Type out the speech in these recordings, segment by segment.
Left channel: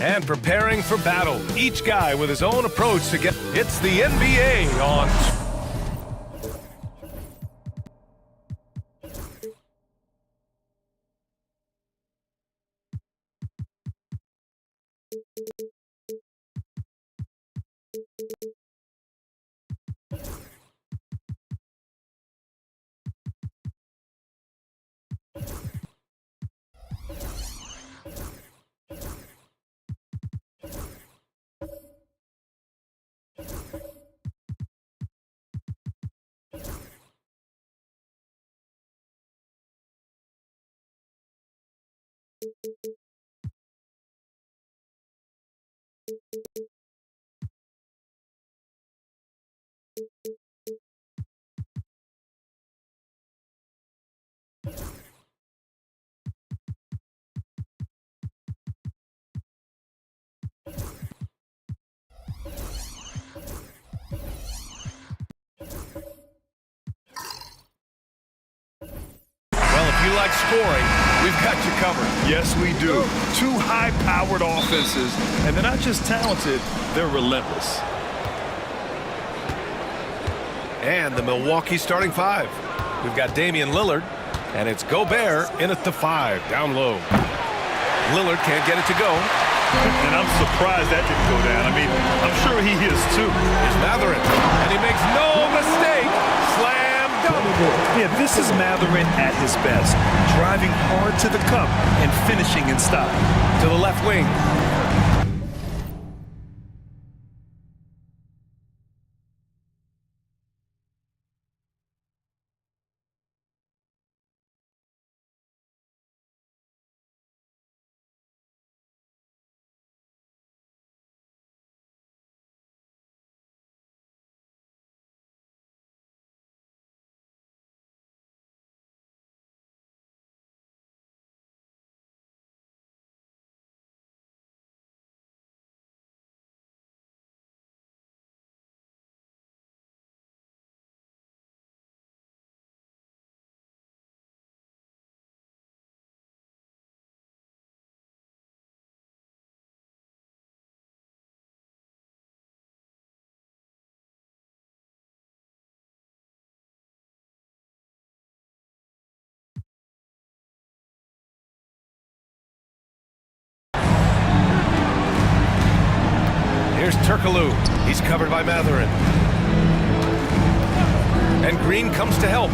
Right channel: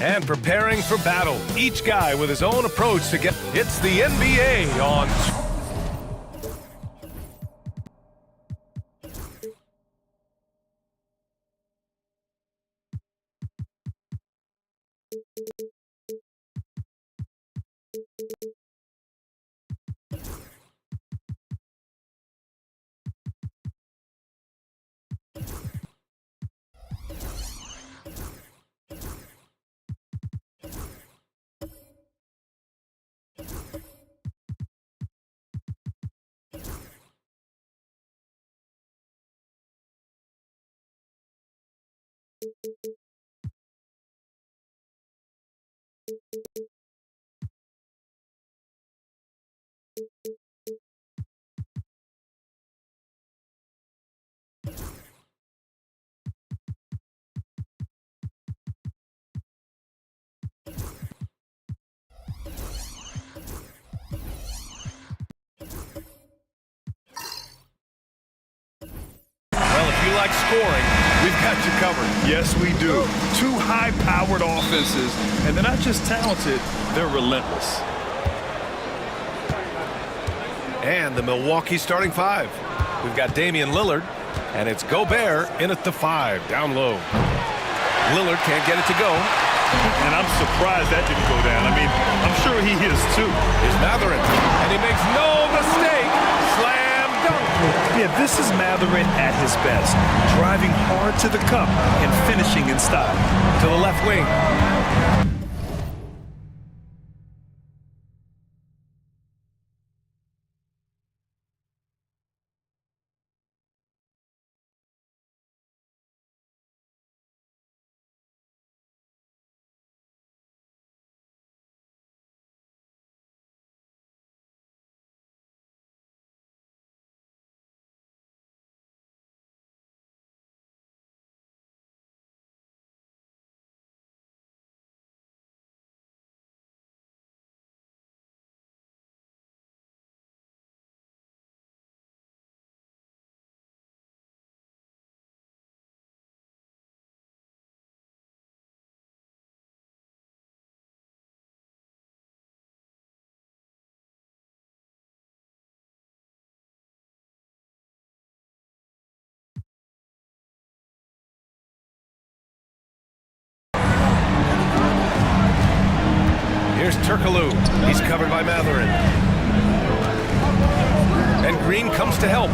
And preparing for battle, each guy with his own approach to get... It's the NBA on... Well, if you like scoring, we've got you covered. Yes, we do. Two high-powered offenses, and they're not just talented, they're relentless. And the Milwaukee starting five. We've got Damian Lillard, and it's Gobert in at the 5, down low. Lillard can't get it to go. And I'm surprised that didn't go down. I mean, I'm sure he is too. Here's Mathurin, and he makes no mistake. Slam dunk. Yeah, this is Mathurin at his best. Driving hard to the cup and finishing in style. To the left wing. Here's Turkoglu. He's covered by Mathurin. And Green comes to help.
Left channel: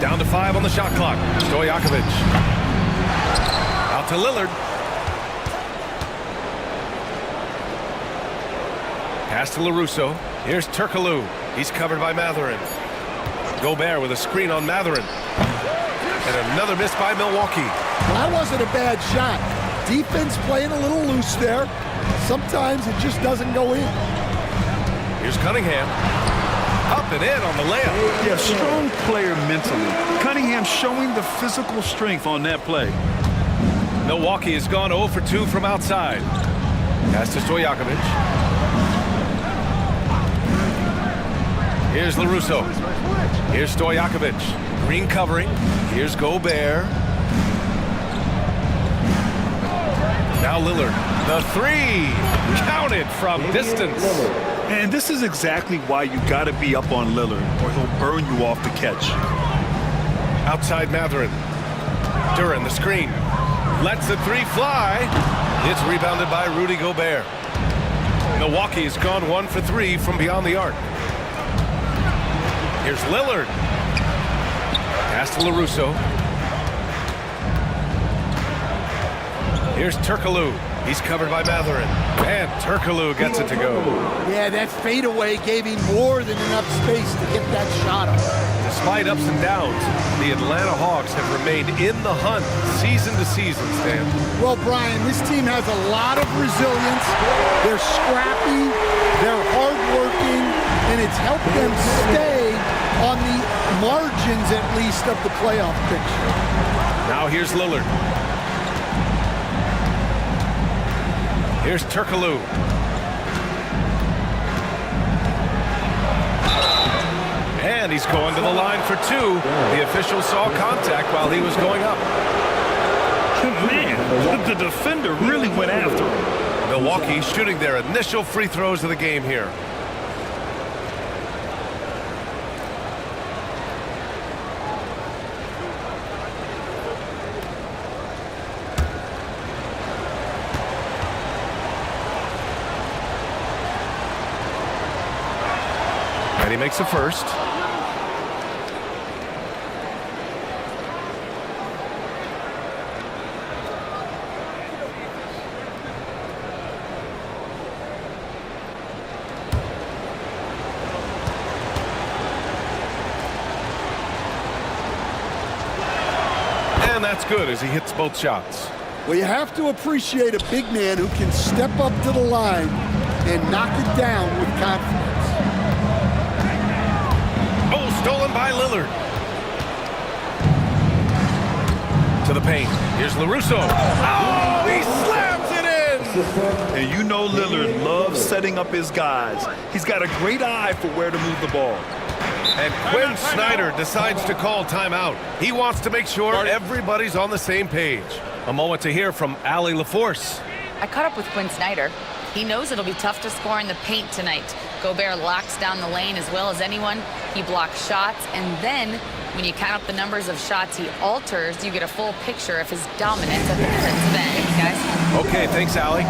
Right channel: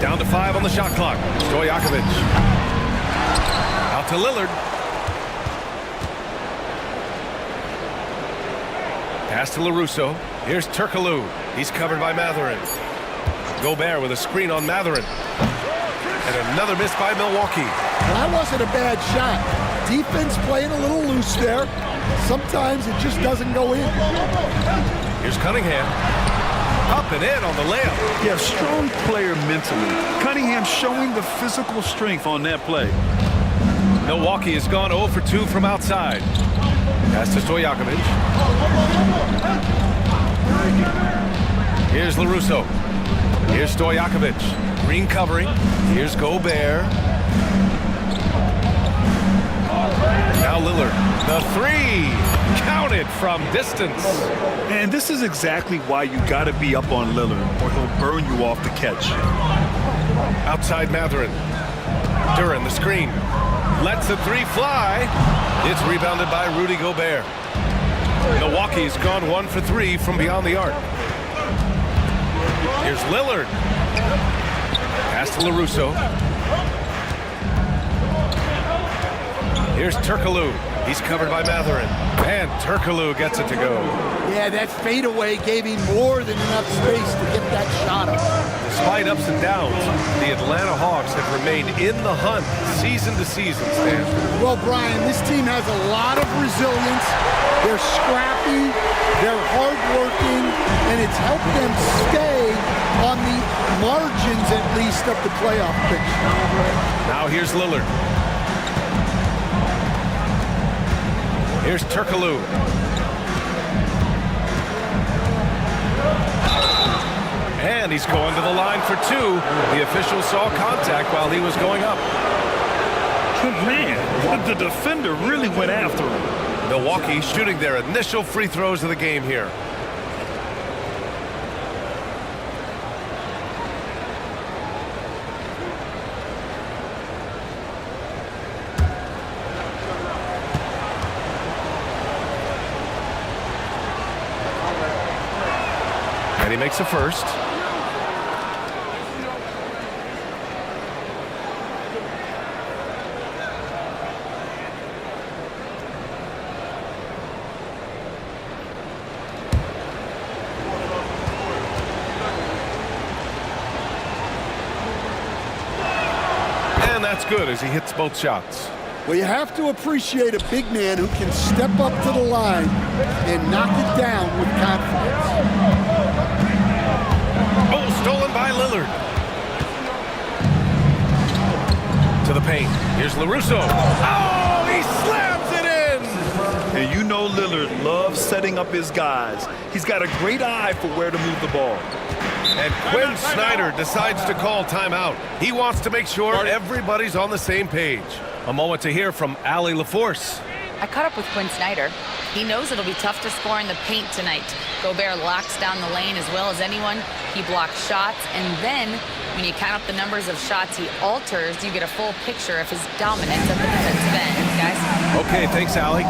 Down to 5 on the shot clock. Stojakovic. Out to Lillard. Pass to LaRusso. Here's Turkoglu. He's covered by Mathurin. Gobert with a screen on Mathurin. And another miss by Milwaukee. Well, that wasn't a bad shot. Defense playing a little loose there. Sometimes it just doesn't go in. Here's Cunningham. Up and in on the layup. Yeah, strong player mentally. Cunningham showing the physical strength on that play. Milwaukee has gone 0 for 2 from outside. Pass to Stojakovic. Here's LaRusso. Here's Stojakovic. Green covering. Here's Gobert. Now Lillard. The three. Counted from distance. And this is exactly why you got to be up on Lillard, or he'll burn you off the catch. Outside Mathurin. Duran, the screen. Lets the three fly. It's rebounded by Rudy Gobert. Milwaukee has gone 1 for 3 from beyond the arc. Here's Lillard. Pass to LaRusso. Here's Turkoglu. He's covered by Mathurin. And Turkoglu gets it to go. Yeah, that fadeaway gave him more than enough space to get that shot up. Despite ups and downs, the Atlanta Hawks have remained in the hunt season to season, Stan. Well, Brian, this team has a lot of resilience. They're scrappy, they're hardworking, and it's helped them stay on the margins, at least, of the playoff picture. Now here's Lillard. Here's Turkoglu. And he's going to the line for 2. The official saw contact while he was going up. Man, the defender really went after him. Milwaukee shooting their initial free throws of the game here. And he makes the first. And that's good as he hits both shots. Well, you have to appreciate a big man who can step up to the line and knock it down with confidence. Oh, stolen by Lillard. To the paint. Here's LaRusso. Oh, he slams it in! And you know Lillard loves setting up his guys. He's got a great eye for where to move the ball. And Quinn Snyder decides to call timeout. He wants to make sure everybody's on the same page. A moment to hear from Allie LaForce. I caught up with Quinn Snyder. He knows it'll be tough to score in the paint tonight. Gobert locks down the lane as well as anyone. He blocks shots, and then when you count up the numbers of shots he alters, you get a full picture of his dominance at the defensive end, guys. Okay, thanks, Allie.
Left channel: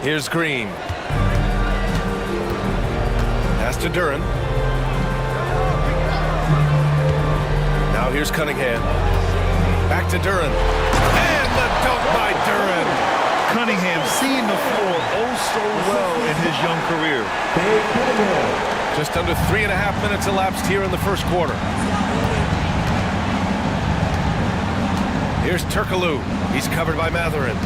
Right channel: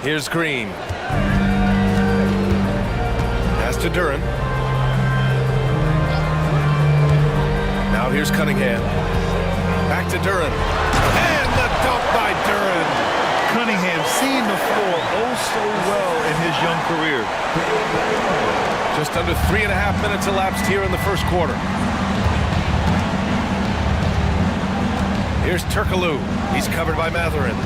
Here's Green. Pass to Duran. Now here's Cunningham. Back to Duran. And the dunk by Duran. Cunningham seeing the floor oh so well in his young career. Just under 3.5 minutes elapsed here in the first quarter. Here's Turkoglu. He's covered by Mathurin.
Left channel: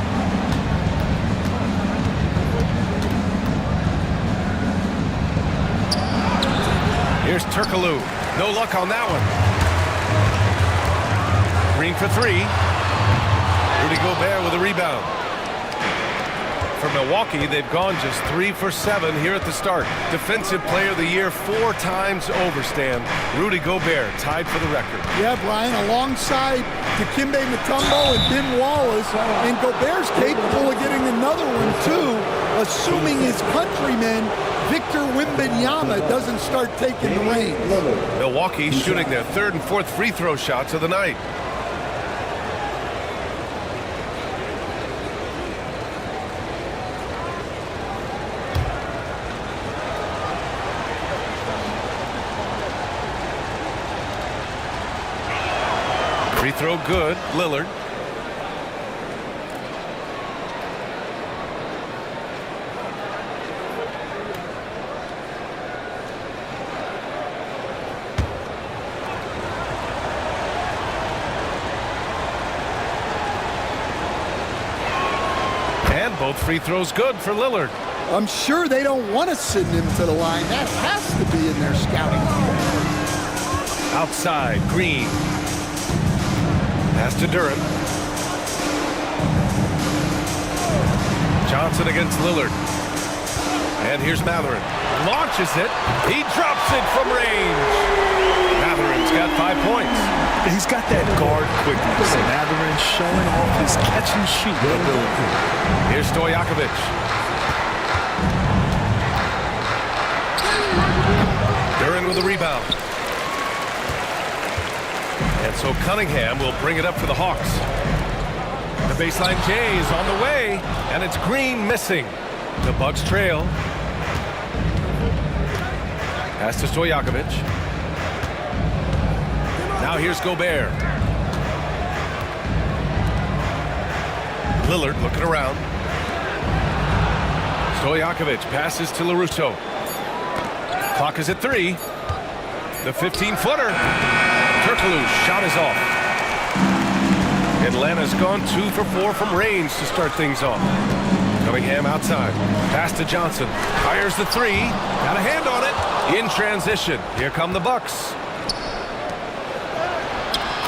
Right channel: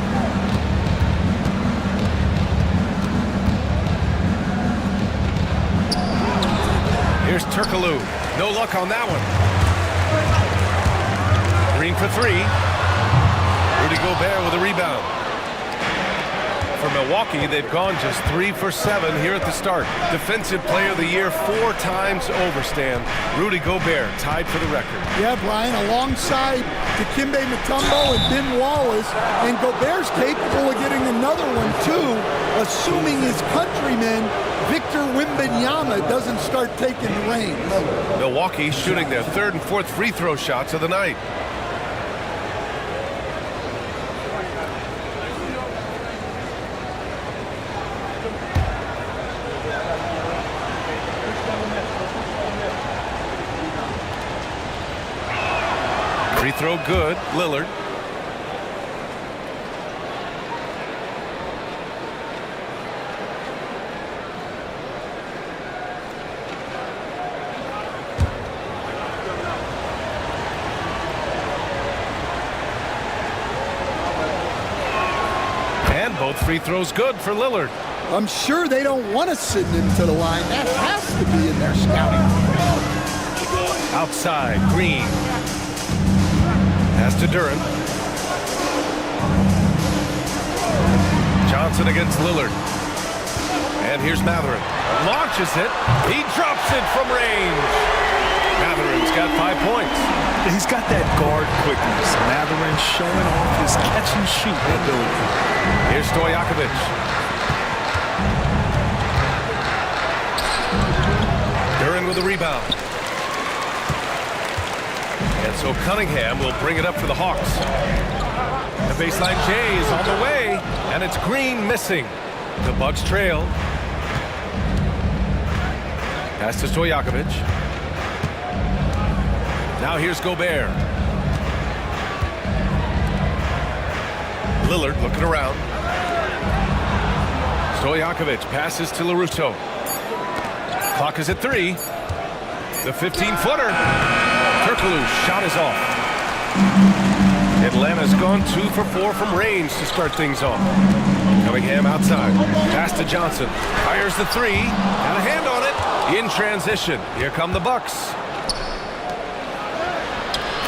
Here's Turkoglu. No luck on that one. Green for 3. Rudy Gobert with a rebound. for Milwaukee, they've gone just 3 for 7 here at the start. Defensive Player of the Year 4 times over, Stan. Rudy Gobert tied for the record. Yeah, Brian, alongside Dikembe Mutombo and Ben Wallace, and Gobert's capable of getting another one too, assuming his countryman Victor Wembanyama doesn't start taking the reins. Milwaukee shooting their 3rd and 4th free throw shots of the night. Free throw good, Lillard. And both free throws good for Lillard. I'm sure they don't want to send him to the line. That has to be in their scouting. Outside, Green. Pass to Duren. Johnson against Lillard. And here's Mathurin. Launches it. He drops it from range. Mathurin's got 5 points. He's got that guard quickness. Mathurin showing off his catch-and-shoot ability. Here's Stojakovic. Duren with a rebound. And so Cunningham will bring it up for the Hawks. The baseline J is on the way, and it's Green missing. The Bucks trail. Pass to Stojakovic. Now here's Gobert. Lillard looking around. Stojakovic passes to LaRusso. Clock is at 3. The 15-footer. Turkoglu's shot is off. Atlanta's gone 2 for 4 from range to start things off. Cunningham outside. Pass to Johnson. Fires the 3. Got a hand on it. In transition. Here come the Bucks.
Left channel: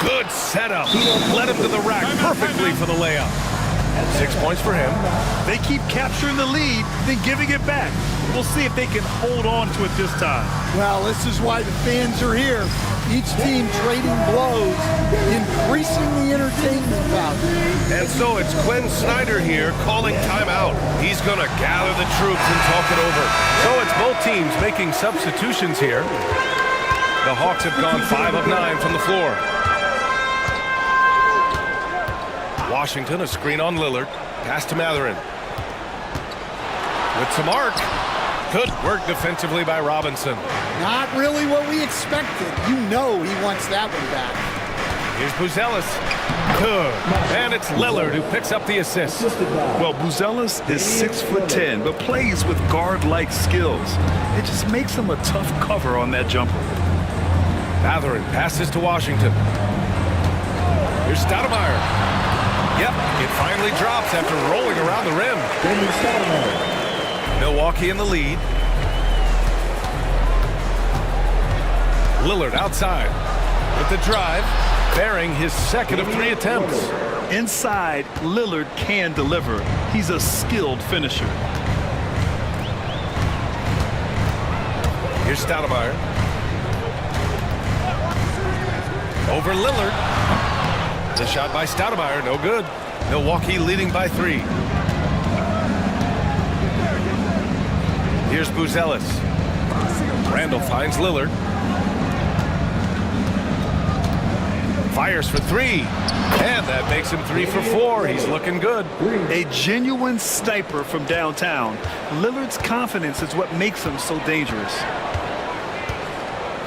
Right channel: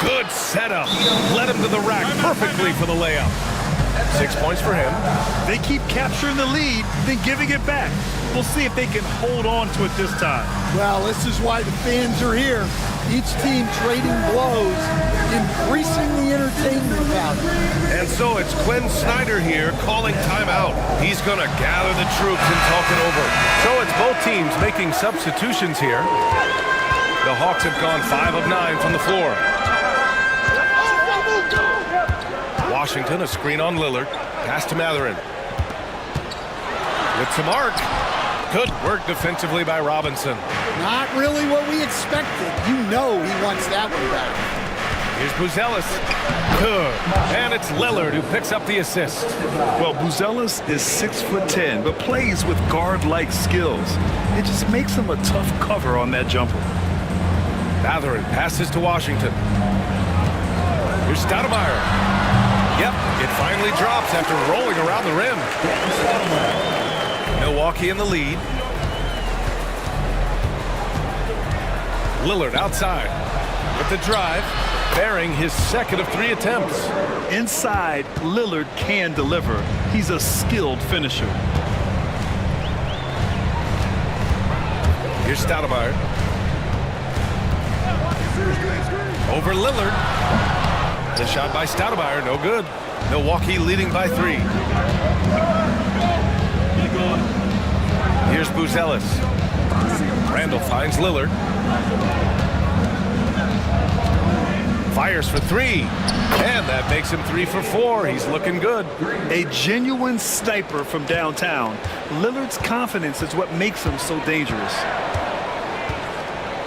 Good setup. Led him to the rack perfectly for the layup. 6 points for him. They keep capturing the lead, then giving it back. We'll see if they can hold on to it this time. Well, this is why the fans are here. Each team trading blows, increasing the entertainment value. And so it's Quinn Snyder here calling timeout. He's going to gather the troops and talk it over. So it's both teams making substitutions here. The Hawks have gone 5 of 9 from the floor. Washington, a screen on Lillard. Pass to Mathurin. With some arc. Good work defensively by Robinson. Not really what we expected. You know he wants that one back. Here's Buzelis. Good. And it's Lillard who picks up the assist. Well, Buzelis is 6'10", but plays with guard-like skills. It just makes him a tough cover on that jumper. Mathurin passes to Washington. Here's Stoudemire. Yep, it finally drops after rolling around the rim. Milwaukee in the lead. Lillard outside with the drive, bearing his 2nd of 3 attempts. Inside, Lillard can deliver. He's a skilled finisher. Here's Stoudemire. Over Lillard. The shot by Stoudemire, no good. Milwaukee leading by 3. Here's Buzelis. Randall finds Lillard. Fires for 3. And that makes him 3 for 4. He's looking good. A genuine sniper from downtown. Lillard's confidence is what makes him so dangerous.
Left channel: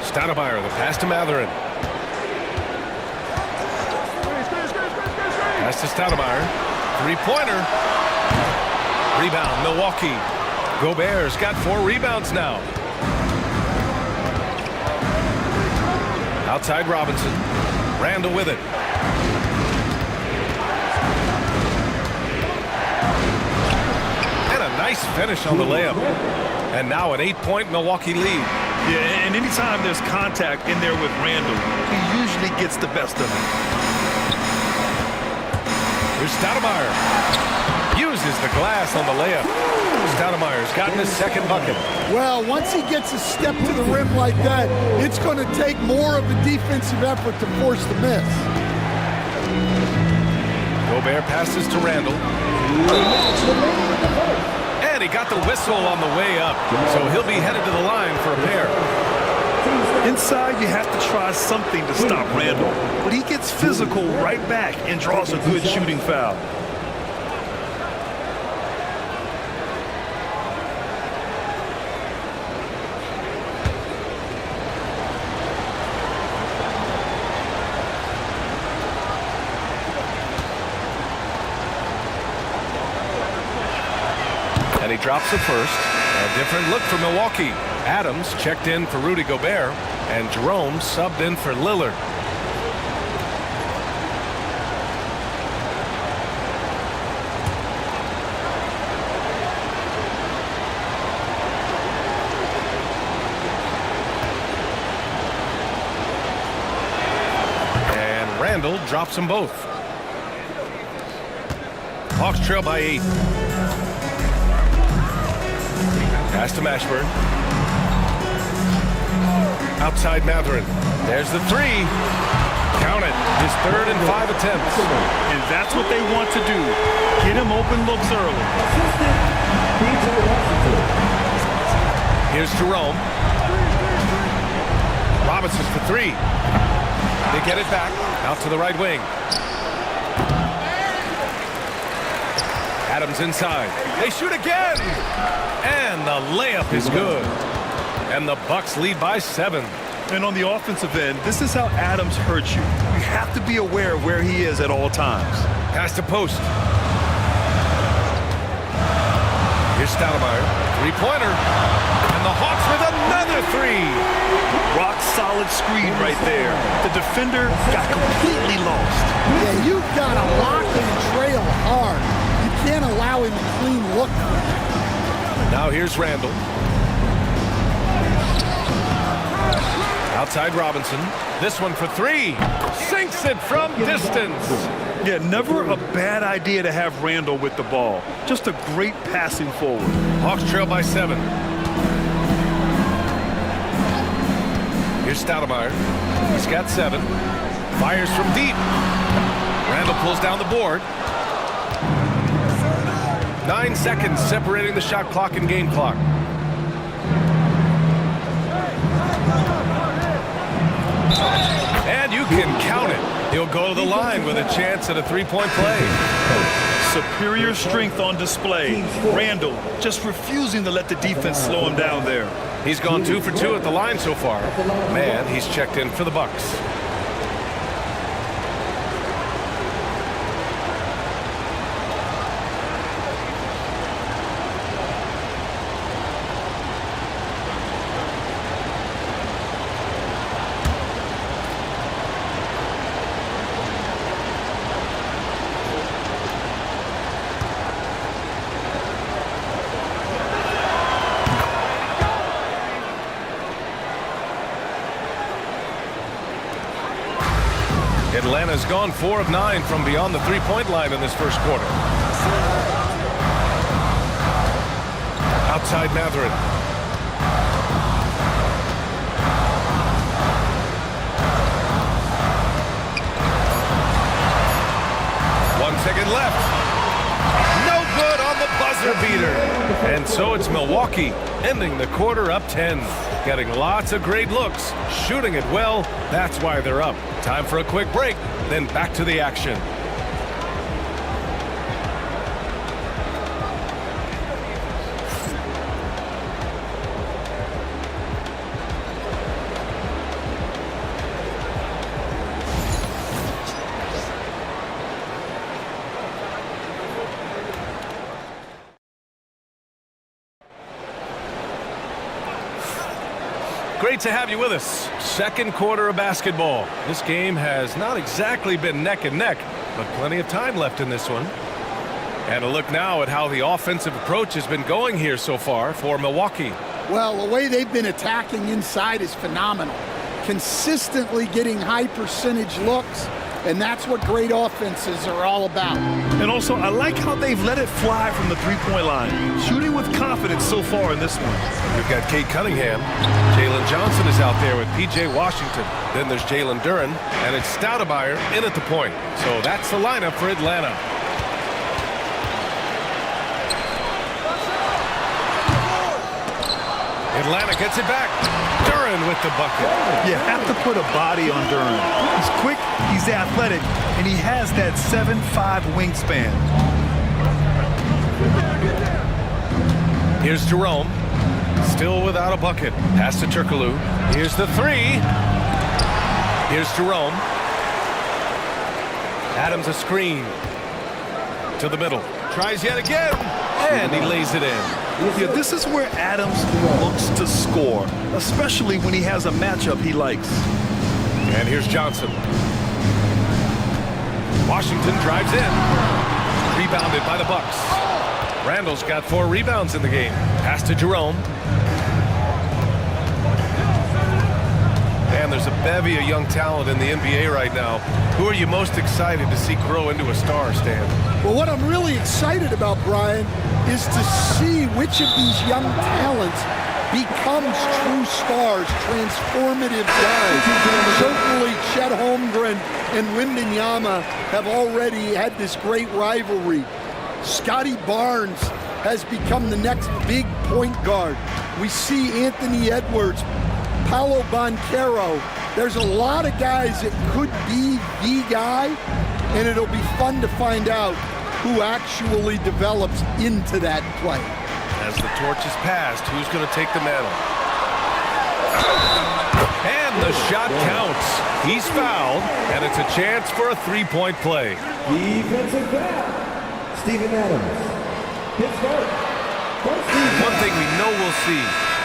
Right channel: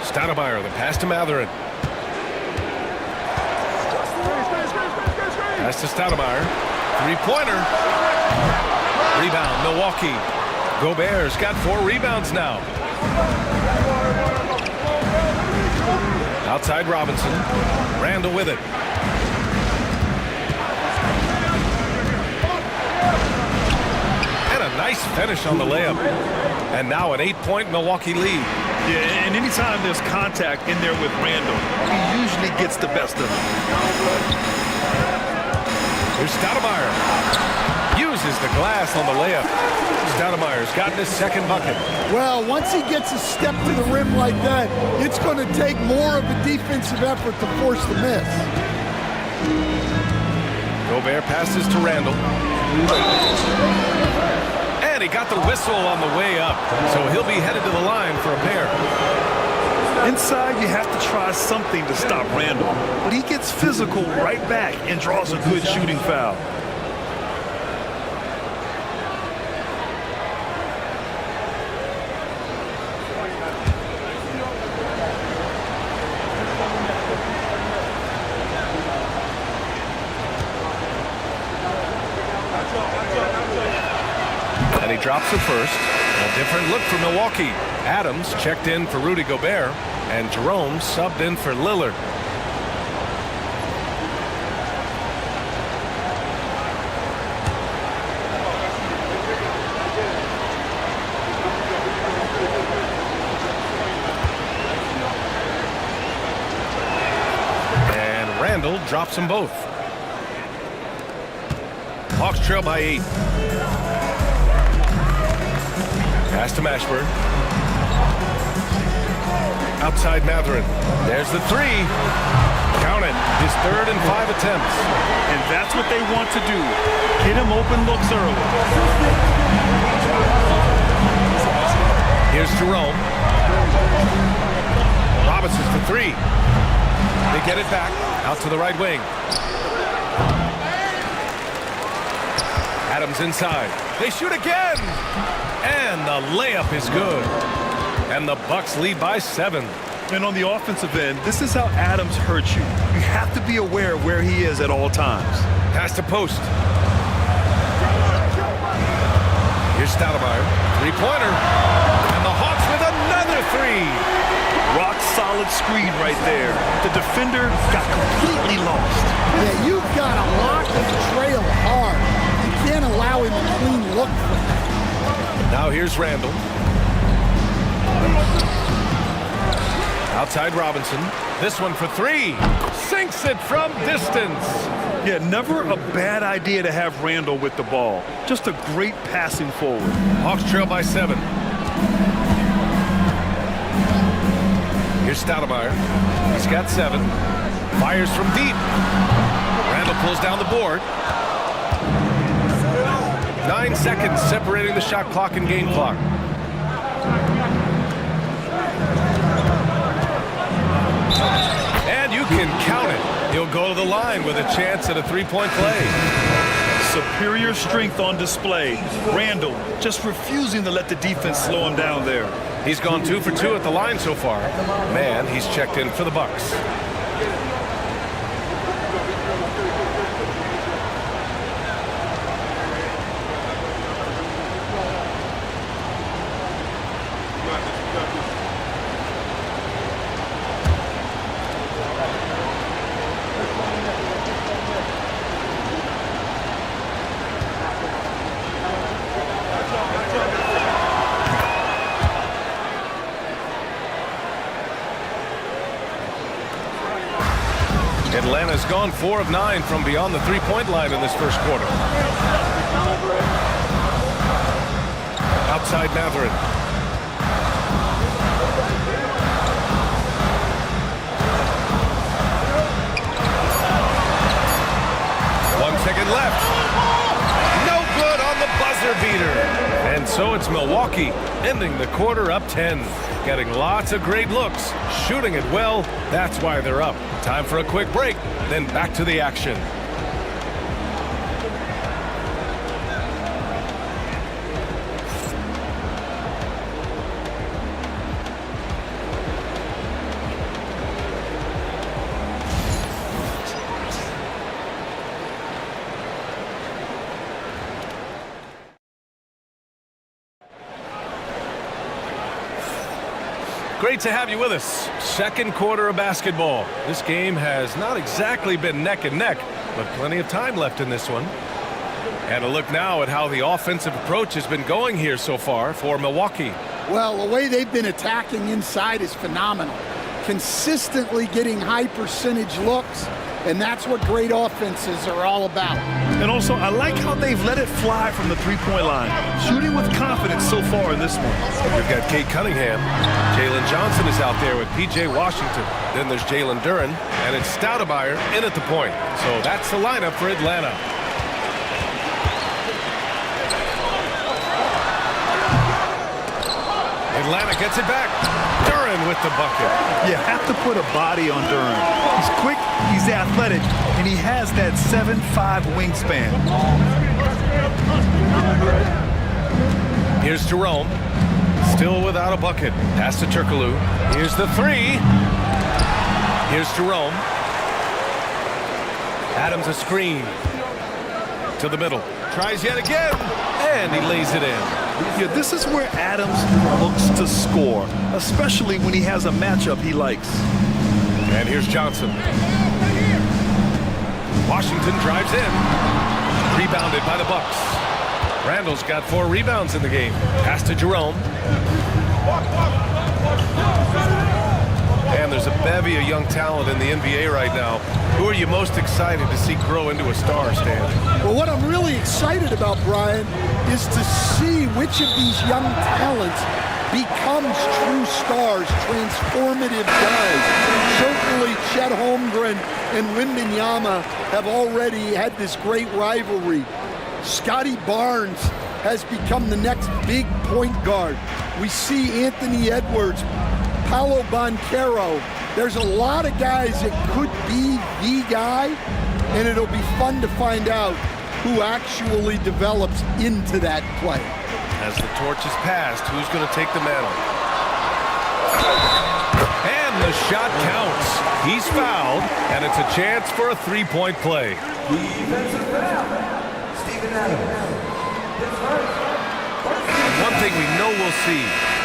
Stoudemire, the pass to Mathurin. Pass to Stoudemire. 3-pointer. Rebound, Milwaukee. Gobert's got 4 rebounds now. Outside Robinson. Randall with it. And a nice finish on the layup. And now an 8-point Milwaukee lead. Yeah, and anytime there's contact in there with Randall, he usually gets the best of it. Here's Stoudemire. Uses the glass on the layup. Stoudemire's gotten his second bucket. Well, once he gets a step to the rim like that, it's going to take more of a defensive effort to force the miss. Gobert passes to Randall. And he got the whistle on the way up, so he'll be headed to the line for a pair. Inside, you have to try something to stop Randall, but he gets physical right back and draws a good shooting foul. And he drops it first. A different look for Milwaukee. Adams checked in for Rudy Gobert, and Jerome subbed in for Lillard. And Randall drops them both. Hawks trail by 8. Pass to Mashburn. Outside Mathurin. There's the three. Count it. His 3rd and 5 attempts. And that's what they want to do. Get him open looks early. Here's Jerome. Robinson for 3. They get it back. Out to the right wing. Adams inside. They shoot again. And the layup is good. And the Bucks lead by 7. And on the offensive end, this is how Adams hurts you. You have to be aware of where he is at all times. Pass to post. Here's Stoudemire. 3-pointer. And the Hawks with another 3. Rock solid screen right there. The defender got completely lost. Yeah, you've got to lock and trail hard. You can't allow him a clean look from that. Now here's Randall. Outside Robinson. This one for 3. Sinks it from distance. Yeah, never a bad idea to have Randall with the ball. Just a great passing forward. Hawks trail by 7. Here's Stoudemire. He's got 7. Fires from deep. Randall pulls down the board. 9 seconds separating the shot clock and game clock. And you can count it. He'll go to the line with a chance at a 3-point play. Superior strength on display. Randall just refusing to let the defense slow him down there. He's gone 2 for 2 at the line so far. Man, he's checked in for the Bucks. Atlanta's gone 4 of 9 from beyond the 3-point line in this first quarter. Outside Mathurin. One second left. No good on the buzzer beater. And so it's Milwaukee ending the quarter up 10. Getting lots of great looks, shooting it well. That's why they're up. Time for a quick break, then back to the action. Great to have you with us. Second quarter of basketball. This game has not exactly been neck and neck, but plenty of time left in this one. And a look now at how the offensive approach has been going here so far for Milwaukee. Well, the way they've been attacking inside is phenomenal. Consistently getting high percentage looks, and that's what great offenses are all about. And also, I like how they've let it fly from the three-point line. Shooting with confidence so far in this one. We've got Kate Cunningham. Jalen Johnson is out there with P.J. Washington. Then there's Jalen Duren, and it's Stoudemire in at the point. So that's the lineup for Atlanta. Atlanta gets it back. Duren with the bucket. You have to put a body on Duren. He's quick, he's athletic, and he has that 7'5" wingspan. Here's Jerome. Still without a bucket. Pass to Turkoglu. Here's the three. Here's Jerome. Adams a screen. To the middle. Tries yet again. And he lays it in. Yeah, this is where Adams looks to score, especially when he has a matchup he likes. And here's Johnson. Washington drives in. Rebounded by the Bucks. Randall's got 4 rebounds in the game. Pass to Jerome. And there's a bevy of young talent in the NBA right now. Who are you most excited to see grow into a star, Stan? Well, what I'm really excited about, Brian, is to see which of these young talents becomes true stars, transformative guys. Certainly Chet Holmgren and Wembanyama have already had this great rivalry. Scotty Barnes has become the next big point guard. We see Anthony Edwards, Paolo Banchero. There's a lot of guys that could be the guy, and it'll be fun to find out who actually develops into that play. As the torch is passed, who's going to take the mantle? And the shot counts. He's fouled, and it's a chance for a three-point play. Defensive foul, Steven Adams. His first. And one thing we know we'll see,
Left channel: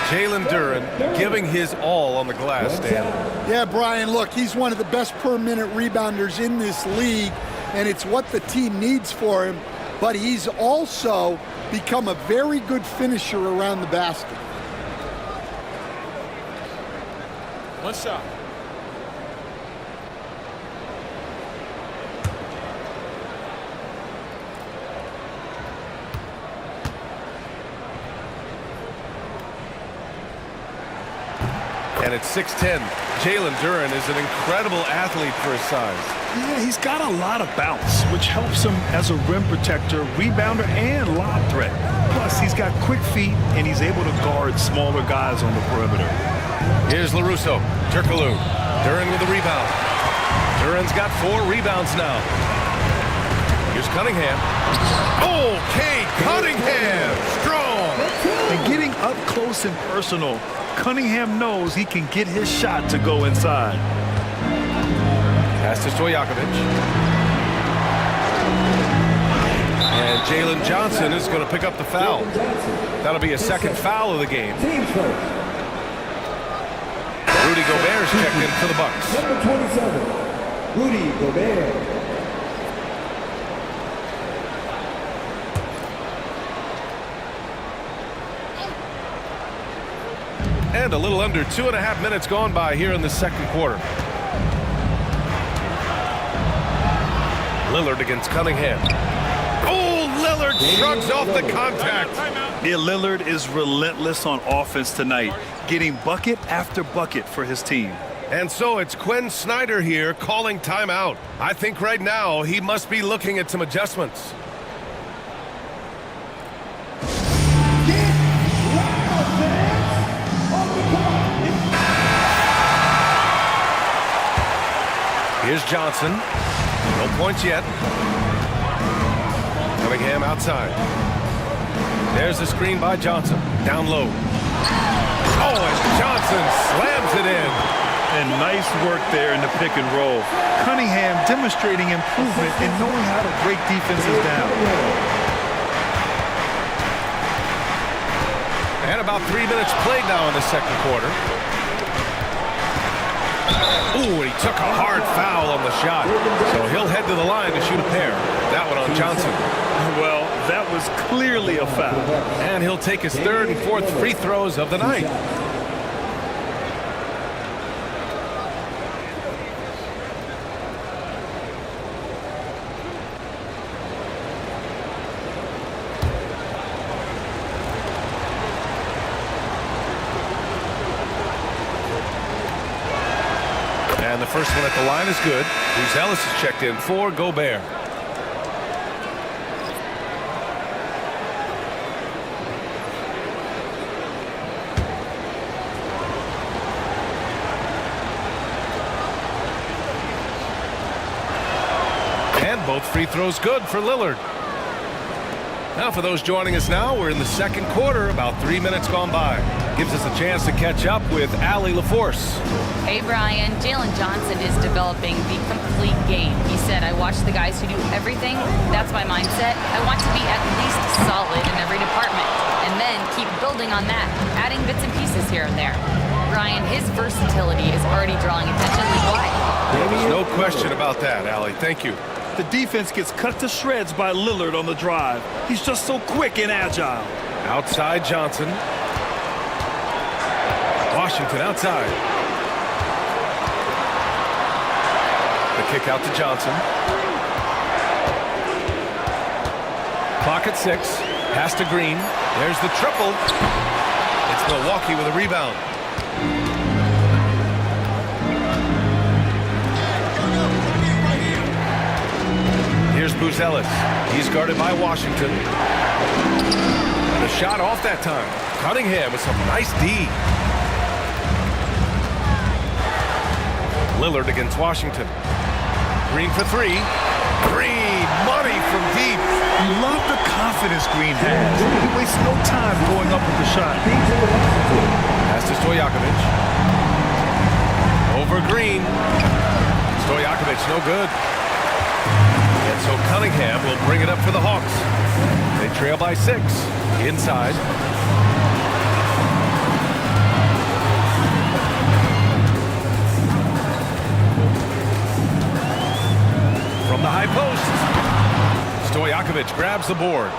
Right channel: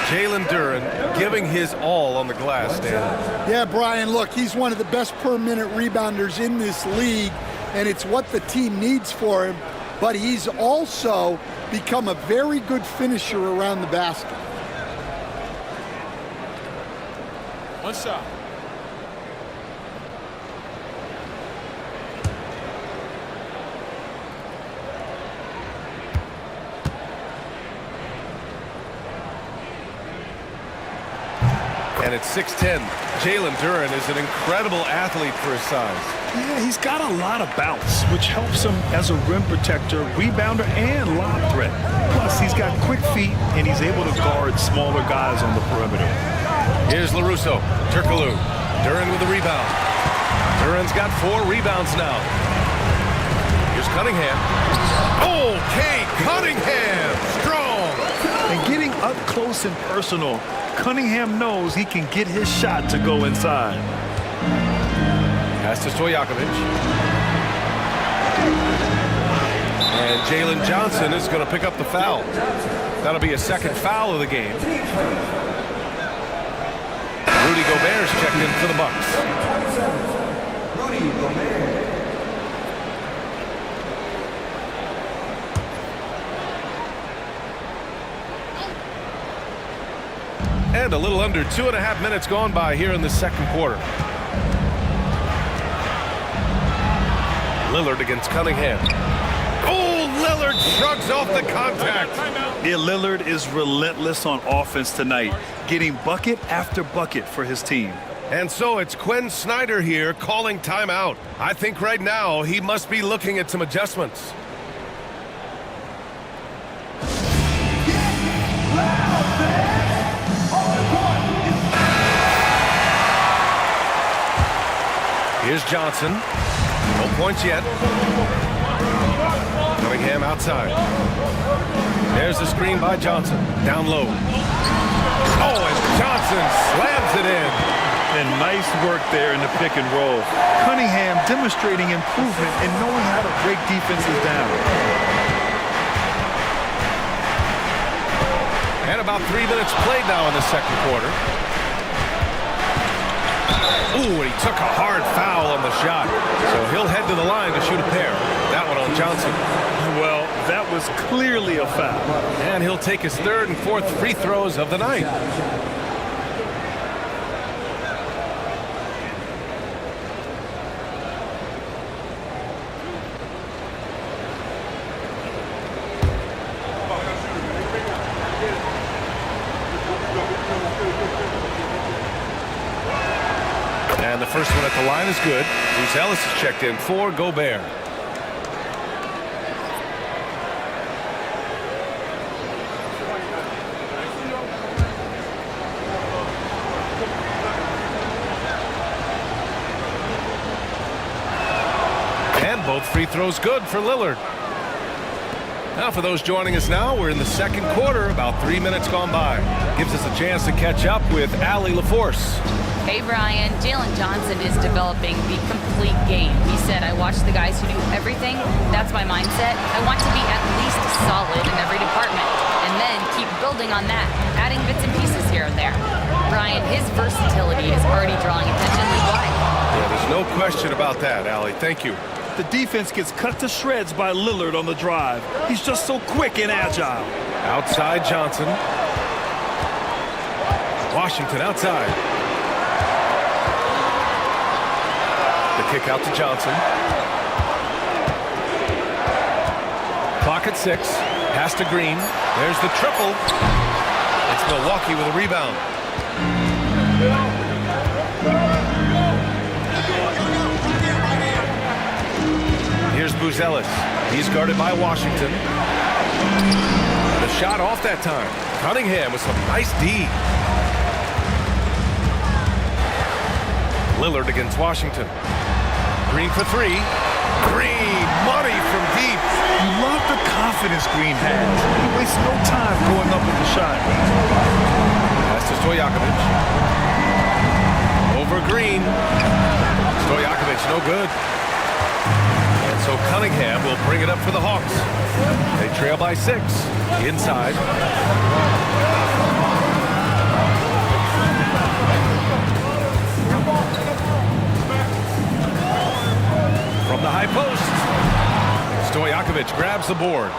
Jalen Duren giving his all on the glass, Stan. Yeah, Brian, look, he's one of the best per-minute rebounders in this league, and it's what the team needs for him, but he's also become a very good finisher around the basket. One shot. And it's 6'10". Jalen Duren is an incredible athlete for his size. Yeah, he's got a lot of bounce, which helps him as a rim protector, rebounder, and lob threat. Plus, he's got quick feet, and he's able to guard smaller guys on the perimeter. Here's LaRusso. Turkoglu. Duren with the rebound. Duren's got 4 rebounds now. Here's Cunningham. Okay, Cunningham. Strong. And getting up close and personal, Cunningham knows he can get his shot to go inside. Pass to Stojakovic. And Jalen Johnson is going to pick up the foul. That'll be a second foul of the game. Rudy Gobert's checked in for the Bucks. Number 27, Rudy Gobert. And a little under 2.5 minutes gone by here in the second quarter. Lillard against Cunningham. Oh, Lillard shrugs off the contact. Yeah, Lillard is relentless on offense tonight, getting bucket after bucket for his team. And so it's Quinn Snyder here calling timeout. I think right now he must be looking at some adjustments. Here's Johnson. No points yet. Cunningham outside. There's the screen by Johnson. Down low. Oh, and Johnson slams it in. And nice work there in the pick and roll. Cunningham demonstrating improvement in knowing how to break defenses down. And about 3 minutes played now in the second quarter. Ooh, and he took a hard foul on the shot. So he'll head to the line to shoot a pair. That one on Johnson. Well, that was clearly a foul. And he'll take his 3rd and 4th free throws of the night. And the first one at the line is good. Buzelis is checked in for Gobert. And both free throws good for Lillard. Now for those joining us now, we're in the second quarter, about 3 minutes gone by. Gives us a chance to catch up with Allie LaForce. Hey, Brian. Jalen Johnson is developing the complete game. He said, I watch the guys who do everything. That's my mindset. I want to be at least solid in every department and then keep building on that, adding bits and pieces here and there. Brian, his versatility is already drawing attention league-wide. Yeah, there's no question about that, Allie. Thank you. The defense gets cut to shreds by Lillard on the drive. He's just so quick and agile. Outside Johnson. Washington outside. The kick out to Johnson. Clock at 6. Pass to Green. There's the triple. It's Milwaukee with a rebound. Here's Buzelis. He's guarded by Washington. The shot off that time. Cunningham with some nice D. Lillard against Washington. Green for 3. Green, money from deep. You love the confidence Green has. He wastes no time going up with the shot. Pass to Stojakovic. Over Green. Stojakovic, no good. And so Cunningham will bring it up for the Hawks. They trail by 6. Inside. From the high post. Stojakovic grabs the board.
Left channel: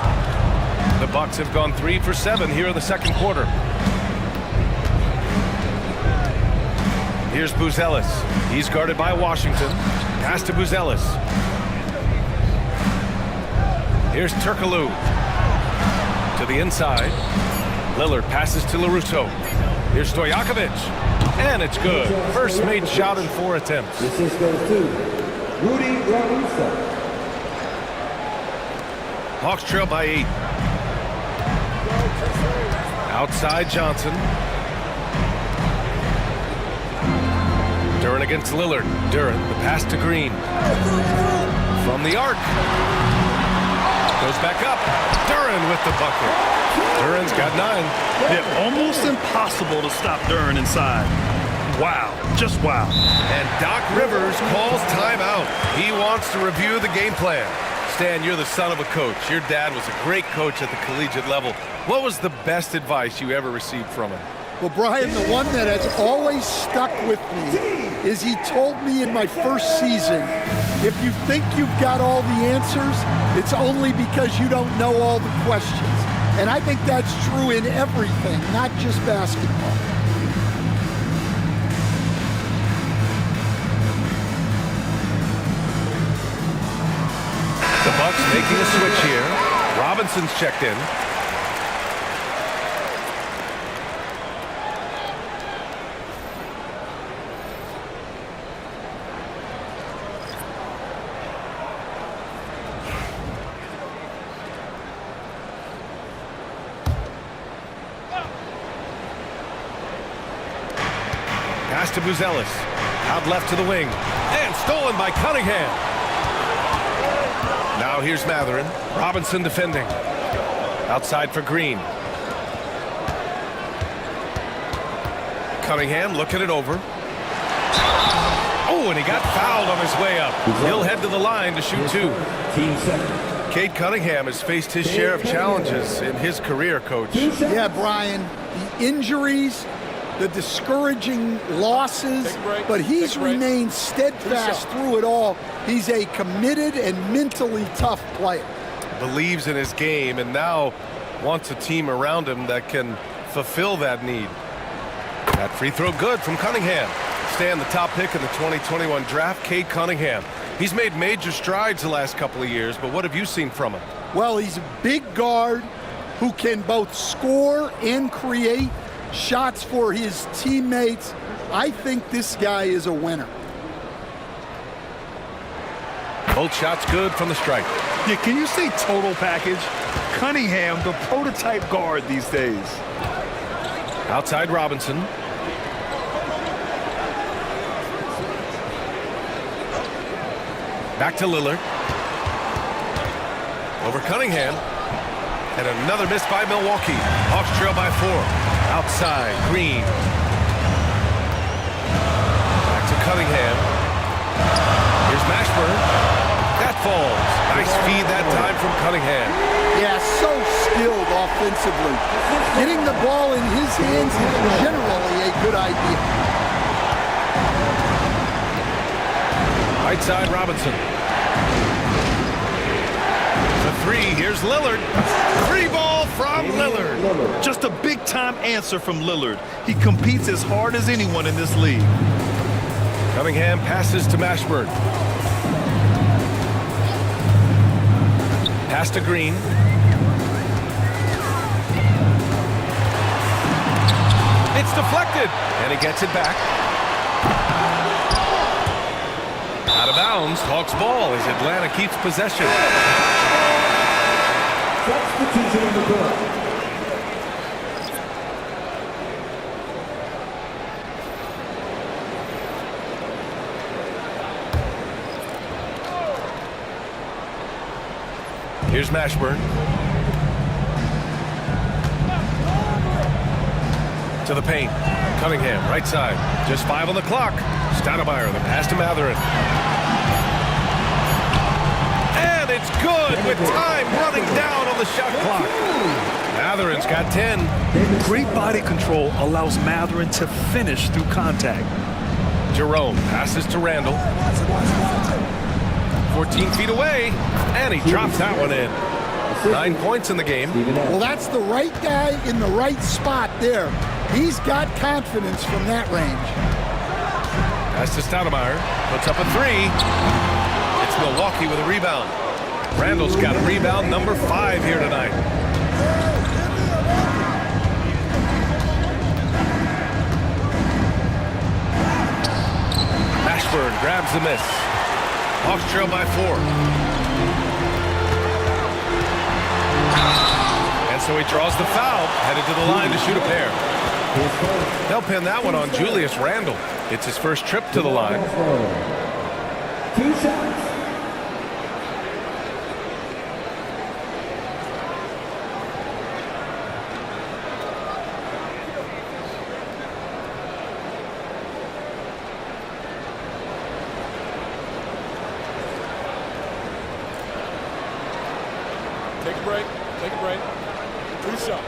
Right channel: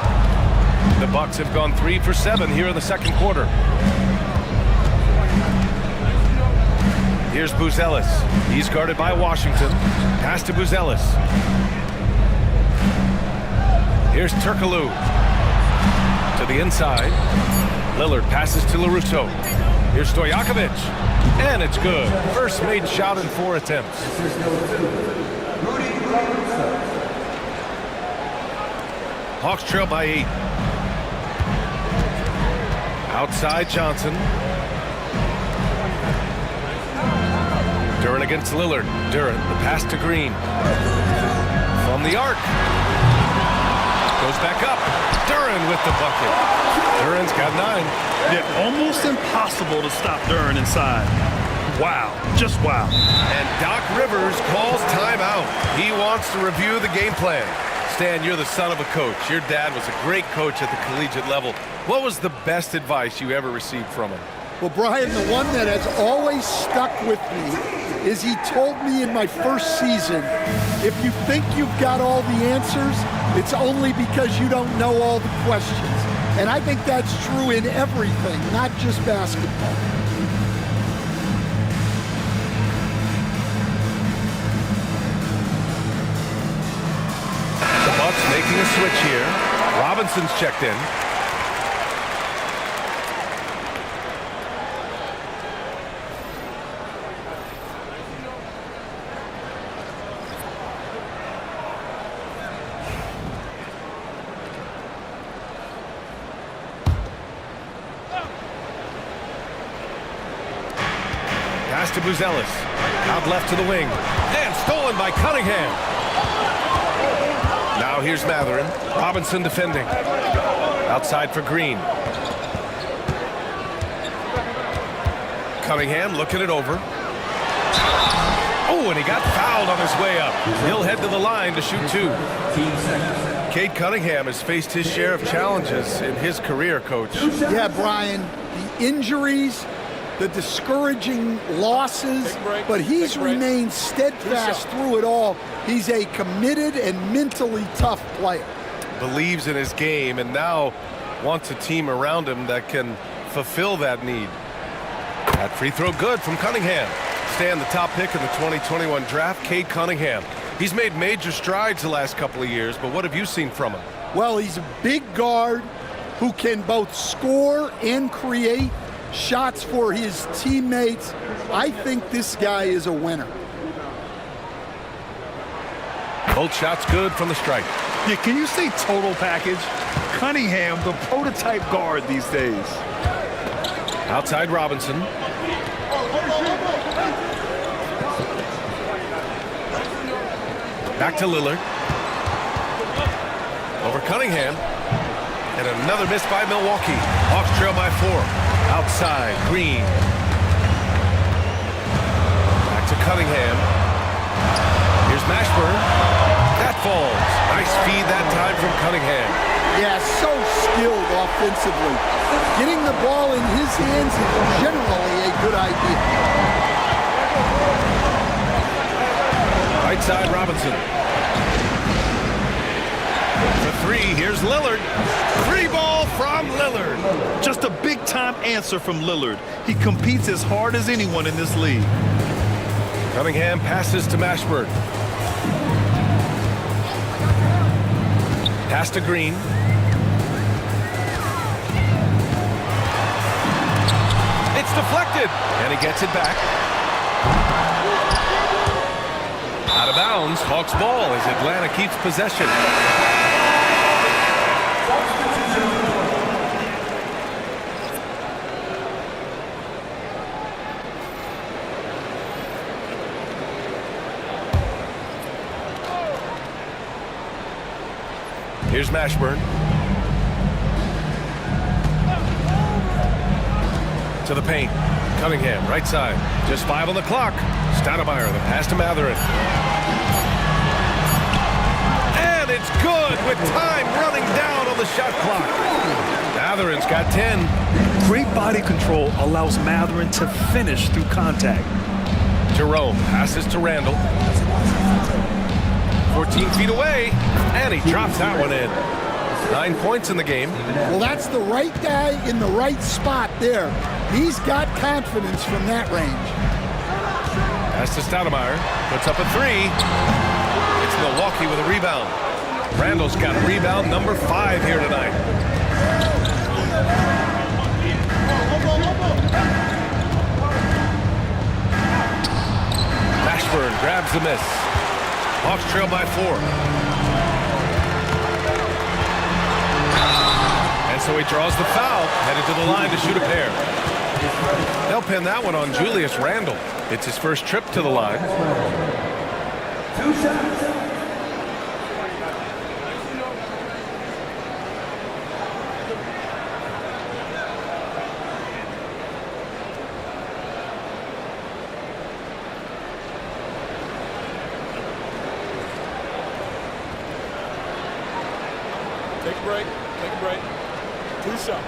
The Bucks have gone 3 for 7 here in the second quarter. Here's Buzelis. He's guarded by Washington. Pass to Buzelis. Here's Turkoglu to the inside. Lillard passes to LaRusso. Here's Stojakovic. And it's good. First made shot in 4 attempts. This is number 2, Rudy LaRusso. Hawks trail by 8. Outside Johnson. Duren against Lillard. Duren, the pass to Green. From the arc. Goes back up. Duren with the bucket. Duren's got 9. Yeah, almost impossible to stop Duren inside. Wow, just wow. And Doc Rivers calls timeout. He wants to review the game plan. Stan, you're the son of a coach. Your dad was a great coach at the collegiate level. What was the best advice you ever received from him? Well, Brian, the one that has always stuck with me is he told me in my first season, if you think you've got all the answers, it's only because you don't know all the questions. And I think that's true in everything, not just basketball. The Bucks making a switch here. Robinson's checked in. Pass to Buzelis. Out left to the wing. And stolen by Cunningham. Now here's Mathurin. Robinson defending. Outside for Green. Cunningham looking it over. Oh, and he got fouled on his way up. He'll head to the line to shoot 2. 15 seconds. Cade Cunningham has faced his share of challenges in his career, Coach. Yeah, Brian, the injuries, the discouraging losses, but he's remained steadfast through it all. He's a committed and mentally tough player. Believes in his game and now wants a team around him that can fulfill that need. That free throw good from Cunningham. Stan, the top pick in the 2021 draft, Cade Cunningham. He's made major strides the last couple of years, but what have you seen from him? Well, he's a big guard who can both score and create shots for his teammates. I think this guy is a winner. Both shots good from the stripe. Yeah, can you say total package? Cunningham, the prototype guard these days. Outside Robinson. Back to Lillard. Over Cunningham. And another miss by Milwaukee. Hawks trail by 4. Outside, Green. Back to Cunningham. Here's Mashburn. That falls. Nice feed that time from Cunningham. Yeah, so skilled offensively. Getting the ball in his hands is generally a good idea. Right side, Robinson. For 3, here's Lillard. 3 ball from Lillard. Just a big-time answer from Lillard. He competes as hard as anyone in this league. Cunningham passes to Mashburn. Pass to Green. It's deflected, and he gets it back. Out of bounds, Hawks ball as Atlanta keeps possession. Substitution on the court. Here's Mashburn. To the paint. Cunningham, right side. Just 5 on the clock. Stoudemire, the pass to Mathurin. And it's good with time running down on the shot clock. Mathurin's got 10. Great body control allows Mathurin to finish through contact. Jerome passes to Randall. 14 feet away, and he drops that one in. 9 points in the game. Well, that's the right guy in the right spot there. He's got confidence from that range. Pass to Stoudemire. Puts up a 3. It's Milwaukee with a rebound. Randall's got a rebound number 5 here tonight. Mashburn grabs the miss. Hawks trail by 4. And so he draws the foul, headed to the line to shoot a pair. They'll pin that one on Julius Randle. It's his first trip to the line. 2 shots. Take a break. Take a break. 2 shots.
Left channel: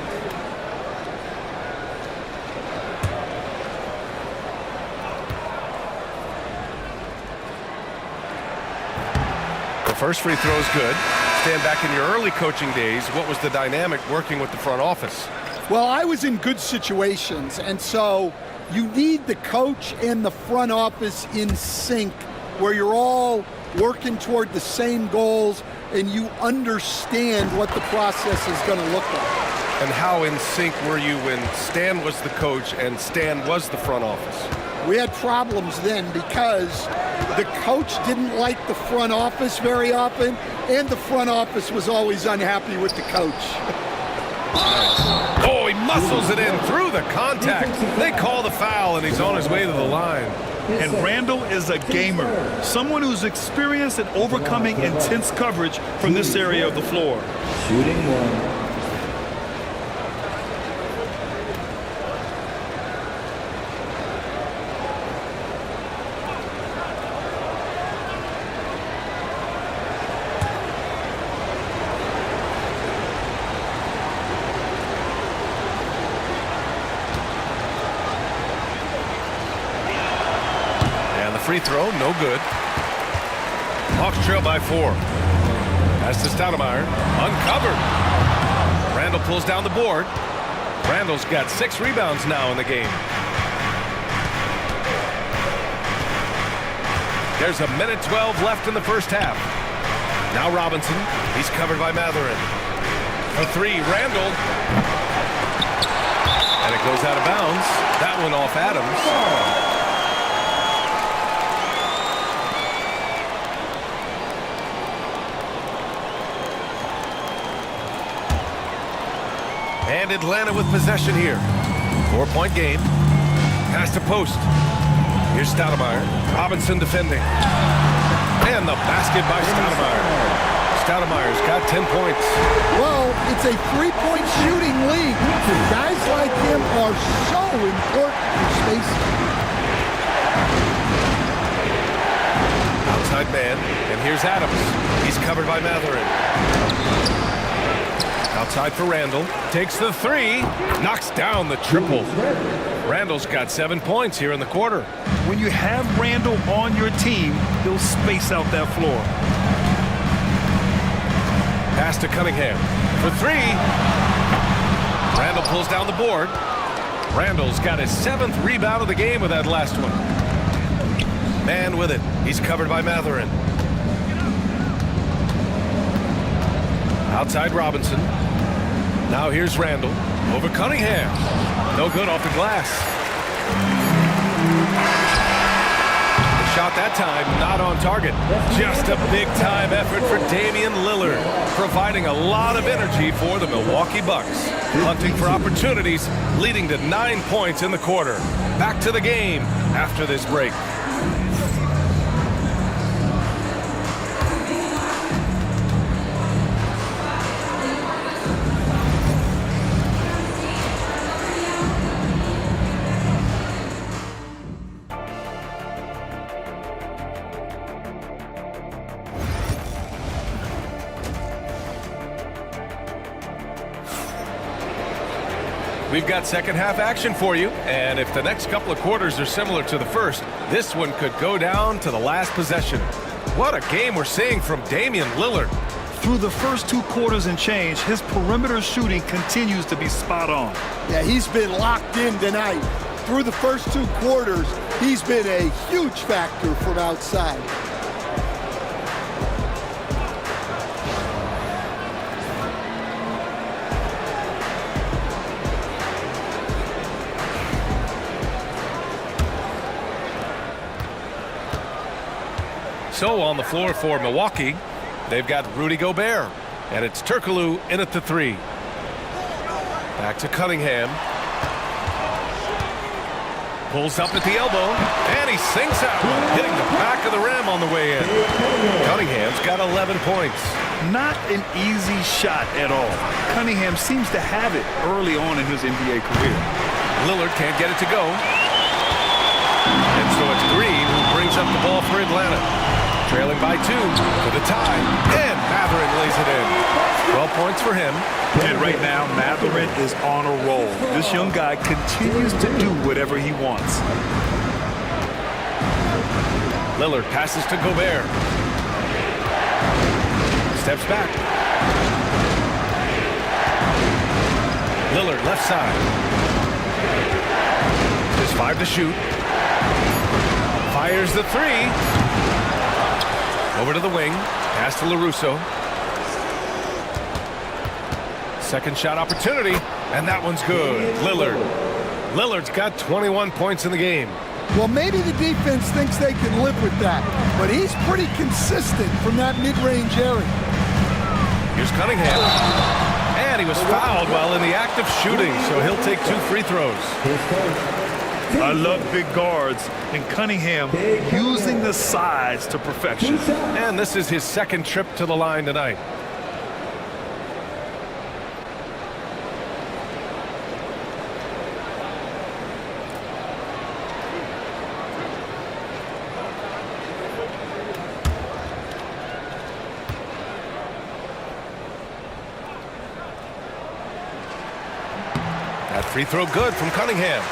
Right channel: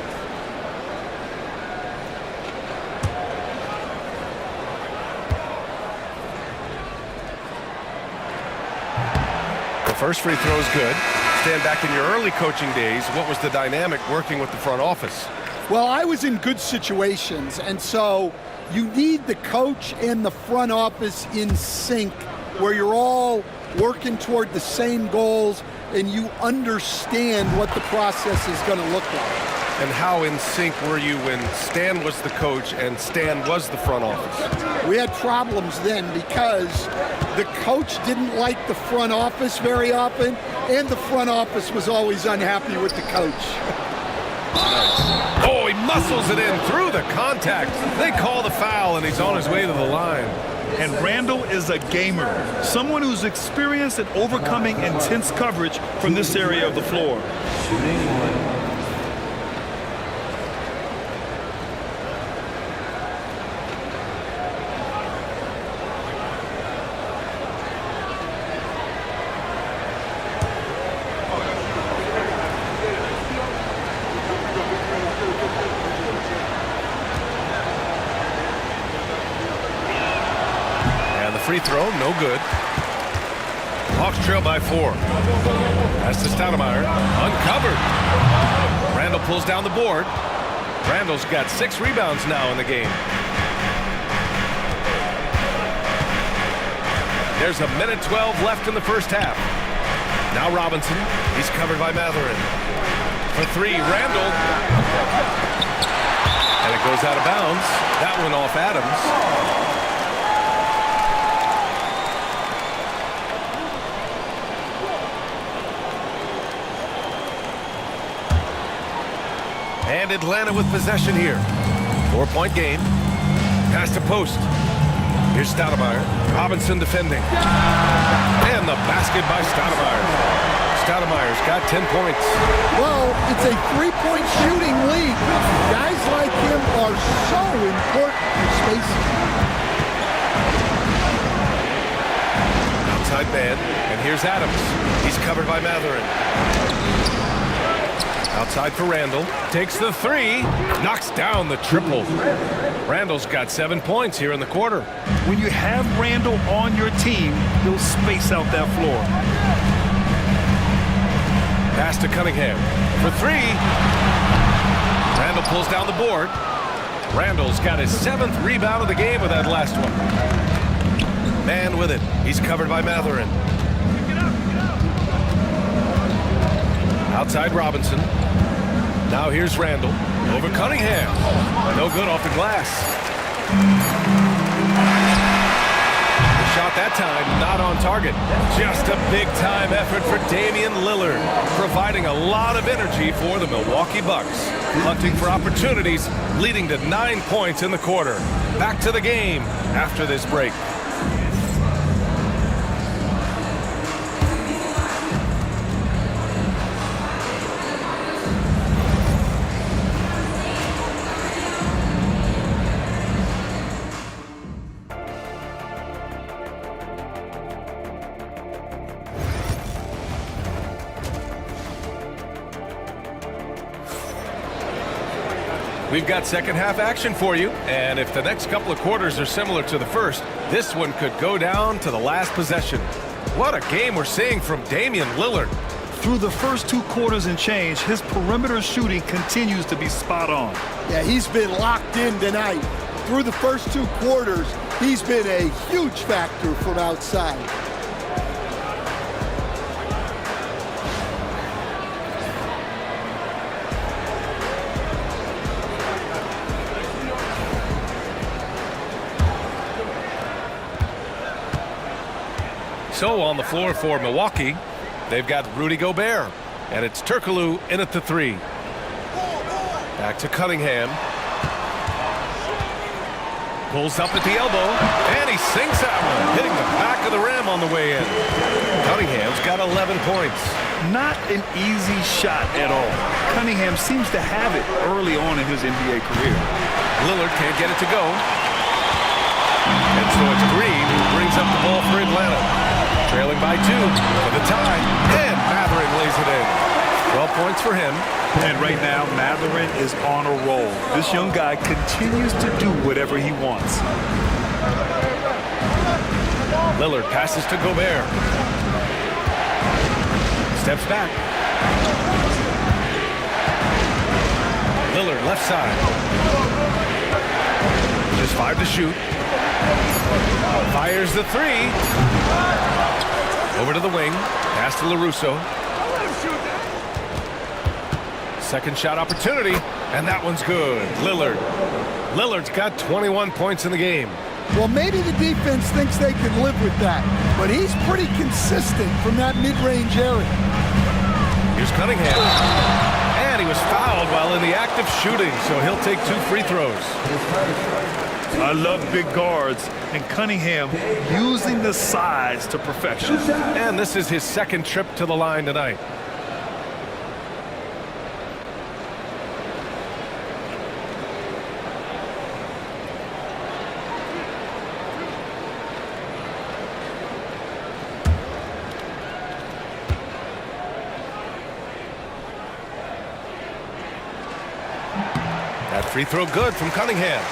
The first free throw is good. Stand back in your early coaching days. What was the dynamic working with the front office? Well, I was in good situations, and so you need the coach and the front office in sync where you're all working toward the same goals and you understand what the process is going to look like. And how in sync were you when Stan was the coach and Stan was the front office? We had problems then because the coach didn't like the front office very often, and the front office was always unhappy with the coach. Nice. Oh, he muscles it in through the contact. They call the foul, and he's on his way to the line. And Randall is a gamer, someone who's experienced at overcoming intense coverage from this area of the floor. Shooting 1. Free throw, no good. Hawks trail by 4. Pass to Stoudemire, uncovered. Randall pulls down the board. Randall's got 6 rebounds now in the game. There's a minute 12 left in the first half. Now Robinson, he's covered by Mathurin. For 3, Randall. And it goes out of bounds. That one off Adams. And Atlanta with possession here. 4-point game. Pass to post. Here's Stoudemire. Robinson defending. And the basket by Stoudemire. Stoudemire's got 10 points. Well, it's a three-point shooting league. Guys like him are so important for spacing. Outside man, and here's Adams. He's covered by Matherin. Outside for Randall. Takes the three. Knocks down the triple. Randall's got 7 points here in the quarter. When you have Randall on your team, he'll space out that floor. Pass to Cunningham for three. Randall pulls down the board. Randall's got his 7th rebound of the game with that last one. Man with it. He's covered by Matherin. Outside Robinson. Now here's Randall over Cunningham. No good off the glass. The shot that time not on target. Just a big-time effort for Damian Lillard, providing a lot of energy for the Milwaukee Bucks. Hunting for opportunities, leading to 9 points in the quarter. Back to the game after this break. We've got second half action for you, and if the next couple of quarters are similar to the first, this one could go down to the last possession. What a game we're seeing from Damian Lillard. Through the first 2 quarters and change, his perimeter shooting continues to be spot on. Yeah, he's been locked in tonight. Through the first 2 quarters, he's been a huge factor from outside. So on the floor for Milwaukee, they've got Rudy Gobert, and it's Turkoglu in at the 3. Back to Cunningham. Pulls up at the elbow, and he sinks that one, hitting the back of the rim on the way in. Cunningham's got 11 points. Not an easy shot at all. Cunningham seems to have it early on in his NBA career. Lillard can't get it to go. And so it's Green who brings up the ball for Atlanta. Trailing by 2 for the tie, and Matherin lays it in. 12 points for him. And right now, Matherin is on a roll. This young guy continues to do whatever he wants. Lillard passes to Gobert. Steps back. Lillard left side. Just 5 to shoot. Fires the 3. Over to the wing. Pass to LaRusso. Second shot opportunity, and that one's good. Lillard's got 21 points in the game. Well, maybe the defense thinks they can live with that, but he's pretty consistent from that mid-range area. Here's Cunningham. And he was fouled while in the act of shooting, so he'll take 2 free throws. I love big guards, and Cunningham using the size to perfection. And this is his 2nd trip to the line tonight. That free throw good from Cunningham.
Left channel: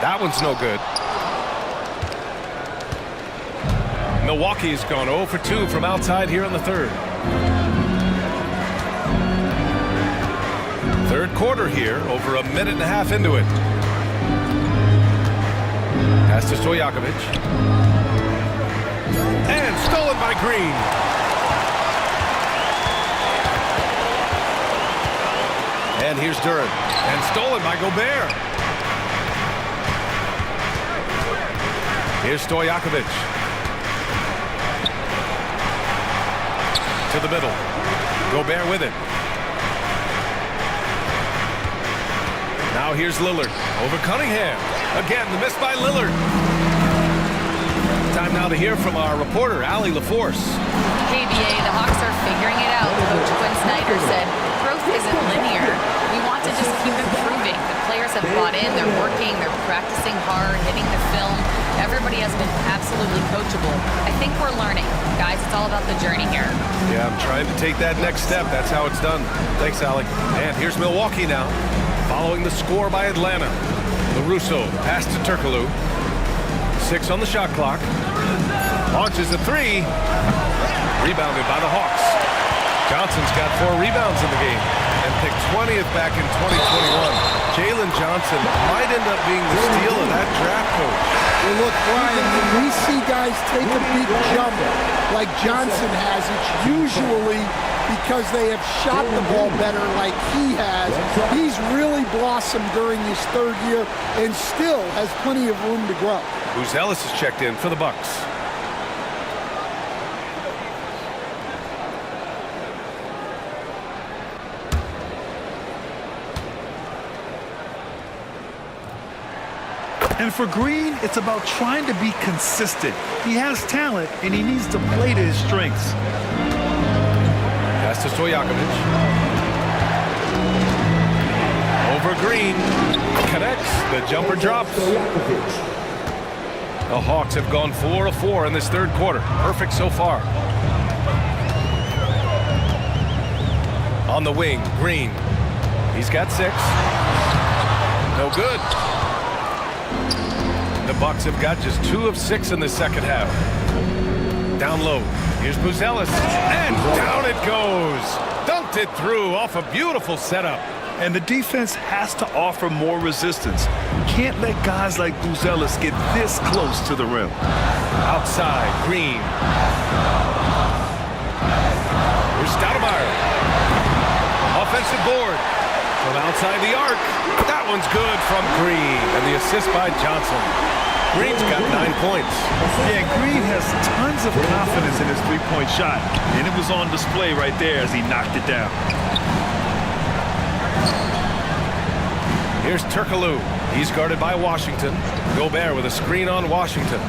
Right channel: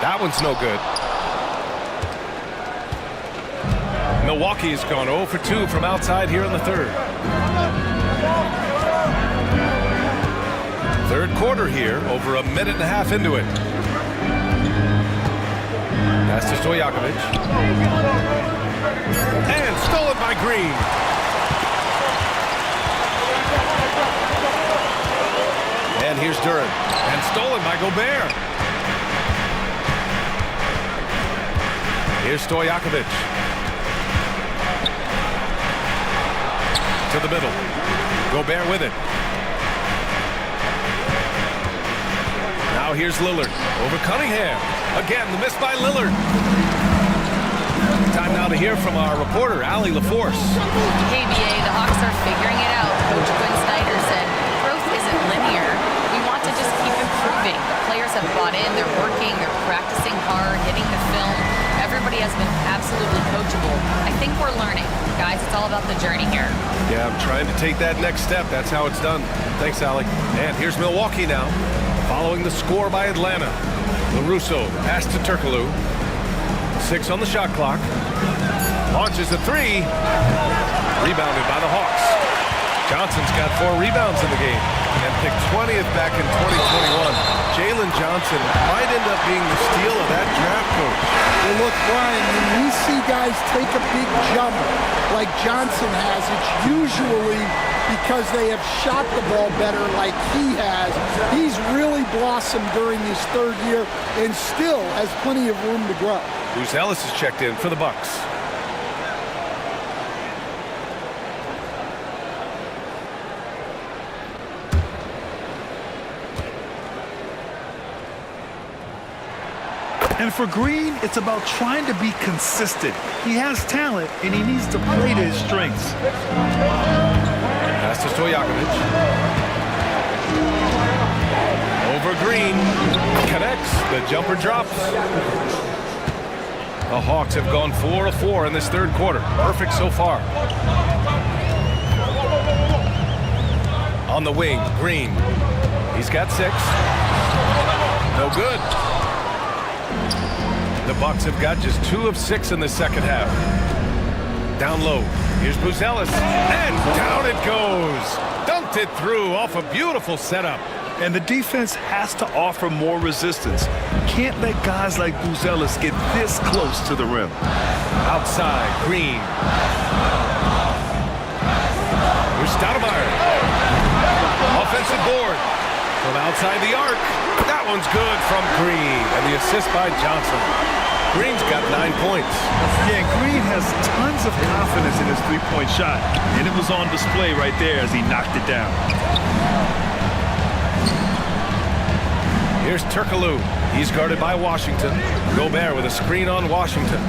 That one's no good. Milwaukee's gone 0 for 2 from outside here in the 3rd. 3rd quarter here, over a minute and a half into it. Pass to Stojakovic. And stolen by Green. And here's Duren. And stolen by Gobert. Here's Stojakovic. To the middle. Gobert with it. Now here's Lillard. Over Cunningham. Again, the miss by Lillard. Time now to hear from our reporter, Allie LaForce. Hey, BA, the Hawks are figuring it out. Coach Quinn Snyder said, growth isn't linear. We want to just keep improving. The players have bought in. They're working. They're practicing hard, hitting the film. Everybody has been absolutely coachable. I think we're learning. Guys, it's all about the journey here. Yeah, I'm trying to take that next step. That's how it's done. Thanks, Allie. And here's Milwaukee now. Following the score by Atlanta. LaRusso, pass to Turkoglu. 6 on the shot clock. Launches a 3. Rebounded by the Hawks. Johnson's got 4 rebounds in the game and picked 20th back in 2021. Jalen Johnson might end up being the steal of that draft, Coach. Well, look, Brian, when we see guys take a big jump like Johnson has, it's usually because they have shot the ball better like he has. He's really blossomed during his 3rd year and still has plenty of room to grow. Buzelis is checked in for the Bucks. And for Green, it's about trying to be consistent. He has talent, and he needs to play to his strengths. Pass to Stojakovic. Over Green. Connects. The jumper drops. The Hawks have gone 4 of 4 in this 3rd quarter. Perfect so far. On the wing, Green. He's got 6. No good. The Bucks have got just 2 of 6 in the 2nd half. Down low. Here's Buzelis. And down it goes. Dunked it through off a beautiful setup. And the defense has to offer more resistance. Can't let guys like Buzelis get this close to the rim. Outside, Green. Here's Stoudemire. Offensive board. From outside the arc. That one's good from Green. And the assist by Johnson. Green's got 9 points. Yeah, Green has tons of confidence in his three-point shot. And it was on display right there as he knocked it down. Here's Turkoglu. He's guarded by Washington. Gobert with a screen on Washington.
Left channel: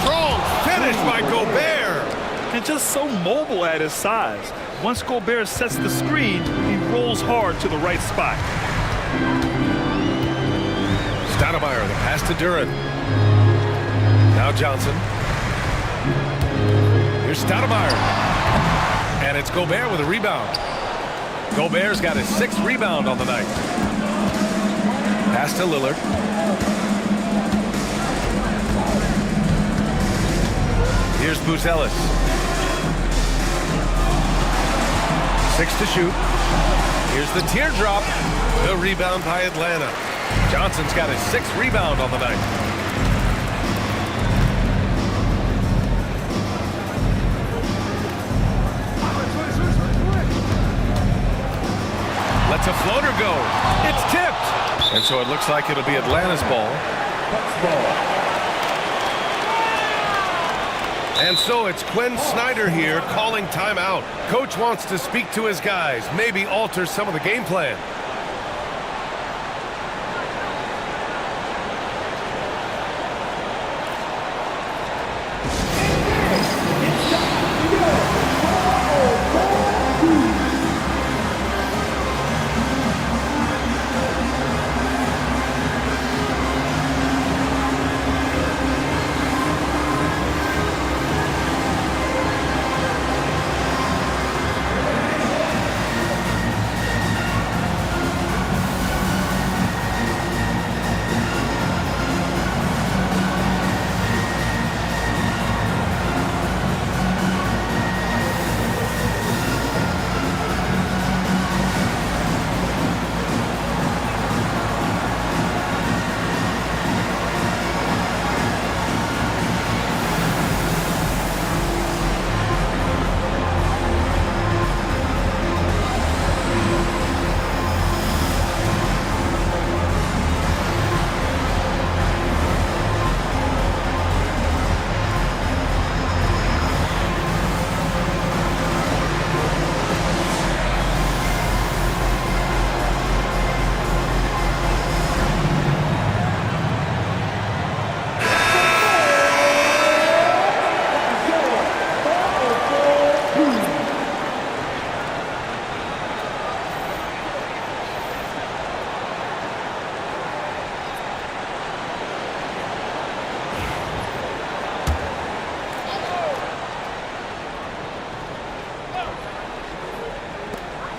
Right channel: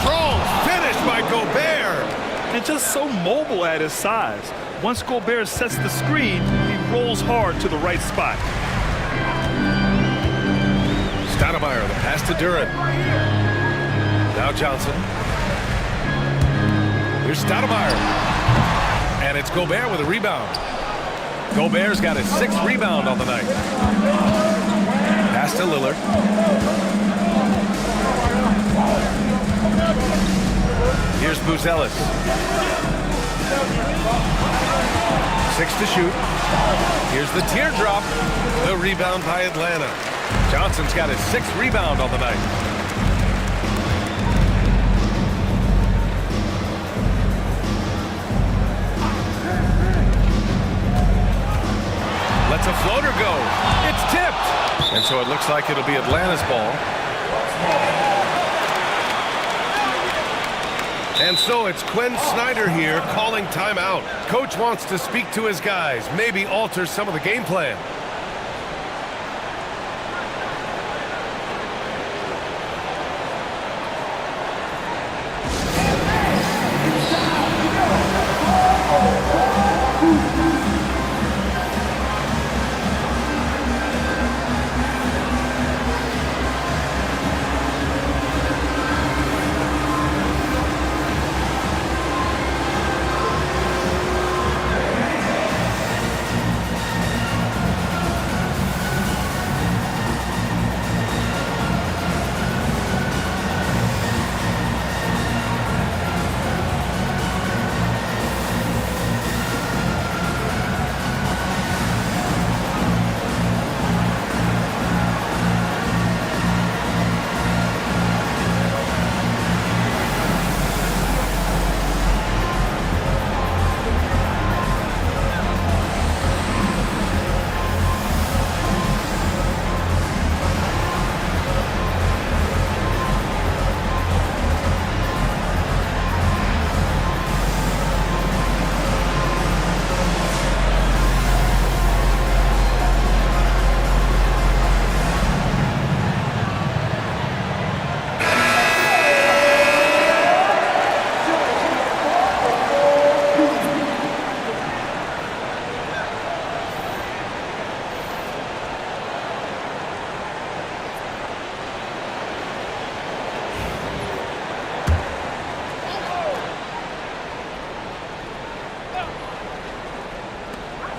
Strong finish by Gobert. And just so mobile at his size. Once Gobert sets the screen, he rolls hard to the right spot. Stoudemire, the pass to Duren. Now Johnson. Here's Stoudemire. And it's Gobert with a rebound. Gobert's got his 6th rebound on the night. Pass to Lillard. Here's Buzelis. 6 to shoot. Here's the teardrop. The rebound by Atlanta. Johnson's got his 6th rebound on the night. Lets a floater go. It's tipped. And so it looks like it'll be Atlanta's ball. And so it's Quinn Snyder here calling timeout. Coach wants to speak to his guys, maybe alter some of the game plan.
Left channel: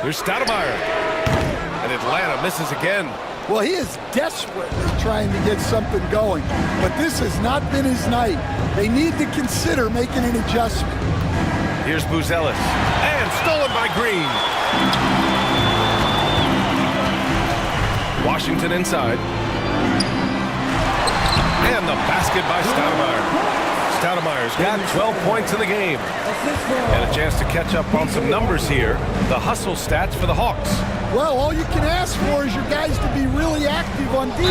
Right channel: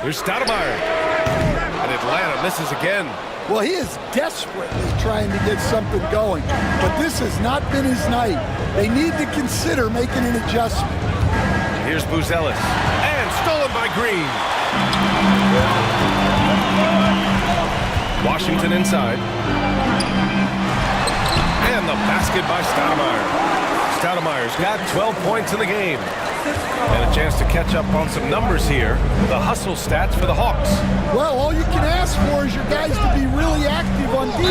Here's Stoudemire. And Atlanta misses again. Well, he is desperately trying to get something going, but this has not been his night. They need to consider making an adjustment. Here's Buzelis. And stolen by Green. Washington inside. And the basket by Stoudemire. Stoudemire's got 12 points in the game. And a chance to catch up on some numbers here. The hustle stats for the Hawks. Well, all you can ask for is your guys to be really active on D,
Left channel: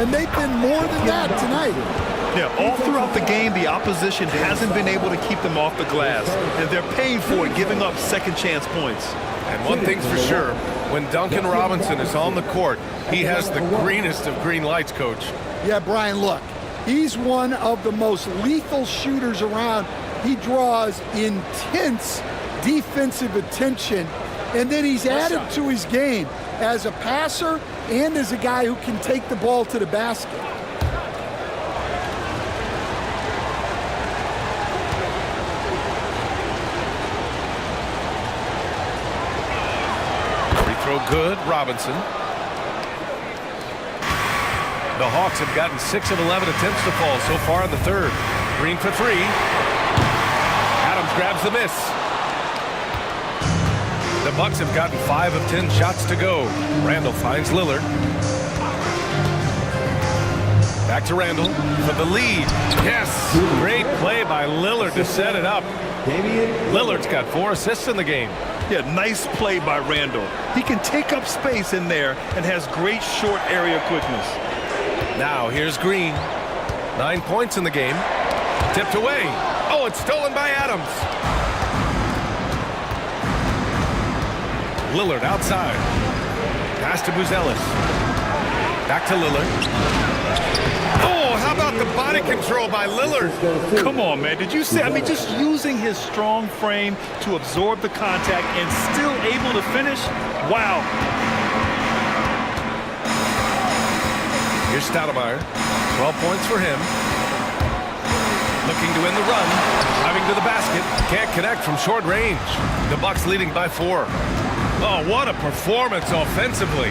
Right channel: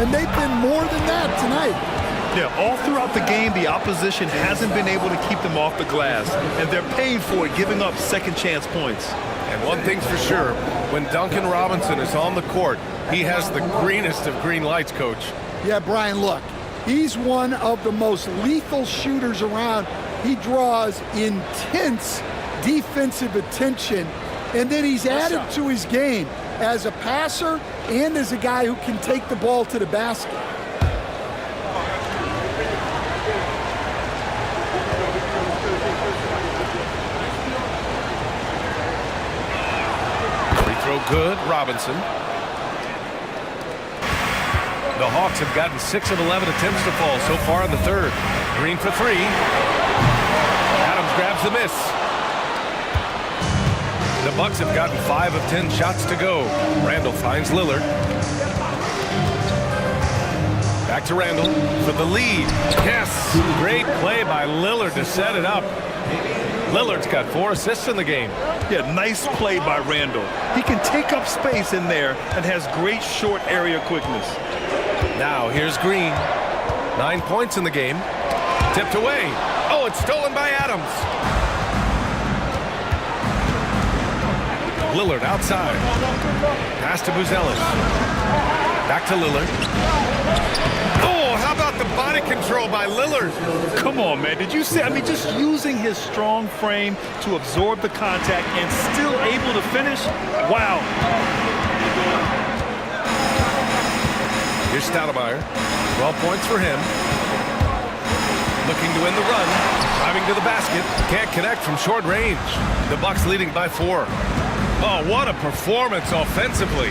and they've been more than that tonight. Yeah, all throughout the game, the opposition hasn't been able to keep them off the glass, and they're paying for it, giving up second chance points. And one thing's for sure, when Duncan Robinson is on the court, he has the greenest of green lights, Coach. Yeah, Brian, look, he's one of the most lethal shooters around. He draws intense defensive attention, and then he's added to his game as a passer and as a guy who can take the ball to the basket. Free throw good, Robinson. The Hawks have gotten 6 of 11 attempts to fall so far in the third. Green for three. Adams grabs the miss. The Bucks have gotten 5 of 10 shots to go. Randall finds Lillard. Back to Randall for the lead. Yes, great play by Lillard to set it up. Lillard's got 4 assists in the game. Yeah, nice play by Randall. He can take up space in there and has great short area quickness. Now here's Green. 9 points in the game. Tipped away. Oh, it's stolen by Adams. Lillard outside. Pass to Buzelis. Back to Lillard. Oh, how about the body control by Lillard? Come on, man. Did you see? I mean, just using his strong frame to absorb the contact and still able to finish? Wow. Here's Stoudemire. 12 points for him. Looking to win the run. Driving to the basket. Can't connect from short range. The Bucks leading by 4. Oh, what a performance offensively.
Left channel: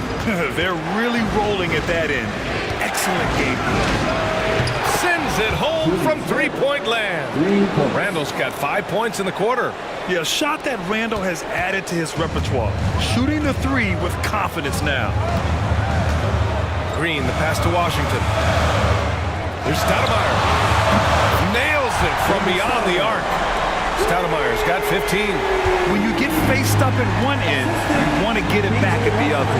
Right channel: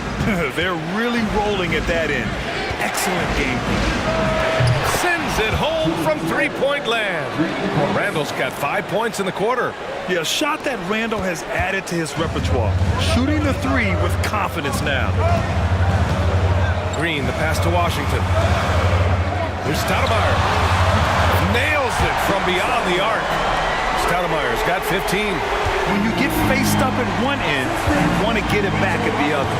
They're really rolling at that end. Excellent game plan. Sends it home from three-point land. Randall's got 5 points in the quarter. Yeah, a shot that Randall has added to his repertoire. Shooting the three with confidence now. Green, the pass to Washington. Here's Stoudemire. Nails it from beyond the arc. Stoudemire's got 15. When you get faced up at one end, you want to get it back at the other.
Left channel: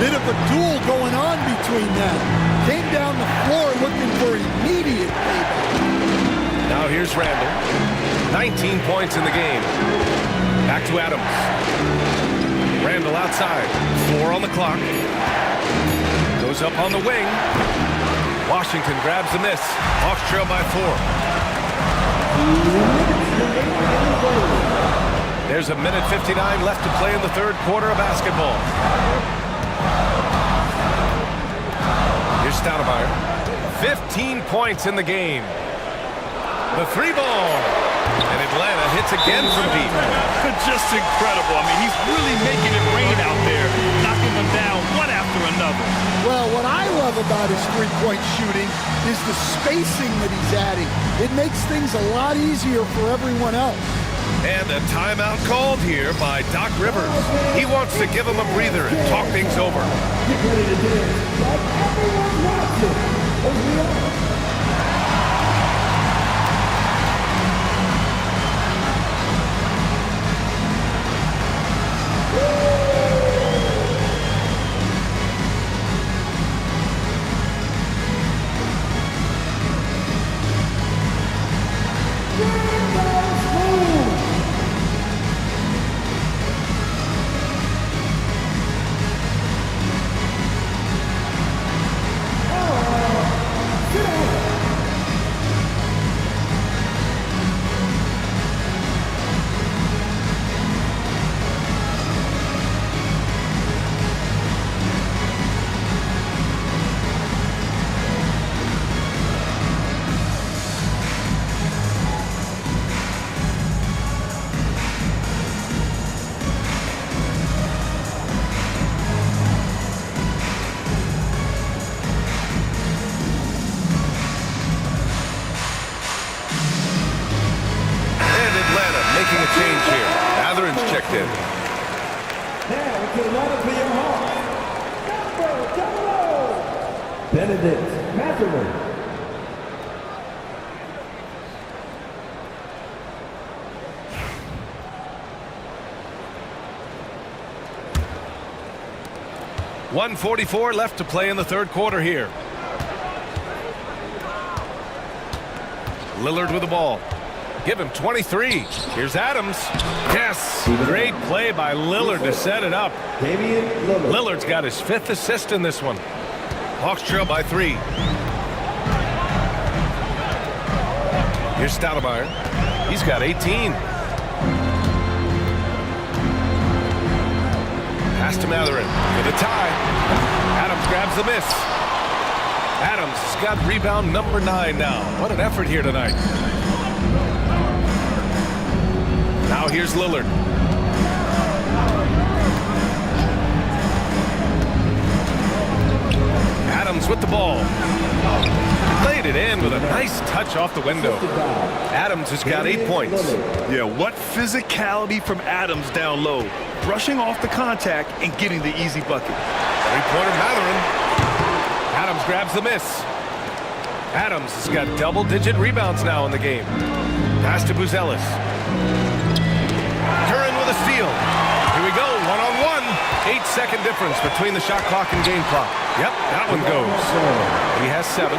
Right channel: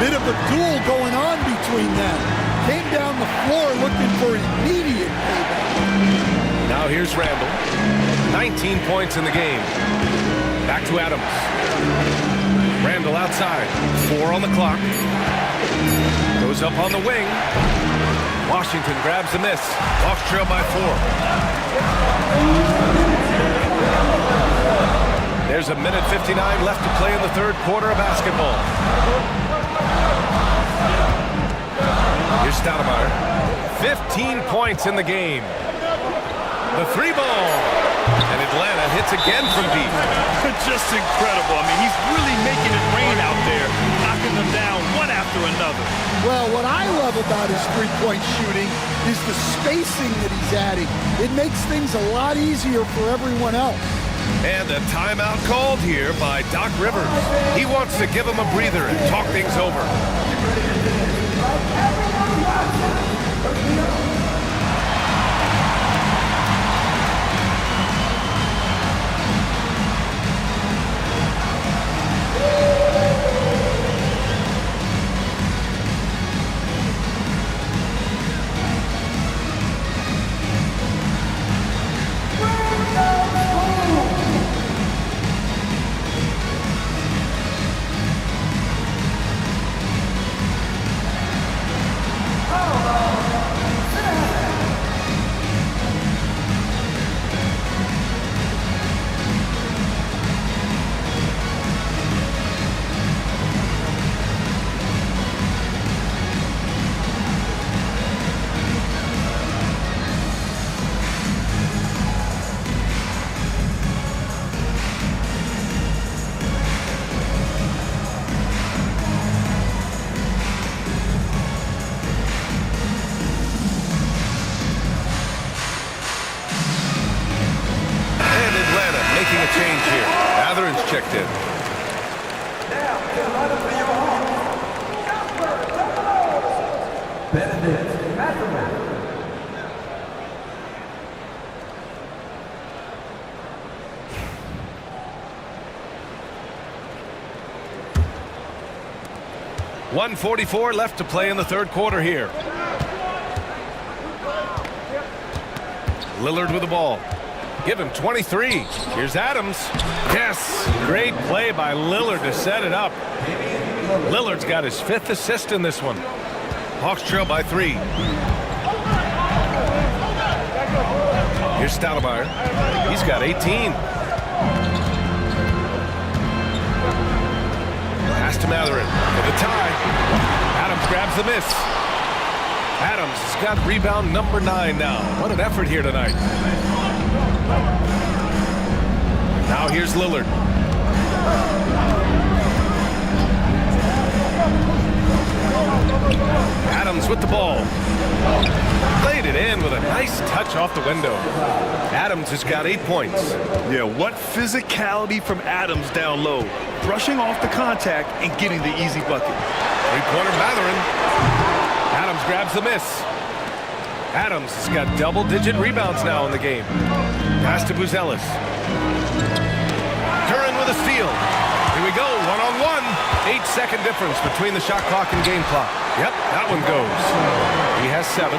Bit of a duel going on between them. Came down the floor looking for immediate payback. Now here's Randall. 19 points in the game. Back to Adams. Randall outside. 4 on the clock. Goes up on the wing. Washington grabs the miss. Hawks trail by 4. There's 1:59 left to play in the third quarter of basketball. Here's Stoudemire. 15 points in the game. The 3 ball. And Atlanta hits again from deep. Just incredible. I mean, he's really making it rain out there, knocking them down one after another. Well, what I love about his three-point shooting is the spacing that he's adding. It makes things a lot easier for everyone else. And a timeout called here by Doc Rivers. He wants to give him a breather and talk things over. making a change here. Matherin's checked in. Now into the lineup for your Hawks. Number 00, Benedict Mathurin. .144 left to play in the third quarter here. Lillard with the ball. Give him 23. Here's Adams. Yes, great play by Lillard to set it up. Damian Lillard. Lillard's got his 5th assist in this one. Hawks trail by 3. Here's Stoudemire. He's got 18. Pass to Mathurin for the tie. Adams grabs the miss. Adams has got rebound number 9 now. What an effort here tonight. Now here's Lillard. Adams with the ball. Played it in with a nice touch off the window. Adams has got 8 points. Yeah, what physicality from Adams down low. Brushing off the contact and getting the easy bucket. Three-pointer Mathurin. Adams grabs the miss. Adams has got double-digit rebounds now in the game. Pass to Buzelis. Duren with a steal. Here we go, one-on-one. 8-second difference between the shot clock and game clock. Yep, that one goes. He has 7.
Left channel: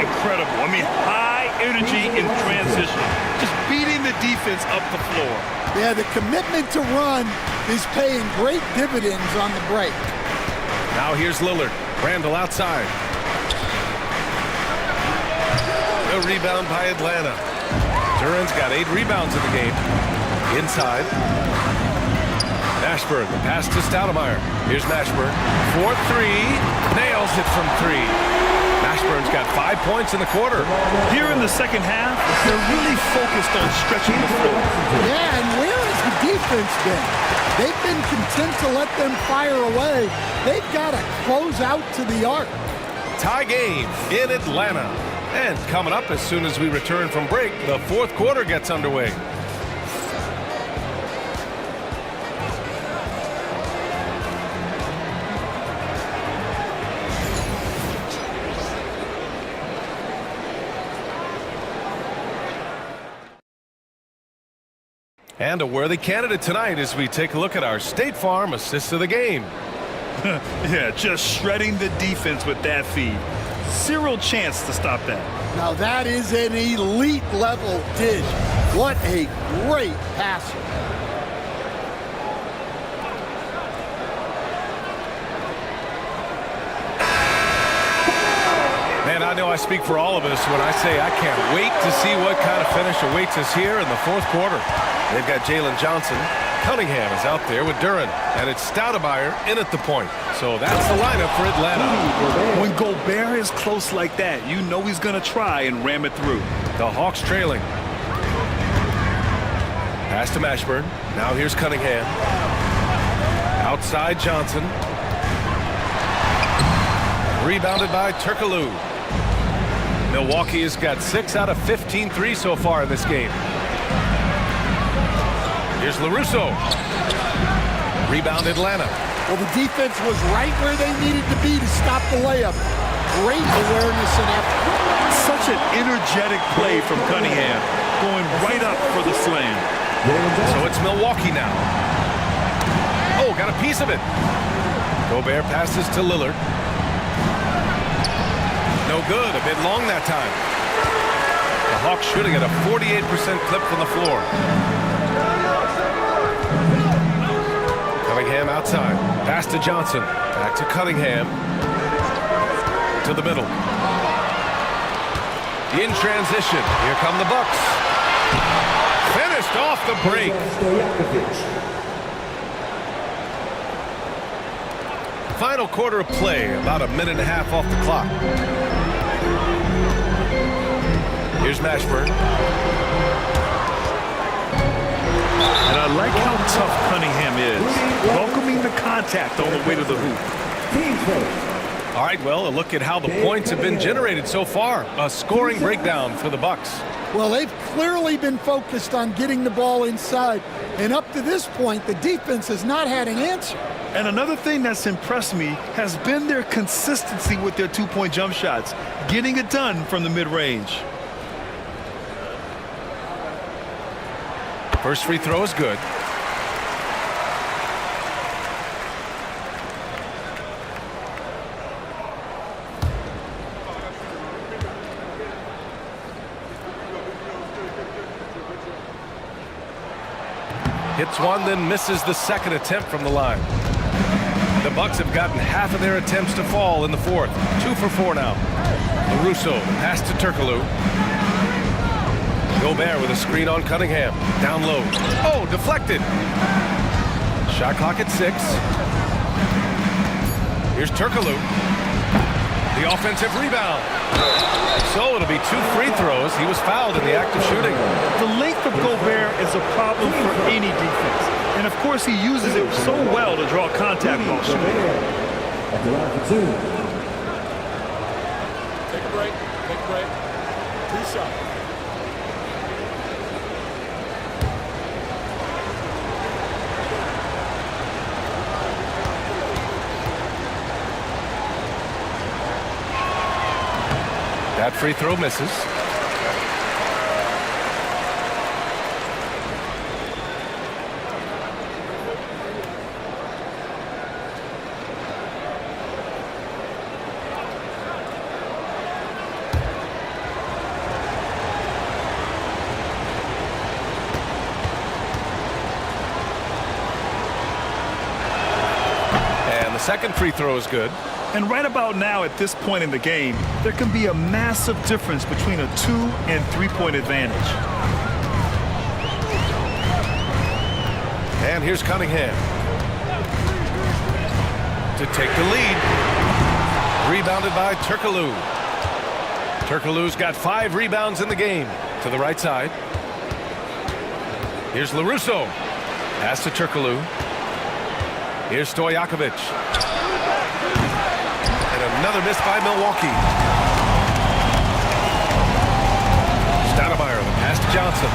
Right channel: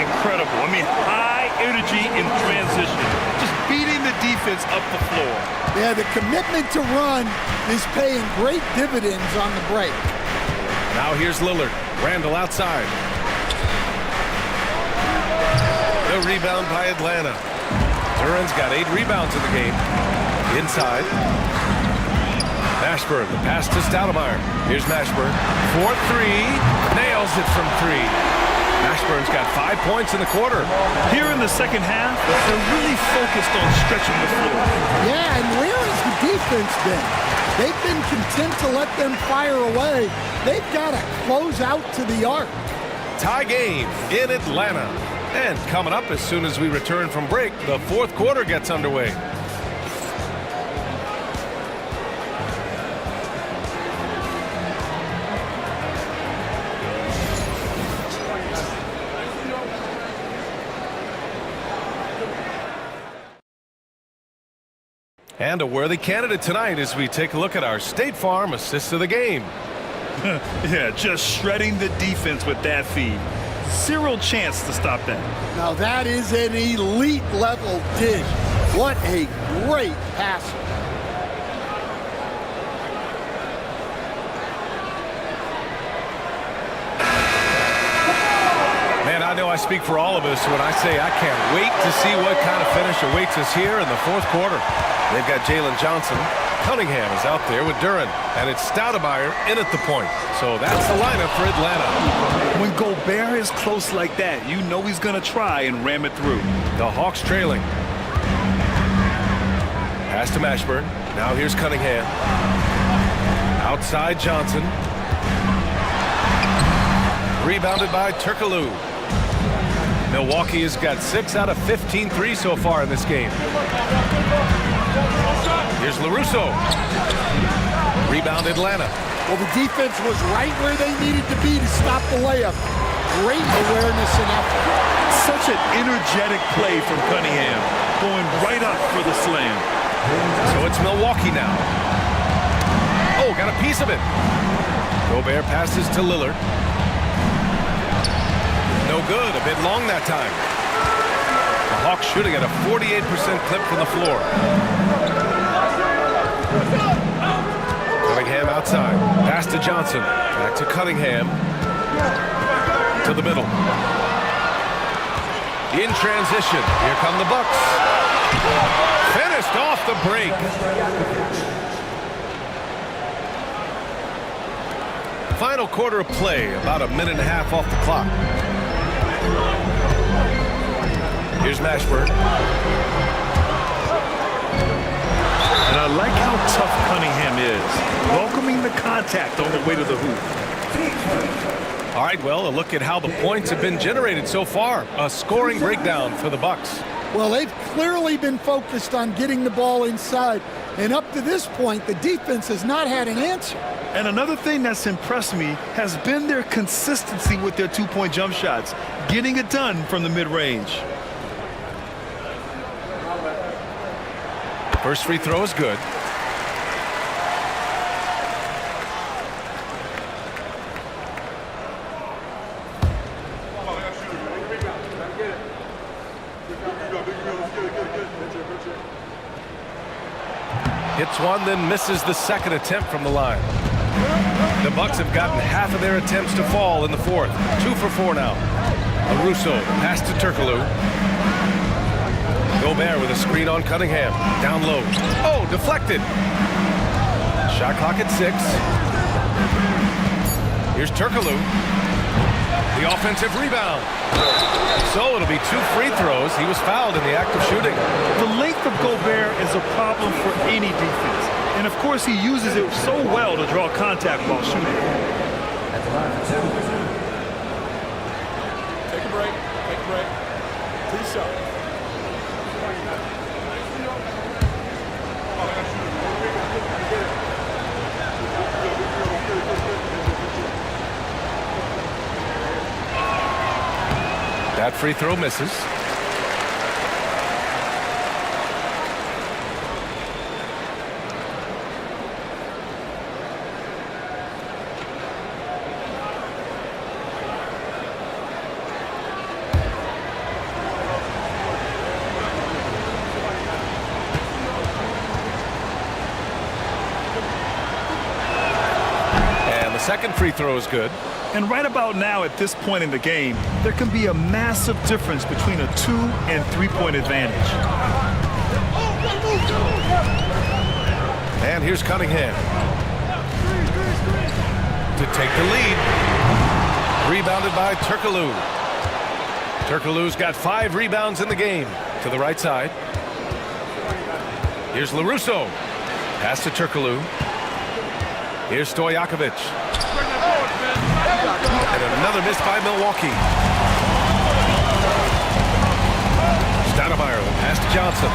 Incredible. I mean, high energy in transition. Just beating the defense up the floor. Yeah, the commitment to run is paying great dividends on the break. Now here's Lillard. Randall outside. The rebound by Atlanta. Duren's got 8 rebounds in the game. Inside. Mashburn, the pass to Stoudemire. Here's Mashburn. 4-3. Nails it from 3. Mashburn's got 5 points in the quarter. Here in the second half, they're really focused on stretching the floor. Yeah, and where has the defense been? They've been content to let them fire away. They've got to close out to the arc. Tie game in Atlanta. And coming up as soon as we return from break, the fourth quarter gets underway. And a worthy candidate tonight as we take a look at our State Farm assist of the game. Yeah, just shredding the defense with that feed. Zero chance to stop that. Now that is an elite level dish. What a great passer. Man, I know I speak for all of us when I say I can't wait to see what kind of finish awaits us here in the fourth quarter. They've got Jalen Johnson. Cunningham is out there with Duren, and it's Stoudemire in at the point. So that's the lineup for Atlanta. When Gobert is close like that, you know he's going to try and ram it through. The Hawks trailing. Pass to Mashburn. Now here's Cunningham. Outside Johnson. Rebounded by Turkoglu. Milwaukee has got 6 out of 15 threes so far in this game. Here's LaRusso. Rebound Atlanta. Well, the defense was right where they needed to be to stop the layup. Great awareness and effort. Such an energetic play from Cunningham, going right up for the slam. So it's Milwaukee now. Oh, got a piece of it. Gobert passes to Lillard. No good, a bit long that time. The Hawks shooting at a 48% clip from the floor. Cunningham outside. Pass to Johnson. Back to Cunningham. To the middle. In transition. Here come the Bucks. Finished off the break. Final quarter of play. About a minute and a half off the clock. Here's Mashburn. And I like how tough Cunningham is, welcoming the contact on the way to the hoop. All right, well, a look at how the points have been generated so far. A scoring breakdown for the Bucks. Well, they've clearly been focused on getting the ball inside. And up to this point, the defense has not had an answer. And another thing that's impressed me has been their consistency with their two-point jump shots, getting it done from the mid-range. First free throw is good. Hits one, then misses the second attempt from the line. The Bucks have gotten half of their attempts to fall in the fourth. 2 for 4 now. LaRusso, pass to Turkoglu. Gobert with a screen on Cunningham. Down low. Oh, deflected. Shot clock at 6. Here's Turkoglu. The offensive rebound. So it'll be 2 free throws. He was fouled in the act of shooting. The length of Gobert is a problem for any defense. And, of course, he uses it so well to draw contact while shooting. At the line for 2. Take a break. Take a break. 2 shots. That free throw misses. And the second free throw is good. And right about now, at this point in the game, there can be a massive difference between a 2- and 3-point advantage. And here's Cunningham to take the lead. Rebounded by Turkoglu. Turkoglu's got 5 rebounds in the game. To the right side. Here's LaRusso. Pass to Turkoglu. Here's Stojakovic. And another miss by Milwaukee. Stoudemire, the pass to Johnson.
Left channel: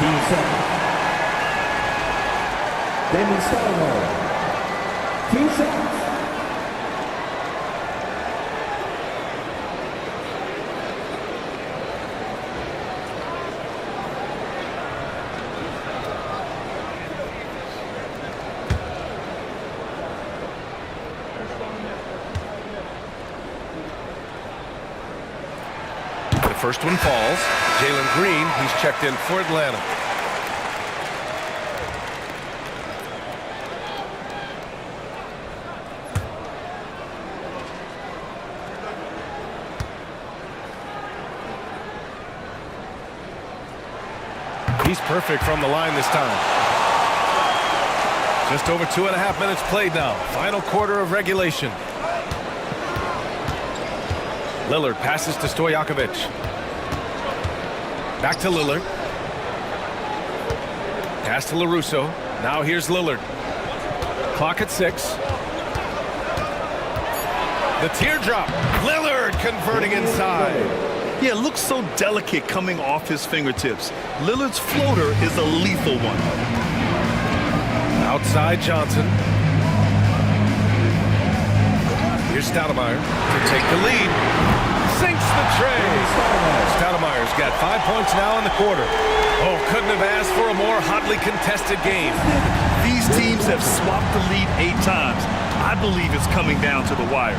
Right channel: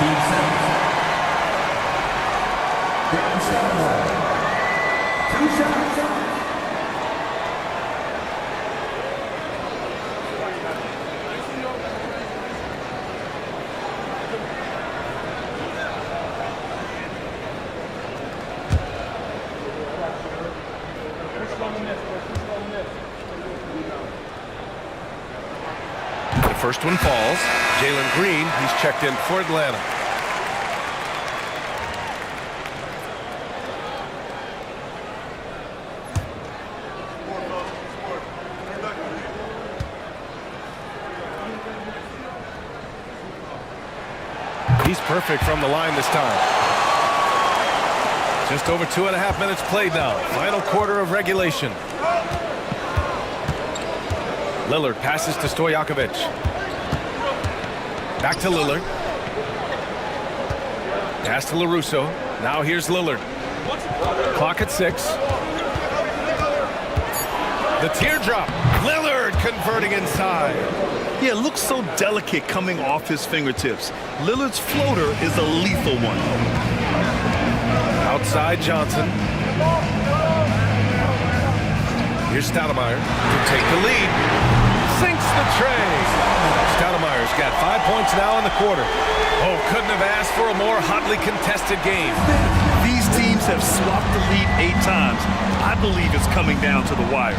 Team seconds. Damon Stoudemire. 2 shots. The first one falls. Jalen Green, he's checked in for Atlanta. He's perfect from the line this time. Just over 2.5 minutes played now. Final quarter of regulation. Lillard passes to Stojakovic. Back to Lillard. Pass to LaRusso. Now here's Lillard. Clock at 6. The teardrop. Lillard converting inside. Yeah, it looks so delicate coming off his fingertips. Lillard's floater is a lethal one. Outside Johnson. Here's Stoudemire to take the lead. Sinks the tray. Stoudemire's got 5 points now in the quarter. Oh, couldn't have asked for a more hotly contested game. These teams have swapped the lead 8 times. I believe it's coming down to the wire.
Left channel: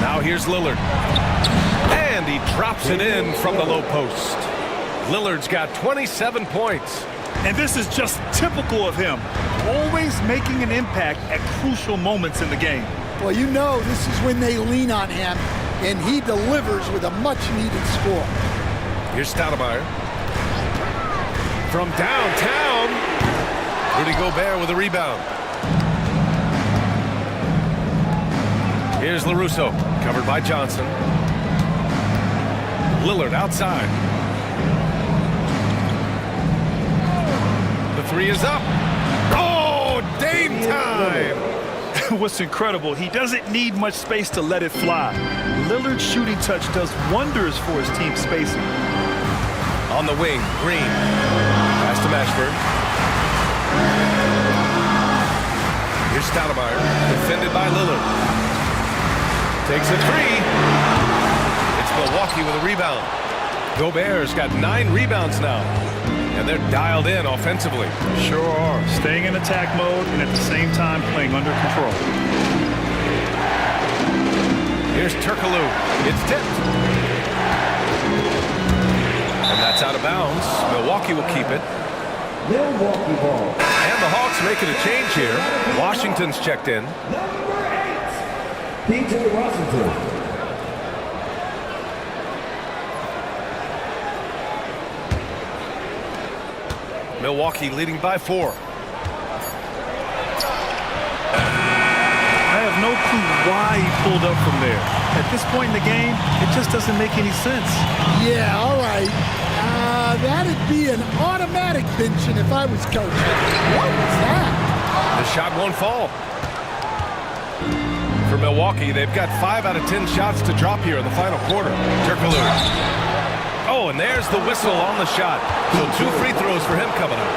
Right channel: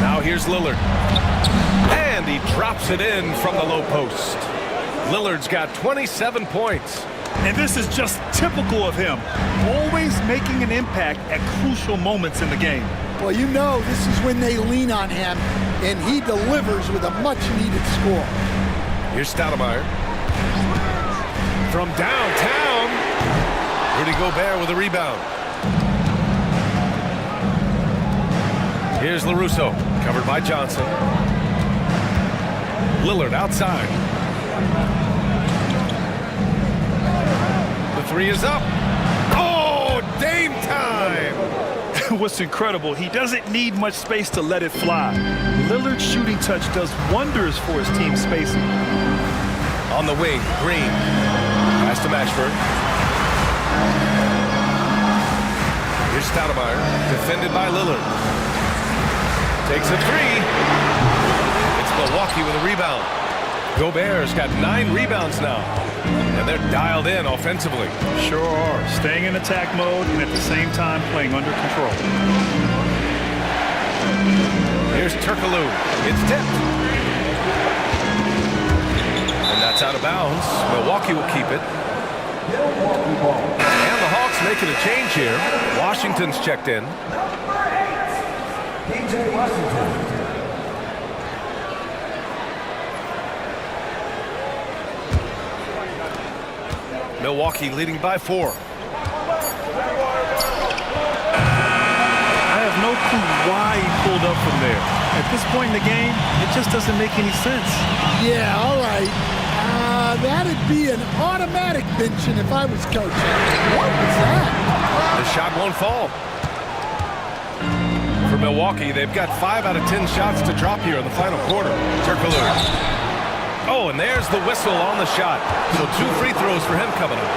Now here's Lillard. And he drops it in from the low post. Lillard's got 27 points. And this is just typical of him, always making an impact at crucial moments in the game. Well, you know this is when they lean on him, and he delivers with a much-needed score. Here's Stoudemire. From downtown, Rudy Gobert with a rebound. Here's LaRusso, covered by Johnson. Lillard outside. The 3 is up. Oh, Dame time! what's incredible, he doesn't need much space to let it fly. Lillard's shooting touch does wonders for his team spacing. On the wing, Green. Pass to Mashburn. Here's Stoudemire, defended by Lillard. Takes a three. It's Milwaukee with a rebound. Gobert's got 9 rebounds now, and they're dialed in offensively. Sure are. Staying in attack mode and at the same time playing under control. Here's Turkoglu. It's tipped. And that's out of bounds. Milwaukee will keep it. Milwaukee ball. And the Hawks making a change here. Washington's checked in. Number 8, P.J. Washington. Milwaukee leading by 4. I have no clue why he pulled up from there. At this point in the game, it just doesn't make any sense. Yeah, all right. That'd be an automatic benching if I was coaching. What was that? The shot won't fall. For Milwaukee, they've got 5 out of 10 shots to drop here in the final quarter. Turkoglu. Oh, and there's the whistle on the shot. So 2 free throws for him coming up.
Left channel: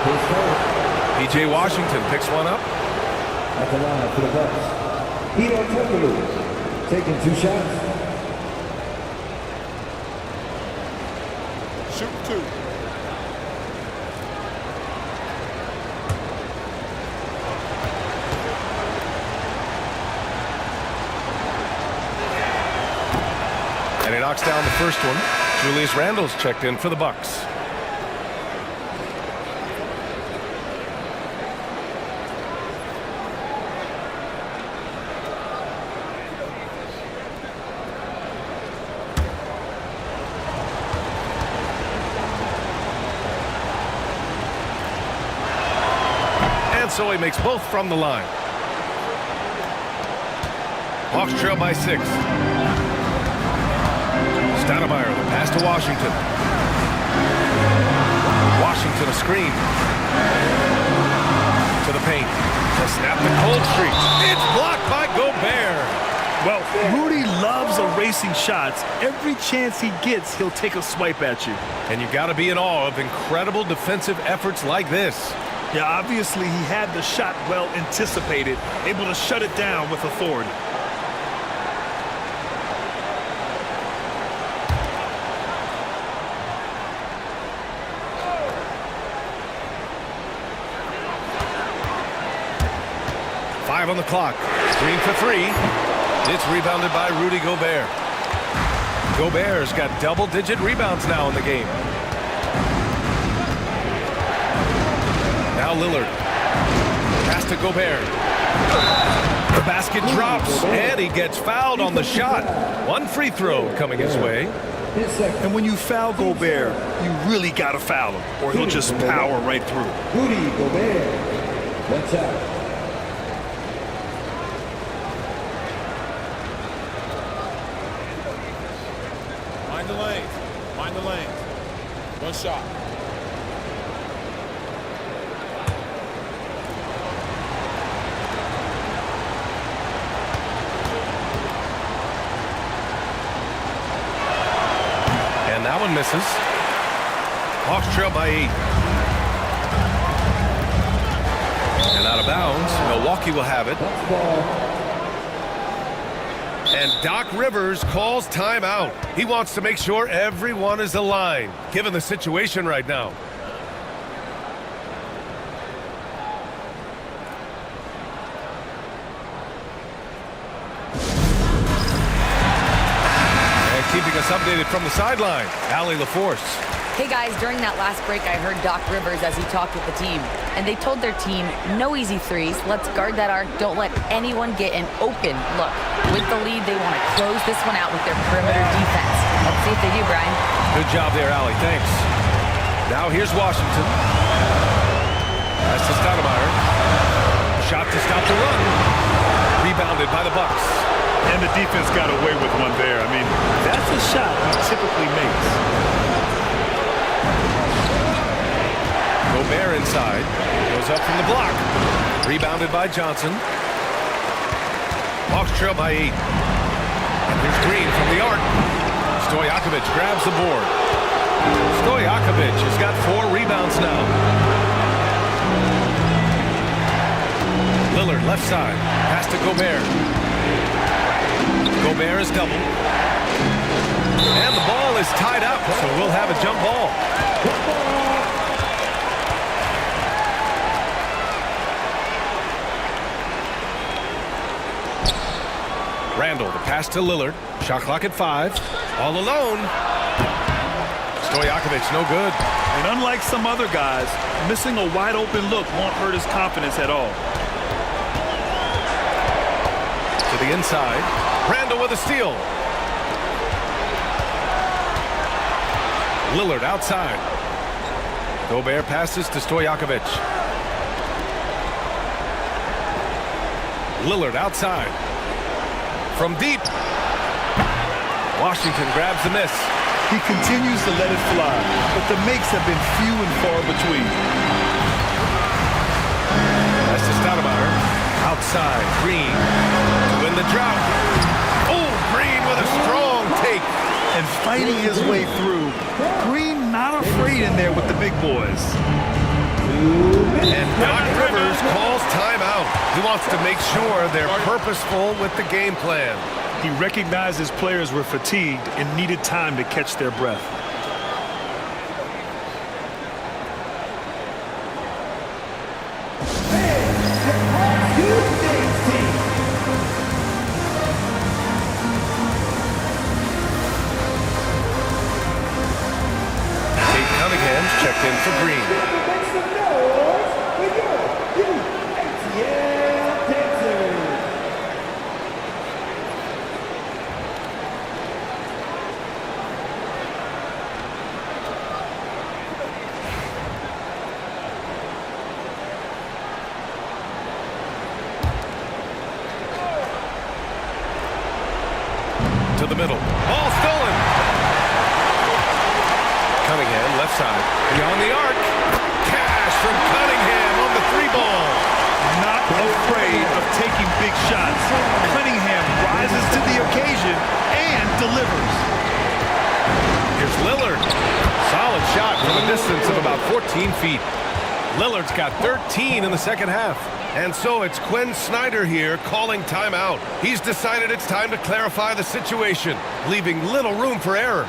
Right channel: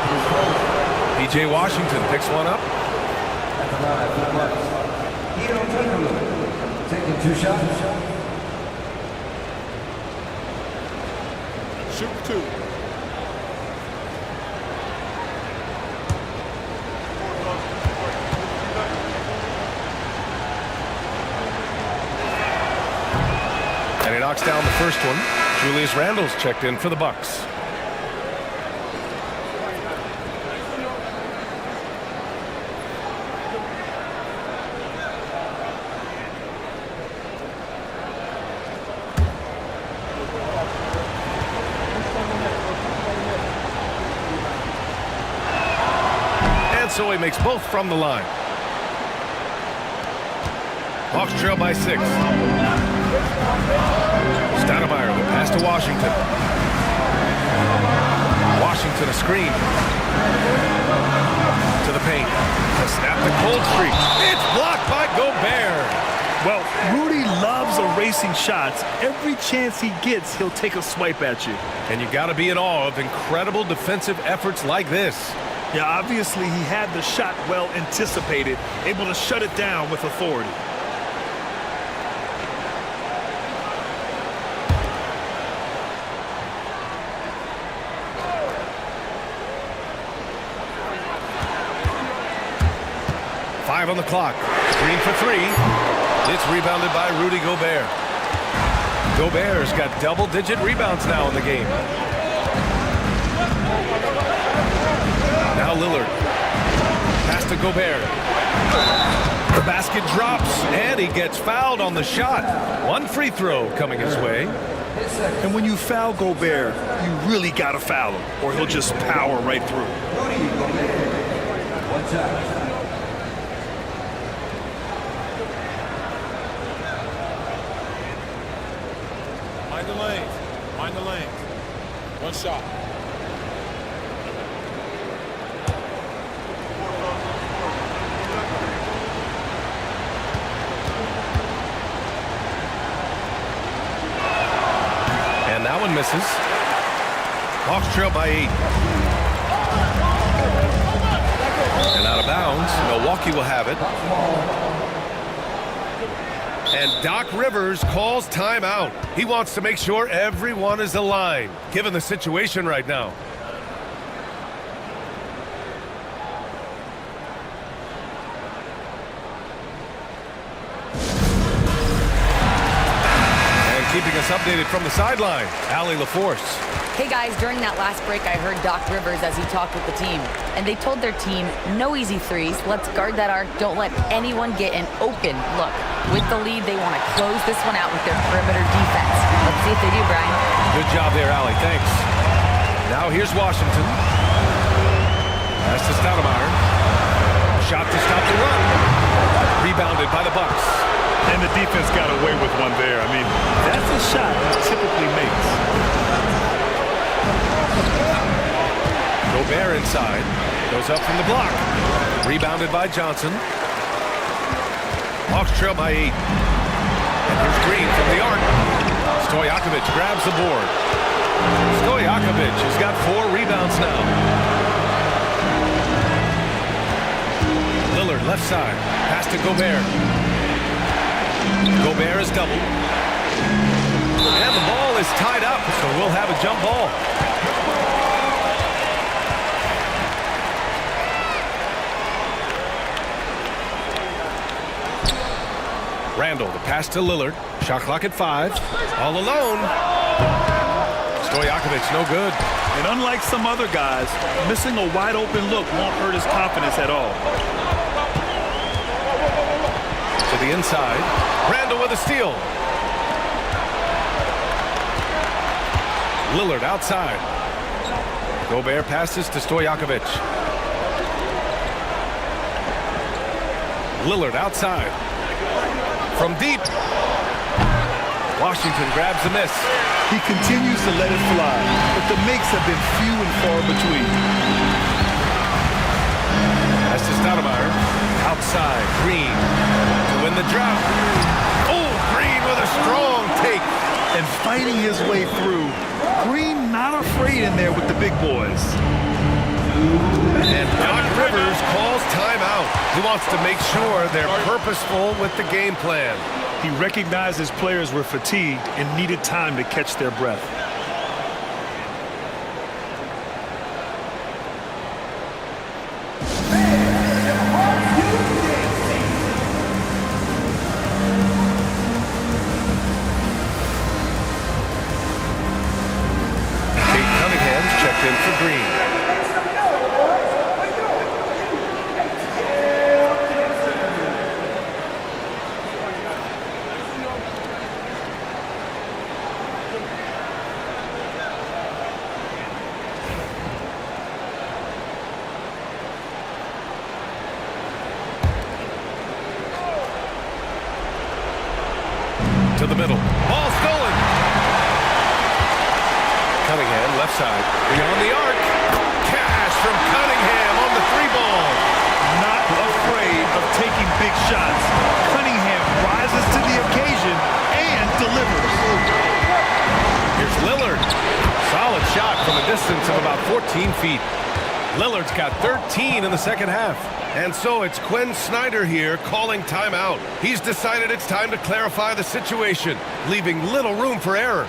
P.J. Washington picks one up. At the line for the Bucks. Hedo Turkoglu taking 2 shots. Shoot 2. And he knocks down the first one. Julius Randle's checked in for the Bucks. And so he makes both from the line. Hawks trail by 6. Stoudemire, the pass to Washington. Washington a screen. To the paint. To snap the cold streak. It's blocked by Gobert. Well, Rudy loves erasing shots. Every chance he gets, he'll take a swipe at you. And you got to be in awe of incredible defensive efforts like this. Yeah, obviously he had the shot well anticipated, able to shut it down with authority. Five on the clock. Green for 3. It's rebounded by Rudy Gobert. Gobert's got double-digit rebounds now in the game. Now Lillard. Pass to Gobert. The basket drops, and he gets fouled on the shot. 1 free throw coming his way. And when you foul Gobert, you really got to foul him, or he'll just power right through. Rudy Gobert. 1 shot. Mind the lanes. Mind the lanes. 1 shot. And that one misses. Hawks trail by 8. And out of bounds. Milwaukee will have it. And Doc Rivers calls timeout. He wants to make sure everyone is aligned, given the situation right now. And keeping us updated from the sideline, Allie LaForce. Hey guys, during that last break, I heard Doc Rivers as he talked with the team. And they told their team, no easy threes. Let's guard that arc. Don't let anyone get an open look. With the lead, they want to close this one out with their perimeter defense. Let's see if they do, Brian. Good job there, Allie. Thanks. Now here's Washington. Pass to Stoudemire. Shot to stop the run. Rebounded by the Bucks. And the defense got away with one there. I mean, that's a shot he typically makes. Gobert inside. Goes up from the block. Rebounded by Johnson. Hawks trail by 8. And here's Green from the arc. Stojakovic grabs the board. Stojakovic has got 4 rebounds now. Lillard left side. Pass to Gobert. Gobert is doubled. And the ball is tied up, so we'll have a jump ball. Randall, the pass to Lillard. Shot clock at 5. All alone. Stojakovic, no good. And unlike some other guys, missing a wide open look won't hurt his confidence at all. To the inside. Randall with a steal. Lillard outside. Gobert passes to Stojakovic. Lillard outside. From deep. Washington grabs the miss. He continues to let it fly, but the makes have been few and far between. Pass to Stoudemire. Outside. Green to win the drought. Oh, Green with a strong take. And fighting his way through. Green not afraid in there with the big boys. And Doc Rivers calls timeout. He wants to make sure they're purposeful with the game plan. He recognized his players were fatigued and needed time to catch their breath. Kate Cunningham's checked in for Green. To the middle. Ball stolen. Cunningham, left side. Beyond the arc. Cash from Cunningham on the 3-ball. Not afraid of taking big shots. Cunningham rises to the occasion and delivers. Here's Lillard. Solid shot from a distance of about 14 feet. Lillard's got 13 in the second half. And so it's Quinn Snyder here calling timeout. He's decided it's time to clarify the situation, leaving little room for error.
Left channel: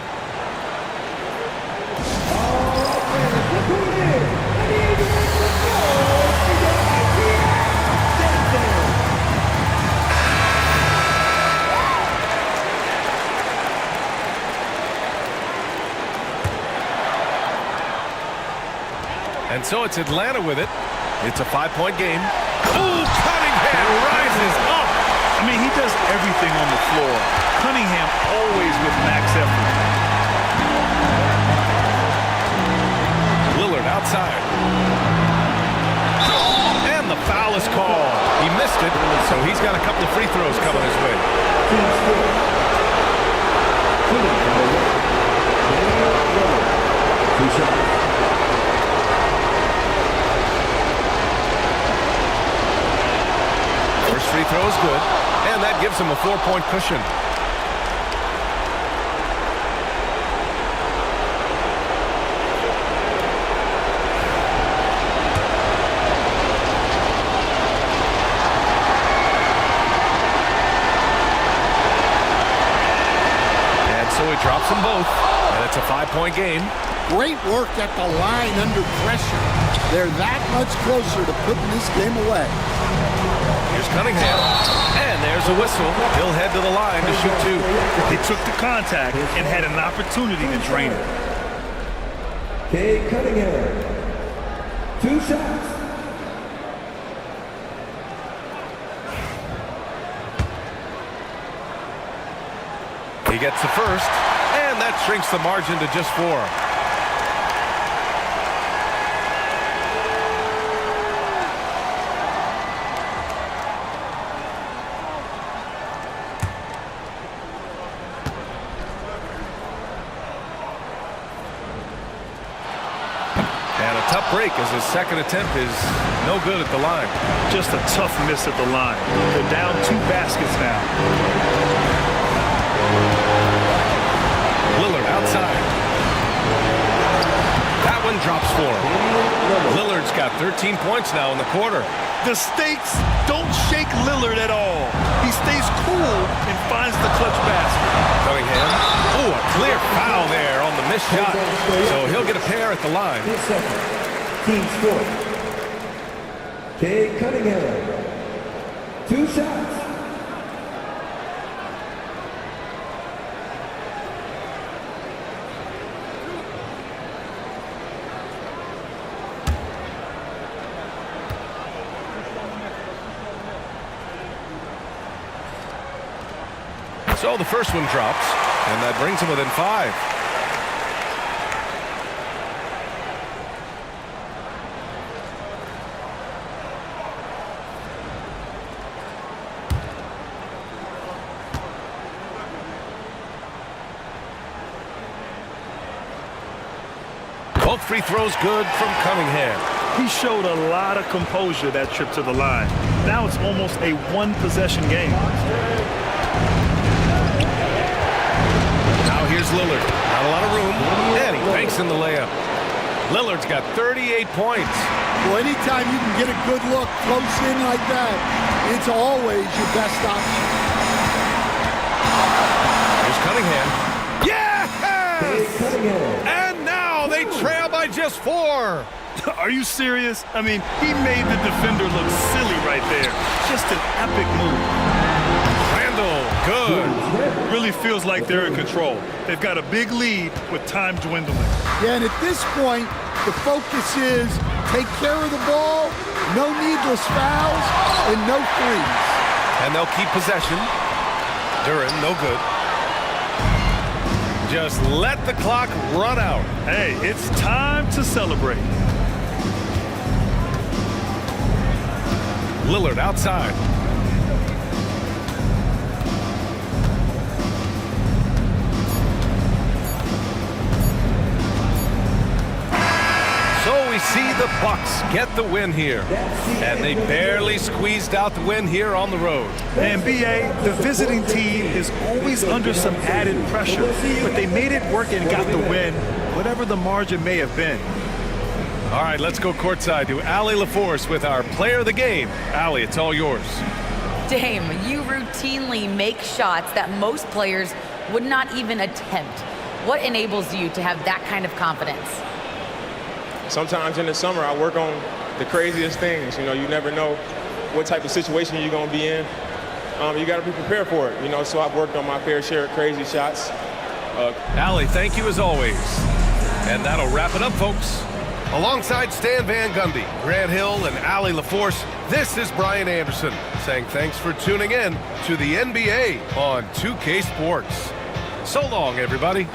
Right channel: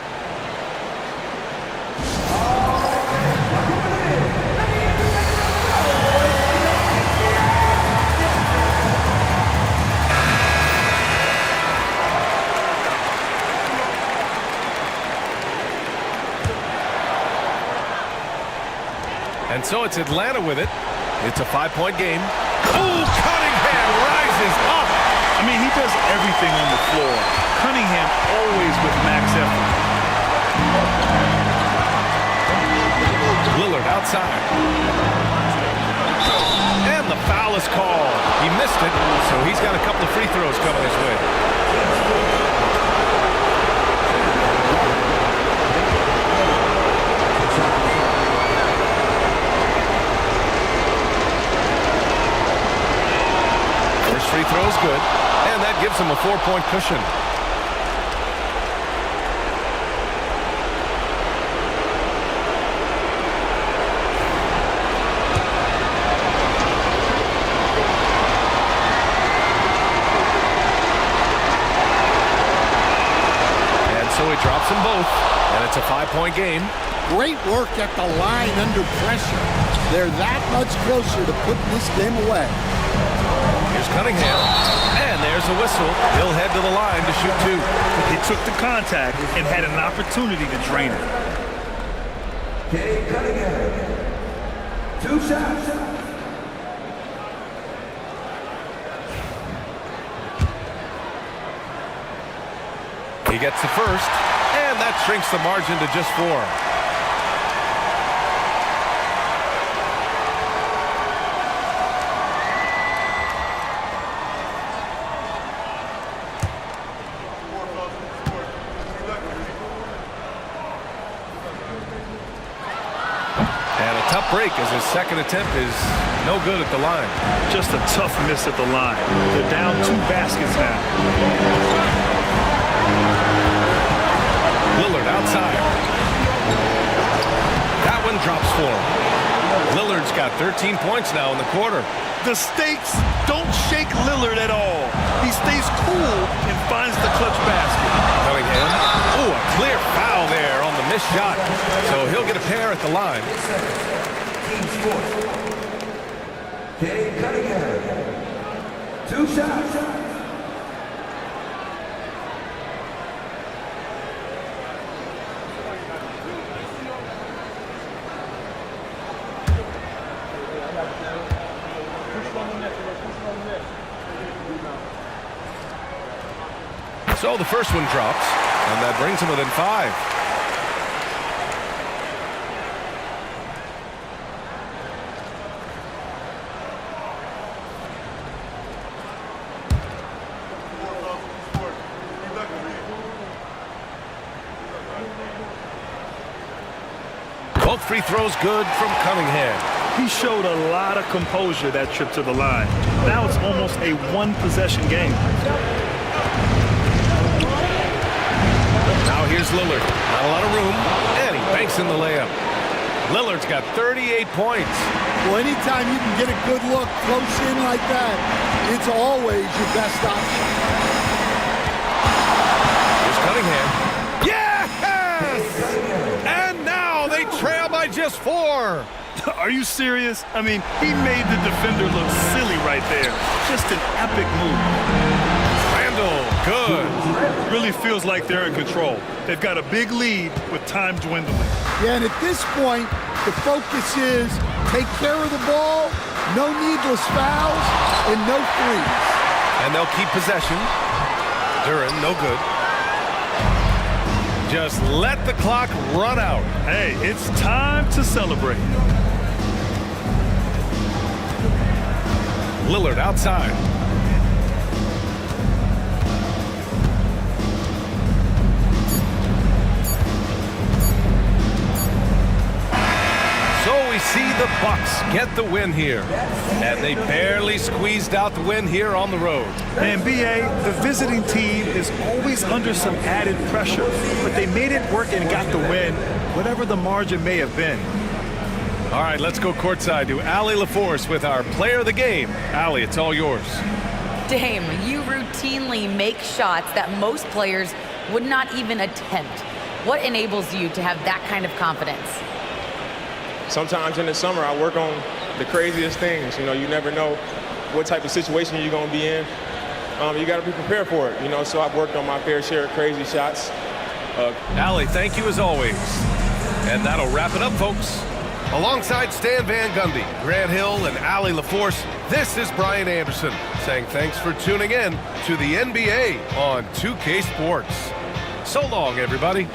And so it's Atlanta with it. It's a 5-point game. Oh, Cunningham rises up. I mean, he does everything on the floor. Cunningham always with max effort. Lillard outside. And the foul is called. He missed it, so he's got a couple of free throws coming his way. First free throw is good, and that gives him a 4-point cushion. And so he drops them both, and it's a 5-point game. Great work at the line under pressure. They're that much closer to putting this game away. Here's Cunningham, and there's a whistle. He'll head to the line to shoot 2. He took the contact and had an opportunity to drain it. Kate Cunningham, 2 shots. He gets the first, and that shrinks the margin to just 4. Tough break as his second attempt is no good at the line. Just a tough miss at the line. They're down 2 baskets now. Lillard outside. That one drops for him. Lillard's got 13 points now in the quarter. The stakes don't shake Lillard at all. He stays cool and finds the clutch basket. Cunningham. Oh, a clear foul there on the missed shot. So he'll get a pair at the line. Team's fourth. Cade Cunningham. 2 shots. So the first one drops, and that brings him within 5. Both free throws good from Cunningham. He showed a lot of composure that trip to the line. Now it's almost a 1-possession game. Now here's Lillard. Not a lot of room, and he banks in the layup. Lillard's got 38 points. Well, anytime you can get a good look close in like that, it's always your best option. Here's Cunningham. Yes! And now they trail by just 4. Are you serious? I mean, he made the defender look silly right there. Just an epic move. Randall, good. Really feels like they're in control. They've got a big lead with time dwindling. Yeah, and at this point, the focus is take care of the ball, no needless fouls, and no threes. And they'll keep possession. Duren, no good. Just let the clock run out. Hey, it's time to celebrate. Lillard outside. So we see the Bucks get the win here. And they barely squeezed out the win here on the road. And B.A., the visiting team is always under some added pressure, but they made it work and got the win, whatever the margin may have been. All right, let's go courtside to Allie LaForce with our player of the game. Allie, it's all yours. Dame, you routinely make shots that most players would not even attempt. What enables you to have that kind of confidence? Sometimes in the summer, I work on the craziest things. You know, you never know what type of situation you're going to be in. You got to be prepared for it, you know, so I've worked on my fair share of crazy shots. Allie, thank you as always. And that'll wrap it up, folks. Alongside Stan Van Gundy, Grant Hill, and Allie LaForce, this is Brian Anderson saying thanks for tuning in to the NBA on 2K Sports. So long, everybody.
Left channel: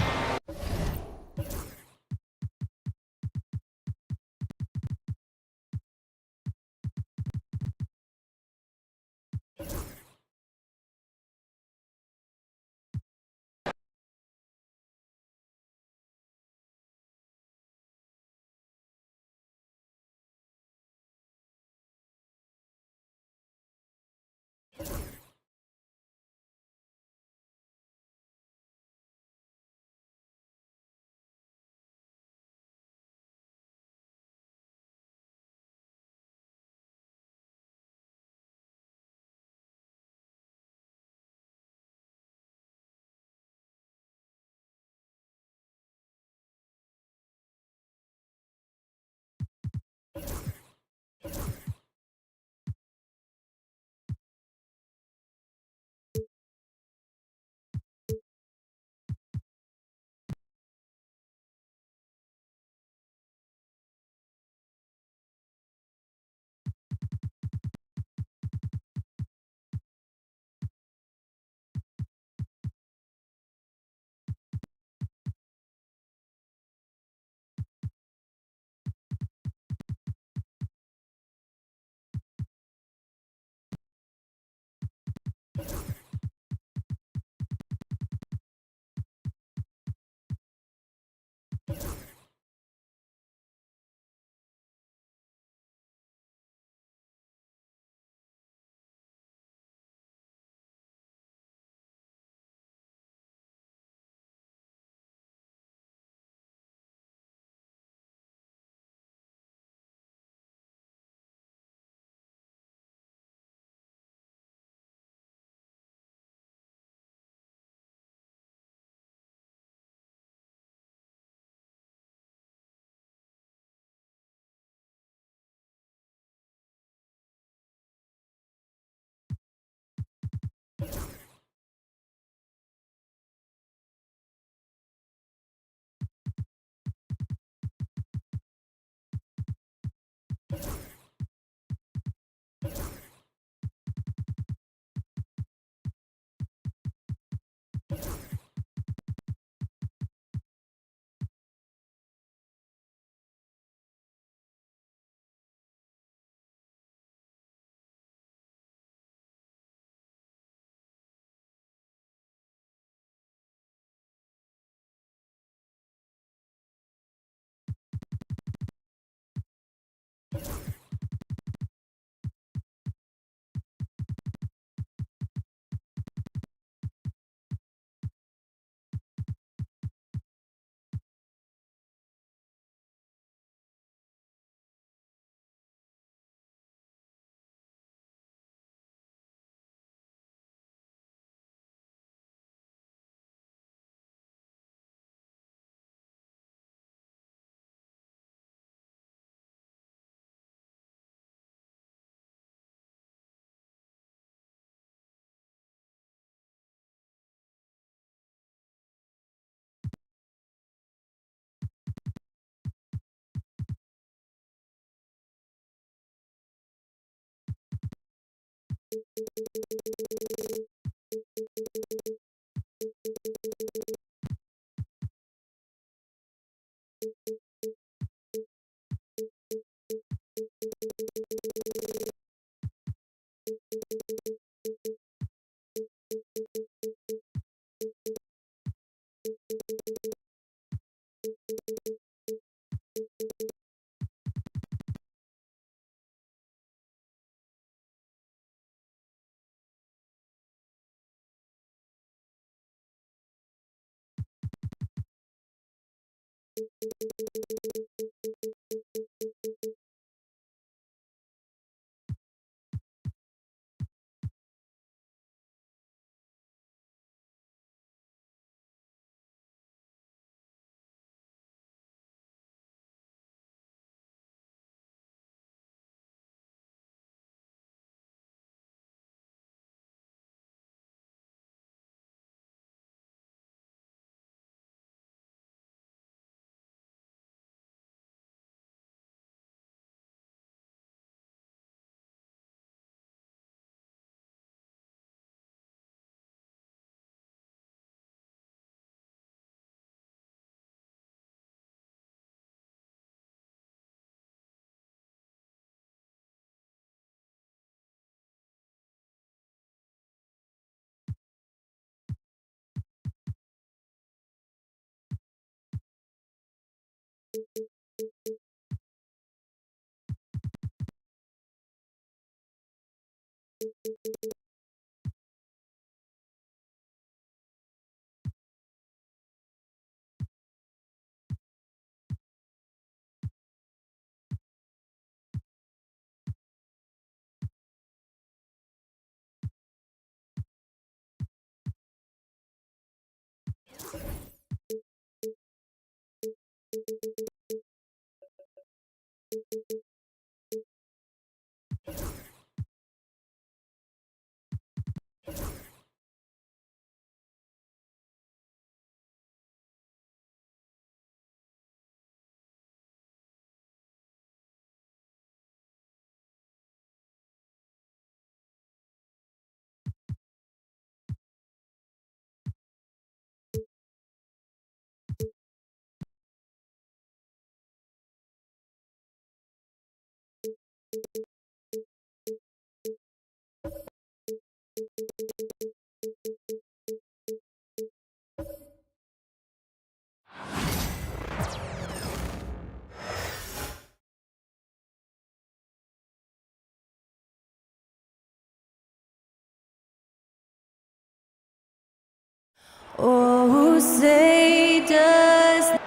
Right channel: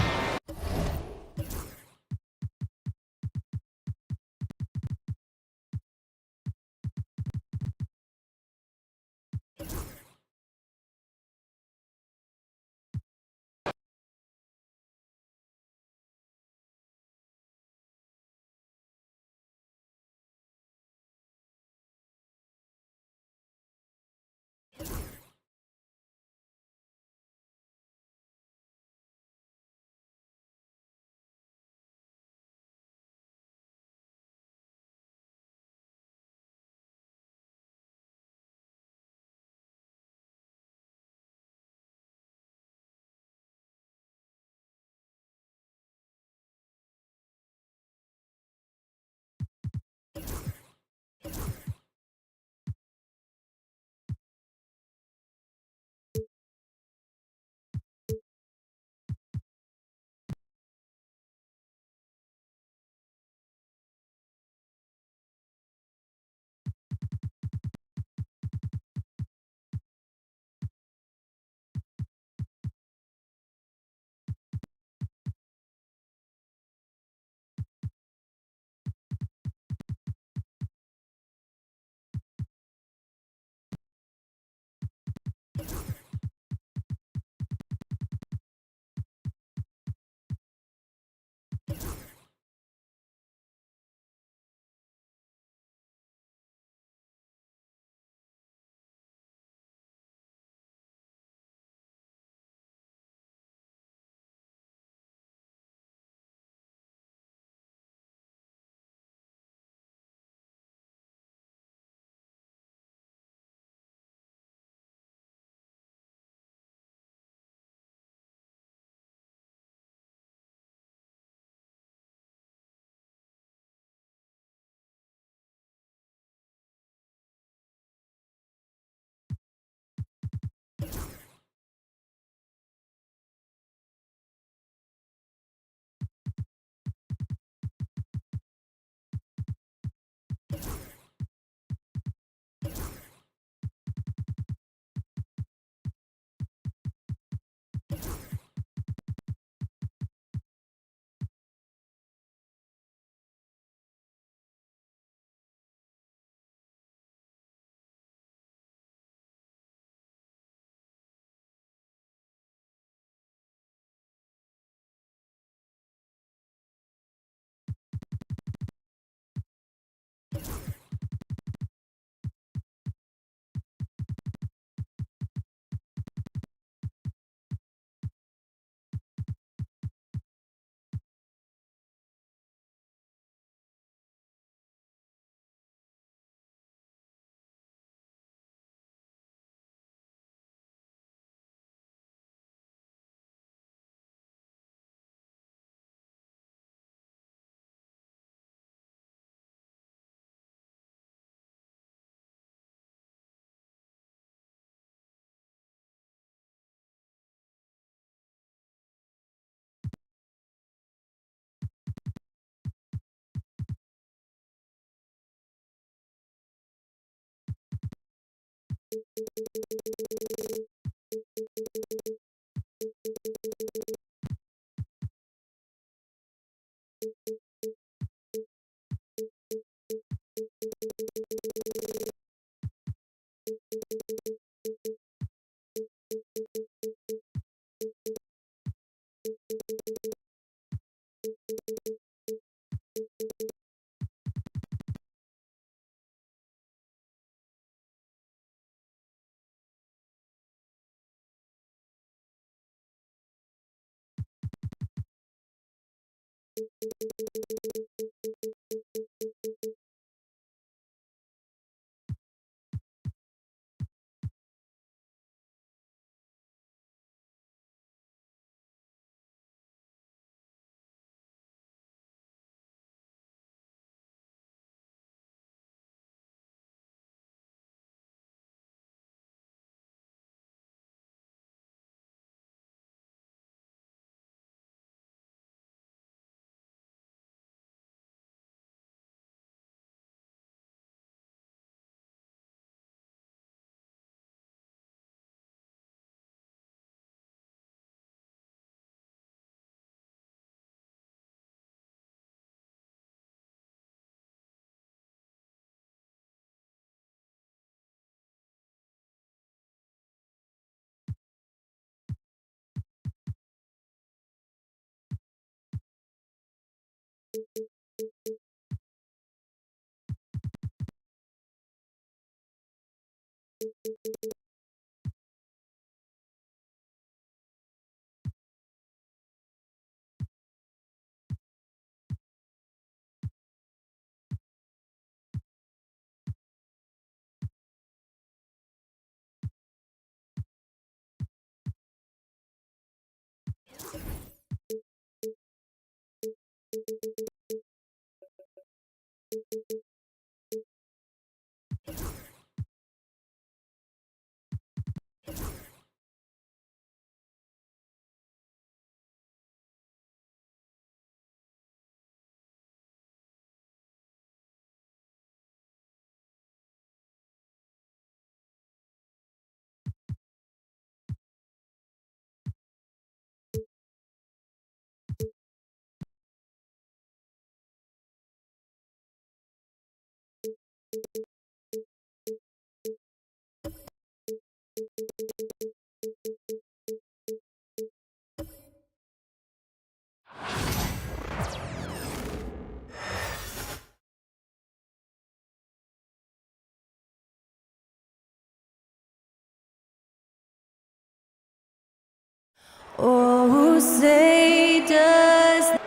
Oh, say does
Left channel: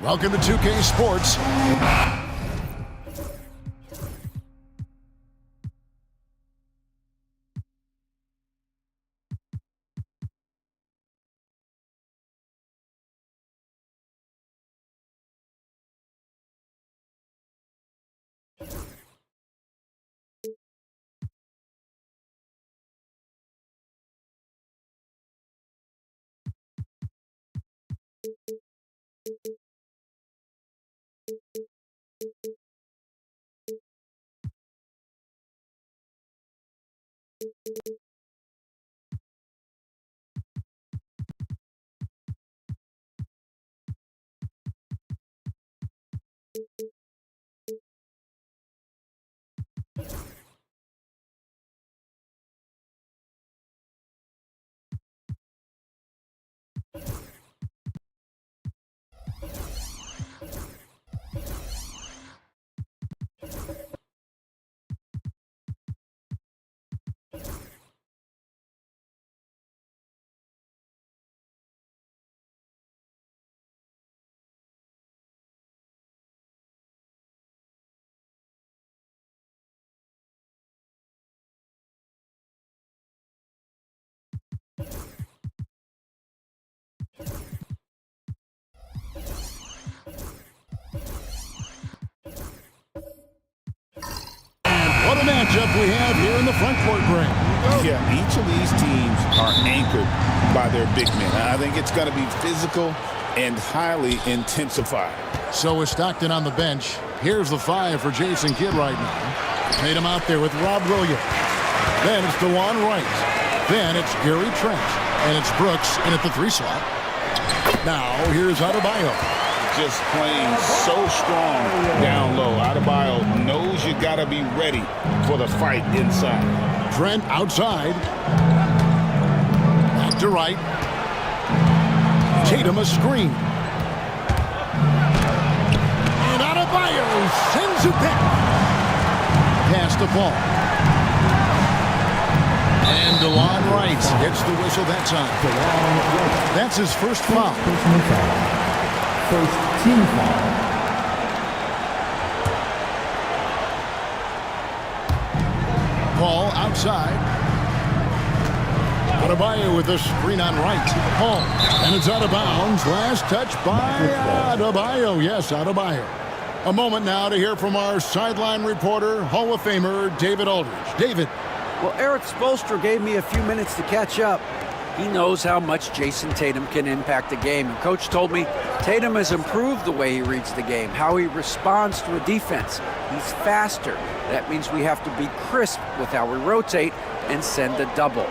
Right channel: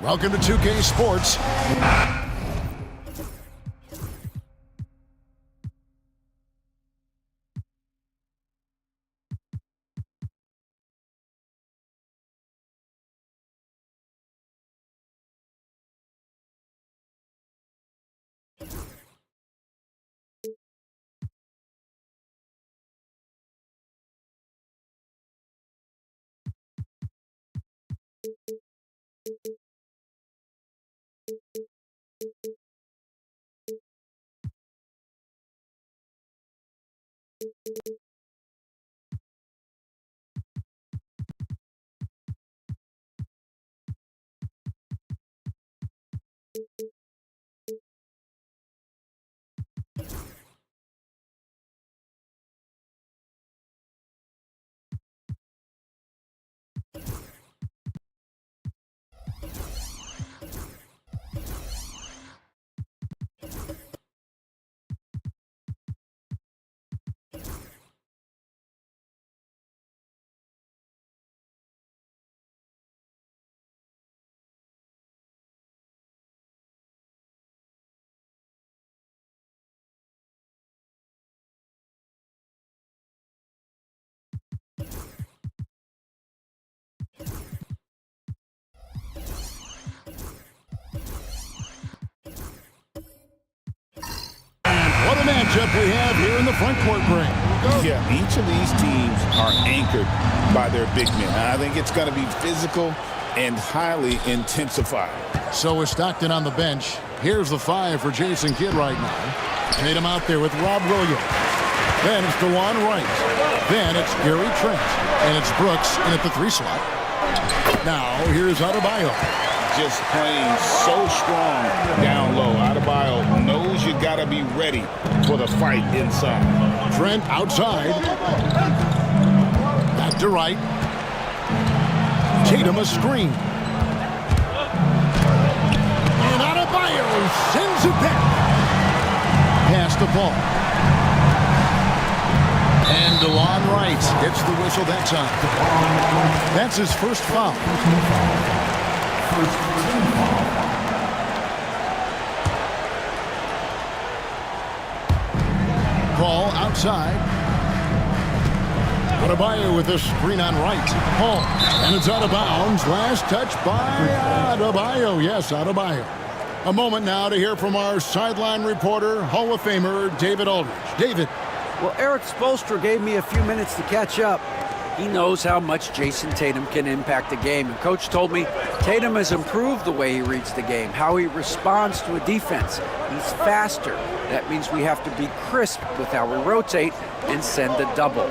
Welcome to 2K Sports. What a matchup we have here in the front court, Greg. Yeah, each of these teams are anchored by their big men. I think it's going to be physical and highly intensified. So is Stockton on the bench. Here's the 5 for Jason Kidd right now. Tatum out there with Rob Williams. Then it's DeLon Wright. Then it's Gary Trent. And it's Brooks in at the 3 slot. Now here's Adebayo. Just playing so strong down low. Adebayo knows you got to be ready for the fight inside. Trent outside. Back to Wright. Tatum a screen. And Adebayo sends it back. Pass to Paul. And DeLon Wright gets the whistle that time. That's his first foul. First team foul. Paul outside. Adebayo with a screen on Wright. Paul. And it's out of bounds. Last touch by Adebayo. Yes, Adebayo. A moment now to hear from our sideline reporter, Hall of Famer David Aldridge. David. Well, Eric Spoelstra gave me a few minutes to catch up. He knows how much Jason Tatum can impact the game. And Coach told me Tatum has improved the way he reads the game, how he responds to a defense. He's faster. That means we have to be crisp with how we rotate and send a double.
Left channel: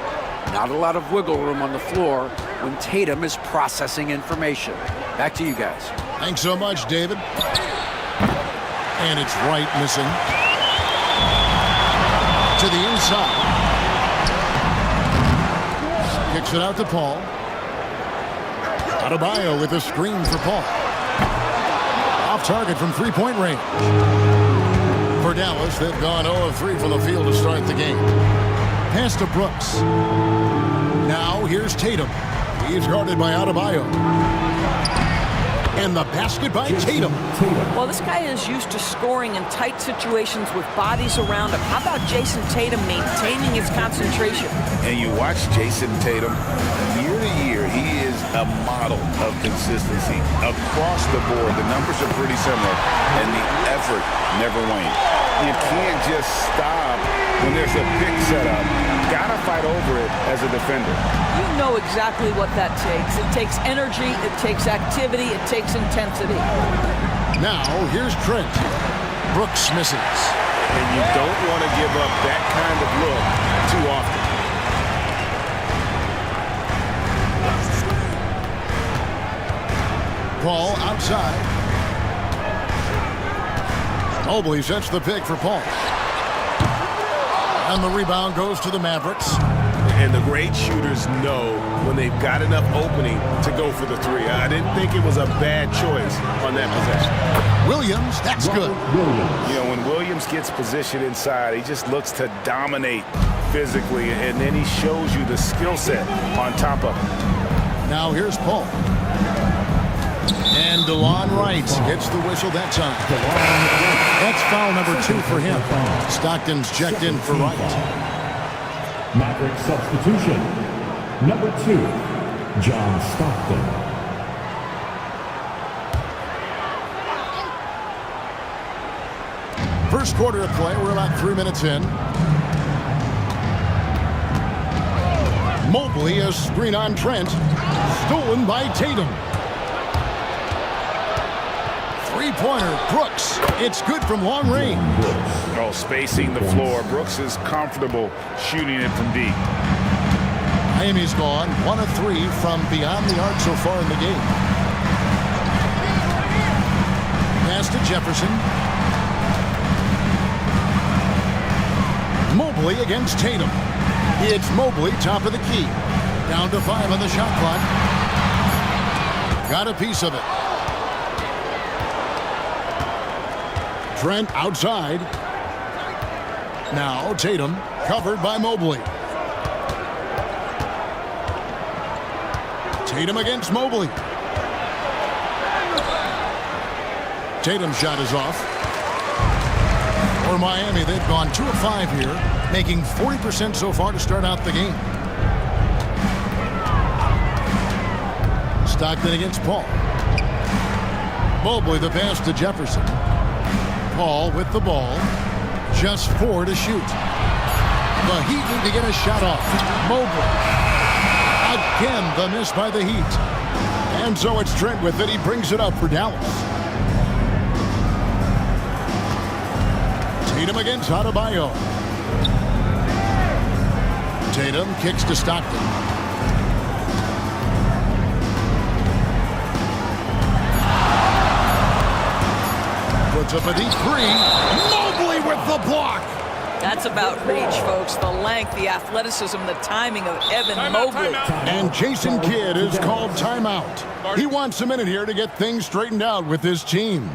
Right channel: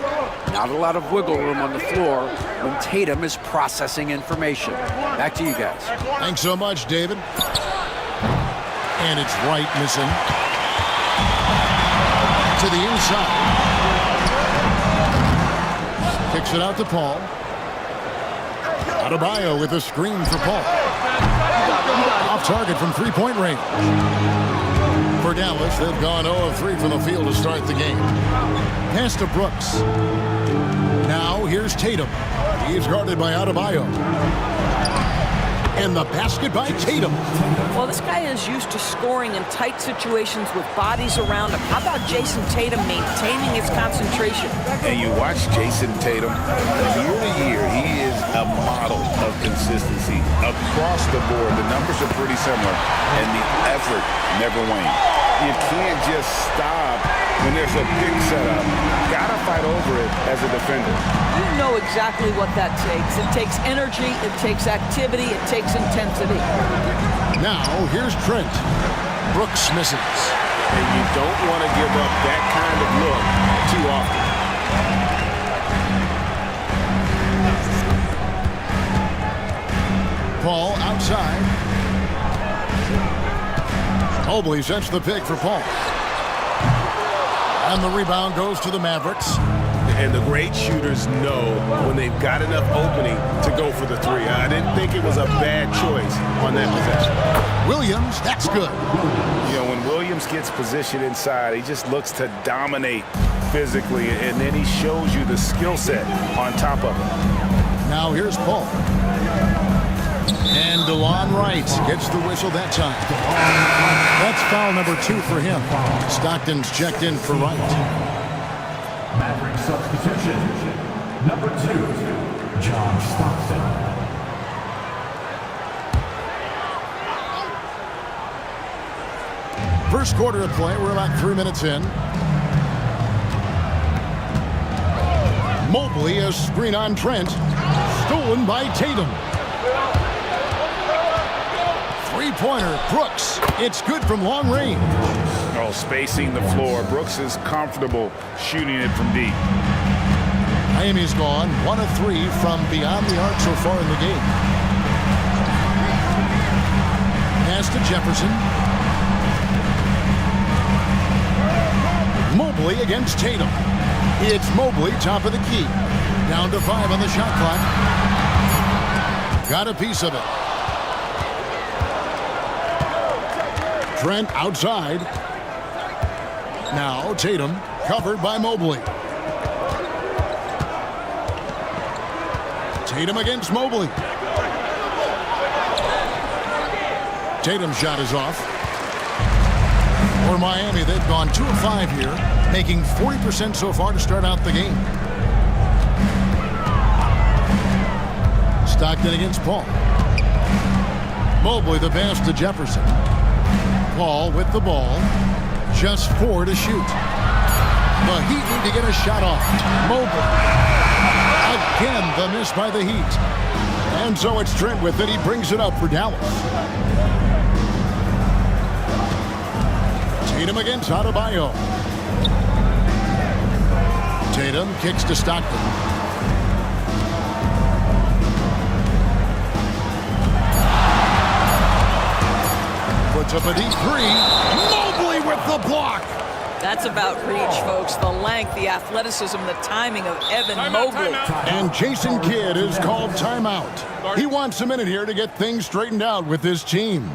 Not a lot of wiggle room on the floor when Tatum is processing information. Back to you guys. Thanks so much, David. And it's Wright missing. To the inside. Kicks it out to Paul. Adebayo with a screen for Paul. Off target from three-point range. For Dallas, they've gone 0 of 3 from the field to start the game. Pass to Brooks. Now here's Tatum. He's guarded by Adebayo. And the basket by Tatum. Well, this guy is used to scoring in tight situations with bodies around him. How about Jason Tatum maintaining his concentration? And you watch Jason Tatum, year to year, he is a model of consistency. Across the board, the numbers are pretty similar, and the effort never wanes. You can't just stop when there's a pick set up. Gotta fight over it as a defender. You know exactly what that takes. It takes energy, it takes activity, it takes intensity. Now, here's Trent. Brooks misses. And you don't want to give up that kind of look too often. Paul outside. Mobley sets the pick for Paul. And the rebound goes to the Mavericks. And the great shooters know when they've got enough opening to go for the 3. I didn't think it was a bad choice on that possession. Williams, that's good. You know, when Williams gets positioned inside, he just looks to dominate physically, and then he shows you the skill set on top of it. Now here's Paul. And DeLon Wright gets the whistle that time. That's foul number 2 for him. Stockton's checked in for Wright. Maverick substitution. Number 2, John Stockton. First quarter of play, we're about 3 minutes in. Mobley, a screen on Trent. Stolen by Tatum. Three-pointer, Brooks. It's good from long range. Oh, spacing the floor. Brooks is comfortable shooting it from deep. Miami's gone 1 of 3 from beyond the arc so far in the game. Pass to Jefferson. Mobley against Tatum. It's Mobley, top of the key. Down to 5 on the shot clock. Got a piece of it. Trent outside. Now Tatum covered by Mobley. Tatum against Mobley. Tatum's shot is off. For Miami, they've gone 2 of 5 here, making 40% so far to start out the game. Stockton against Paul. Mobley the pass to Jefferson. Paul with the ball. Just 4 to shoot. The Heat need to get a shot off. Mobley. Again, the miss by the Heat. And so it's Trent with it. He brings it up for Dallas. Tatum against Adebayo. Tatum kicks to Stockton. Puts up a deep three. Mobley with the block. That's about reach, folks. The length, the athleticism, the timing of Evan Mobley. And Jason Kidd is called timeout. He wants a minute here to get things straightened out with his team.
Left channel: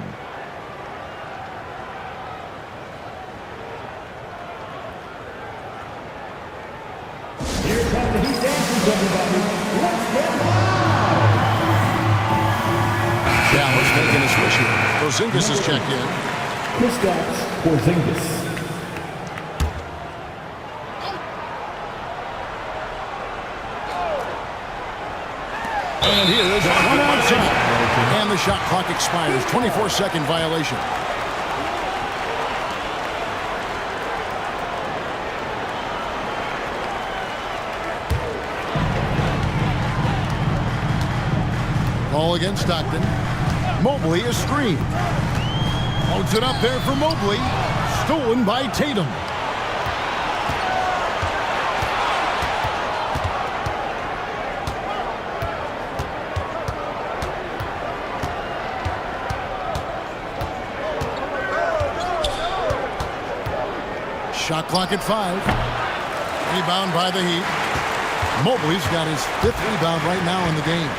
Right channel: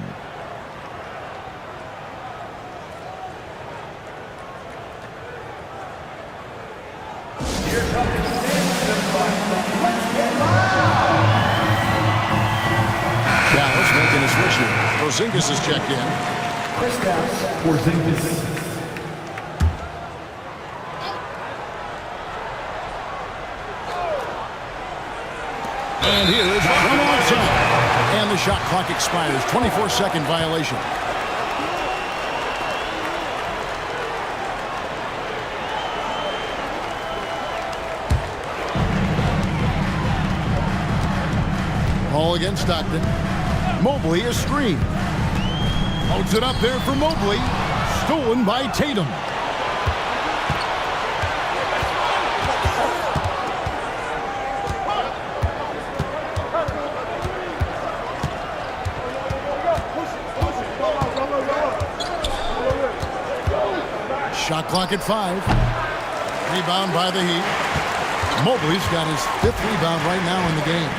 Dallas making a switch here. Porzingis is checked in. Kristaps Porzingis. And here is one outside. And the shot clock expires. 24-second violation. Ball against Stockton. Mobley is screened. Loads it up there for Mobley. Stolen by Tatum. Shot clock at 5. Rebound by the Heat. Mobley's got his 5th rebound right now in the game.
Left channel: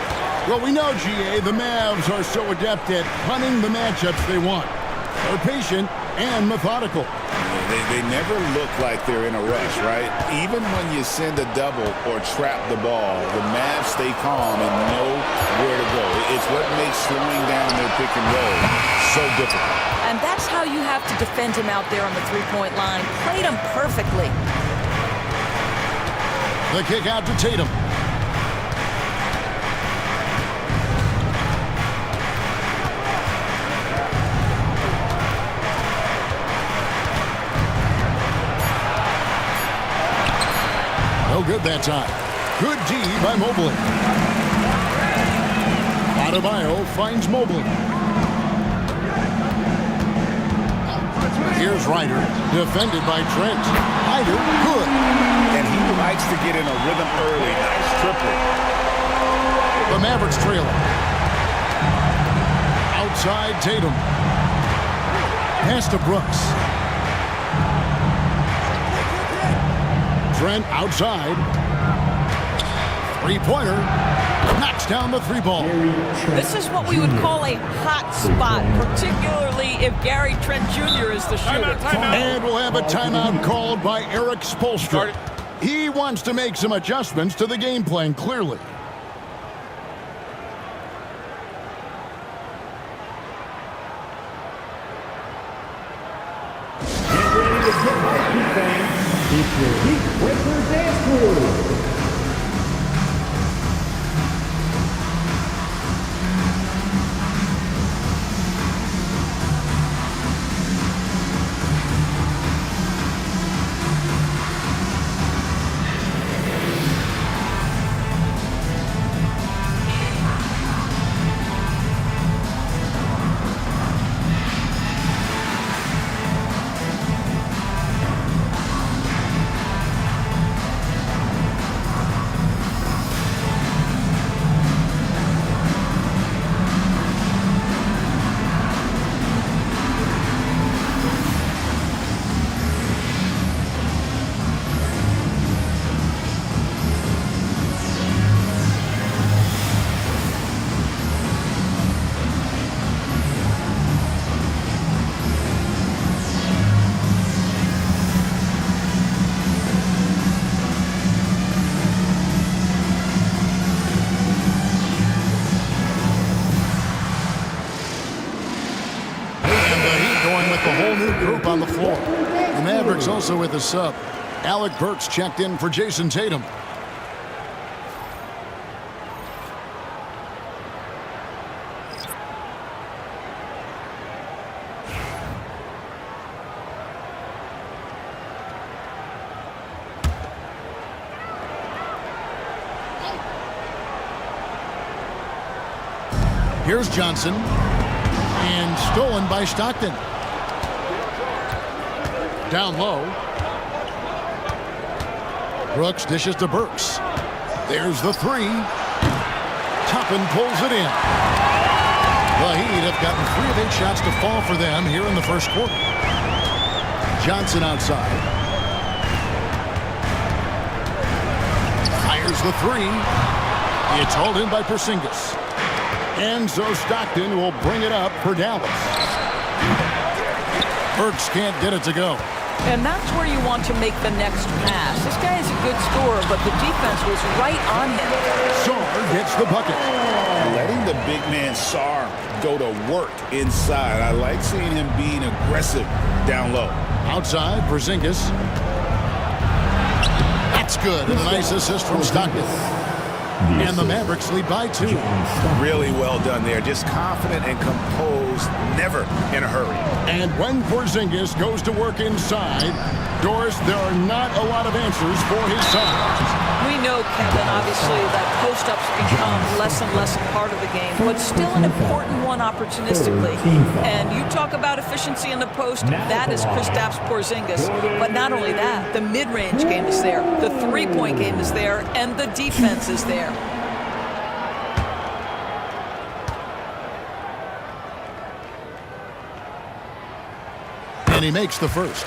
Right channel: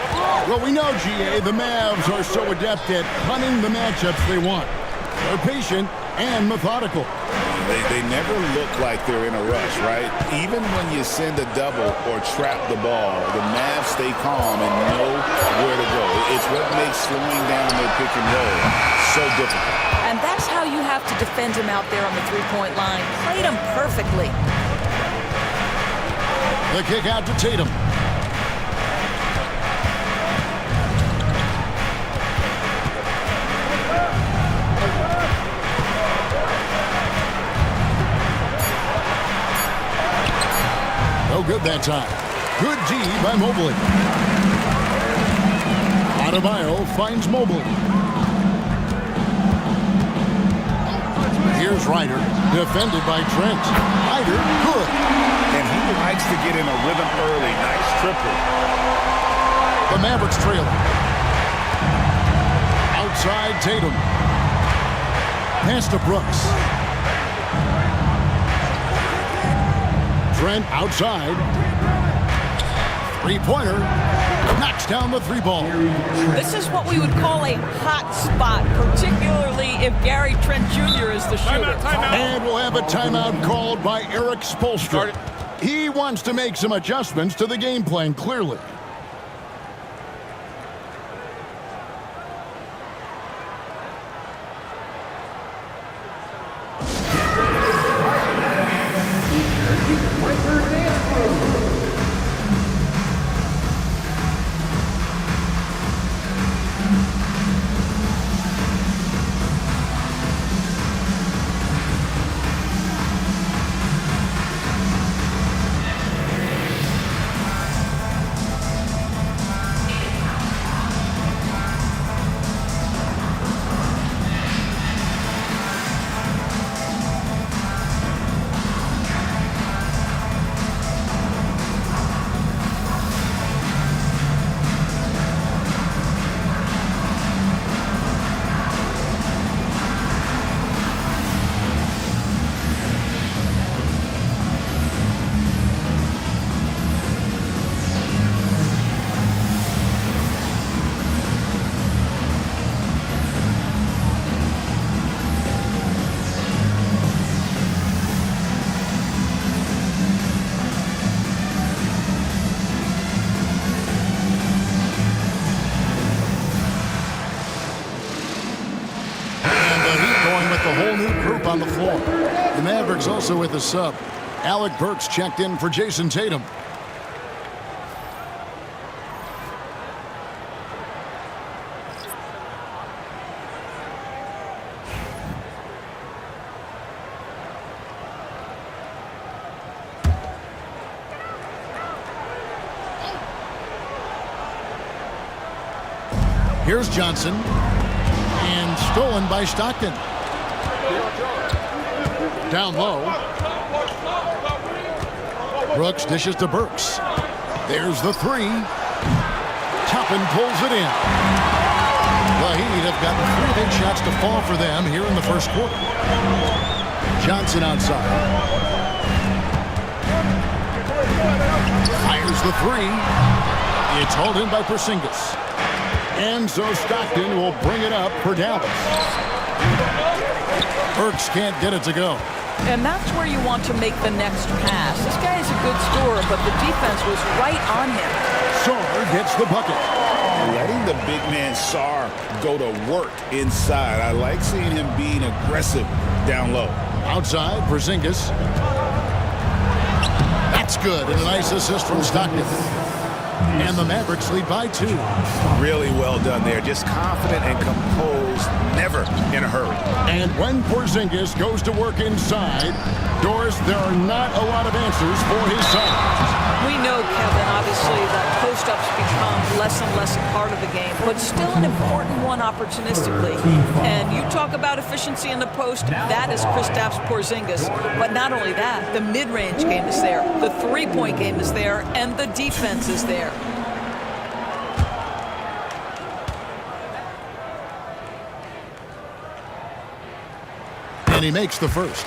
Well, we know, GA, the Mavs are so adept at punting the matchups they want. They're patient and methodical. They never look like they're in a rush, right? Even when you send a double or trap the ball, the Mavs stay calm and know where to go. It's what makes slowing down their pick and roll so difficult. And that's how you have to defend him out there on the three-point line. Played him perfectly. The kick out to Tatum. No good that time. Good D by Mobley. Adebayo finds Mobley. Here's Ryder, defended by Trent. Ryder, good. And he likes to get in a rhythm early. Nice triple. The Mavericks trailing. Outside Tatum. Pass to Brooks. Trent outside. Three-pointer. Knocks down the three ball. This is what we would call a hot spot, particularly if Gary Trent Jr. is the shooter. Timeout. And we'll have a timeout called by Eric Spoelstra. He wants to make some adjustments to the game plan, clearly. Going with the whole new group on the floor. The Mavericks also with a sub. Alec Burks checked in for Jason Tatum. Here's Johnson. And stolen by Stockton. Down low. Brooks dishes to Burks. There's the three. Toppin pulls it in. The Heat have gotten 3 of 8 shots to fall for them here in the first quarter. Johnson outside. Fires the three. It's hauled in by Porzingis. Enzo Stockton will bring it up for Dallas. Burks can't get it to go. And that's where you want to make the next pass. This guy is a good scorer, but the defense was right on him. Sarr gets the bucket. Letting the big man Sarr go to work inside. I like seeing him being aggressive down low. Outside, Porzingis. That's good, and a nice assist from Stockton. And the Mavericks lead by 2. Really well done there. Just confident and composed, never in a hurry. And when Porzingis goes to work inside, Doris, there are not a lot of answers for his side. We know, Kevin, obviously, that post-ups become less and less a part of the game, but still an important one opportunistically. And you talk about efficiency in the post, that is Kristaps Porzingis. But not only that, the mid-range game is there, the three-point game is there, and the defense is there. And he makes the first.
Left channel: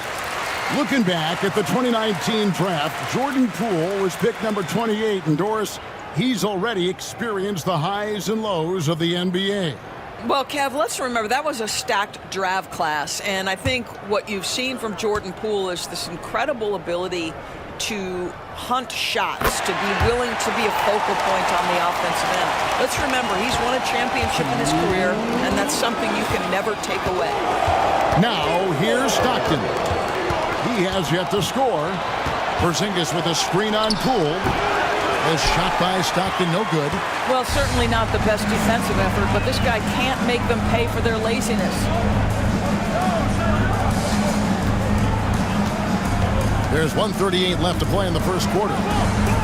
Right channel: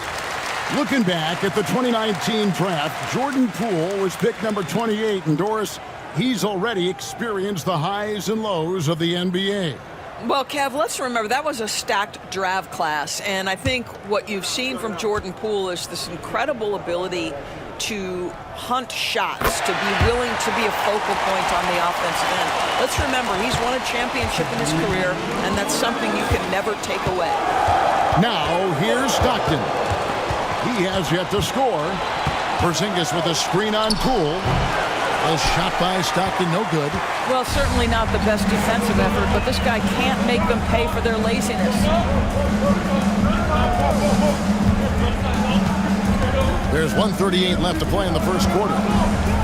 Looking back at the 2019 draft, Jordan Poole was picked number 28, and Doris, he's already experienced the highs and lows of the NBA. Well, Kev, let's remember that was a stacked draft class, and I think what you've seen from Jordan Poole is this incredible ability to hunt shots, to be willing to be a focal point on the offensive end. Let's remember, he's won a championship in his career, and that's something you can never take away. Now, here's Stockton. He has yet to score. Porzingis with a screen on Poole. A shot by Stockton, no good. Well, certainly not the best defensive effort, but this guy can't make them pay for their laziness. There's 1:38 left to play in the first quarter.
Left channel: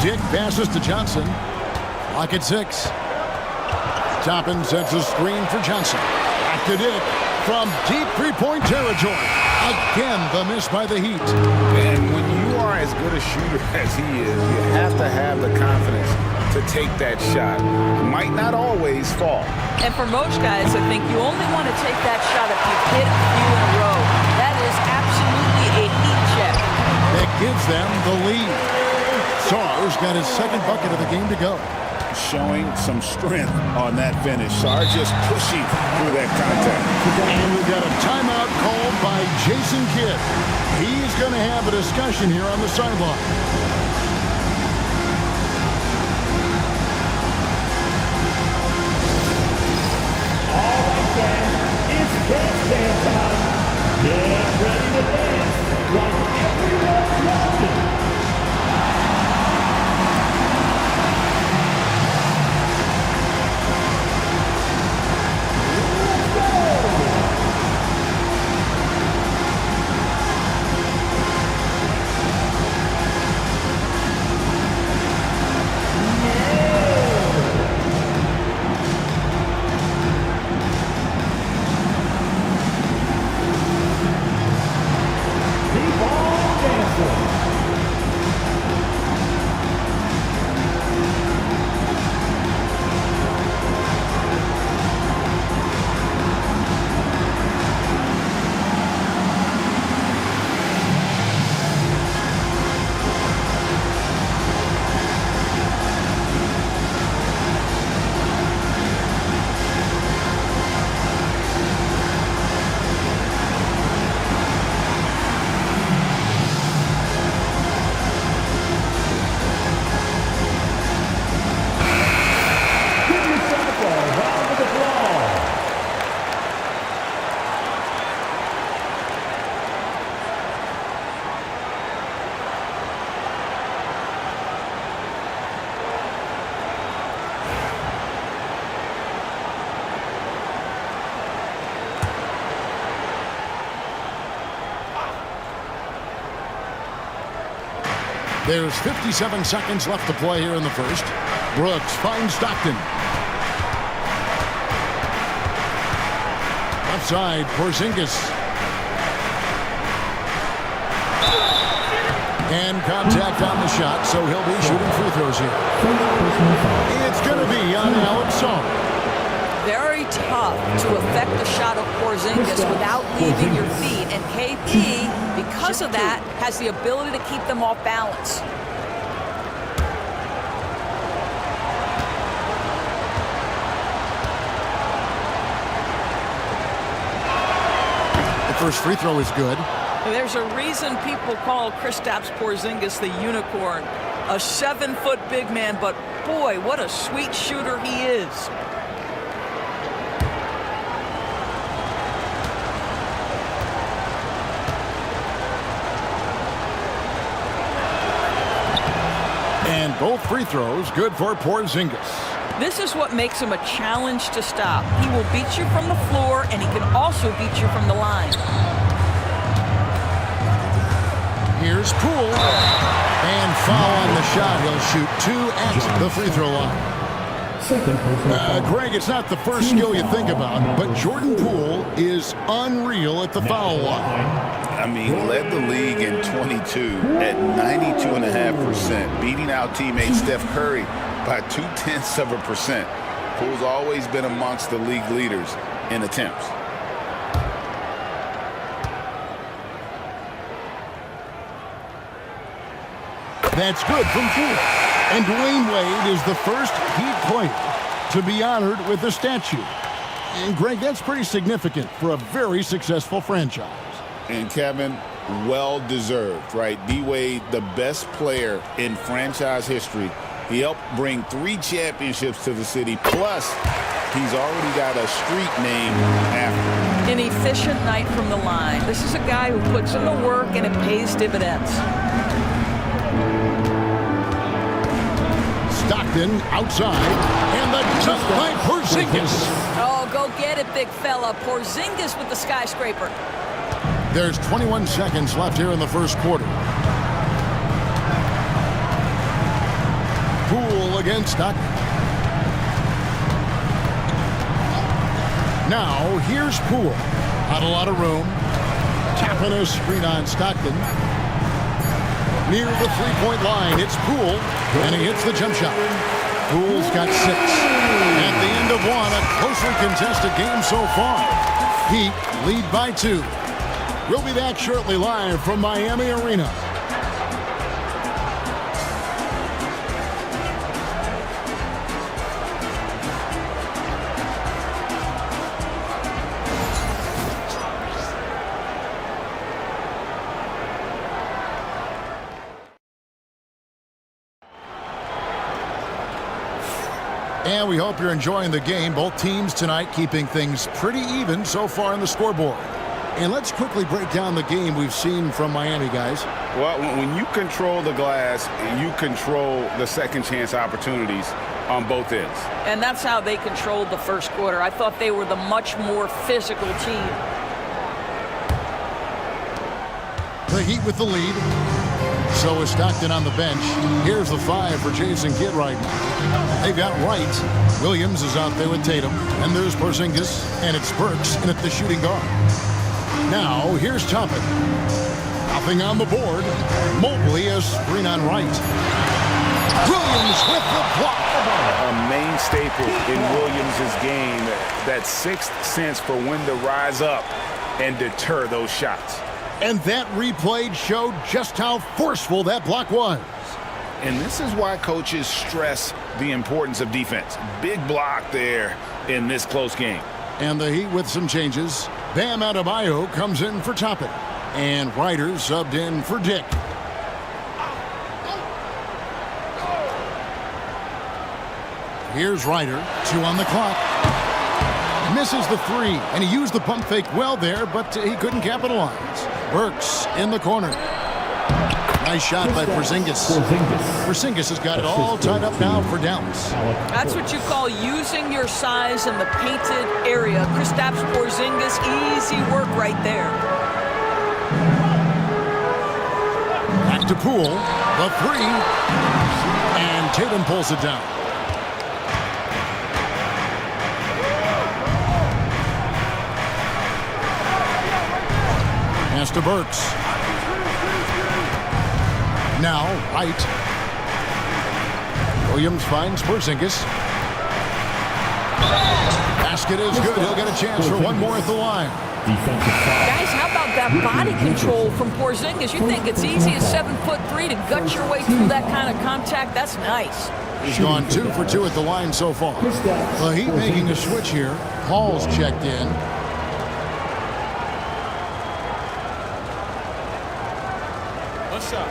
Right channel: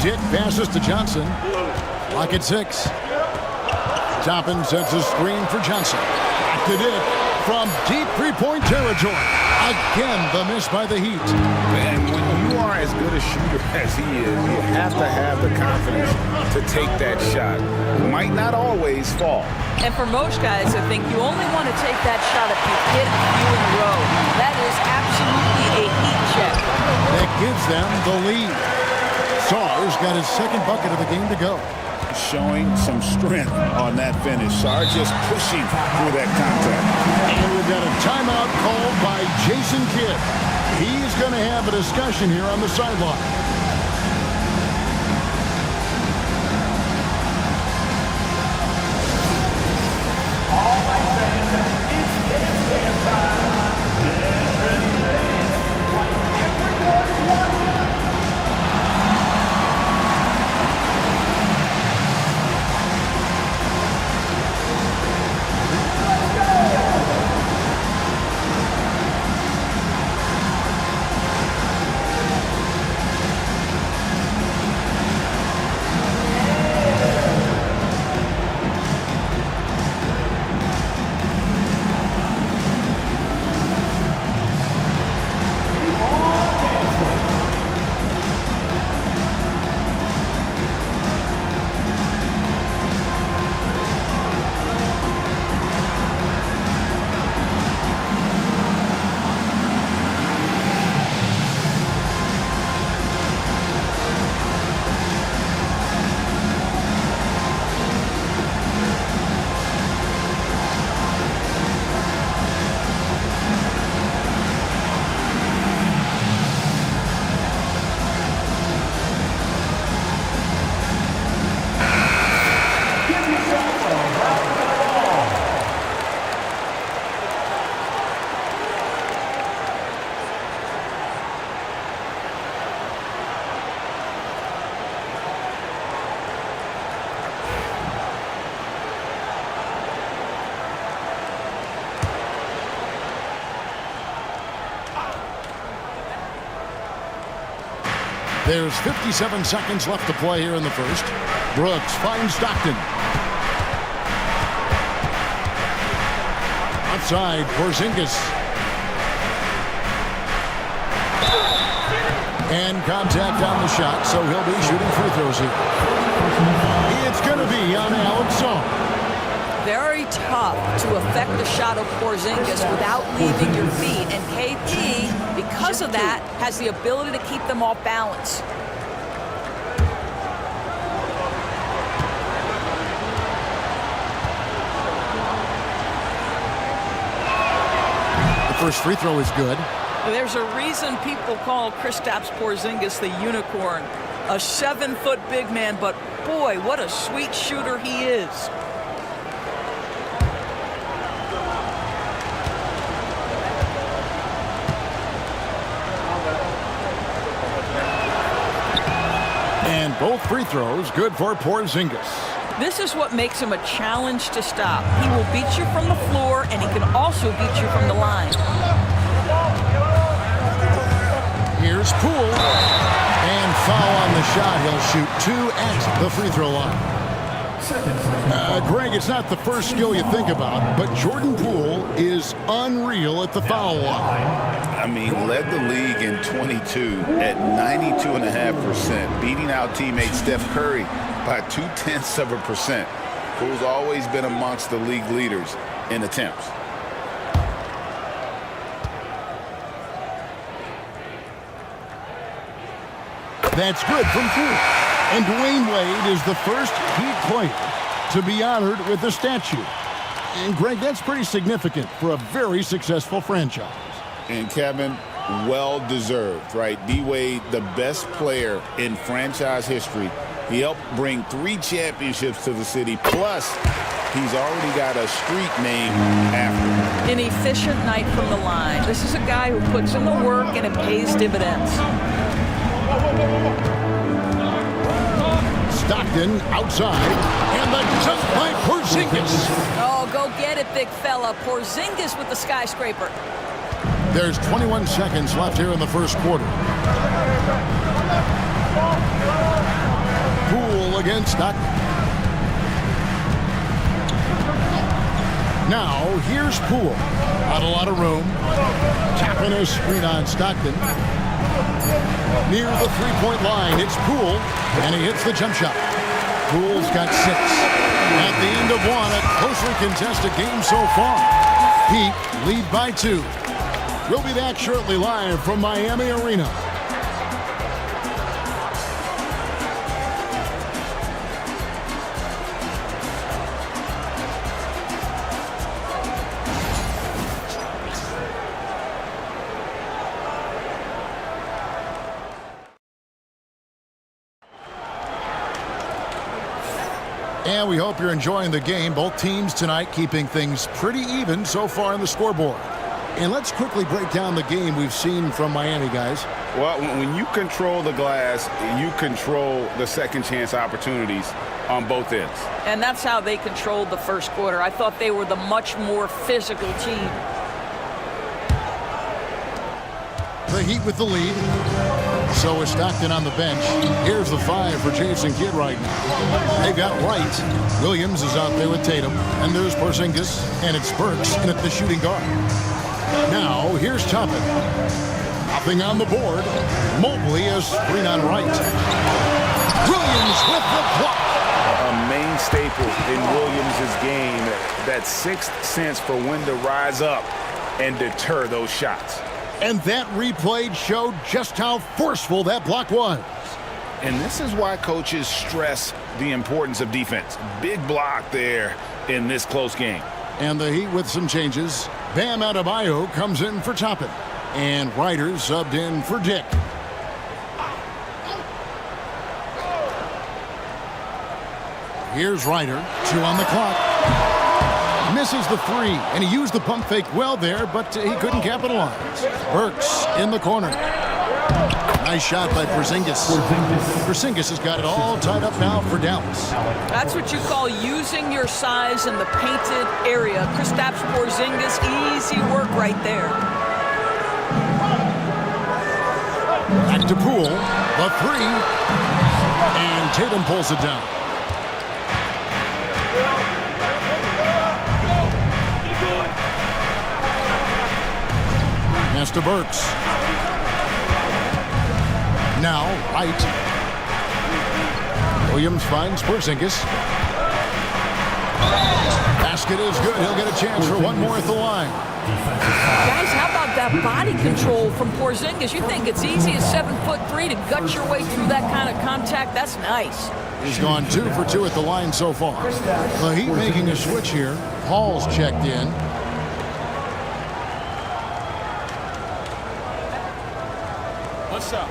Dick passes to Johnson. Clock at 6. Toppin sets a screen for Johnson. Back to Dick from deep three-point territory. Again, the miss by the Heat. And when you are as good a shooter as he is, you have to have the confidence to take that shot. Might not always fall. And for most guys, I think you only want to take that shot if you've hit a few in a row. That is absolutely a heat check. That gives them the lead. Sarr's got his second bucket of the game to go. Showing some strength on that finish. Sarr just pushing through that contact. And we've got a timeout called by Jason Kidd. He's going to have a discussion here on the sideline. All right, fans, it's dance time. Get ready to dance like everyone's watching. There's 57 seconds left to play here in the first. Brooks finds Stockton. Outside, Porzingis. And contact on the shot, so he'll be shooting free throws here. It's going to be on Alex Song. Very tough to affect the shot of Porzingis without leaving your feet. And KP, because of that, has the ability to keep them off balance. The first free throw is good. There's a reason people call Kristaps Porzingis the unicorn. A 7-foot big man, but boy, what a sweet shooter he is. And both free throws good for Porzingis. This is what makes him a challenge to stop. He will beat you from the floor, and he can also beat you from the line. Here's Poole. And foul on the shot. He'll shoot 2 at the free throw line. Greg, it's not the first skill you think about, but Jordan Poole is unreal at the foul line. I mean, led the league in 22 at 92.5%, beating out teammate Steph Curry by 0.2%. Poole's always been amongst the league leaders in attempts. That's good from Poole. And Dwayne Wade is the first Heat player to be honored with a statue. And Greg, that's pretty significant for a very successful franchise. And Kevin, well deserved, right? D-Wade, the best player in franchise history. He helped bring 3 championships to the city. Plus, he's already got a street named after him. An efficient night from the line. This is a guy who puts in the work and it pays dividends. Stockton outside, and the jump by Porzingis. Oh, go get it, big fella. Porzingis with the skyscraper. There's 21 seconds left here in the first quarter. Poole against Stockton. Now, here's Poole. Not a lot of room. Tapping a screen on Stockton. Near the three-point line, it's Poole, and he hits the jump shot. Poole's got 6. At the end of 1, a closely contested game so far. Heat lead by 2. We'll be back shortly live from Miami Arena. And we hope you're enjoying the game. Both teams tonight keeping things pretty even so far on the scoreboard. And let's quickly break down the game we've seen from Miami, guys. Well, when you control the glass, you control the second chance opportunities on both ends. And that's how they controlled the first quarter. I thought they were the much more physical team. The Heat with the lead. So is Stockton on the bench. Here's the 5 for Jason Kidd right now. They've got Wright. Williams is out there with Tatum. And there's Porzingis. And it's Burks in at the shooting guard. Now, here's Toppin. Nothing on the board. Mobley a screen on Wright. Williams with the block. A main staple in Williams' game, that 6th sense for when to rise up and deter those shots. And that replay showed just how forceful that block was. And this is why coaches stress the importance of defense. Big block there in this close game. And the Heat with some changes. Bam Adebayo comes in for Toppin. And Ryder subbed in for Dick. Here's Ryder. 2 on the clock. Misses the 3, and he used the pump fake well there, but he couldn't capitalize. Burks in the corner. Nice shot by Porzingis. Porzingis has got it all tied up now for Dallas. That's what you call using your size in the painted area. Kristaps Porzingis, easy work right there. Back to Poole, the 3, and Tatum pulls it down. Pass to Burks. Now, Wright. Williams finds Porzingis. Basket is good. He'll get a chance for one more at the line. Guys, how about that body control from Porzingis? You think it's easy as 7'3" to gut your way through that kind of contact? That's nice. He's gone 2 for 2 at the line so far. The Heat making a switch here. Paul's checked in. One shot.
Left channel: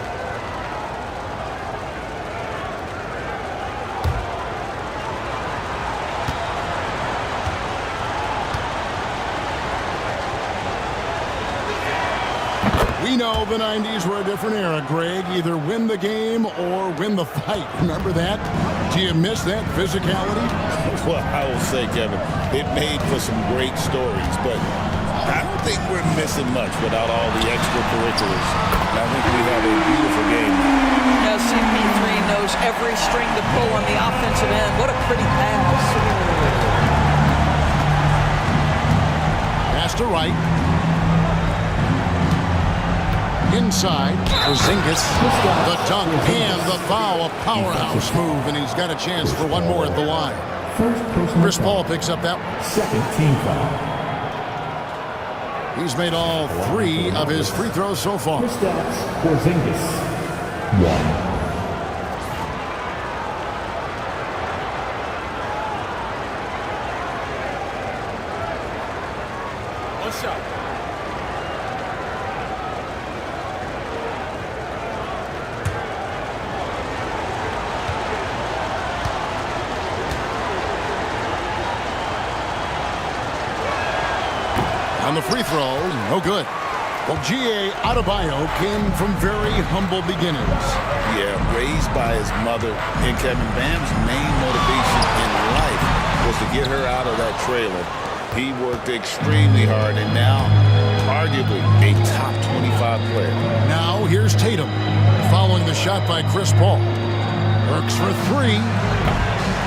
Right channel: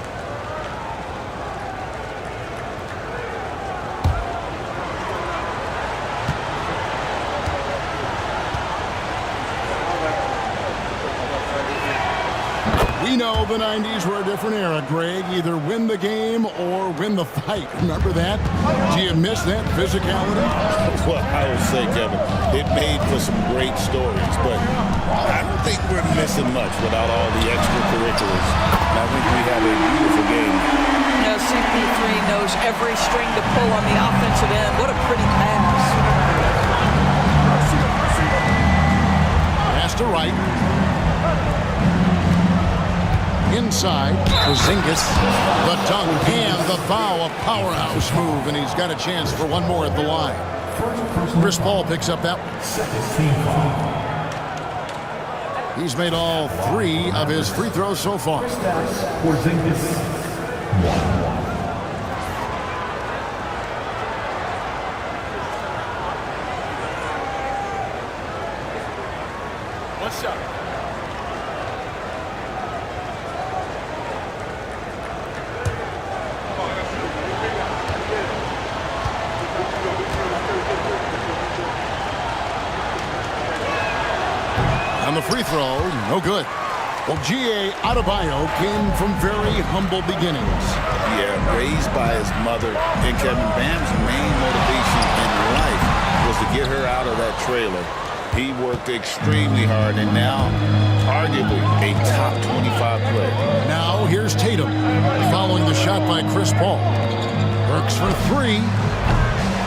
We know the 90s were a different era, Greg. Either win the game or win the fight. Remember that? Do you miss that physicality? Well, I will say, Kevin, it made for some great stories, but I don't think we're missing much without all the extracurriculars. And I think we have a beautiful game now. CP3 knows every string to pull on the offensive end. What a pretty pass. Pass to Wright. Inside, Porzingis, the dunk and the foul, a powerhouse move, and he's got a chance for one more at the line. Chris Paul picks up that one. Second team foul. He's made all 3 of his free throws so far. Porzingis, 1. One shot. On the free throw, no good. Well, G.A. Adebayo came from very humble beginnings. Yeah, raised by his mother. And Kevin, Bam's main motivation in life was to get her out of that trailer. He worked extremely hard and now arguably a top 25 player. Now here's Tatum following the shot by Chris Paul. Works for 3.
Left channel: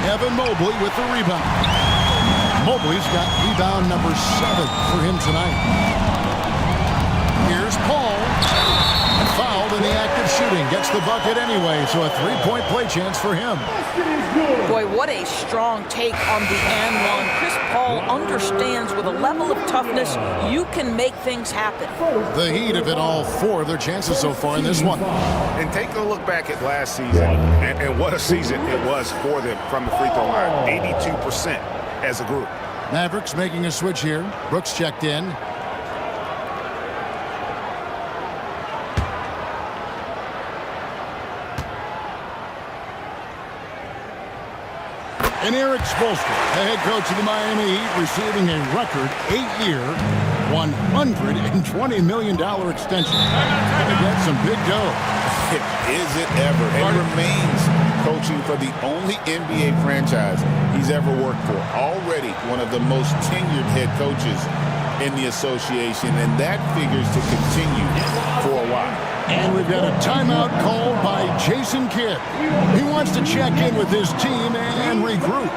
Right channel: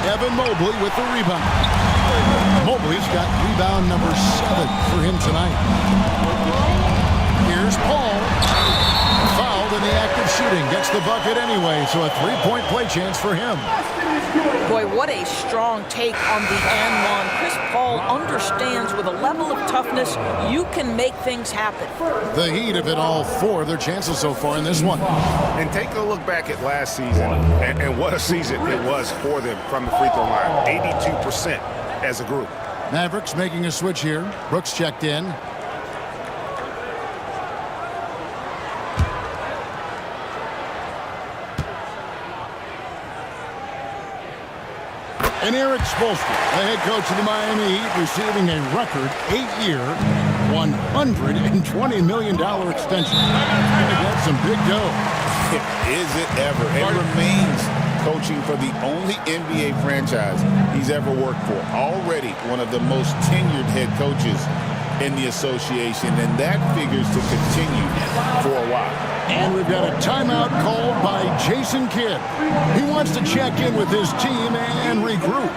Evan Mobley with the rebound. Mobley's got rebound number 7 for him tonight. Here's Paul. Fouled in the act of shooting. Gets the bucket anyway, so a 3-point play chance for him. Boy, what a strong take on the and one. Chris Paul understands with a level of toughness, you can make things happen. The Heat have hit all 4 of their chances so far in this one. And take a look back at last season, and what a season it was for them from the free throw line. 82% as a group. Mavericks making a switch here. Brooks checked in. And Eric Spoelstra, the head coach of the Miami Heat, receiving a record 8-year, $120 million extension. I think that's some big dough. Is it ever? And remains coaching for the only NBA franchise he's ever worked for. Already one of the most tenured head coaches in the association, and that figures to continue for a while. And we've got a timeout called by Jason Kidd. He wants to check in with his team and regroup.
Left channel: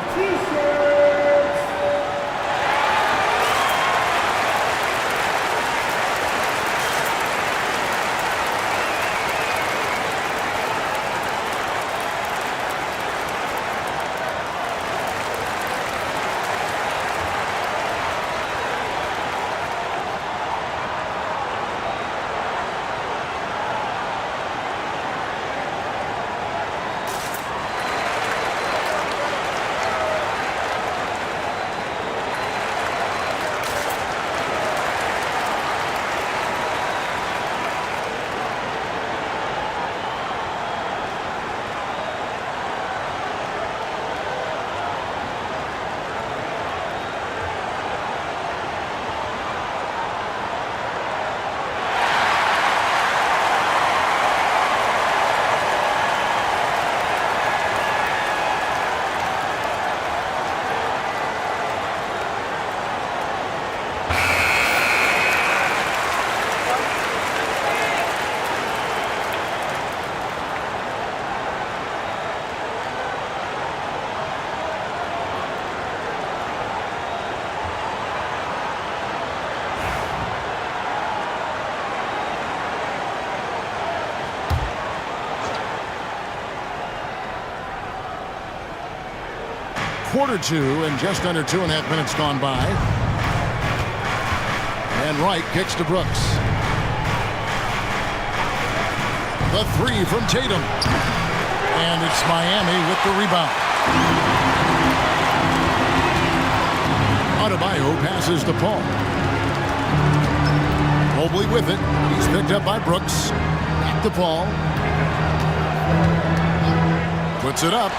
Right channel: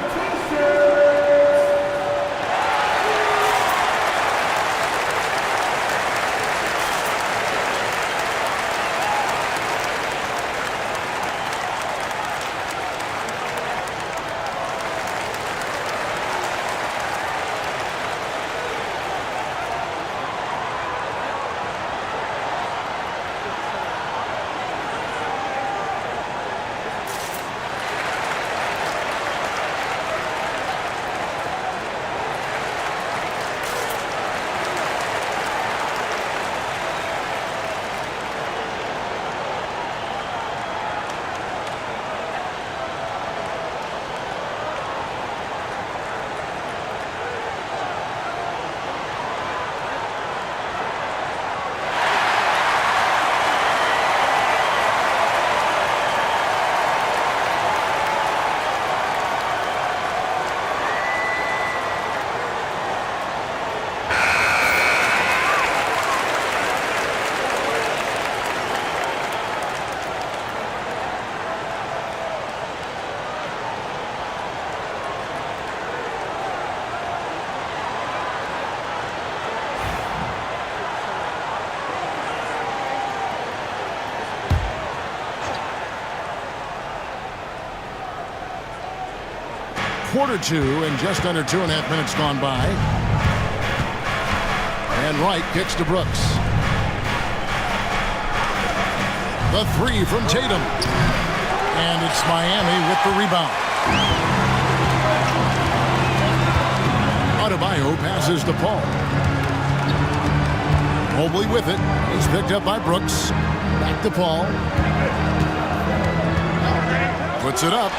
quarter two and just under 2.5 minutes gone by. And Wright kicks to Brooks. The three from Tatum. And it's Miami with the rebound. Adebayo passes to Paul. Mobley with it. He's picked up by Brooks. Back to Paul. Puts it up.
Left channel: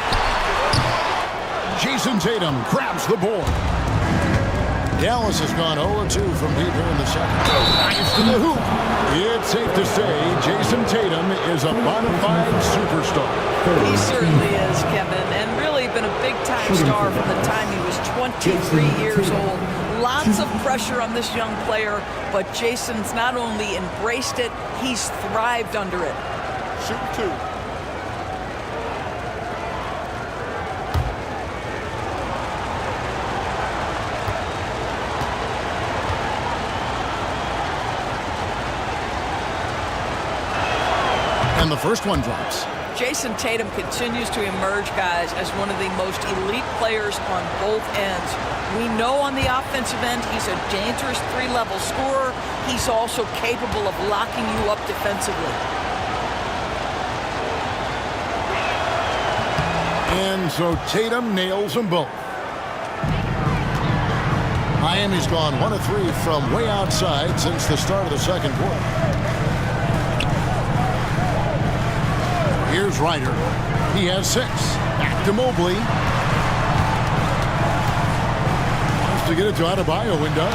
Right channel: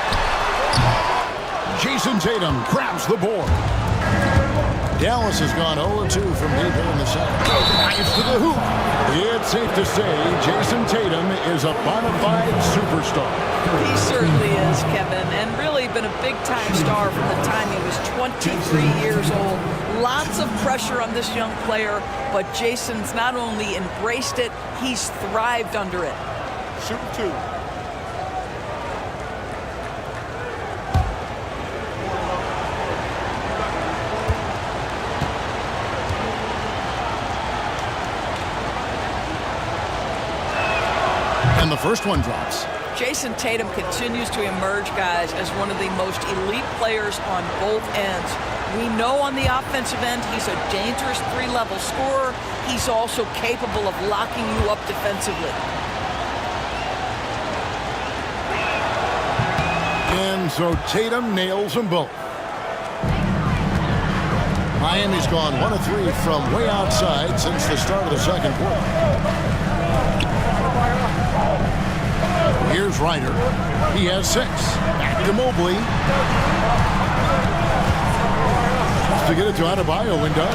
Jason Tatum grabs the board. Dallas has gone 0-2 from deep here in the second. Drives to the hoop. It's safe to say Jason Tatum is a bona fide superstar. He certainly is, Kevin, and really been a big-time star from the time he was 23 years old. Lots of pressure on this young player, but Jason's not only embraced it, he's thrived under it. Shooting two. And the first one drops. Jason Tatum continues to emerge, guys, as one of the most elite players on both ends. We know on the offensive end he's a dangerous three-level scorer. He's also capable of locking you up defensively. And so Tatum nails them both. Miami's gone 1 of 3 from way outside since the start of the second quarter. Here's Ryder. He has 6. Back to Mobley. Wants to get it to Adebayo and does.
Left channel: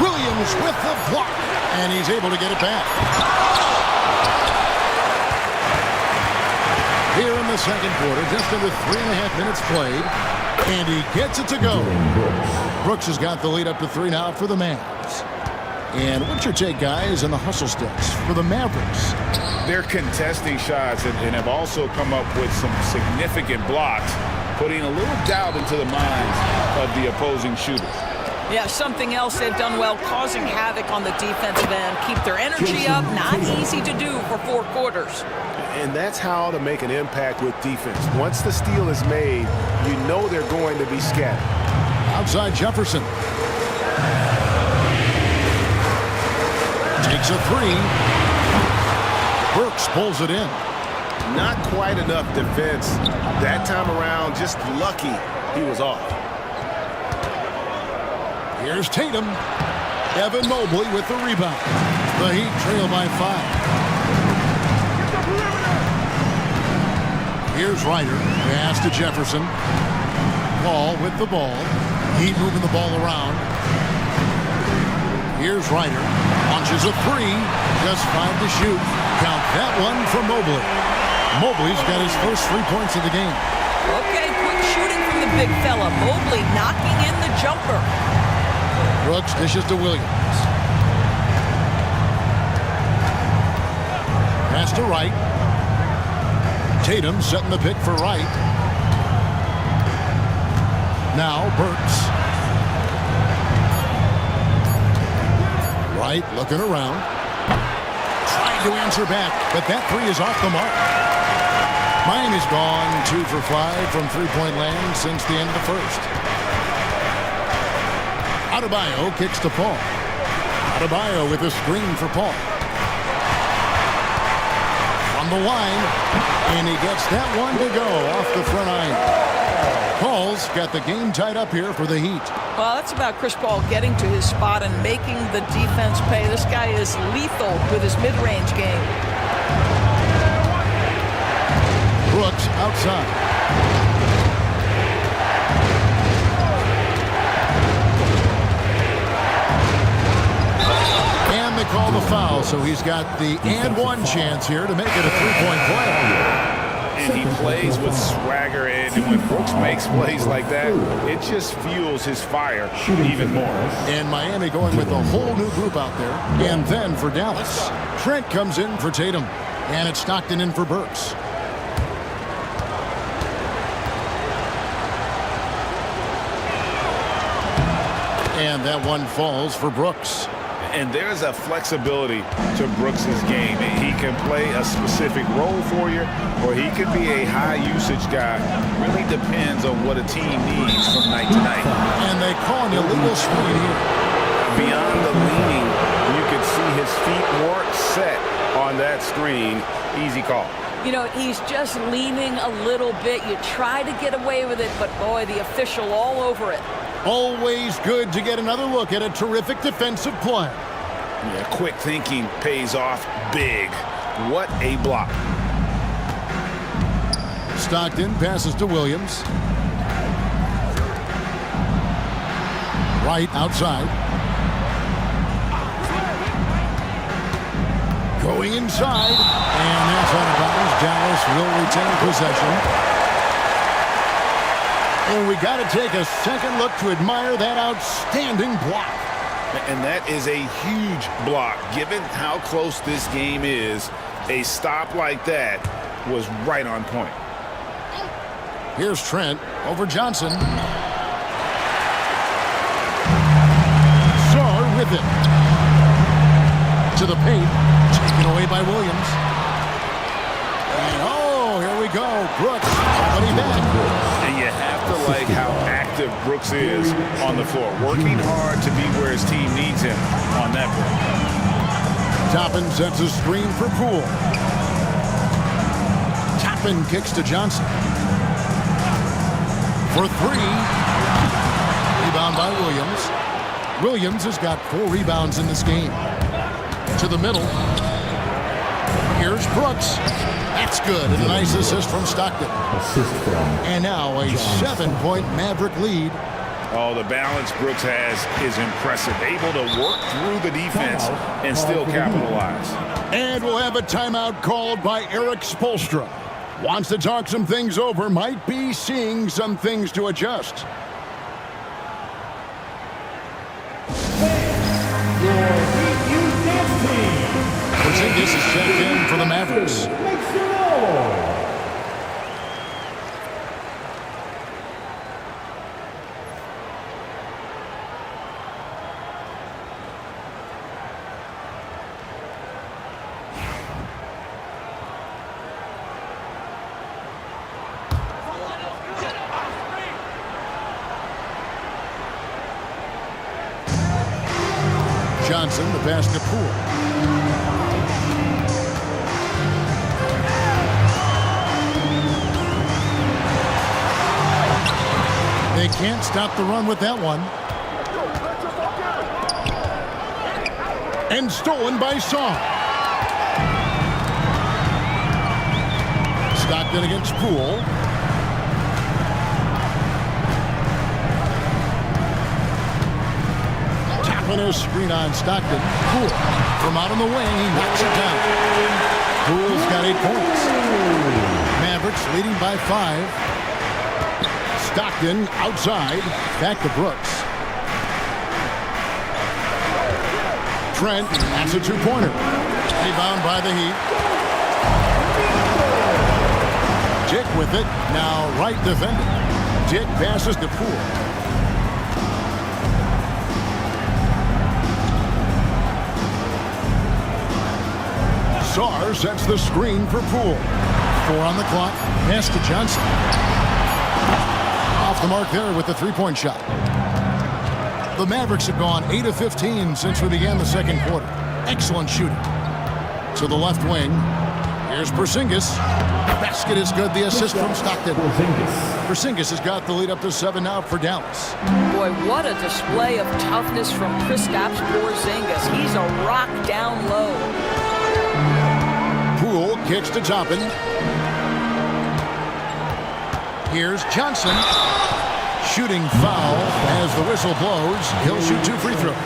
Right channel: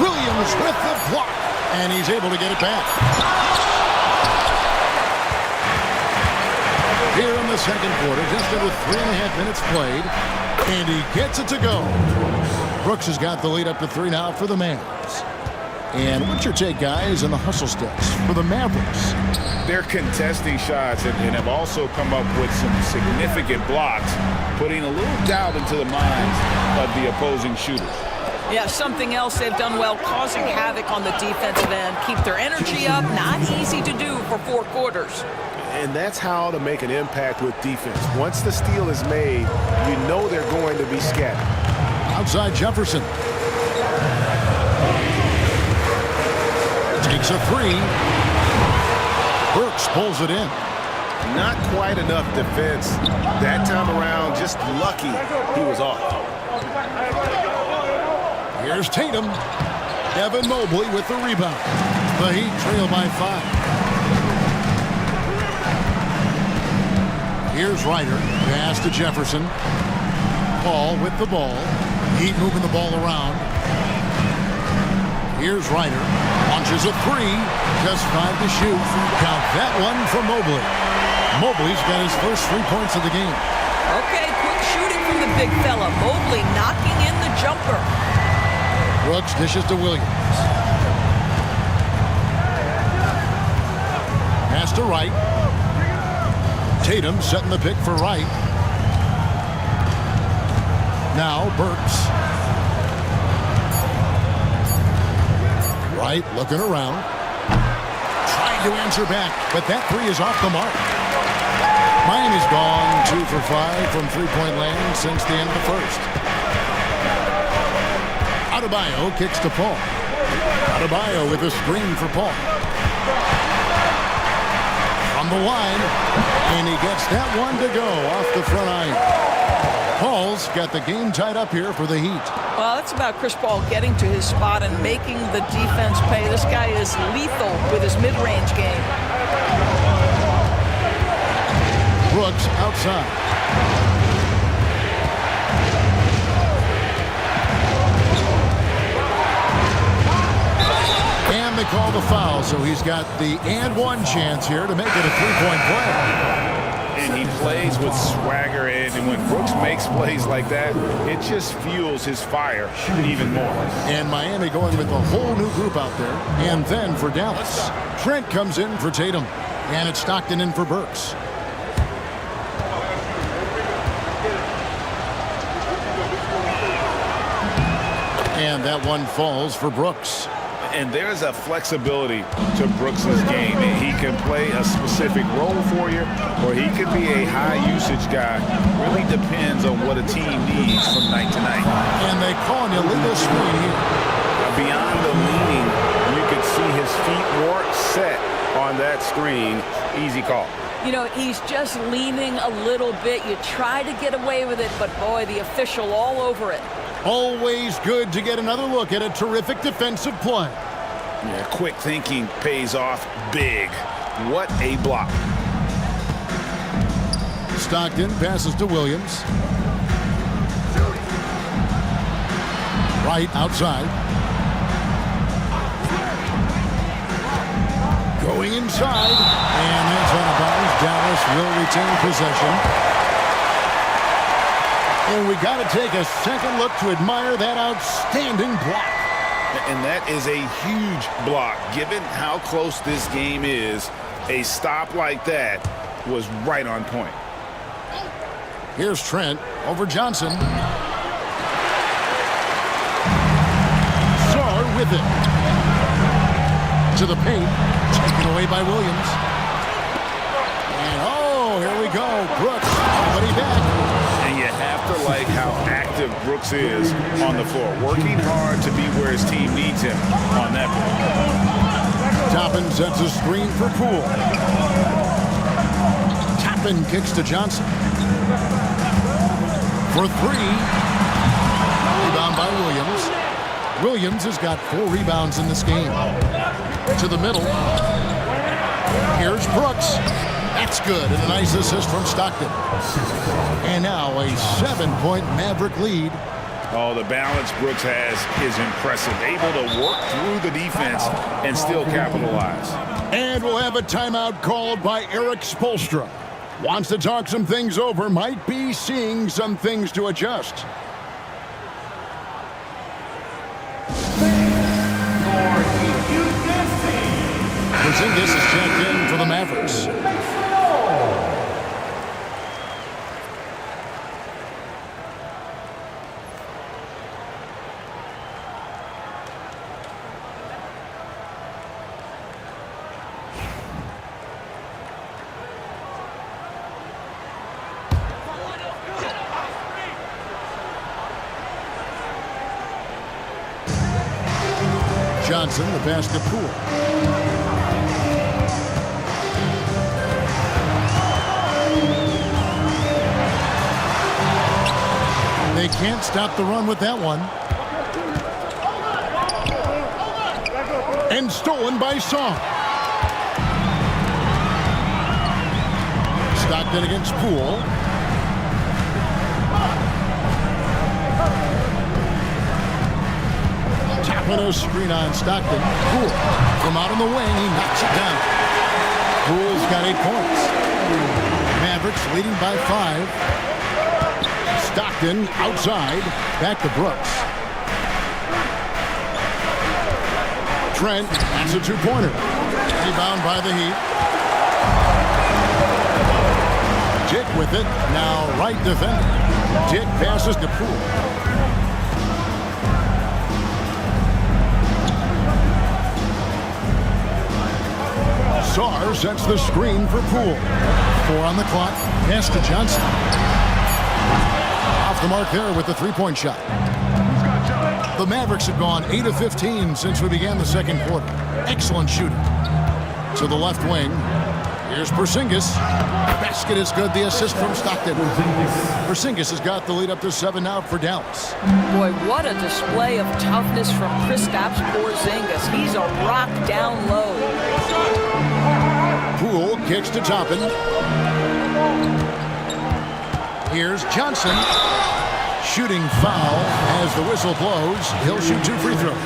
Williams with the block. And he's able to get it back. Here in the second quarter, just under 3.5 minutes played. And he gets it to go. Brooks has got the lead up to 3 now for the Mavs. And what's your take, guys, on the hustle sticks for the Mavericks? They're contesting shots and have also come up with some significant blocks, putting a little doubt into the minds of the opposing shooters. Yeah, something else they've done well, causing havoc on the defensive end. Keep their energy up. Not easy to do for 4 quarters. And that's how to make an impact with defense. Once the steal is made, you know they're going to be scattered. Outside Jefferson. Takes a 3. Burks pulls it in. Not quite enough defense. That time around, just lucky he was off. Here's Tatum. Evan Mobley with the rebound. The Heat trail by 5. Here's Ryder. Pass to Jefferson. Paul with the ball. Heat moving the ball around. Here's Ryder. Launches a 3. Just 5 to shoot. Count that one from Mobley. Mobley's got his first 3 points of the game. Okay, quick shooting from the big fella. Mobley knocking in the jumper. Brooks dishes to Williams. Pass to Wright. Tatum setting the pick for Wright. Now Burks. Wright looking around. Trying to answer back, but that 3 is off the mark. Miami's gone 2 for 5 from three-point land since the end of the first. Adebayo kicks to Paul. Adebayo with a screen for Paul. From the line, and he gets that one to go off the front iron. Paul's got the game tied up here for the Heat. Well, that's about Chris Paul getting to his spot and making the defense pay. This guy is lethal with his mid-range game. Brooks outside. And they call the foul, so he's got the and one chance here to make it a three-point play. And he plays with swagger, and when Brooks makes plays like that, it just fuels his fire even more. And Miami going with a whole new group out there. And then for Dallas, Trent comes in for Tatum, and it's Stockton in for Burks. And that one falls for Brooks. And there's a flexibility to Brooks's game. He can play a specific role for you, or he could be a high-usage guy. Really depends on what a team needs from night to night. And they call an illegal screen here. Beyond the leaning, you could see his feet more set on that screen. Easy call. You know, he's just leaning a little bit. You try to get away with it, but boy, the official all over it. Always good to get another look at a terrific defensive play. Yeah, quick thinking pays off big. What a block. Stockton passes to Williams. Right outside. Going inside, and that's out of bounds. Dallas will retain possession. And we got to take a second look to admire that outstanding block. And that is a huge block. Given how close this game is, a stop like that was right on point. Here's Trent over Johnson. Sarr with it. To the paint. Taken away by Williams. And oh, here we go. Brooks already back. And you have to like how active Brooks is on the floor. Working hard to be where his team needs him on that break. Toppin sets a screen for Poole. Toppin kicks to Johnson. For three. Rebound by Williams. Williams has got 4 rebounds in this game. To the middle. Here's Brooks. That's good. And a nice assist from Stockton. And now a 7-point Maverick lead. Oh, the balance Brooks has is impressive. Able to work through the defense and still capitalize. And we'll have a timeout called by Eric Spoelstra. Wants to talk some things over. Might be seeing some things to adjust. Porzingis is checked in for the Mavericks. Johnson, the pass to Poole. They can't stop the run with that one. And stolen by Sarr. Stockton against Poole. Tapping a screen on Stockton. Poole from out on the wing. He knocks it down. Poole's got 8 points. Mavericks leading by 5. Stockton outside, back to Brooks. Trent, that's a 2-pointer. Rebound by the Heat. Dick with it, now right defender. Dick passes to Poole. Sarr sets the screen for Poole. 4 on the clock, pass to Johnson. Off the mark there with the 3-point shot. The Mavericks have gone 8 of 15 since we began the second quarter. Excellent shooting. To the left wing. Here's Porzingis. Basket is good. The assist from Stockton. Porzingis has got the lead up to 7 now for Dallas. Boy, what a display of toughness from Kristaps Porzingis. He's a rock down low. Poole kicks to Toppin. Here's Johnson. Shooting foul as the whistle blows. He'll shoot 2 free throws.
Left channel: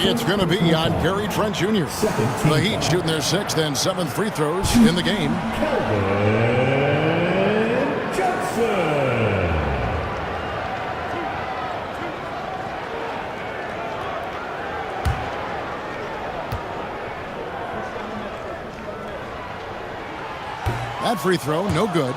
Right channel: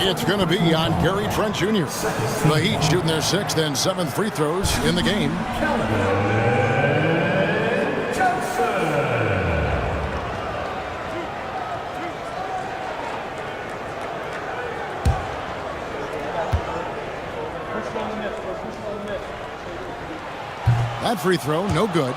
It's going to be on Gary Trent Jr. The Heat shooting their 6th and 7th free throws in the game. That free throw, no good.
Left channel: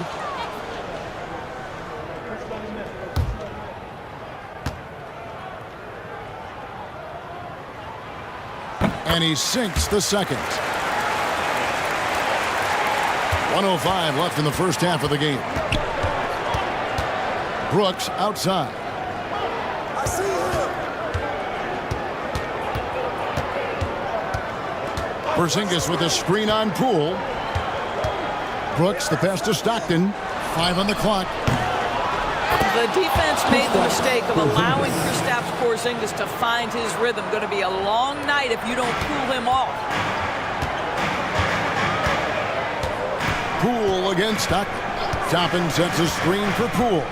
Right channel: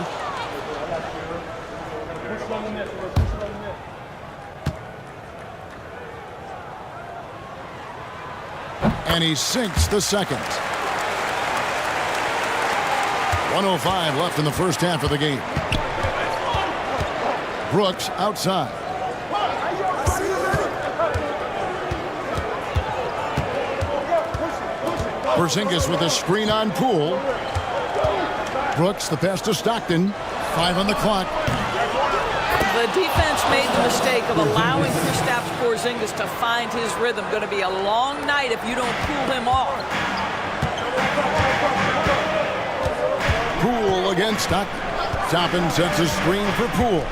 And he sinks the second. 1:05 left in the first half of the game. Brooks outside. Porzingis with a screen on Poole. Brooks, the pass to Stockton. 5 on the clock. The defense made the mistake of allowing Kristaps Porzingis to find his rhythm. Going to be a long night if you don't cool him off. Poole against Stockton. Toppin sets a screen for Poole.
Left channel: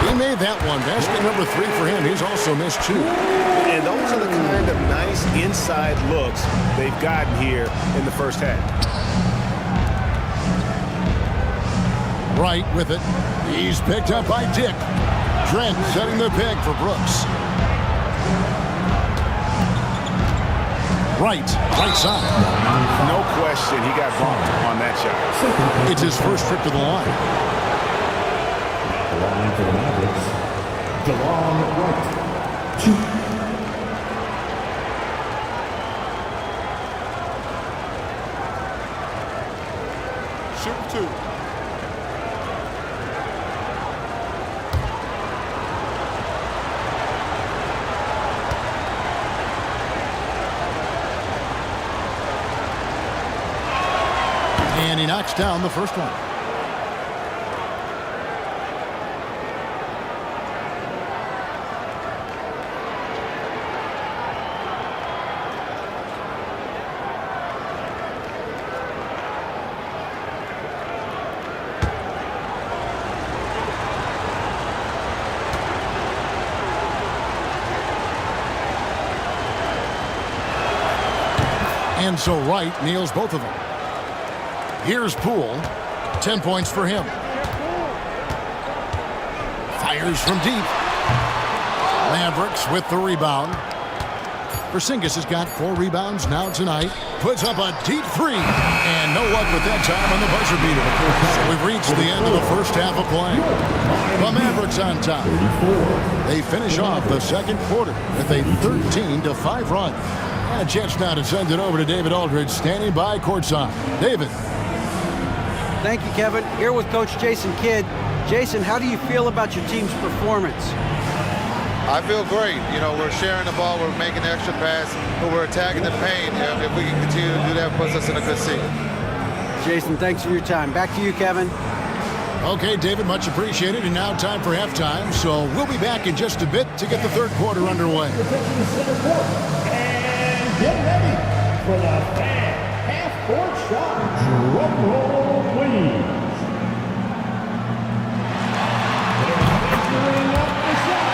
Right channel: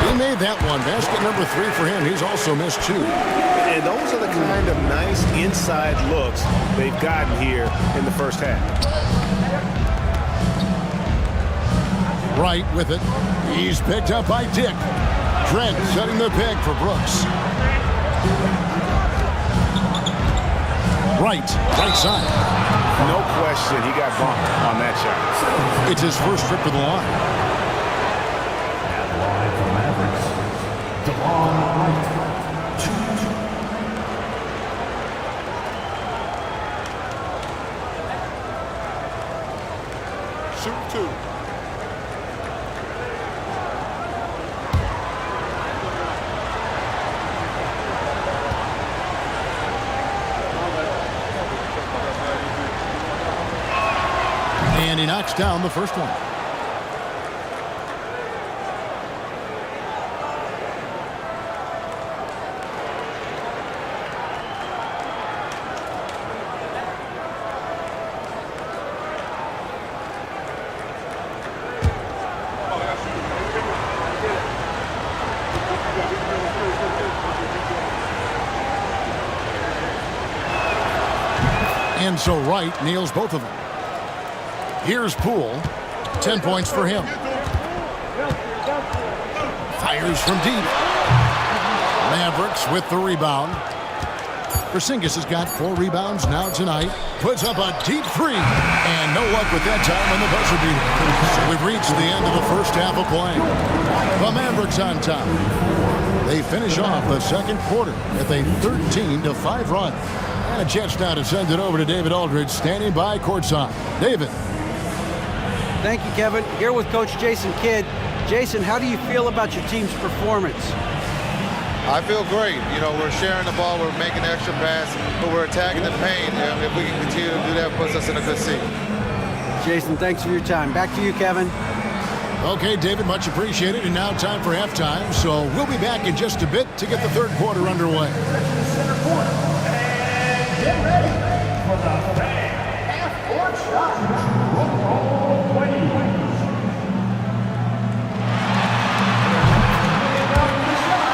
He made that one. Basket number 3 for him. He's also missed 2. And those are the kind of nice inside looks they've gotten here in the first half. Wright with it. He's picked up by Dick. Trent setting the peg for Brooks. Right side. No question he got bumped on that shot. It's his first trip to the line. At the line for the Mavericks, DeLon Wright. 2. Shoot 2. And he knocks down the first one. And so Wright nails both of them. Here's Poole. 10 points for him. Fires from deep. Mavericks with the rebound. Porzingis has got 4 rebounds now tonight. Puts up a deep 3. And no luck with that time on the buzzer beater. So we've reached the end of the first half of play. The Mavericks on top. They finish off the second quarter with a 13-5 run. And a chance now to send it over to David Aldridge, standing by courtside. David. Thank you, Kevin. Here with Coach Jason Kidd. Jason, how do you feel about your team's performance? I feel great. You know, we're sharing the ball, we're making the extra pass, but we're attacking the paint. If we can continue to do that, it puts us in a good seat. Jason, thanks for your time. Back to you, Kevin. Okay, David, much appreciated. And now time for halftime. So we'll be back in just a bit to get the third quarter underway. And get ready for the fan half-court shot. Drum roll, please. Bringing up the shot.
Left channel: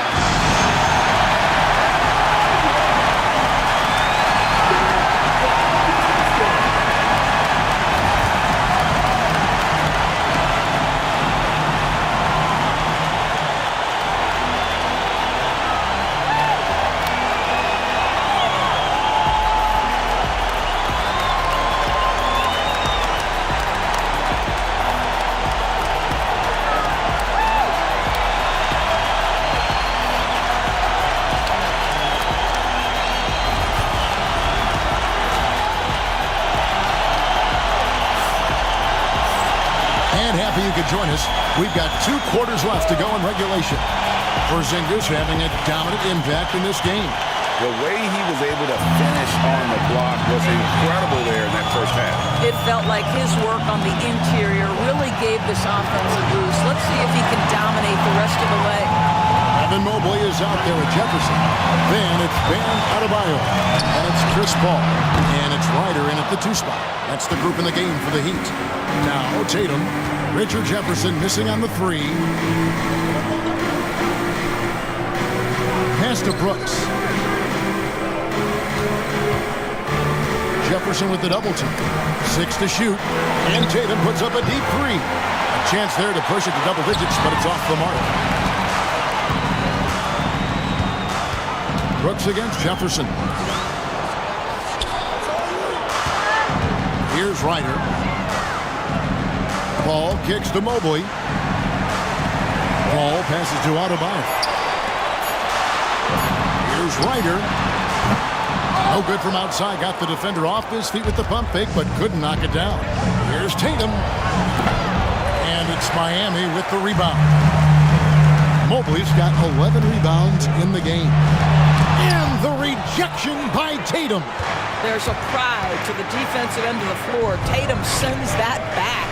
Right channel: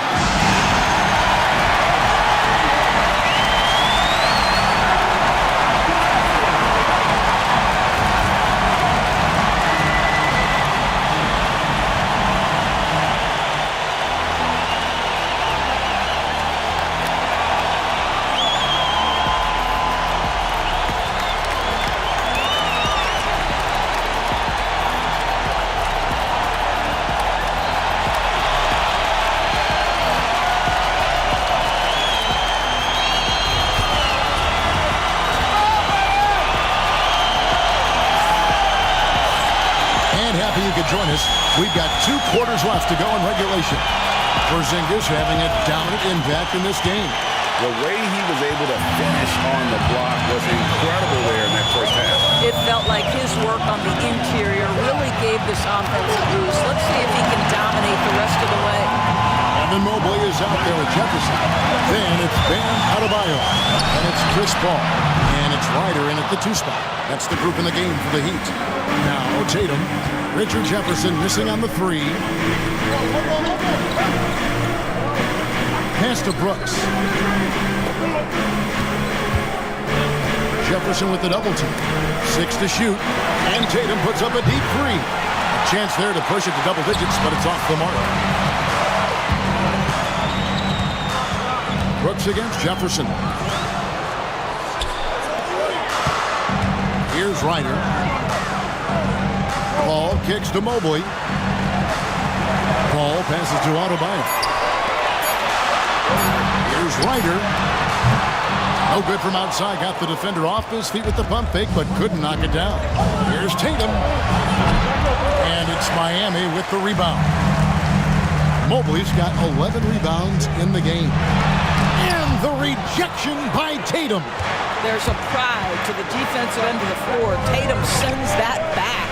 Happy you could join us. We've got 2 quarters left to go in regulation. Porzingis having a dominant impact in this game. The way he was able to finish on the block was incredible there in that first half. It felt like his work on the interior really gave this offense a boost. Let's see if he can dominate the rest of the way. Evan Mobley is out there with Jefferson. Then it's Bam Adebayo. And it's Chris Paul. And it's Ryder in at the 2 spot. That's the group in the game for the Heat. Now Tatum. Richard Jefferson missing on the 3. Pass to Brooks. Jefferson with the double team. 6 to shoot. And Tatum puts up a deep 3. A chance there to push it to double digits, but it's off the mark. Brooks against Jefferson. Here's Ryder. Paul kicks to Mobley. Paul passes to Adebayo. Here's Ryder. No good from outside. Got the defender off his feet with the pump fake, but couldn't knock it down. Here's Tatum. And it's Miami with the rebound. Mobley's got 11 rebounds in the game. And the rejection by Tatum. There's a pride to the defensive end of the floor. Tatum sends that back.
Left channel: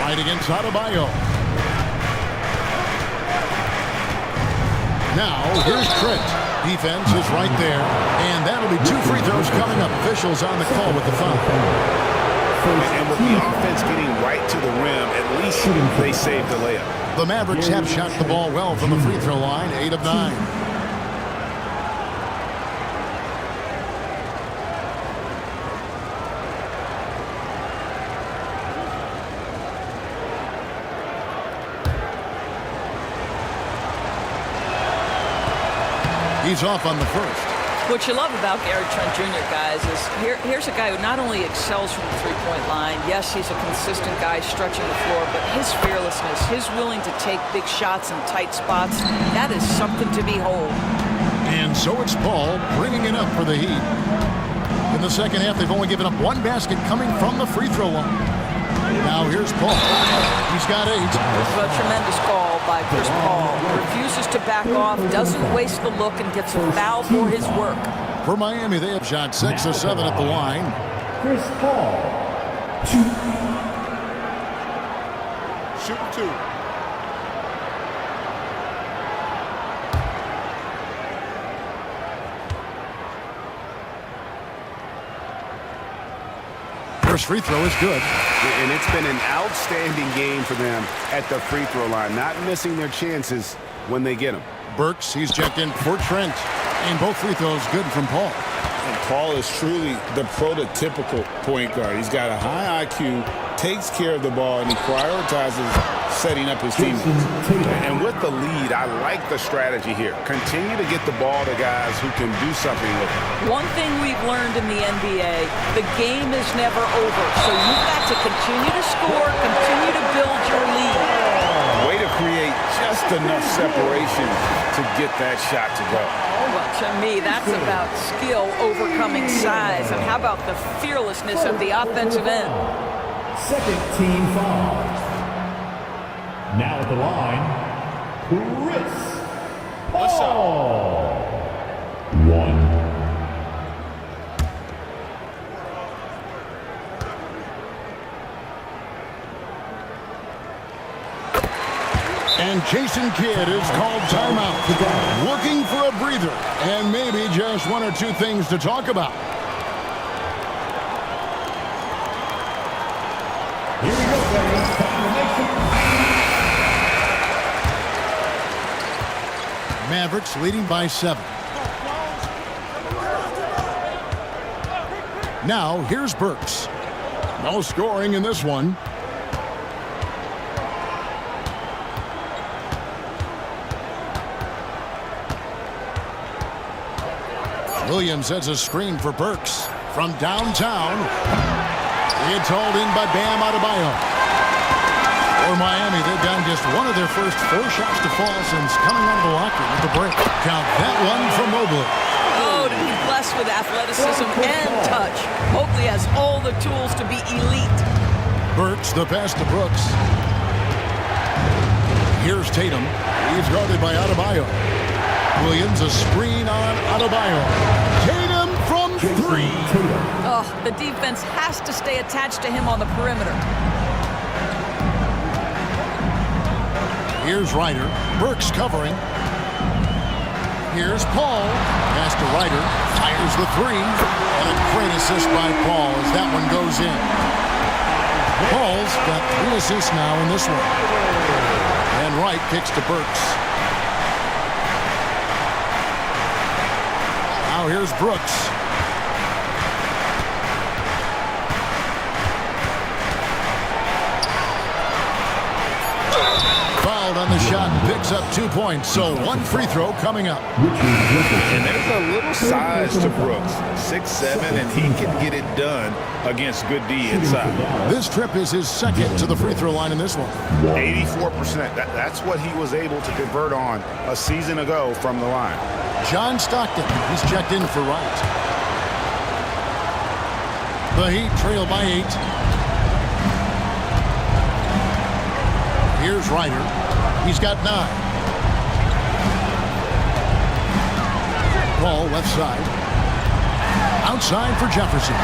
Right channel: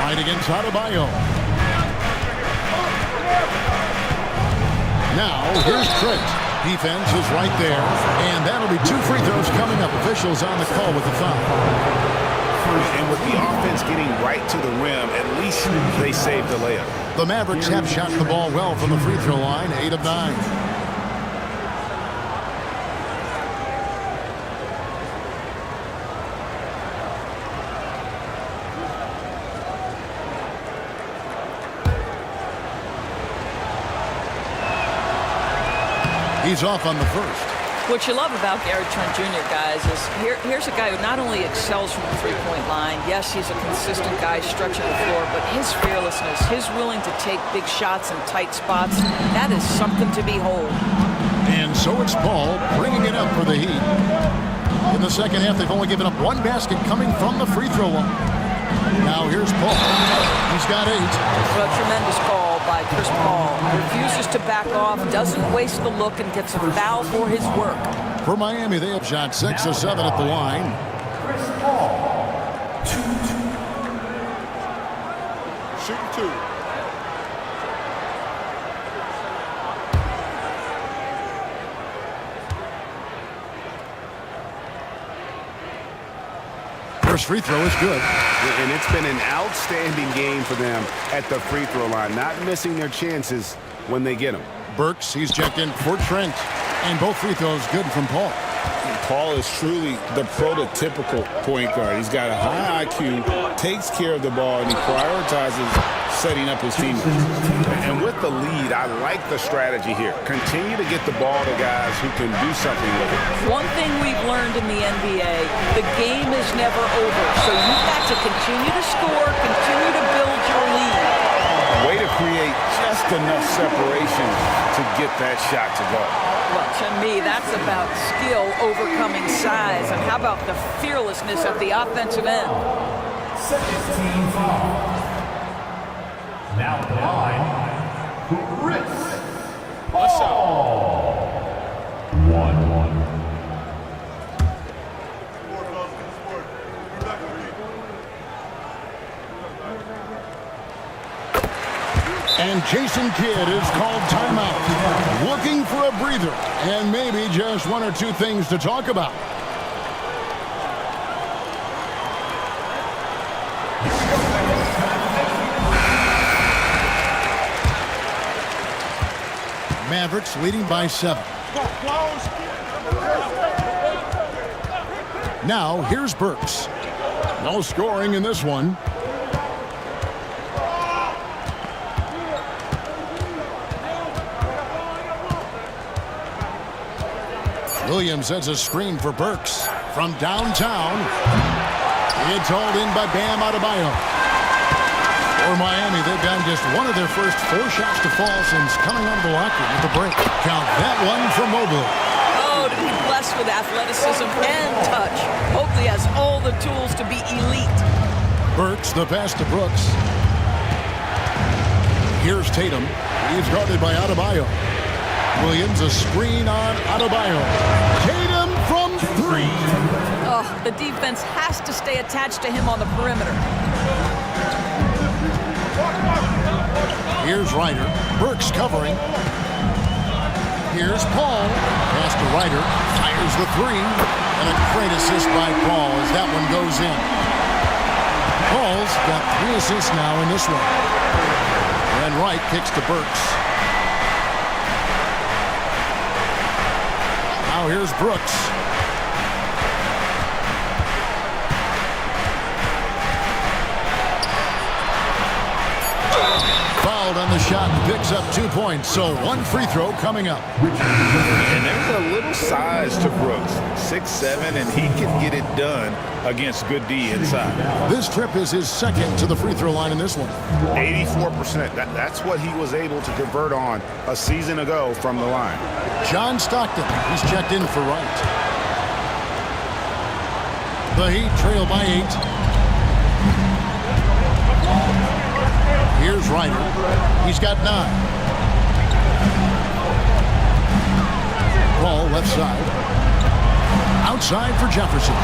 Right against Adebayo. Now, here's Trent. Defense is right there. And that'll be 2 free throws coming up. Officials on the call with the foul. And with the offense getting right to the rim, at least they saved the layup. The Mavericks have shot the ball well from the free throw line, 8 of 9. He's off on the first. What you love about Gary Trent Jr., guys, is here's a guy who not only excels from the three-point line. Yes, he's a consistent guy stretching the floor, but his fearlessness, his willing to take big shots in tight spots, that is something to behold. And so it's Paul bringing it up for the Heat. In the second half, they've only given up 1 basket coming from the free throw line. Now here's Paul. He's got 8. A tremendous call by Chris Paul. Refuses to back off, doesn't waste the look, and gets a foul for his work. For Miami, they have shot 6 of 7 at the line. Chris Paul. Shooting 2. First free throw is good. And it's been an outstanding game for them at the free throw line, not missing their chances when they get them. Burks, he's checked in for Trent. And both free throws good from Paul. And Paul is truly the prototypical point guard. He's got a high IQ, takes care of the ball, and he prioritizes setting up his teammates. And with the lead, I like the strategy here. Continue to get the ball to guys who can do something with it. One thing we've learned in the NBA, the game is never over. So you've got to continue to score, continue to build your lead. Way to create just enough separation to get that shot to go. Well, to me, that's about skill overcoming size. And how about the fearlessness at the offensive end? Second team foul. Now at the line, Chris Paul. 1. And Jason Kidd is called timeout. Looking for a breather and maybe just 1 or 2 things to talk about. Here we go, guys. Mavericks leading by 7. Now here's Burks. No scoring in this one. Williams sets a screen for Burks from downtown. It's hauled in by Bam Adebayo. For Miami, they've gotten just 1 of their first 4 shots to fall since coming out of the locker room with the break. Count that one for Mobley. Oh, to be blessed with athleticism and touch. Mobley has all the tools to be elite. Burks, the pass to Brooks. Here's Tatum. He's guarded by Adebayo. Williams, a screen on Adebayo. Tatum from 3. Oh, the defense has to stay attached to him on the perimeter. Here's Ryder. Burks covering. Here's Paul. Pass to Ryder. Fires the 3. And a great assist by Paul as that one goes in. Paul's got 3 assists now in this one. And Wright kicks to Burks. Now here's Brooks. Fouled on the shot and picks up 2 points. So 1 free throw coming up. And there's a little size to Brooks, 6'7", and he can get it done against good D inside. This trip is his second to the free throw line in this one. 84%. That's what he was able to convert on a season ago from the line. John Stockton, he's checked in for Wright. The Heat trail by 8. Here's Ryder. He's got 9. Ball left side. Outside for Jefferson.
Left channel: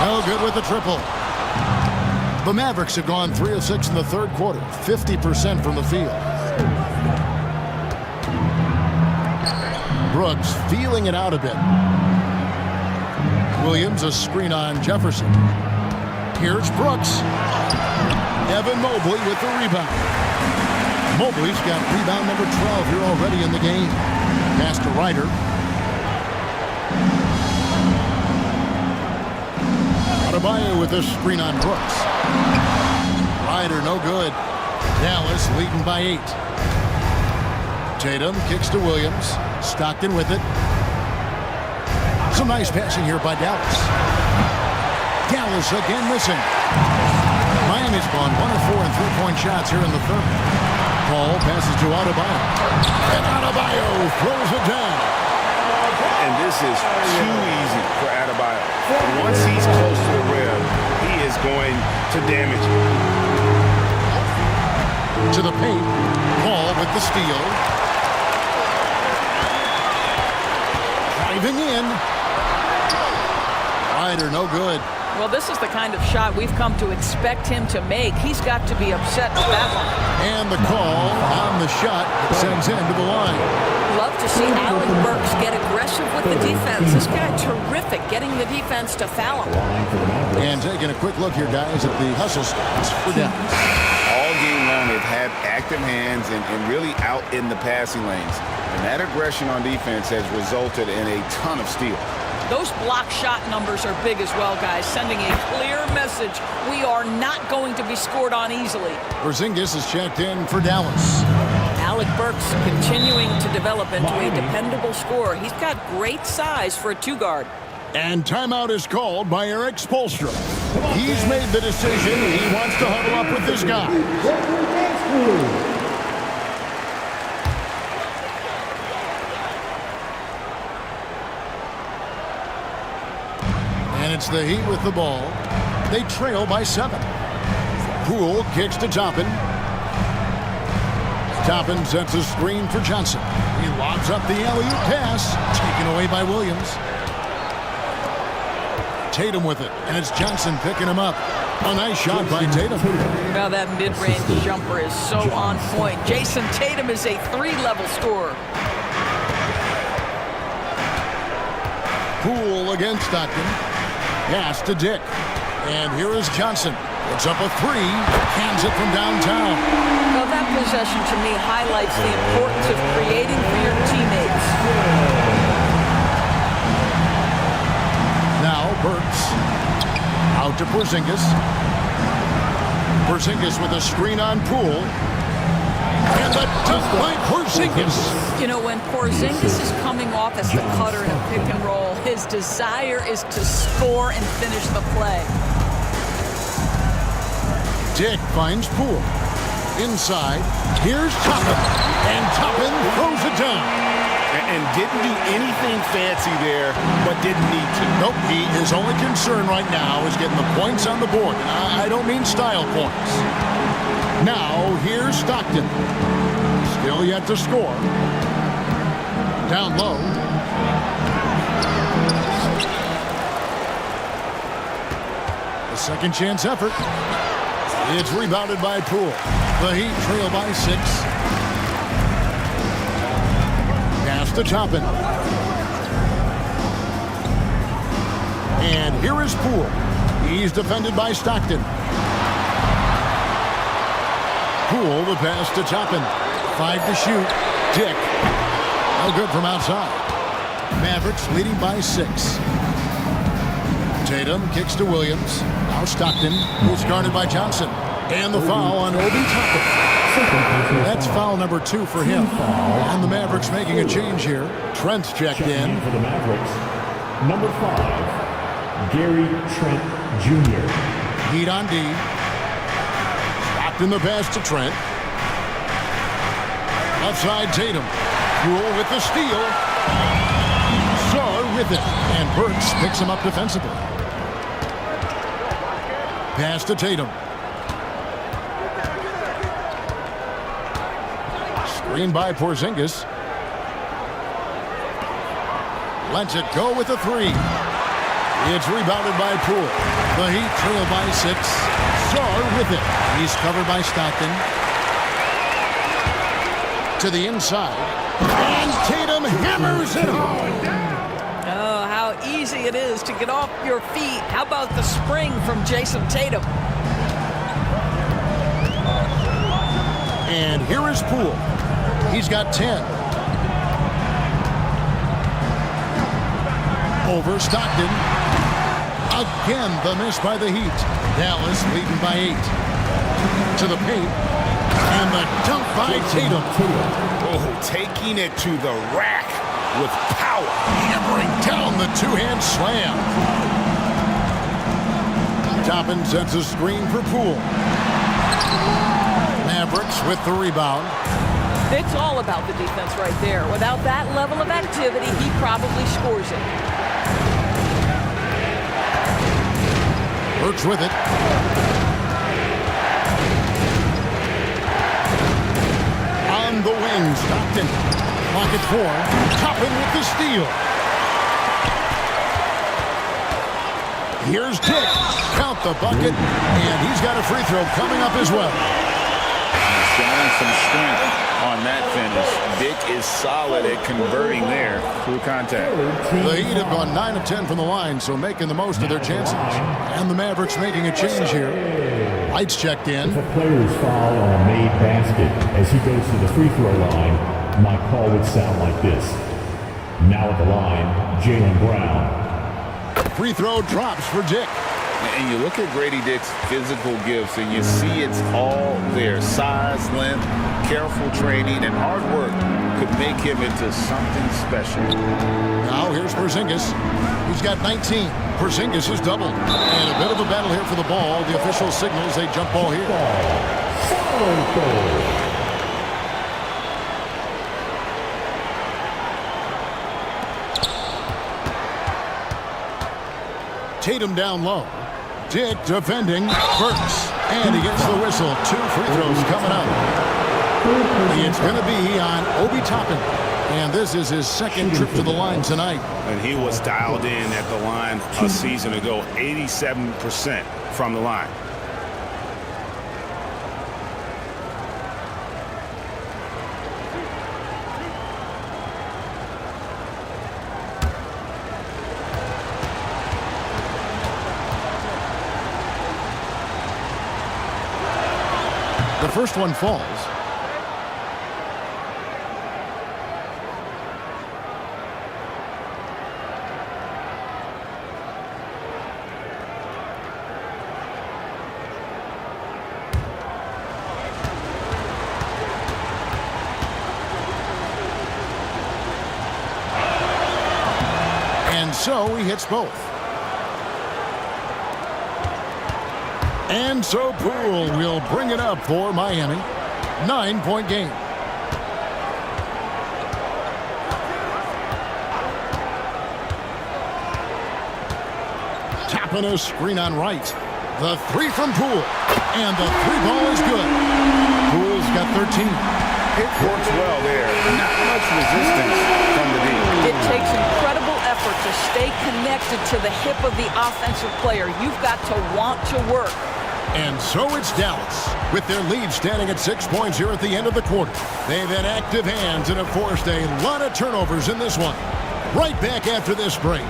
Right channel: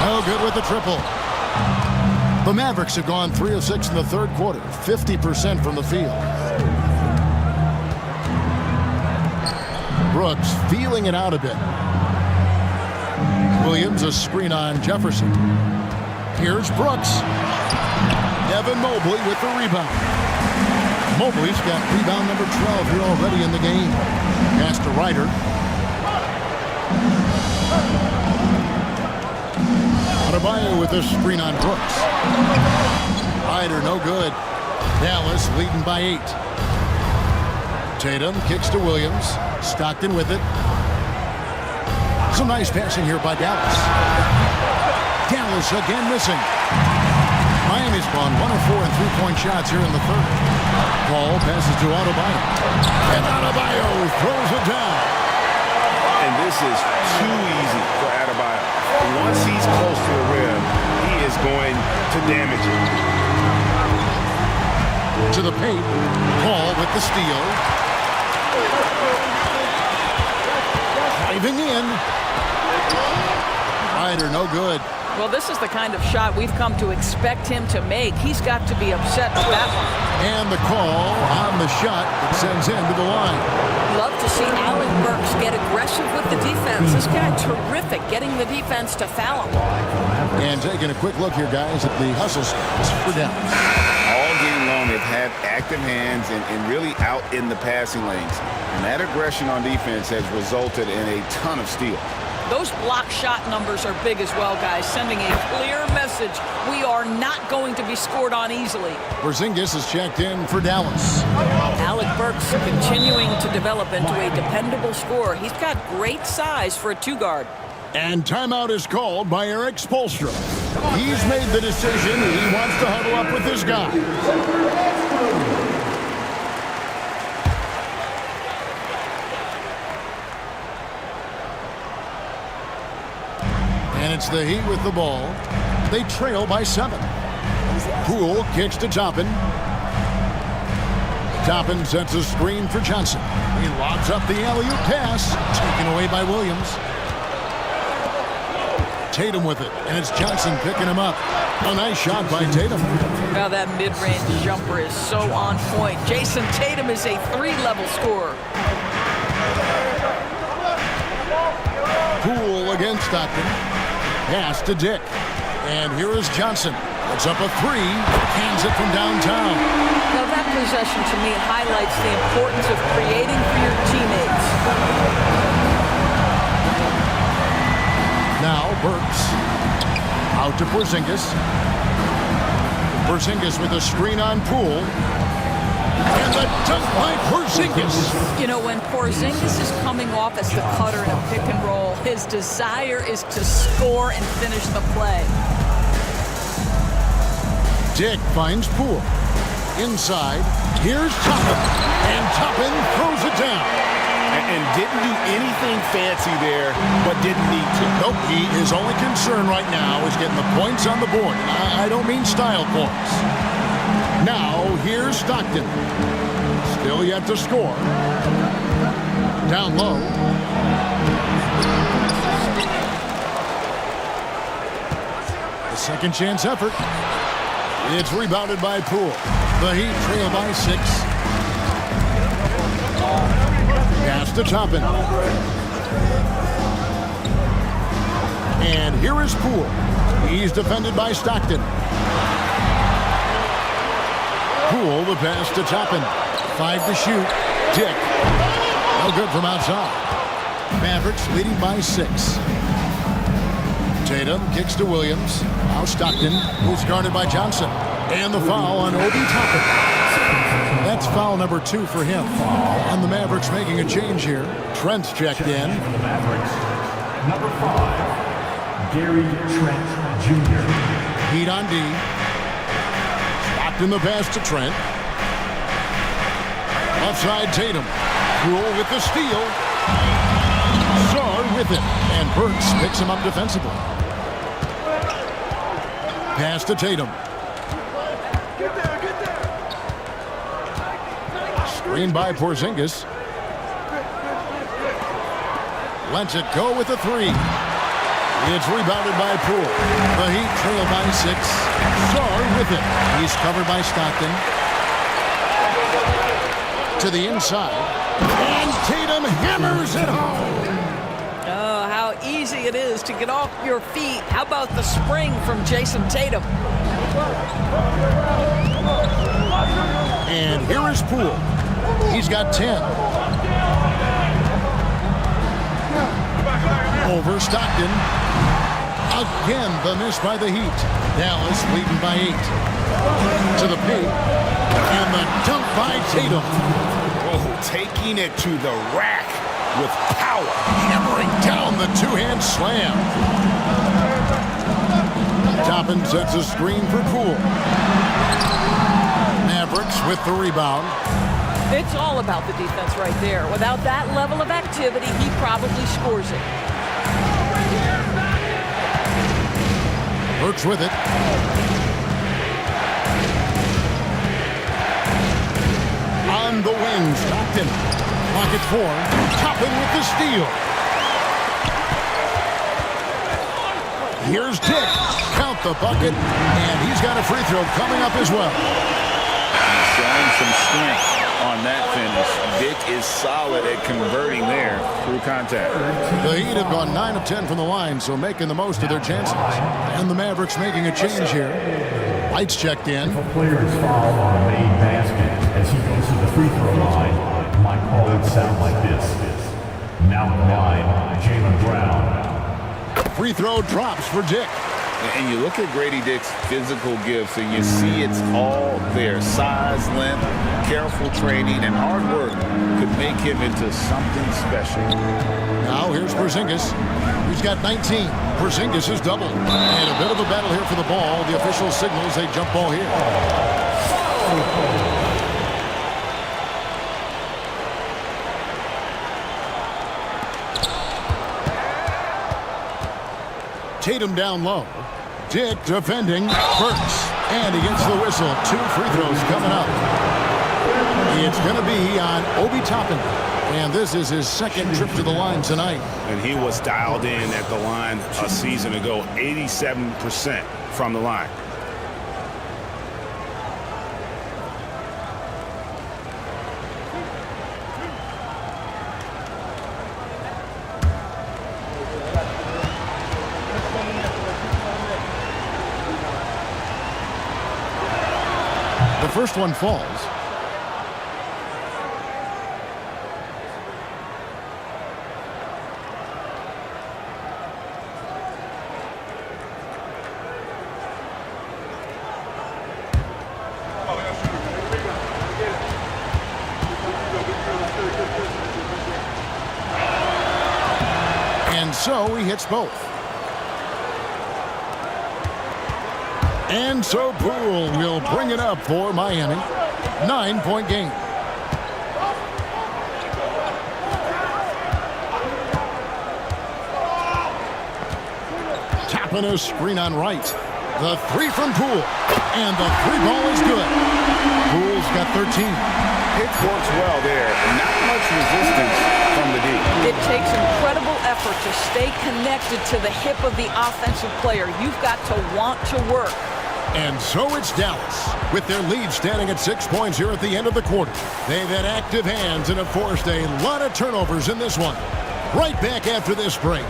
No good with the triple. The Mavericks have gone 3 of 6 in the third quarter, 50% from the field. Brooks feeling it out a bit. Williams a screen on Jefferson. Here's Brooks. Evan Mobley with the rebound. Mobley's got rebound number 12 here already in the game. Pass to Ryder. Adebayo with a screen on Brooks. Ryder no good. Dallas leading by 8. Tatum kicks to Williams. Stockton with it. Some nice passing here by Dallas. Dallas again missing. Miami's gone 1 of 4 in three-point shots here in the third. Paul passes to Adebayo. And Adebayo throws it down. And this is too easy for Adebayo. Once he's close to the rim, he is going to damage it. To the paint. Paul with the steal. Driving in. Ryder no good. Well, this is the kind of shot we've come to expect him to make. He's got to be upset with that one. And the call on the shot that sends him to the line. Love to see Alec Burks get aggressive with the defense. This guy terrific getting the defense to foul him. And taking a quick look here, guys, at the hustle stats for Dallas. All game long, they've had active hands and really out in the passing lanes. And that aggression on defense has resulted in a ton of steals. Those block shot numbers are big as well, guys, sending a clear message. We are not going to be scored on easily. Porzingis is checked in for Dallas. Alec Burks continuing to develop into a dependable scorer. He's got great size for a 2-guard. And timeout is called by Eric Spoelstra. He's made the decision. He wants to huddle up with his guy. And it's the Heat with the ball. They trail by 7. Poole kicks to Toppin. Toppin sets a screen for Johnson. He lobs up the alley-oop pass, taken away by Williams. Tatum with it, and it's Johnson picking him up. A nice shot by Tatum. Now that mid-range jumper is so on point. Jason Tatum is a 3-level scorer. Poole against Stockton. Pass to Dick. And here is Johnson. Puts up a 3. Cans it from downtown. Now that possession to me highlights the importance of creating for your teammates. Now Burks. Out to Porzingis. Porzingis with a screen on Poole. And the dunk by Porzingis. You know, when Porzingis is coming off as the cutter in a pick and roll, his desire is to score and finish the play. Dick finds Poole. Inside, here's Toppin. And Toppin throws it down. And didn't do anything fancy there, but didn't need to. Nope, his only concern right now is getting the points on the board. And I don't mean style points. Now, here's Stockton. Still yet to score. Down low. The second chance effort. It's rebounded by Poole. The Heat trail by 6. Pass to Toppin. And here is Poole. He's defended by Stockton. Poole, the pass to Toppin. 5 to shoot. Dick. No good from outside. Mavericks leading by 6. Tatum kicks to Williams. Now Stockton, who's guarded by Johnson. And the foul on Obi Toppin. That's foul number 2 for him. And the Mavericks making a change here. Trent's checked in. For the Mavericks, number 5, Gary Trent Jr. Heat on D. Stockton the pass to Trent. Left side Tatum. Poole with the steal. Sarr with it. And Burks picks him up defensively. Pass to Tatum. Screen by Porzingis. Lets it go with the 3. It's rebounded by Poole. The Heat trail by 6. Sarr with it. He's covered by Stockton. To the inside. And Tatum hammers it home. Oh, how easy it is to get off your feet. How about the spring from Jason Tatum? And here is Poole. He's got 10. Over Stockton. Again, the miss by the Heat. Dallas leading by 8. To the paint. And the dunk by Tatum. Oh, taking it to the rack with power. Hammering down the two-hand slam. Toppin sets a screen for Poole. Mavericks with the rebound. It's all about the defense right there. Without that level of activity, he probably scores it. Burks with it. On the wing, Stockton. Clock at 4. Toppin with the steal. Here's Dick. Count the bucket. And he's got a free throw coming up as well. He's showing some strength on that finish. Dick is solid at converting there through contact. The Heat have gone 9 of 10 from the line, so making the most of their chances. And the Mavericks making a change here. Lights checked in. If a player is fouled on a made basket as he goes to the free throw line, my call would sound like this. Now at the line, Jaylen Brown. Free throw drops for Dick. And you look at Grady Dick's physical gifts, and you see it's all there. Size, length, careful training, and hard work could make him into something special. Now here's Porzingis. He's got 19. Porzingis is doubled. And a bit of a battle here for the ball. The official signals a jump ball here. Tatum down low. Dick defending. Burks. And he gets the whistle. 2 free throws coming up. It's going to be on Obi Toppin. And this is his second trip to the line tonight. And he was dialed in at the line a season ago, 87% from the line. The first one falls. And so he hits both. And so Poole will bring it up for Miami. 9-point game. Tapping a screen on right. The 3 from Poole. And the 3 ball is good. Poole's got 13. Pick works well there. Not much resistance from the D. It takes incredible effort to stay connected to the hip of the offensive player. You've got to want to work. And so it's Dallas, with their lead standing at 6 points here at the end of the quarter. They've had active hands and have forced a lot of turnovers in this one. Right back after this break.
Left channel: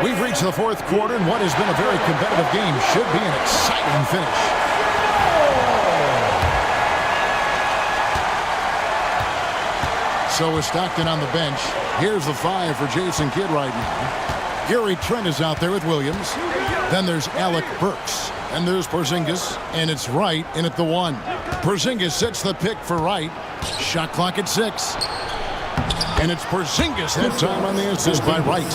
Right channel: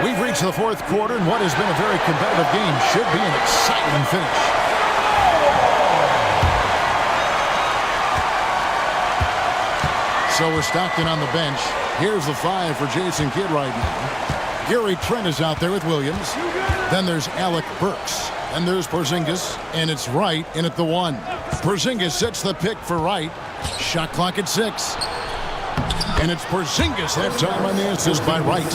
We've reached the fourth quarter, and what has been a very competitive game should be an exciting finish. So with Stockton on the bench, here's the 5 for Jason Kidd right now. Gary Trent is out there with Williams. Then there's Alec Burks. And there's Porzingis, and it's Wright in at the 1. Porzingis sets the pick for Wright. Shot clock at 6. And it's Porzingis that time on the assist by Wright.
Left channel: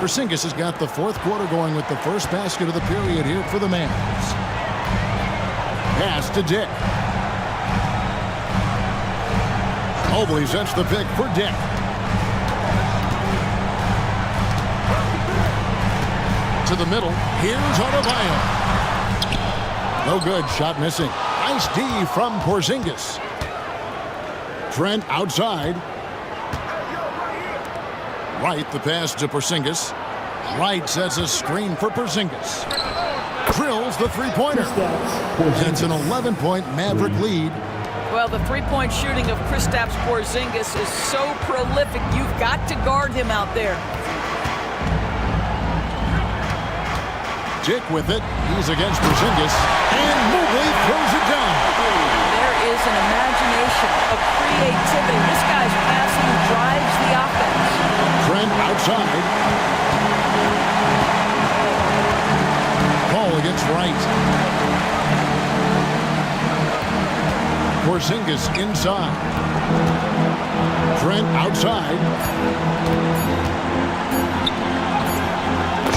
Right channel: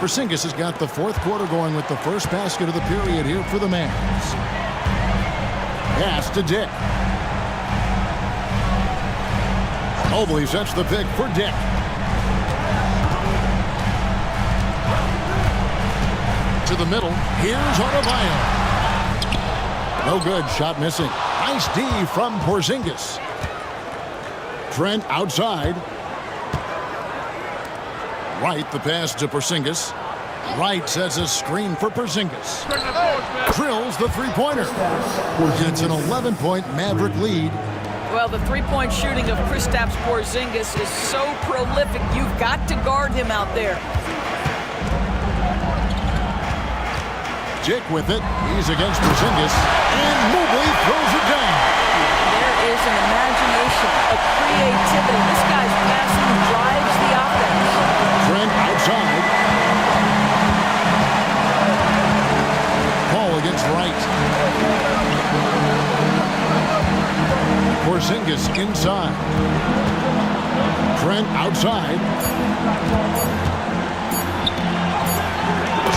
Porzingis has got the 4th quarter going with the first basket of the period here for the Mavs. Pass to Dick. Mobley sets the pick for Dick. To the middle. Here's Adebayo. No good. Shot missing. Nice D from Porzingis. Trent outside. Wright, the pass to Porzingis. Wright sets a screen for Porzingis. Drills the three-pointer. It's an 11-point Maverick lead. Well, the three-point shooting of Kristaps Porzingis is so prolific. You've got to guard him out there. Dick with it. He's against Porzingis. And Mobley throws it down. There is an imagination, a creativity. This guy's passing drives the offense. Trent outside. Paul against Wright. Porzingis inside. Trent outside.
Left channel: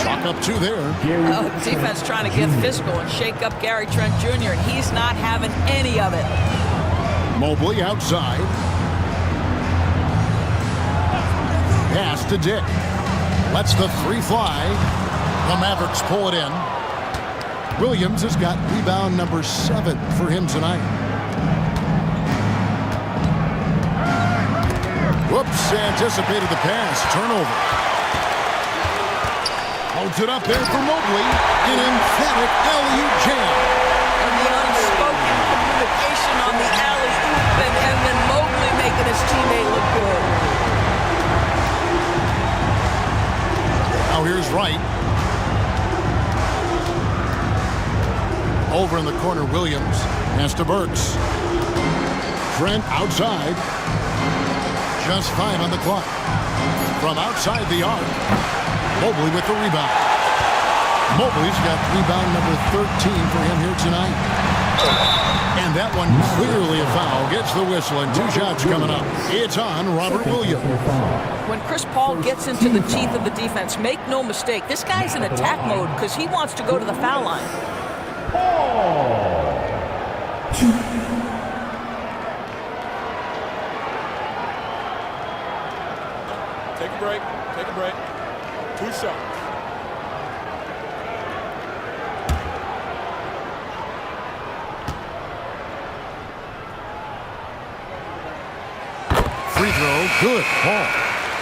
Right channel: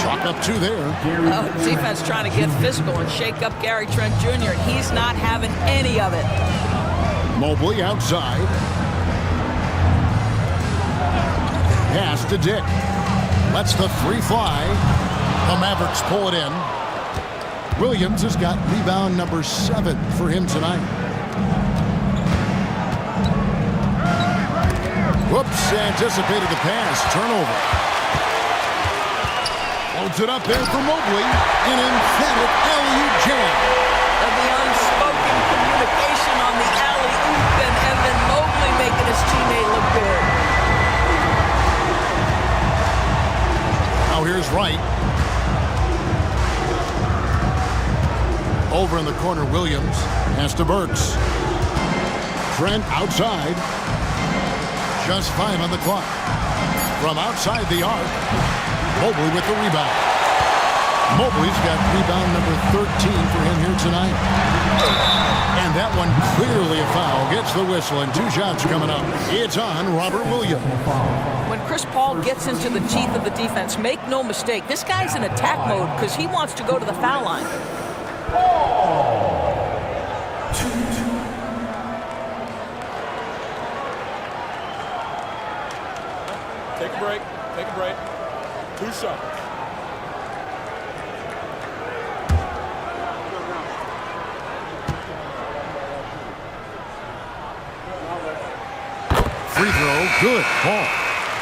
Chalk up 2 there. Oh, defense trying to get physical and shake up Gary Trent Jr., and he's not having any of it. Mobley outside. Pass to Dick. Lets the 3 fly. The Mavericks pull it in. Williams has got rebound number 7 for him tonight. Whoops, anticipated the pass. Turnover. Loads it up there for Mobley. An emphatic alley-oop jam. And the unspoken communication on the alley-oop, and then Mobley making his teammate look good. Now here's Wright. Over in the corner, Williams. Pass to Burks. Trent outside. Just 5 on the clock. From outside the arc, Mobley with the rebound. Mobley's got rebound number 13 for him here tonight. And that one clearly a foul. Gets the whistle, and 2 shots coming up. It's on Robert Williams. When Chris Paul gets into the teeth of the defense, make no mistake, this guy's in attack mode because he wants to go to the foul line. Take a break. Take a break. 2 shots. Free throw, good. Paul.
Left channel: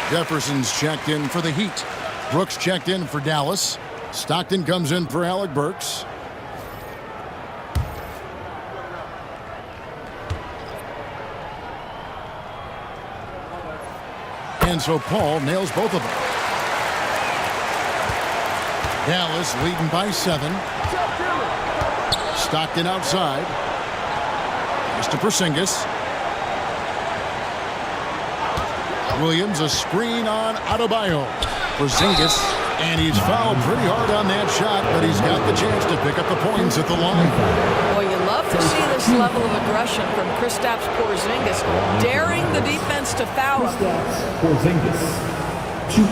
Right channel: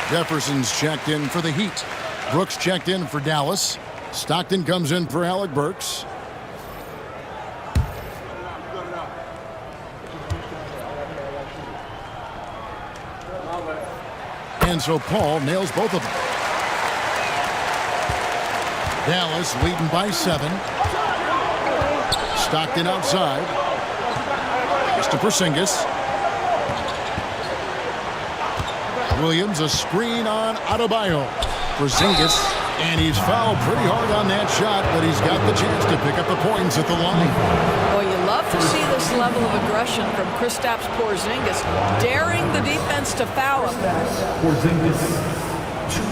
Jefferson's checked in for the Heat. Brooks checked in for Dallas. Stockton comes in for Alec Burks. And so Paul nails both of them. Dallas leading by 7. Stockton outside. Pass to Porzingis. Williams, a screen on Adebayo. Porzingis, and he's fouled pretty hard on that shot, but he's got the chance to pick up the points at the line. Well, you love to see this level of aggression from Kristaps Porzingis, daring the defense to foul him. Porzingis, 2.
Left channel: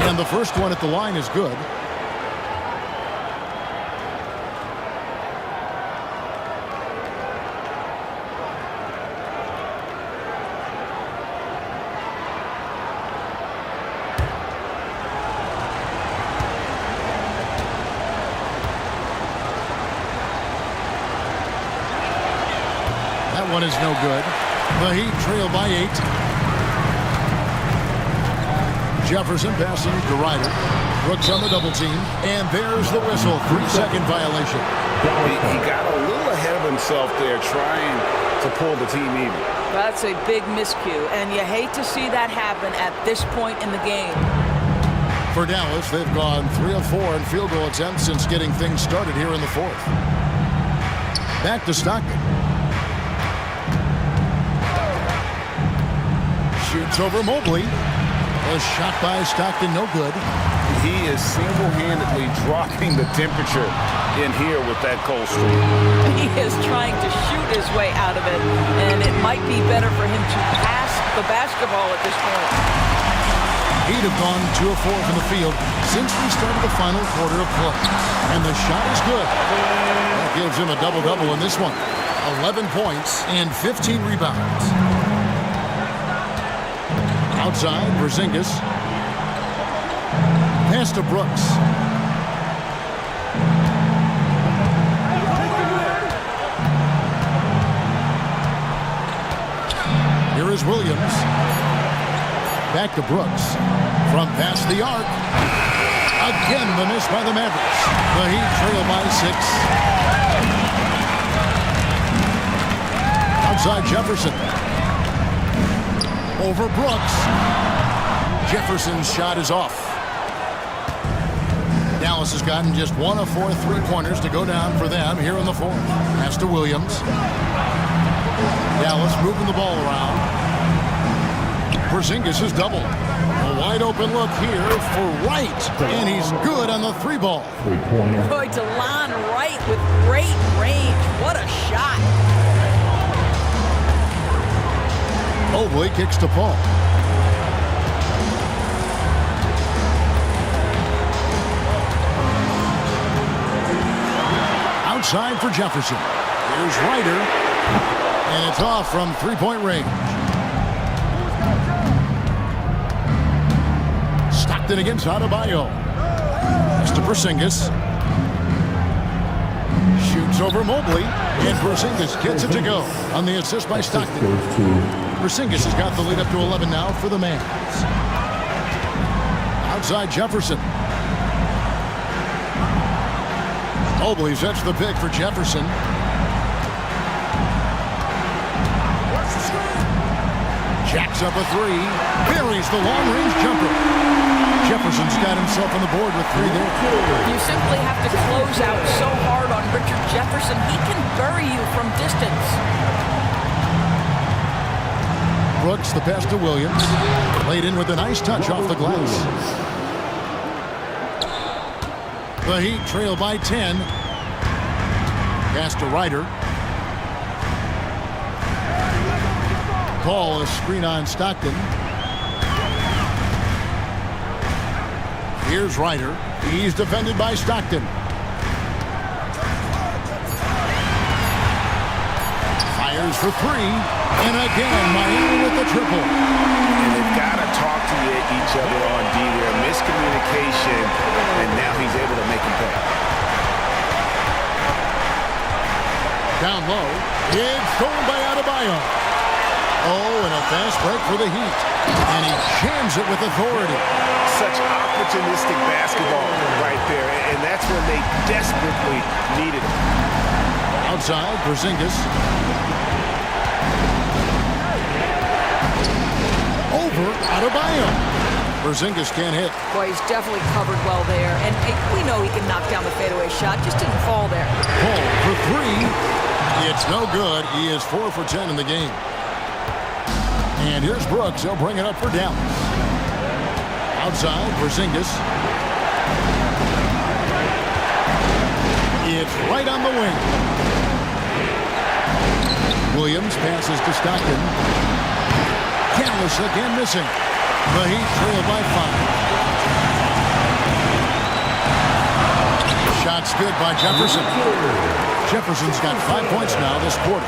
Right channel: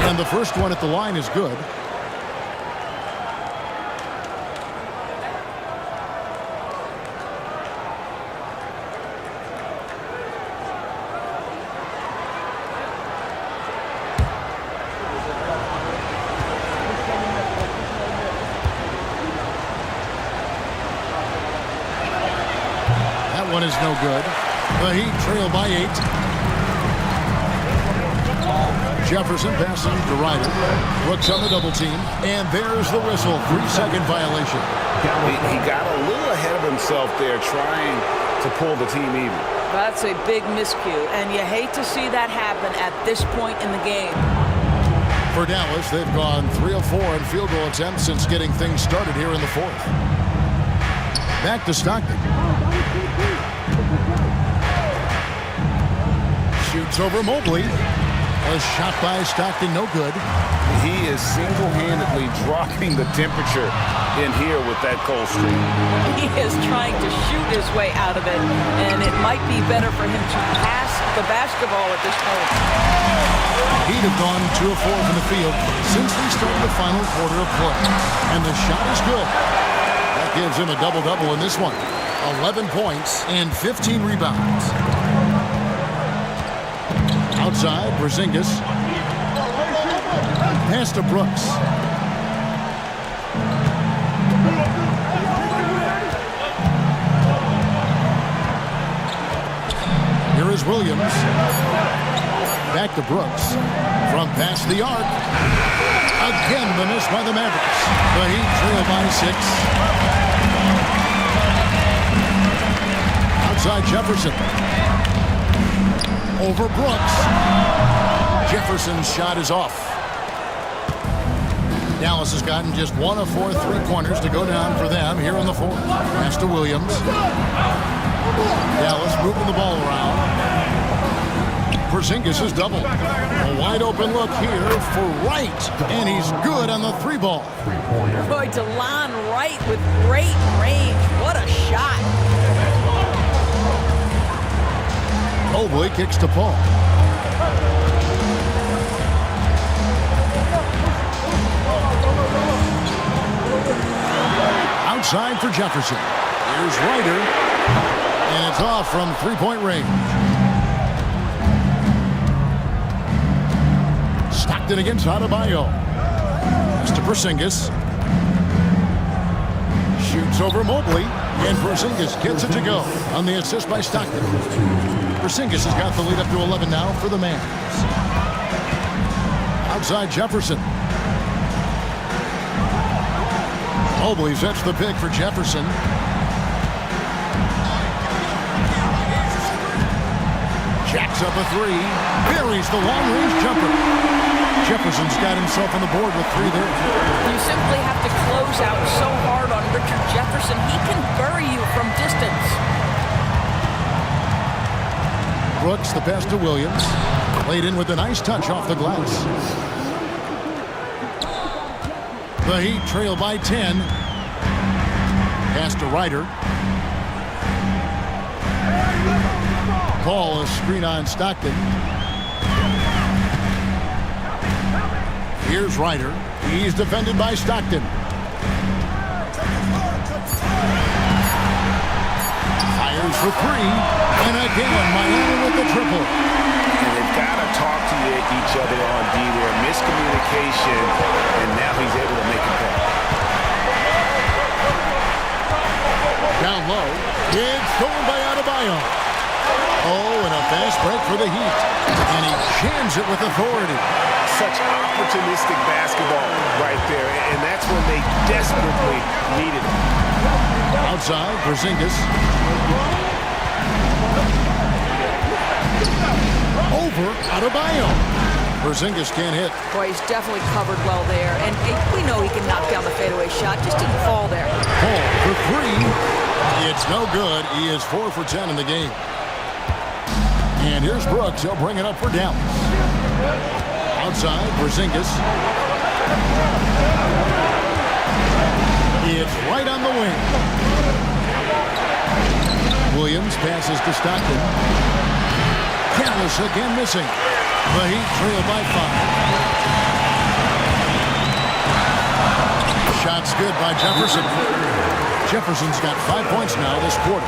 And the first one at the line is good. That one is no good. The Heat trail by 8. Jefferson passing to Ryder. Brooks on the double team. And there's the whistle. 3-second violation. He got a little ahead of himself there trying to pull the team even. That's a big miscue, and you hate to see that happen at this point in the game. For Dallas, they've gone 3 of 4 in field goal attempts since getting things started here in the fourth. Back to Stockton. Shoots over Mobley. A shot by Stockton, no good. He is single-handedly dropping the temperature in here with that cold streak. He is trying to shoot his way out of it, and it might be better for him to pass the basketball at this point. He'd have gone 2 of 4 from the field since we started the final quarter of play. And the shot is good. That gives him a double-double in this one. 11 points and 15 rebounds. Outside, Porzingis. Pass to Brooks. Here is Williams. Back to Brooks. From past the arc. Again, the miss by the Mavericks. The Heat trail by 6. Outside Jefferson. Over Brooks. Jefferson's shot is off. Dallas has gotten just 1 of 4 three-pointers to go down for them here in the fourth. Pass to Williams. Dallas moving the ball around. Porzingis is doubled. A wide open look here for Wright. And he's good on the 3-ball. Boy, DeLon Wright with great range. What a shot. Mobley kicks to Paul. Outside for Jefferson. Here's Ryder. And it's off from 3-point range. Stockton against Adebayo. Pass to Porzingis. Shoots over Mobley. And Porzingis gets it to go on the assist by Stockton. Porzingis has got the lead up to 11 now for the Mavs. Outside Jefferson. Mobley sets the pick for Jefferson. Jacks up a 3. Buries the long-range jumper. Jefferson's got himself on the board with 3 there. You simply have to close out so hard on Richard Jefferson. He can bury you from distance. Brooks, the pass to Williams. Laid in with a nice touch off the glass. The Heat trail by 10. Pass to Ryder. Paul, a screen on Stockton. Here's Ryder. He's defended by Stockton. Fires for 3. And again, Miami with the triple. And they've got to talk to each other on D there. Miscommunication, and now he's able to make him pay. Down low. It's stolen by Adebayo. Oh, and a fast break for the Heat. And he jams it with authority. Such opportunistic basketball right there, and that's when they desperately needed it. Outside, Porzingis. Over Adebayo. Porzingis can't hit. Boy, he's definitely covered well there. And we know he can knock down the fadeaway shot. Just didn't fall there. Paul for 3. It's no good. He is 4 for 10 in the game. And here's Brooks. He'll bring it up for Dallas. Outside, Porzingis. It's right on the wing. Williams passes to Stockton. Dallas again missing. The Heat trail by 5. Shots good by Jefferson. Jefferson's got 5 points now this quarter.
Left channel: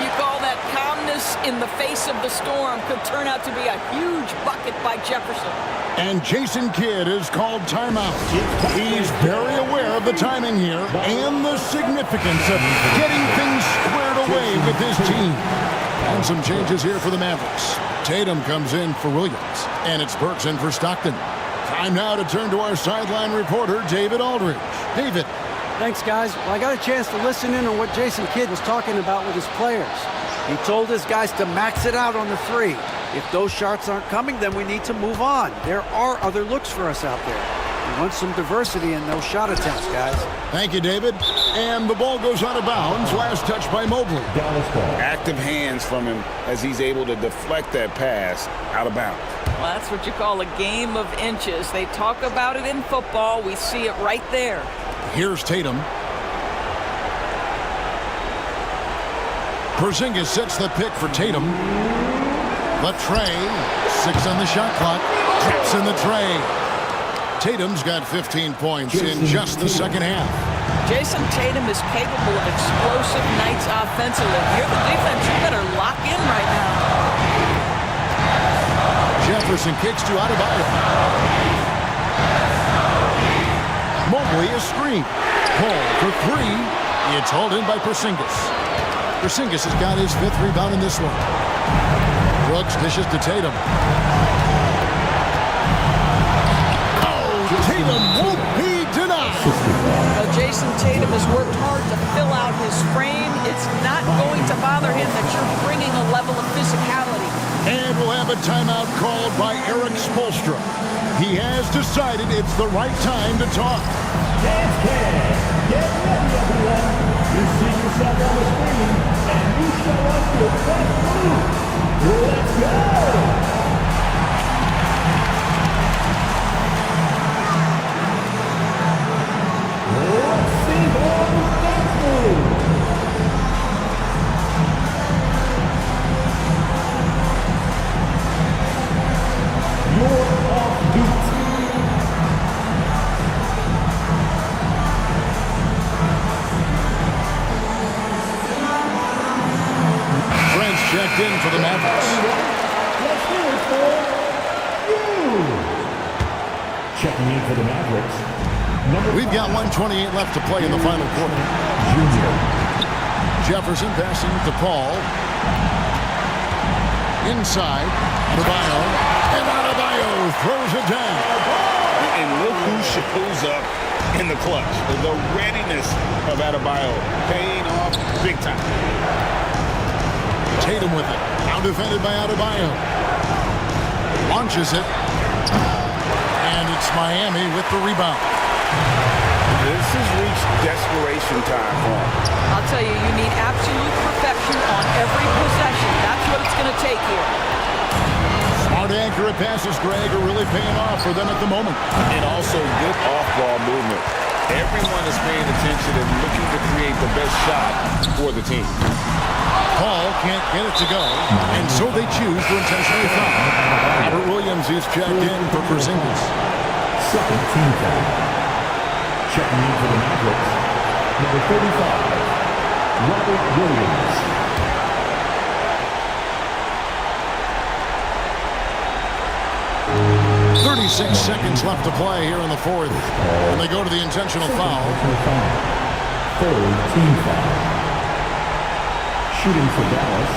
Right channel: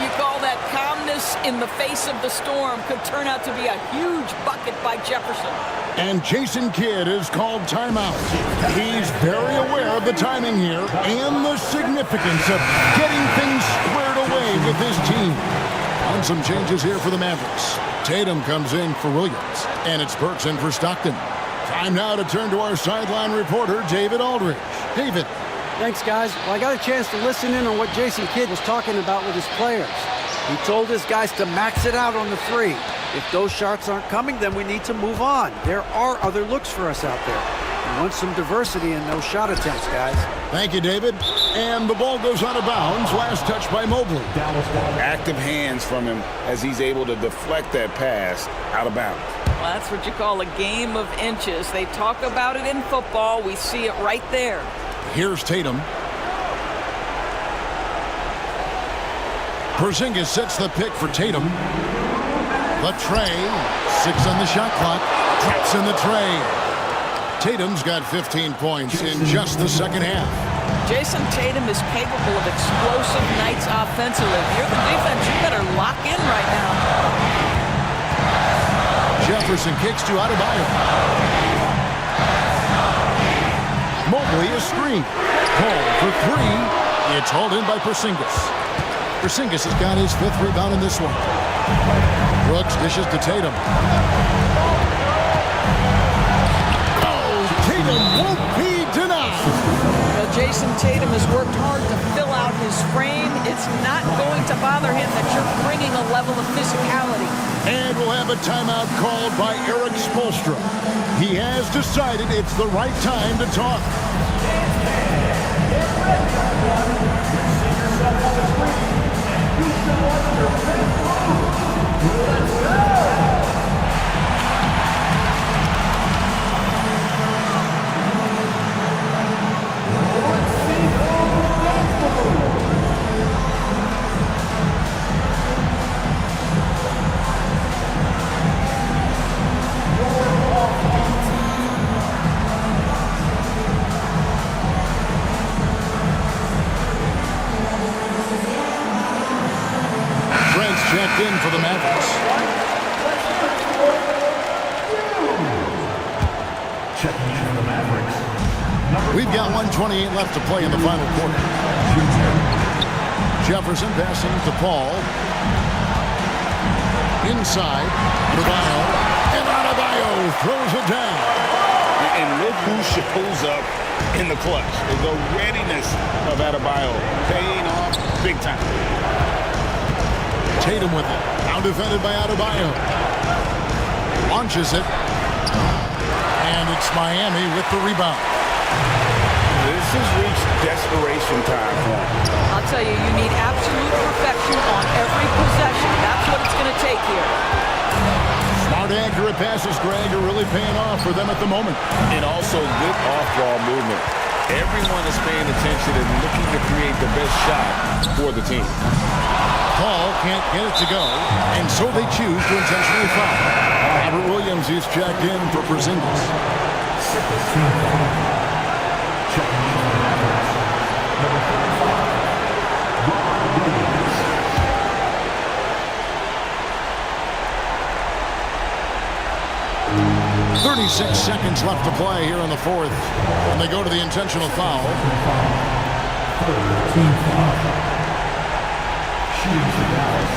You call that calmness in the face of the storm. Could turn out to be a huge bucket by Jefferson. And Jason Kidd is called timeout. He's very aware of the timing here and the significance of getting things squared away with his team. And some changes here for the Mavericks. Tatum comes in for Williams, and it's Burks in for Stockton. Time now to turn to our sideline reporter, David Aldridge. David, Thanks, guys. Well, I got a chance to listen in on what Jason Kidd was talking about with his players. He told his guys to max it out on the three. If those shots aren't coming, then we need to move on. There are other looks for us out there. We want some diversity in those shot attempts, guys. Thank you, David. And the ball goes out of bounds. Last touch by Mobley. Active hands from him as he's able to deflect that pass out of bounds. Well, that's what you call a game of inches. They talk about it in football. We see it right there. Here's Tatum. Porzingis sets the pick for Tatum. The tray. 6 on the shot clock. Drops in the tray. Tatum's got 15 points in just the second half. Jason Tatum is capable of explosive nights offensively. If you're the defense, you better lock in right now. Jefferson kicks to Adebayo. Mobley is screened. Call for 3. It's hauled in by Porzingis. Porzingis has got his 5th rebound in this one. Brooks dishes to Tatum. Oh, Tatum won't be denied. Well, Jason Tatum has worked hard to fill out his frame. It's not going to bother him that you're bringing a level of physicality. And we'll have a timeout called by Eric Spoelstra. He has decided it's the right time to talk. Get ready, everyone. You see yourself on the screen, and you show us your best move. Let's go! Let's see those best moves. You're off beat. Trent's checked in for the Mavericks. Let's hear it for you. Checking in for the Mavericks. We've got 1:28 left to play in the final quarter. Junior. Jefferson passing to Paul. Inside. Adebayo. And Adebayo throws it down. And look who shows up in the clutch. The readiness of Adebayo paying off big time. Tatum with it. Now defended by Adebayo. Launches it. And it's Miami with the rebound. This has reached desperation time for him. I'll tell you, you need absolute perfection on every possession. That's what it's going to take here. Smart, accurate passes, Greg, are really paying off for them at the moment. And also good off-ball movement. Everyone is paying attention and looking to create the best shot for the team. Paul can't get it to go, and so they choose to intentionally foul. Robert Williams is checked in for Porzingis. Second team foul. Checking in for the Mavericks. Number 35, Robert Williams. .36 seconds left to play here in the fourth, and they go to the intentional foul. Third team foul. Shooting for Dallas,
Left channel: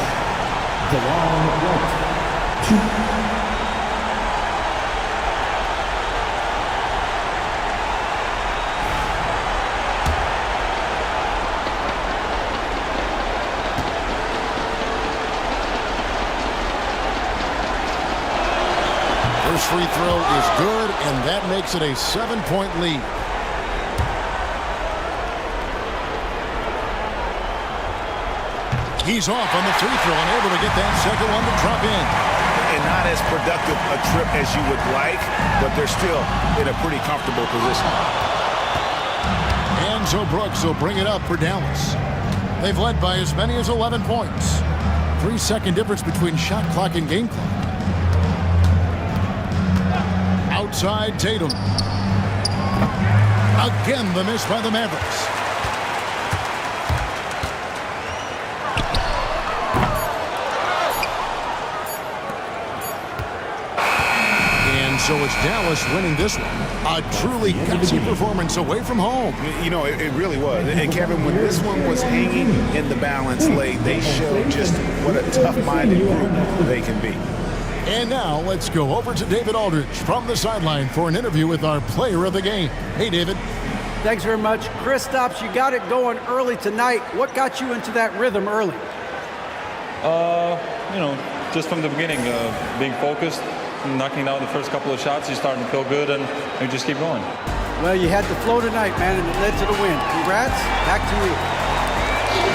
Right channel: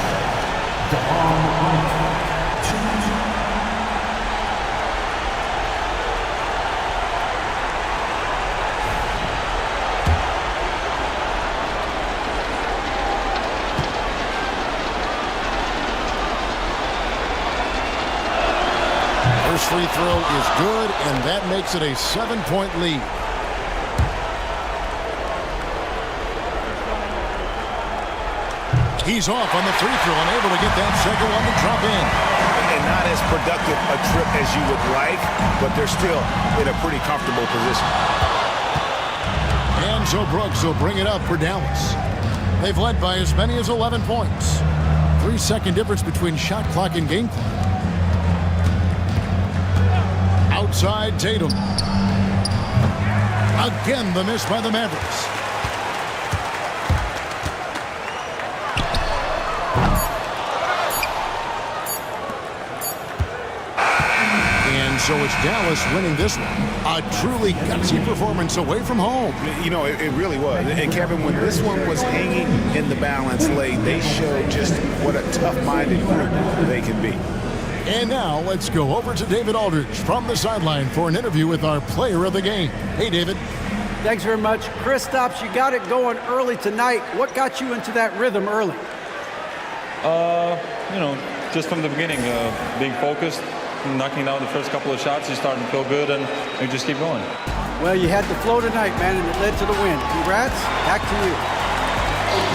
DeLon Wright. 2. First free throw is good, and that makes it a 7-point lead. He's off on the free throw and able to get that second one to drop in. And not as productive a trip as you would like, but they're still in a pretty comfortable position. And so Brooks will bring it up for Dallas. They've led by as many as 11 points. 3-second difference between shot clock and game clock. Outside Tatum. Again, the miss by the Mavericks. And so it's Dallas winning this one. A truly gutsy performance away from home. You know, it really was. And Kevin, when this one was hanging in the balance late, they showed just what a tough-minded group they can be. And now let's go over to David Aldridge from the sideline for an interview with our player of the game. Hey, David. Thanks very much. Kristaps, you got it going early tonight. What got you into that rhythm early? Just from the beginning, being focused, knocking down the first couple of shots, you start to feel good, and you just keep going. Well, you had the flow tonight, man, and it led to the win. Congrats. Back to you.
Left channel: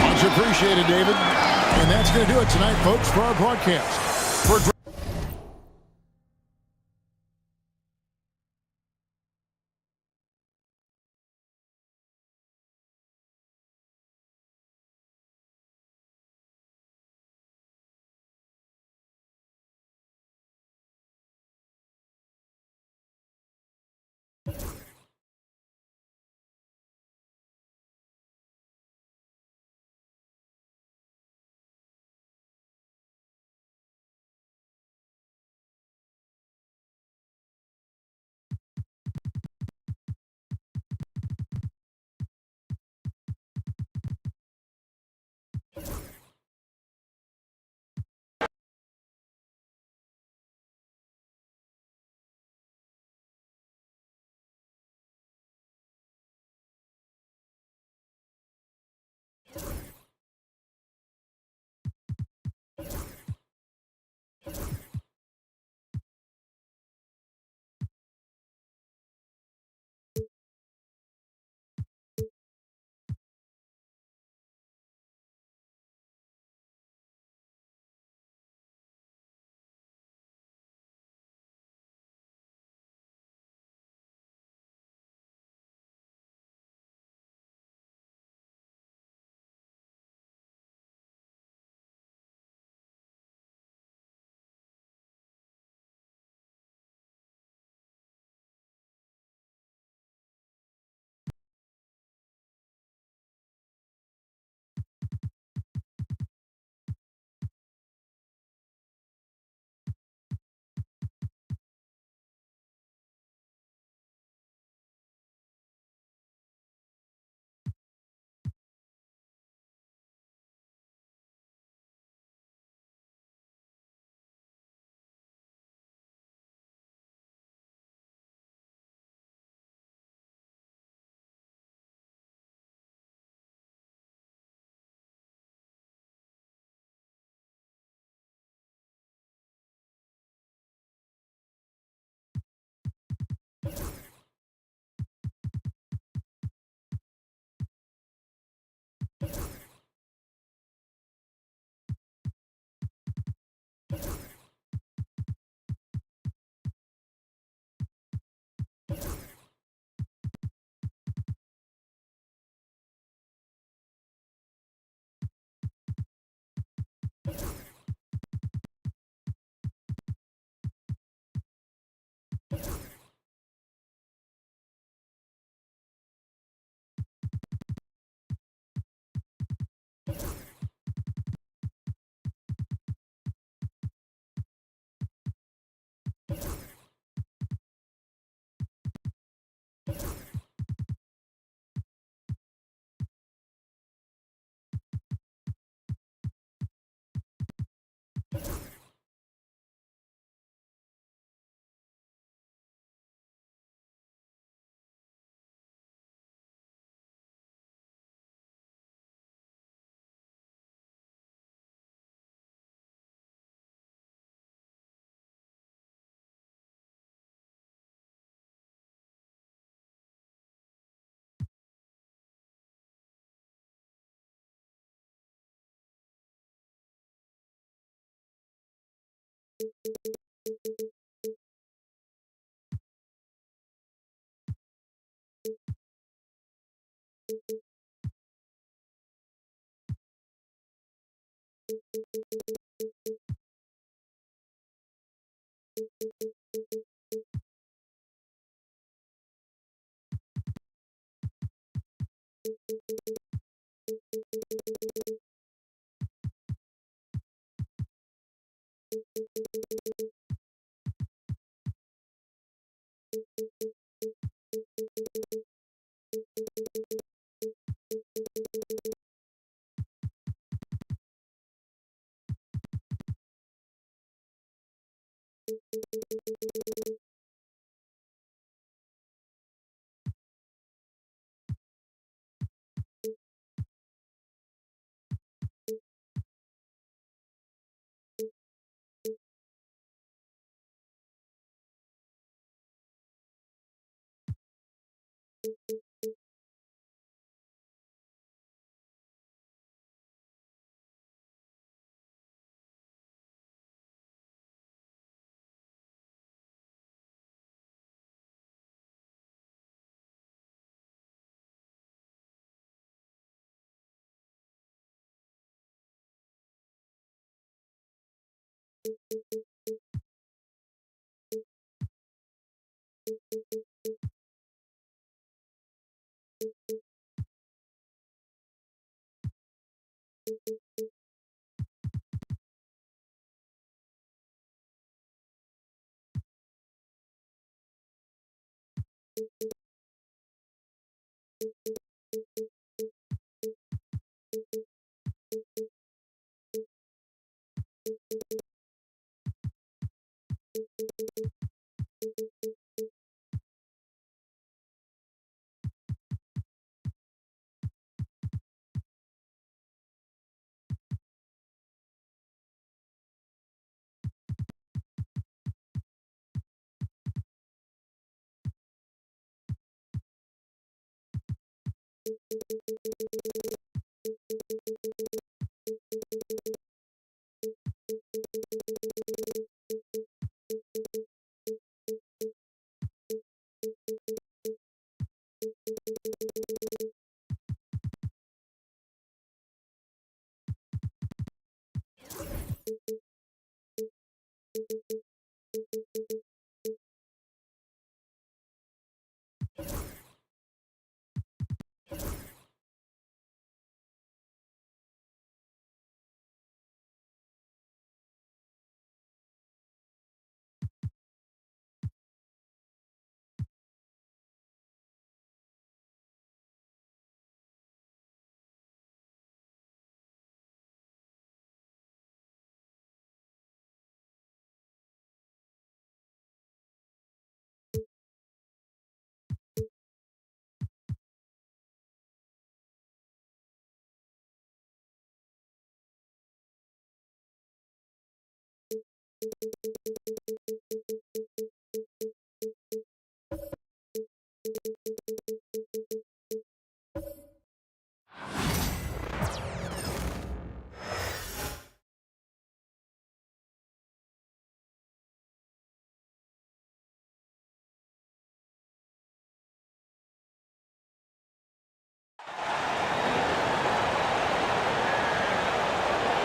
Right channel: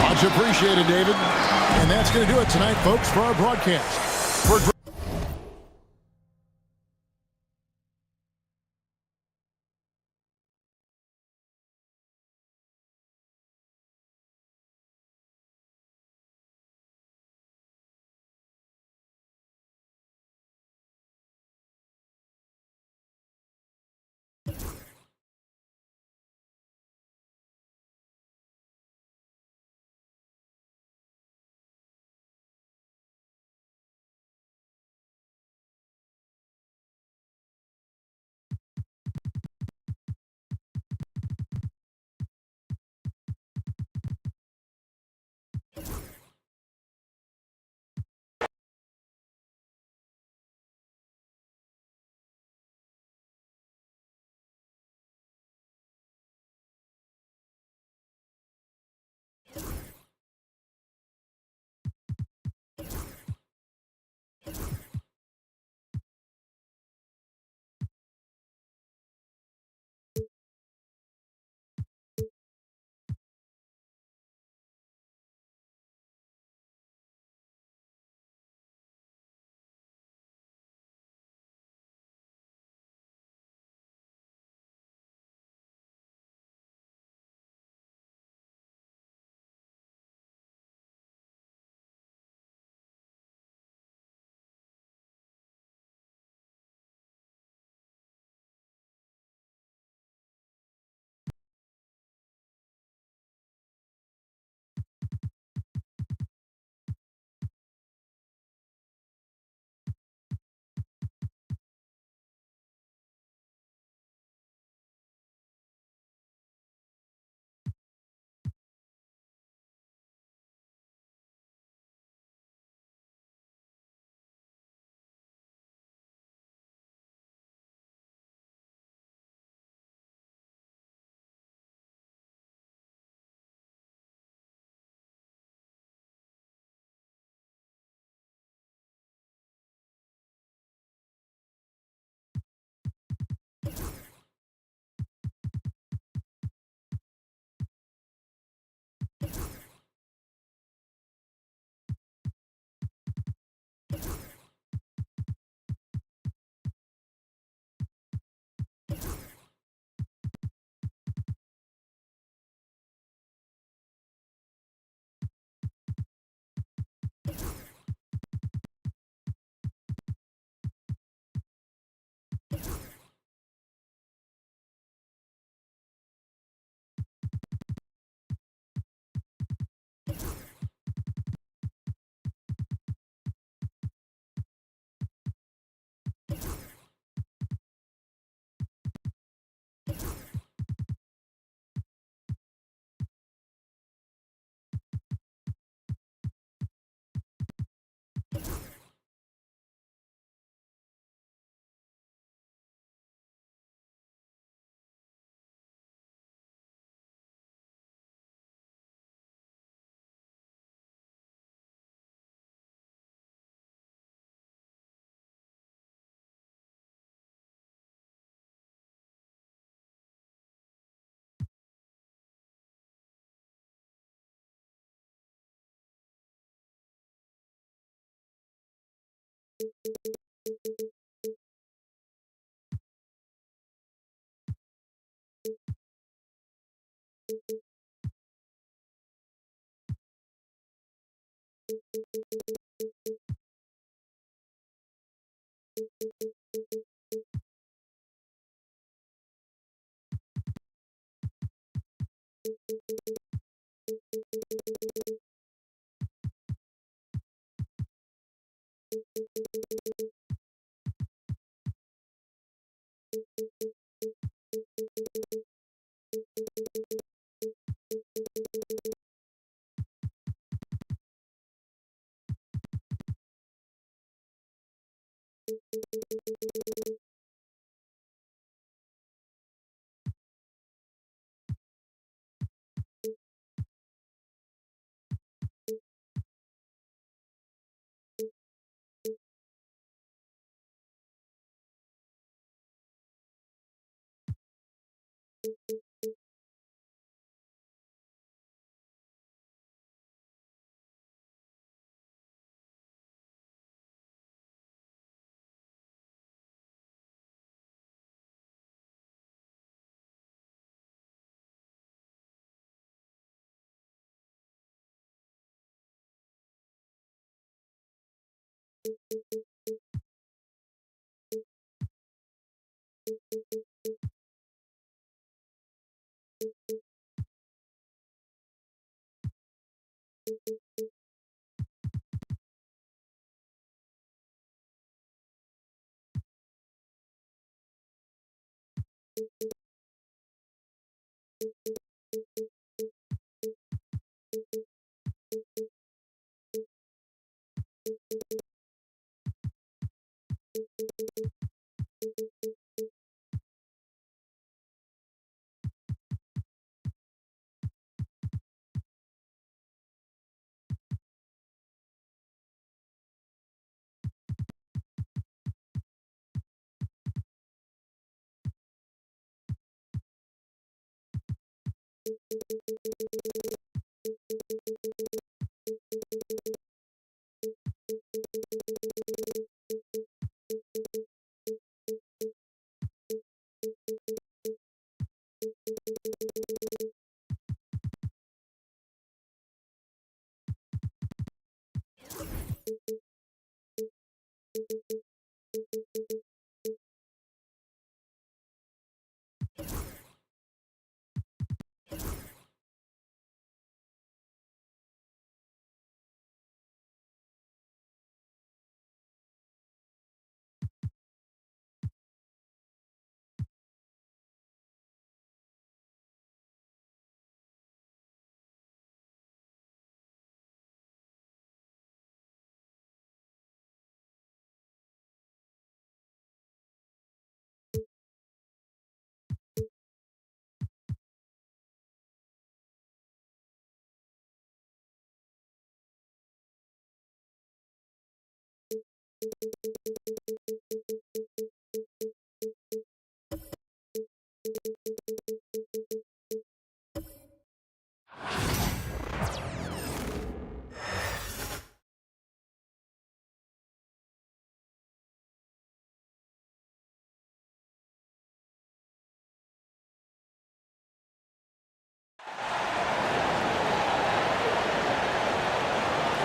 Much appreciated, David. And that's going to do it tonight, folks, for our broadcast. For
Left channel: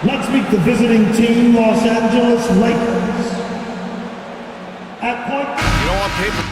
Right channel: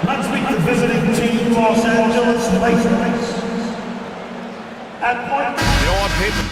Let's meet the visiting team, Los Angeles Lakers. At point... You know, on paper...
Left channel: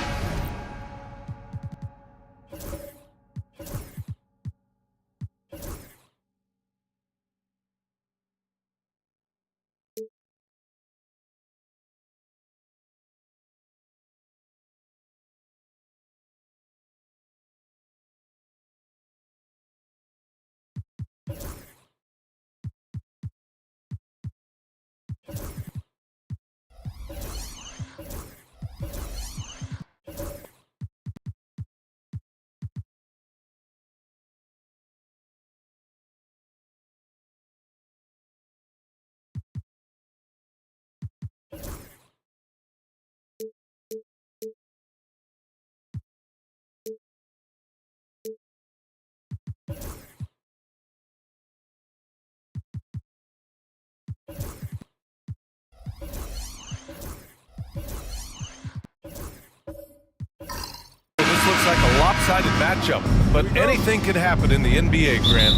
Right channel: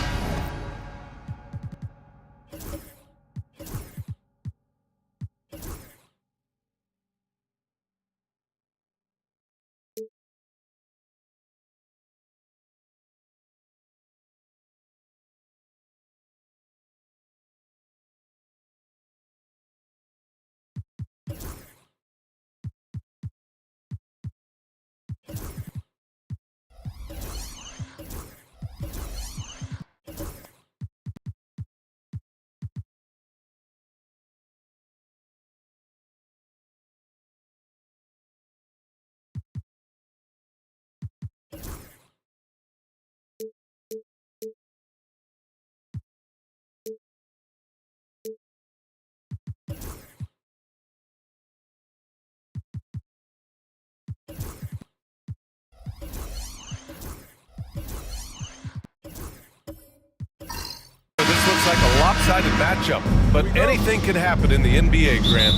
This looks like a lopsided matchup, but anything can happen in the NBA, Grant.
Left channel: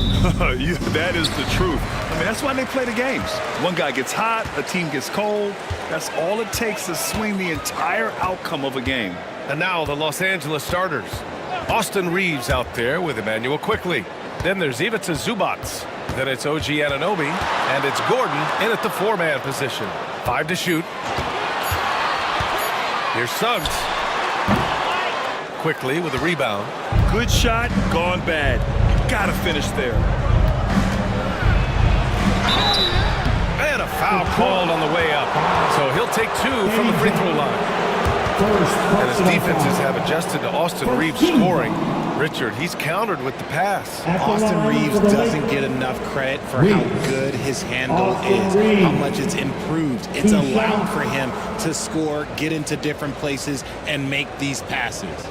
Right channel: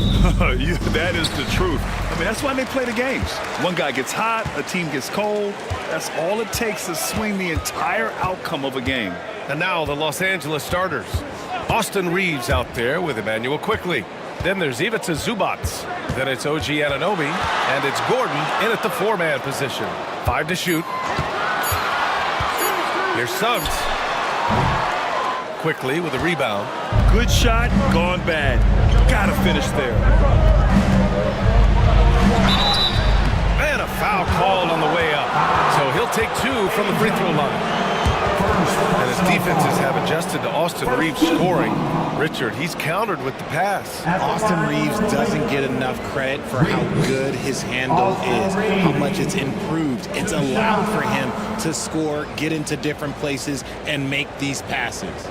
Yeah, that is the truth. I mean, that's why they play the games. One guy gets hot, a team gets cold. That's all it takes to swing the entire outcome of a game. And now the Los Angeles starters. Austin Reeves out there with Emmanuel Quickley. Then there's Ivica Zubac. Then it's OG Anunoby. And it's Gordon in at the four-man position. 5 to shoot. Here's Suggs. Quickly with a rebound. Good shot, gone bad. Gotta finish there. And a foul called on the way up. So he'll take 2 from the free throw line. And his defenses have adjusted to Austin Reeves scoring. Richard, he's countered with the pass. Austin Reeves doesn't get enough credit for how good his handle is, how much it's improved. It's allowed for him to score, get into different places, and make these passes.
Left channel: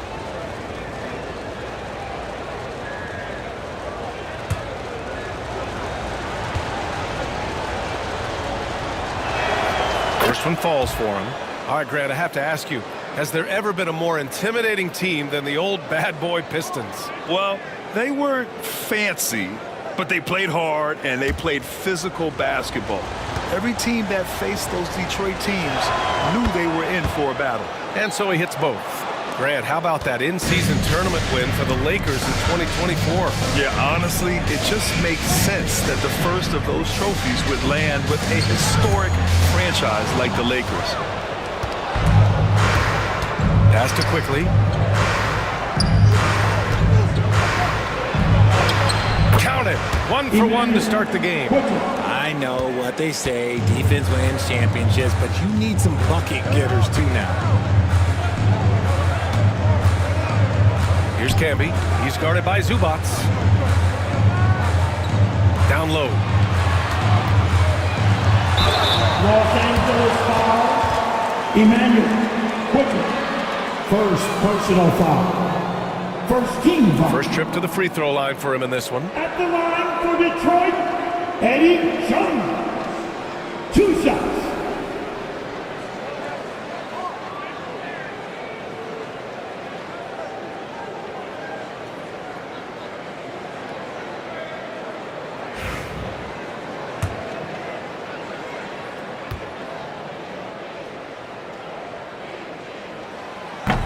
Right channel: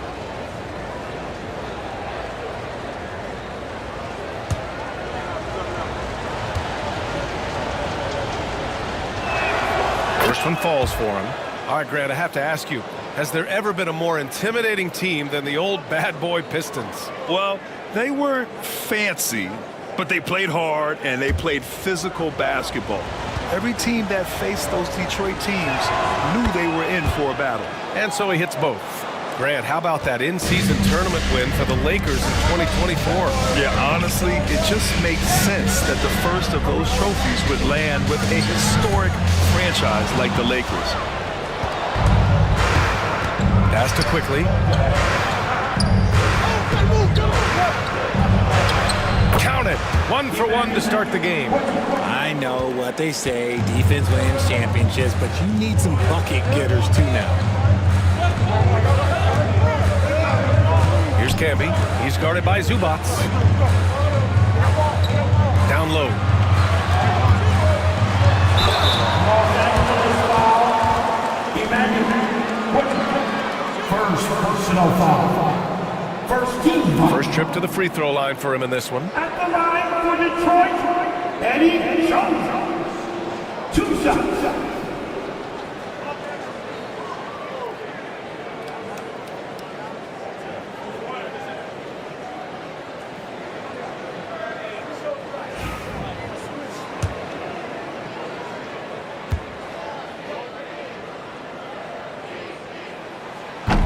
First one falls for him. All right, Grant, I have to ask you, has there ever been a more intimidating team than the old bad boy Pistons? Well, they weren't fancy, but they played hard and they played physical basketball. Every team that faced those Detroit teams knew they were in for a battle. And so he hits both. Grant, how about that in-season tournament win for the Lakers in 2024? Yeah, honestly, it just makes sense that the first of those trophies would land with a historic franchise like the Lakers. Pass to Quickly. Count it. 1 for 1 to start the game. I know what they say, defense wins championships, but you need some bucket getters too now. Here's Camby. He's guarded by Zubats. Down low. Los Angeles foul. Emmanuel Quickly. First personal foul. First team foul. First trip to the free throw line for him in this one. At the line for Detroit, Eddie Jones. 2 shots.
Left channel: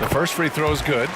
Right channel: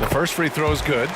The first free throw is good.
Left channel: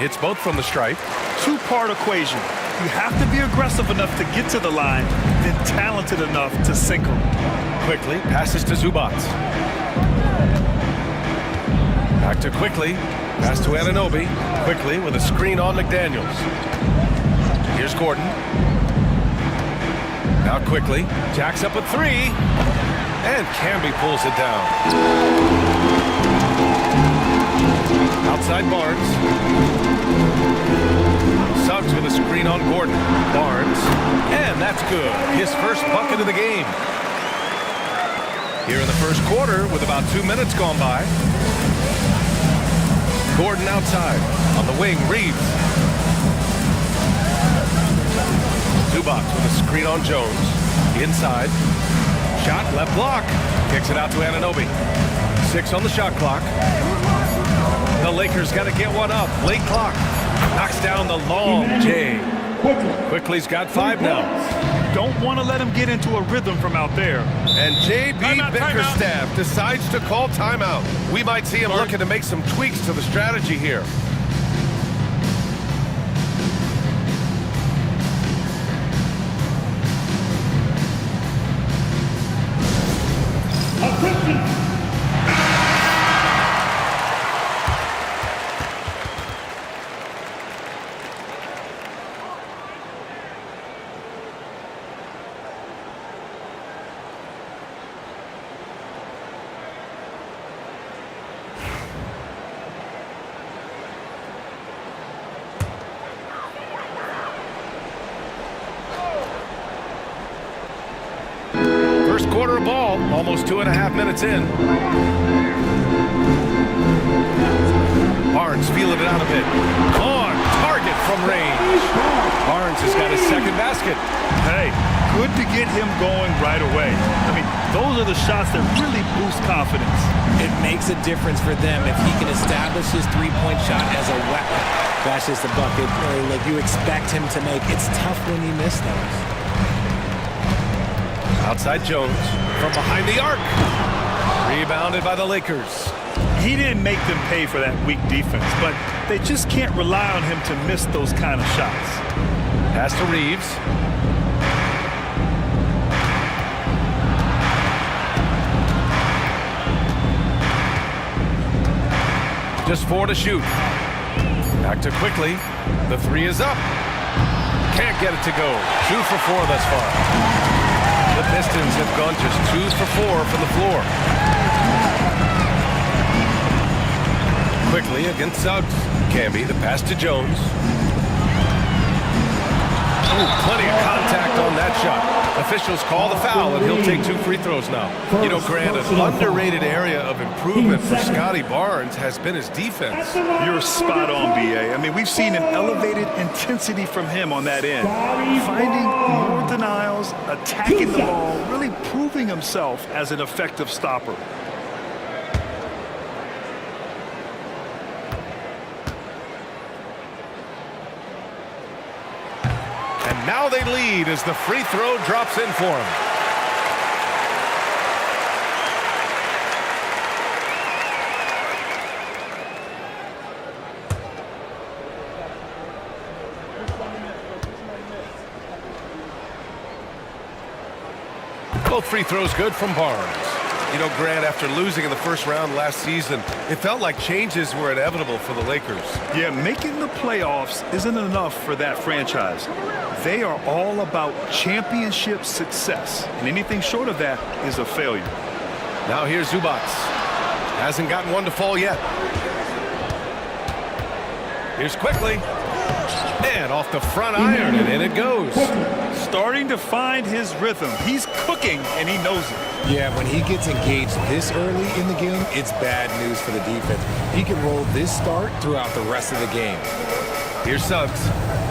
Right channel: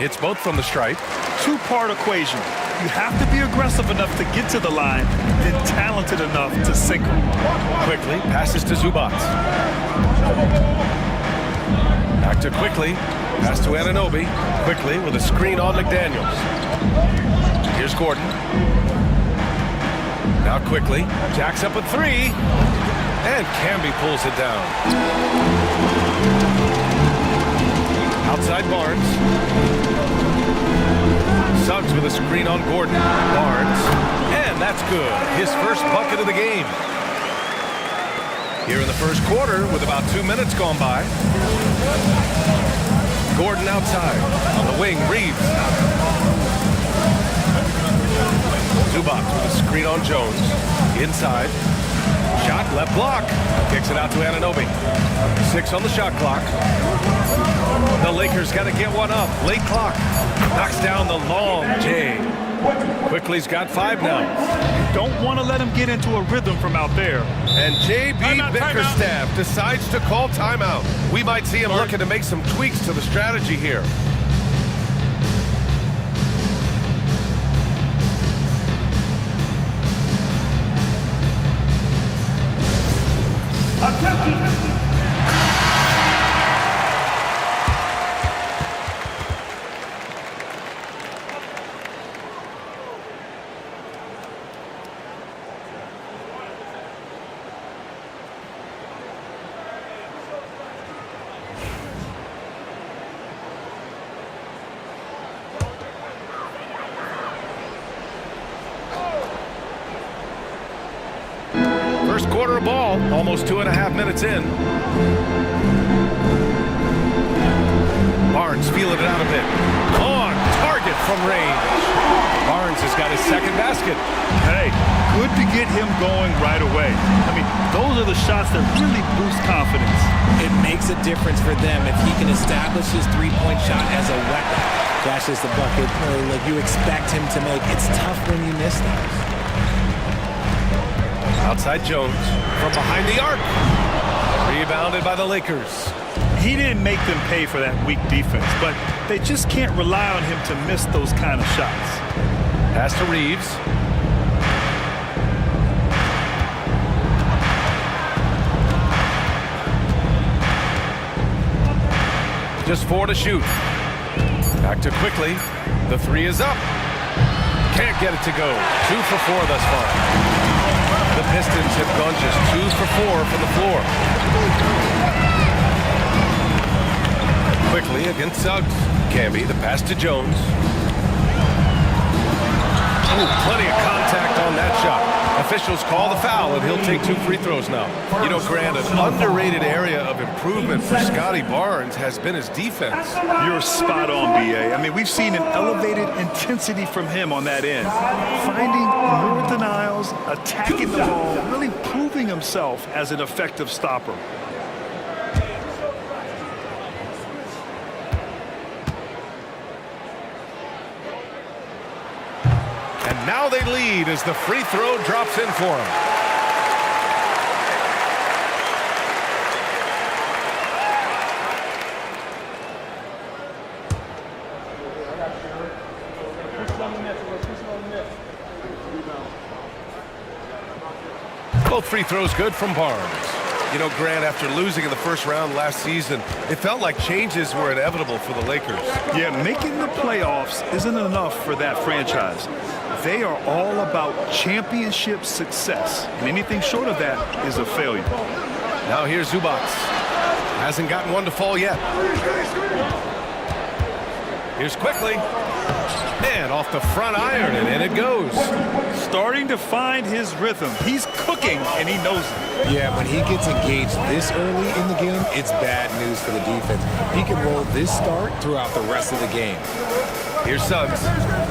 It's both from the stripe. Two-part equation. You have to be aggressive enough to get to the line, then talented enough to sink them. Quickly passes to Zubats. Back to Quickly. Pass to Anunoby. Quickly with a screen on McDaniels. Here's Gordon. Now Quickly. Jacks up a 3. And Camby pulls it down. Outside Barnes. Suggs with a screen on Gordon. Barnes. And that's good. His first bucket of the game. Here in the first quarter with about 2 minutes gone by. Gordon outside. On the wing, Reeves. Zubats with a screen on Jones. Inside. Shot, left block. Kicks it out to Anunoby. 6 on the shot clock. The Lakers got to get one up. Late clock. Knocks down the long J. Quickly's got 5 now. You don't want to let him get into a rhythm from out there. And J.B. Bickerstaff decides to call timeout. We might see him looking to make some tweaks to the strategy here. Attention. First quarter of ball, almost 2.5 minutes in. Barnes feeling it out a bit. On target from range. Barnes has got his second basket. Hey, good to get him going right away. I mean, those are the shots that really boost confidence. It makes a difference for them if he can establish his three-point shot as a weapon. Flashes the bucket like you expect him to make. It's tough when you miss those. Outside Jones from behind the arc. Rebounded by the Lakers. He didn't make them pay for that weak defense, but they just can't rely on him to miss those kind of shots. Pass to Reeves. Just 4 to shoot. Back to Quickly. The 3 is up. Can't get it to go. 2 for 4 thus far. The Pistons have gone just 2 for 4 from the floor. Quickly against Suggs. Camby, the pass to Jones. Oh, plenty of contact contact on that shot. Officials call the foul, and he'll take 2 free throws now. You know, Grant, an underrated area of improvement for Scotty Barnes has been his defense. You're spot on, B.A. I mean, we've seen an elevated intensity from him on that end. Finding more denials, attacking the ball, really proving himself as an effective stopper. And now they lead as the free throw drops in for him. Both free throws good from Barnes. You know, Grant, after losing in the first round last season, it felt like changes were inevitable for the Lakers. Yeah, making the playoffs isn't enough for that franchise. They are all about championship success, and anything short of that is a failure. Now here's Zubac. Hasn't gotten one to fall yet. Here's Quickly. And off the front iron, and in it goes. Starting to find his rhythm. He's cooking, and he knows it. Yeah, when he gets engaged this early in the game, it's bad news for the defense. He can roll this start throughout the rest of the game. Here's Suggs.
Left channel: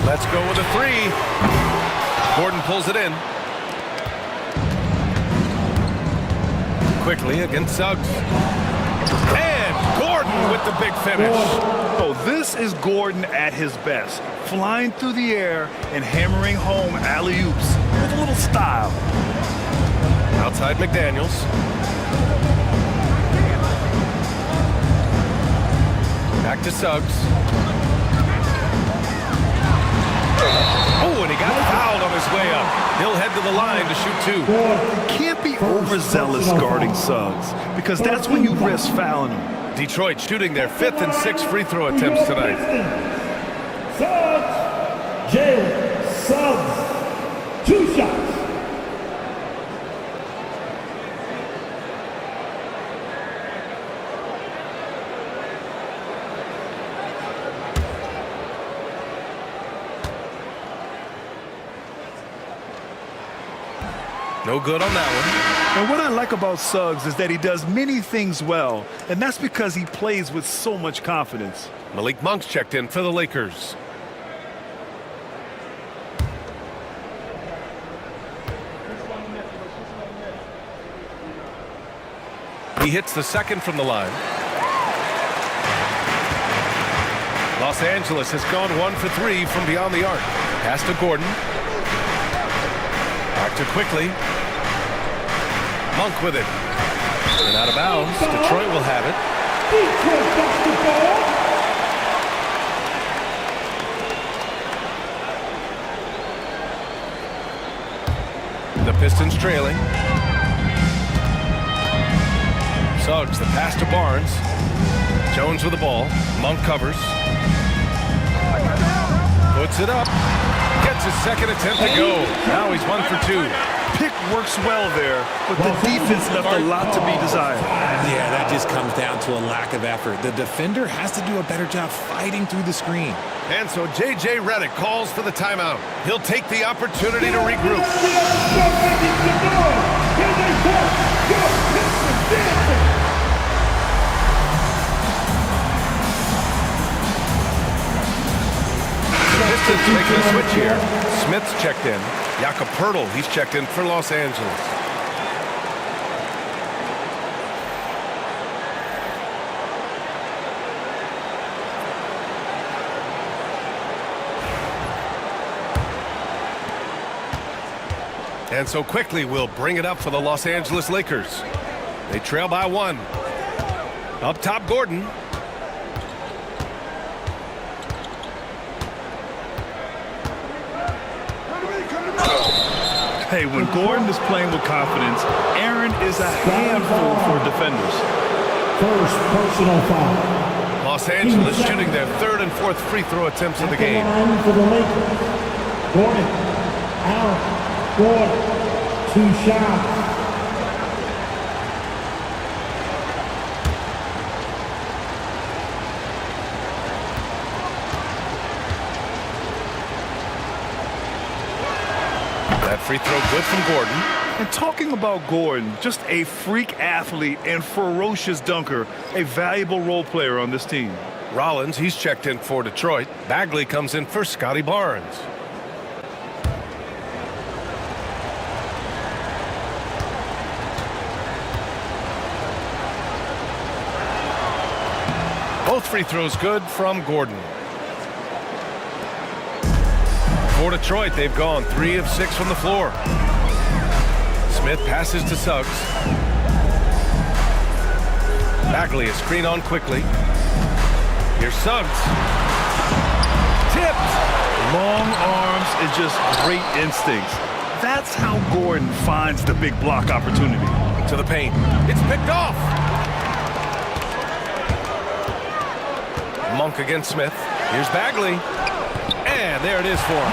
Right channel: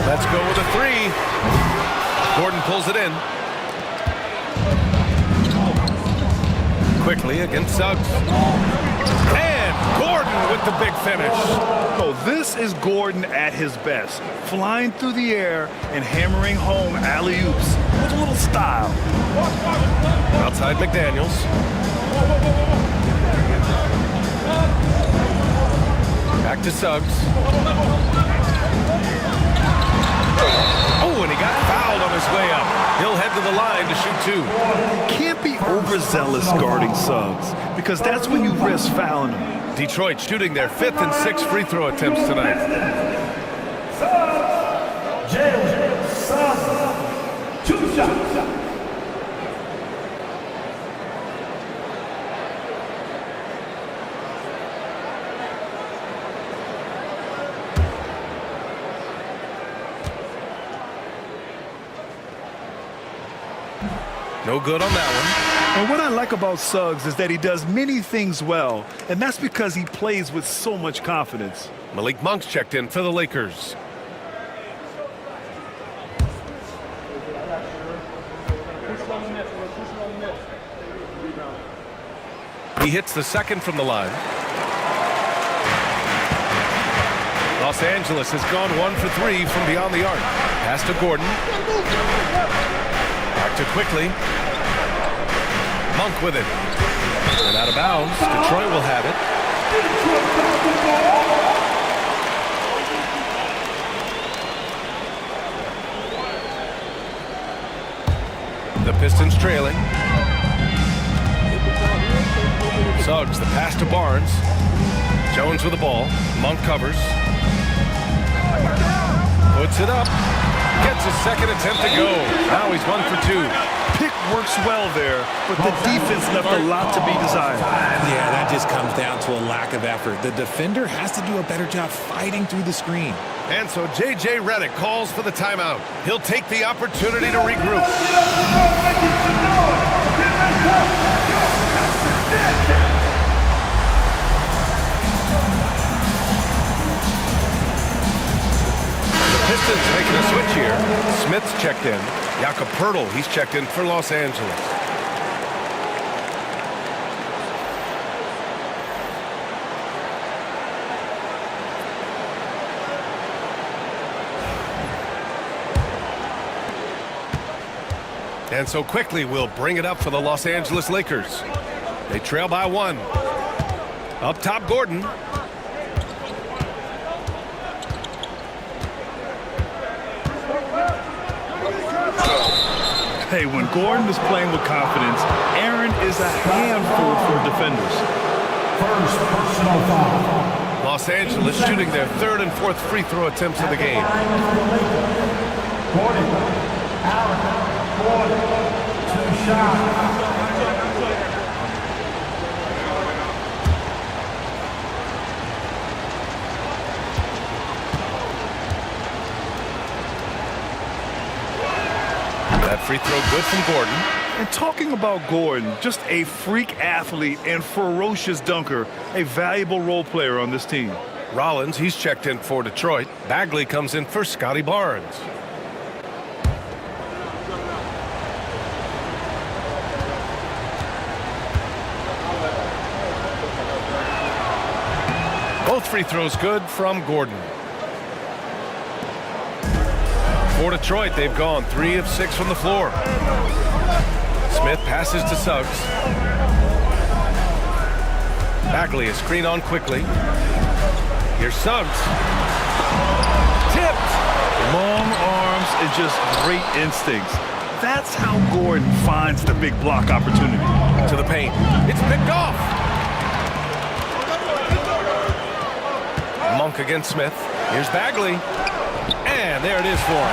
Let's go with a 3. Gordon pulls it in. Quickly against Suggs. And Gordon with the big finish. So this is Gordon at his best, flying through the air and hammering home alley-oops with a little style. Outside McDaniels. Back to Suggs. Oh, and he got fouled on his way up. He'll head to the line to shoot 2. You can't be overzealous guarding Suggs, because that's when you risk fouling him. Detroit shooting their 5th and 6th free throw attempts tonight. Suggs. Jalen Suggs. 2 shots. No good on that one. And what I like about Suggs is that he does many things well, and that's because he plays with so much confidence. Malik Monk's checked in for the Lakers. He hits the second from the line. Los Angeles has gone 1 for 3 from beyond the arc. Pass to Gordon. Back to Quickly. Monk with it. And out of bounds. Detroit will have it. The Pistons trailing. Suggs, the pass to Barnes. Jones with the ball. Monk covers. Puts it up. Gets his second attempt to go. Now he's 1 for 2. Pick works well there, but the defense left a lot to be desired. Yeah, that just comes down to a lack of effort. The defender has to do a better job fighting through the screen. And so J.J. Redick calls for the timeout. He'll take the opportunity to regroup. The Pistons making a switch here. Smith's checked in. Jakob Poeltl, he's checked in for Los Angeles. And so Quickly will bring it up for the Los Angeles Lakers. They trail by 1. Up top, Gordon. Hey, when Gordon is playing with confidence, Aaron is a handful for defenders. First personal foul. Los Angeles shooting their 3rd and 4th free throw attempts of the game. For the Lakers. Gordon. Allen. Gordon. 2 shots. That free throw good from Gordon. And talking about Gordon, just a freak athlete and ferocious dunker, a valuable role player on this team. Rollins, he's checked in for Detroit. Bagley comes in for Scotty Barnes. Both free throws good from Gordon. For Detroit, they've gone 3 of 6 from the floor. Smith passes to Suggs. Bagley is screen on quickly. Here's Suggs. Tipped. Long arms and just great instincts. That's how Gordon finds the big block opportunity. To the paint. It's picked off. Monk against Smith. Here's Bagley. And there it is for him.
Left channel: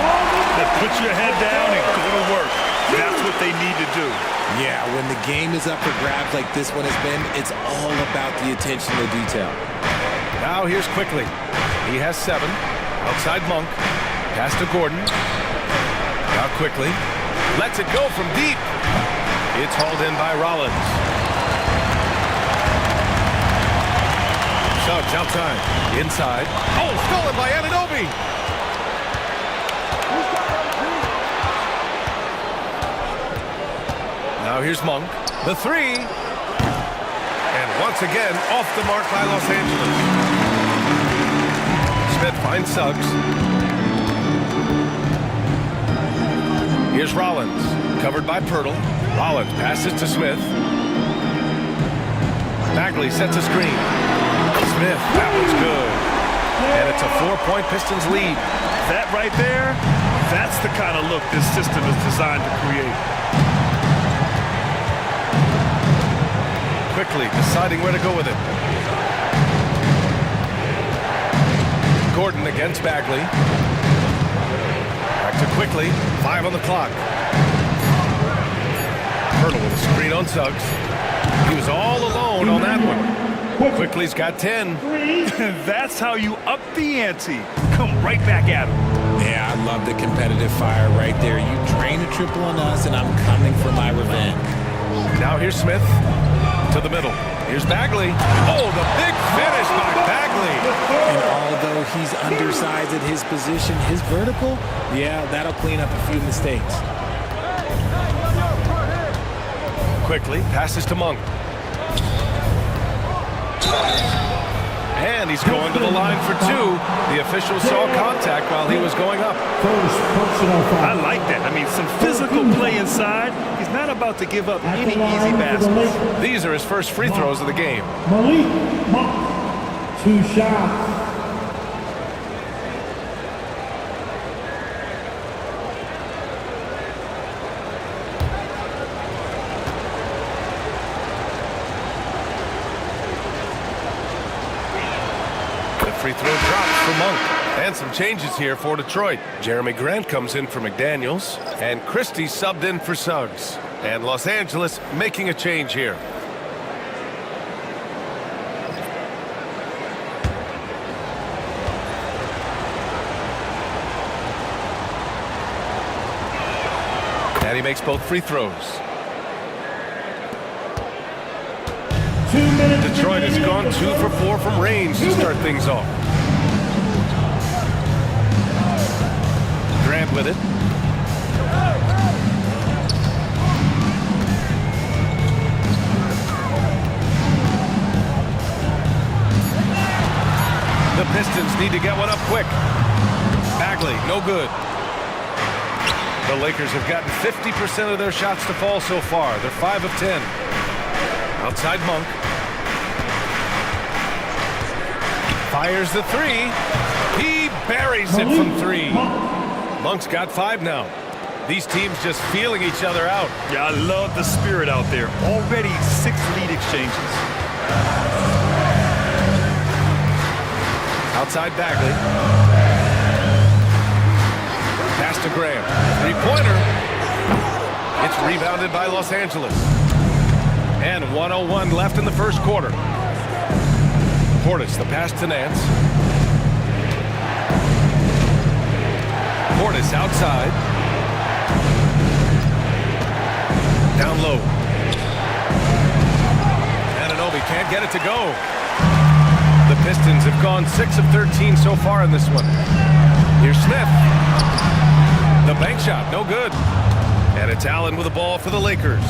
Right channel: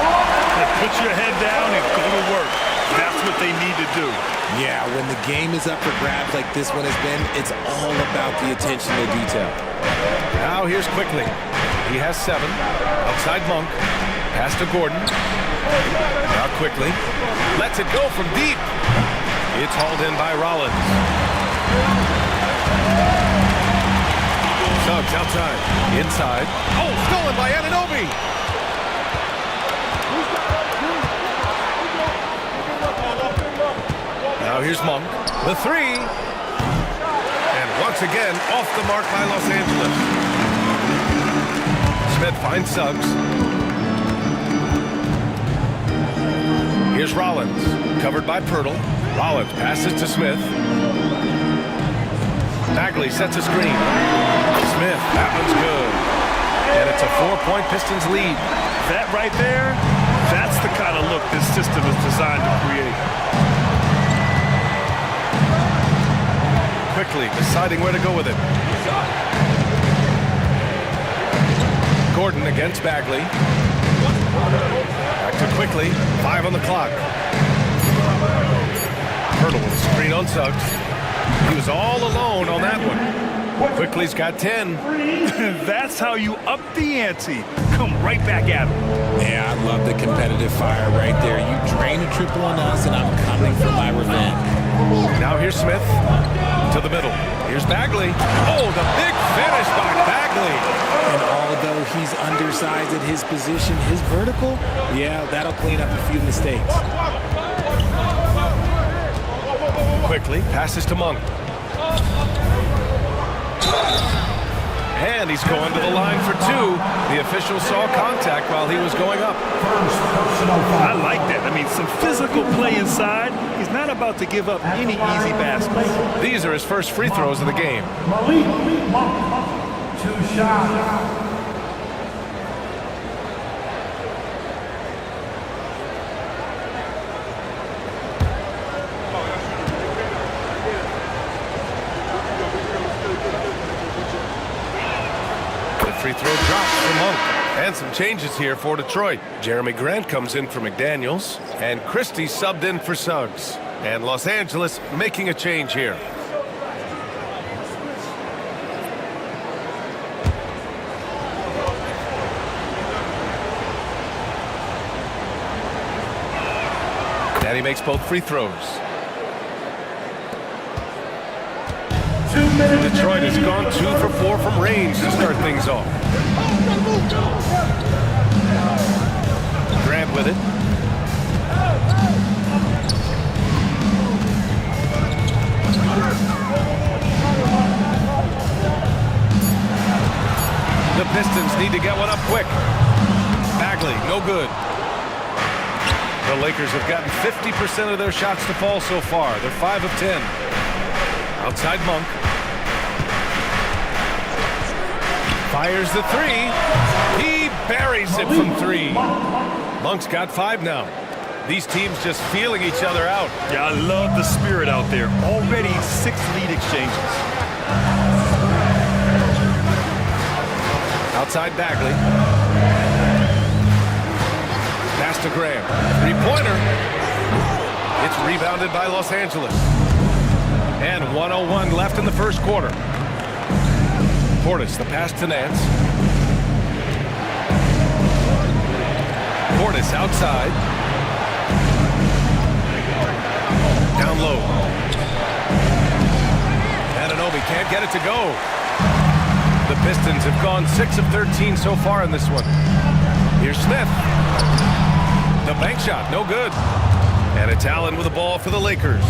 Put your head down and go to work. That's what they need to do. Yeah, when the game is up for grabs like this one has been, it's all about the attention to detail. Now here's Quickly. He has 7. Outside Monk. Pass to Gordon. Now Quickly. Lets it go from deep. It's hauled in by Rollins. Suggs outside. Inside. Oh, stolen by Anunoby. Now here's Monk. The 3. And once again, off the mark by Los Angeles. Smith finds Suggs. Here's Rollins. Covered by Pirtle. Rollins passes to Smith. Bagley sets a screen. Smith, that one's good. And it's a 4-point Pistons lead. That right there, that's the kind of look this system is designed to create. Quickly deciding where to go with it. Gordon against Bagley. Back to Quickly. 5 on the clock. Pirtle with a screen on Suggs. He was all alone on that one. Quickly's got 10. That's how you up the ante. Come right back at him. Yeah, I love the competitive fire right there. You drain a triple on us, and I'm coming for my revenge. Now here's Smith. To the middle. Here's Bagley. Oh, the big finish by Bagley. And although he's undersized at his position, his vertical, yeah, that'll clean up a few mistakes. Quickly passes to Monk. And he's going to the line for 2. The official saw contact while he was going up. I like that. I mean, some physical play inside. He's not about to give up any easy baskets. These are his first free throws of the game. Malik Monk, 2 shots. Free throw drops for Monk. And some changes here for Detroit. Jeremy Grant comes in for McDaniels. And Christie subbed in for Suggs. And Los Angeles making a change here. And he makes both free throws. Detroit has gone 2 for 4 from range to start things off. Grant with it. The Pistons need to get one up quick. Bagley, no good. The Lakers have gotten 50% of their shots to fall so far. They're 5 of 10. Outside Monk. Fires the 3. He buries it from 3. Monk's got 5 now. These teams just feeling each other out. Yeah, I love the spirit out there. Already 6 lead exchanges. Outside Bagley. Pass to Graham. 3-pointer. It's rebounded by Los Angeles. And 1:01 left in the first quarter. Portis, the pass to Nance. Portis outside. Kobe can't get it to go. The Pistons have gone 6 of 13 so far in this one. Here's Smith. The bank shot, no good. And it's Allen with the ball for the Lakers.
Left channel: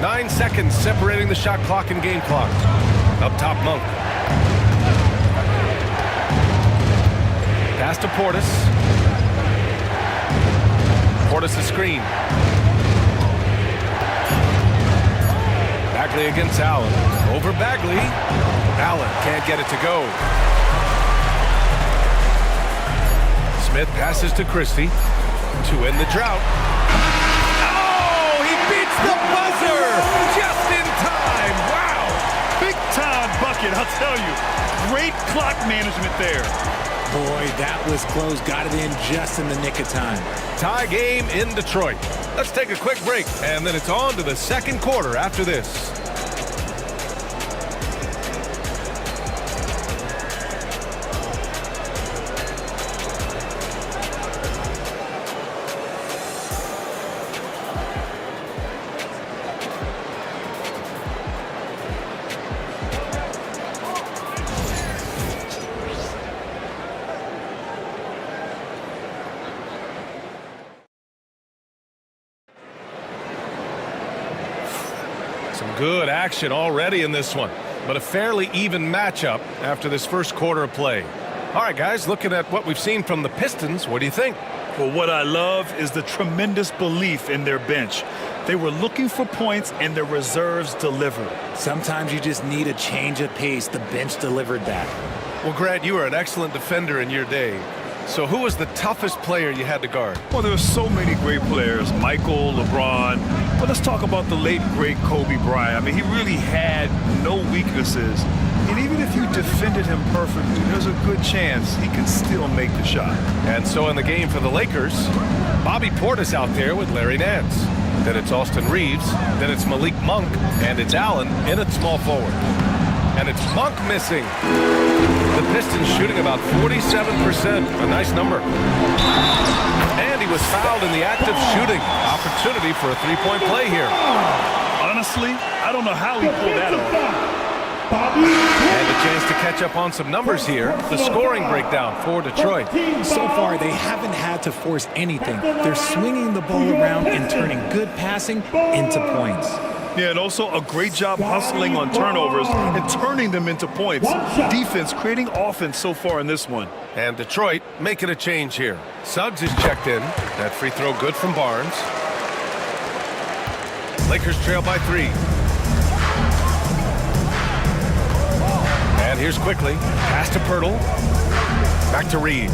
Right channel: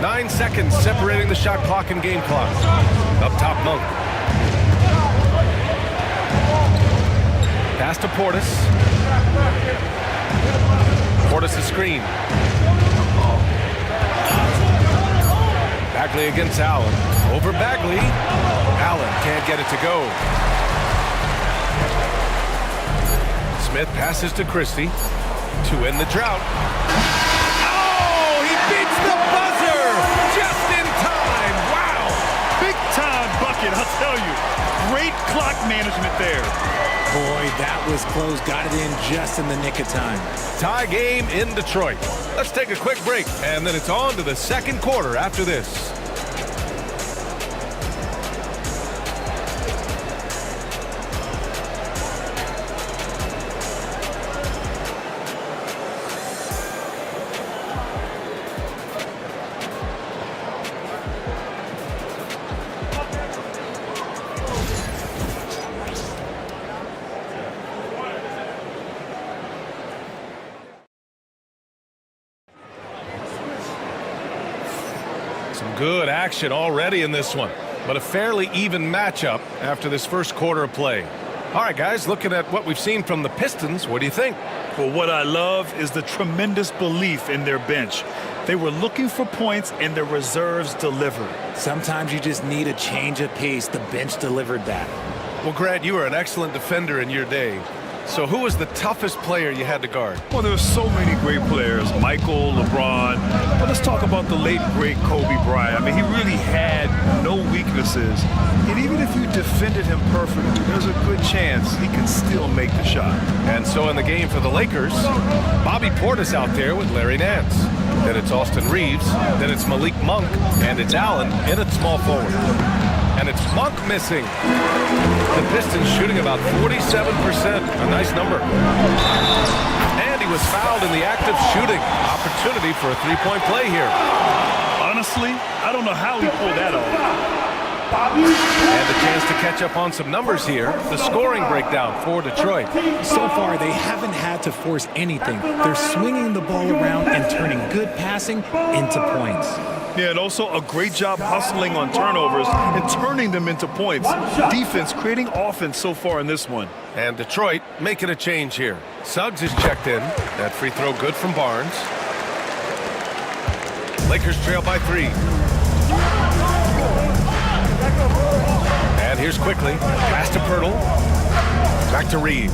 9 seconds separating the shot clock and game clock. Up top, Monk. Pass to Portis. Portis' screen. Bagley against Allen. Over Bagley. Allen can't get it to go. Smith passes to Christie to end the drought. Oh, he beats the buzzer just in time. Wow. Big time bucket, I'll tell you. Great clock management there. Boy, that was close. Got it in just in the nick of time. Tie game in Detroit. Let's take a quick break, and then it's on to the second quarter after this. Some good action already in this one, but a fairly even matchup after this first quarter of play. All right, guys, looking at what we've seen from the Pistons, what do you think? Well, what I love is the tremendous belief in their bench. They were looking for points, and their reserves delivered. Sometimes you just need a change of pace. The bench delivered that. Well, Grant, you were an excellent defender in your day. So who was the toughest player you had to guard? Well, there were so many great players, Michael, LeBron. But let's talk about the late, great Kobe Bryant. I mean, he really had no weaknesses. And even if you defended him perfectly, there's a good chance he can still make the shot. And so in the game for the Lakers, Bobby Portis out there with Larry Nance. Then it's Austin Reeves. Then it's Malik Monk. And it's Allen in at small forward. And it's Monk missing. The Pistons shooting about 47%. A nice number. And he was fouled in the act of shooting. Opportunity for a three-point play here. Honestly, I don't know how he pulled that off. And a chance to catch up on some numbers here. The scoring breakdown for Detroit. So far, they haven't had to force anything. They're swinging the ball around and turning good passing into points. Yeah, and also a great job hustling on turnovers and turning them into points. Defense creating offense so far in this one. And Detroit making a change here. Suggs is checked in. That free throw good from Barnes. Lakers trail by 3. And here's Quickly. Pass to Pirtle. Back to Reeves.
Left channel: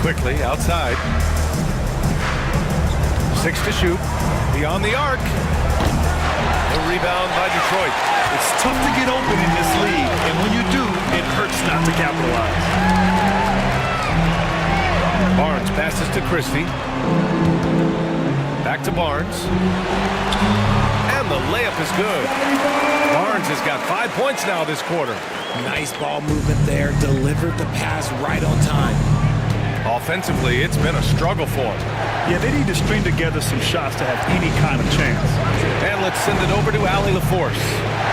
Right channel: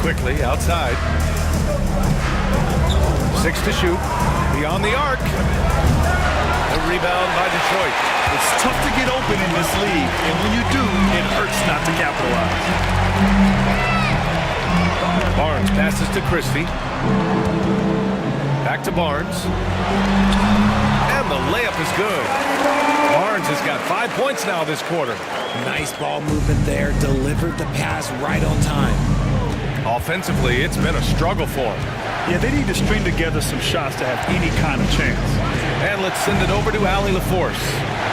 Quickly outside. 6 to shoot. Beyond the arc. The rebound by Detroit. It's tough to get open in this league, and when you do, it hurts not to capitalize. Barnes passes to Christie. Back to Barnes. And the layup is good. Barnes has got 5 points now this quarter. Nice ball movement there. Delivered the pass right on time. Offensively, it's been a struggle for him. Yeah, they need to string together some shots to have any kind of chance. And let's send it over to Allie LaForce.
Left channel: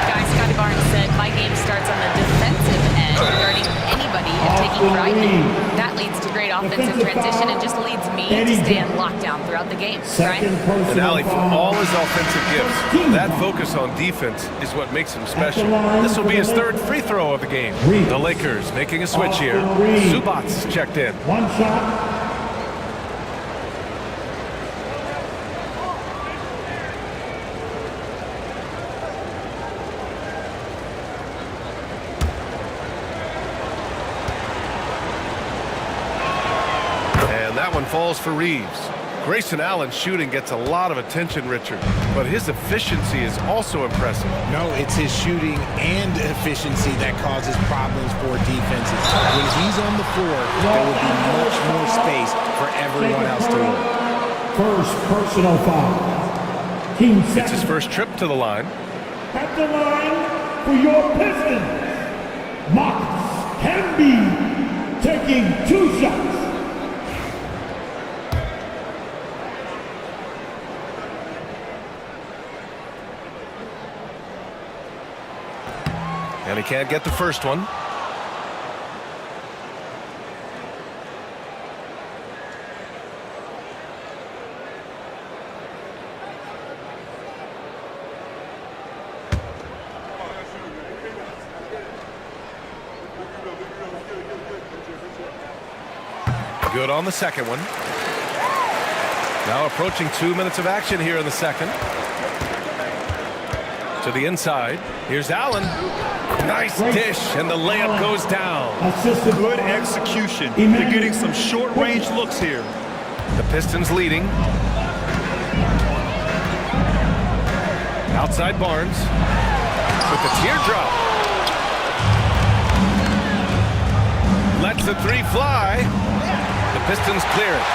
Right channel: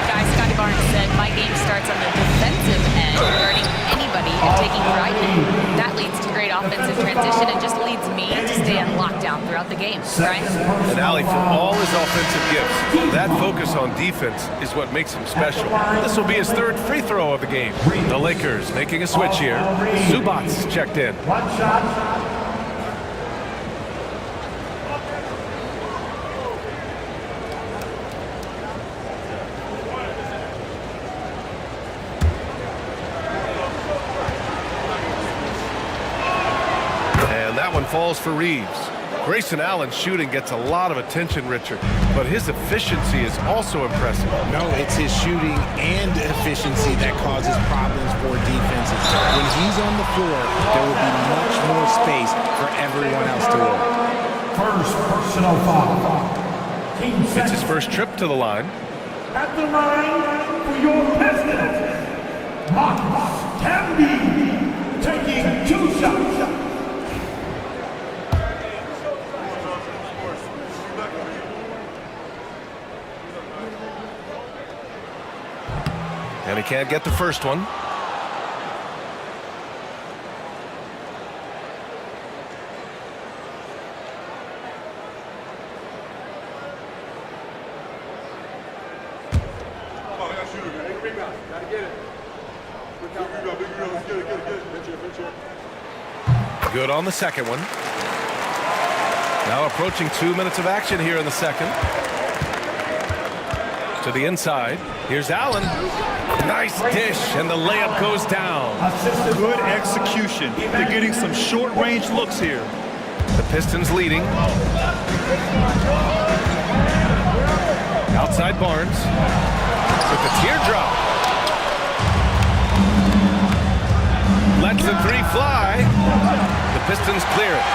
Guys, Scotty Barnes said, my game starts on the defensive end, guarding anybody and taking pride in it. That leads to great offensive transition and just leads me to stay on lockdown throughout the game. Brian? And Allie, for all his offensive gifts, that focus on defense is what makes him special. This will be his 3rd free throw of the game. The Lakers making a switch here. Zubac checked in. One shot. That one falls for Reeves. Grayson Allen's shooting gets a lot of attention, Richard, but his efficiency is also impressive. No, it's his shooting and efficiency that causes problems for defenses. When he's on the floor, there will be much more space for everyone else to work. First personal foul. It's his first trip to the line. At the line for your Pistons, Marcus Camby taking 2 shots. And he can't get the first one. Good on the second one. Now approaching 2 minutes of action here in the second. To the inside. Here's Allen. Nice dish, and the layup goes down. Good execution. They're getting some short-range looks here. The Pistons leading. Outside Barnes with the teardrop. Lets the three fly. The Pistons clear it.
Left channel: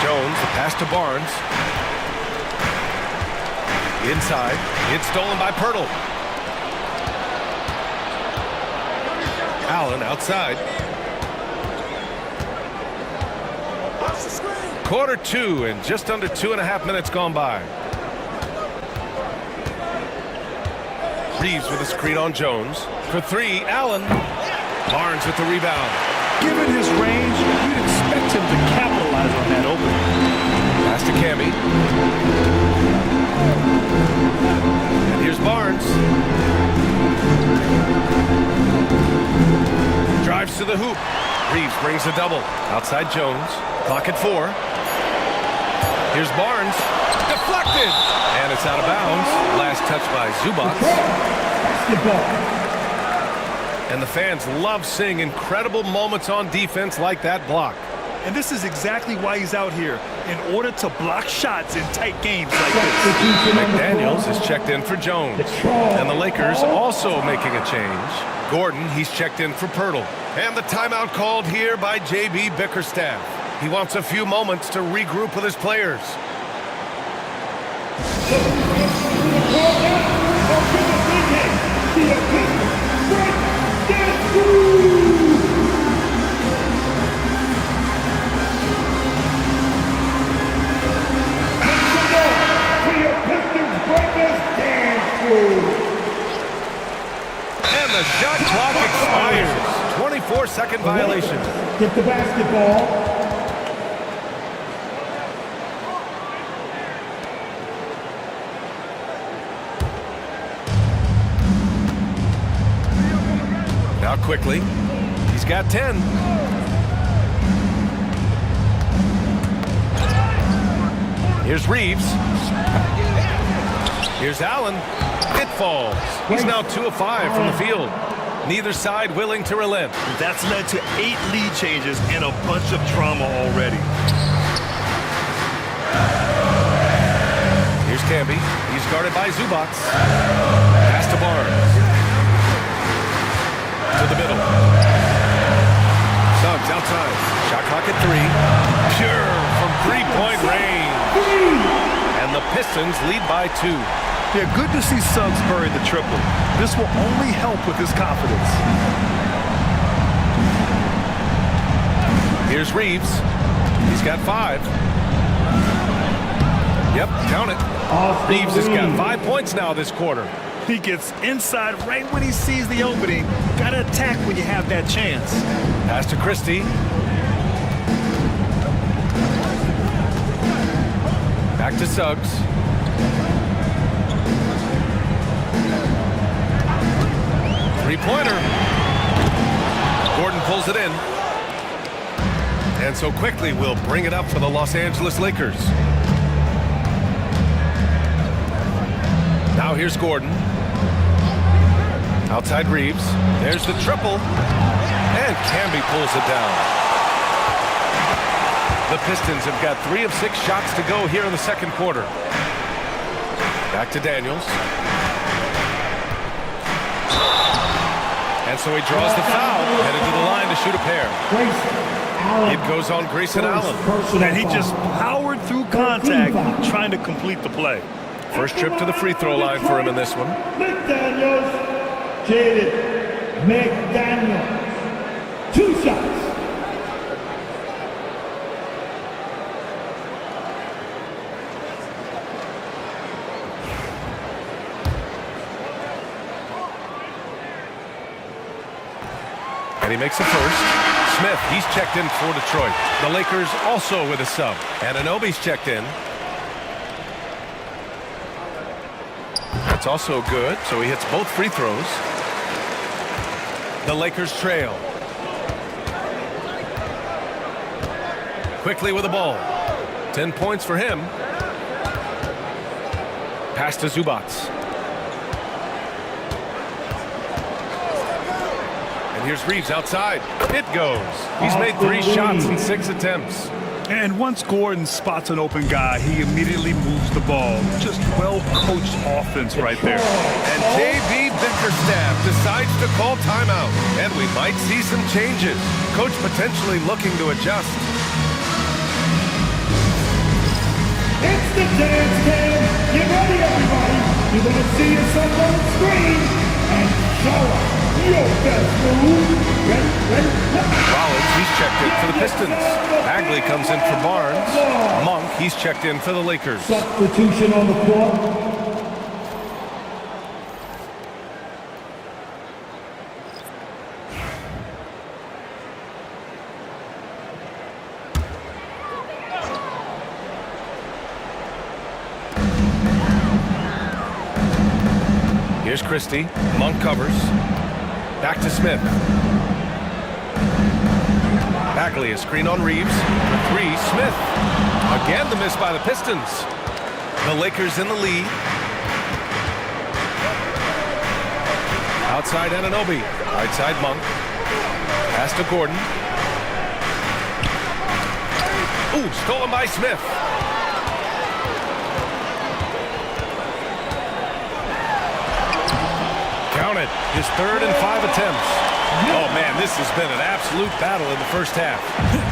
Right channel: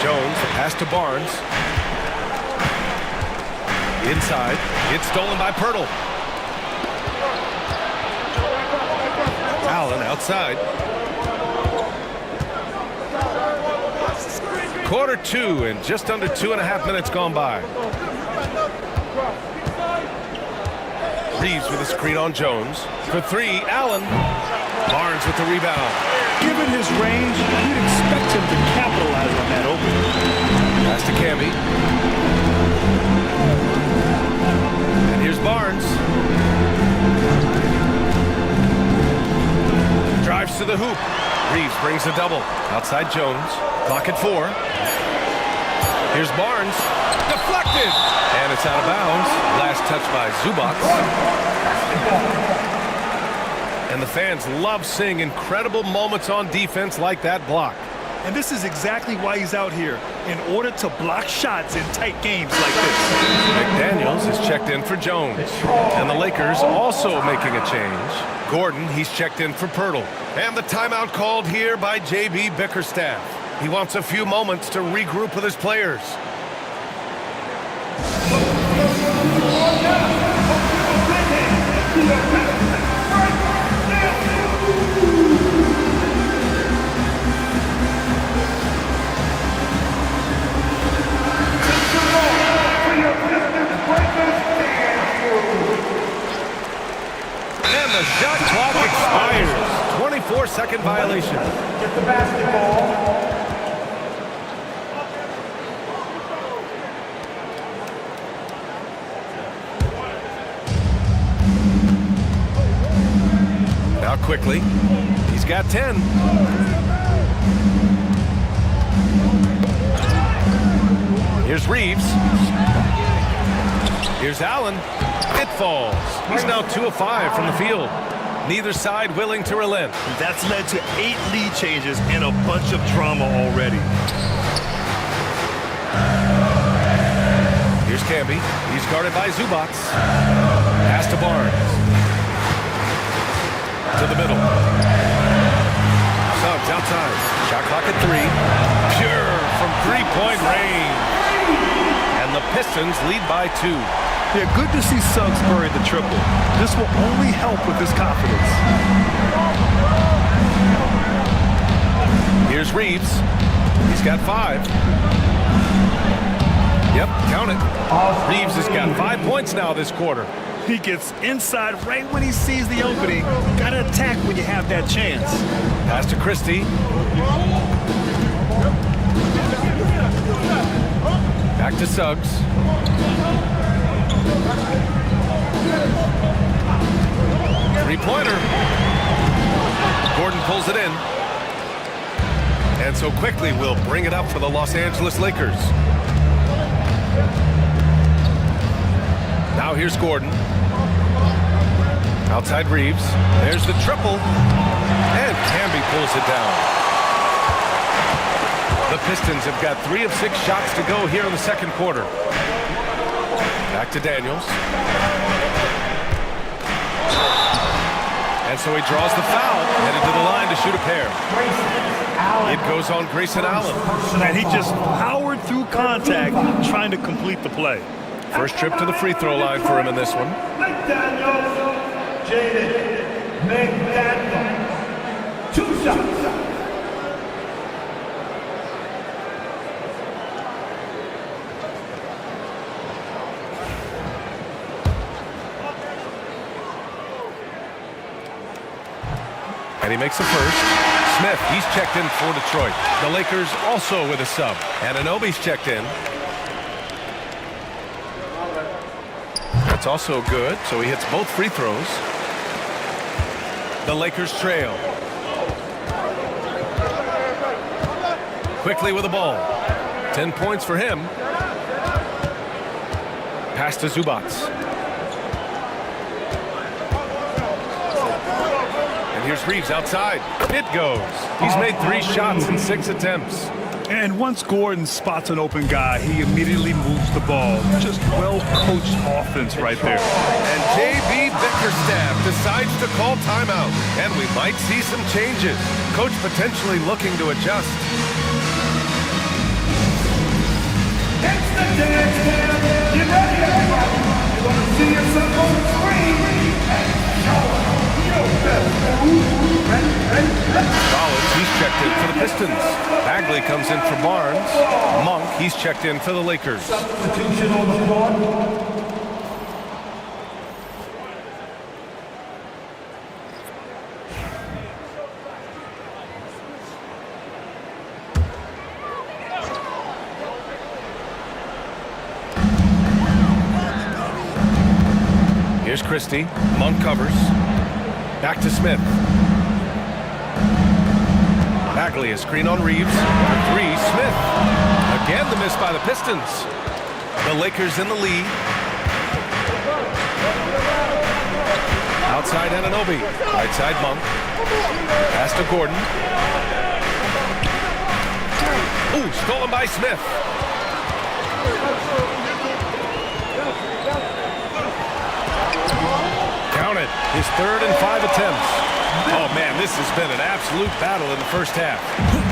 Jones, the pass to Barnes. Inside. It's stolen by Pirtle. Allen outside. Quarter two and just under 2.5 minutes gone by. Reeves with a screen on Jones. For three, Allen. Barnes with the rebound. Given his range, you'd expect him to capitalize on that opening. Pass to Camby. And here's Barnes. Drives to the hoop. Reeves brings a double. Outside Jones. Clock at 4. Here's Barnes. Deflected. And it's out of bounds. Last touch by Zubac. And the fans love seeing incredible moments on defense like that block. And this is exactly why he's out here, in order to block shots in tight games like this. McDaniels is checked in for Jones. And the Lakers also making a change. Gordon, he's checked in for Pirtle. And the timeout called here by J.B. Bickerstaff. He wants a few moments to regroup with his players. And the shot clock expires. 24-second violation. Get the basketball. Now quickly. He's got 10. Here's Reeves. Here's Allen. It falls. He's now 2 of 5 from the field. Neither side willing to relent. That's led to 8 lead changes and a bunch of drama already. Here's Camby. He's guarded by Zubac. Pass to Barnes. To the middle. Suggs outside. Shot clock at 3. Pure from three-point range. And the Pistons lead by 2. Yeah, good to see Suggs bury the triple. This will only help with his confidence. Here's Reeves. He's got 5. Yep, count it. Reeves has got 5 points now this quarter. He gets inside right when he sees the opening. Got to attack when you have that chance. Pass to Christie. Back to Suggs. Three-pointer. Gordon pulls it in. And so quickly we'll bring it up for the Los Angeles Lakers. Now here's Gordon. Outside Reeves. There's the triple. And Camby pulls it down. The Pistons have got 3 of 6 shots to go here in the second quarter. Back to Daniels. And so he draws the foul, headed to the line to shoot a pair. It goes on Grayson Allen. And he just powered through contact, trying to complete the play. First trip to the free throw line for him in this one. McDaniels, Jaden McDaniels. 2 shots. And he makes the first. Smith, he's checked in for Detroit. The Lakers also with a sub. And Anunoby's checked in. That's also good, so he hits both free throws. The Lakers trail. Quickly with the ball. 10 points for him. Pass to Zubac. And here's Reeves outside. It goes. He's made 3 shots in 6 attempts. And once Gordon spots an open guy, he immediately moves the ball. Just well-coached offense right there. And J.B. Bickerstaff decides to call timeout. And we might see some changes. Coach potentially looking to adjust. It's the dance cam. Get ready, everybody. You're going to see yourself on the screen and show us your best move. Ready, Rollins, he's checked in for the Pistons. Bagley comes in for Barnes. Monk, he's checked in for the Lakers. Substitution on the floor. Here's Christie. Monk covers. Back to Smith. Bagley, a screen on Reeves. For 3, Smith. Again, the miss by the Pistons. The Lakers in the lead. Outside Anunoby. Right side Monk. Pass to Gordon. Ooh, stolen by Smith. Count it. His 3rd and 5 attempts. Oh, man, this has been an absolute battle in the first half.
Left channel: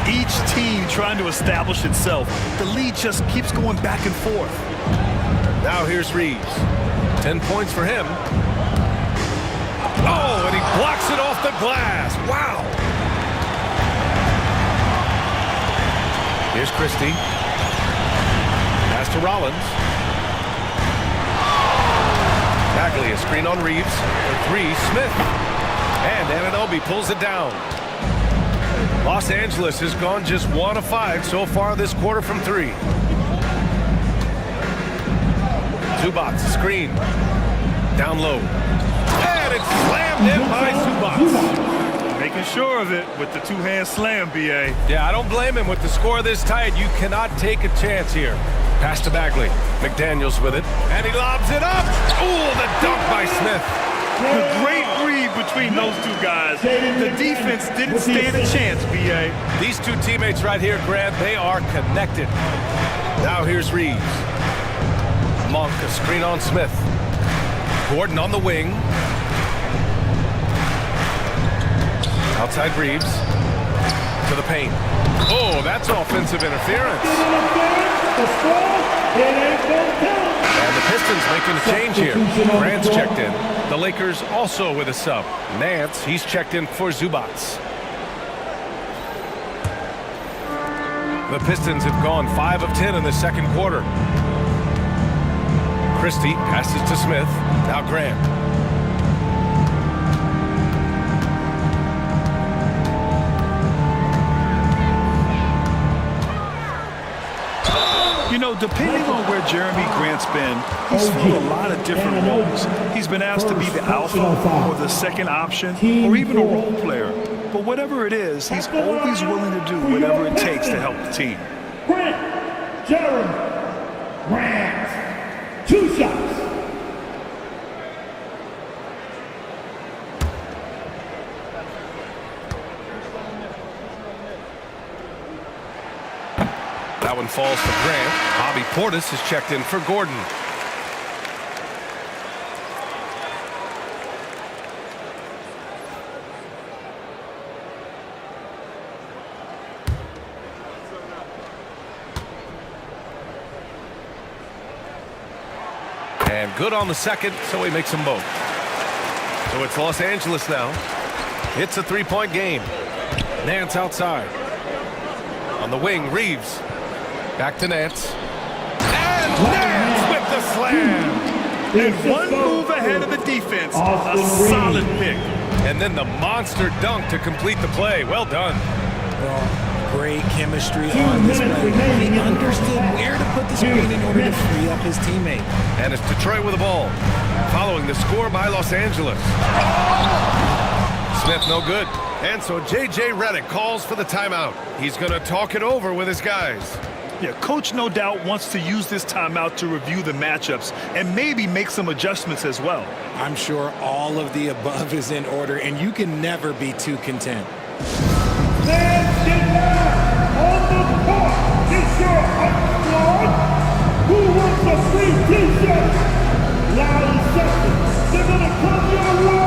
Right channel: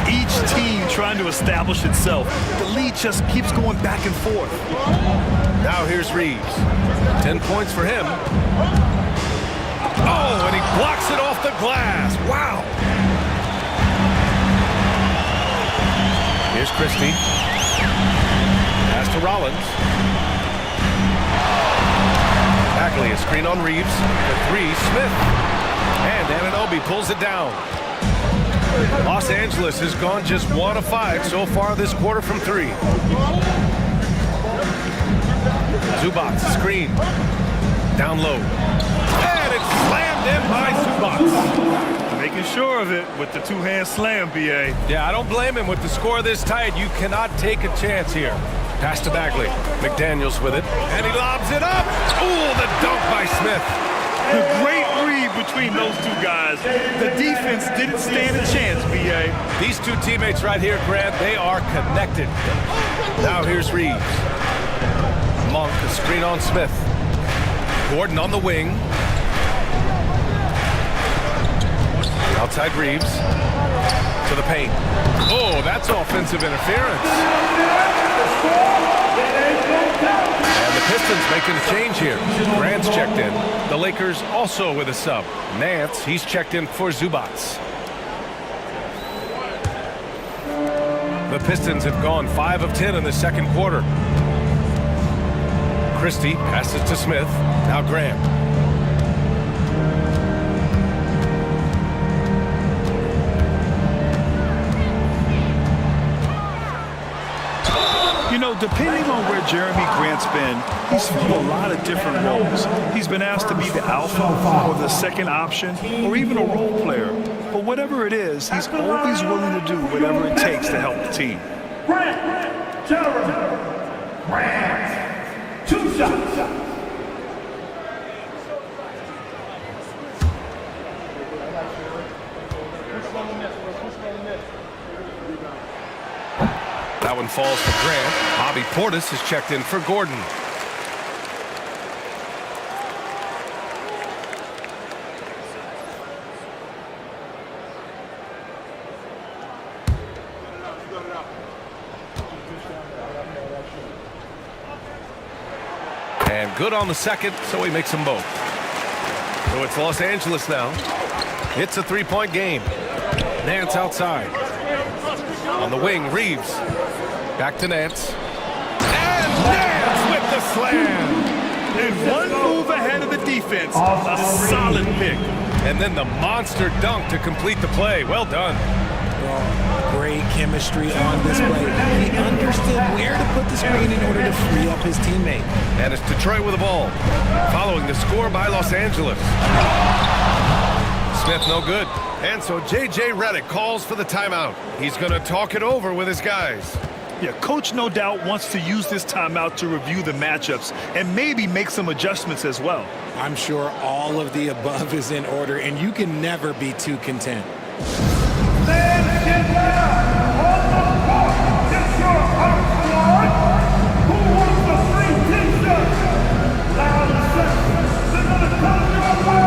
Each team trying to establish itself. The lead just keeps going back and forth. Now here's Reeves. 10 points for him. Oh, and he blocks it off the glass. Wow. Here's Christie. Pass to Rollins. Bagley, a screen on Reeves. For 3, Smith. And Anunoby pulls it down. Los Angeles has gone just 1 of 5 so far this quarter from 3. Zubac, screen. Down low. And it's slammed in by Zubac. Making sure of it with the 2-hand slam, B.A. Yeah, I don't blame him. With the score this tight, you cannot take a chance here. Pass to Bagley. McDaniels with it. And he lobs it up. Ooh, the dunk by Smith. The great read between those 2 guys. The defense didn't stand a chance, B.A. These 2 teammates right here, Grant, they are connected. Now here's Reeves. Monk, a screen on Smith. Gordon on the wing. Outside Reeves. To the paint. Oh, that's offensive interference. And the Pistons making a change here. Grant's checked in. The Lakers also with a sub. Nance, he's checked in for Zubac. The Pistons have gone 5 of 10 in the second quarter. Christie passes to Smith. Now Grant. You know, depending on where Jeremy Grant's been, he's filled a lot of different roles. He's been asked to be the alpha or the second option or even a role player. But whatever it is, he's always willing to do whatever it takes to help the team. Grant, Jeremy, Grant, 2 shots. That one falls to Grant. Bobby Portis is checked in for Gordon. And good on the second, so he makes them both. So it's Los Angeles now. It's a 3-point game. Nance outside. On the wing, Reeves. Back to Nance. And Nance with the slam. And one move ahead of the defense. A solid pick. And then the monster dunk to complete the play. Well done. Well, great chemistry on display. He understood where to put the screen in order to free up his teammate. And it's Detroit with the ball, following the score by Los Angeles. Smith no good. And so J.J. Redick calls for the timeout. He's going to talk it over with his guys. Yeah, coach no doubt wants to use this timeout to review the matchups and maybe make some adjustments as well. I'm sure all of the above is in order, and you can never be too content. Fans, get down on the court. It's your hot squad. Who wants a free t-shirt? Loud and set. They're going to come your way.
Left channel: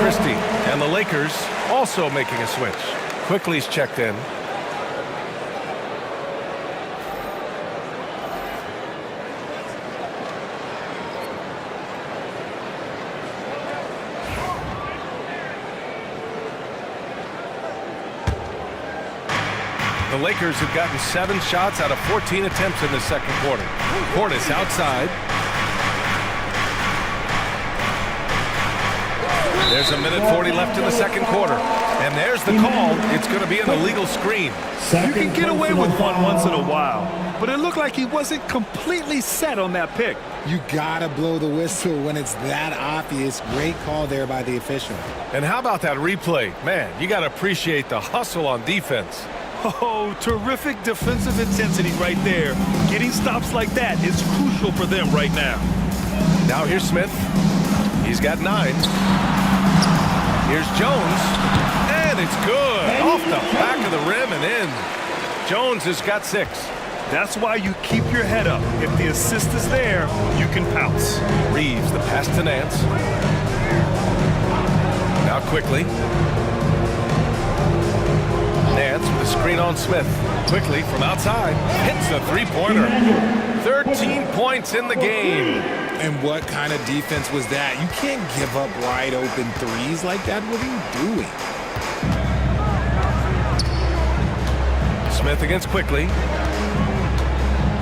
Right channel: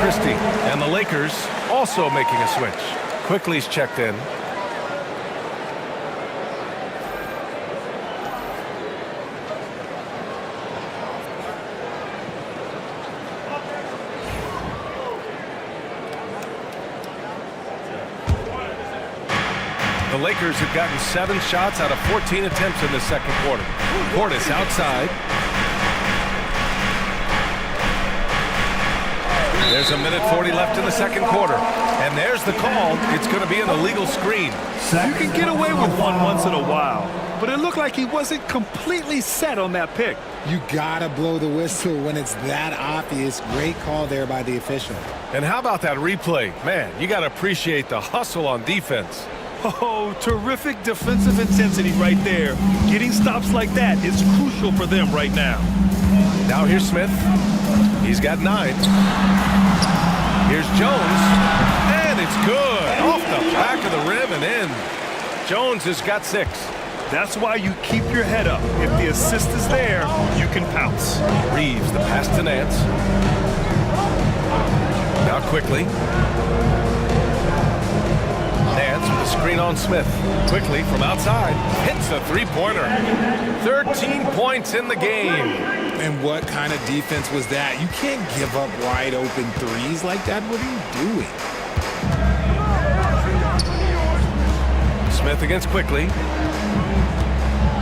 Christie. And the Lakers also making a switch. Quickly's checked in. The Lakers have gotten 7 shots out of 14 attempts in the second quarter. Portis outside. There's a minute 40 left in the second quarter. And there's the call. It's going to be an illegal screen. You can get away with one once in a while, but it looked like he wasn't completely set on that pick. You gotta blow the whistle when it's that obvious. Great call there by the official. And how about that replay? Man, you got to appreciate the hustle on defense. Oh, terrific defensive intensity right there. Getting stops like that is crucial for them right now. Now here's Smith. He's got 9. Here's Jones. And it's good. Off the back of the rim and in. Jones has got 6. That's why you keep your head up. If the assist is there, you can pounce. Reeves, the pass to Nance. Now quickly. Nance with a screen on Smith. Quickly from outside. Hits a three-pointer. 13 points in the game. And what kind of defense was that? You can't give up wide open threes like that. What are you doing? Smith against Quickly.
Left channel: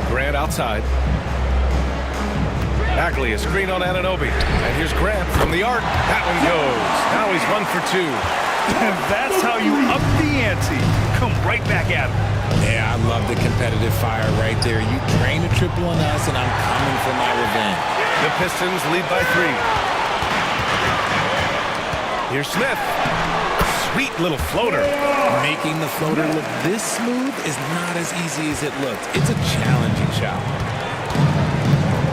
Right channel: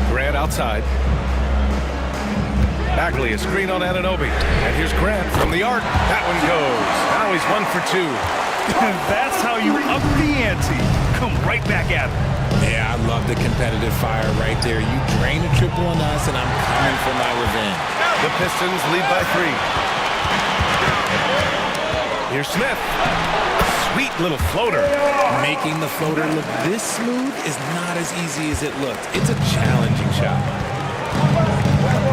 Grant outside. Bagley, a screen on Anunoby. And here's Grant from the arc. That one goes. Now he's 1 for 2. That's how you up the ante. Come right back at him. Yeah, I love the competitive fire right there. You drain a triple on us, and I'm coming for my revenge. The Pistons lead by 3. Here's Smith. Sweet little floater. Making the floater look this smooth is not as easy as it looks. It's a challenging shot.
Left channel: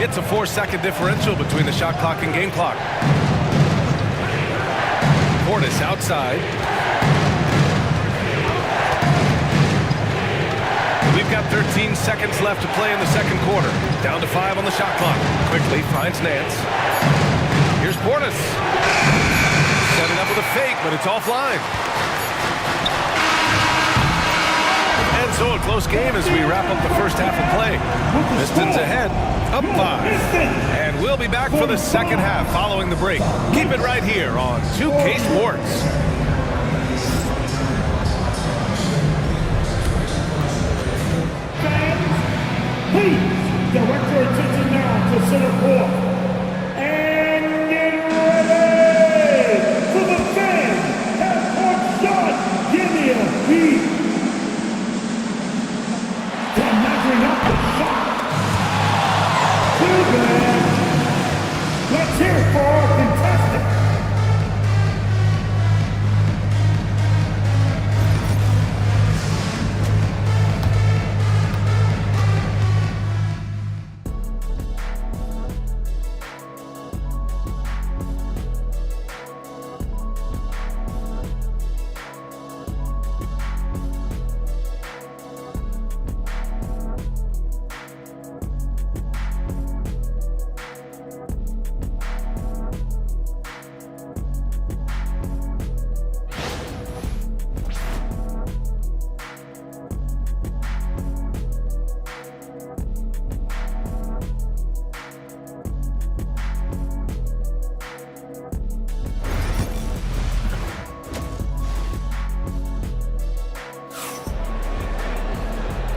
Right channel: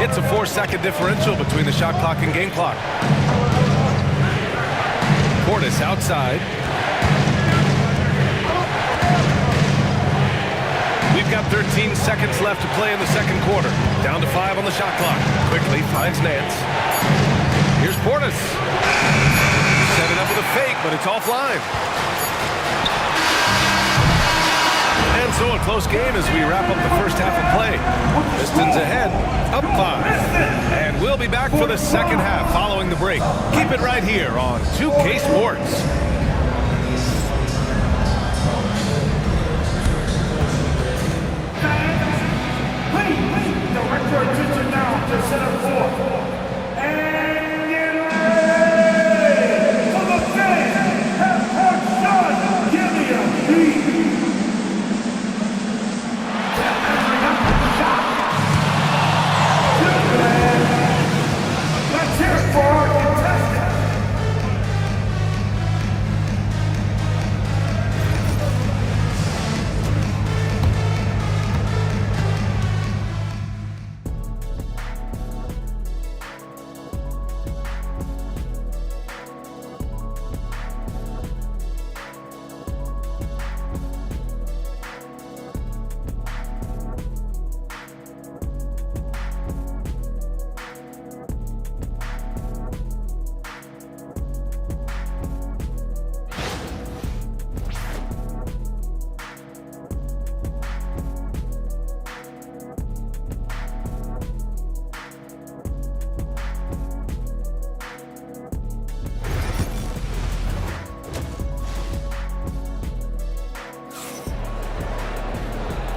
It's a 4-second differential between the shot clock and game clock. Portis outside. We've got 13 seconds left to play in the second quarter. Down to 5 on the shot clock. Quickly finds Nance. Here's Portis. Set it up with a fake, but it's offline. And so a close game as we wrap up the first half of play. Pistons ahead, up 5. And we'll be back for the second half following the break. Keep it right here on 2K Sports. Please direct your attention now to center court. And get ready for the fan. Half-court shot. Give me a beat. They're measuring up the shot. Good man. Let's hear it for our contestant.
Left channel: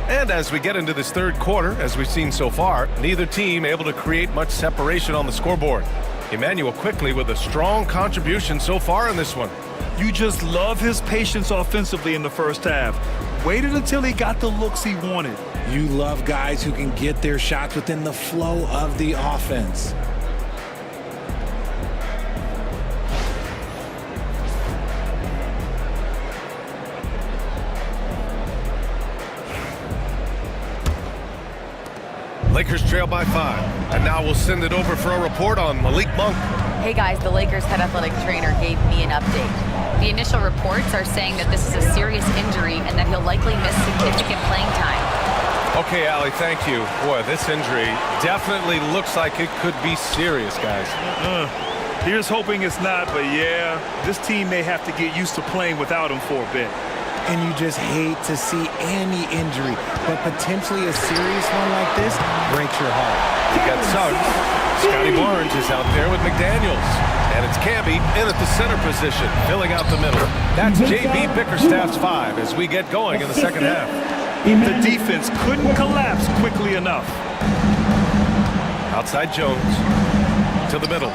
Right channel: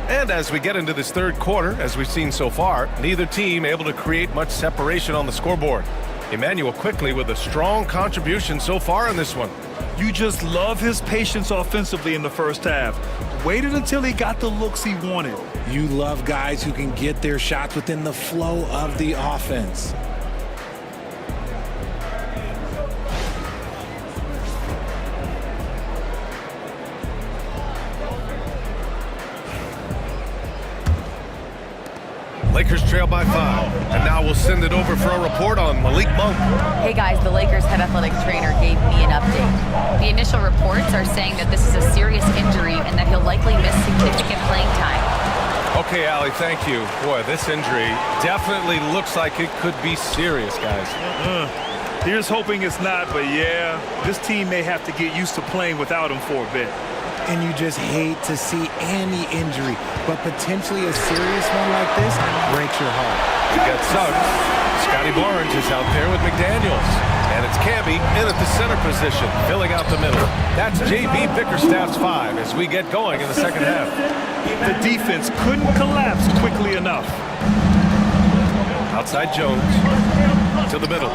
And as we get into this third quarter, as we've seen so far, neither team able to create much separation on the scoreboard. Emmanuel quickly with a strong contribution so far in this one. You just love his patience offensively in the first half. Waited until he got the looks he wanted. You love guys who can get their shots within the flow of the offense. Lakers trail by 5. And now we'll send it over for a report on Malik Monk. Hey guys, the Lakers head athletic trainer gave me an update. The initial reports are saying that this is a serious injury and that he'll likely miss significant playing time. Okay, Allie, thank you. Boy, this injury definitely looks like it could be serious, guys. Here's hoping it's not, but yeah, this team may have to get used to playing without him for a bit. And you just hate to see any injury, but potentially a serious one like this breaks your heart. We've got Suggs. Scotty Barnes is out there with McDaniels. And it's Camby in at the center position, filling out the middle. That's J.B. Bickerstaff's 5 as we get going in the second half. The defense couldn't collapse quickly enough. Outside Jones to the middle.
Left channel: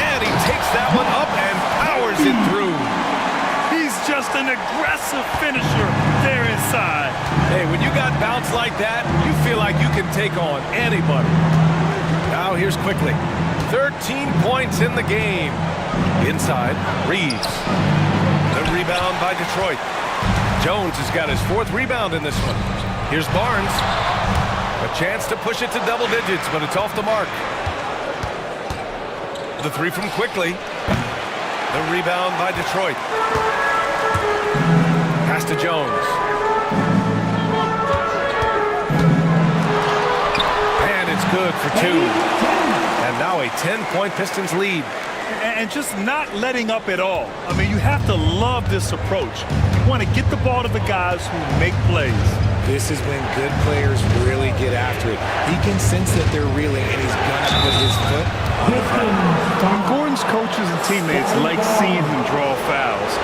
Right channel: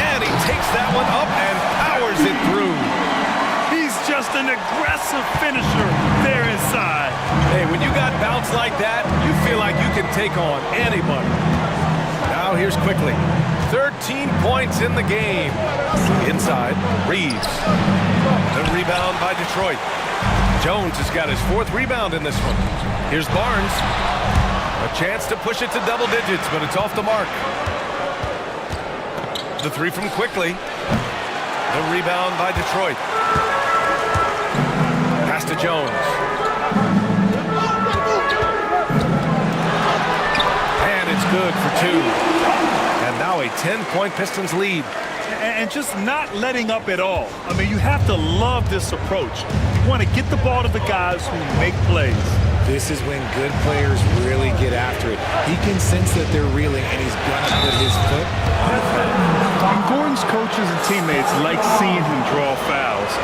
And he takes that one up and powers it through. He's just an aggressive finisher there inside. Hey, when you got bounce like that, you feel like you can take on anybody. Now here's Quickly. 13 points in the game. Inside, Reeves. The rebound by Detroit. Jones has got his 4th rebound in this one. Here's Barnes. A chance to push it to double digits, but it's off the mark. The 3 from Quickly. The rebound by Detroit. Pass to Jones. And it's good for 2. And now a 10-point Pistons lead. And just not letting up at all. I mean, you have to love this approach. You want to get the ball to the guys who make plays. This is when good players really get after it. He can sense that they're reeling, and he's going to put his foot on the pedal. And Gordon's coaches and teammates like seeing him draw fouls,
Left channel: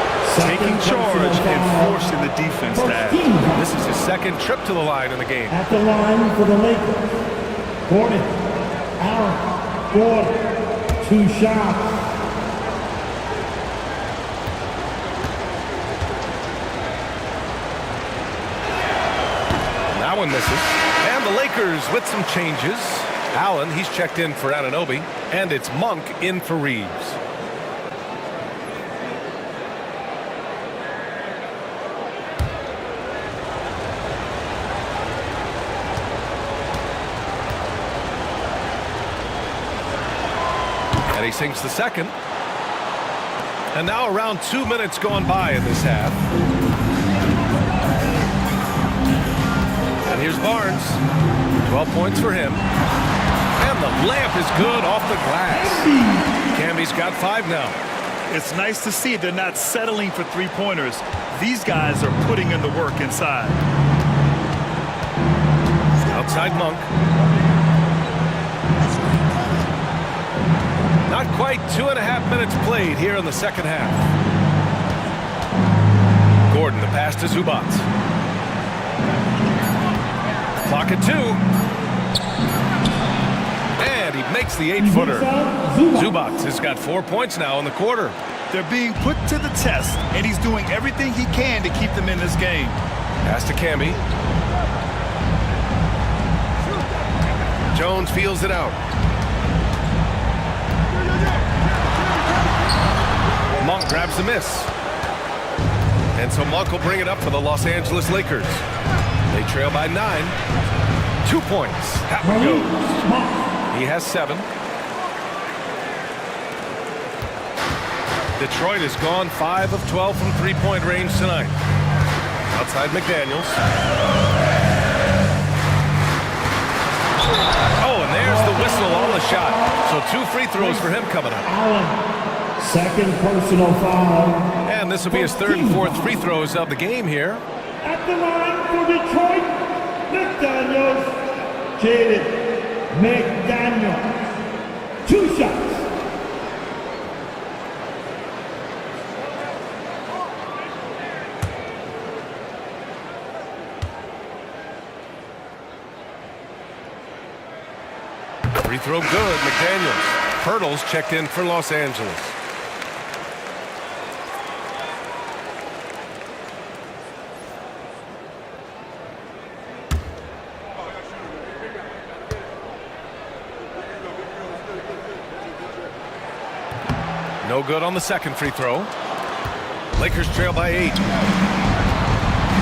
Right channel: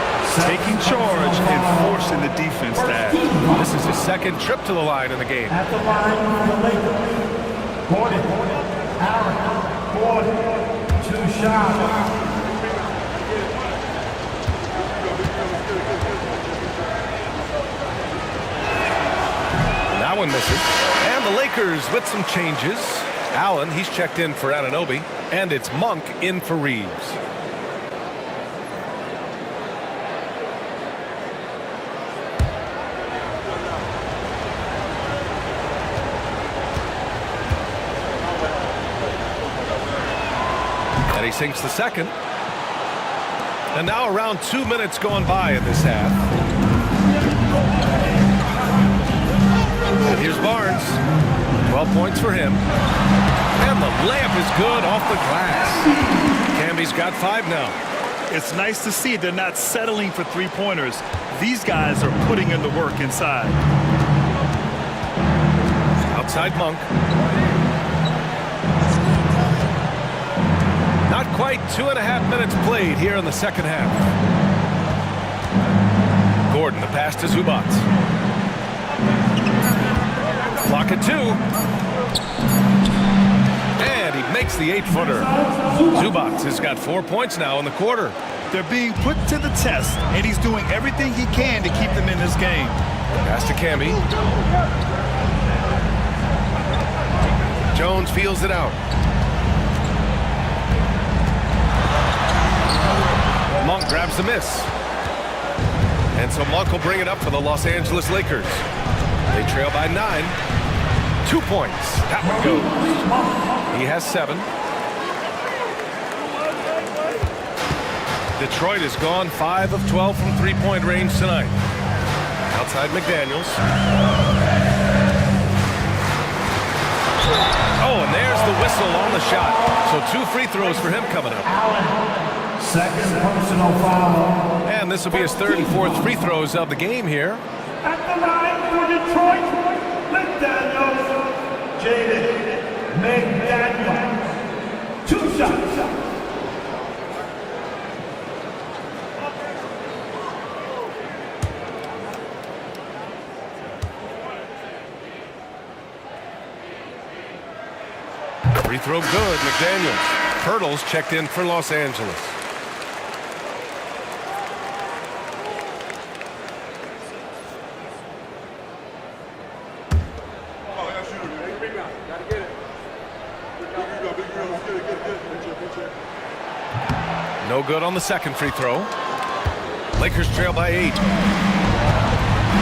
taking charge and forcing the defense to act. This is his 2nd trip to the line in the game. At the line for the Lakers, Gordon, Aaron, Gordon, 2 shots. That one misses. And the Lakers with some changes. Allen, he's checked in for Anunoby. And it's Monk in for Reeves. And he sinks the 2nd. And now around 2 minutes going by in this half. And here's Barnes. 12 points for him. And the layup is good off the glass. Camby's got 5 now. It's nice to see they're not settling for 3-pointers. These guys are putting in the work inside. Outside Monk. Not quite 2.5 minutes played here in the second half. Gordon, the pass to Zubac. Clock at 2. And he makes the 8-footer. Zubac has got 4 points now in the quarter. They're being put to the test, and he's doing everything he can to keep them in this game. Pass to Camby. Jones feels it out. Monk grabs the miss. And so Monk will bring it up for the Los Angeles Lakers. They trail by 9. 2 points. That one goes. He has 7. Detroit has gone 5 of 12 from 3-point range tonight. Outside McDaniels. Oh, and there's the whistle on the shot. So 2 free throws for him coming up. Allen, 2nd personal foul. And this will be his 3rd and 4th free throws of the game here. At the line for Detroit, McDaniels, Jaden McDaniels. 2 shots. Free throw good, McDaniels. Pirtle's checked in for Los Angeles. No good on the second free throw. Lakers trail by 8.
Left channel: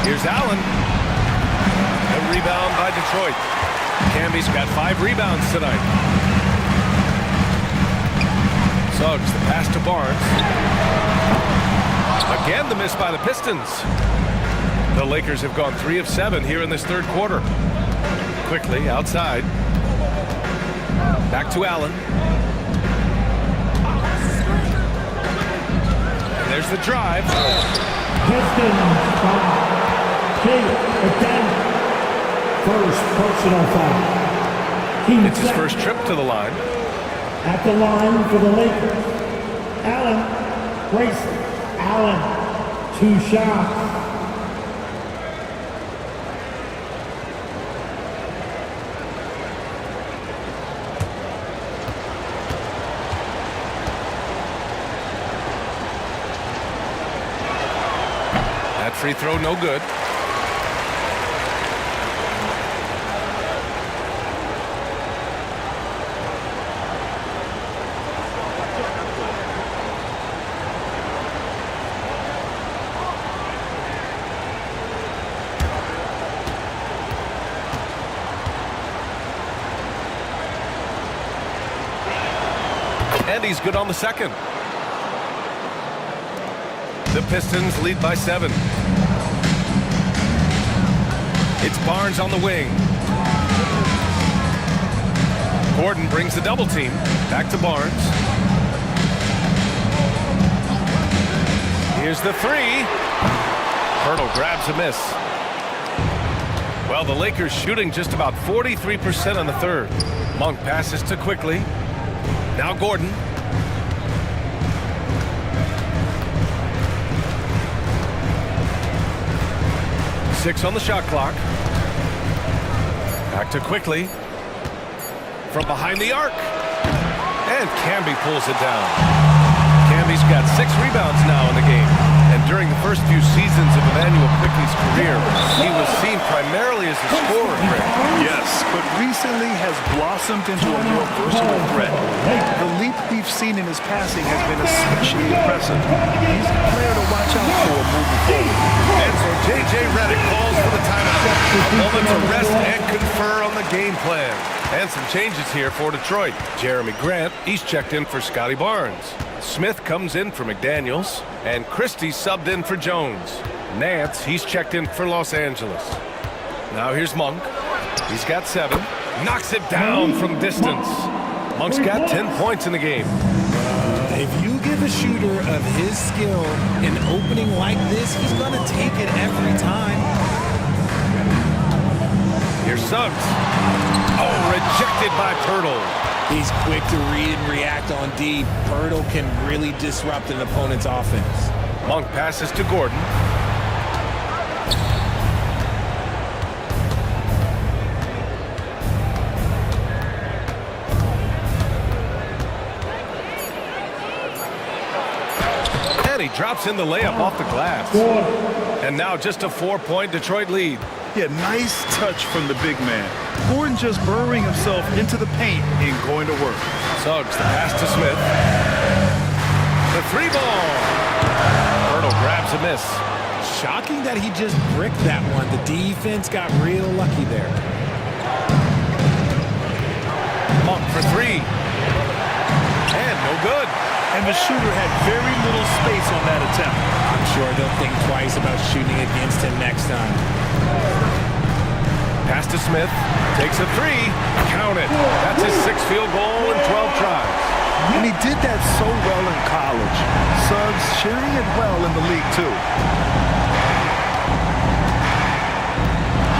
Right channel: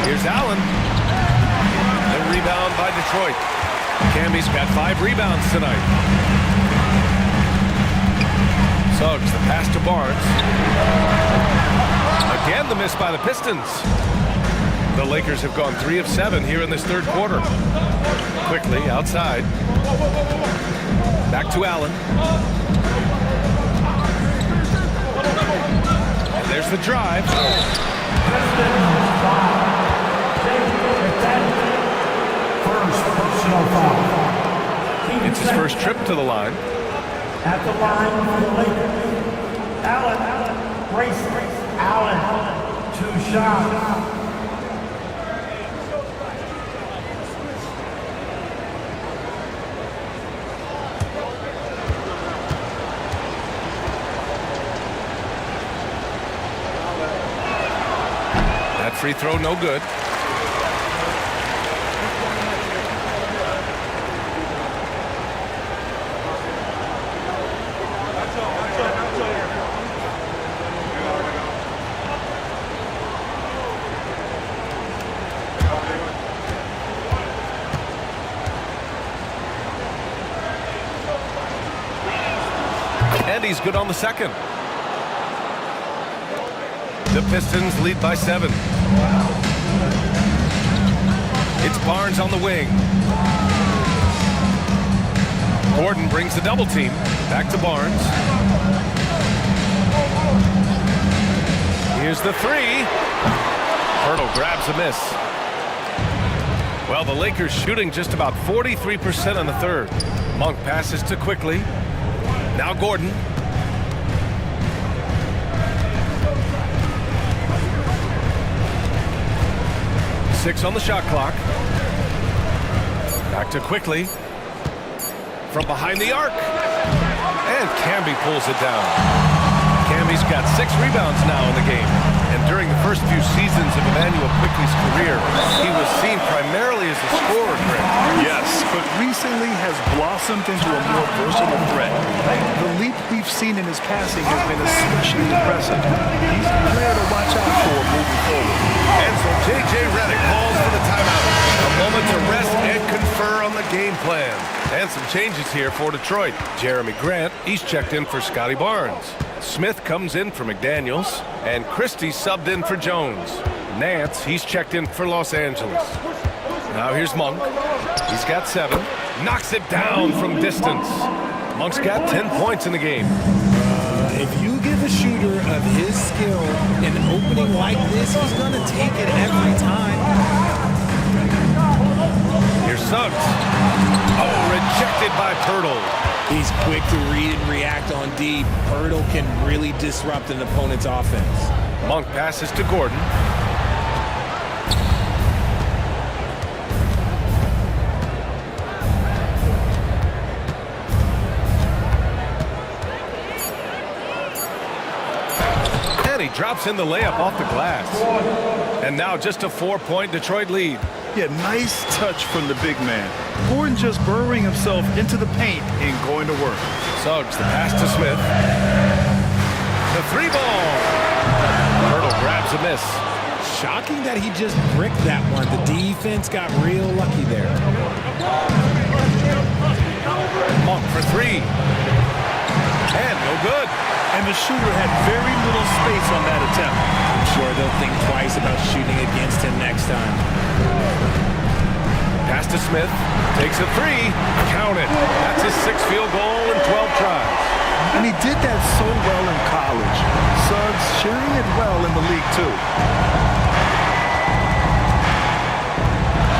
Here's Allen. The rebound by Detroit. Camby's got 5 rebounds tonight. Suggs, the pass to Barnes. Again, the miss by the Pistons. The Lakers have gone 3 of 7 here in this third quarter. Quickly, outside. Back to Allen. And there's the drive. First personal foul. It's his first trip to the line. At the line for the Lakers, Allen races. Allen, 2 shots. That free throw no good. And he's good on the second. The Pistons lead by 7. It's Barnes on the wing. Gordon brings the double team. Back to Barnes. Here's the 3. Pirtle grabs a miss. Well, the Lakers shooting just about 43% in the third. Monk passes to Quickly. Now Gordon. Six on the shot clock. Back to Quickly. From behind the arc. And Camby pulls it down. Camby's got 6 rebounds now in the game. And during the first few seasons of Emmanuel Quickley's career, he was seen primarily as a scorer, Greg. Yes, but recently has blossomed into a more versatile threat. The leap we've seen in his passing has been especially impressive. He's a player to watch out for moving forward. And so J.J. Redick calls for the timeout. A moment to rest and confer on the game plan. And some changes here for Detroit. Jeremy Grant, he's checked in for Scotty Barnes. Smith comes in for McDaniels. And Christie subbed in for Jones. Nance, he's checked in for Los Angeles. Now here's Monk. He's got 7. Knocks it down from distance. Monk's got 10 points in the game. If you give a shooter of his skill an opening like this, he's going to take it every time. Here's Suggs. Oh, rejected by Pirtle. He's quick to read and react on D. Pirtle can really disrupt an opponent's offense. Monk passes to Gordon. And he drops in the layup off the glass. And now just a 4-point Detroit lead. Yeah, nice touch from the big man. Gordon just burrowing himself into the paint and going to work. Suggs, the pass to Smith. The 3-ball. Pirtle grabs a miss. Shocking that he just bricked that one. The defense got real lucky there. Monk for 3. And no good. And the shooter had very little space on that attempt. I'm sure they'll think twice about shooting against him next time. Pass to Smith. Takes a 3. Count it. That's his 6th field goal in 12 tries. And he did that so well in college. Suggs sharing it well in the league, too.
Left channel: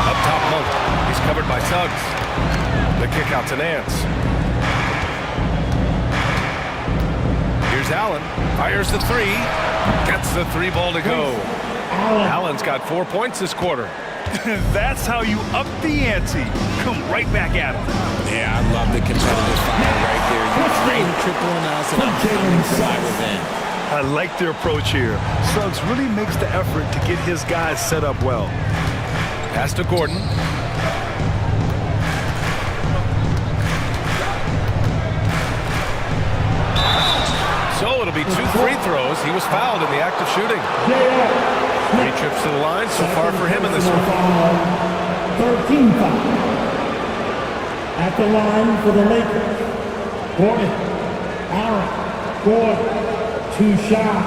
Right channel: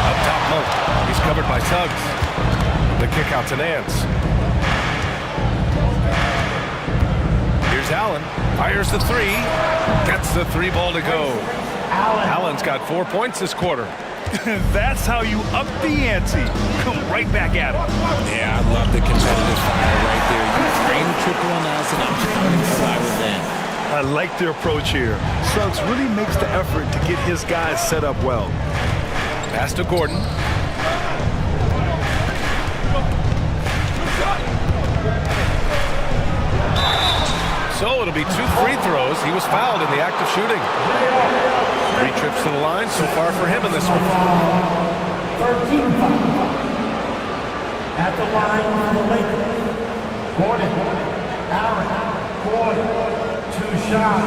Up top, Monk. He's covered by Suggs. The kick out to Nance. Here's Allen. Fires the 3. Gets the 3-ball to go. Allen's got 4 points this quarter. That's how you up the ante. Come right back at him. Yeah, I love the competitive fire right there. You drain a triple on us, and I'm coming for my revenge. I like their approach here. Suggs really makes the effort to get his guys set up well. Pass to Gordon. So it'll be 2 free throws. He was fouled in the act of shooting. 3 trips to the line so far for him in this one. 13 foul. At the line for the Lakers. Gordon. Aaron. Gordon. 2 shots.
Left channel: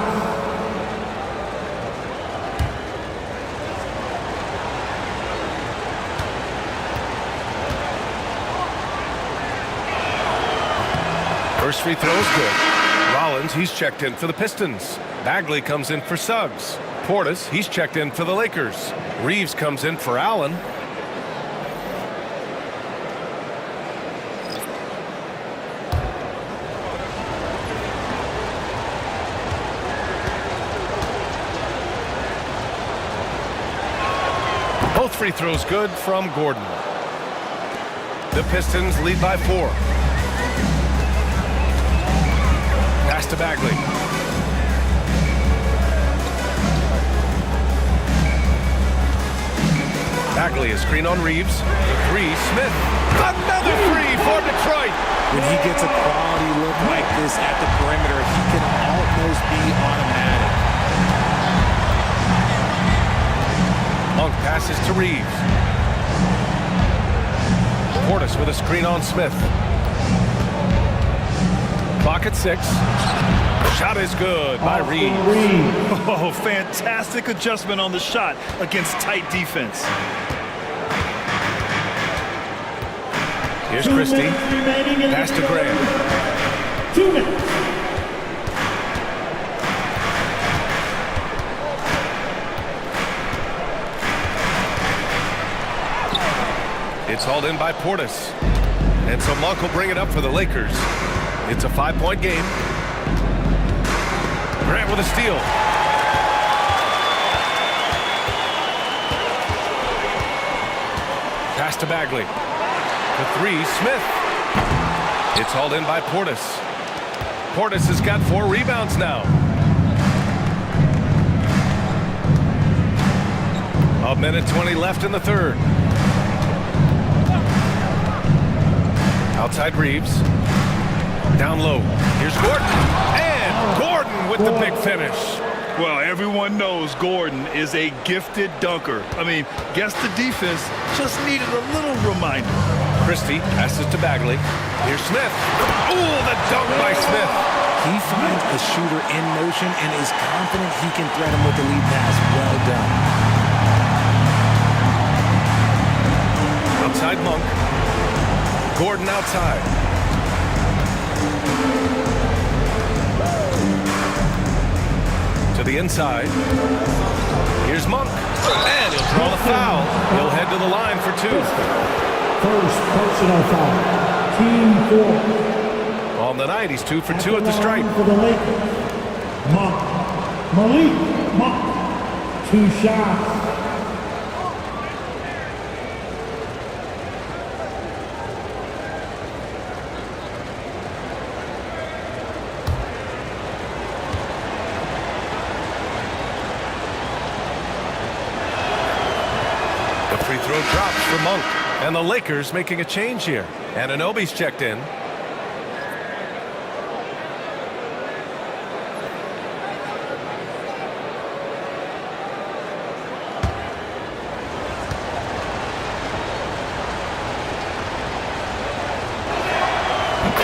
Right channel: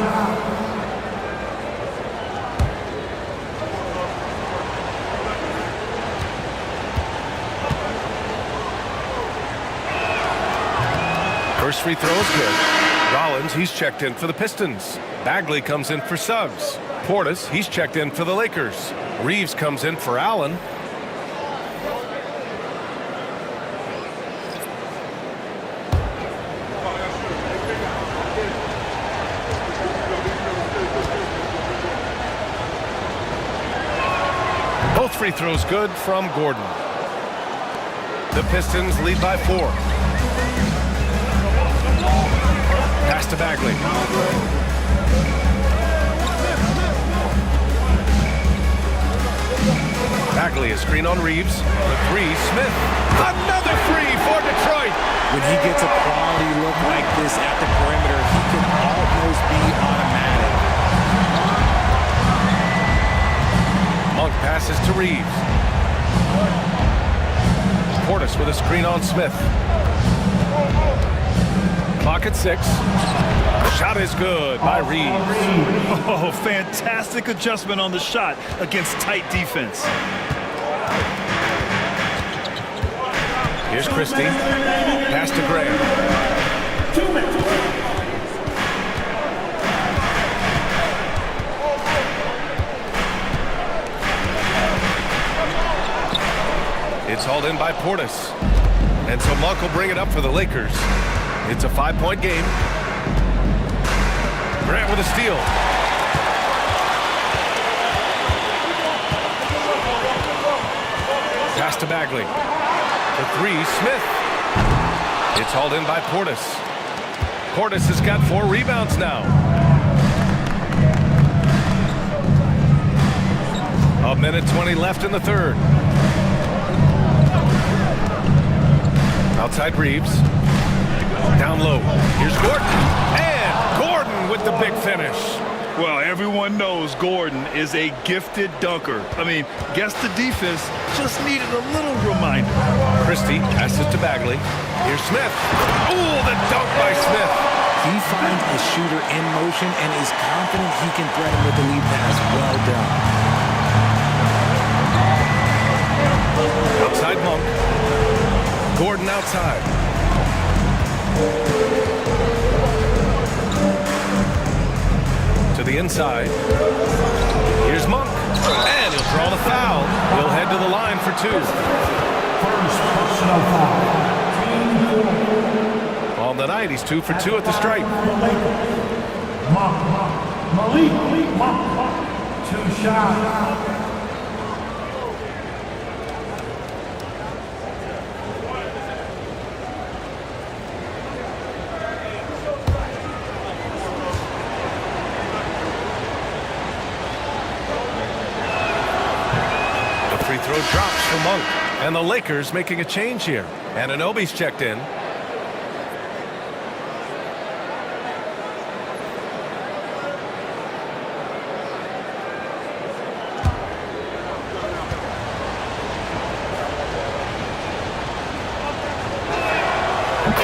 First free throw is good. Rollins, he's checked in for the Pistons. Bagley comes in for Suggs. Portis, he's checked in for the Lakers. Reeves comes in for Allen. Both free throws good from Gordon. The Pistons lead by 4. Pass to Bagley. Bagley, a screen on Reeves. The 3, Smith. Another 3 for Detroit. When he gets a quality look like this at the perimeter, he can almost be automatic. Monk passes to Reeves. Portis with a screen on Smith. Clock at 6. Shot is good by Reeves. Oh, fantastic adjustment on the shot against tight defense. Here's Christie. Pass to Graham. 2 minutes. It's hauled in by Portis. And so Monk will bring it up for the Lakers. It's a 5-point game. Grant with a steal. Pass to Bagley. For 3, Smith. It's hauled in by Portis. Portis has got 4 rebounds now. A minute 20 left in the third. Outside Reeves. Down low. Here's Gordon. And Gordon with the big finish. Well, everyone knows Gordon is a gifted dunker. I mean, guess the defense just needed a little reminder. Christie passes to Bagley. Here's Smith. Oh, the dunk by Smith. He finds a shooter in motion and is confident he can thread him with the lead pass. Well done. Outside Monk. Gordon outside. To the inside. Here's Monk. And he'll draw the foul. He'll head to the line for 2. First personal foul. Team 4. On the night, he's 2 for 2 at the stripe. For the Lakers. Monk. Malik Monk. 2 shots. Free throw drops for Monk. And the Lakers making a change here. Anunoby's checked in.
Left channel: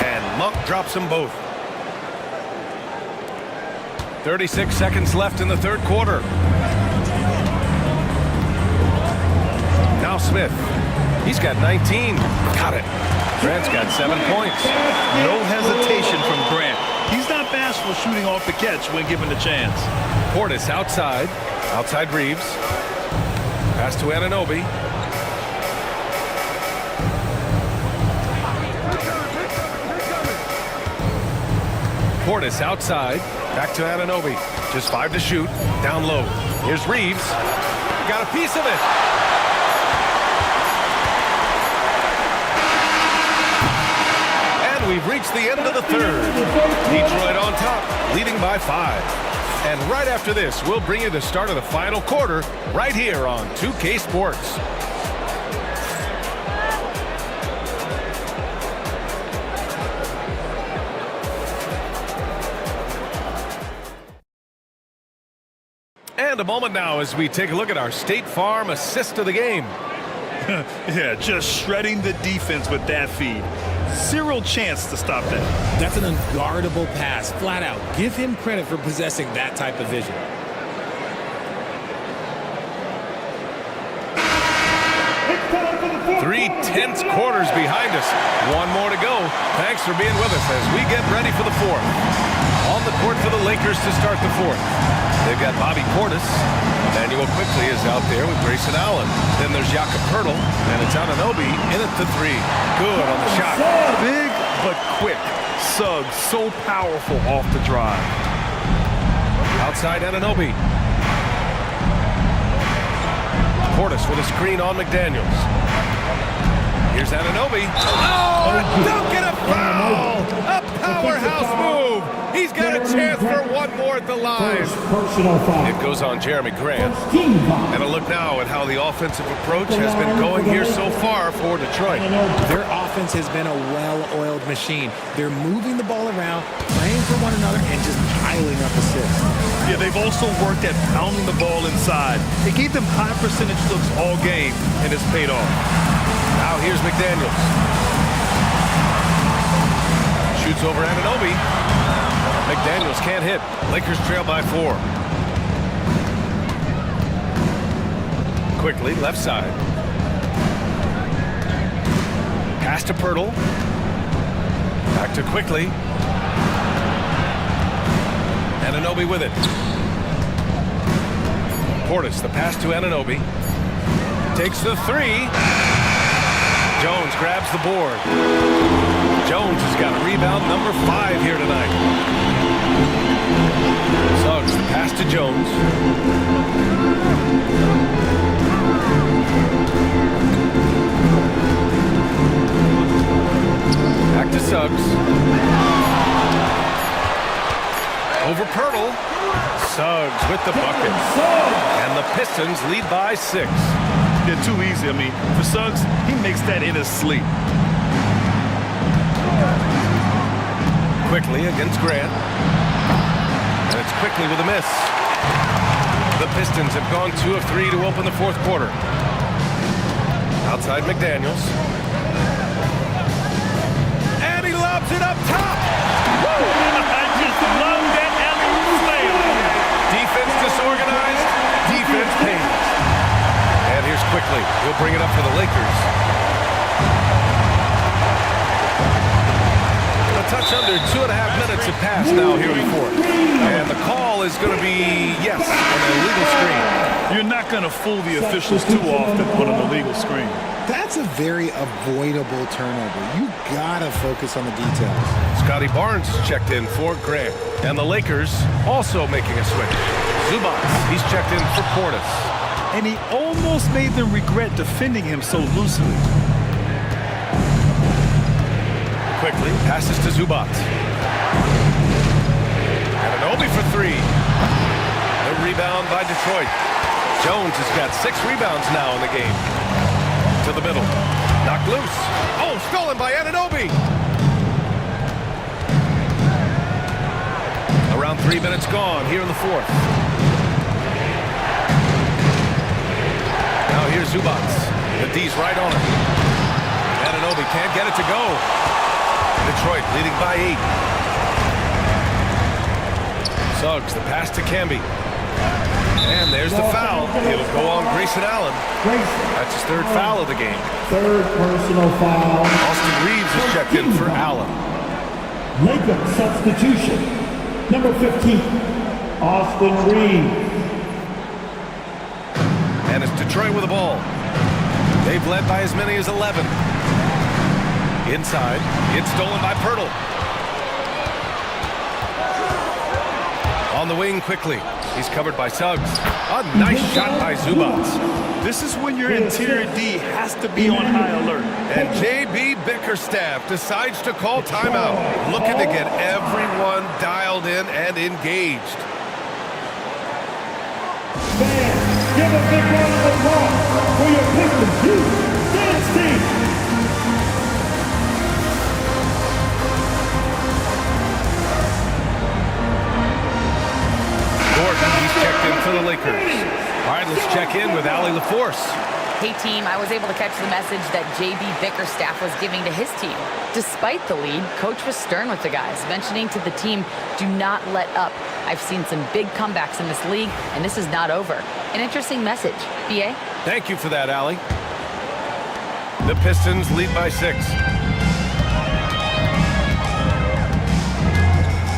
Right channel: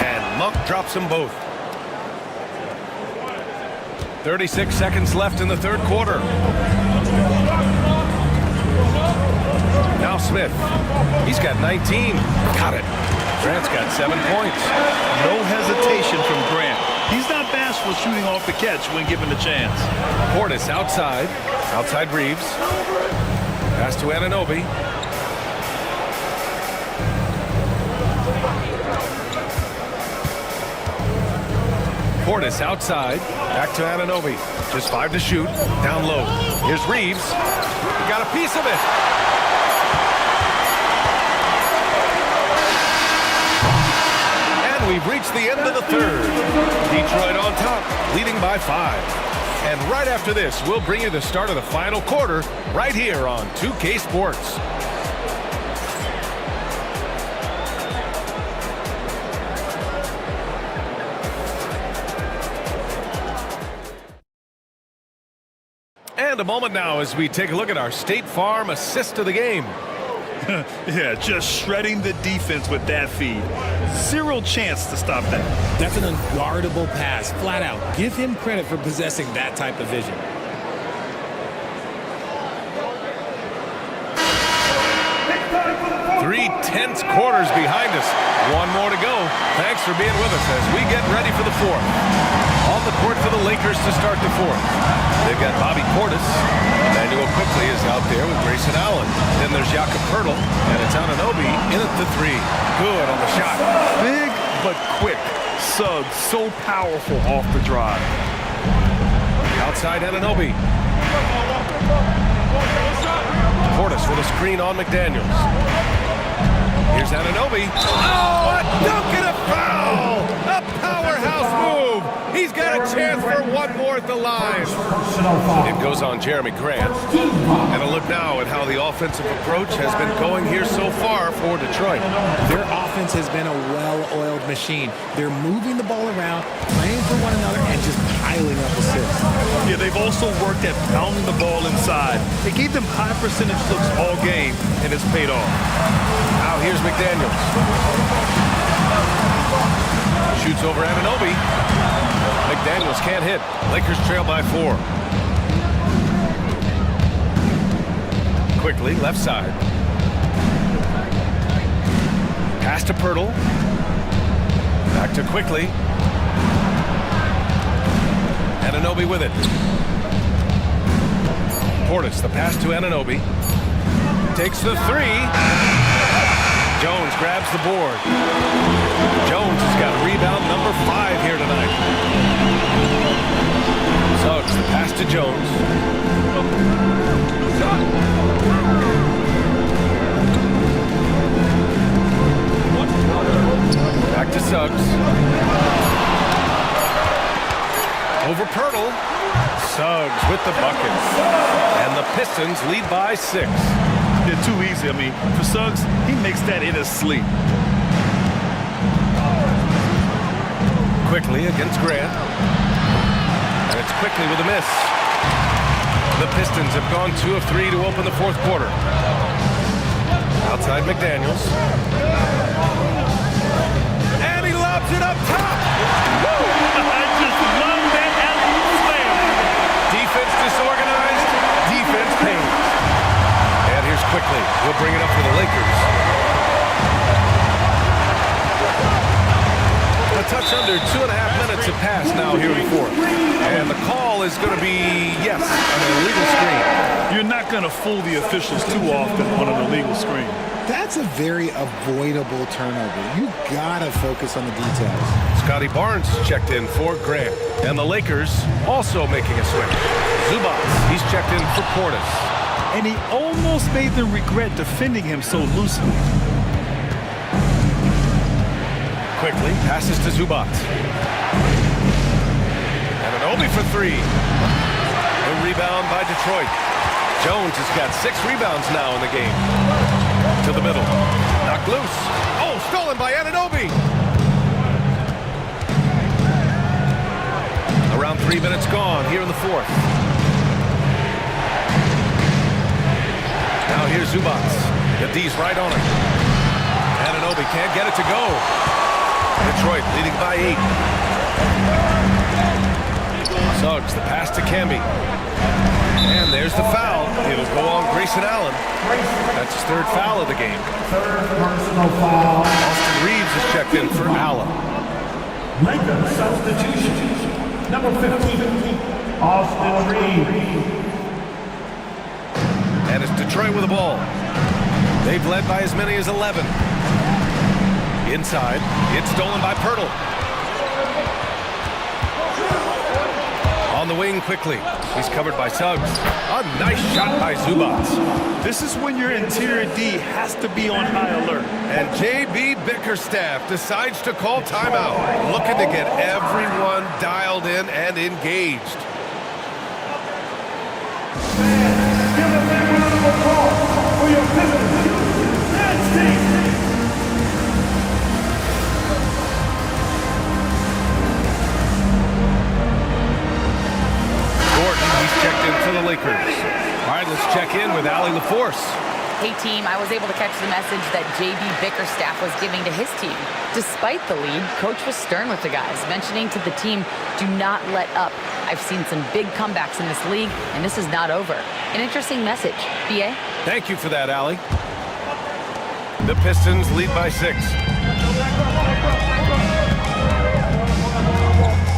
And Monk drops them both. 36 seconds left in the third quarter. Now Smith. He's got 19. Got it. Grant's got 7 points. No hesitation from Grant. He's not bashful shooting off the catch when given the chance. Portis outside. Outside Reeves. Pass to Anunoby. Portis outside. Back to Anunoby. Just 5 to shoot. Down low. Here's Reeves. He got a piece of it. And we've reached the end of the third. Detroit on top, leading by 5. And right after this, we'll bring you the start of the final quarter right here on 2K Sports. And a moment now as we take a look at our State Farm assist of the game. Yeah, just shredding the defense with that feed. Zero chance to stop that. That's an unguardable pass, flat out. Give him credit for possessing that type of vision. Three tense quarters behind us. One more to go. Thanks for being with us as we get ready for the fourth. On the court for the Lakers to start the fourth. They've got Bobby Portis. Emmanuel Quickley is out there with Grayson Allen. Then there's Jakob Poeltl, and it's Anunoby in at the 3. Good on the shot. Big but quick. Suggs so powerful off the drive. Outside Anunoby. Portis with a screen on McDaniels. Here's Anunoby. Oh, a dunk and a foul! A powerhouse move! He's got a chance for one more at the line. It goes on Jeremy Grant. And a look now at how the offensive approach has been going here so far for Detroit. Their offense has been a well-oiled machine. They're moving the ball around, playing for one another, and just piling up assists. Yeah, they've also worked at pounding the ball inside. It gave them high percentage looks all game, and it's paid off. Now here's McDaniels. Shoots over Anunoby. McDaniels can't hit. Lakers trail by 4. Quickly, left side. Pass to Poeltl. Back to Quickly. Anunoby with it. Portis, the pass to Anunoby. Takes the 3. Jones grabs the board. Jones has got rebound number 5 here tonight. Suggs, the pass to Jones. Back to Suggs. Over Poeltl. Suggs with the bucket. And the Pistons lead by 6. Yeah, too easy. I mean, for Suggs, he makes that in his sleep. Quickly against Grant. And it's Quickly with a miss. The Pistons have gone 2 of 3 to open the fourth quarter. Outside McDaniels. And he lobs it up top. Woo! I just love that alley-oop slam. Defense disorganized. Defense pays. And here's Quickly. He'll bring it up for the Lakers. A touch under 2.5 minutes have passed now here in fourth. And the call is going to be, yes, an illegal screen. You're not going to fool the officials too often on an illegal screen. That's a very avoidable turnover. You gotta focus on the details. Scotty Barnes is checked in for Grant. And the Lakers also making a switch. Zubats, he's checked in for Portis. And he almost made them regret defending him so loosely. Quickly passes to Zubats. Anunoby for 3. The rebound by Detroit. Jones has got 6 rebounds now in the game. To the middle. Knocked loose. Oh, stolen by Anunoby. Around 3 minutes gone here in the fourth. Now here's Zubats. The D's right on him. Anunoby can't get it to go. Detroit leading by 8. Suggs, the pass to Camby. And there's the foul. It'll go on Grayson Allen. That's his 3rd foul of the game. 3rd personal foul. Austin Reeves is checked in for Allen. Lakers substitution. Number 15, Austin Reeves. And it's Detroit with the ball. They've led by as many as 11. Inside, it's stolen by Poeltl. On the wing quickly. He's covered by Suggs. A nice shot by Zubats. This is when your interior D has to be on high alert. And J.B. Bickerstaff decides to call timeout, looking to get everyone dialed in and engaged. Give a big round of applause for your Pistons youth dance team. Gordon, he's checked in for the Lakers. All right, let's check in with Allie LaForce. Hey, team, I was able to catch the message that J.B. Bickerstaff was giving to his team. Despite the lead, Coach was stern with the guys, mentioning to the team, do not let up. I've seen some big comebacks in this league, and this is not over. An interesting message. B.A.? Thank you for that, Allie. The Pistons lead by 6.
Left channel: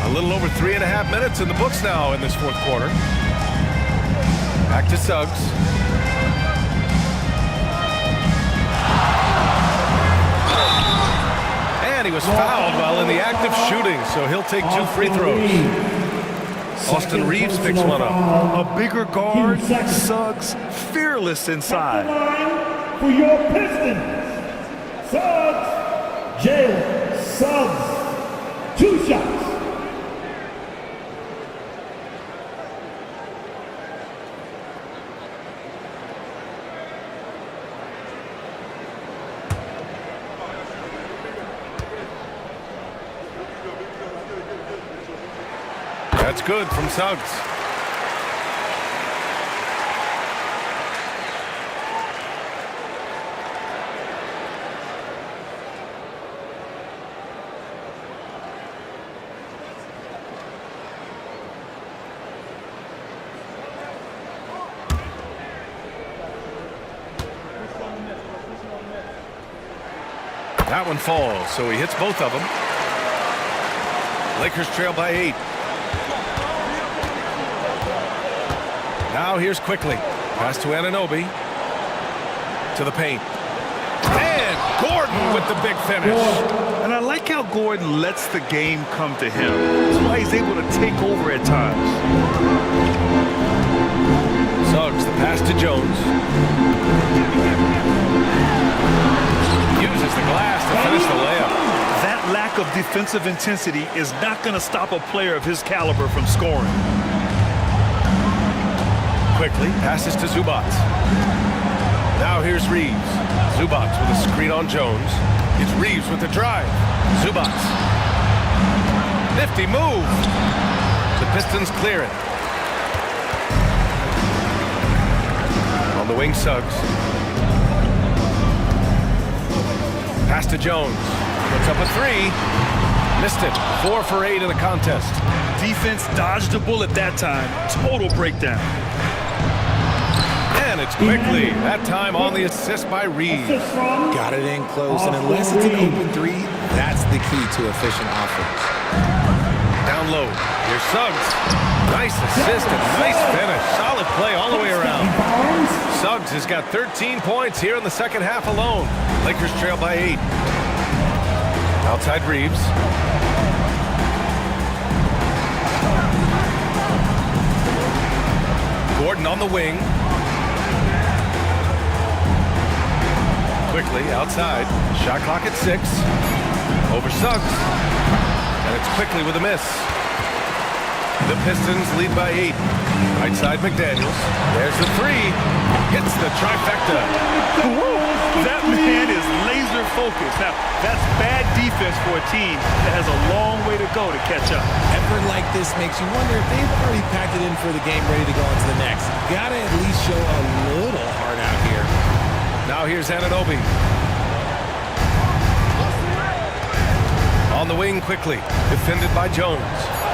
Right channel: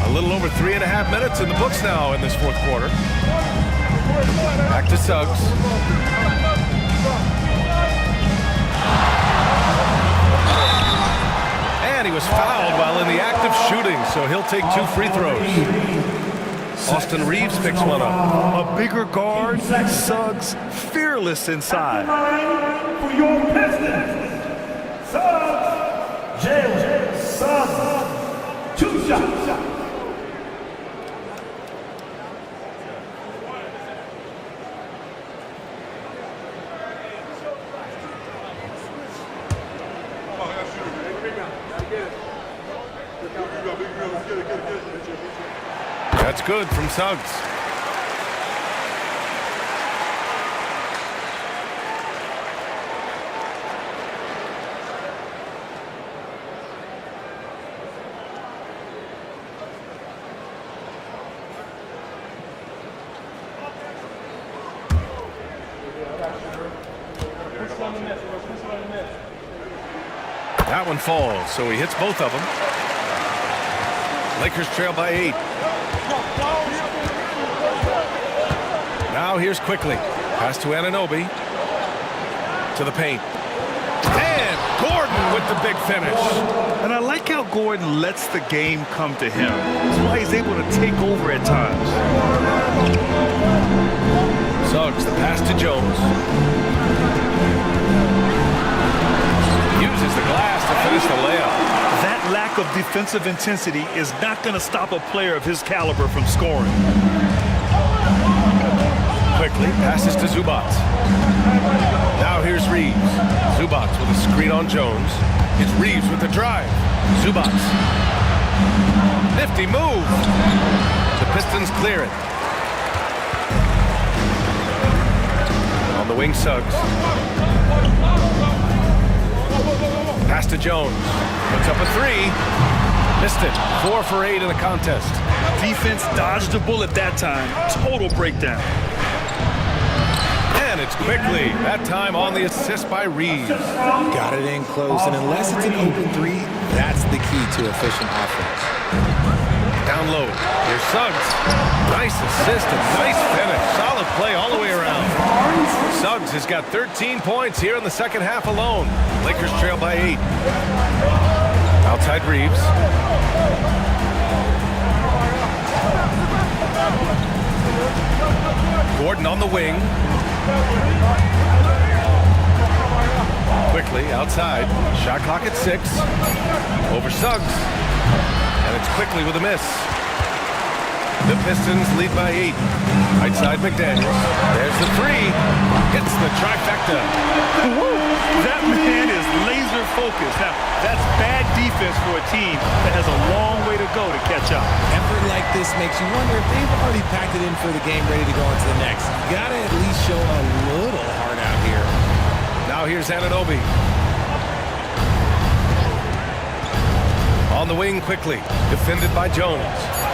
A little over 3.5 minutes in the books now in this fourth quarter. Back to Suggs. And he was fouled while in the act of shooting, so he'll take 2 free throws. Austin Reeves picks one up. A bigger guard, Suggs, fearless inside. For your Pistons, Suggs, Jalen Suggs, 2 shots. That's good from Suggs. That one falls, so he hits both of them. Lakers trail by 8. Now here's quickly. Pass to Anunoby. To the paint. And Gordon with the big finish. And I like how Gordon lets the game come to him. That's why he's able to take over at times. Suggs, the pass to Jones. Uses the glass to finish the layup. That lack of defensive intensity is not going to stop a player of his caliber from scoring. Quickly passes to Zubats. Now here's Reeves. Zubats with a screen on Jones. It's Reeves with the drive. Zubats. Nifty move. The Pistons clear it. On the wing, Suggs. Pass to Jones. Puts up a 3. Missed it. 4 for 8 in the contest. Defense dodged a bullet that time. Total breakdown. And it's quickly. That time on the assist by Reeves. Got it in close, and unless it's an open 3, that's the key to efficient offense. Down low. Here's Suggs. Nice assist and nice finish. Solid play all the way around. Suggs has got 13 points here in the second half alone. Lakers trail by 8. Outside Reeves. Gordon on the wing. Quickly outside. Shot clock at 6. Over Suggs. And it's quickly with a miss. The Pistons lead by 8. Right side McDaniels. There's the 3. Hits the trifecta. That man is laser focused. Now, that's bad defense for a team that has a long way to go to catch up. Effort like this makes you wonder if they've already packed it in for the game, ready to go on to the next. Gotta at least show a little heart out here. Now here's Anunoby. On the wing quickly. Defended by Jones.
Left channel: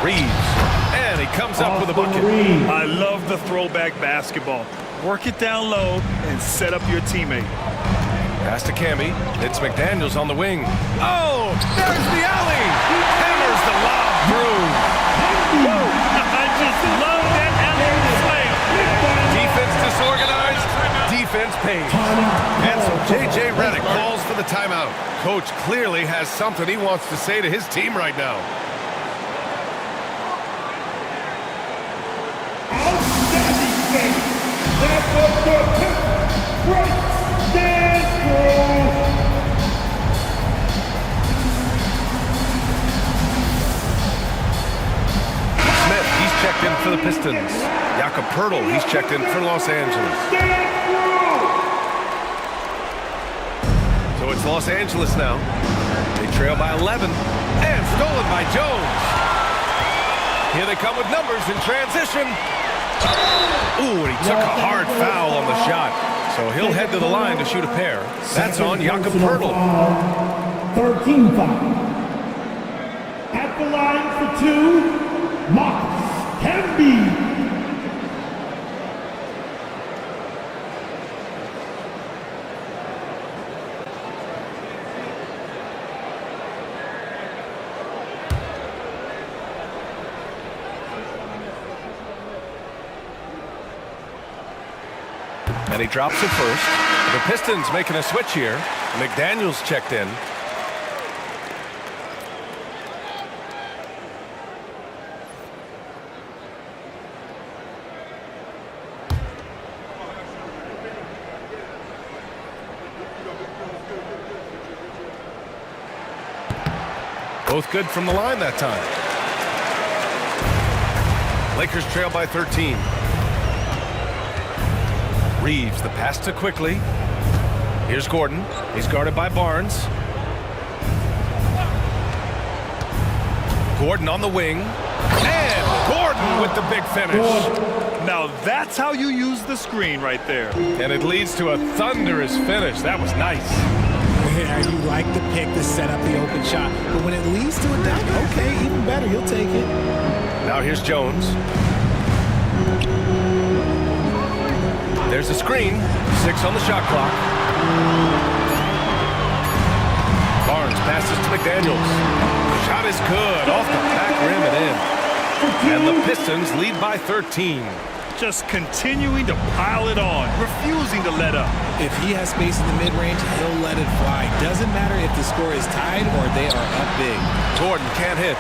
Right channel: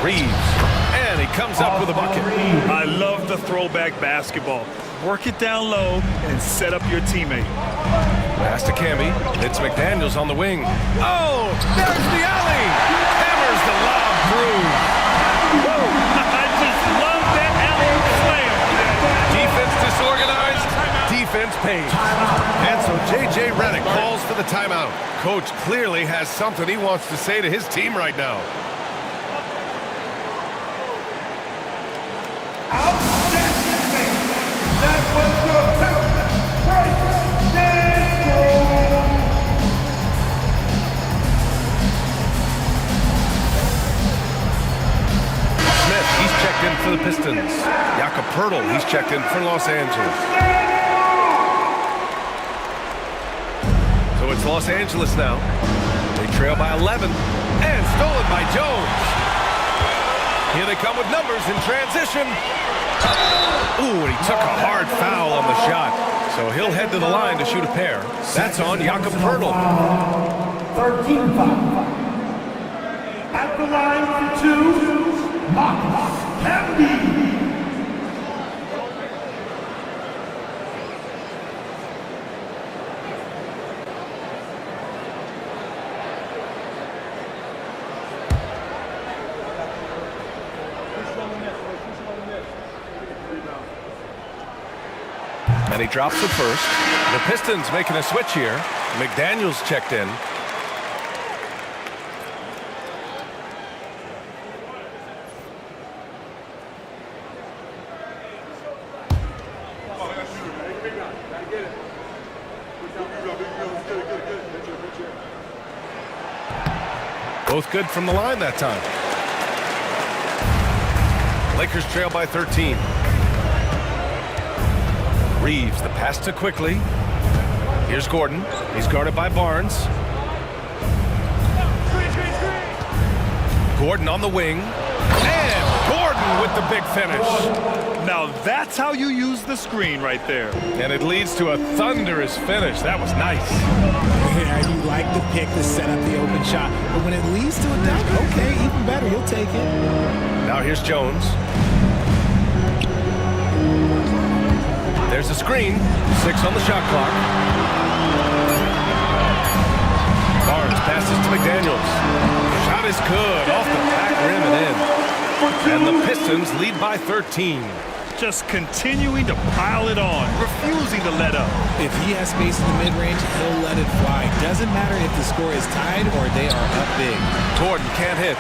Reeves. And he comes up with a bucket. I love the throwback basketball. Work it down low and set up your teammate. Pass to Camby. It's McDaniels on the wing. Oh, there's the alley. Hammers the lob through. Woo! I just love that alley slam. Defense disorganized. Defense pays. And so J.J. Redick calls for the timeout. Coach clearly has something he wants to say to his team right now. Mr. Pimp Bryce Stanford. Smith, he's checked in for the Pistons. Jakob Poeltl, he's checked in for Los Angeles. So it's Los Angeles now. They trail by 11 and stolen by Jones. Here they come with numbers in transition. Ooh, and he took a hard foul on the shot. So he'll head to the line to shoot a pair. That's on Jakob Poeltl. 13 foul. At the line for two, Marcus Camby. And he drops it first. The Pistons making a switch here. McDaniels checked in. Both good from the line that time. Lakers trail by 13. Reeves, the pass to Quickly. Here's Gordon. He's guarded by Barnes. Gordon on the wing. And Gordon with the big finish. Now that's how you use the screen right there. And it leads to a thunderous finish. That was nice. Yeah, you like the pick to set up the open shot. But when it leads to a dunk, okay, even better. You'll take it. Now here's Jones. There's a screen. 6 on the shot clock. Barnes passes to McDaniels. Shot is good. Off the back rim and in. And the Pistons lead by 13. Just continuing to pile it on, refusing to let up. If he has space in the mid-range, he'll let it fly. Doesn't matter if the score is tied or they are up big. Gordon can't hit.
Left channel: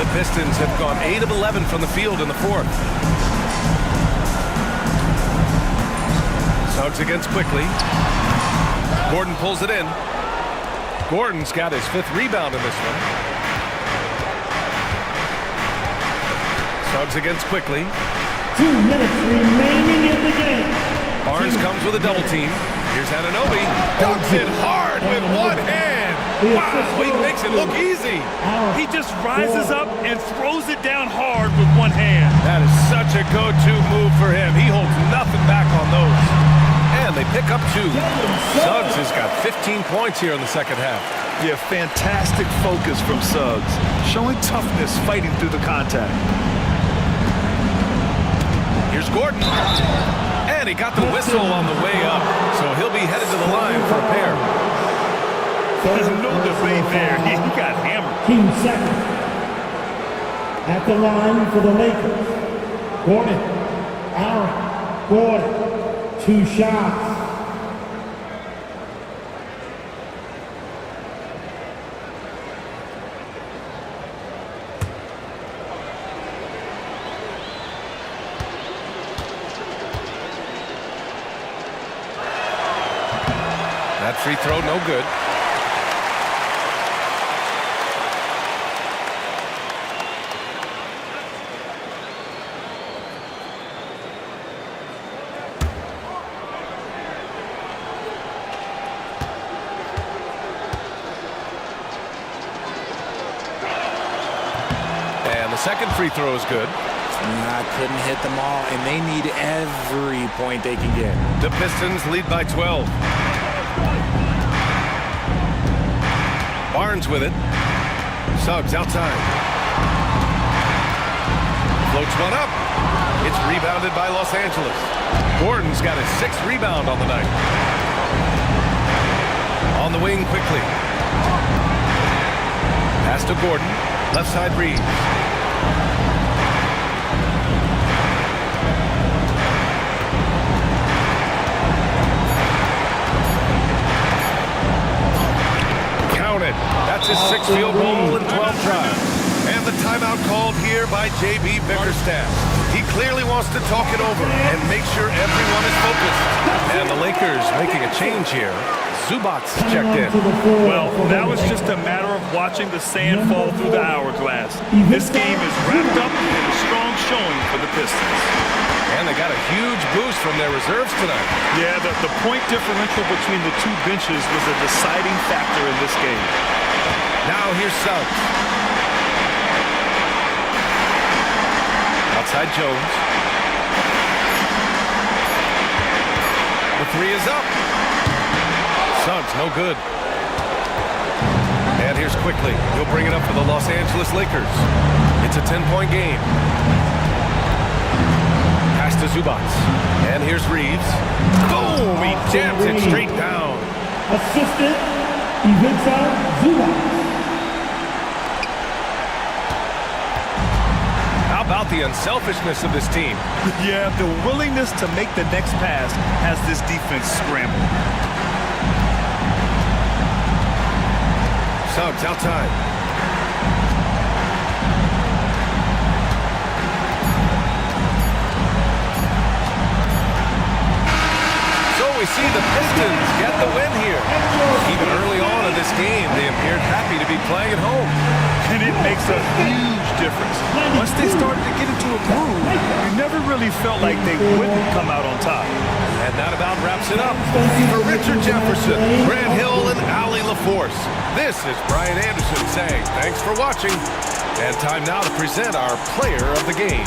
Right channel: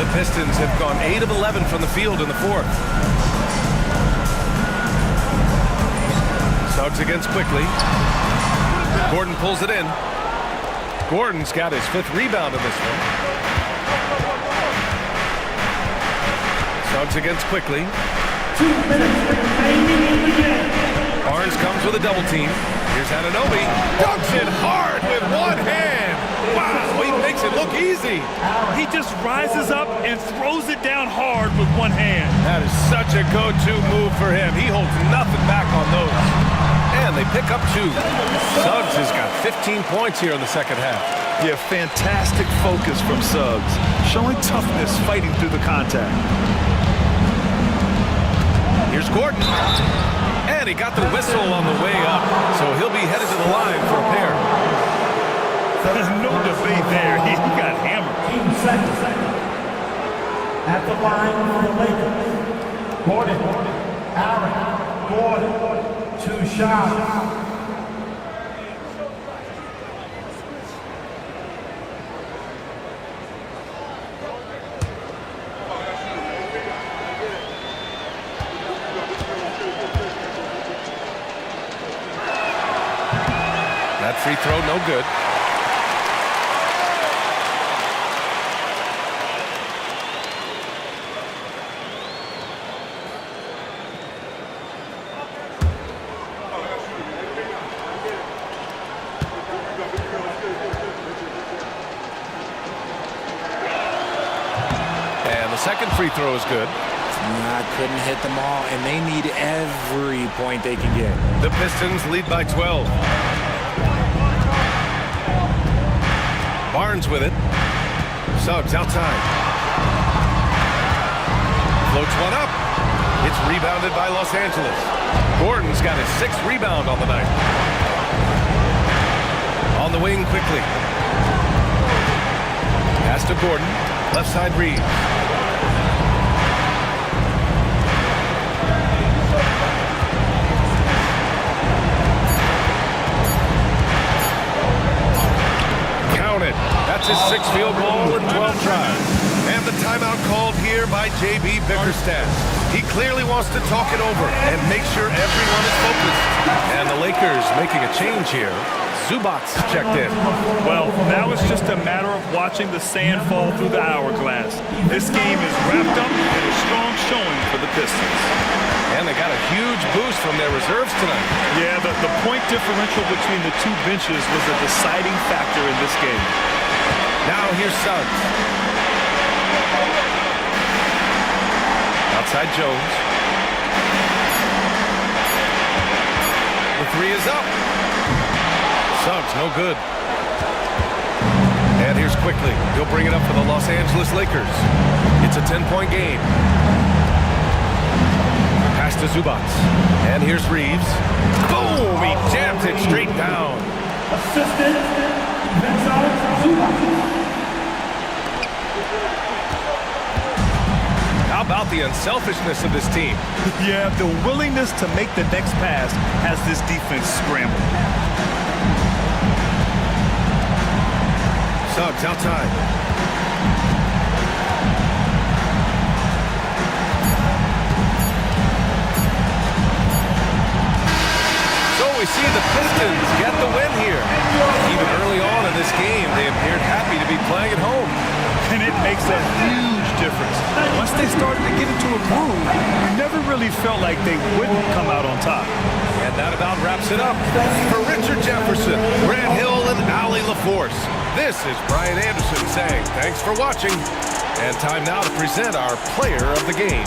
The Pistons have gone 8 of 11 from the field in the fourth. Suggs against Quickly. Gordon pulls it in. Gordon's got his 5th rebound in this one. Suggs against Quickly. 2 minutes remaining in the game. Barnes comes with a double team. Here's Anunoby. Dunks it hard with one hand. Wow, he makes it look easy. He just rises up and throws it down hard with one hand. That is such a go-to move for him. He holds nothing back on those. And they pick up 2. Suggs has got 15 points here in the second half. Yeah, fantastic focus from Suggs. Showing toughness fighting through the contact. Here's Gordon. And he got the whistle on the way up. So he'll be headed to the line for a pair. No debate there. He got hammered. 15 seconds. At the line for the Lakers, Gordon, Aaron, Gordon. 2 shots. That free throw, no good. And the second free throw is good. I couldn't hit them all, and they need every point they can get. The Pistons lead by 12. Barnes with it. Suggs outside. Floats one up. It's rebounded by Los Angeles. Gordon's got his 6th rebound on the night. On the wing quickly. Pass to Gordon. Left side Reeves. Counted. That's his 6th field goal in 12 tries. And the timeout called here by J.B. Bickerstaff. He clearly wants to talk it over and make sure everyone is focused. And the Lakers making a change here. Zubac checked in. Well, now it's just a matter of watching the sand fall through the hourglass. This game is wrapped up in a strong showing for the Pistons. And they got a huge boost from their reserves tonight. Yeah, the point differential between the two benches was a deciding factor in this game. Now here's Suggs. Outside Jones. The three is up. Suggs, no good. And here's Quickly. He'll bring it up for the Los Angeles Lakers. It's a 10-point game. Pass to Zubac. And here's Reeves. Boom! He jams it straight down. Assistant, Ivica Zubac. How about the unselfishness of this team? Yeah, the willingness to make the next pass has this defense scrambling. Suggs outside. So we see the Pistons get the win here. Even early on in this game, they appeared happy to be playing at home. And it makes a huge difference. Once they started to get into a groove, you never really felt like they wouldn't come out on top. And that about wraps it up. For Richard Jefferson, Grant Hill, and Allie LaForce, this is Brian Anderson saying thanks for watching. And time now to present our player of the game.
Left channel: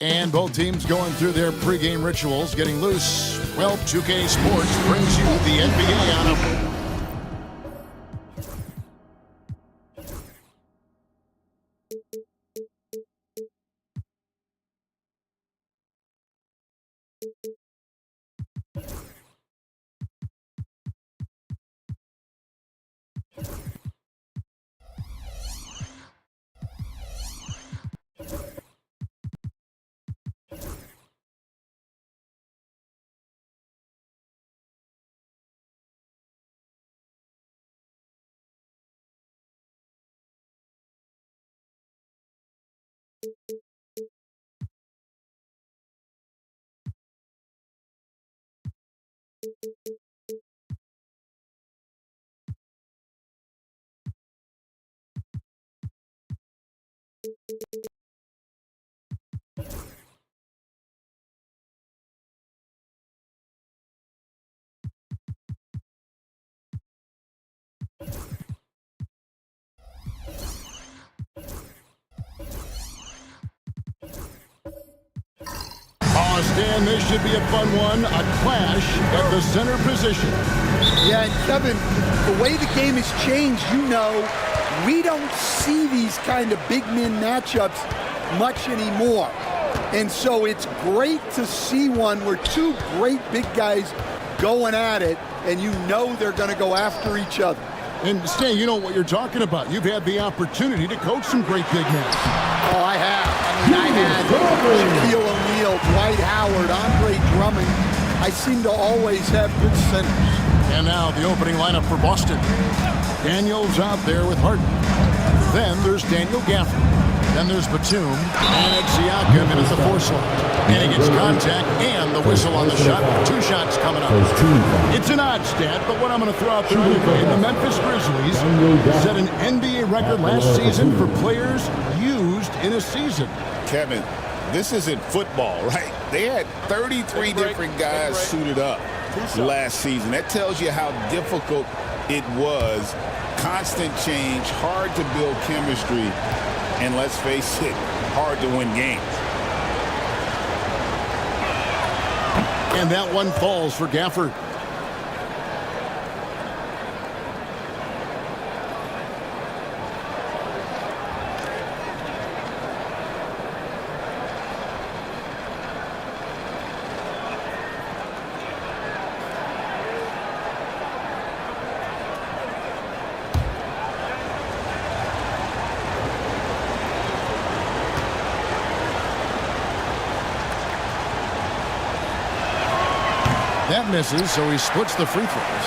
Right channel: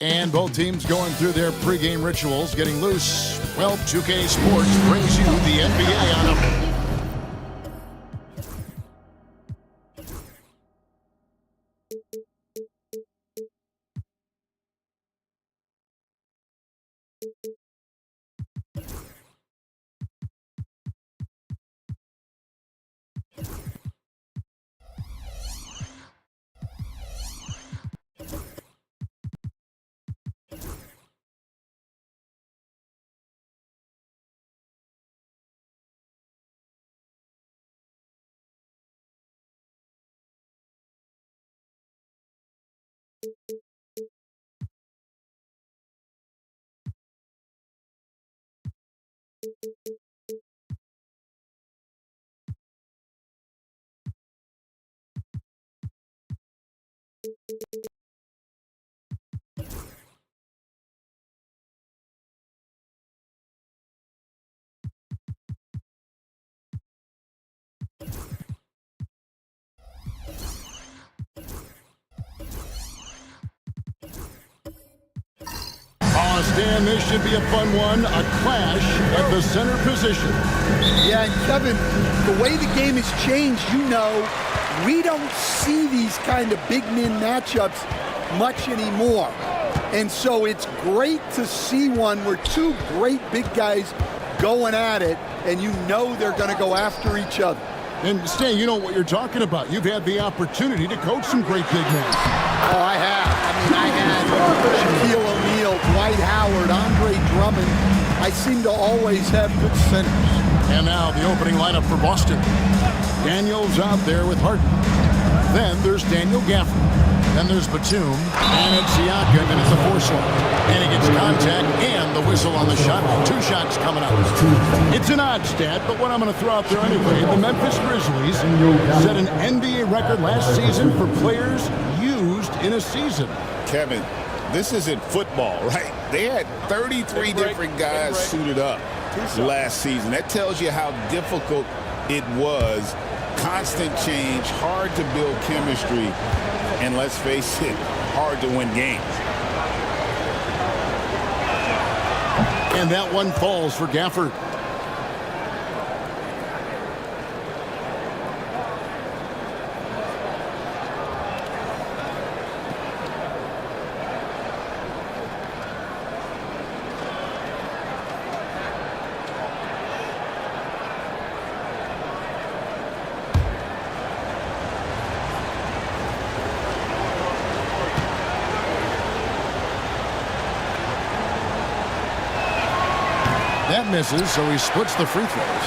And both teams going through their pregame rituals, getting loose. Well, 2K Sports brings you the NBA on a... Oh, Stan, this should be a fun one. A clash at the center position. Yeah, and Kevin, the way the game has changed, you know, we don't see these kind of big men matchups much anymore. And so it's great to see one where two great big guys going at it, and you know they're going to go after each other. And Stan, you know what you're talking about. You've had the opportunity to coach some great big men. Oh, I have. I mean, I had Shaquille O'Neal, Dwight Howard, Andre Drummond. I seem to always have good centers. And now the opening lineup for Boston. Daniels out there with Harden. Then there's Daniel Gafford. Then there's Batum. And it's Siakam in at the 4 slot. And he gets contact and the whistle on the shot. 2 shots coming up. It's an odd stat, but what I'm going to throw out there anyway, the Memphis Grizzlies set an NBA record last season for players used in a season. Kevin, this isn't football, right? They had 33 different guys suited up last season. That tells you how difficult it was. Constant change, hard to build chemistry, and let's face it, hard to win games. And that one falls for Gafford. That misses, so he splits the free throws.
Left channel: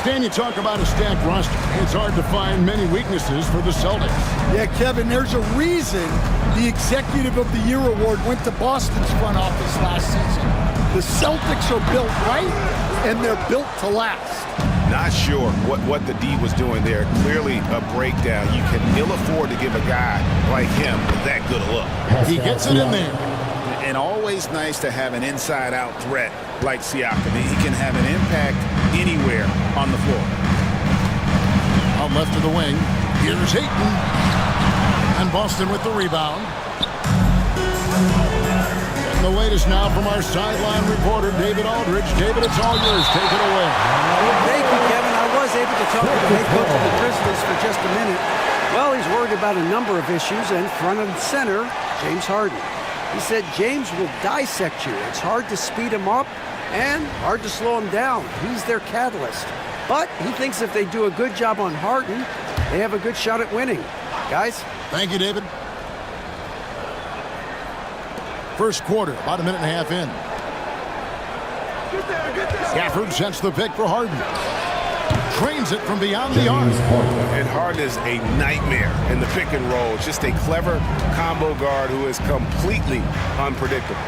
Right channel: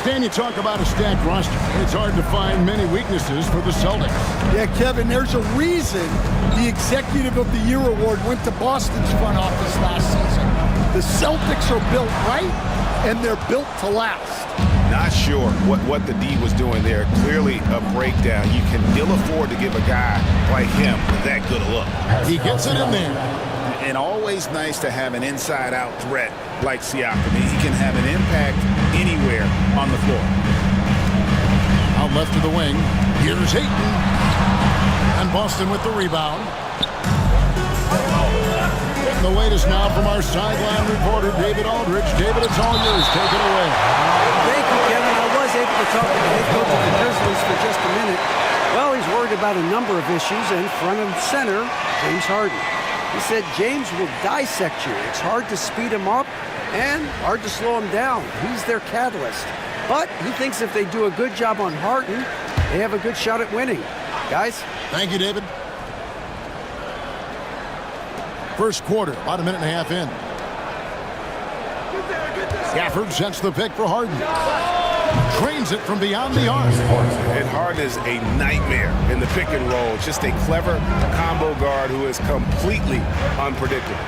Stan, you talk about a stacked roster. It's hard to find many weaknesses for the Celtics. Yeah, Kevin, there's a reason the Executive of the Year award went to Boston's front office last season. The Celtics are built right, and they're built to last. Not sure what the D was doing there. Clearly a breakdown. You can ill afford to give a guy like him that good a look. He gets it in there. And always nice to have an inside-out threat like Siakam. He can have an impact anywhere on the floor. Out left to the wing. Here's Ayton. And Boston with the rebound. Getting the latest now from our sideline reporter, David Aldridge. David, it's all yours. Take it away. Thank you, Kevin. I was able to talk to the head coach of the Grizzlies for just a minute. Well, he's worried about a number of issues, and front and center, James Harden. He said James will dissect you. It's hard to speed him up and hard to slow him down. He's their catalyst. But he thinks if they do a good job on Harden, they have a good shot at winning. Guys? Thank you, David. First quarter, about a minute and a half in. Gafford sets the pick for Harden. Trains it from beyond the arc. And Harden is a nightmare in the pick and roll. Just a clever combo guard who is completely unpredictable.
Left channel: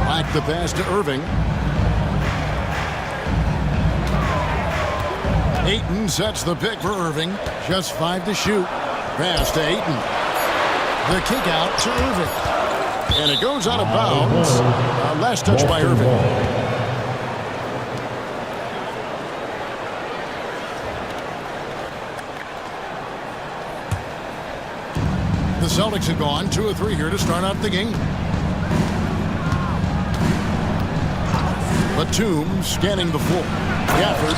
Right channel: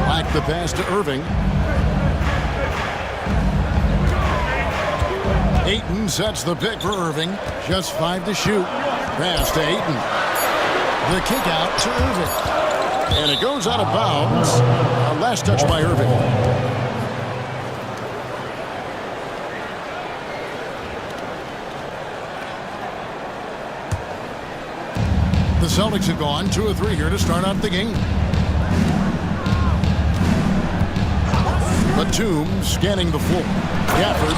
Back the pass to Irving. Ayton sets the pick for Irving. Just 5 to shoot. Pass to Ayton. The kick out to Irving. And it goes out of bounds. Last touch by Irving. The Celtics have gone 2 of 3 here to start out the game. Batum scanning the floor. Gafford.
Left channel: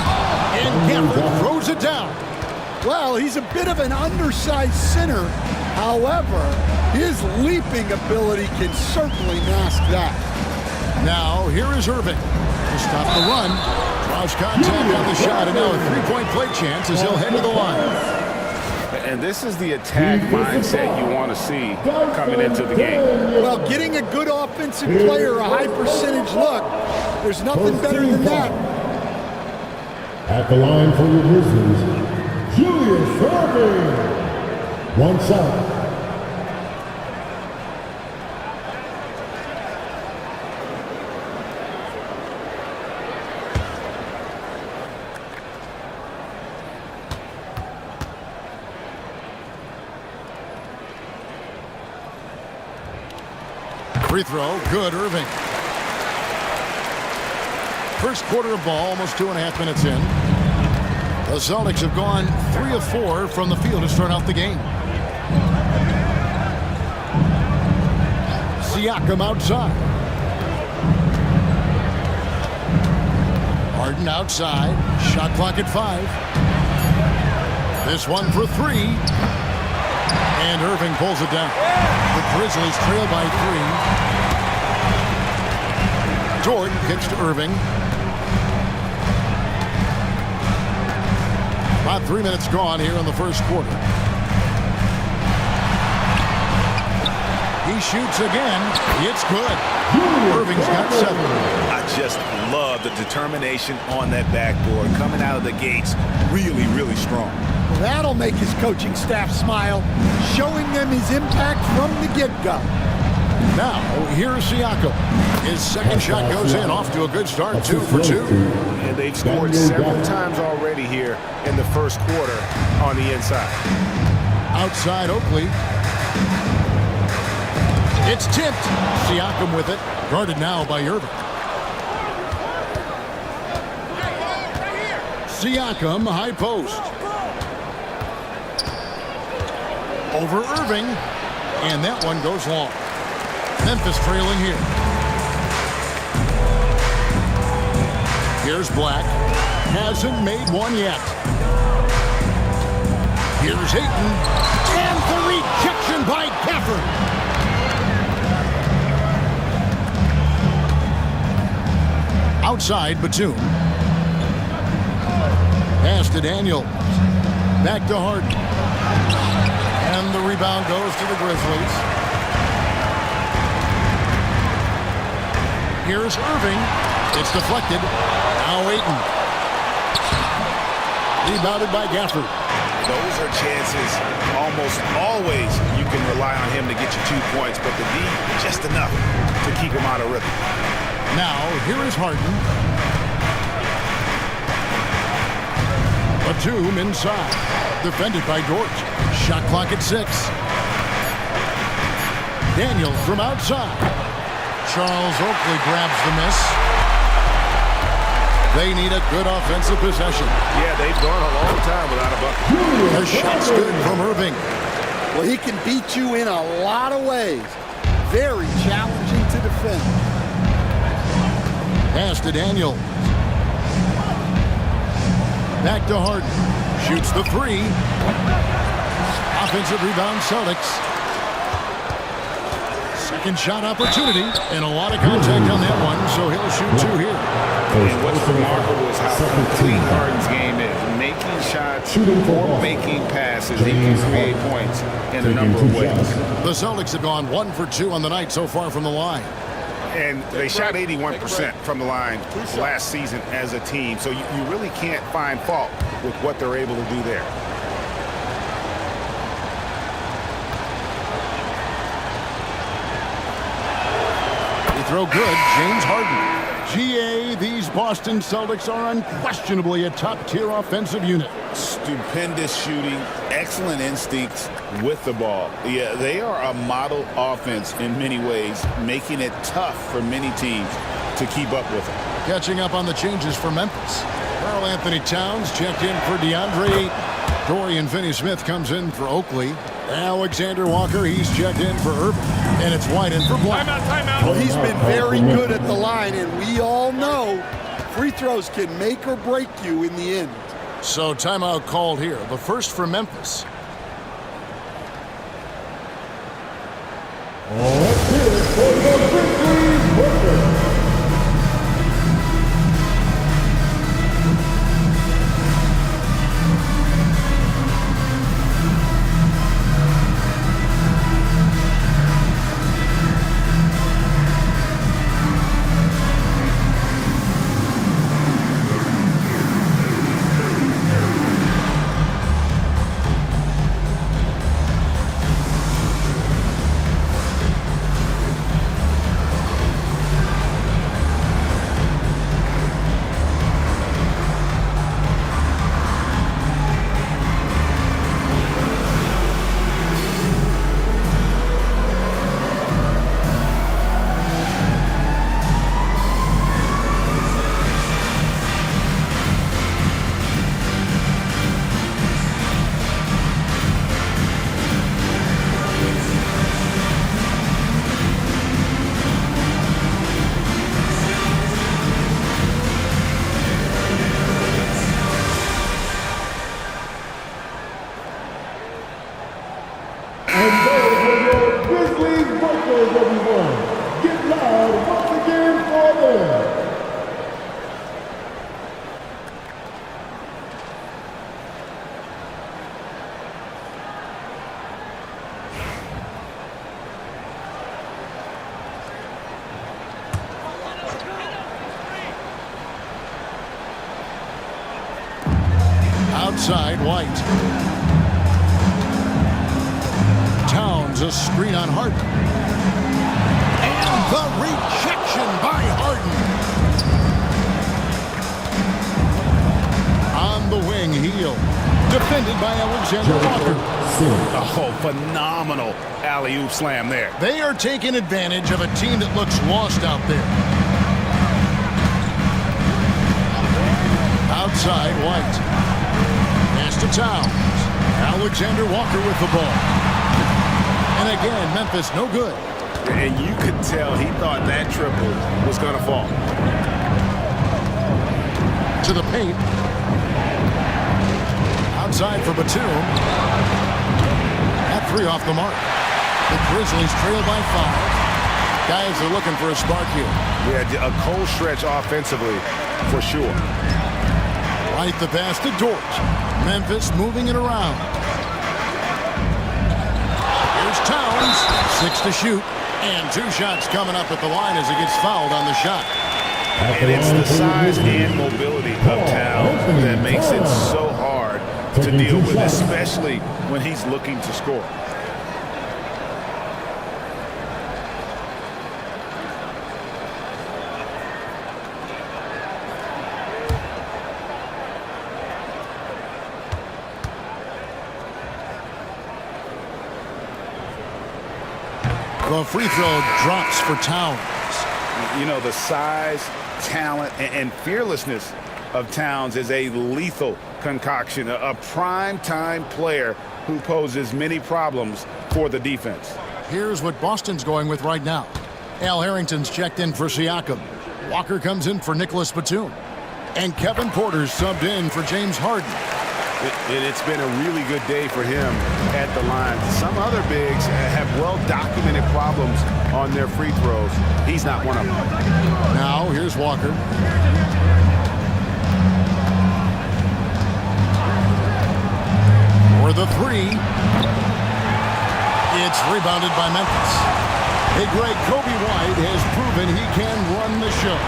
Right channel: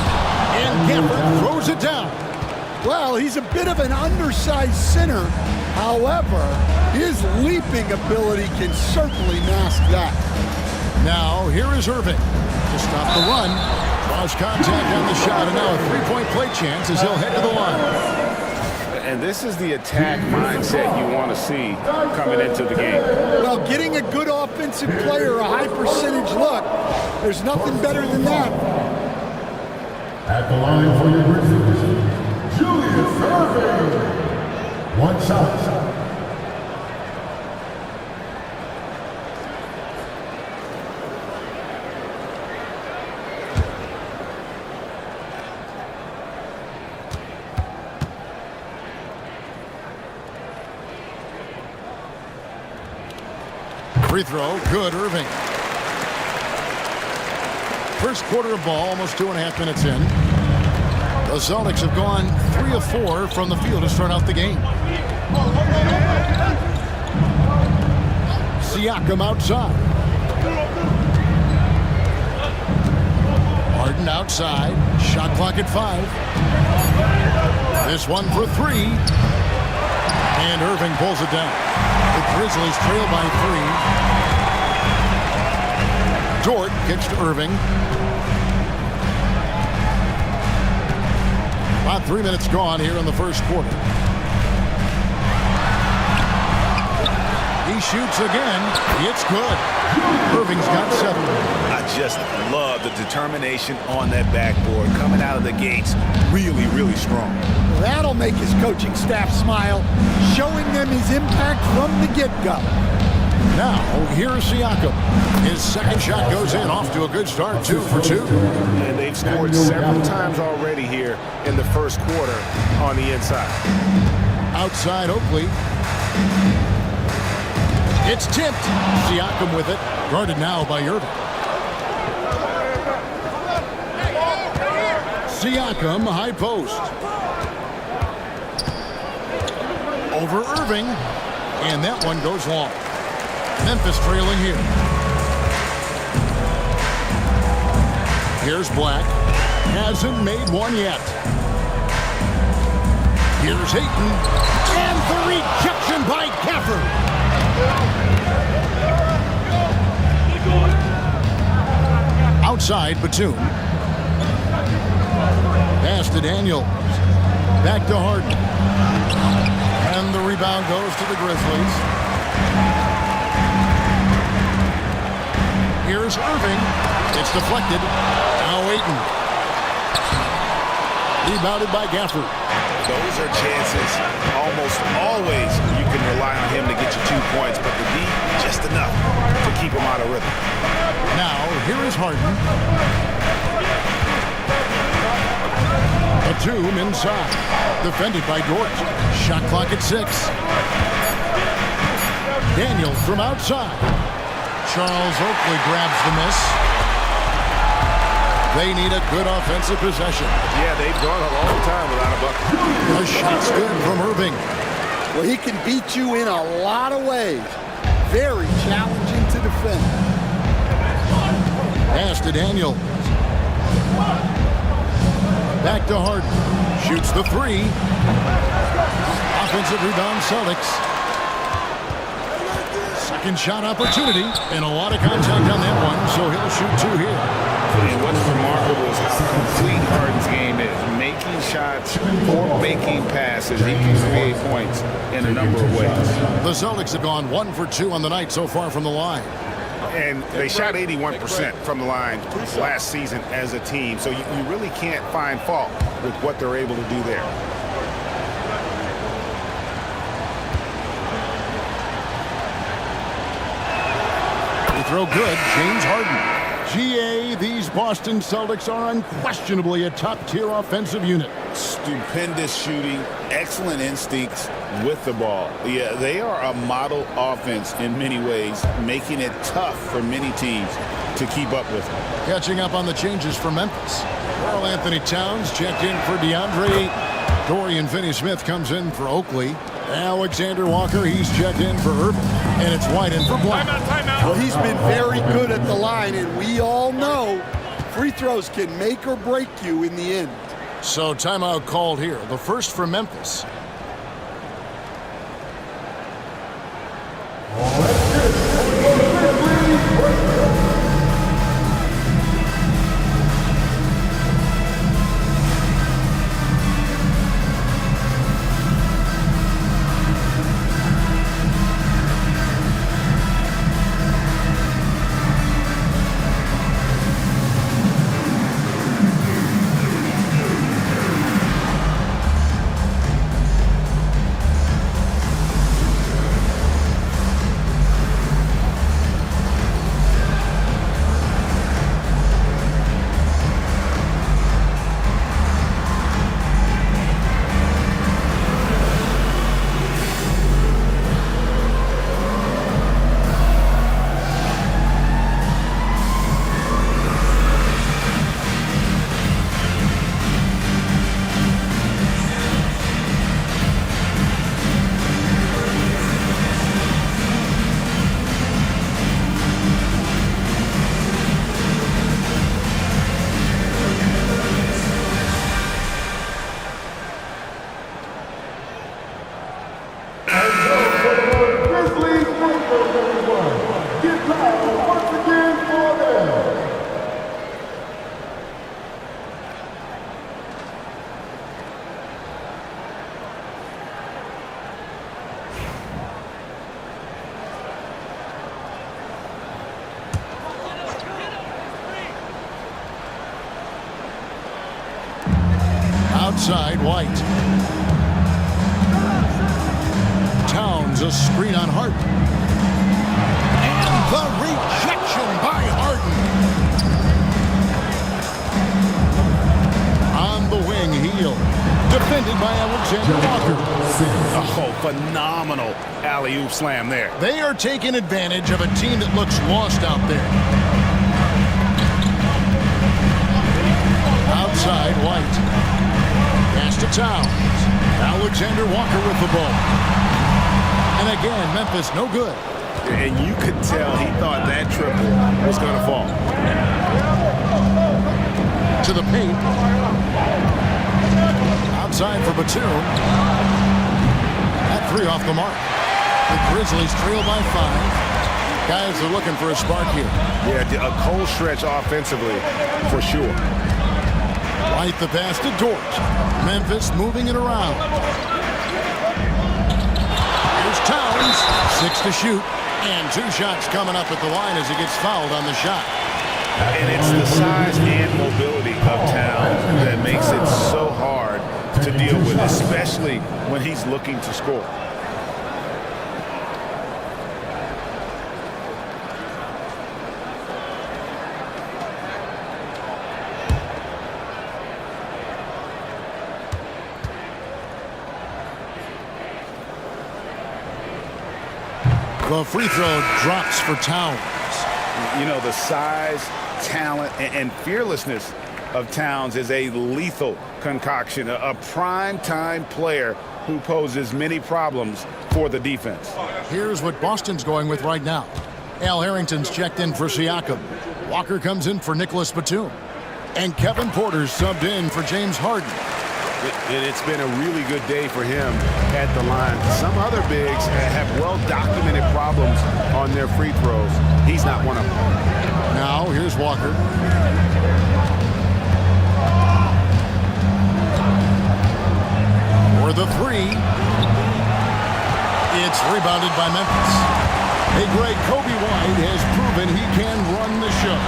And Gafford throws it down. Well, he's a bit of an undersized center. However, his leaping ability can certainly mask that. Now, here is Irving to stop the run. Draws contact on the shot, and now a three-point play chance as he'll head to the line. And this is the attack mindset you want to see coming into the game. Well, getting a good offensive player a high percentage look, there's nothing better than that. At the line for your Grizzlies, Julius Irving. One shot. Free throw, good, Irving. First quarter of ball, almost 2.5 minutes in. The Celtics have gone 3 of 4 from the field to start out the game. Siakam outside. Harden outside. Shot clock at 5. This one for 3. And Irving pulls it down. The Grizzlies trail by 3. Dort kicks to Irving. About 3 minutes gone here in the first quarter. He shoots again. It's good. Irving's got 7. I just love the determination on that backboard. Coming out of the gates really, really strong. Well, that'll make his coaching staff smile, showing them his impact from the get-go. Now, here's Siakam. His second shot goes in, off to a good start, 2 for 2. And they've scored several times already here in the first quarter on the inside. Outside Oakley. It's tipped. Siakam with it. Guarded now by Irving. Siakam, high post. Over Irving. And that one goes long. Memphis trailing here. Here's Black. Hasn't made one yet. Here's Ayton. And the rejection by Gafford. Outside, Batum. Pass to Daniels. Back to Harden. And the rebound goes to the Grizzlies. Here's Irving. It's deflected. Now Ayton. Rebounded by Gafford. Those are chances almost always you can rely on him to get you 2 points, but the D, just enough to keep him out of rhythm. Now, here is Harden. Batum inside. Defended by Dort. Shot clock at 6. Daniels from outside. Charles Oakley grabs the miss. They need a good offensive possession. Yeah, they've gone a long time without a bucket. The shot's good from Irving. Well, he can beat you in a lot of ways. Very challenging to defend. Pass to Daniels. Back to Harden. Shoots the 3. Offensive rebound, Celtics. Second shot opportunity, and a lot of contact on that one, so he'll shoot 2 here. And what's remarkable is how complete Harden's game is. Making shots or making passes. He can create points in a number of ways. The Celtics have gone 1 for 2 on the night so far from the line. And they shot 81% from the line last season as a team, so you really can't find fault with what they're able to do there. They throw good, James Harden. GA, these Boston Celtics are unquestionably a top-tier offensive unit. Stupendous shooting, excellent instincts with the ball. Yeah, they are a model offense in many ways, making it tough for many teams to keep up with them. Catching up on the changes for Memphis. Karl Anthony Towns checked in for DeAndre Ayton. Dorian Finney-Smith comes in for Oakley. Alexander Walker, he's checked in for Irving. And it's White in for Black. Timeout. Well, he's been very good at the line, and we all know free throws can make or break you in the end. So timeout called here. The first for Memphis. Outside, White. Towns, a screen on Harden. And the rejection by Harden. On the wing, Heel. Defended by Alexander Walker. Oh, phenomenal alley-oop slam there. They are taking advantage of a team that looks lost out there. Outside, White. Pass to Towns. Alexander Walker with the ball. And again, Memphis no good. And you could tell he thought that triple was going to fall. To the paint. Outside for Batum. That three off the mark. The Grizzlies trail by 5. Guys are looking for a spark here. Yeah, a cold stretch offensively for sure. White the pass to Dort. Memphis moving it around. Here's Towns. 6 to shoot. And 2 shots coming up at the line as he gets fouled on the shot. And it's the size and mobility of Towns that makes it so hard to deal with, especially when he's looking to score. The free throw drops for Towns. You know, the size, talent, and fearlessness of Towns is a lethal concoction, a prime-time player who poses many problems for the defense. Here's what Boston's going with right now. Al Harrington's checked in for Siakam. Walker comes in for Nicholas Batum. And Kevin Porter's subbed in for James Harden. It's been a really good day for him at the line. Some other bigs have well-documented problems on their free throws. He's not one of them. Now, here's Walker. For the 3. It's rebounded by Memphis. Hey, Greg, Kobe White has proven he can run the show.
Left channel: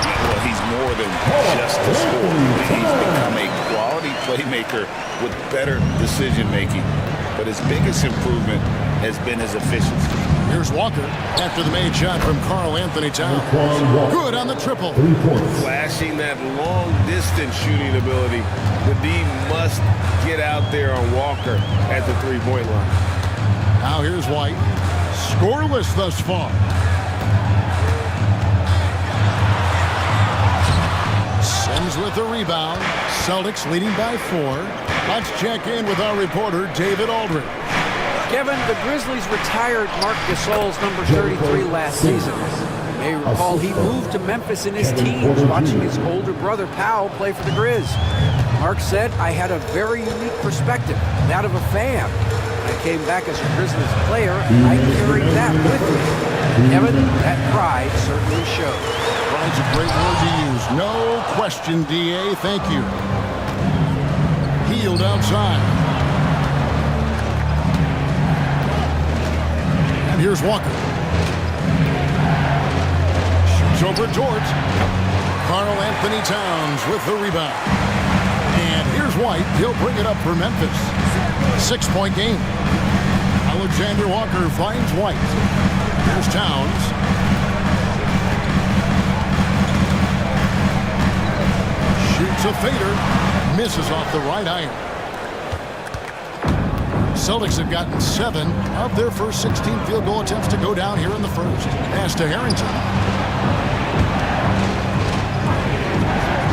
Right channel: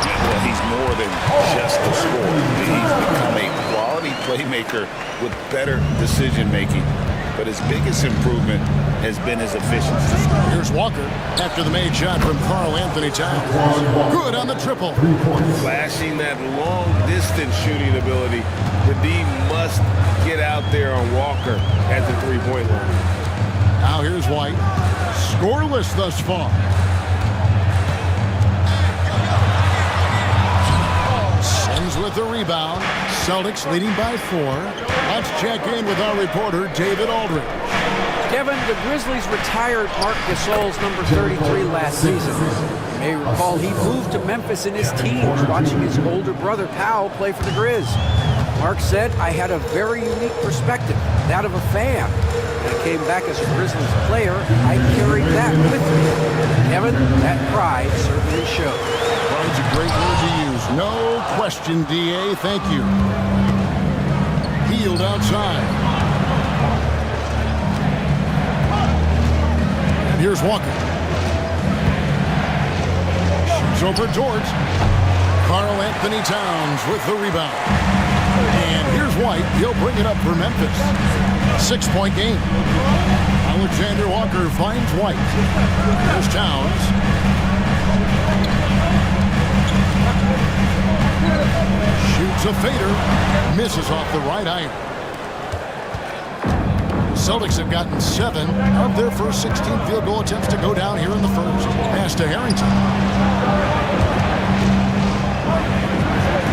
Well, he's more than just a scorer. He's become a quality playmaker with better decision-making. But his biggest improvement has been his efficiency. Here's Walker after the made shot from Karl Anthony Towns. Good on the triple. Flashing that long-distance shooting ability. The D must get out there on Walker at the three-point line. Now here's White. Scoreless thus far. Sims with the rebound. Celtics leading by 4. Let's check in with our reporter, David Aldridge. Kevin, the Grizzlies retired Marc Gasol's number 33 last season. You may recall he moved to Memphis in his teens, watching his older brother Powell play for the Grizz. Mark said, I had a very unique perspective, that of a fan. When I came back as a Grizzlies player, I carried that with me. Kevin, that pride certainly showed. Pride's a great word to use. No question, D.A. Thank you. Healed outside. And here's Walker. Shoots over Dort. Karl Anthony Towns with the rebound. And here's White. He'll bring it up for Memphis. 6-point game. Alexander Walker finds White. Here's Towns. Shoots a fader. Misses off the right iron. Celtics have gotten 7 of their first 16 field goal attempts to go down here in the first. Pass to Harrington.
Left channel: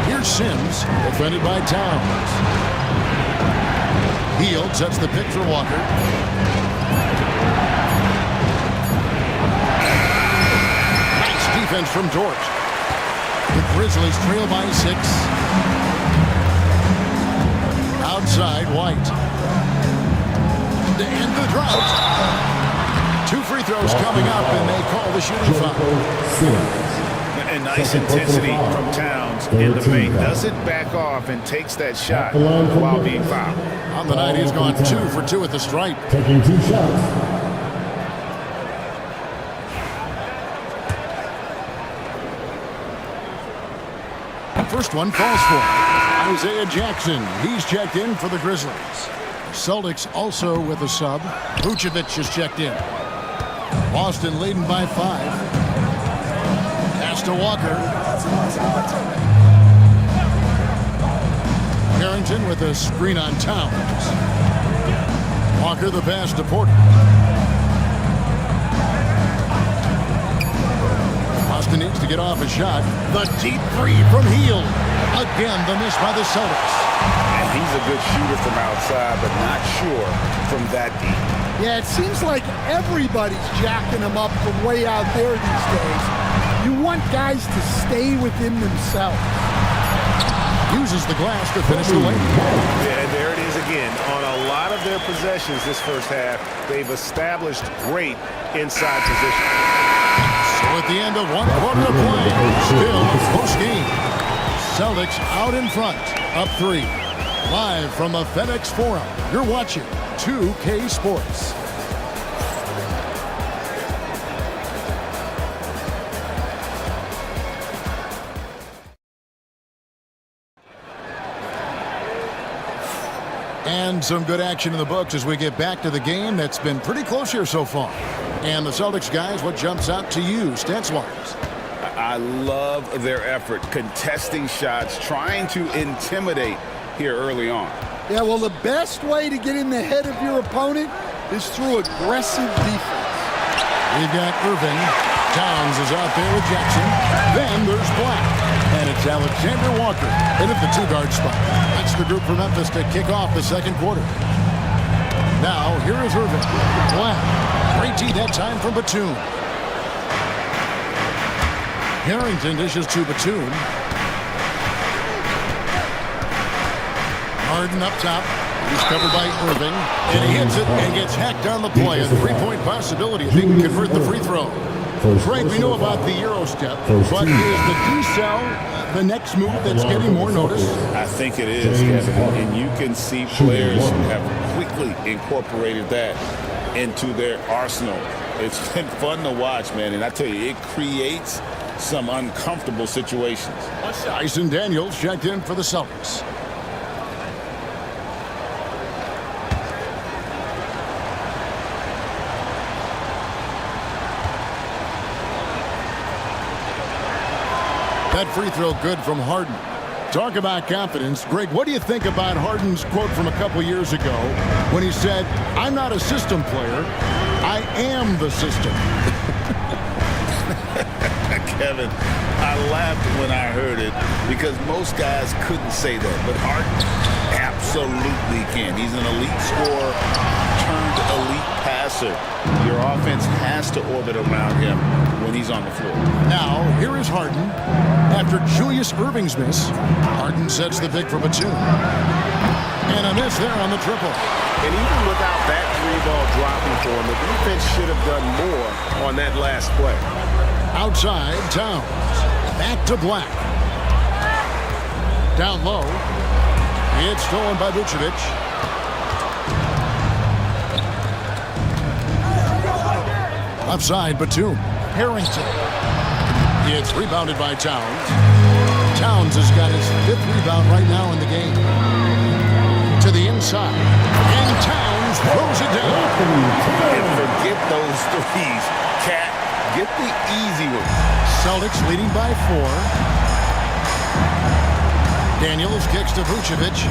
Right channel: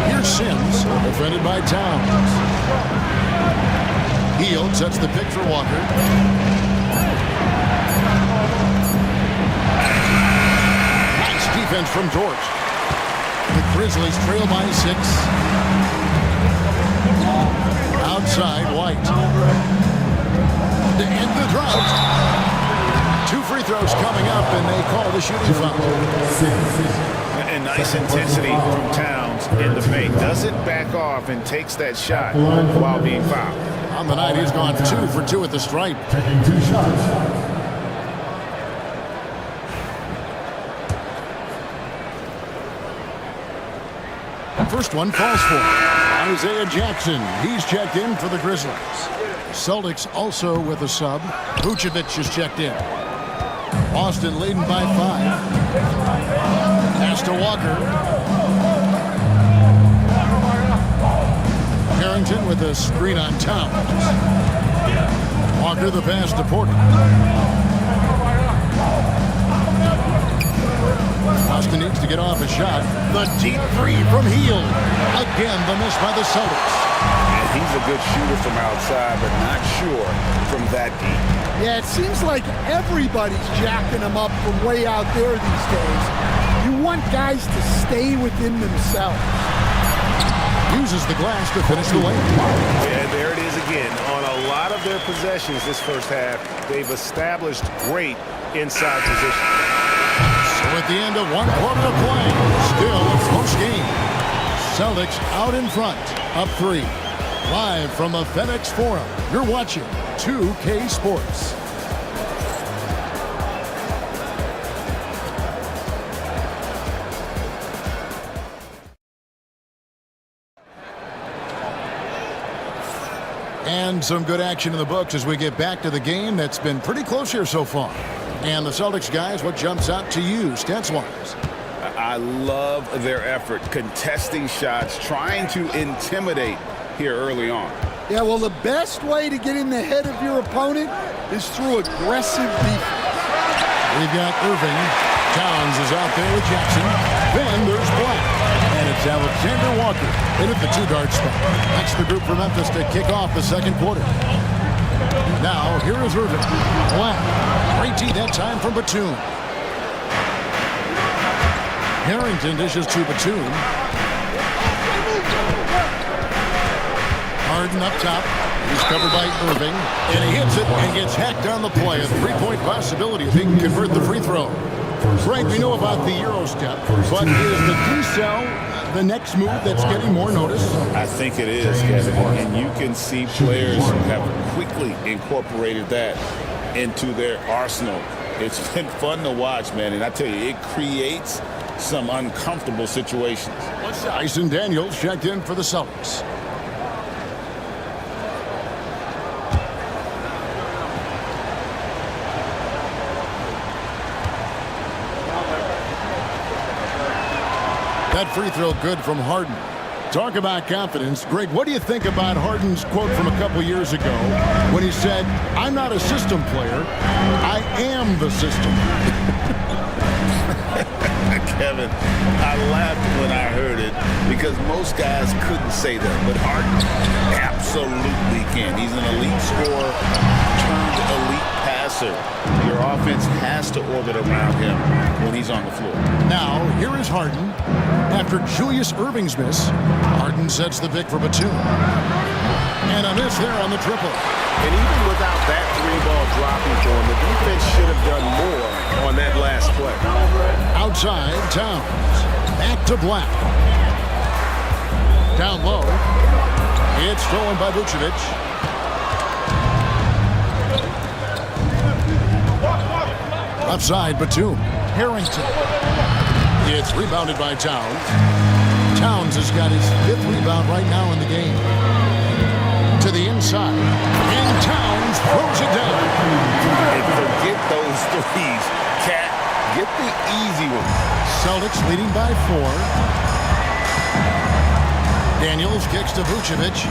Here's Sims, defended by Towns. Hield sets the pick for Walker. Nice defense from Dort. The Grizzlies trail by 6. Outside, White. To end the drought. 2 free throws coming up, and they call the shooting foul. And nice intensity from Towns in the paint. Doesn't back off and takes that shot while being fouled. On the night, he's gone 2 for 2 at the stripe. Taking 2 shots. First one falls for Isaiah Jackson. He's checked in for the Grizzlies. The Celtics also with a sub. Vucevic is checked in. Boston leading by 5. Pass to Walker. Harrington with a screen on Towns. Walker the pass to Porter. Boston needs to get off a shot. The deep three from Hield. Again, the miss by the Celtics. And he's a good shooter from outside, but not sure from that deep. Yeah, it seems like everybody's jacking them up from way out there these days. You want guys to stay within themselves. Uses the glass to finish the lane. Yeah, there it is again. On a lot of their possessions this first half, they've established great inside position. So at the end of 1 quarter of play, still a close game. Celtics out in front, up 3. Live from the FedEx Forum, you're watching 2K Sports. And some good action in the books as we get back to the game that's been pretty close here so far. And the Celtics guys, what jumps out to you, stats-wise? I love their effort, contesting shots, trying to intimidate here early on. Yeah, well, the best way to get in the head of your opponent is through aggressive defense. We've got Irving. Towns is out there with Jackson. Then there's Black. And it's Alexander Walker in at the 2-guard spot. That's the group for Memphis to kick off the second quarter. Now, here is Irving. Black. Great tee that time from Batum. Harrington dishes to Batum. Harden up top. He's covered by Irving. And he hits it and gets hacked on the play. A 3-point possibility if he can convert the free throw. Greg, we know about the Euro step, but is the decel the next move that's getting more notice? I think it is, Kevin, and you can see players have quickly incorporated that into their arsenal. It's been fun to watch, man, and I tell you, it creates some uncomfortable situations. Dyson Daniels checked in for the Celtics. That free throw good from Harden. Talk about confidence. Greg, what do you think about Harden's quote from a couple years ago when he said, "I'm not a system player, I am the system"? Kevin, I laughed when I heard it because most guys couldn't say that, but Harden absolutely can. He's an elite scorer turned elite passer. Your offense has to orbit around him when he's on the floor. Now, here is Harden. After Julius Irving's miss, Harden sets the pick for Batum. And a miss there on the triple. And even without that 3-ball dropping for him, the defense should have done more on that last play. Outside, Towns. Back to Black. Down low. It's stolen by Vucevic. Upside, Batum. Harrington. It's rebounded by Towns. Towns has got his 5th rebound right now in the game. To the inside. And Towns throws it down. And forget those threes. Cat, get the easy ones. Celtics leading by 4. Daniels kicks to Vucevic.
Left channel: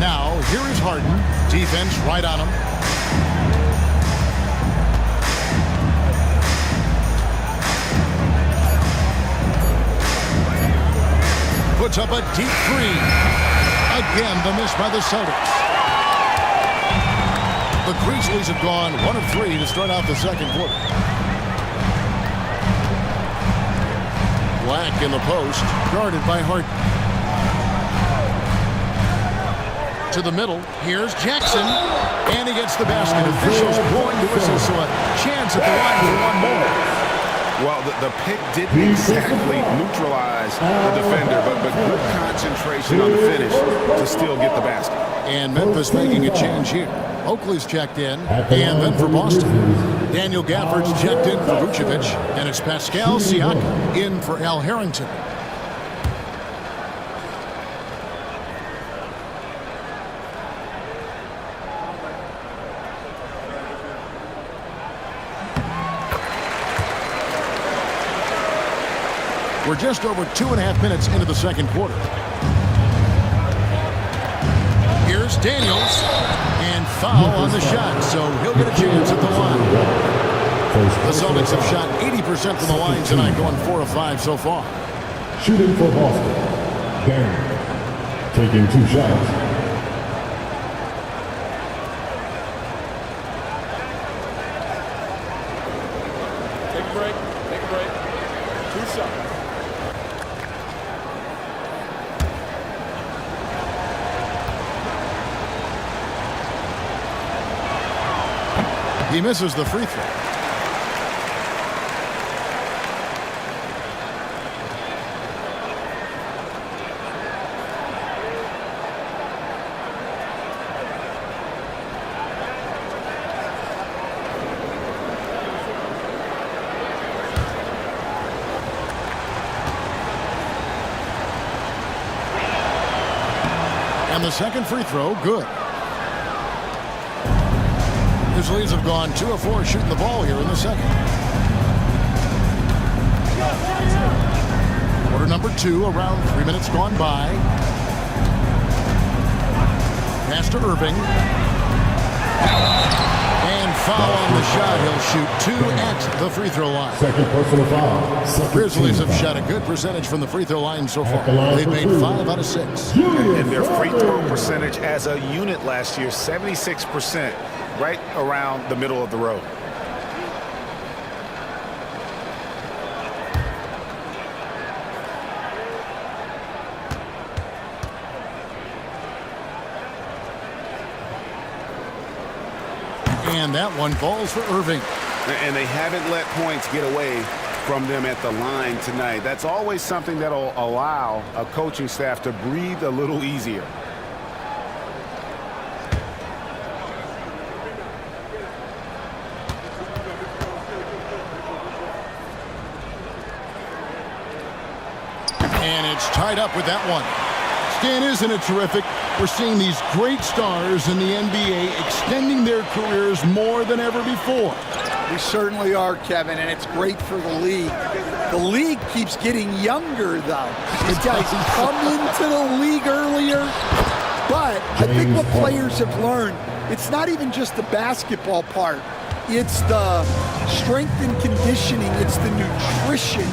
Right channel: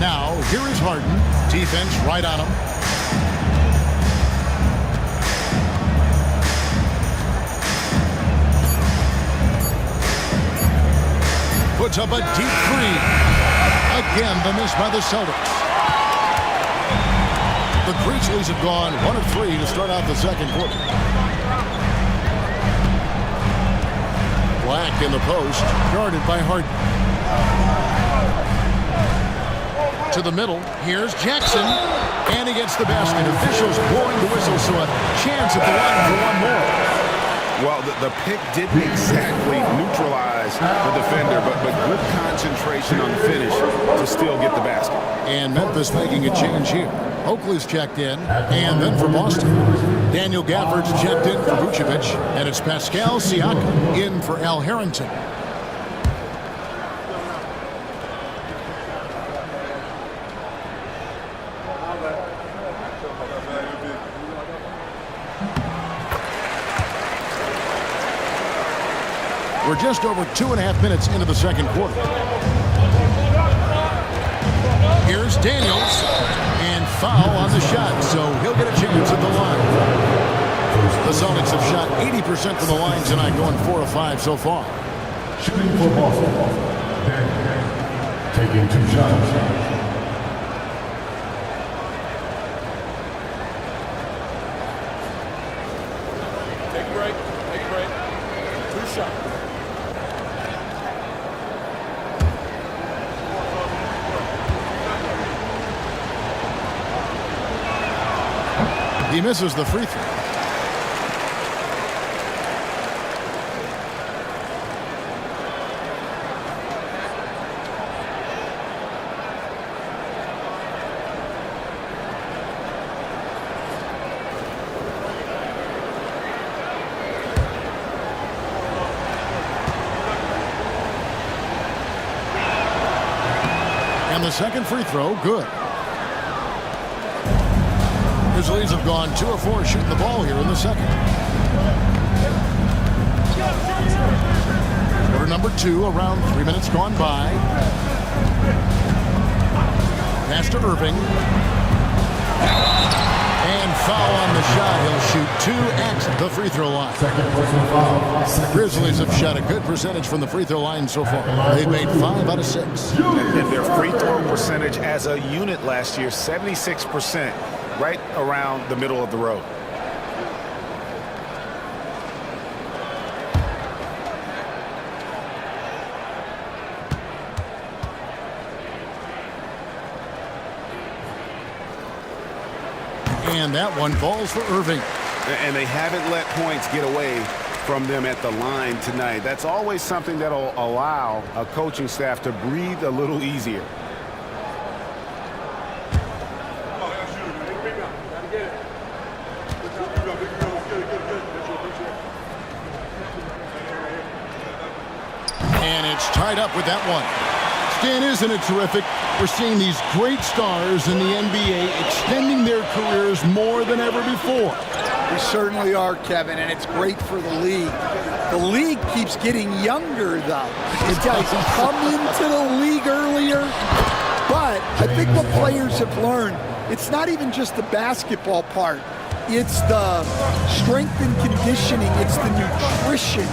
Now, here is Harden. Defense right on him. Puts up a deep 3. Again, the miss by the Celtics. The Grizzlies have gone 1 of 3 to start out the second quarter. Black in the post, guarded by Harden. To the middle, here's Jackson, and he gets the basket. Officials blowing the whistle, so a chance at the line for one more. Well, the pick didn't exactly neutralize the defender, but good concentration on the finish to still get the basket. And Memphis making a change here. Oakley's checked in, and then for Boston, Daniel Gafford's checked in for Vucevic, and it's Pascal Siakam in for Al Harrington. We're just over 2.5 minutes into the second quarter. Here's Daniels, and foul on the shot, so he'll get a chance at the line. The Celtics have shot 80% from the line tonight, going 4 of 5 so far. Shooting for Boston, Daniel, taking 2 shots. Take a break. Take a break. 2 shots. He misses the free throw. And the second free throw, good. Grizzlies have gone 2 of 4 shooting the ball here in the second. Quarter number 2, around 3 minutes gone by. Pass to Irving. And foul on the shot. He'll shoot 2 at the free throw line. Second personal foul. Grizzlies have shot a good percentage from the free throw line so far. They've made 5 out of 6. And their free throw percentage as a unit last year, 76%, right around the middle of the road. And that one falls for Irving. And they haven't let points get away from them at the line tonight. That's always something that'll allow a coaching staff to breathe a little easier. And it's tied up with that one. Stan, isn't it terrific? We're seeing these great stars in the NBA extending their careers more than ever before. We certainly are, Kevin, and it's great for the league. The league keeps getting younger, though. These guys come into the league earlier, but I think what players have learned, it's not even just the basketball part. It's the strength and conditioning. It's the nutrition.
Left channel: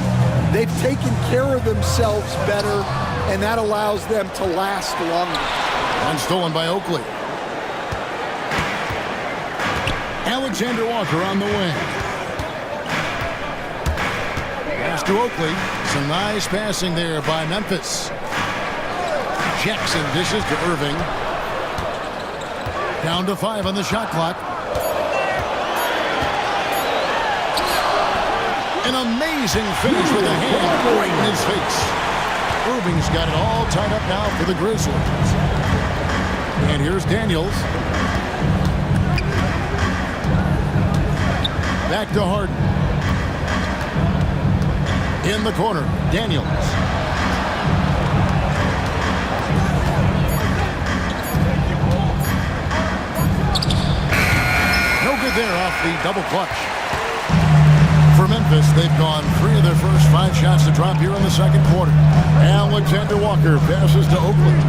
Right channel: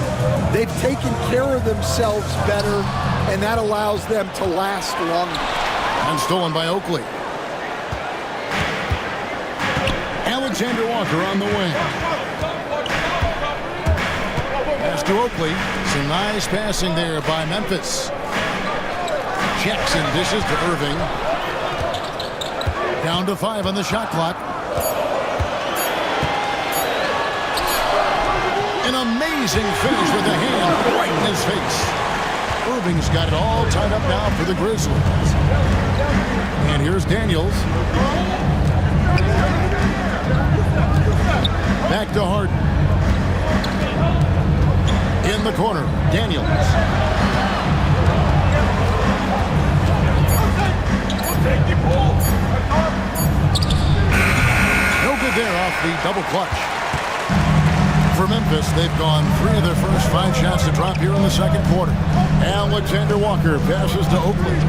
They've taken care of themselves better, and that allows them to last longer. And stolen by Oakley. Alexander Walker on the wing. Pass to Oakley. Some nice passing there by Memphis. Jackson dishes to Irving. Down to 5 on the shot clock. An amazing finish with a hand right in his face. Irving's got it all tied up now for the Grizzlies. And here's Daniels. Back to Harden. In the corner, Daniels. No good there off the double clutch. For Memphis, they've gone 3 of their first 5 shots to drop here in the second quarter. Alexander Walker passes to Oakley.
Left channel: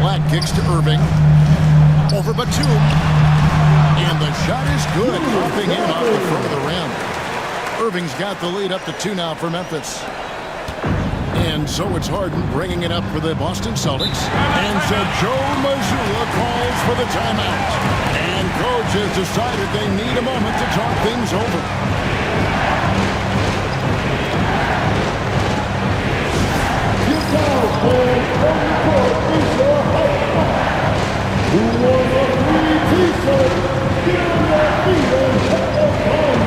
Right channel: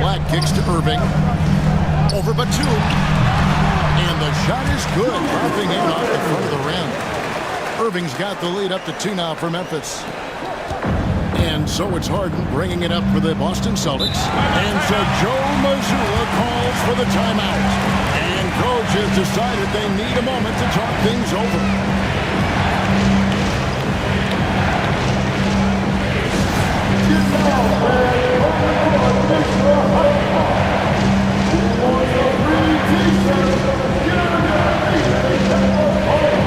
Black kicks to Irving. Over Batum. And the shot is good, dropping in off the front of the rim. Irving's got the lead up to 2 now for Memphis. And so it's Harden bringing it up for the Boston Celtics. And so Joe Mazzulla calls for the timeout. And coach has decided they need a moment to talk things over. Get down, man. On the court is your hype man. Who wants a free t-shirt? Get on your feet and take a home.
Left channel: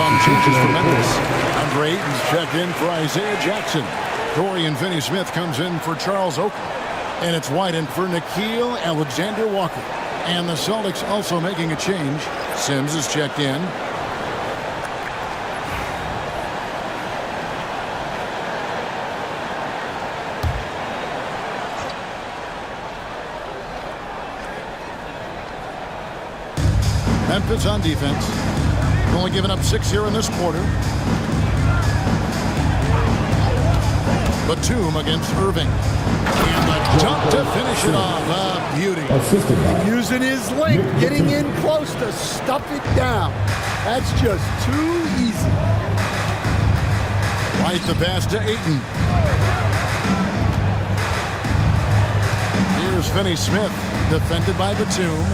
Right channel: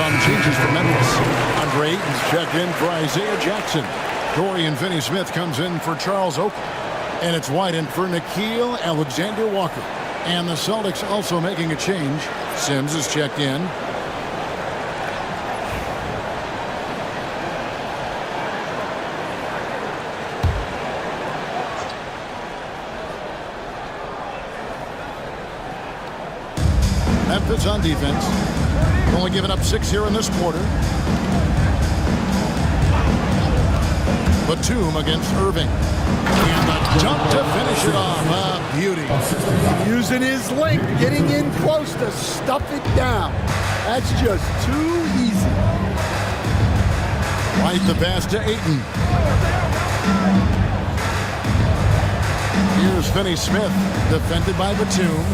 Some changes for Memphis. Andre Ayton's checked in for Isaiah Jackson. Dorian Finney-Smith comes in for Charles Oakley. And it's White for Nickeil Alexander-Walker. And the Celtics also making a change. Sims is checked in. Memphis on defense. Only giving up 6 here in this quarter. Batum against Irving. And the dunk to finish it off. A beauty. Using his length, getting in close to stuff it down. That's just too easy. White the pass to Ayton. Here's Finney-Smith. Defended by Batum.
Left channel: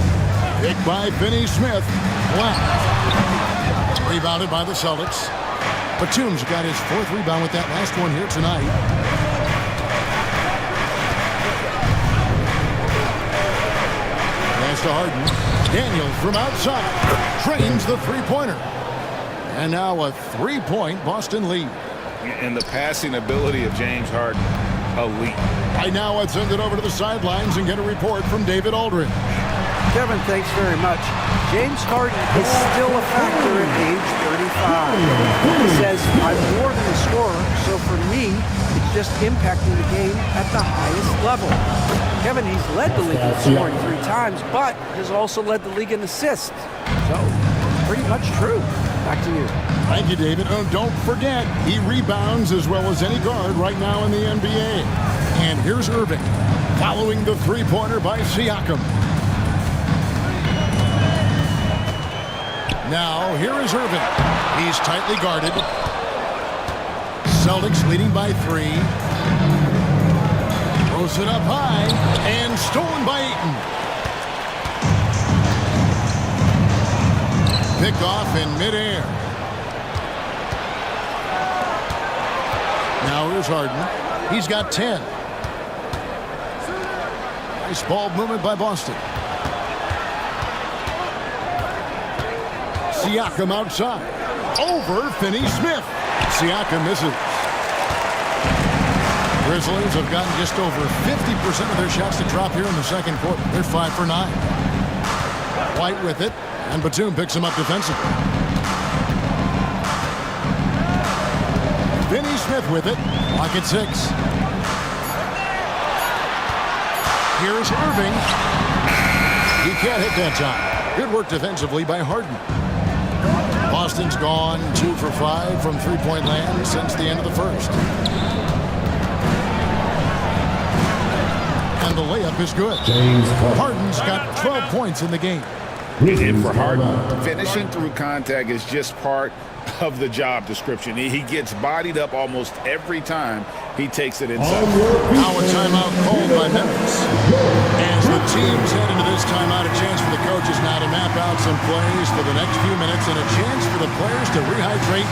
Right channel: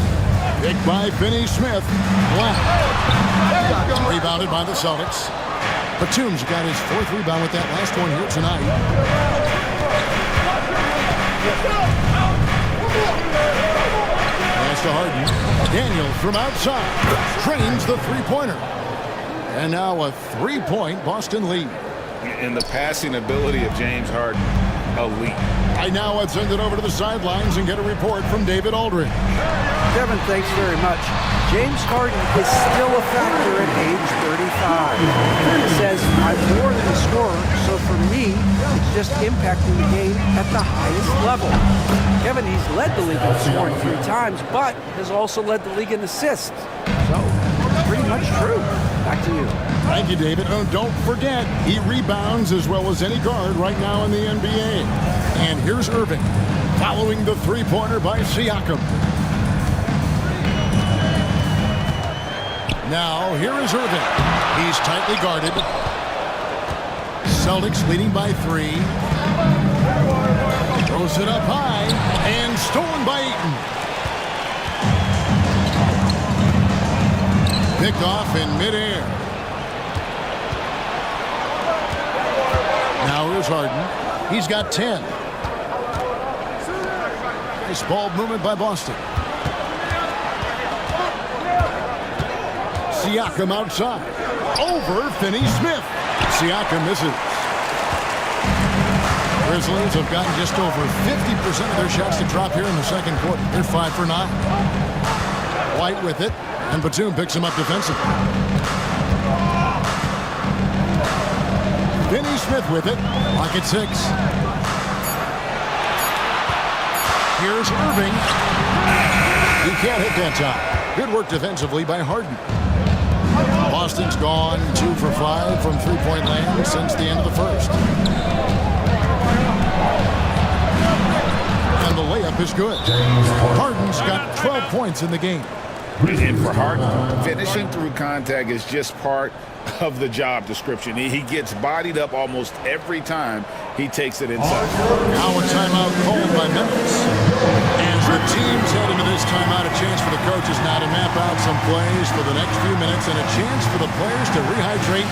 Picked by Finney-Smith. Black. Rebounded by the Celtics. Batum's got his 4th rebound with that last one here tonight. Pass to Harden. Daniels from outside. Trains the three-pointer. And now a 3-point Boston lead. And the passing ability of James Harden, elite. Right now, let's send it over to the sidelines and get a report from David Aldridge. Kevin, thanks very much. James Harden is still a factor at age 35. He says, I'm more than a scorer, so for me, it's just impacting the game at the highest level. Kevin, he's led the league in scoring 3 times, but has also led the league in assists. So, pretty much true. Back to you. Thank you, David. Oh, don't forget, he rebounds as well as any guard right now in the NBA. And here's Irving, following the three-pointer by Siakam. Now, here is Irving. He's tightly guarded. Celtics leading by 3. Throws it up high, and stolen by Ayton. Picked off in midair. Now here's Harden. He's got 10. Nice ball movement by Boston. Siakam outside. Over Finney-Smith. Siakam misses. Grizzlies have gotten just over 50% of their shots to drop here in the second quarter. They're 5 for 9. White with it, and Batum picks him up defensively. Finney-Smith with it. Lock at 6. Here's Irving. He can't hit that time. Good work defensively by Harden. Boston's gone 2 for 5 from three-point land since the end of the first. And the layup is good. Harden's got 12 points in the game. And for Harden, finishing through contact is just part of the job description. He gets bodied up almost every time he takes it inside. Now a timeout called by Memphis. As the teams head into this timeout, a chance for the coaches now to map out some plays for the next few minutes and a chance for the players to rehydrate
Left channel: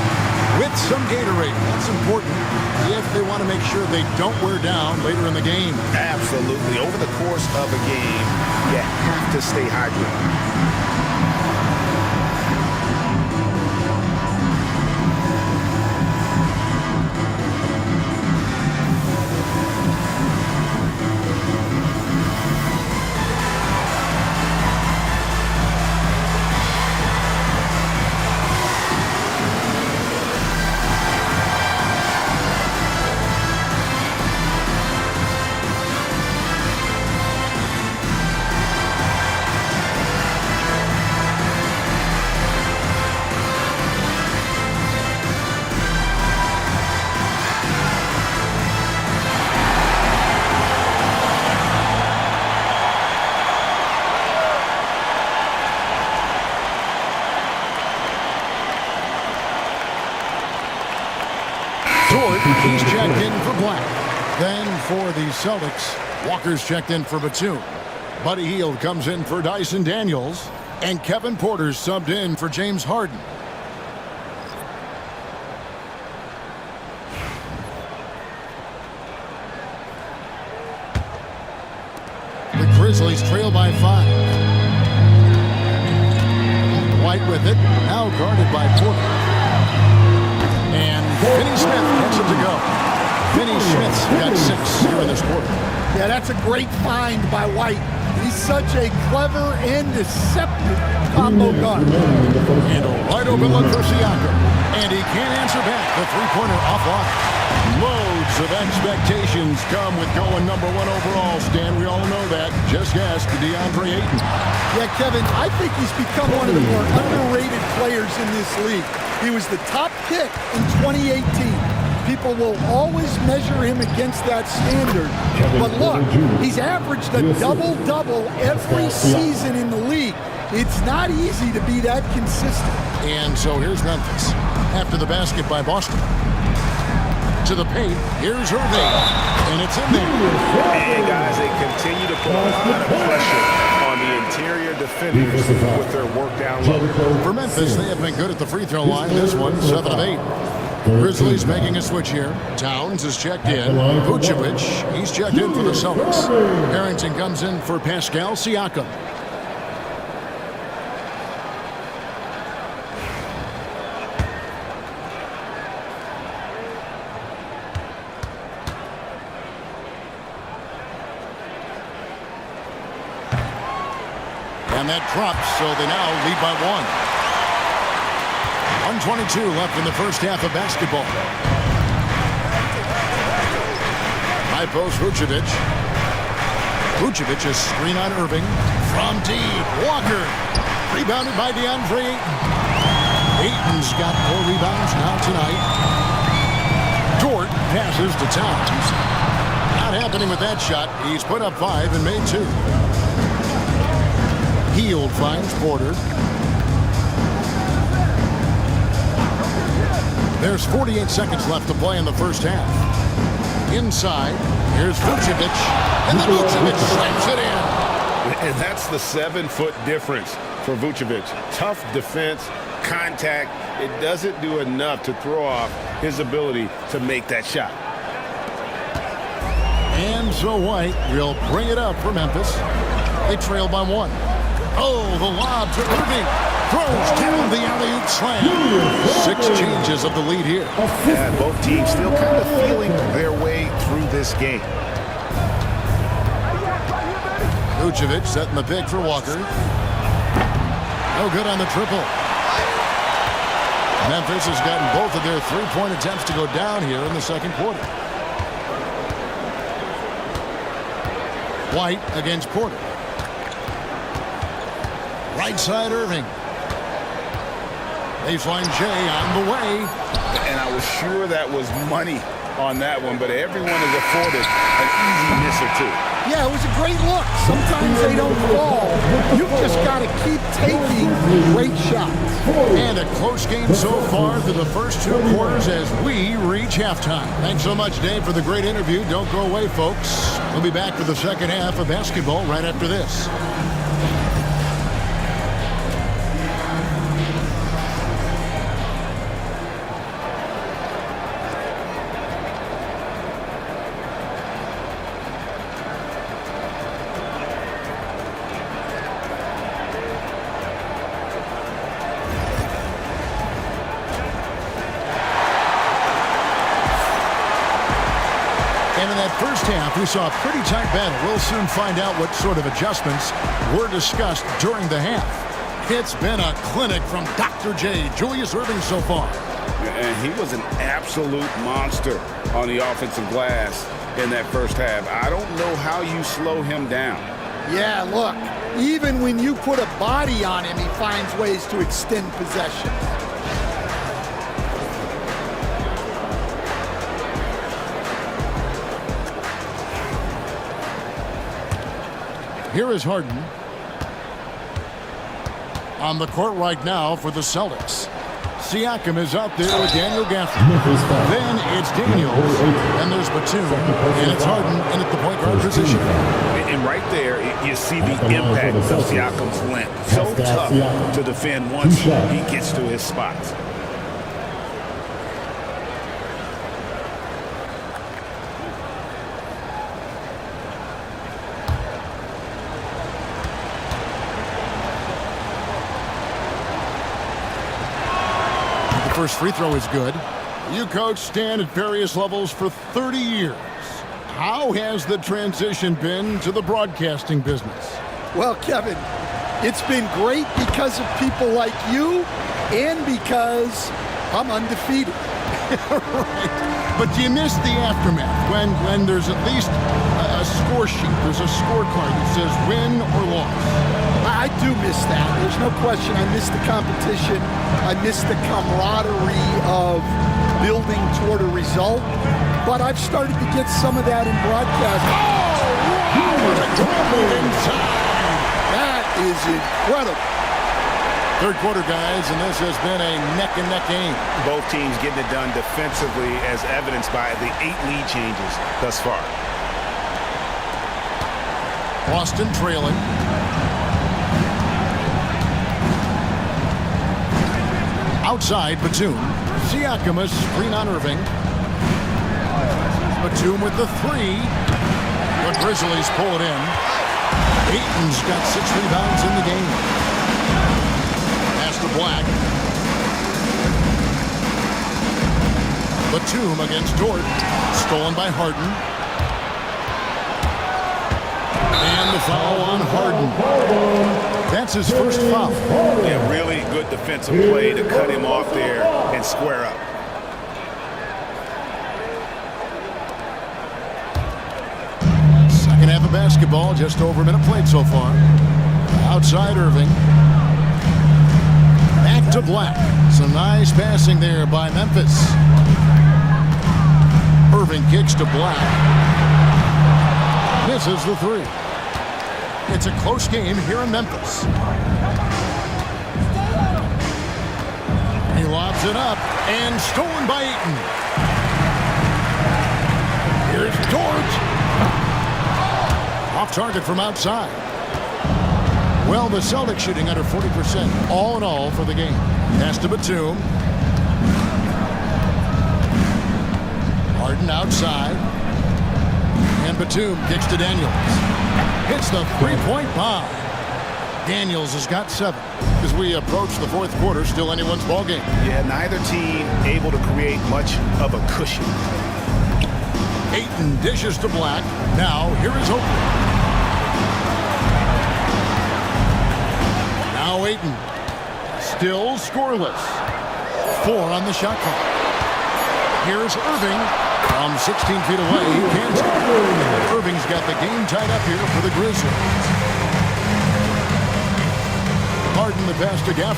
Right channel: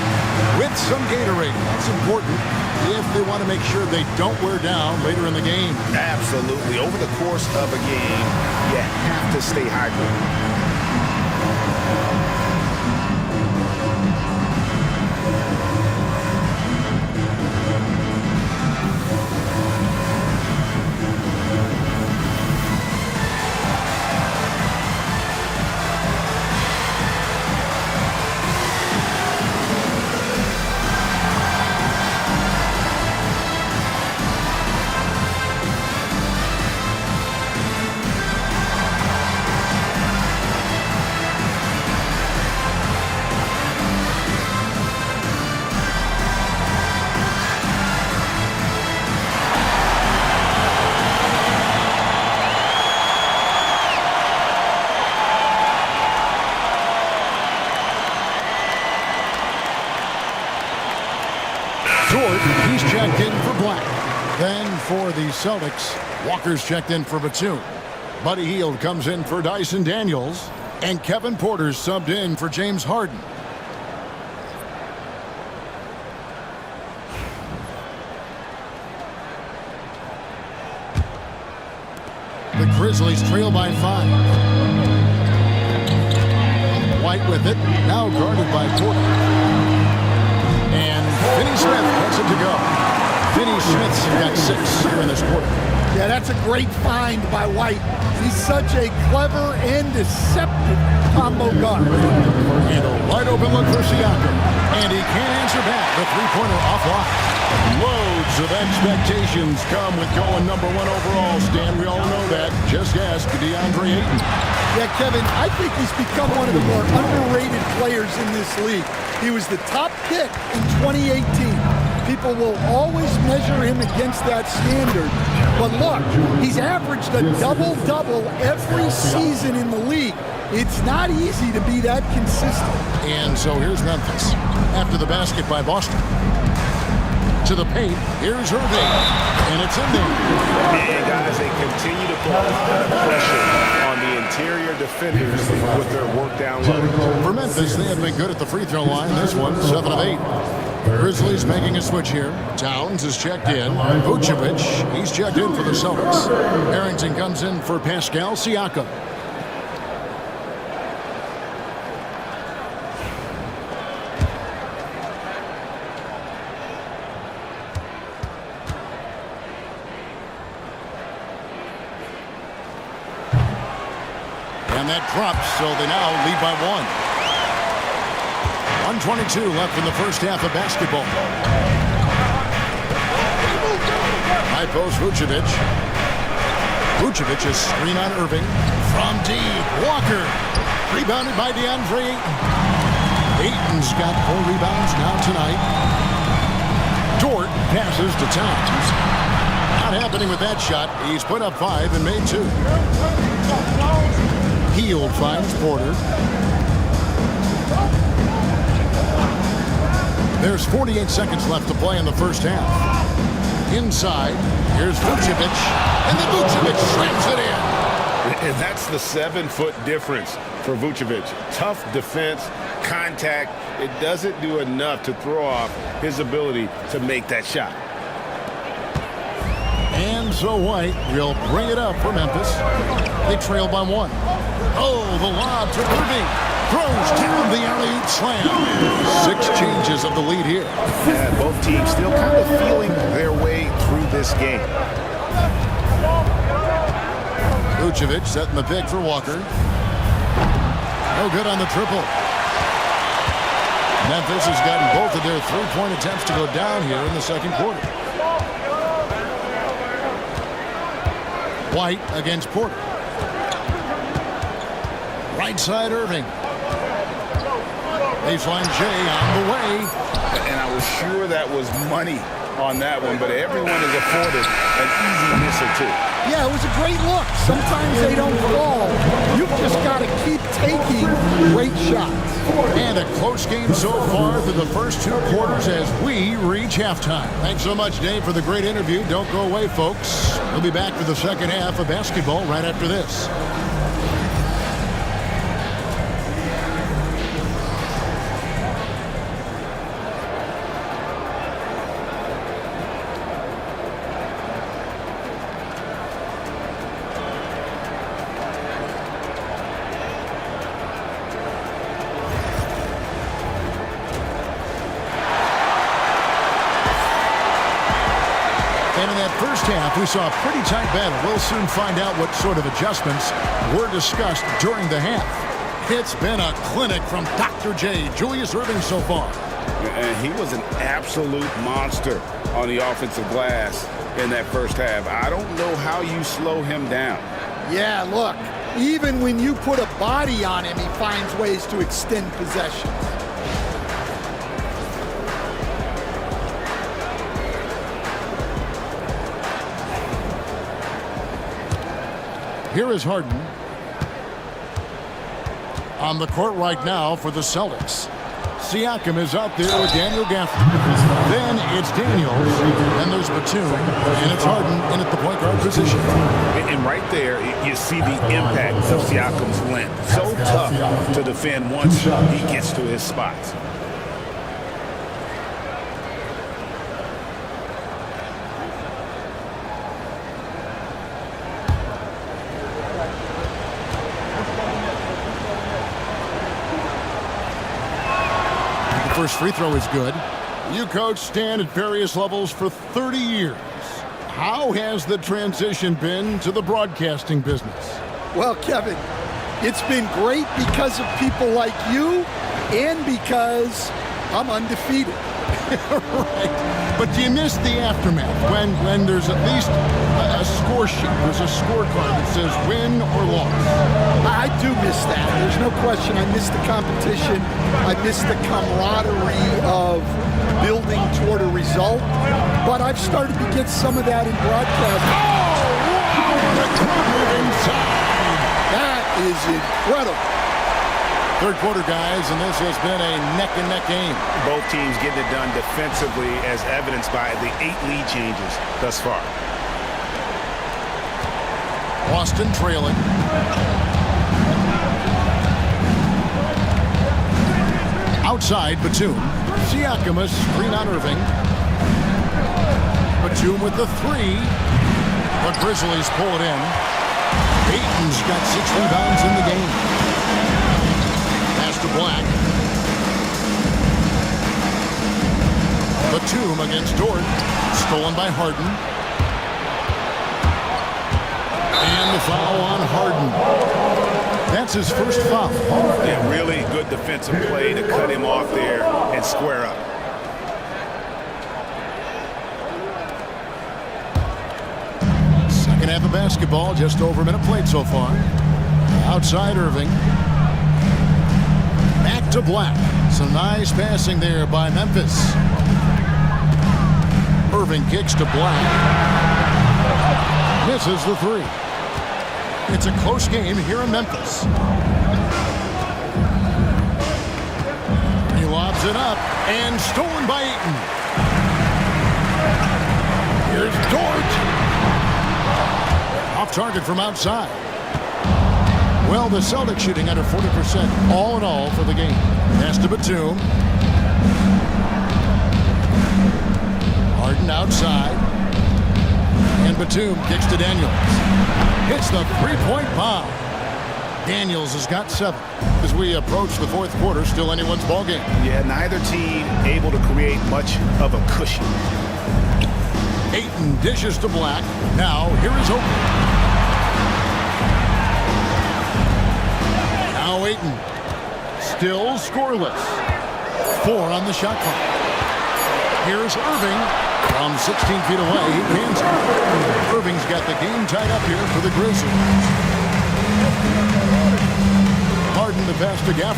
with some Gatorade. That's important if they want to make sure they don't wear down later in the game. Absolutely. Over the course of a game, you have to stay hydrated. He's checked in for Black. Then for the Celtics, Walker's checked in for Batum. Buddy Hield comes in for Dyson Daniels. And Kevin Porter's subbed in for James Harden. The Grizzlies trail by 5. White with it, now guarded by Porter. Finney Smith gets it to go. Finney Smith's got 6 here in this quarter. Yeah, that's a great find by White. He's such a clever and deceptive combo guard. And a wide open look for Siakam. And he can't answer back. The three-pointer offline. Loads of expectations come with going number 1 overall, Stan. We all know that. Just ask DeAndre Ayton. Yeah, Kevin, I think he's become one of the more underrated players in this league. He was the top pick in 2018. People will always measure him against that standard. But look, he's averaged a double-double every season in the league. It's not easy to be that consistent. And so here's Memphis. After the basket by Boston. To the paint, here's Irving. And it's in there. And guys, they continue to put a lot of pressure on the interior defenders with their work down low. For Memphis, they have been good at the free throw line. This one, 7 of 8. Grizzlies making a switch here. Towns is checked in. Vucevic, he's checked in for the Celtics. Harrington comes in for Pascal Siakam. And that drops, so they now lead by 1. 1:22 left in the first half of basketball. High post Vucevic. Vucevic is screen on Irving. From deep, Walker. Rebounded by DeAndre Ayton. Ayton's got 4 rebounds now tonight. Dort passes to Towns. Not happening with that shot. He's put up 5 and made 2. Hield finds Porter. There's 48 seconds left to play in the first half. Inside, here's Vucevic, and then Vucevic slams it in. And that's the 7-foot difference for Vucevic. Tough defense, contact. It doesn't do enough to throw off his ability to make that shot. And so White will bring it up for Memphis. They trail by 1. Oh, the lob to Irving. Throws down the alley-oop slam. 6 changes of the lead here. Yeah, both teams still kind of feeling their way through this game. Vucevic setting the pick for Walker. No good on the triple. Memphis has gotten both of their 3-point attempts to go down here in the second quarter. White against Porter. Right side Irving. Baseline Jay on the way. And I was sure that was money on that one, but everyone is afforded an easy miss or 2. Yeah, it was a great look. Sometimes they don't fall. You've just got to keep taking great shots. And a close game so far through the first 2 quarters as we reach halftime. Thanks so much, Dave, for the great interview. Don't go away, folks. We'll be back for the second half of basketball right after this. And in that first half, we saw a pretty tight battle. We'll soon find out what sort of adjustments were discussed during the half. It's been a clinic from Dr. J, Julius Irving so far. And he was an absolute monster on the offensive glass in that first half. I don't know how you slow him down. Yeah, look, even when you put a body on him, he finds ways to extend possessions. Here is Harden on the court right now for the Celtics. Siakam is out there with Daniel Gafford. Then it's Daniels, and there's Batum, and it's Harden in at the point guard position. And right there, you see the impact of Siakam's length. So tough to defend once he gets to his spots. First free throw is good. You coach Stan at various levels for 30 years. How has the transition been to the broadcasting business? Well, Kevin, it's been great because of people like you and because I'm undefeated. Right. But do you miss the aftermath when there's at least a score sheet? There's a scorecard that says win or loss. I do miss that. There's no question. I miss the competition. I miss the camaraderie of building toward a result. But I've started to get some of that in broadcasting. Oh, wow! What a great move inside! That is incredible. Third quarter, guys, and this has been a neck-and-neck game. Both teams getting it done defensively, as evidenced by the 8 lead changes thus far. Boston trailing. Outside, Batum. Siakam, screen on Irving. Batum with the 3. The Grizzlies pull it in. Ayton's got 6 rebounds in the game. Pass to Black. Batum against Dort. Stolen by Harden. And the foul on Harden. That's his first foul. Yeah, really good defensive play to cut him off there and square up. Second half of basketball, just over a minute played so far. Outside Irving. Back to Black. Some nice passing there by Memphis. Irving kicks to Black. Misses the 3. It's a close game here in Memphis. He lobs it up and stolen by Ayton. Here's Dort. Off target from outside. Well, the Celtics shooting under 40% all in all for the game. Pass to Batum. Harden outside. And Batum kicks to Daniels. Hits the three-point bomb. Daniels has got 7. As we approach the fourth quarter, still anyone's ball game. Yeah, neither team able to create much of a cushion. Ayton dishes to Black. Now here is Oakley. Now Ayton. Still scoreless. 4 on the shot clock. Here's Irving. From 16 feet away, he cans it. Irving's got the game tied up here for the Grizzlies. Harden the pass to Gafford.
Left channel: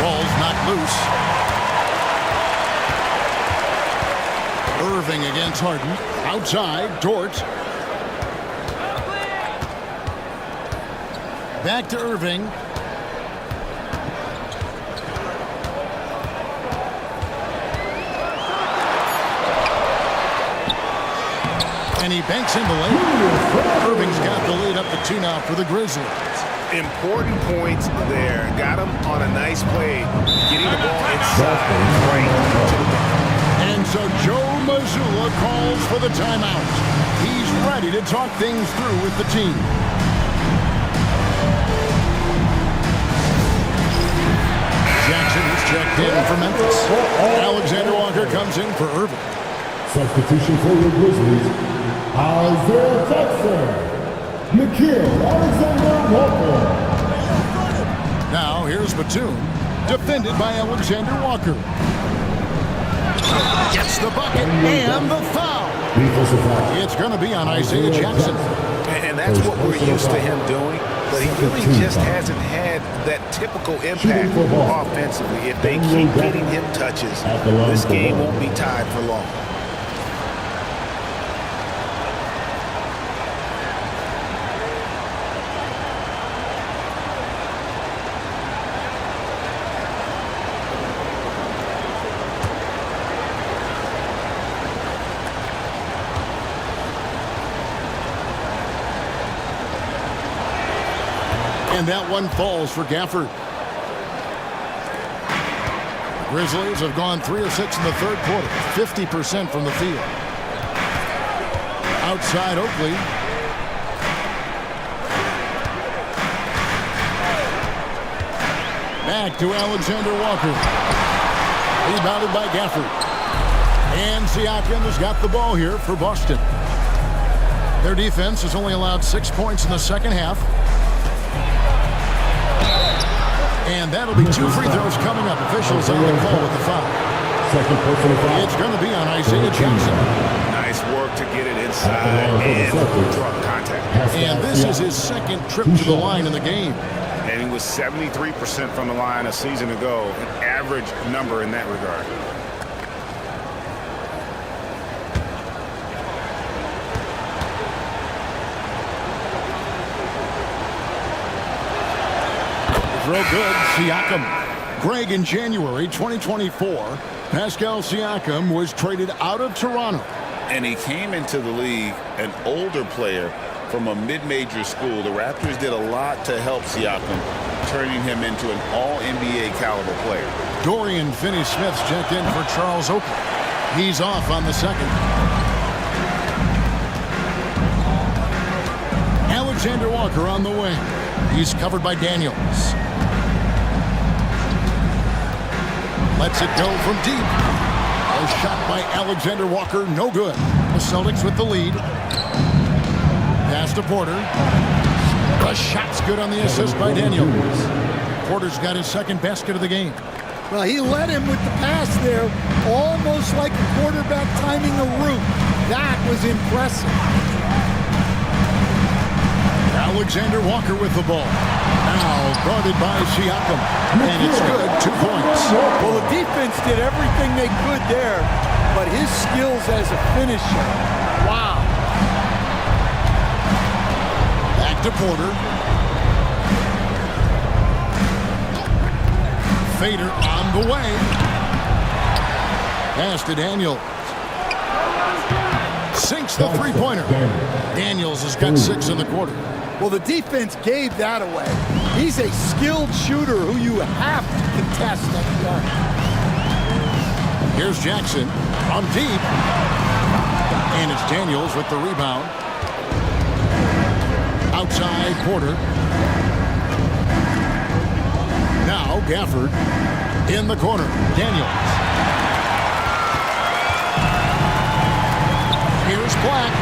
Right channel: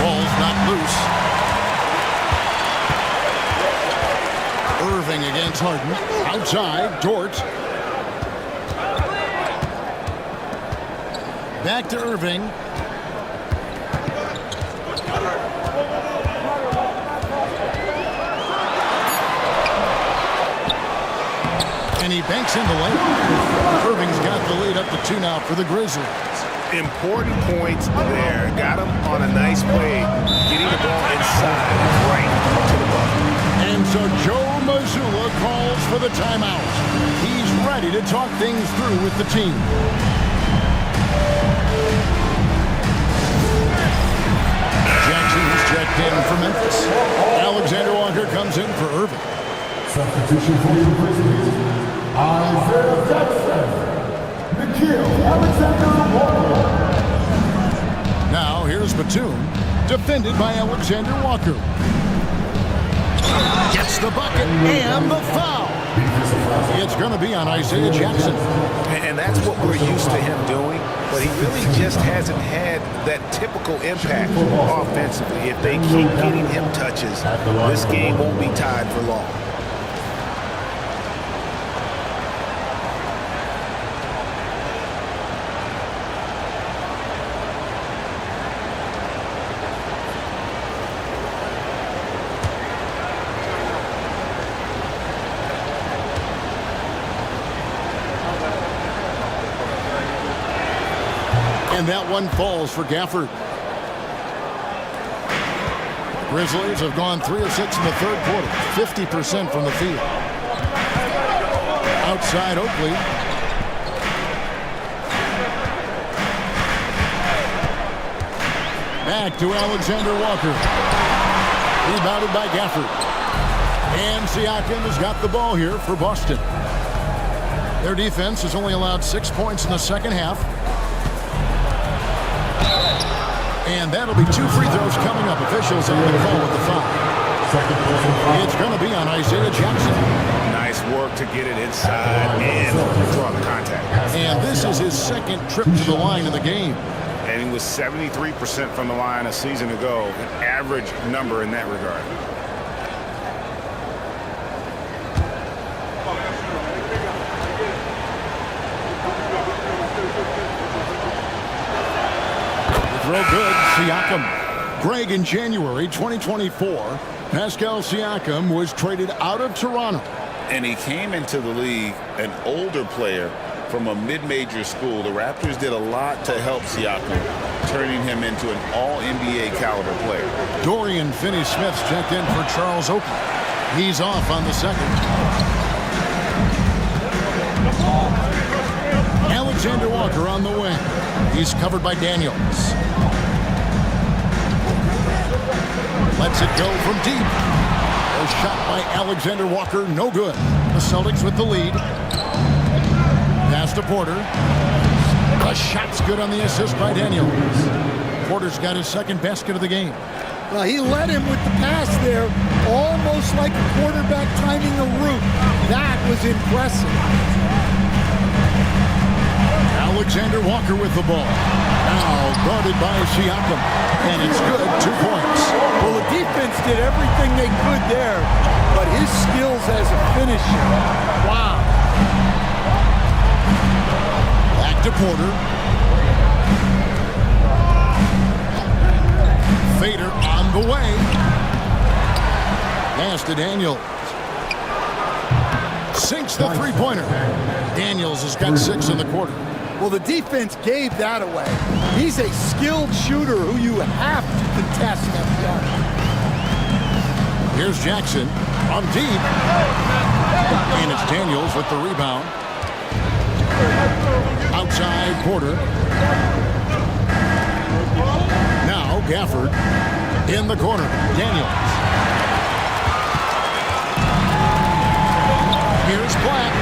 Ball's knocked loose. Irving against Harden. Outside, Dort. Back to Irving. And he banks in the lane. Irving's got the lead up to 2 now for the Grizzlies. Important points there. Got him on a nice play, getting the ball inside and right to the bucket. And so Joe Mazzulla calls for the timeout. He's ready to talk things through with the team. Jackson's checked in for Memphis. Alexander Walker comes in for Irving. Substitution for your Grizzlies, Isaiah Jackson, Nickeil Alexander-Walker. Now here's Batum, defended by Alexander Walker. Gets the bucket and the foul. It's going to be on Isaiah Jackson. And that's what we're used to him doing, but he really just hasn't had that typical impact offensively. If they keep getting him touches, this game won't be tied for long. And that one falls for Gafford. The Grizzlies have gone 3 of 6 in the third quarter, 50% from the field. Outside Oakley. Back to Alexander Walker. Rebounded by Gafford. And Siakam has got the ball here for Boston. Their defense has only allowed 6 points in the second half. And that'll be 2 free throws coming up. Officials on the call with the foul. Second personal foul. It's going to be on Isaiah Jackson. Nice work to get it inside and draw the contact. And this is his second trip to the line in the game. And he was 73% from the line a season ago, an average number in that regard. The throw good, Siakam. Greg, in January 2024, Pascal Siakam was traded out of Toronto. And he came into the league an older player from a mid-major school. The Raptors did a lot to help Siakam, turning him into an all-NBA caliber player. Dorian Finney-Smith's checked in for Charles Oakley. He's off on the second. Alexander Walker on the wing. He's covered by Daniels. Lets it go from deep. A shot by Alexander Walker, no good. The Celtics with the lead. Pass to Porter. The shot's good on the assist by Daniels. Porter's got his second basket of the game. Well, he led him with the pass there, almost like a quarterback timing a route. That was impressive. Alexander Walker with the ball. Now guarded by Siakam. And it's good, 2 points. Well, the defense did everything they could there, but his skills as a finisher, wow. Back to Porter. Fader on the way. Pass to Daniels. Sinks the three-pointer. Daniels has got 6 in the quarter. Well, the defense gave that away. He's a skilled shooter who you have to contest at the arc. Here's Jackson from deep. And it's Daniels with the rebound. Outside Porter. Now Gafford in the corner. Daniels. Here's Black.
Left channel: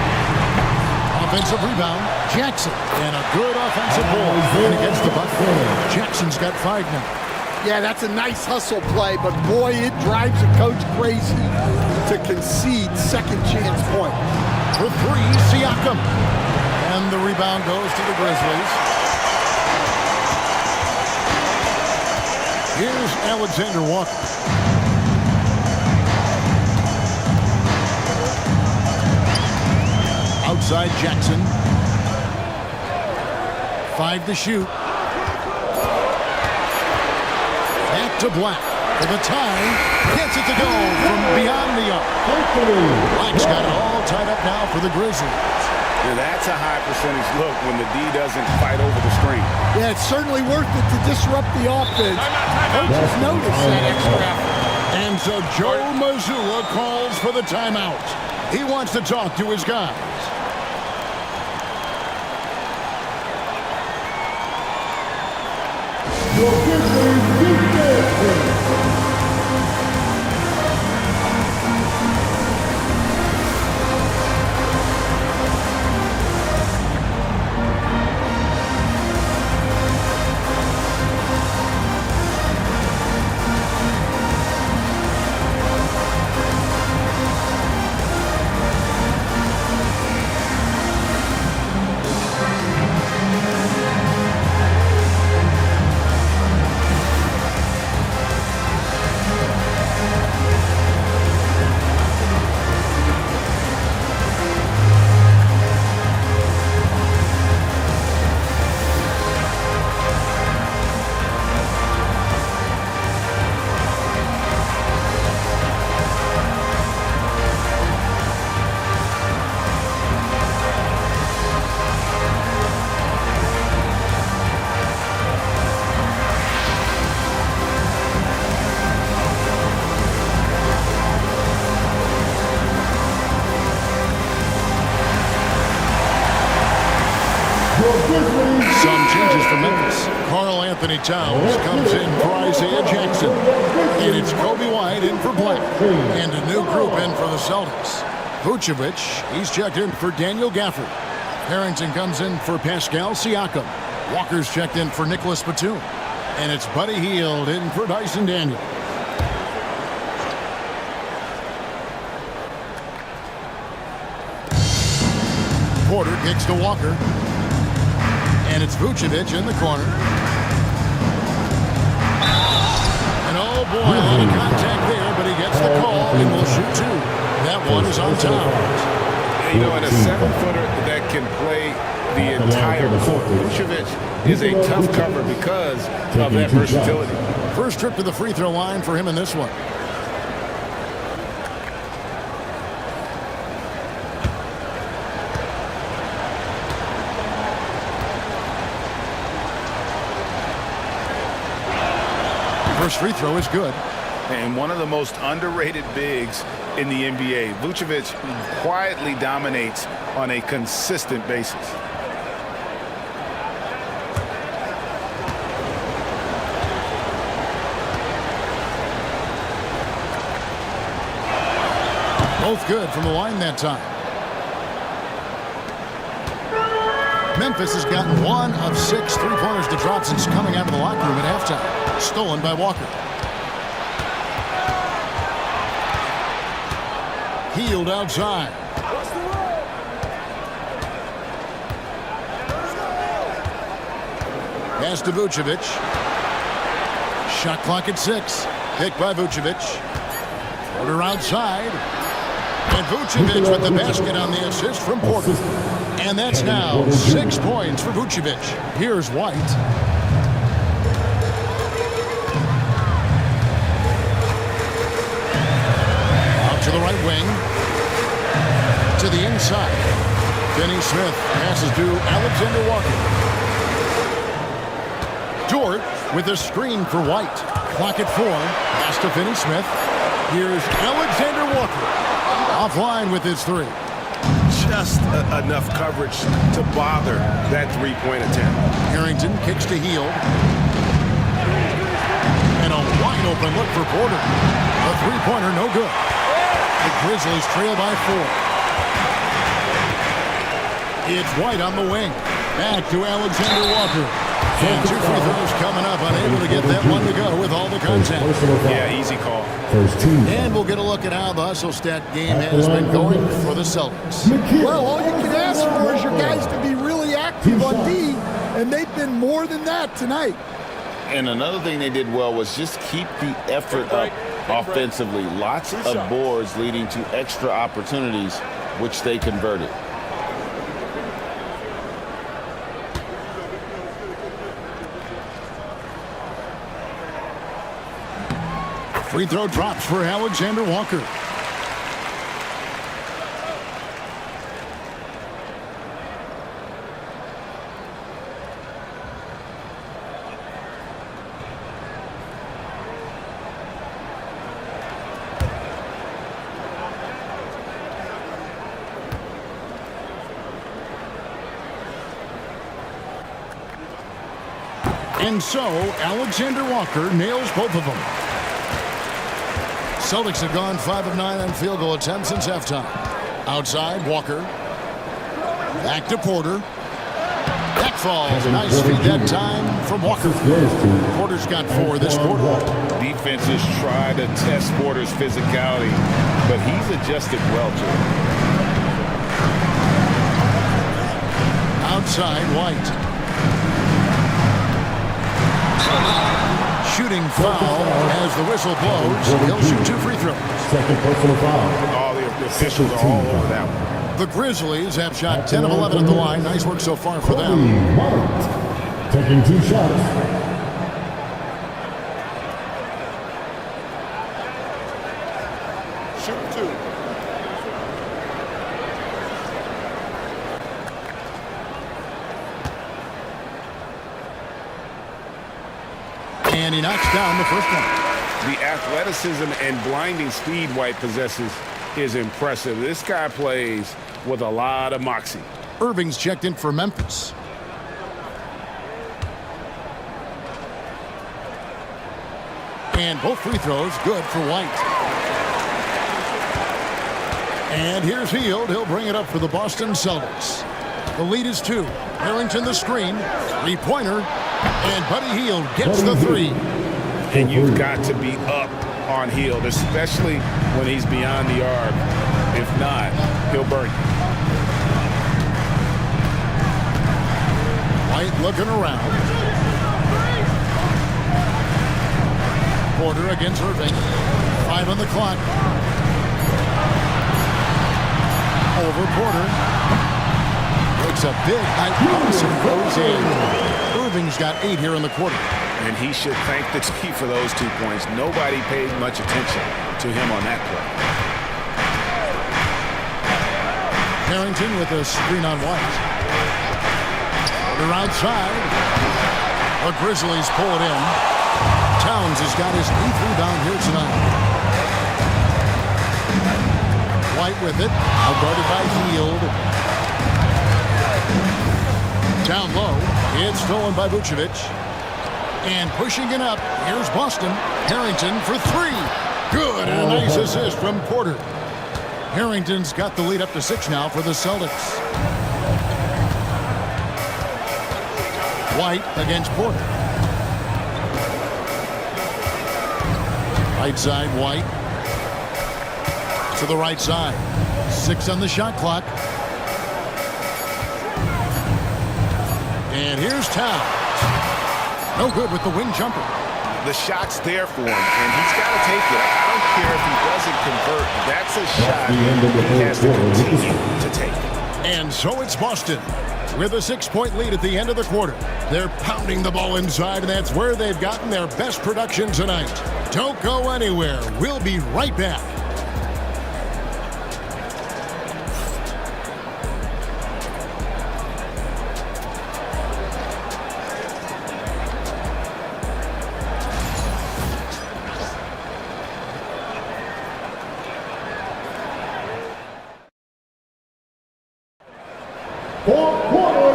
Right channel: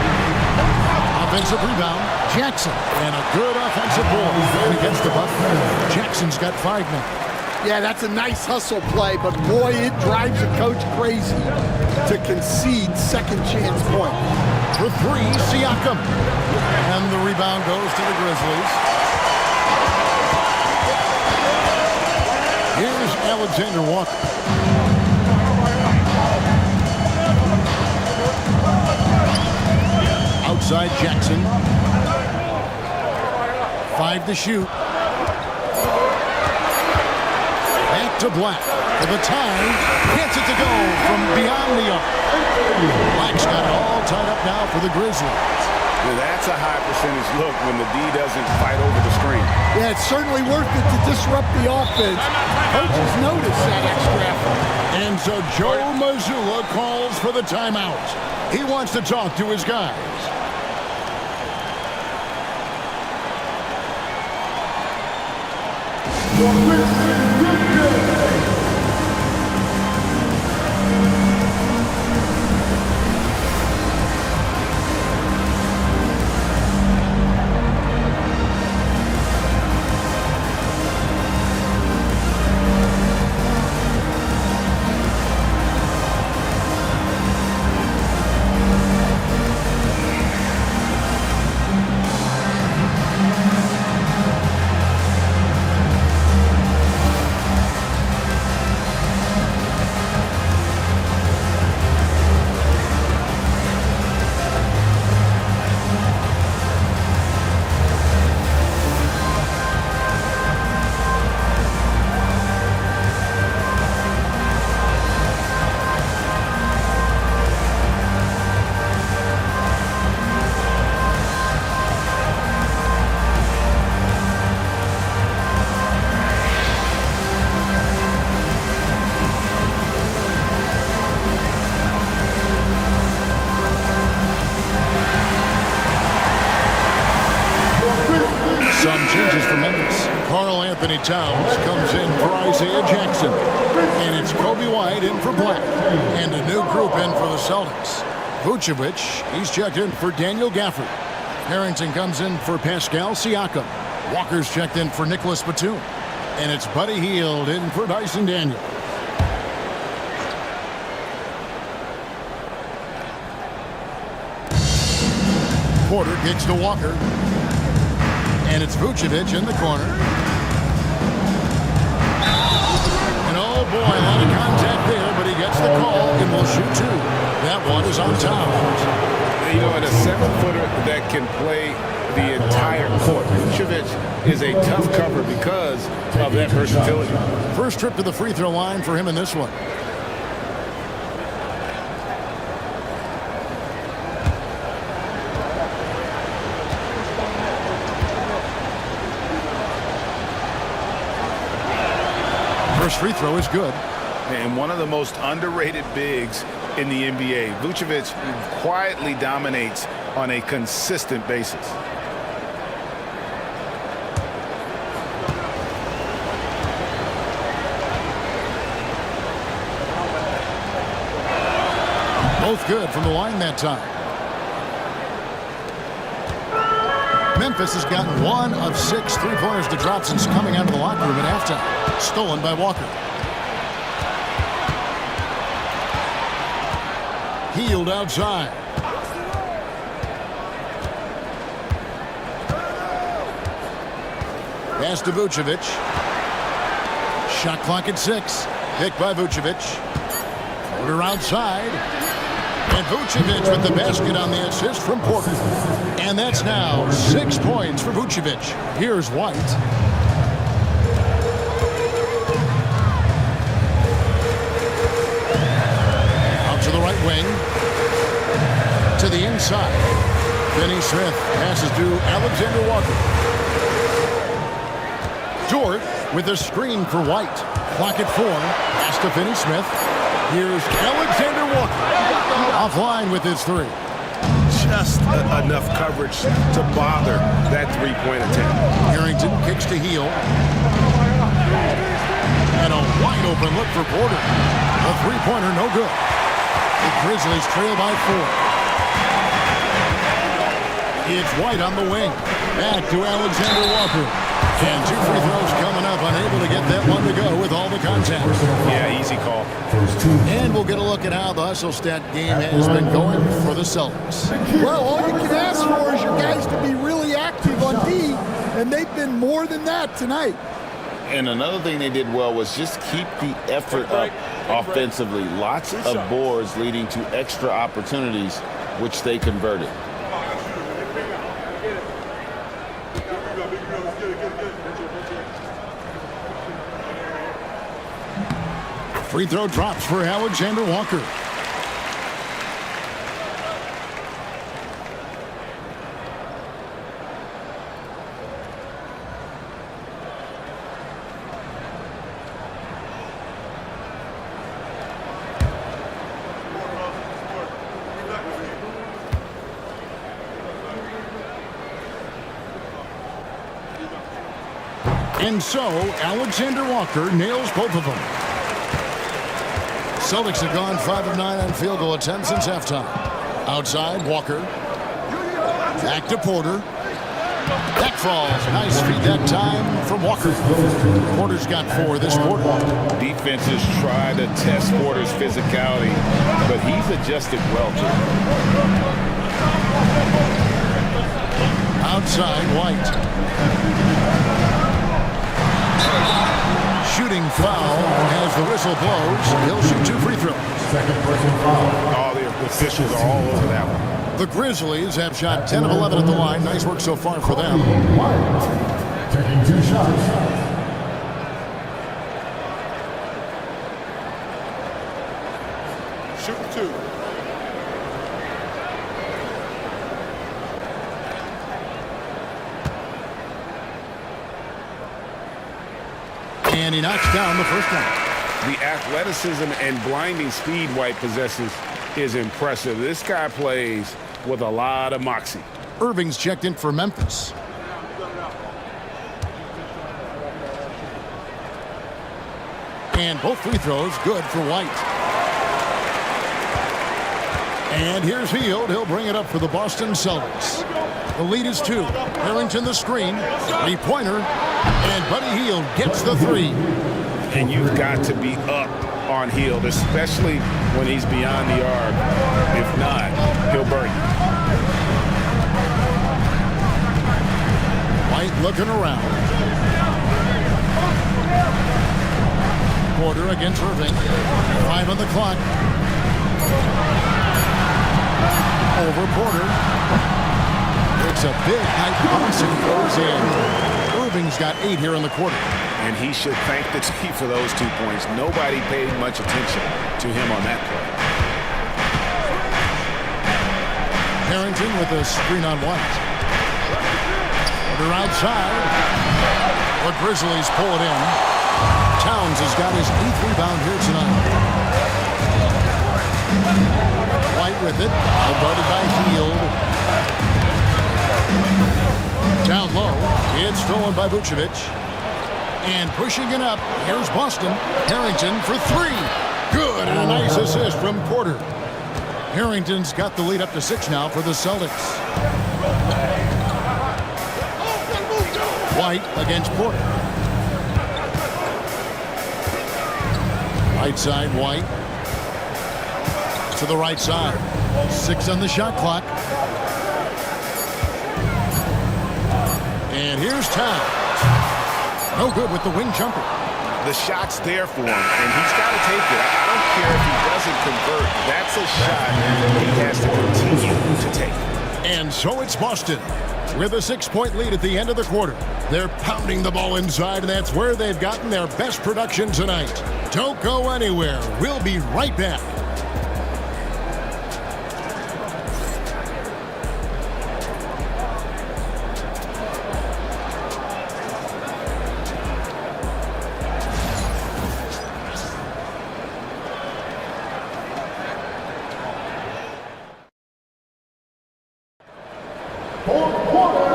Offensive rebound. Jackson. And a good offensive board. And against the buck. Jackson's got 5 now. Yeah, that's a nice hustle play, but boy, it drives a coach crazy to concede second chance point. For 3, Siakam. And the rebound goes to the Grizzlies. Here's Alexander Walker. Outside Jackson. 5 to shoot. Back to Black for the tie. Gets it to go from beyond the arc. Black's got it all tied up now for the Grizzlies. Yeah, that's a high percentage look when the D doesn't fight over the screen. Yeah, it's certainly worth it to disrupt the offense. Coaches notice that extra effort. And so Joe Mazzulla calls for the timeout. He wants to talk to his guys. some changes for Memphis. Karl Anthony Towns comes in for Isaiah Jackson. And it's Kobe White in for Black. And a new group in for the Celtics. Vucevic, he's checked in for Daniel Gafford. Harrington comes in for Pascal Siakam. Walker's checked in for Nicholas Batum. And it's Buddy Hield in for Dyson Daniels. Porter kicks to Walker. And it's Vucevic in the corner. And oh boy, a lot of contact there, but he gets the call and will shoot two. That one is on Towns. You know, and a 7-footer that can play the entire court. Vucevic is a tough cover because of that versatility. First trip to the free throw line for him in this one. First free throw is good. And one of the most underrated bigs in the NBA. Vucevic quietly dominates on a consistent basis. Both good from the line that time. Memphis has gotten 1 of 6 three-pointers to drop since coming out of the locker room at halftime. Stolen by Walker. Hield outside. Pass to Vucevic. Shot clock at 6. Picked by Vucevic. Porter outside. And Vucevic with the basket on the assist from Porter. And that's now 6 points for Vucevic. Here's White. Out to the right wing. To the inside. Finney Smith passes to Alexander Walker. Dort with a screen for White. Clock at 4. Pass to Finney Smith. Here's Alexander Walker. Offline with his 3. Just enough coverage to bother that three-point attempt. Harrington kicks to Hield. And a wide open look for Porter. A three-pointer, no good. The Grizzlies trail by 4. It's White on the wing. Back to Alexander Walker. And 2 free throws coming up. Unable to get that one to go with all the contact. Yeah, easy call. And we'll get a look at how the hustle stat game has been going for the Celtics. Well, all you can ask for is your guys to be really active on D, and they've been more than that tonight. And another thing they did well was just keep the effort up offensively. Lots of boards leading to extra opportunities, which they converted. Free throw drops for Alexander Walker. And so, Alexander Walker nails both of them. Celtics have gone 5 of 9 on field goal attempts since halftime. Outside, Walker. Back to Porter. That falls. Nice feed that time from Walker. Porter's got 4 this quarter. Defenses try to test Porter's physicality, but he's adjusted well to it. Outside, White. Shooting foul as the whistle blows. He'll shoot 2 free throws. Second personal foul. All the officials are all over that one. The Grizzlies have shot 10 of 11 at the line. Nice work so far for them. White taking 2 shots. Shoot 2. And he knocks down the first one. The athleticism and blinding speed White possesses is impressive. This guy plays with a lot of moxie. Irving's checked in for Memphis. And both free throws good for White. And here's Hield. He'll bring it up for the Boston Celtics. The lead is 2. Harrington the screen. Three-pointer. And Buddy Hield gets the 3. And you've got to be up on Hield, especially when he's beyond the arc. If not, he'll burn you. White looking around. Porter against Irving. 5 on the clock. Over Porter. Takes a big high pass and goes in. Irving's got 8 here in the quarter. And he should thank the team for those 2 points. Nobody paid much attention to him on that play. Harrington with a screen on White. Porter outside. The Grizzlies pull it in. Towns has got his 8th rebound here tonight. White with it. Now guarded by Hield. Down low. It's stolen by Vucevic. And pushing it up. Here's Boston. Harrington for 3. Good. And a nice assist from Porter. Harrington's got the lead up to 6 now for the Celtics. White against Porter. Right side, White. To the right side. 6 on the shot clock. And here's Towns. No good with the wing jumper. The shot's there for him, and he's got to take it. I don't care if he doesn't convert. That's a shot he has to continue to take. And so it's Boston with a 6-point lead at the end of the quarter. They're pounding the ball inside, and that's where they've gotten their best production tonight. Don't go anywhere. We'll be right back.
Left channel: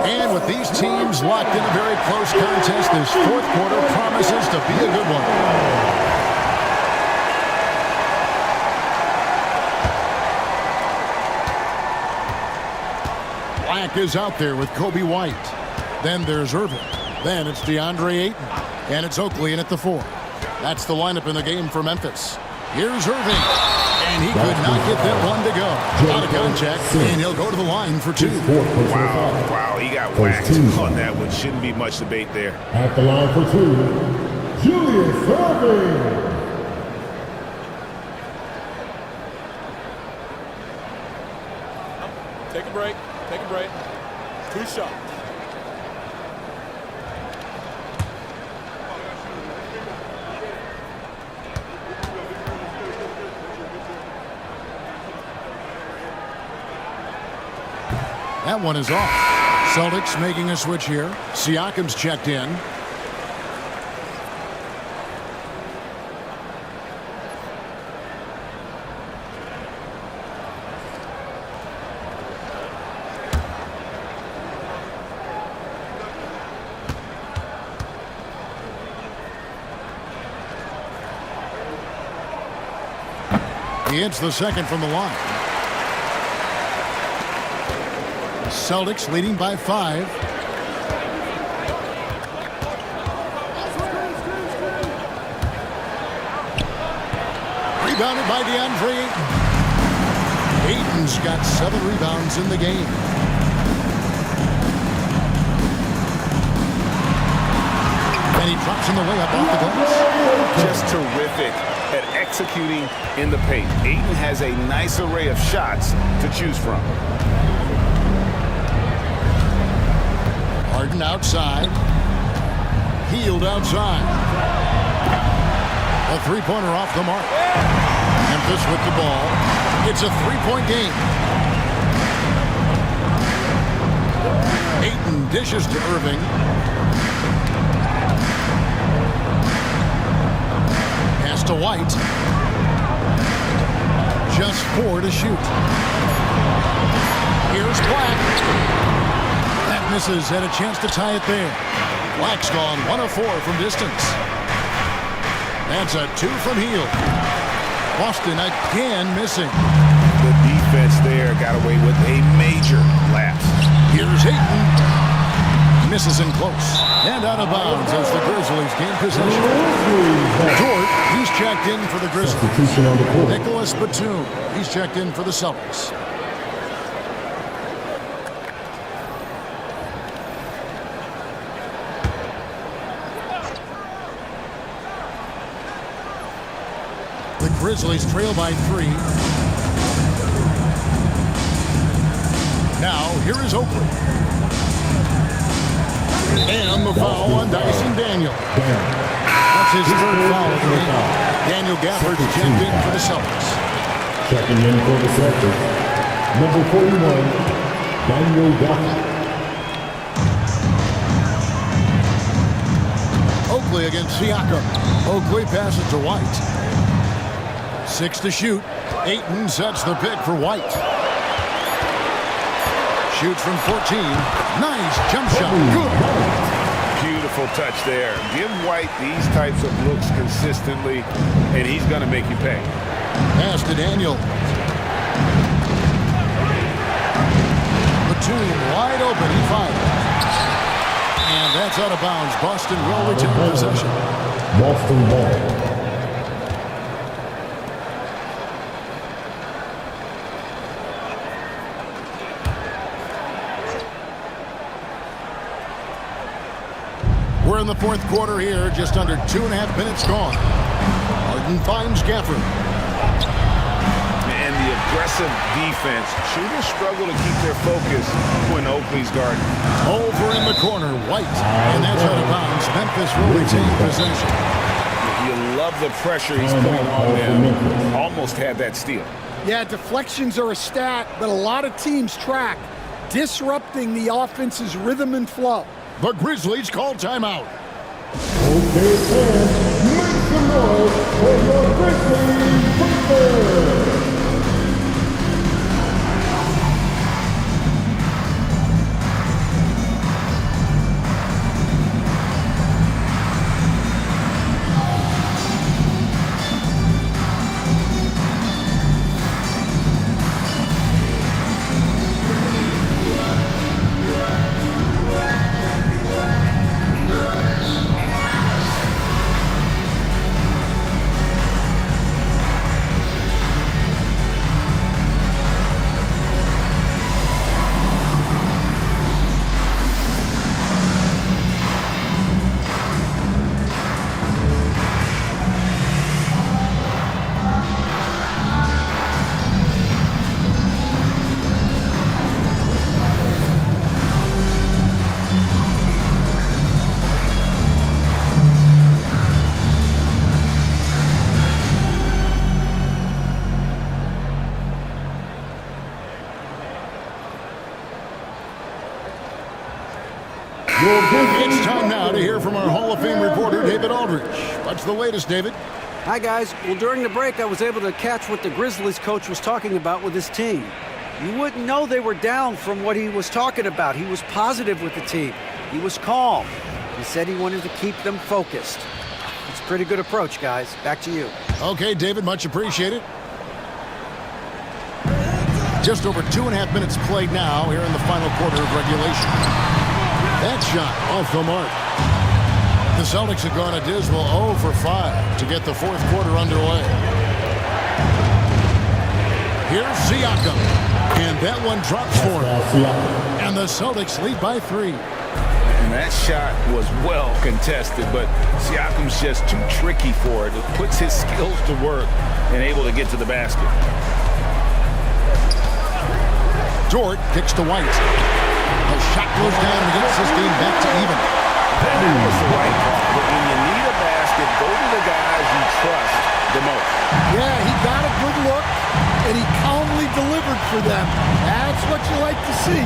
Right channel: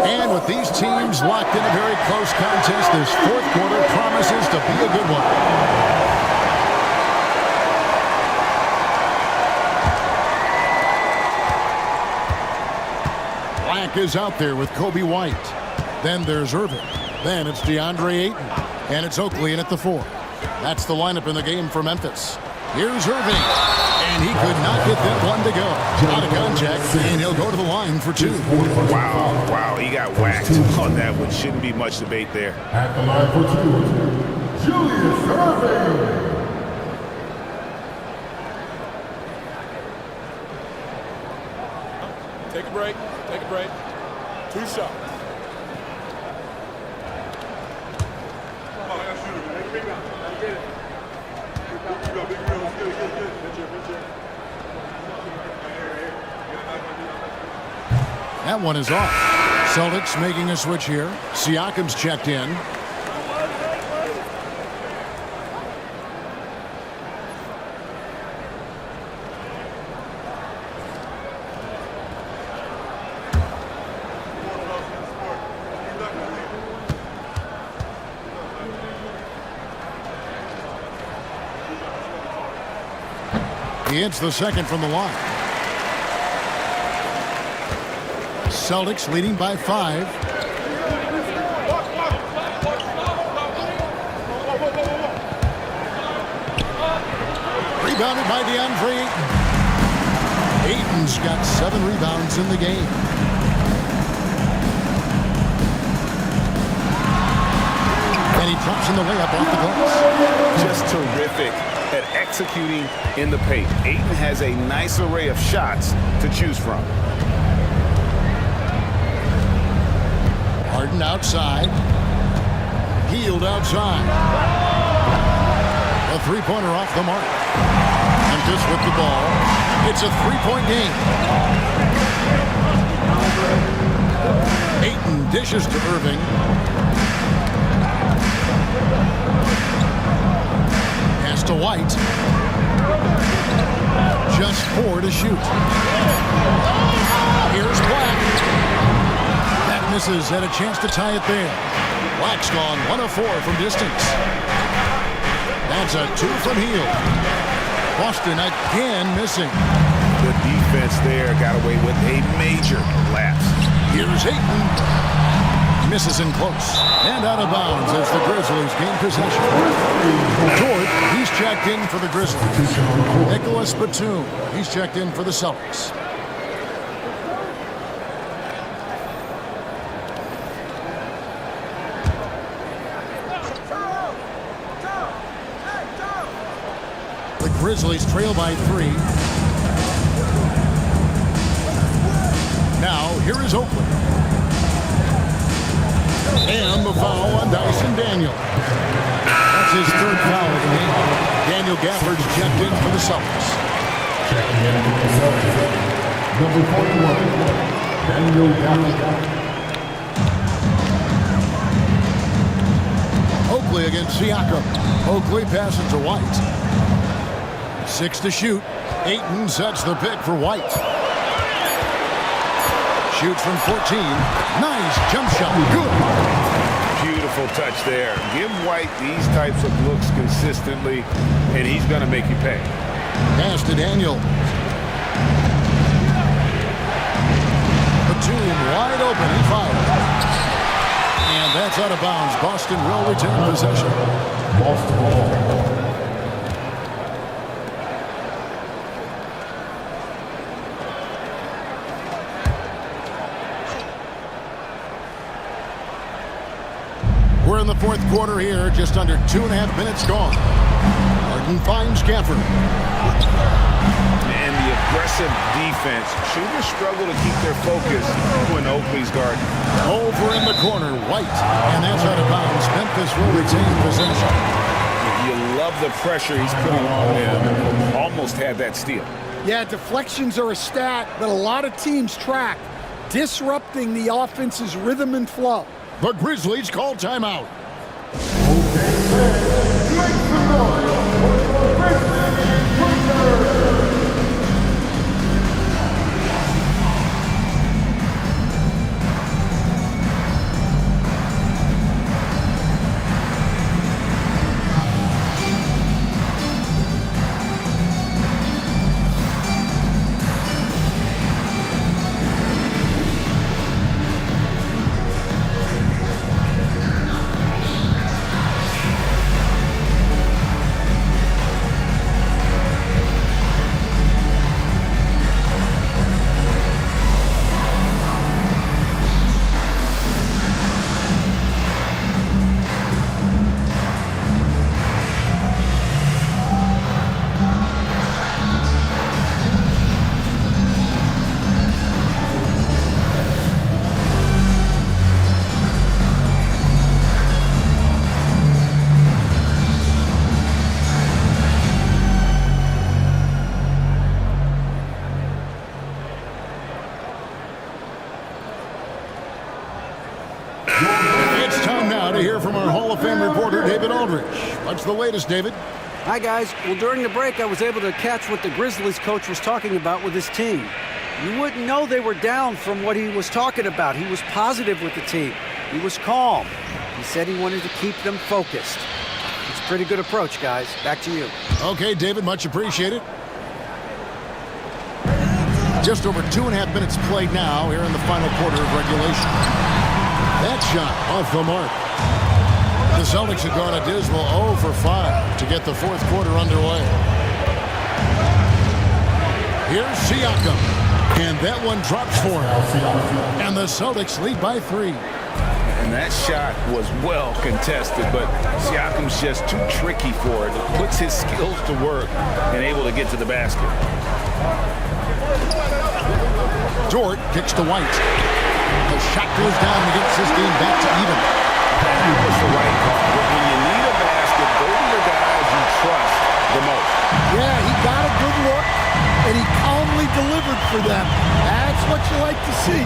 And with these teams locked in a very close contest, this 4th quarter promises to be a good one. Black is out there with Kobe White. Then there's Irving. Then it's DeAndre Ayton. And it's Oakley in at the 4. That's the lineup in the game for Memphis. Here's Irving. And he could not get that one to go. Out of contact, and he'll go to the line for 2. Wow, he got whacked on that one. Shouldn't be much debate there. At the line for 2, Julius Irving. Take a break. Take a break. 2 shots. That one is off. Celtics making a switch here. Siakam's checked in. He hits the second from the line. Celtics leading by 5. Rebounded by DeAndre Ayton. Ayton's got 7 rebounds in the game. And he drops in the layup off the glass. Just terrific at executing in the paint. Ayton has a nice array of shots to choose from. Harden outside. Hield outside. A 3-pointer off the mark. Memphis with the ball. It's a 3-point game. Ayton dishes to Irving. Pass to White. Just 4 to shoot. Here's Black. That misses. Had a chance to tie it there. Black's gone 1 of 4 from distance. That's a 2 from Hield. Boston again missing. The defense there got away with a major lapse. Here's Ayton. Misses in close. And out of bounds as the Grizzlies gain possession. Dort, he's checked in for the Grizzlies. Nicholas Batum, he's checked in for the Celtics. The Grizzlies trail by 3. Now, here is Oakley. And the foul on Dyson Daniel. That's his 3rd foul of the game. Daniel Gafford's checked in for the Celtics. Checking in for the Celtics, number 41, Daniel Gafford. Oakley against Siakam. Oakley passes to White. 6 to shoot. Ayton sets the pick for White. Shoots from 14. Nice jump shot. Good. Beautiful touch there. Give White these types of looks consistently, and he's going to make you pay. Pass to Daniel. Batum wide open. He fires. And that's out of bounds. Boston will retain possession. Boston ball. We're in the 4th quarter here, just under 2.5 minutes gone. Harden finds Gafford. And the aggressive defense. Shooters struggle to keep their focus when Oakley's guarding. Over in the corner, White. And that's out of bounds. Memphis will retain possession. You love the pressure he's putting on them. Almost had that steal. Yeah, deflections are a stat that a lot of teams track, disrupting the offense's rhythm and flow. The Grizzlies call timeout. Okay, fans, make some noise for your Grizzlies Troopers! It's time now to hear from our Hall of Fame reporter, David Aldridge. What's the latest, David? Hi, guys. Well, during the break, I was able to catch what the Grizzlies coach was talking about with his team. You wouldn't know they were down from what he was talking about. He was positive with the team. He was calm. He said he wanted to keep them focused. It's a pretty good approach, guys. Back to you. Okay, David, much appreciated. Just over 2.5 minutes played now here in the final quarter of regulation. That shot off the mark. The Celtics have gone a dismal 0 for 5 to get the 4th quarter underway. Here's Siakam. And that one drops for him. And the Celtics lead by 3. And that shot was well contested, but Siakam's just too tricky for it. It puts his skills to work and able to get to the basket. Dort kicks to White. The shot goes down and gets this game back to even. And that was the right call. When you need a basket, go to the guys you trust the most. Yeah, he got a good look, and he calmly delivered for them. That's what you like to see.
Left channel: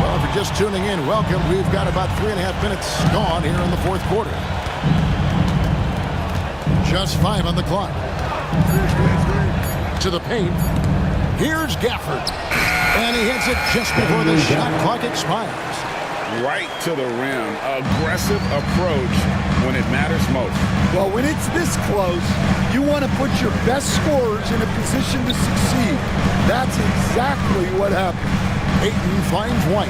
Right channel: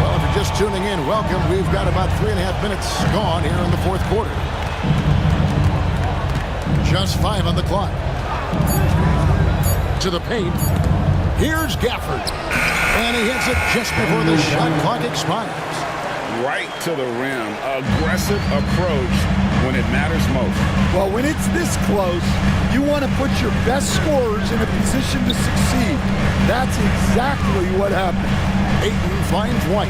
Well, if you're just tuning in, welcome. We've got about 3.5 minutes gone here in the 4th quarter. Just 5 on the clock. To the paint. Here's Gafford. And he hits it just before the shot clock expires. right to the rim. Aggressive approach when it matters most. Well, when it's this close, you want to put your best scorers in a position to succeed. That's exactly what happened. Ayton finds White.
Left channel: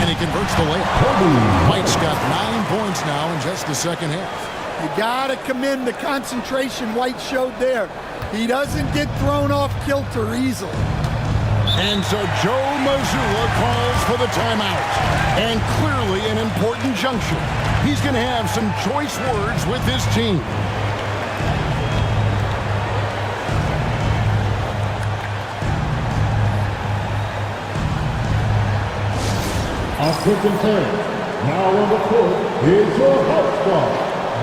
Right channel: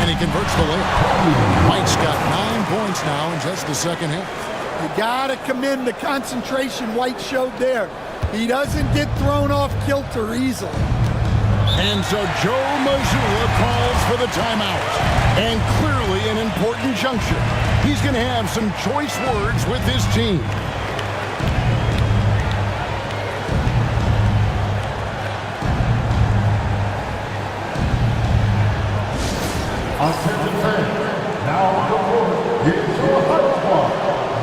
And he converts the layup. White's got 9 points now in just the second half. You got to commend the concentration White showed there. He doesn't get thrown off kilter easily. And so Joe Mazzulla calls for the timeout. And clearly an important juncture. He's going to have some choice words with his team. Attention fans, now on the court is your hype squad.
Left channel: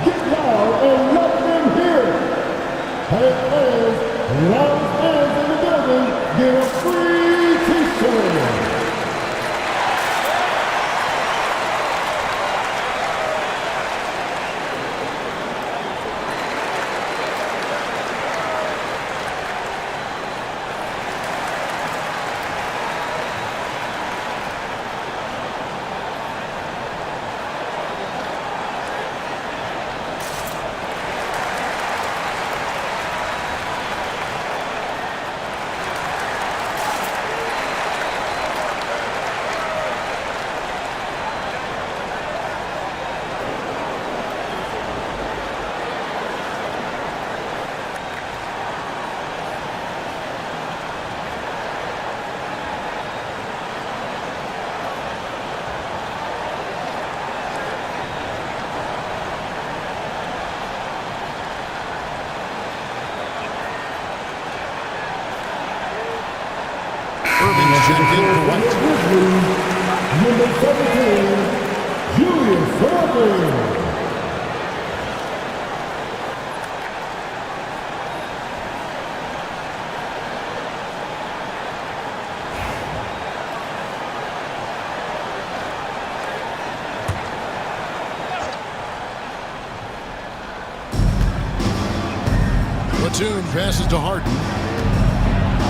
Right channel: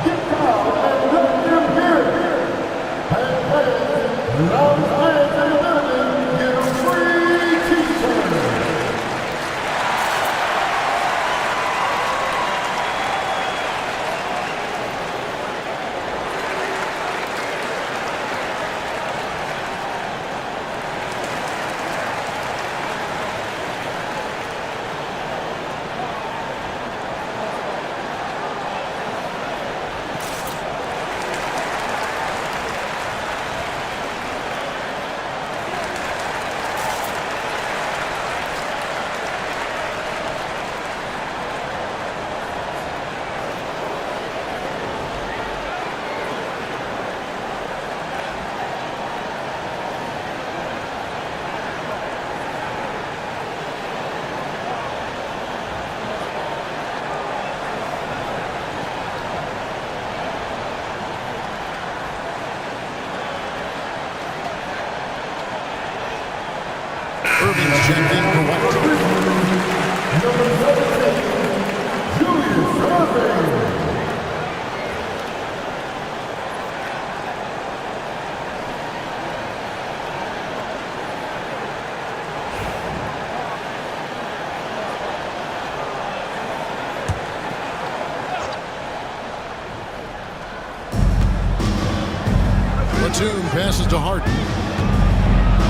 Get down and let them hear it. And loud fans in the building, get a free t-shirt. Irving's checked in for White. Number 17, Julius Irving. Batum passes to Harden.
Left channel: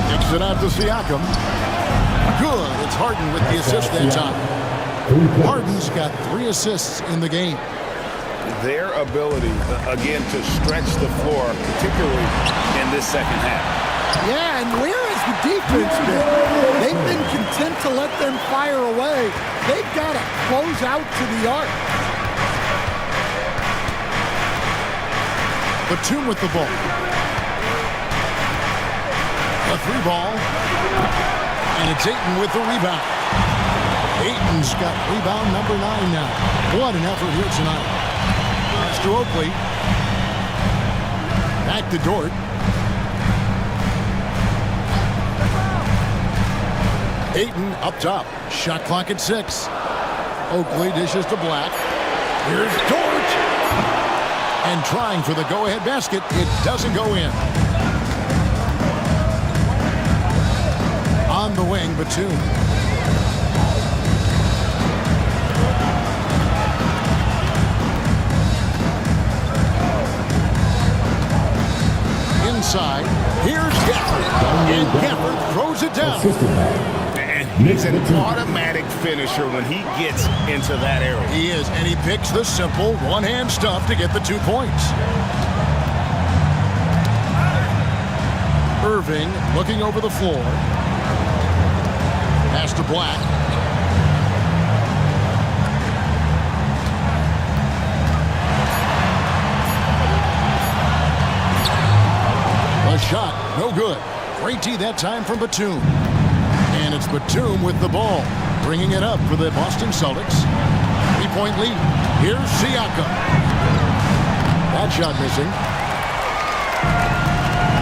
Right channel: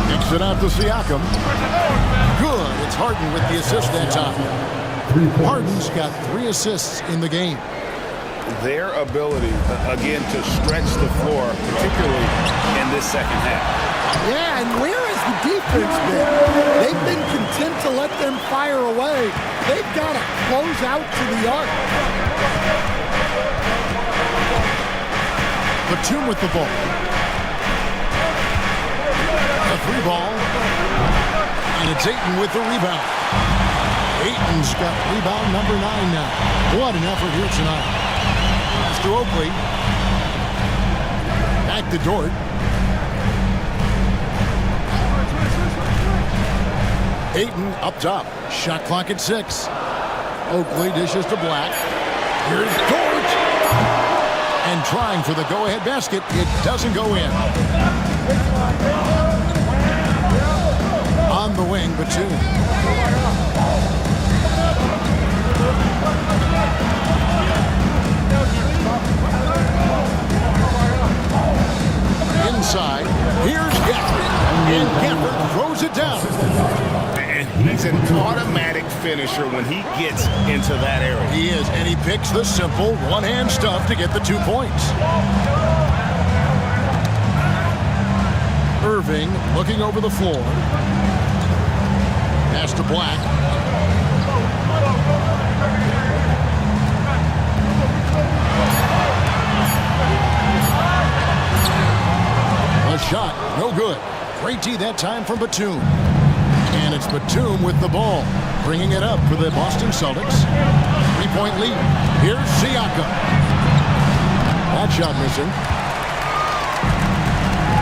Kicks it out to Siakam. Good. It's Harden with the assist that time. Harden's got 3 assists in the game. Their ability, again, to stretch the floor, particularly in this second half. Yeah, and where has the defense been? They've been content to let them fire away. They've got to close out to the arc. Batum with the ball. A 3 ball. And it's Ayton with the rebound. Ayton's got rebound number 9 now. What an effort here tonight. Pass to Oakley. Back to Dort. Ayton up top. Shot clock at 6. Oakley dishes to Black. Here's Dort. And trying for the go-ahead basket. It doesn't go in. On the wing, Batum. Inside, here's Gafford. And Gafford throws it down. And he's an automatic finisher when he gets into that area. He is, and he picks the simple one-hand stuff to get the 2 points. Irving looking over the floor. Pass to Black. A shot, no good. Great D that time from Batum. And it's Batum with the ball, bringing it up for the Boston Celtics. 3-point lead. Here's Siakam. That shot missing.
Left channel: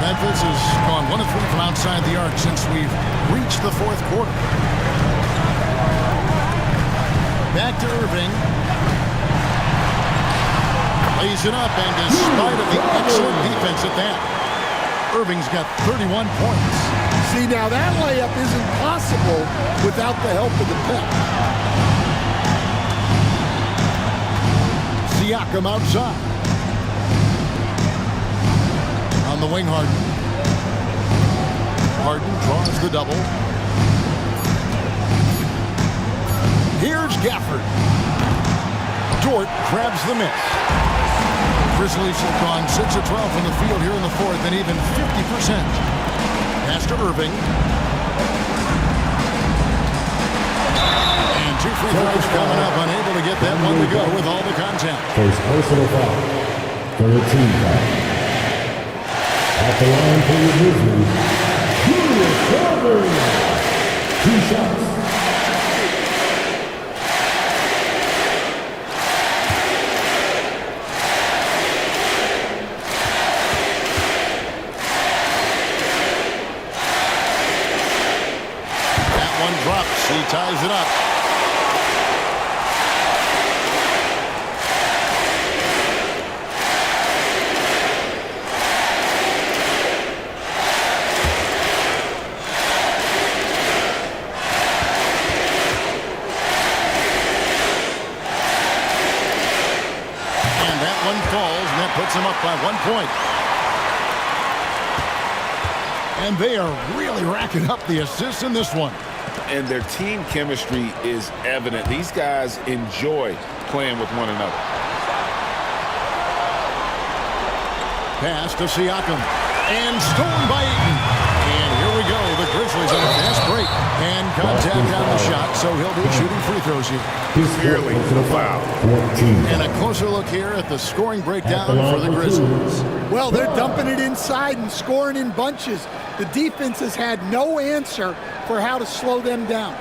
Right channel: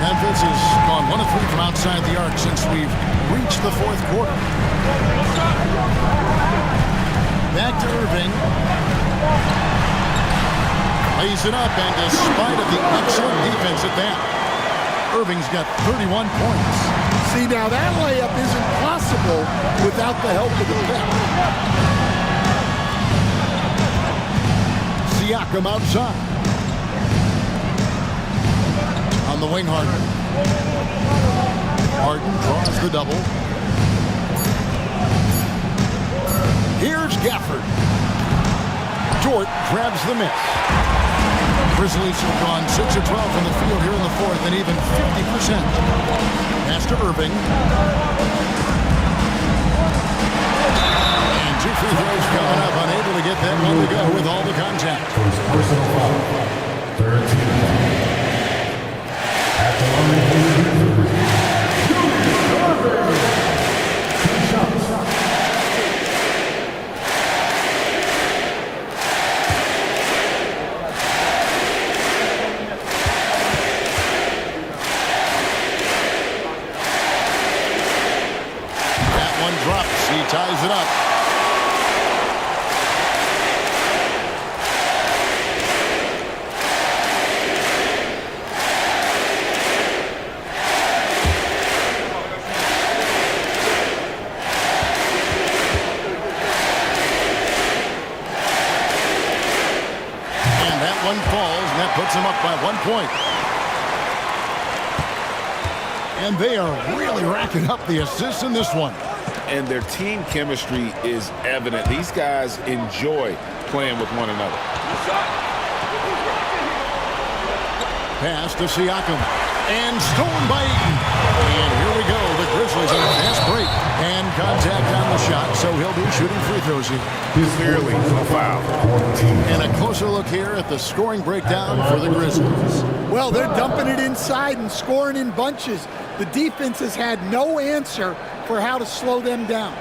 Memphis has gone 1 of 3 from outside the arc since we've reached the 4th quarter. Back to Irving. Lays it up, and despite of the excellent defense at that, Irving's got 31 points. See, now that layup isn't possible without the help of the pep. Siakam outside. On the wing, Harden. Harden draws the double. Here's Gafford. Dort grabs the miss. Grizzlies have gone 6 of 12 from the field here in the fourth and even 50%. Pass to Irving. And 2 free throws coming up. Unable to get that one to go with all the contact. First personal foul. Third team foul. At the line for your Grizzlies, Julius Irving. 2 shots. That one drops. He ties it up. One falls, and that puts them up by 1 point. And they are really racking up the assists in this one. And their team chemistry is evident. These guys enjoy playing with one another. Pass to Siakam. And stolen by Eaton. And here we go. The Grizzlies on a fast break. And contact on the shot, so he'll be shooting free throws here. Clearly a foul. And a closer look here at the scoring breakdown for the Grizzlies. Well, they're dumping it inside and scoring in bunches. The defense has had no answer for how to slow them down.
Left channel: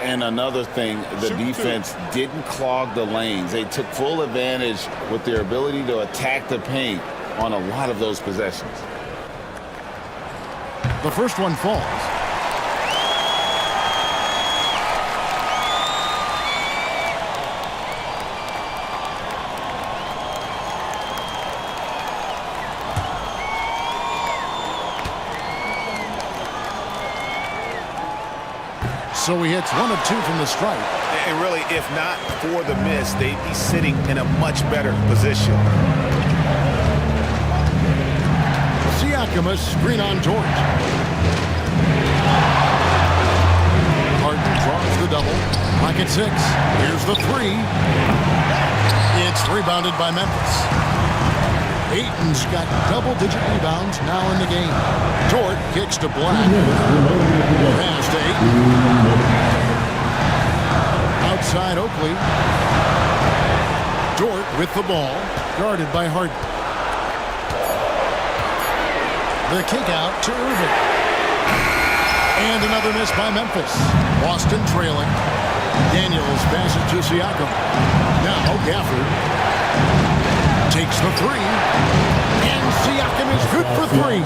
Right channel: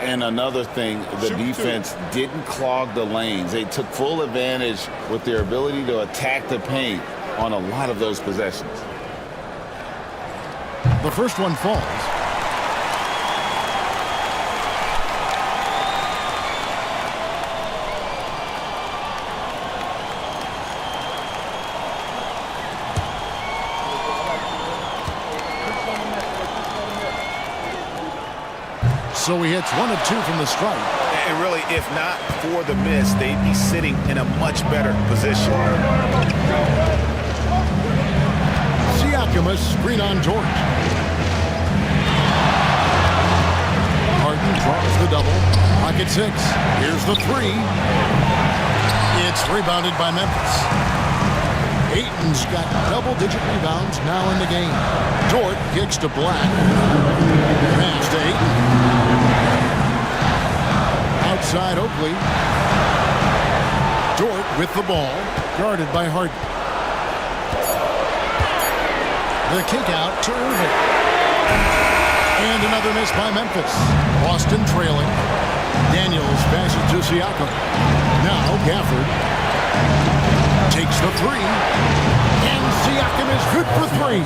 And another thing, the defense didn't clog the lanes. They took full advantage with their ability to attack the paint on a lot of those possessions. The first one falls. So he hits 1 of 2 from the stripe. And really, if not for the miss, they'd be sitting in a much better position. Siakam, a screen on George. Harden draws the double. Pocket 6. Here's the 3. It's rebounded by Memphis. Ayton's got double-digit rebounds now in the game. Dort kicks to Black. Pass to Ayton. Outside Oakley. Dort with the ball, guarded by Harden. The kick out to Irving. And another miss by Memphis. Boston trailing. Daniels passes to Siakam. Now Gafford takes the 3. And Siakam is good for 3.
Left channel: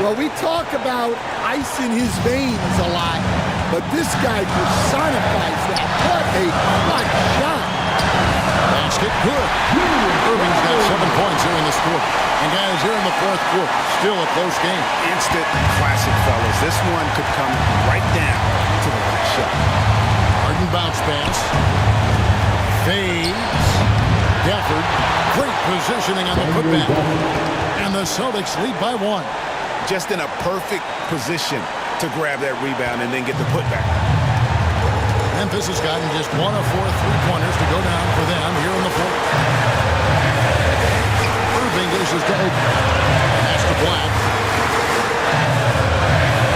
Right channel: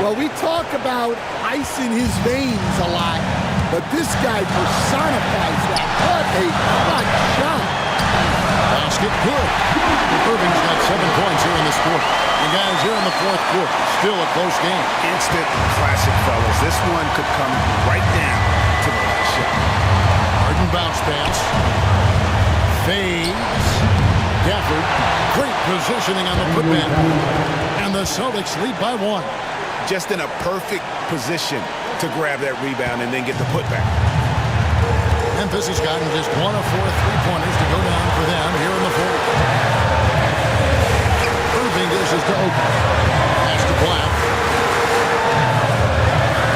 Well, we talk about ice in his veins a lot, but this guy personifies that. What a clutch shot. Basket good. Irving's got 7 points here in this quarter. And guys, here in the fourth quarter, still a close game. Instant classic, fellas. This one could come right down to the last shot. Harden bounce pass. Fades. Gafford, great positioning on the putback. And the Celtics lead by 1. Just in a perfect position to grab that rebound and then get the putback. Memphis has gotten just 1 of 4 3-pointers to go down for them here in the fourth. Irving dishes to Oakley. Pass to Black.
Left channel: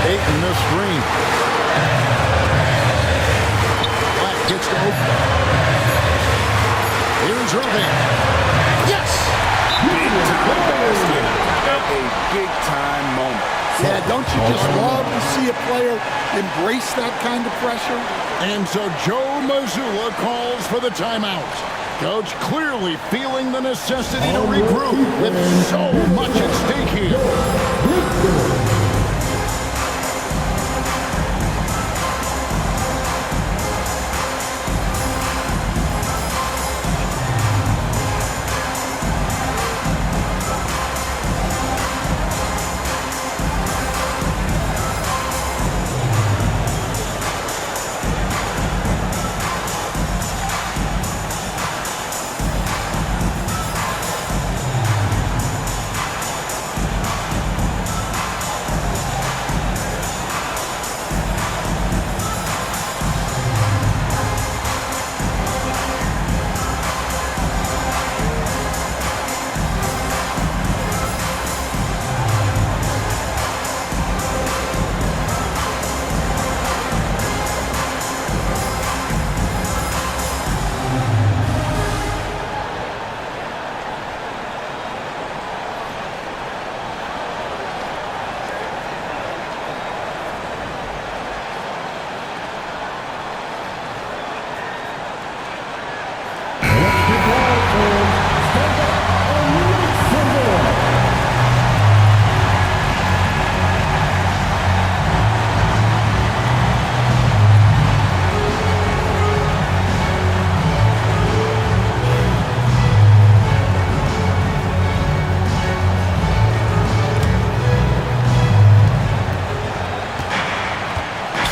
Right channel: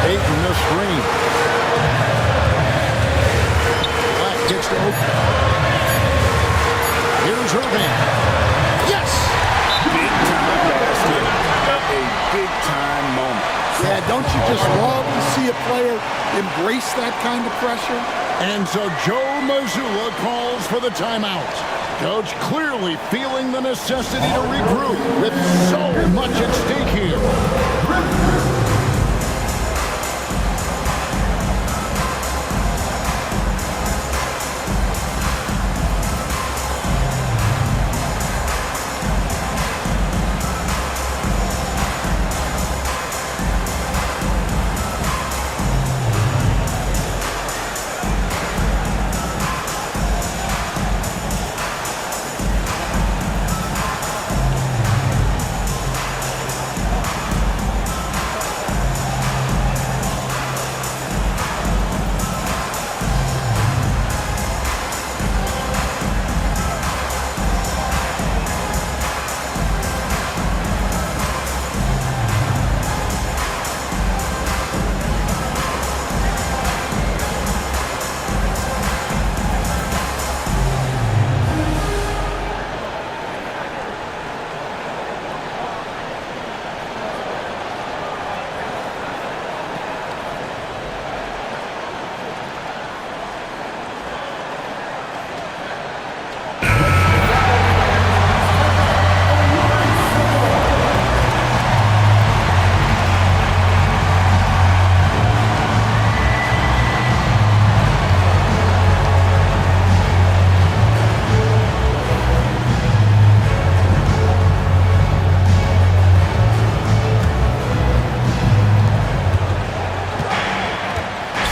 Ayton the screen. Black kicks to Oakley. Here's Irving. Yes! Big time basket at a big time moment. Yeah, don't you just love to see a player embrace that kind of pressure? And so Joe Mazzulla calls for the timeout. Coach clearly feeling the necessity to regroup with so much at stake here.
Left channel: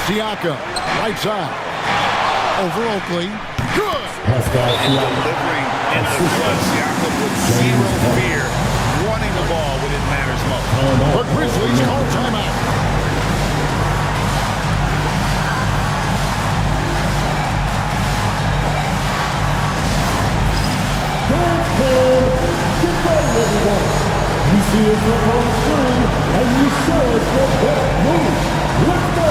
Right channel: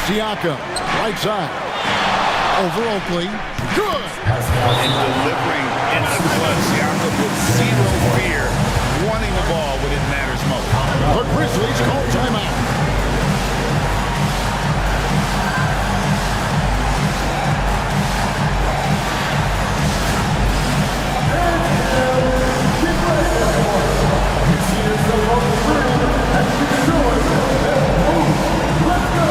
Siakam, right side. Over Oakley. Good. And delivering in the clutch. Siakam with zero fear, wanting the ball when it matters most. The Grizzlies call timeout. You see yourself on the screen, and you saw it's the best move. Let's go!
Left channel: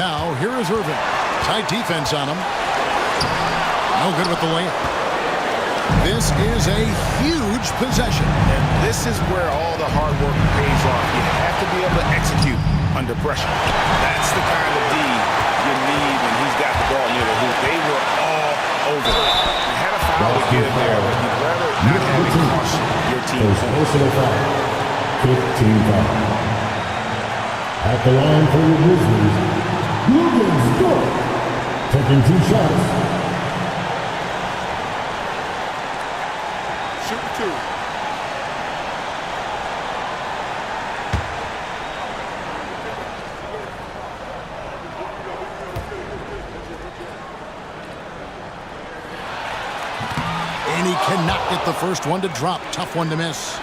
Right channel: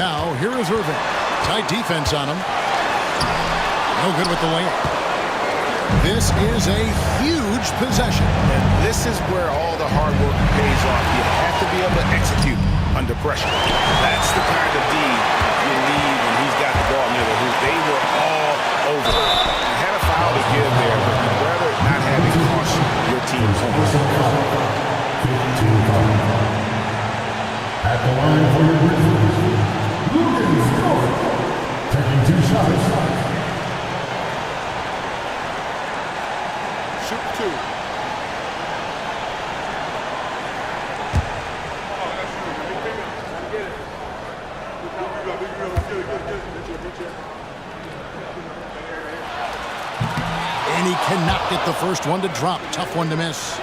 Now, here is Irving. Tight defense on him. No good with the layup. This is a huge possession. And this is where all the hard work pays off. You have to be able to execute under pressure. That's the kind of D you need when he's got the ball near the hoop. They were all over it. You had a foul to give there, but you'd rather not have it cost your team points. 15-5. At the line for your Grizzlies, Luguentz Dort, taking 2 shots. Shoot 2. And he cannot get the first one to drop. Tough one to miss.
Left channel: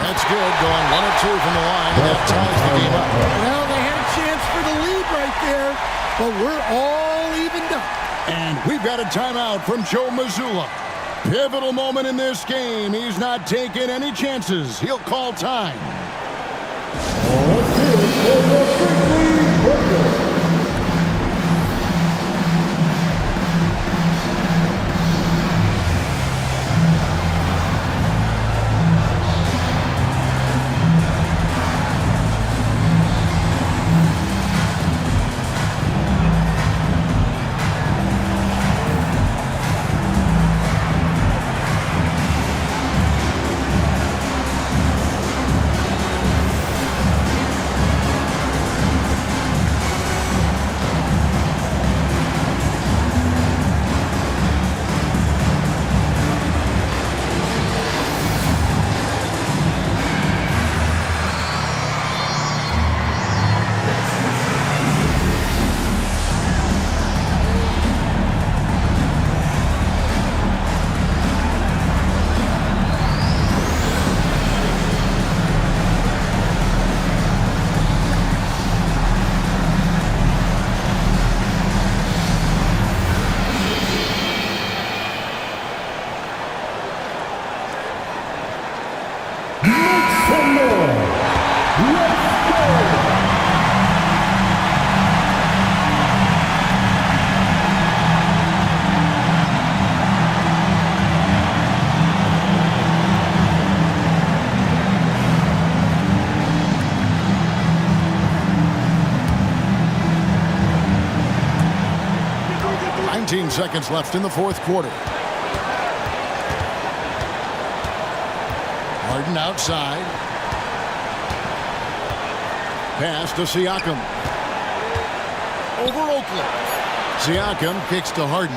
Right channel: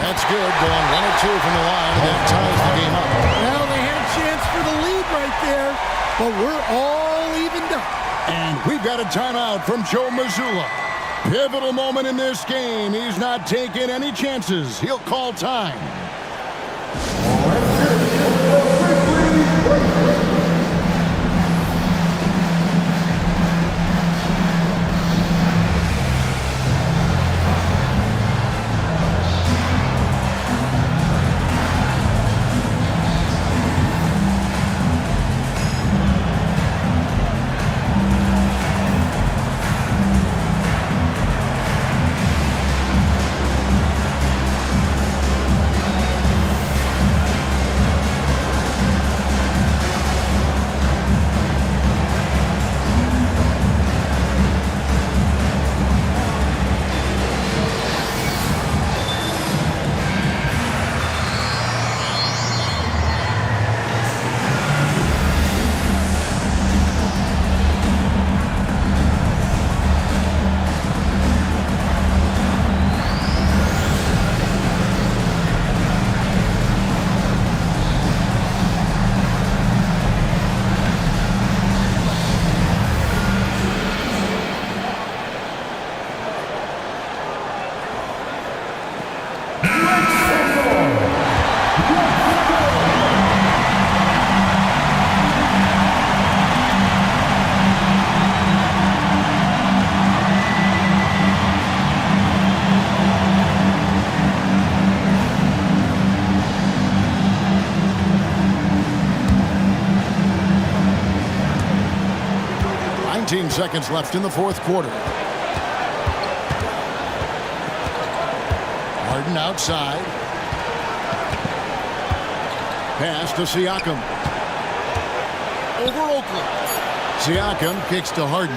That's good, going 1 or 2 from the line, and that ties the game up. Well, they had a chance for the lead right there, but we're all evened up. And we've got a timeout from Joe Mazzulla. Pivotal moment in this game. He's not taking any chances. He'll call time. 19 seconds left in the fourth quarter. Harden outside. Pass to Siakam. Over Oakland. Siakam kicks to Harden.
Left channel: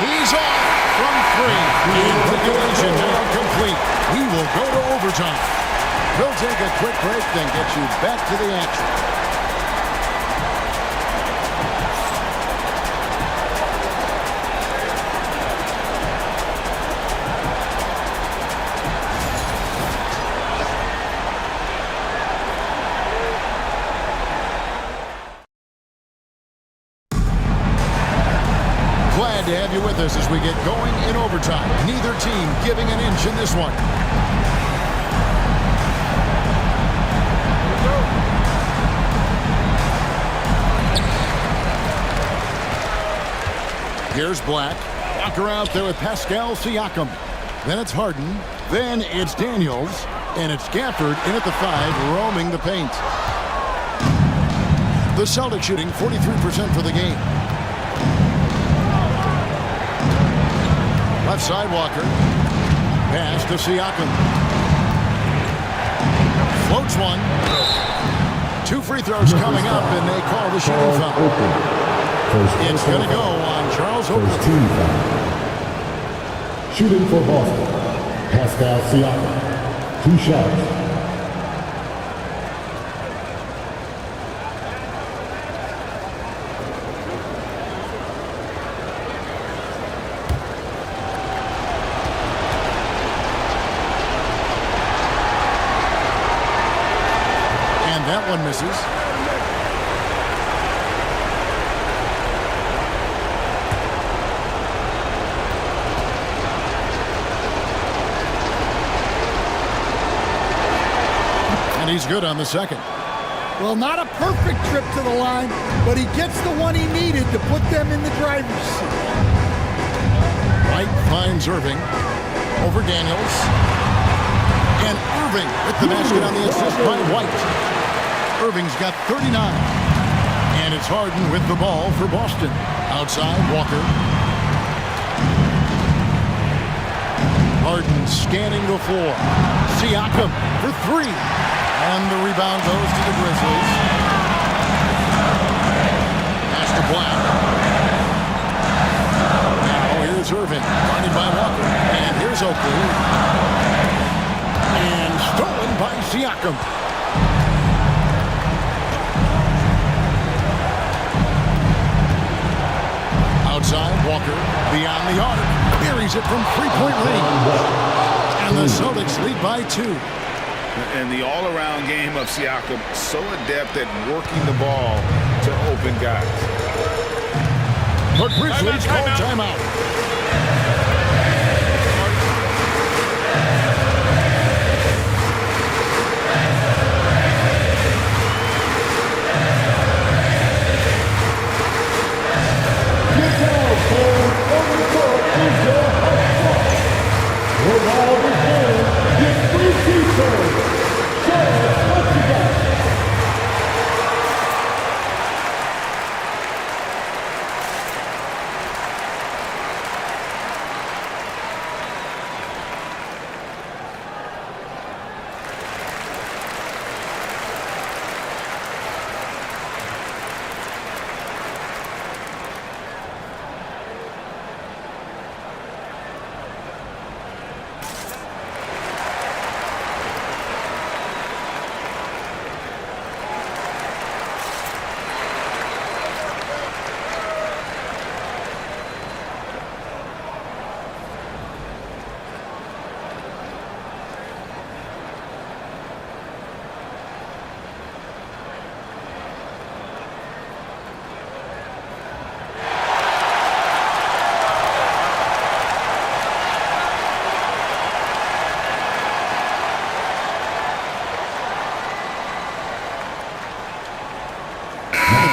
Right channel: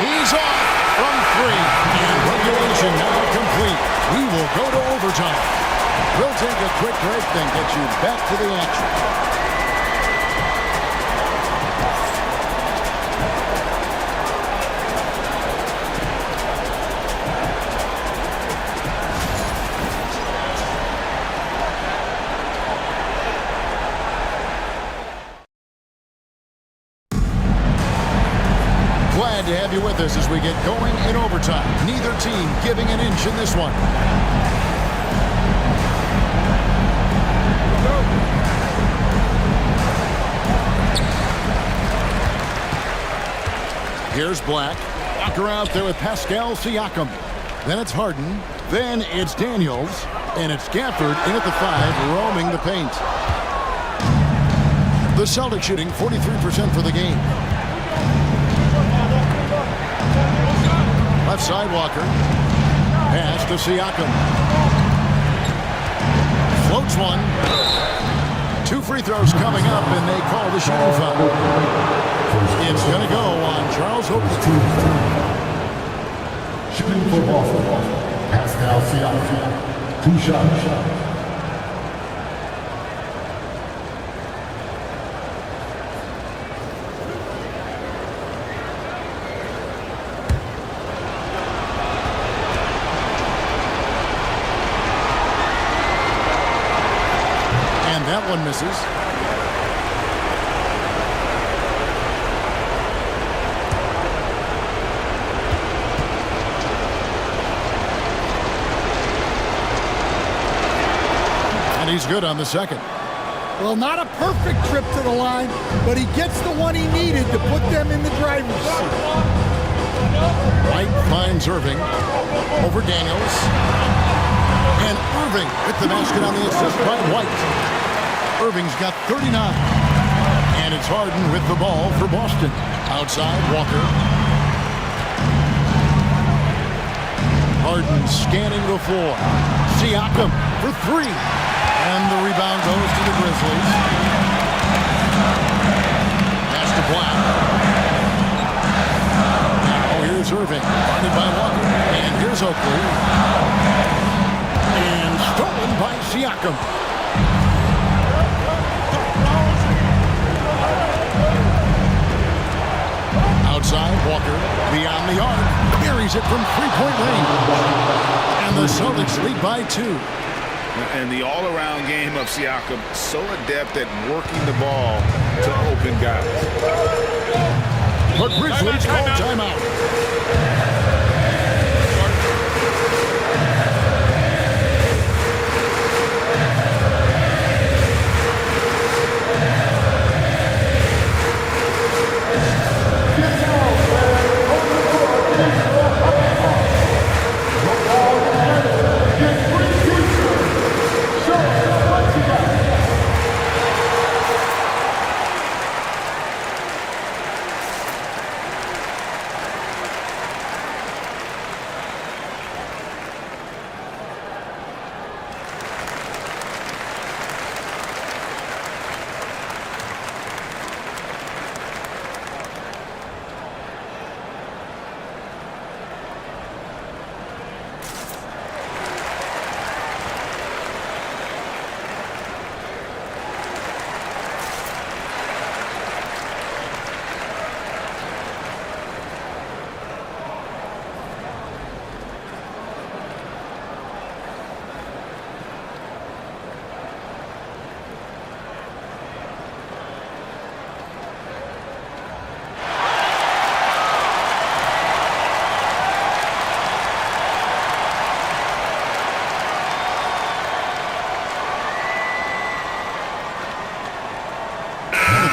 He's off from 3. And regulation now complete. We will go to overtime. We'll take a quick break, then get you back to the action. Glad to have you with us as we get going in overtime. Neither team giving an inch in this one. Here we go. Here's Black. Walker out there with Pascal Siakam. Then it's Harden. Then it's Daniels. And it's Gafford in at the 5, roaming the paint. The Celtics shooting 43% for the game. Left side, Walker. Pass to Siakam. Floats one. 2 free throws coming up, and they call the shooting foul. It's going to go on Charles Oakley. Shooting for Boston, Pascal Siakam. 2 shots. And that one misses. And he's good on the second. Well, not a perfect trip to the line, but he gets the one he needed to put them in the driver's seat. White finds Irving over Daniels. And Irving with the basket on the assist by White. Irving's got 39. And it's Harden with the ball for Boston. Outside, Walker. Harden scanning the floor. Siakam for 3. And the rebound goes to the Grizzlies. Pass to Black. Now here's Irving. Guarded by Walker. And here's Oakley. And stolen by Siakam. Outside, Walker beyond the arc. Buries it from 3-point range. And the Celtics lead by 2. And the all-around game of Siakam, so adept at working the ball to open guys. The Grizzlies call timeout.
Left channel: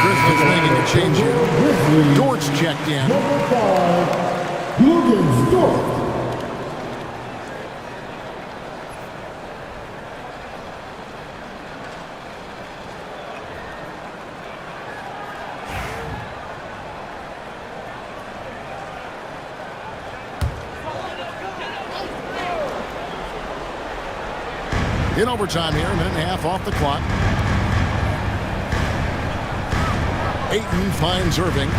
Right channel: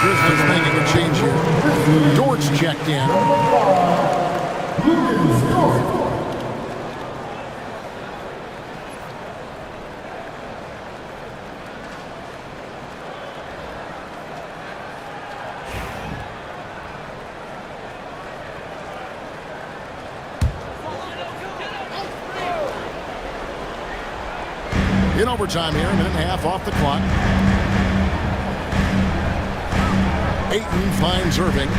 Grizzlies making a change here. Dort's checked in. Lucas Dort. In overtime here, a minute and a half off the clock. Ayton finds Irving.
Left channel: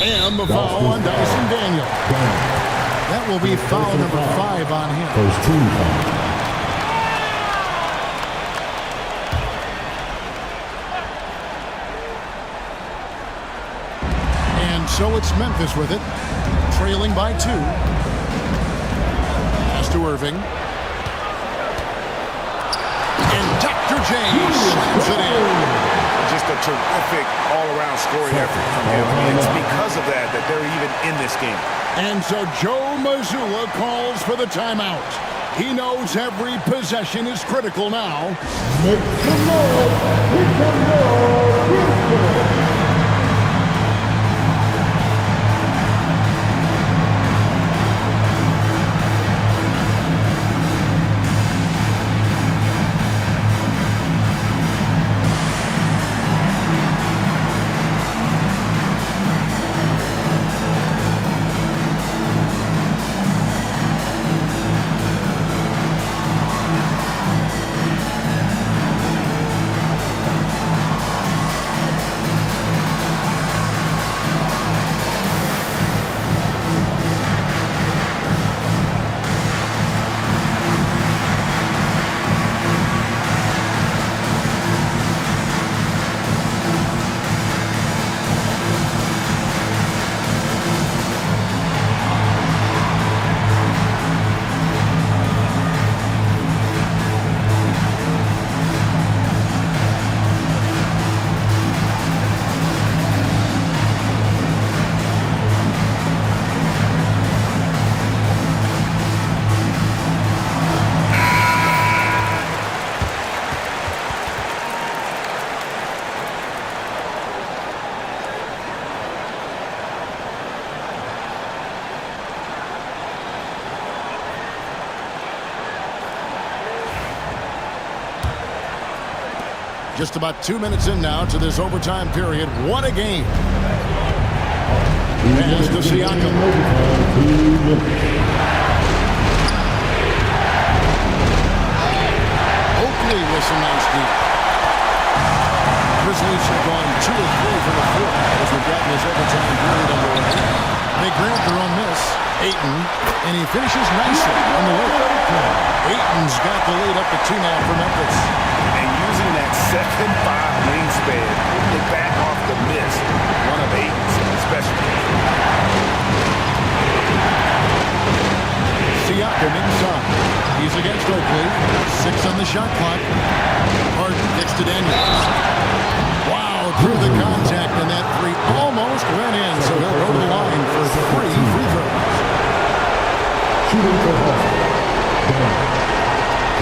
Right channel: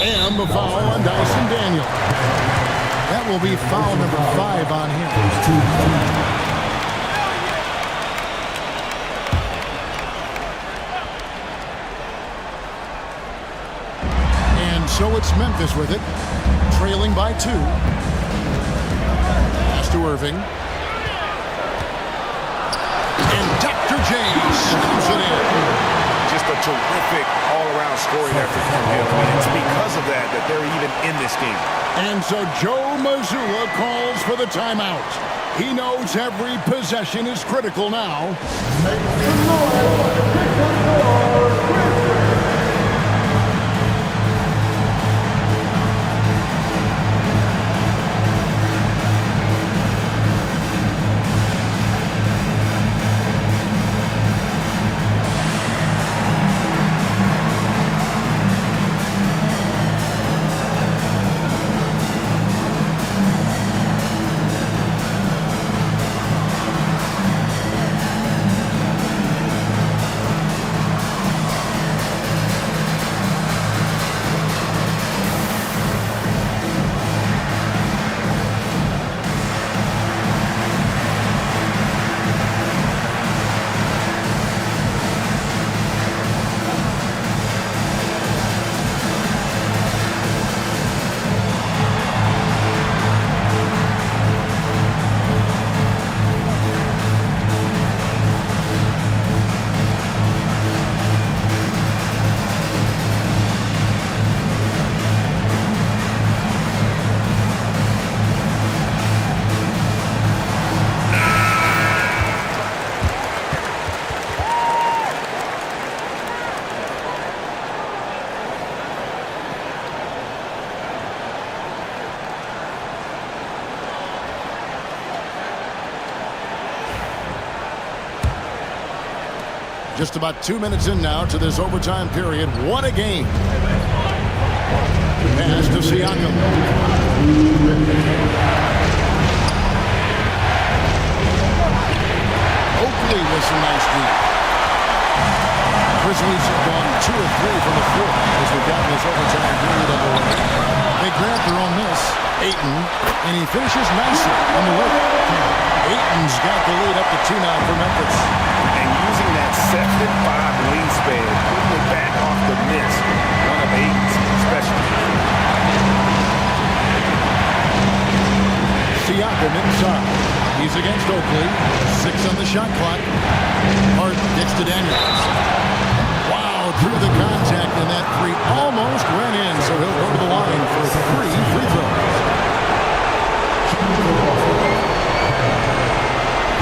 And the foul on Dyson Daniel. That will be foul number 5 on him. First team. And so it's Memphis with it, trailing by 2. Pass to Irving. And Dr. J slams it in. Just a terrific all-around scoring effort from him. I mean, it's because of that they're even in this game. And so Joe Mazzulla calls for the timeout. He knows every possession is critical now. Make some noise. Make some noise. Just about 2 minutes in now to this overtime period. What a game. Pass to Siakam. Oakley with some nice deep. Grizzlies have gone 2 of 3 from the floor as we've gotten this overtime period underway. They grant their own miss. Ayton, and he finishes nicely on the layup. Ayton's got the lead up to 2 now for Memphis. And using that 7'5" wingspan, putting it back off the miss, one of Ayton's specialties. Siakam inside. He's against Oakley. 6 on the shot clock. Harden kicks to Daniels. Wow, through the contact, and that 3 almost went in, so he'll go to the line for 3 free throws. Shooting for Boston.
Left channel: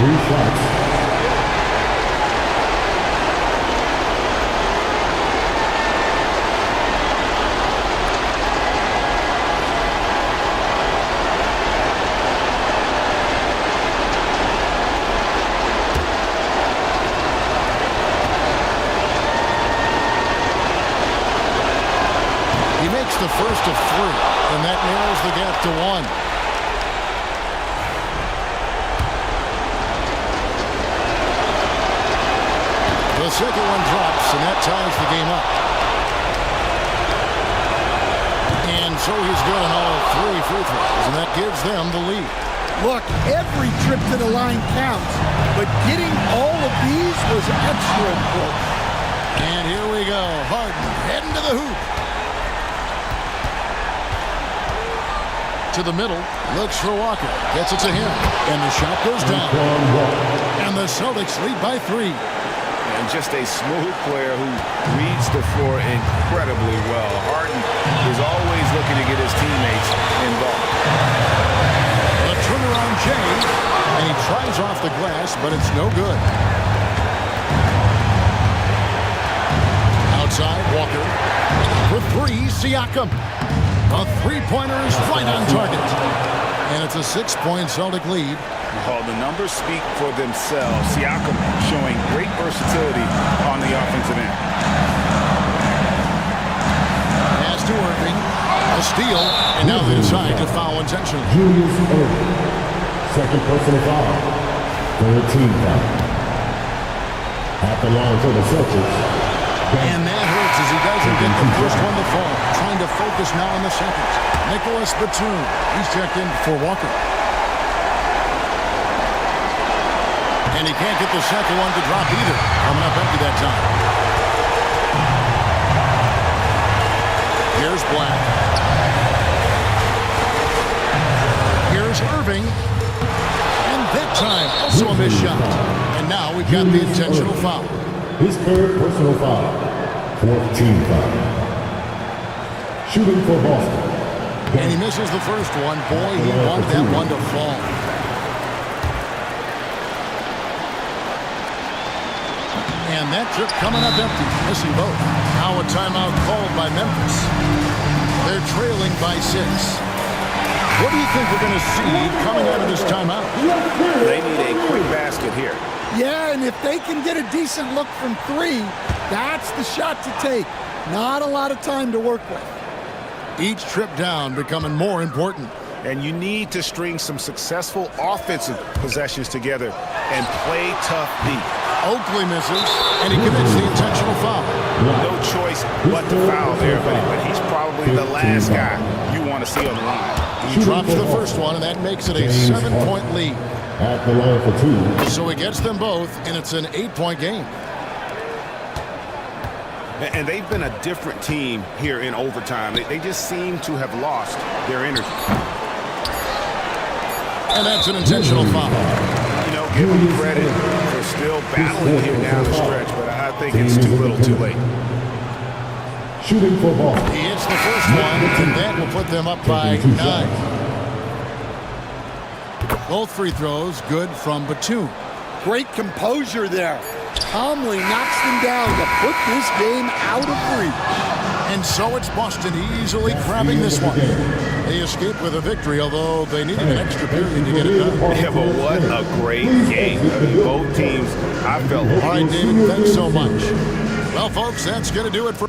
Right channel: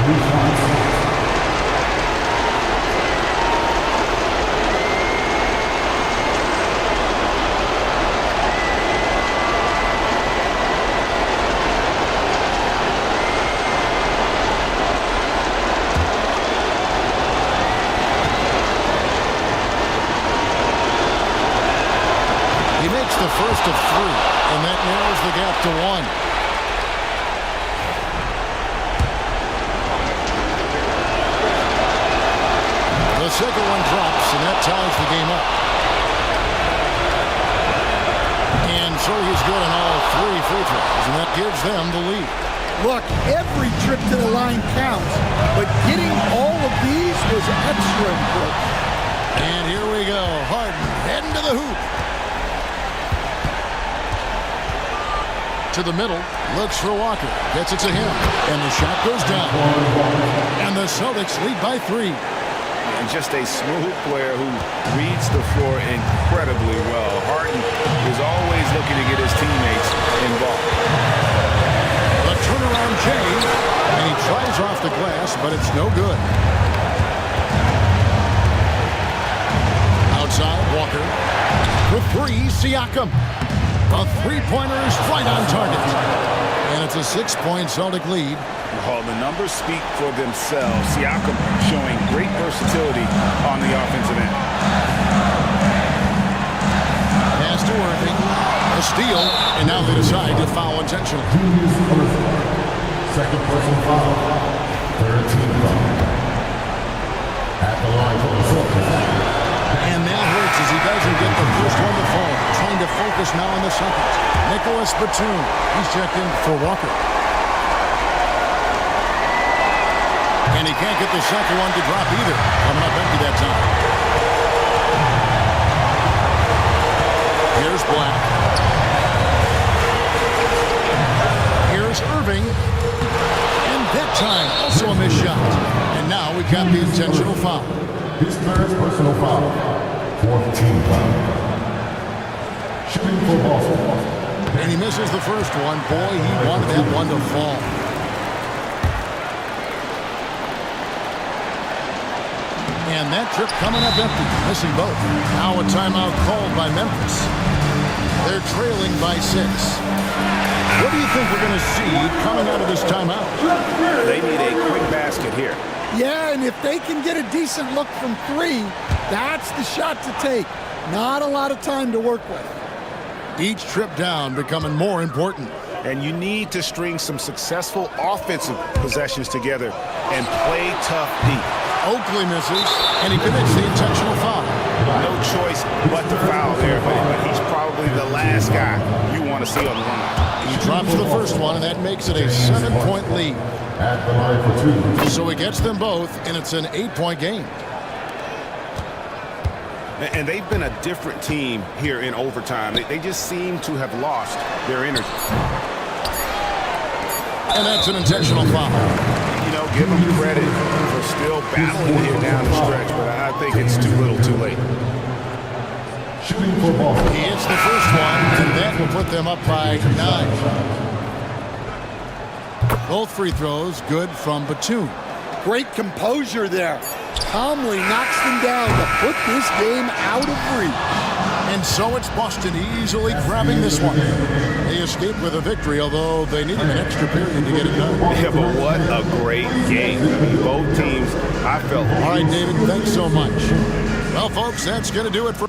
3 shots. He makes the first of 3, and that narrows the gap to 1. The second one drops, and that ties the game up. And so he's good on all 3 free throws, and that gives them the lead. Look, every trip to the line counts, but getting all of these was extra important. And here we go. Harden heading to the hoop. To the middle, looks for Walker, gets it to him, and the shot goes down. And the Celtics lead by 3. And just a smooth player who reads the floor incredibly well. Harden is always looking to get his teammates involved. The turnaround Jay, and he tries off the glass, but it's no good. Outside, Walker. For 3, Siakam. A 3-pointer is right on target. And it's a 6-point Celtic lead. Well, the numbers speak for themselves. Siakam showing great versatility on the offensive end. Pass to Irving. A steal. And now they decide to foul intentionally. Julius Irving. Second personal foul. Third team foul. At the line for the Celtics. And that hurts as he doesn't get the first one to fall. Trying to focus now on the second. Nicholas Batum. He's checked in for Walker. And he can't get the second one to drop either. Coming up empty that time. Here's Black. Here's Irving. And that time, also a missed shot. And now we've got the intentional foul. His third personal foul. Fourth team foul. Shooting for Boston. And he misses the first one. Boy, he wanted that one to fall. And that trip coming up empty, missing both. Now a timeout called by Memphis. They're trailing by 6. What do you think we're going to see coming out of this timeout? They need a quick basket here. Yeah, and if they can get a decent look from 3, that's the shot to take. Not a lot of time to work with. Each trip down becoming more important. And you need to string some successful offensive possessions together and play tough deep. Oakley misses, and he commits the intentional foul. No choice but to foul there, but he's probably the last guy you want to see on the line. He drops the first one, and that makes it a 7-point lead. At the line for 2. So he gets them both, and it's an 8-point game. And they've been a different team here in overtime. They just seem to have lost their energy. And that's an intentional foul. You know, give them credit for still battling here down the stretch, but I think it's too little too late. Shooting for Boston. He hits the first one, and that will put them up by 9. Both free throws good from Batum. Great composure there. Calmly knocks them down to put this game out of reach. And so it's Boston easily grabbing this one. They escaped with a victory, although they needed an extra period to get it done. Yeah, but what a great game. I mean, both teams, I felt. All right, David, thanks so much. Well, folks, that's going to do it for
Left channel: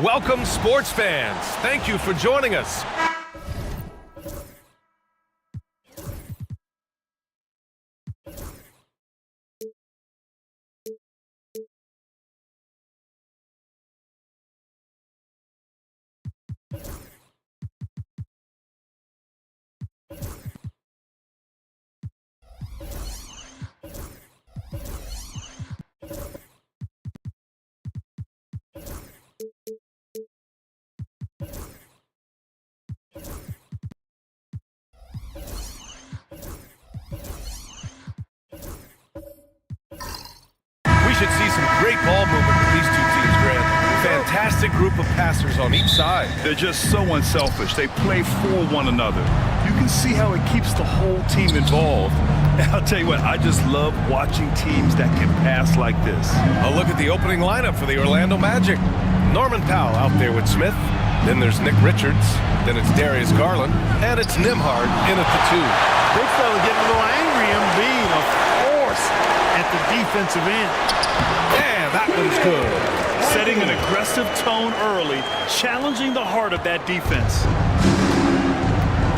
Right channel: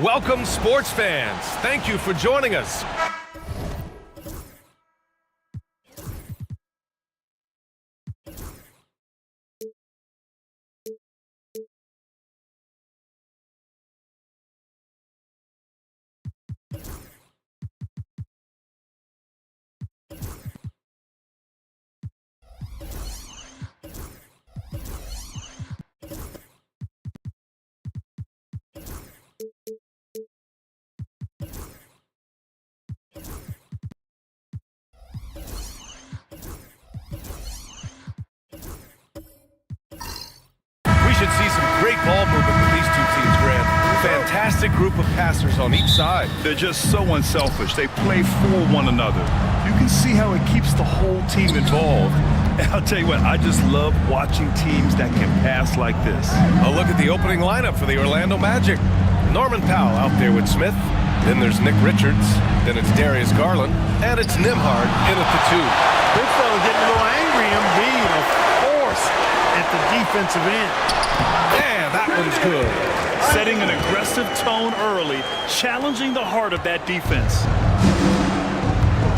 Welcome, sports fans. Thank you for joining us. We should see some great ball movement with these two teams, Grant. Fantastic group of passers on each side. They're just so unselfish. They play for one another. You can see how it keeps the whole team involved. And I'll tell you what, I just love watching teams that can pass like this. A look at the opening lineup for the Orlando Magic. Norman Powell out there with Smith. Then there's Nick Richards. Then it's Darius Garland. And it's Nembhard in at the 2. Big fella getting a little angry. Embiid, a force at the defensive end. Yeah, that one's good. Setting an aggressive tone early, challenging the heart of that defense.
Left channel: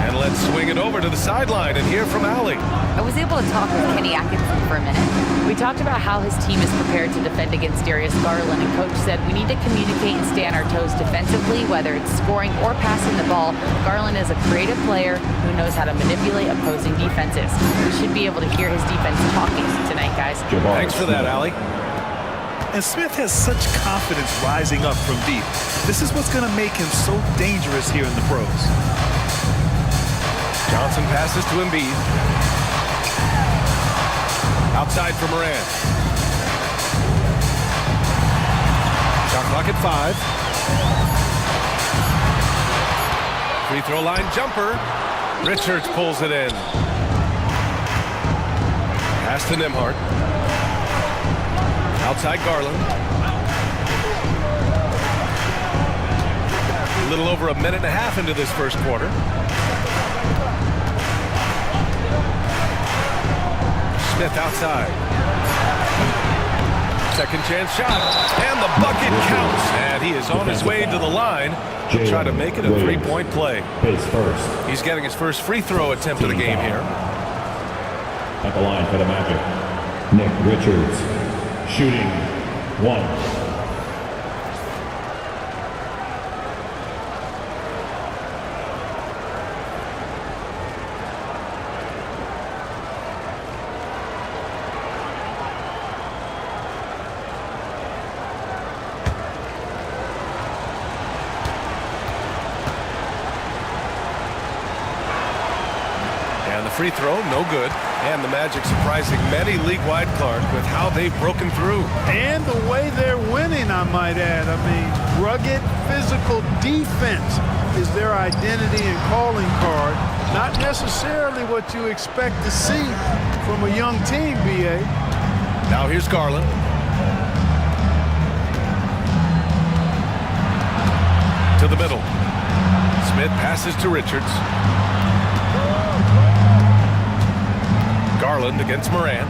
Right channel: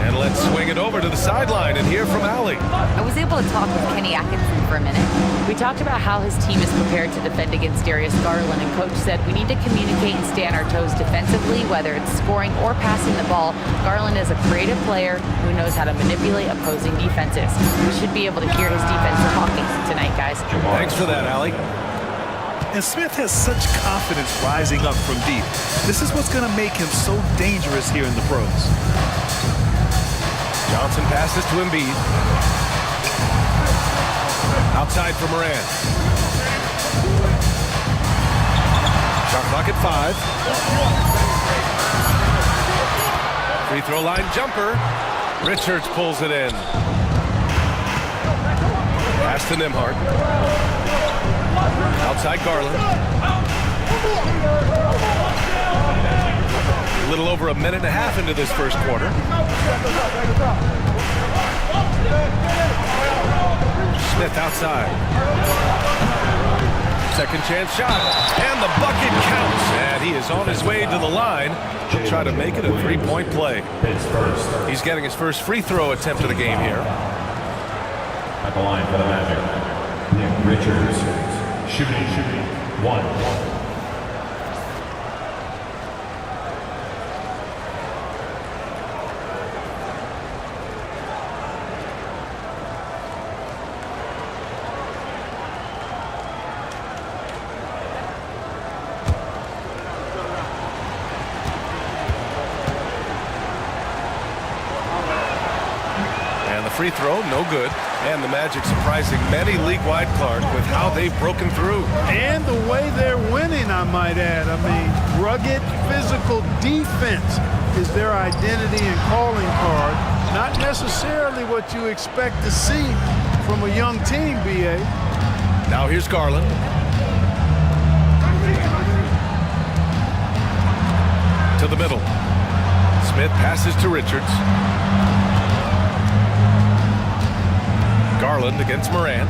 And let's swing it over to the sideline and hear from Allie. I was able to talk with Kenny Atkinson for a minute. We talked about how his team is prepared to defend against Darius Garland, and Coach said we need to communicate and stay on our toes defensively, whether it's scoring or passing the ball. Garland is a creative player who knows how to manipulate opposing defenses. We should be able to hear his defense talking tonight, guys. Thanks for that, Allie. And Smith has such confidence rising up from deep. This is what's going to make him so dangerous here in the pros. Johnson passes to Embiid. Outside for Moran. Shot clock at 5. Free throw line jumper. Richards pulls it in. Pass to Nembhard. Outside Garland. A little over a minute and a half into this first quarter. Smith outside. Second chance shot. And the bucket counts. And he is on his way to the line. He'll try to make it a three-point play. He's getting his first free throw attempt of the game here. At the line for the Magic, Nick Richards, shooting 1. And the free throw, no good. And the Magic surprising many league-wide, Clark, with how they've broken through. And the way they're winning, I might add. I mean, rugged physical defense is their identity and calling card. Not necessarily what you expect to see from a young team, B.A. Now here's Garland. To the middle. Smith passes to Richards. Garland against Moran.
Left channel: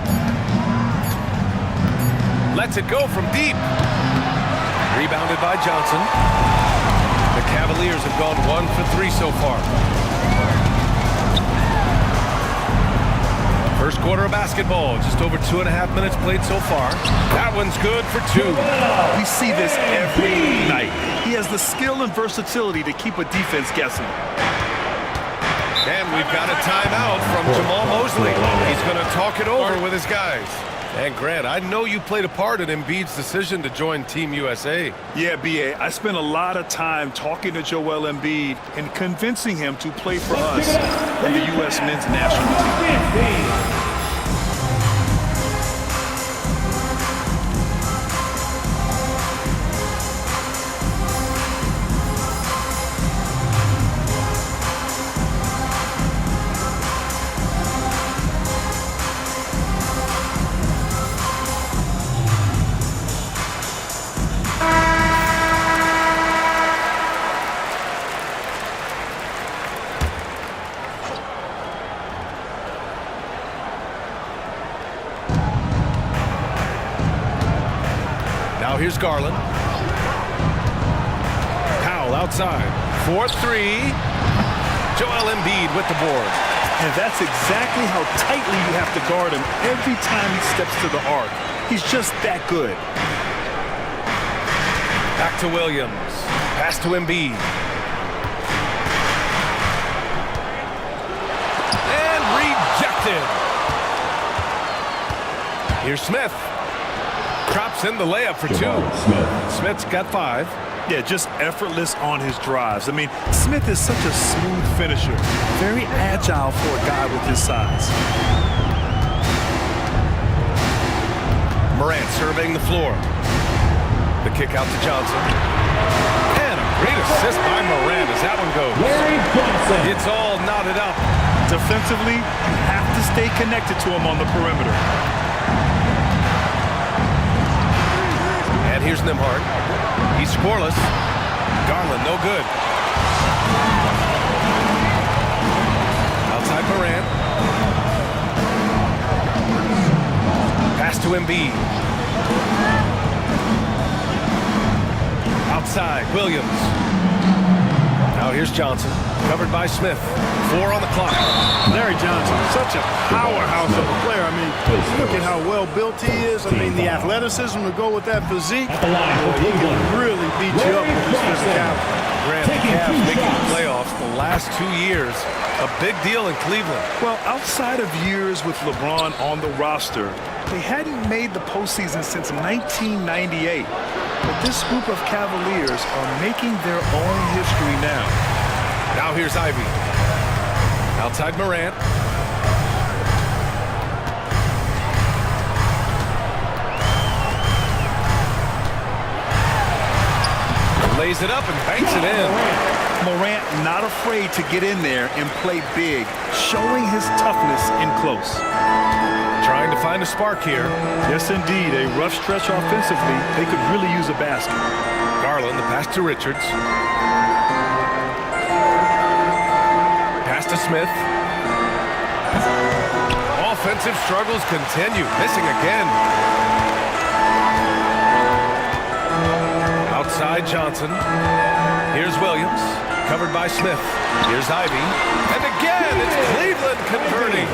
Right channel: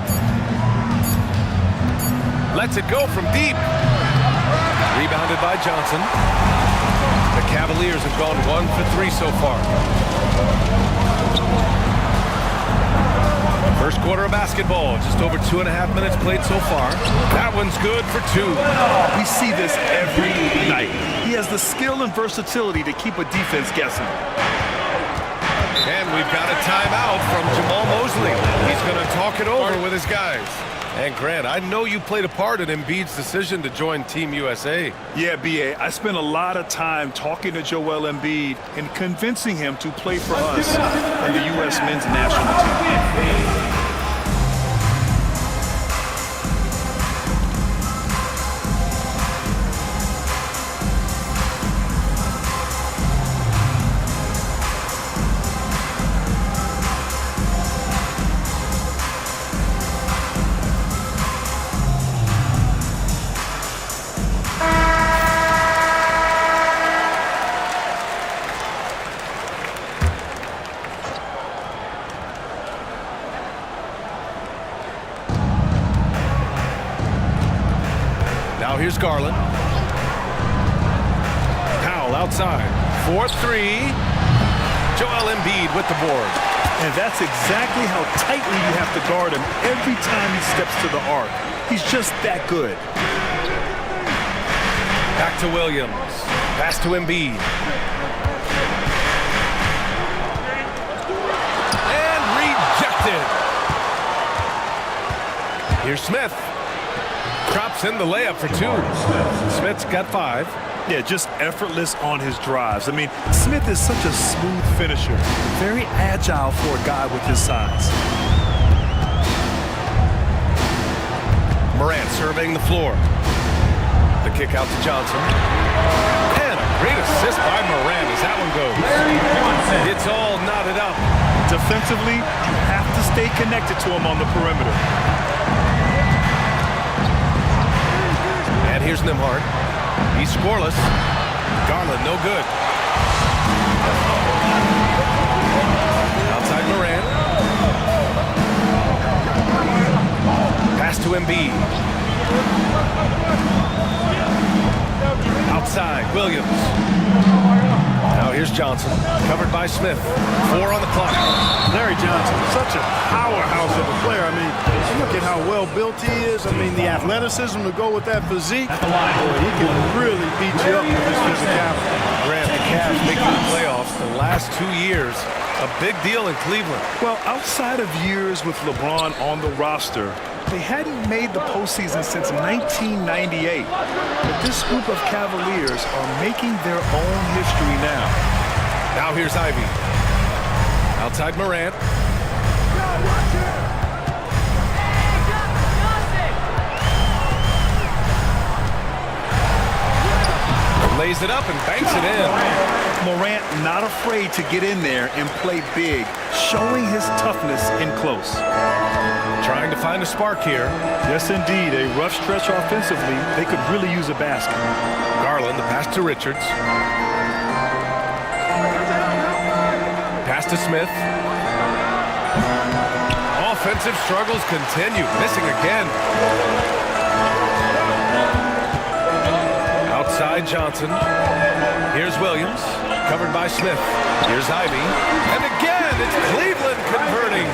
Lets it go from deep. Rebounded by Johnson. The Cavaliers have gone 1 for 3 so far. First quarter of basketball, just over 2.5 minutes played so far. That one's good for 2. We see this every night. He has the skill and versatility to keep a defense guessing. And we've got a timeout from Jamal Mosley. He's going to talk it over with his guys. And Grant, I know you played a part in Embiid's decision to join Team USA. Yeah, B.A., I spent a lot of time talking to Joel Embiid and convincing him to play for us and the U.S. men's national team. Now here's Garland. Powell outside. 4-3. Joel Embiid with the board. And that's exactly how tightly you have to guard him every time he steps to the arc. He's just that good. Back to Williams. Pass to Embiid. And rejected. Here's Smith. Drops in the layup for 2. Smith's got 5. Yeah, just effortless on his drives. I mean, Smith is such a smooth finisher. Very agile for a guy with his size. Morant surveying the floor. The kick out to Johnson. And a great assist by Morant as that one goes. Larry Johnson. It's all knotted up. Defensively, you have to stay connected to him on the perimeter. And here's Nembhard. He's scoreless. Garland, no good. Outside Morant. Pass to Embiid. Outside, Williams. Now here's Johnson. Covered by Smith. 4 on the clock. Larry Johnson, such a powerhouse of a player. I mean, look at how well built he is. I mean, the athleticism to go with that physique. Boy, he can really beat you up with his physicality. Grant, the Cavs making the playoffs the last 2 years. A big deal in Cleveland. Well, outside of years with LeBron on the roster, they hadn't made the postseason since 1998. But this group of Cavaliers are making their own history now. Now here's Ivy. Outside Morant. Lays it up and banks it in. Morant not afraid to get in there and play big, showing his toughness in close. Trying to find a spark here. Yes, indeed. A rough stretch offensively. They could really use a basket. Garland, the pass to Richards. Pass to Smith. Offensive struggles continue. Missing again. Outside Johnson. Here's Williams. Covered by Smith. Here's Ivy. And again, it's Cleveland converting.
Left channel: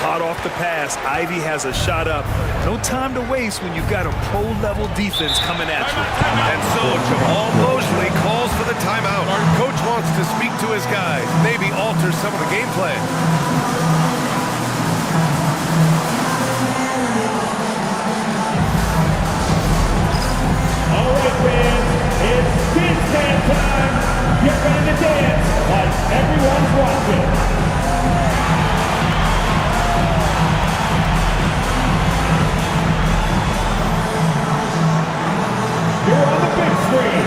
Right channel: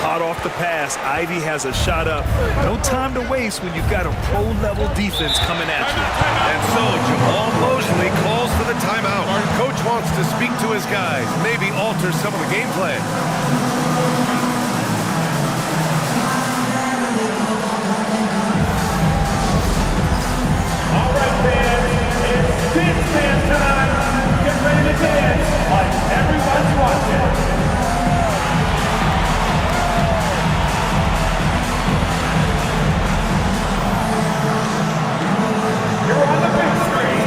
Hot off the pass. Ivy has a shot up. No time to waste when you've got a pro-level defense coming at you. And so Jamal Mosley calls for the timeout. Our coach wants to speak to his guys, maybe alter some of the game plan. All right, fans, it's dance band time. Get ready to dance like everyone's watching. You're on the big screen.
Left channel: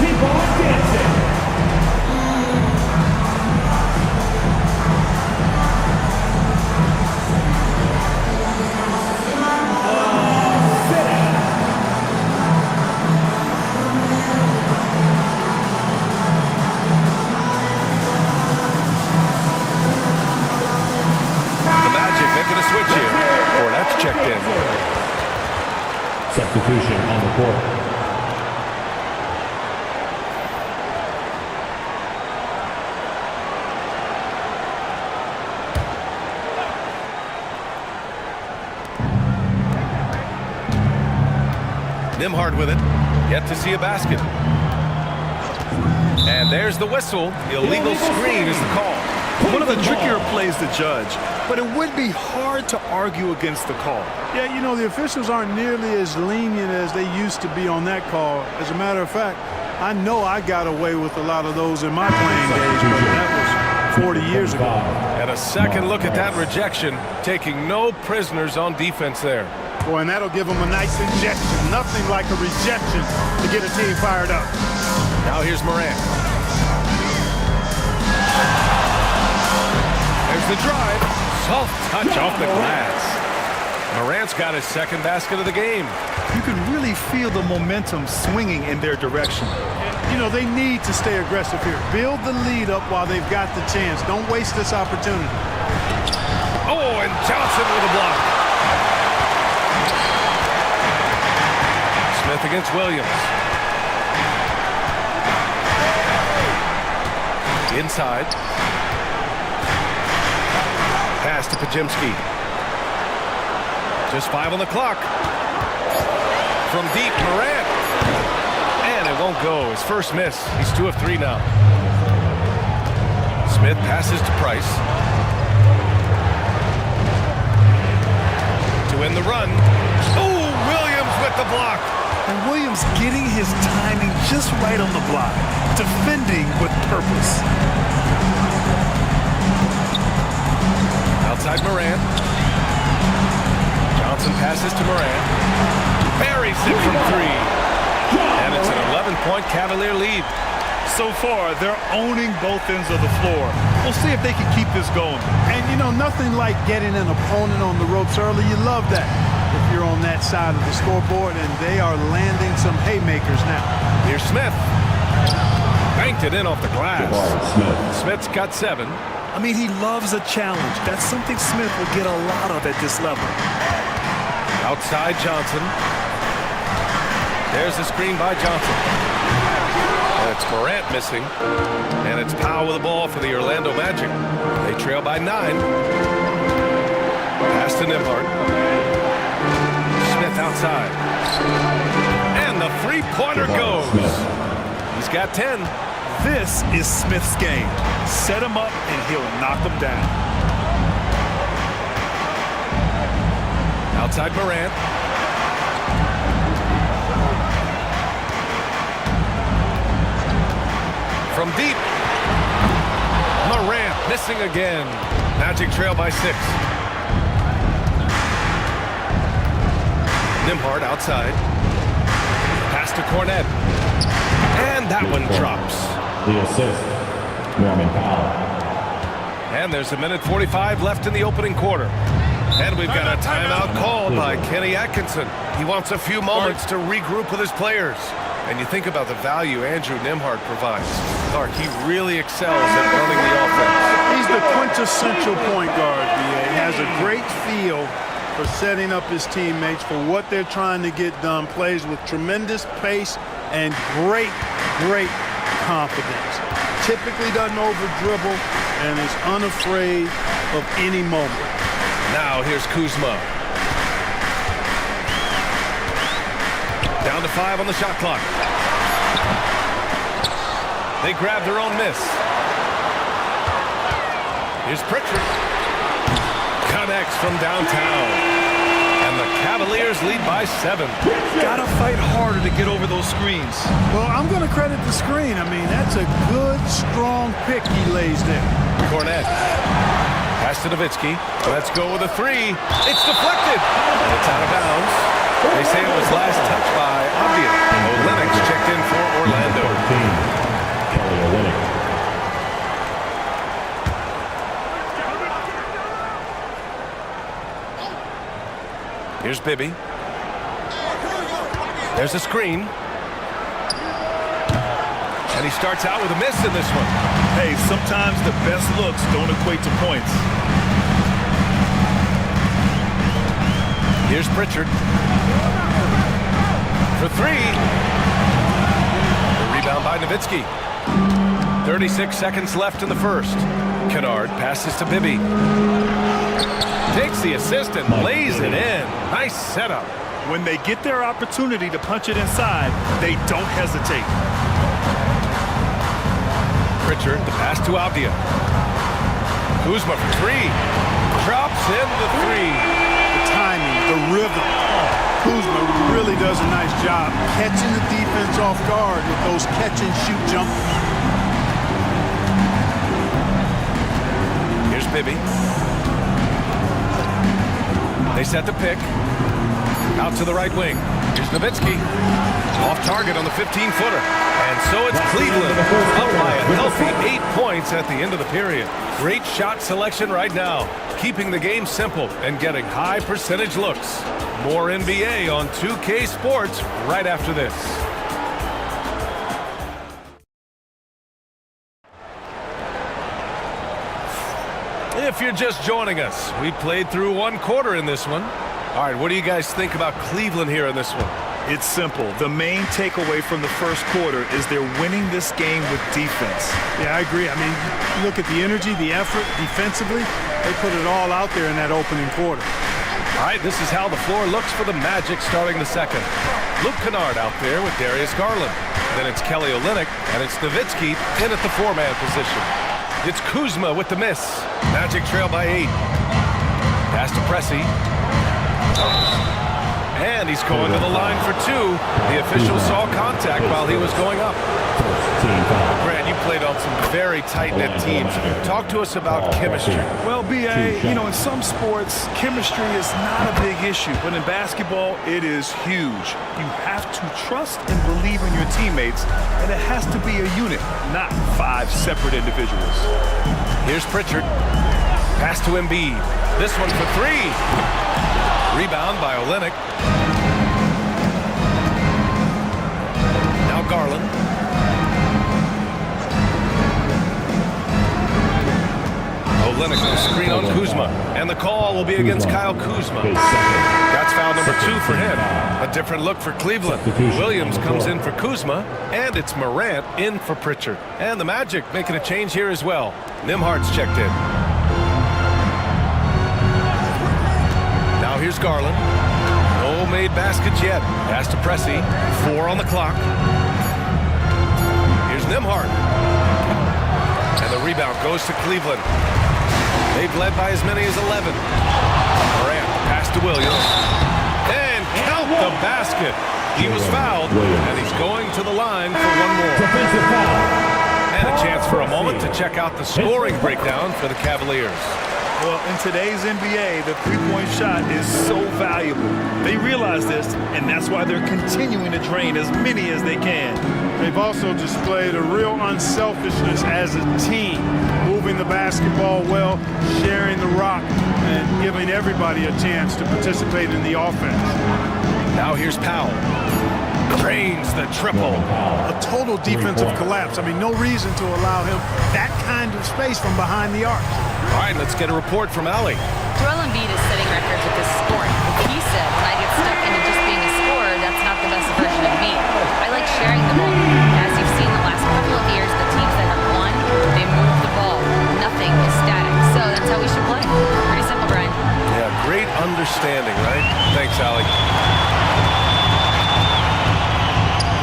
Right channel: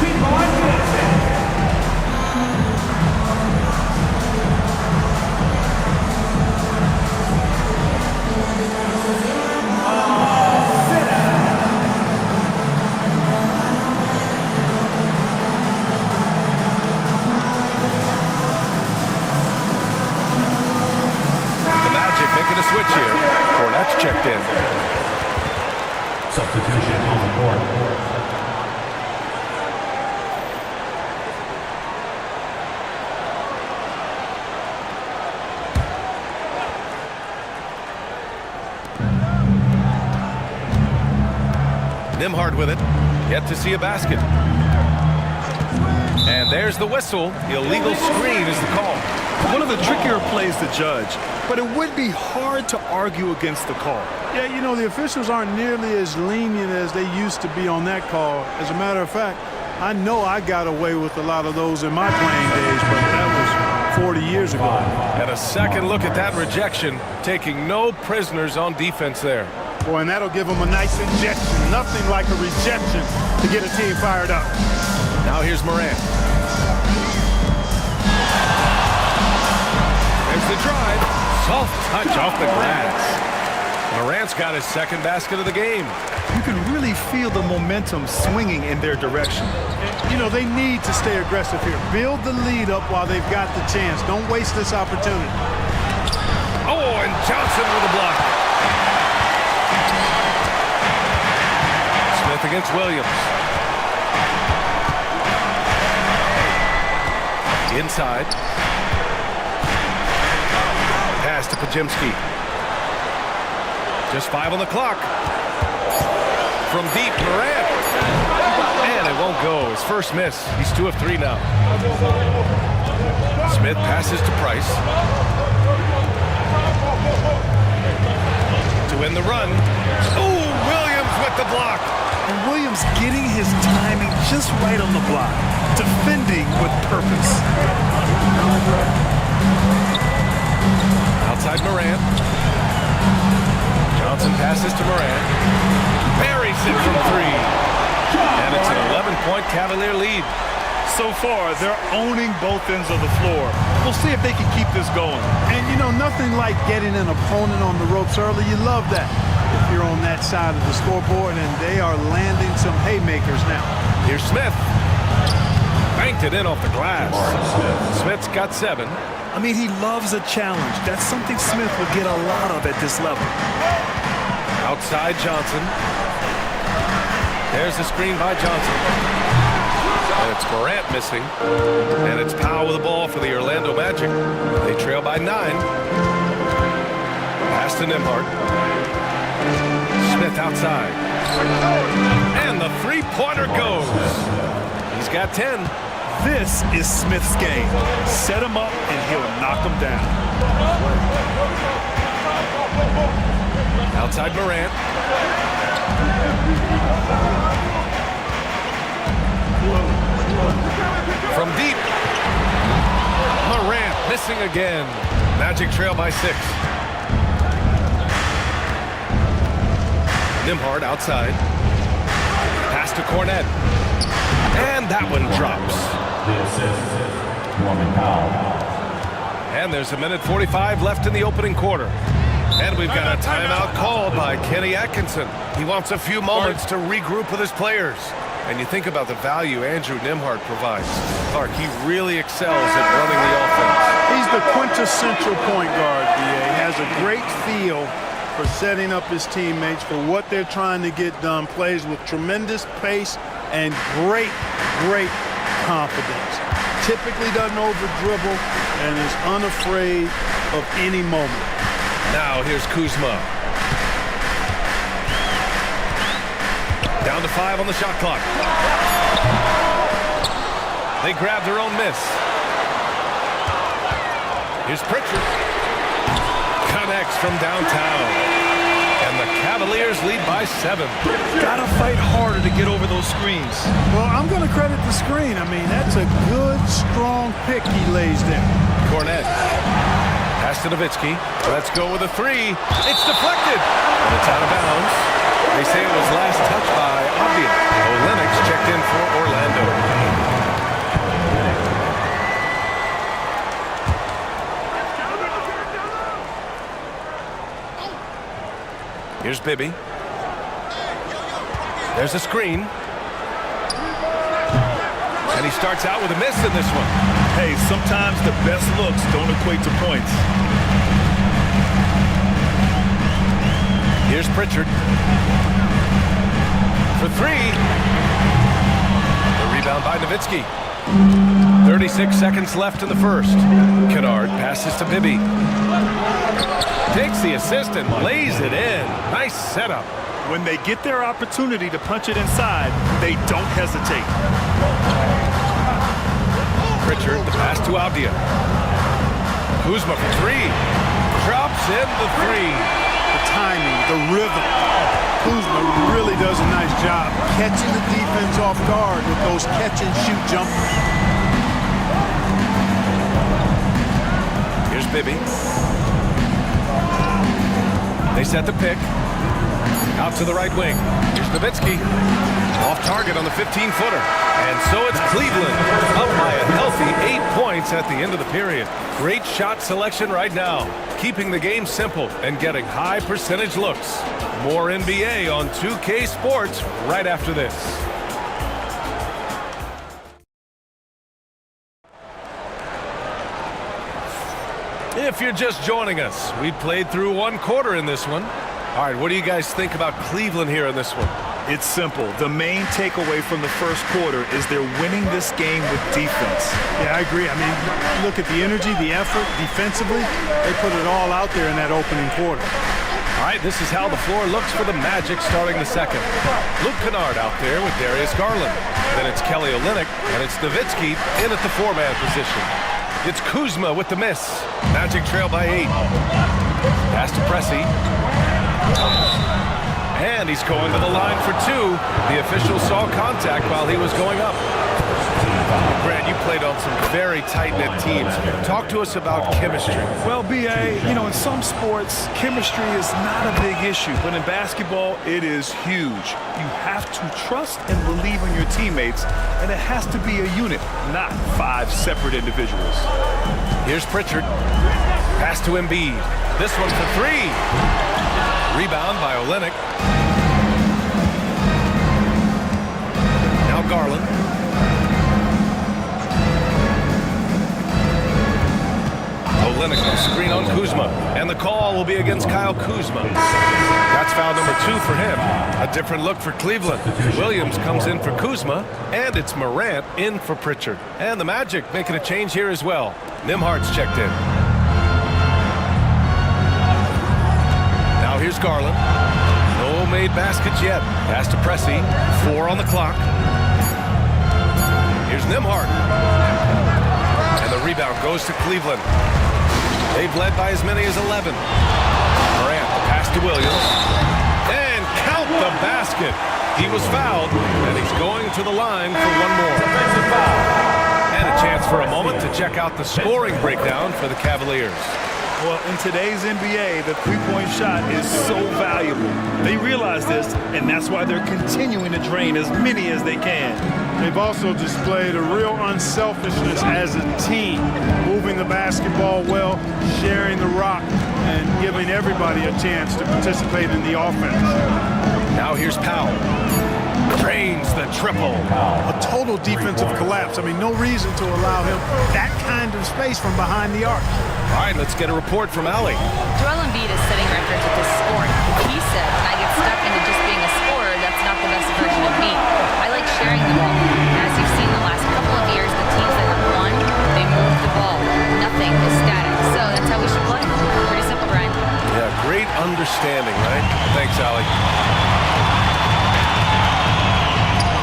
Keep on dancing. Oh, Making a switch here. Cornette's checked in. Substitution on the court. Nembhard with it. Yet to see a basket. And there's the whistle. Illegal screen is the call. One of the trickier plays to judge, but it would be hard to argue against the call. Yeah, you know, the officials aren't nearly as lenient as they used to be on that call. As a matter of fact, I know I got away with a lot of those in my playing days, but that was 40 years ago. And a second look at that rejection, taking no prisoners on defense there. Boy, and that'll give them a nice injection. Nothing like a rejection to get a team fired up. Now here's Morant. There's the drive. Soft touch off the glass. Morant's got his second basket of the game. You can really feel the momentum swinging in their direction. You know, they need to stay aggressive here. Build the lead up while they've got the chance. Don't waste this opportunity. Oh, and Johnson with a block. Smith against Williams. Inside. Pass to Podziemski. Just 5 on the clock. From deep, Morant. And it won't go. His first miss. He's 2 of 3 now. Smith passes to Price. To win the run. Oh, Williams with the block. And Williams getting his timing just right on the block. Defending with purpose. Outside Morant. Johnson passes to Morant. Buries it from 3. And it's an 11-point Cavalier lead. So far, they're owning both ends of the floor. We'll see if they can keep this going. And, you know, nothing like getting an opponent on the ropes early. You love that if you're on that side of the scoreboard, and they are landing some haymakers now. Here's Smith. Banked it in off the glass. Smith's got 7. I mean, he loves a challenge. That's something Smith will get a lot of at this level. Outside Johnson. There's the screen by Johnson. And it's Morant missing. And it's Powell with the ball for the Orlando Magic. They trail by 9. Pass to Nembhard. Smith outside. And the three-pointer goes. He's got 10. This is Smith's game. Set him up and he'll knock him down. Outside Morant. From deep. Morant missing again. Magic trail by 6. Nembhard outside. Pass to Cornette. And that one drops. The assist, Norman Powell. And there's 1:45 left in the opening quarter. And we've got a timeout called by Kenny Atkinson. He wants a few moments to regroup with his players. And you think about the value Andrew Nembhard provides. Clark, he really excels at running the offense. He's the quintessential point guard, B.A. Has a great feel for setting up his teammates for what they're trying to get done. Plays with tremendous pace and great confidence. Typically doesn't over-dribble and is unafraid of any moment. Now here's Kuzma. Down to 5 on the shot clock. They grab their own miss. Here's Pritchard. Connects from downtown. And the Cavaliers lead by 7. Gotta fight harder to get over those screens. Well, I'm going to credit the screen. I mean, that's a good, strong pick he lays there. Cornette. Pass to Nowitzki. Let's go with a 3. It's deflected. And it's out of bounds. They say it was last touched by Avdia. Olynyk checked in for Orlando. Here's Bibby. There's a screen. And he starts out with a miss in this one. Hey, sometimes the best looks don't equate to points. Here's Pritchard. For three. The rebound by Nowitzki. 36 seconds left in the first. Kennard passes to Bibby. Takes the assist and lays it in. Nice setup. When they get their opportunity to punch it inside, they don't hesitate. Pritchard, the pass to Avdia. Kuzma for three. Drops in the three. The timing, the rhythm. Kuzma really does a nice job catching the defense off guard with those catch-and-shoot jumpers. Here's Bibby. They set the pick. Out to the right wing. Here's Nowitzki. Off target on the 15-footer. And so it's Cleveland up by a healthy 8 points at the end of the period. Great shot selection right now. Keeping the game simple and getting high percentage looks. More NBA on 2K Sports right after this. If you're just joining us, we played through one quarter in this one. All right, what do you guys think about Cleveland here in this one? It's simple. The main takeaway from the first quarter is they're winning this game with defense. Yeah, I agree. I mean, you look at the energy, the effort defensively, they put it all out there in that opening quarter. All right, this is how the floor looks for the Magic starting the second. Luke Kennard out there with Darius Garland. Then it's Kelly Olynyk, and it's Nowitzki in at the four-man position. It's Kuzma with the miss. Magic trail by 8. Pass to Pressey. And he's going to the line for 2. The official saw contact while he was going up. Grant, you played on some very tight-knit teams. Talk to us about chemistry. Well, B.A., you know, in some sports, chemistry is not a big issue. But in basketball, it is huge. You have to trust and believe in your teammates, and it has to be a unit, not 5 separate individuals. Here's Pritchard. Pass to Embiid. This one for 3. Rebound by Olynyk. Now Garland. Olynyk will screen on Kuzma. And the call will be against Kyle Kuzma. That's foul number 2 for him. A different look for Cleveland. Williams comes in for Kuzma. And it's Morant in for Pritchard. And the Magic making a change here as well. Nembhard's checked in. Now here's Garland. No made baskets yet. Pass to Pressey. 4 on the clock. Here's Nembhard. And the rebound goes to Cleveland. They've led by as many as 11. Morant, pass to Williams. And count the basket. He was fouled, and he's going to the line for one more. And a chance for a moment to check out the scoring breakdown for the Cavaliers. Well, in today's NBA, the three-point shot is so valuable. They realize this, and that's why they're continuing to drain as many as they can. They've also displayed a real unselfishness as a team, moving the basketball well, sharing the rock, and giving everybody a chance to participate in the offense. Now here's Powell. Drains the triple. A total defensive collapse. I mean, no reason to allow him that kind of space from behind the arc. All right, let's get a report from Ali. Joel Embiid is setting records with his scoring. But he said, when I get stuck into just being a scorer, that's not the best version of me. I like sharing the ball. As you've seen the last couple of years, the teams that have won, they move the ball. Nothing is static. So that's how we should play. Pretty simple, Brian. Yeah, great understanding, right? Thanks, Ali.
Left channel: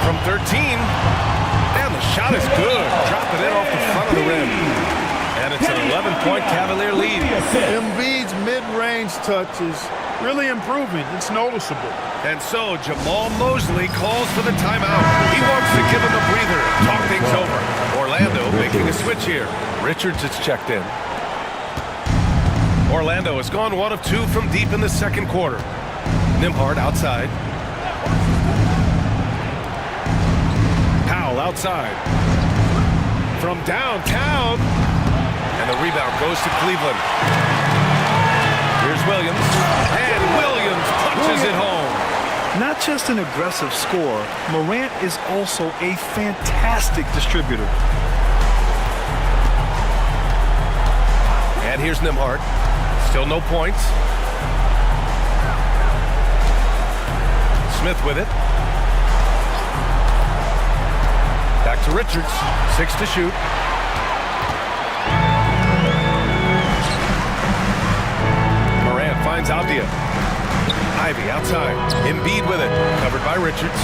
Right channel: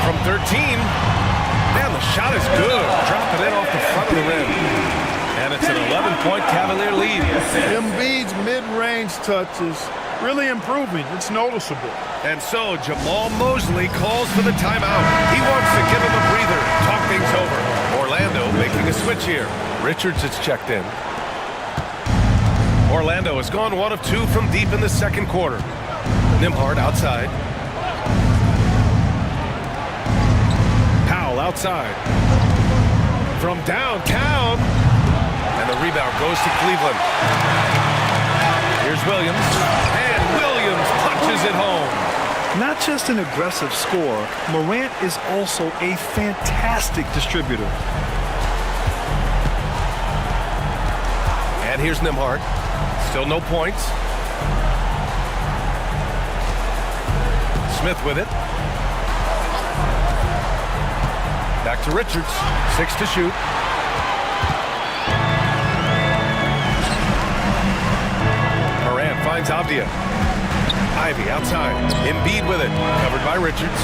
From 13, and the shot is good. Dropping it off the front of the rim. And it's an 11-point Cavalier lead. Embiid's mid-range touch is really improving. It's noticeable. And so Jamal Mosley calls for the timeout. He wants to give him a breather and talk things over. Orlando making a switch here. Richards is checked in. Orlando has gone 1 of 2 from deep in the second quarter. Nembhard outside. Powell outside. From downtown. And the rebound goes to Cleveland. Here's Williams. And Williams punches it home. Not just an aggressive scorer, Morant is also a fantastic distributor. And here's Nembhard. Still no points. Smith with it. Back to Richards. 6 to shoot. Morant finds Avdia. Ivy outside. Embiid with it. Covered by Richards.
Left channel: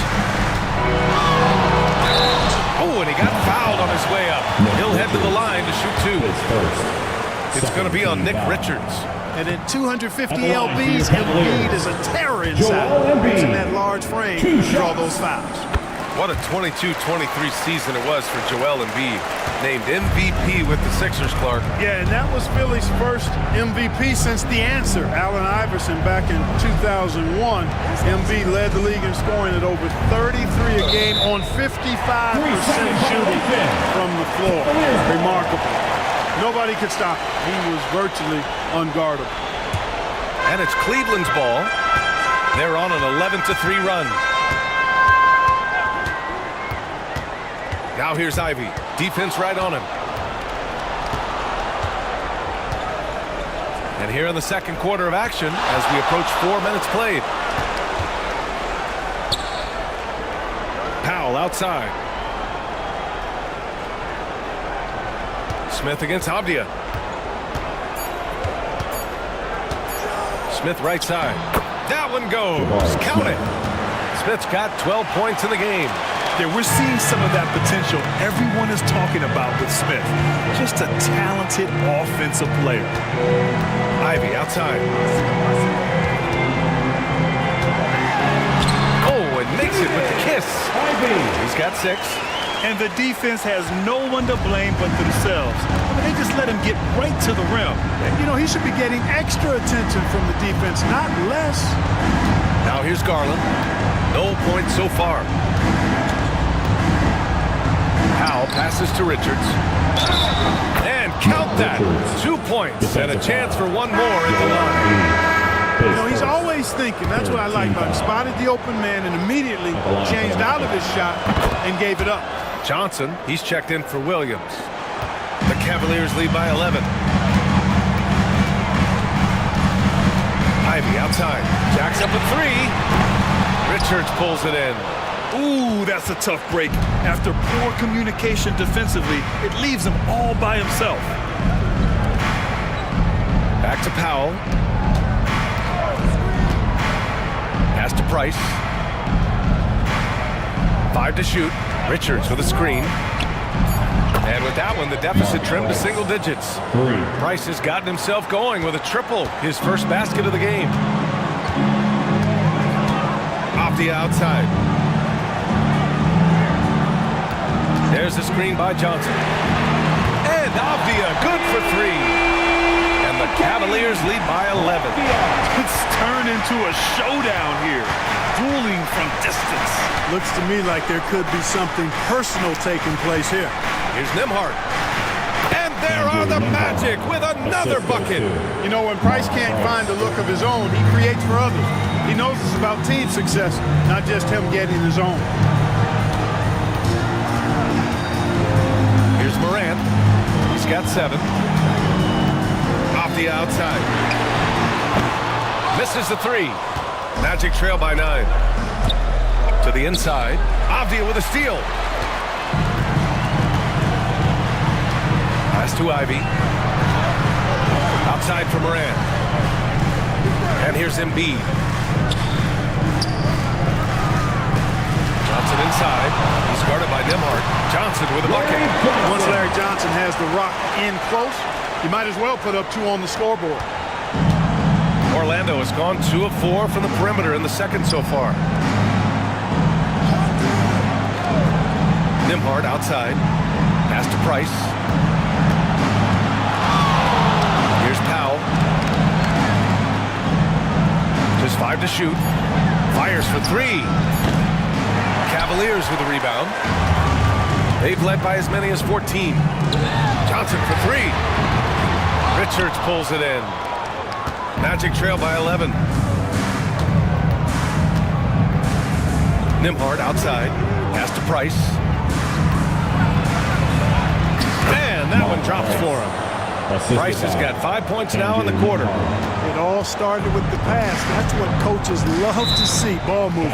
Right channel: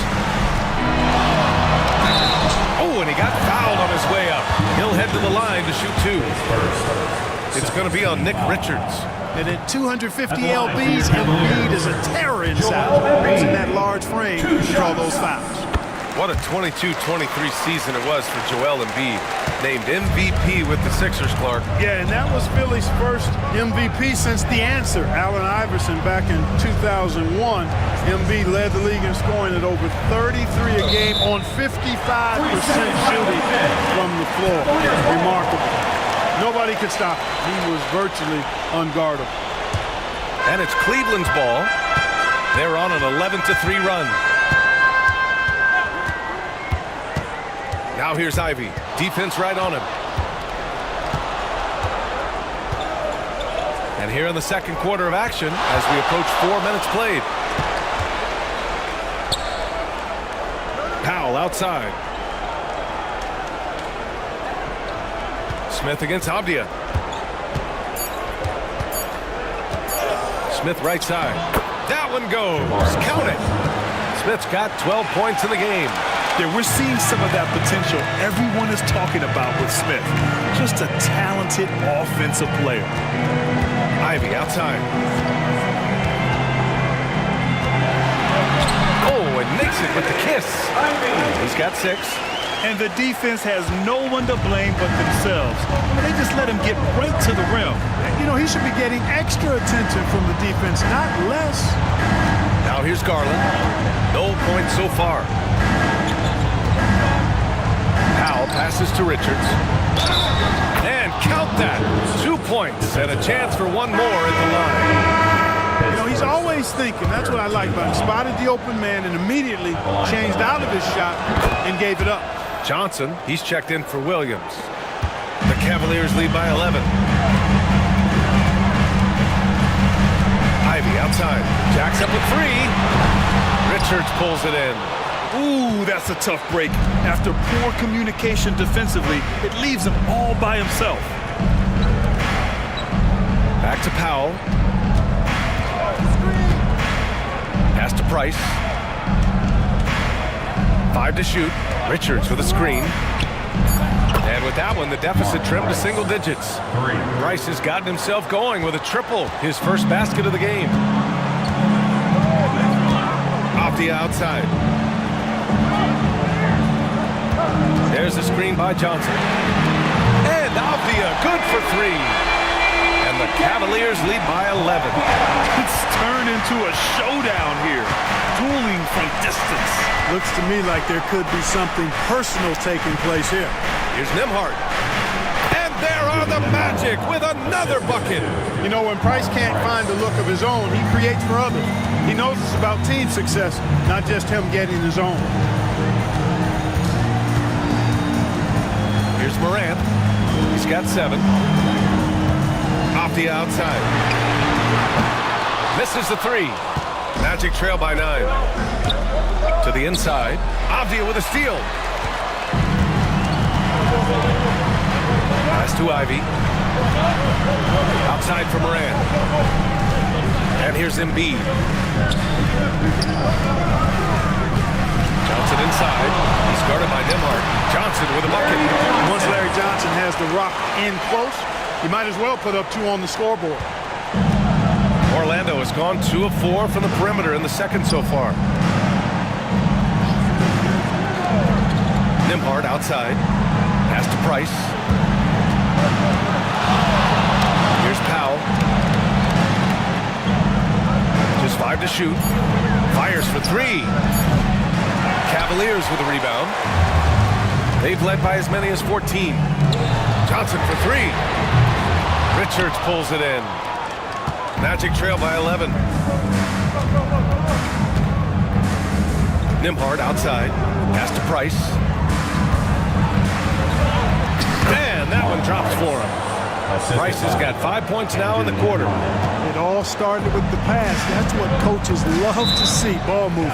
Oh, and he got fouled on his way up. He'll head to the line to shoot 2. It's going to be on Nick Richards. And at 250 lbs, Embiid is a terror inside. Using that large frame to draw those fouls. What a 22-23 season it was for Joel Embiid. Named MVP with the Sixers, Clark. Yeah, and that was Philly's first MVP since the answer, Allen Iverson, back in 2001. Embiid led the league in scoring at over 33 a game on 55% shooting from the floor. Remarkable. Nobody could stop him. He was virtually unguardable. And it's Cleveland's ball. They're on an 11-3 run. Now here's Ivy. Defense right on him. And here in the second quarter of action as we approach 4 minutes played. Powell outside. Smith against Avdia. Smith right side. That one goes. Count it. Smith's got 12 points in the game. Yeah, we're seeing some of that potential everyone is talking about with Smith. Just a talented offensive player. Ivy outside. Oh, and makes it with the kiss. He's got 6. And the defense has no one to blame but themselves. I mean, they just let him get right to the rim. You know, he should be getting extra attention from the defense, not less. Now here's Garland. No points so far. Powell passes to Richards. And count that. 2 points and a chance for one more at the line. You know, he's always thinking. That's what I like about him. Spotted the open man and immediately changed out of his shot and gave it up. Johnson, he's checked in for Williams. The Cavaliers lead by 11. Ivy outside. Jacks up a 3. Richards pulls it in. Ooh, that's a tough break. After poor communication defensively, it leaves him all by himself. Back to Powell. Pass to Price. 5 to shoot. Richards with a screen. And with that one, the deficit trimmed to single digits. Price has gotten himself going with a triple, his first basket of the game. Off the outside. There's a screen by Johnson. And Avdia, good for 3. And the Cavaliers lead by 11. It's turned into a showdown here. Dueling from distance. Looks to me like there could be something personal taking place here. Here's Nembhard. And there are the Magic with another bucket. You know, when Price can't find the look of his own, he creates for others. He knows it's about team success, not just him getting his own. Here's Morant. He's got 7. Off the outside. Misses the 3. Magic trail by 9. To the inside. Avdia with a steal. Pass to Ivy. Outside for Morant. And here's Embiid. Johnson inside. He's guarded by Nembhard. Johnson with a bucket. Once Larry Johnson has the rock in close, he might as well put up 2 on the scoreboard. Orlando has gone 2 of 4 from the perimeter in the second so far. Nembhard outside. Pass to Price. Here's Powell. Just 5 to shoot. Fires for 3. Cavaliers with a rebound. They've led by as many as 14. Johnson for 3. Richards pulls it in. Magic trail by 11. Nembhard outside. Pass to Price. And that one drops for him. Price has got 5 points now in the quarter. It all started with the pass. That's what coaches love to see, ball movement.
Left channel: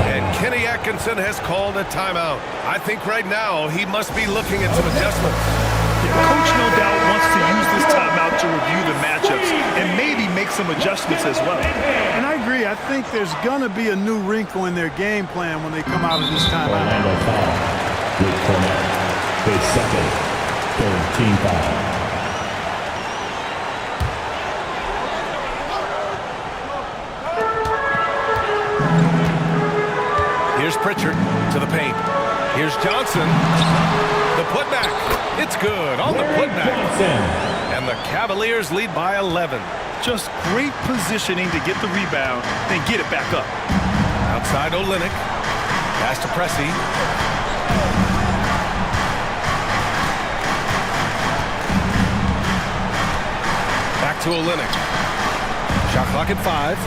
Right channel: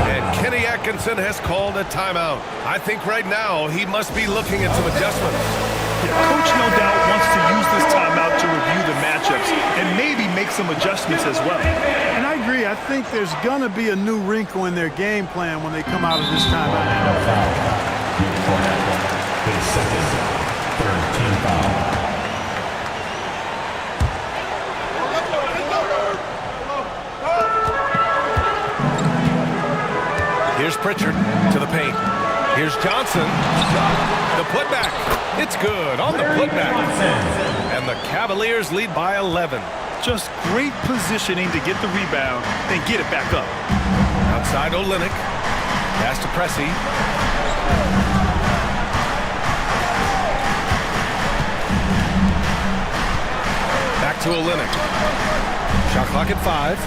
And Kenny Atkinson has called a timeout. I think right now he must be looking at some adjustments. Yeah, Coach no doubt wants to use this timeout to review the matchups and maybe make some adjustments as well. And I agree. I think there's going to be a new wrinkle in their game plan when they come out of this timeout. With Cornette, his second, third team foul. Here's Pritchard to the paint. Here's Johnson. The putback. It's good on the putback. And the Cavaliers lead by 11. Just great positioning to get the rebound, then get it back up. Outside Olynyk. Pass to Pressey. Back to Olynyk. Shot clock at 5.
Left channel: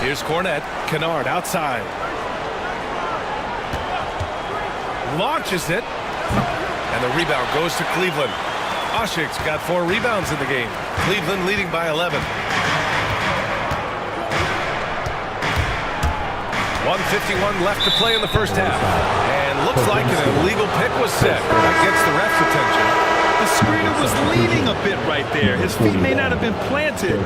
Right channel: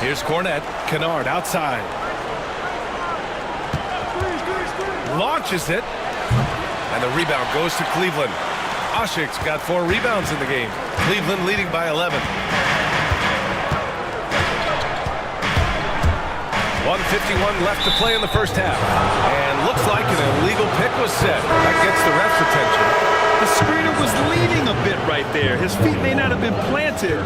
Here's Cornette. Kennard outside. Launches it. And the rebound goes to Cleveland. Oshik's got 4 rebounds in the game. Cleveland leading by 11. 1:51 left to play in the first half. And looks like an illegal pick was set. That gets the ref's attention. The screener was leaning a bit right there. His feet may not have been planted.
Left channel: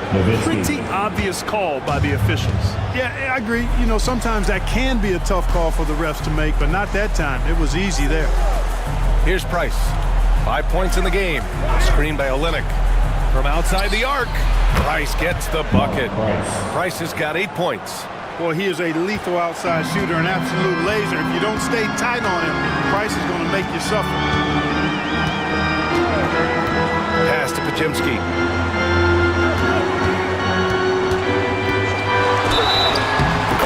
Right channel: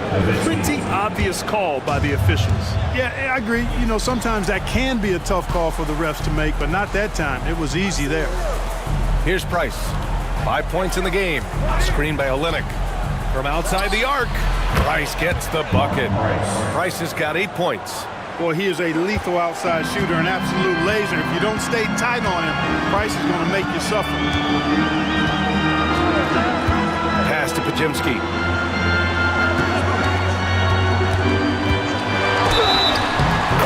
Pretty obvious call by the officials. Yeah, I agree. You know, sometimes that can be a tough call for the refs to make, but not that time. It was easy there. Here's Price. 5 points in the game. Screen by Olynyk. From outside the arc, Price gets the bucket. Price has got 8 points. Boy, he is a lethal outside shooter, an absolute laser. If you don't stay tight on him, Price is going to make you suffer. Pass to Podziemski.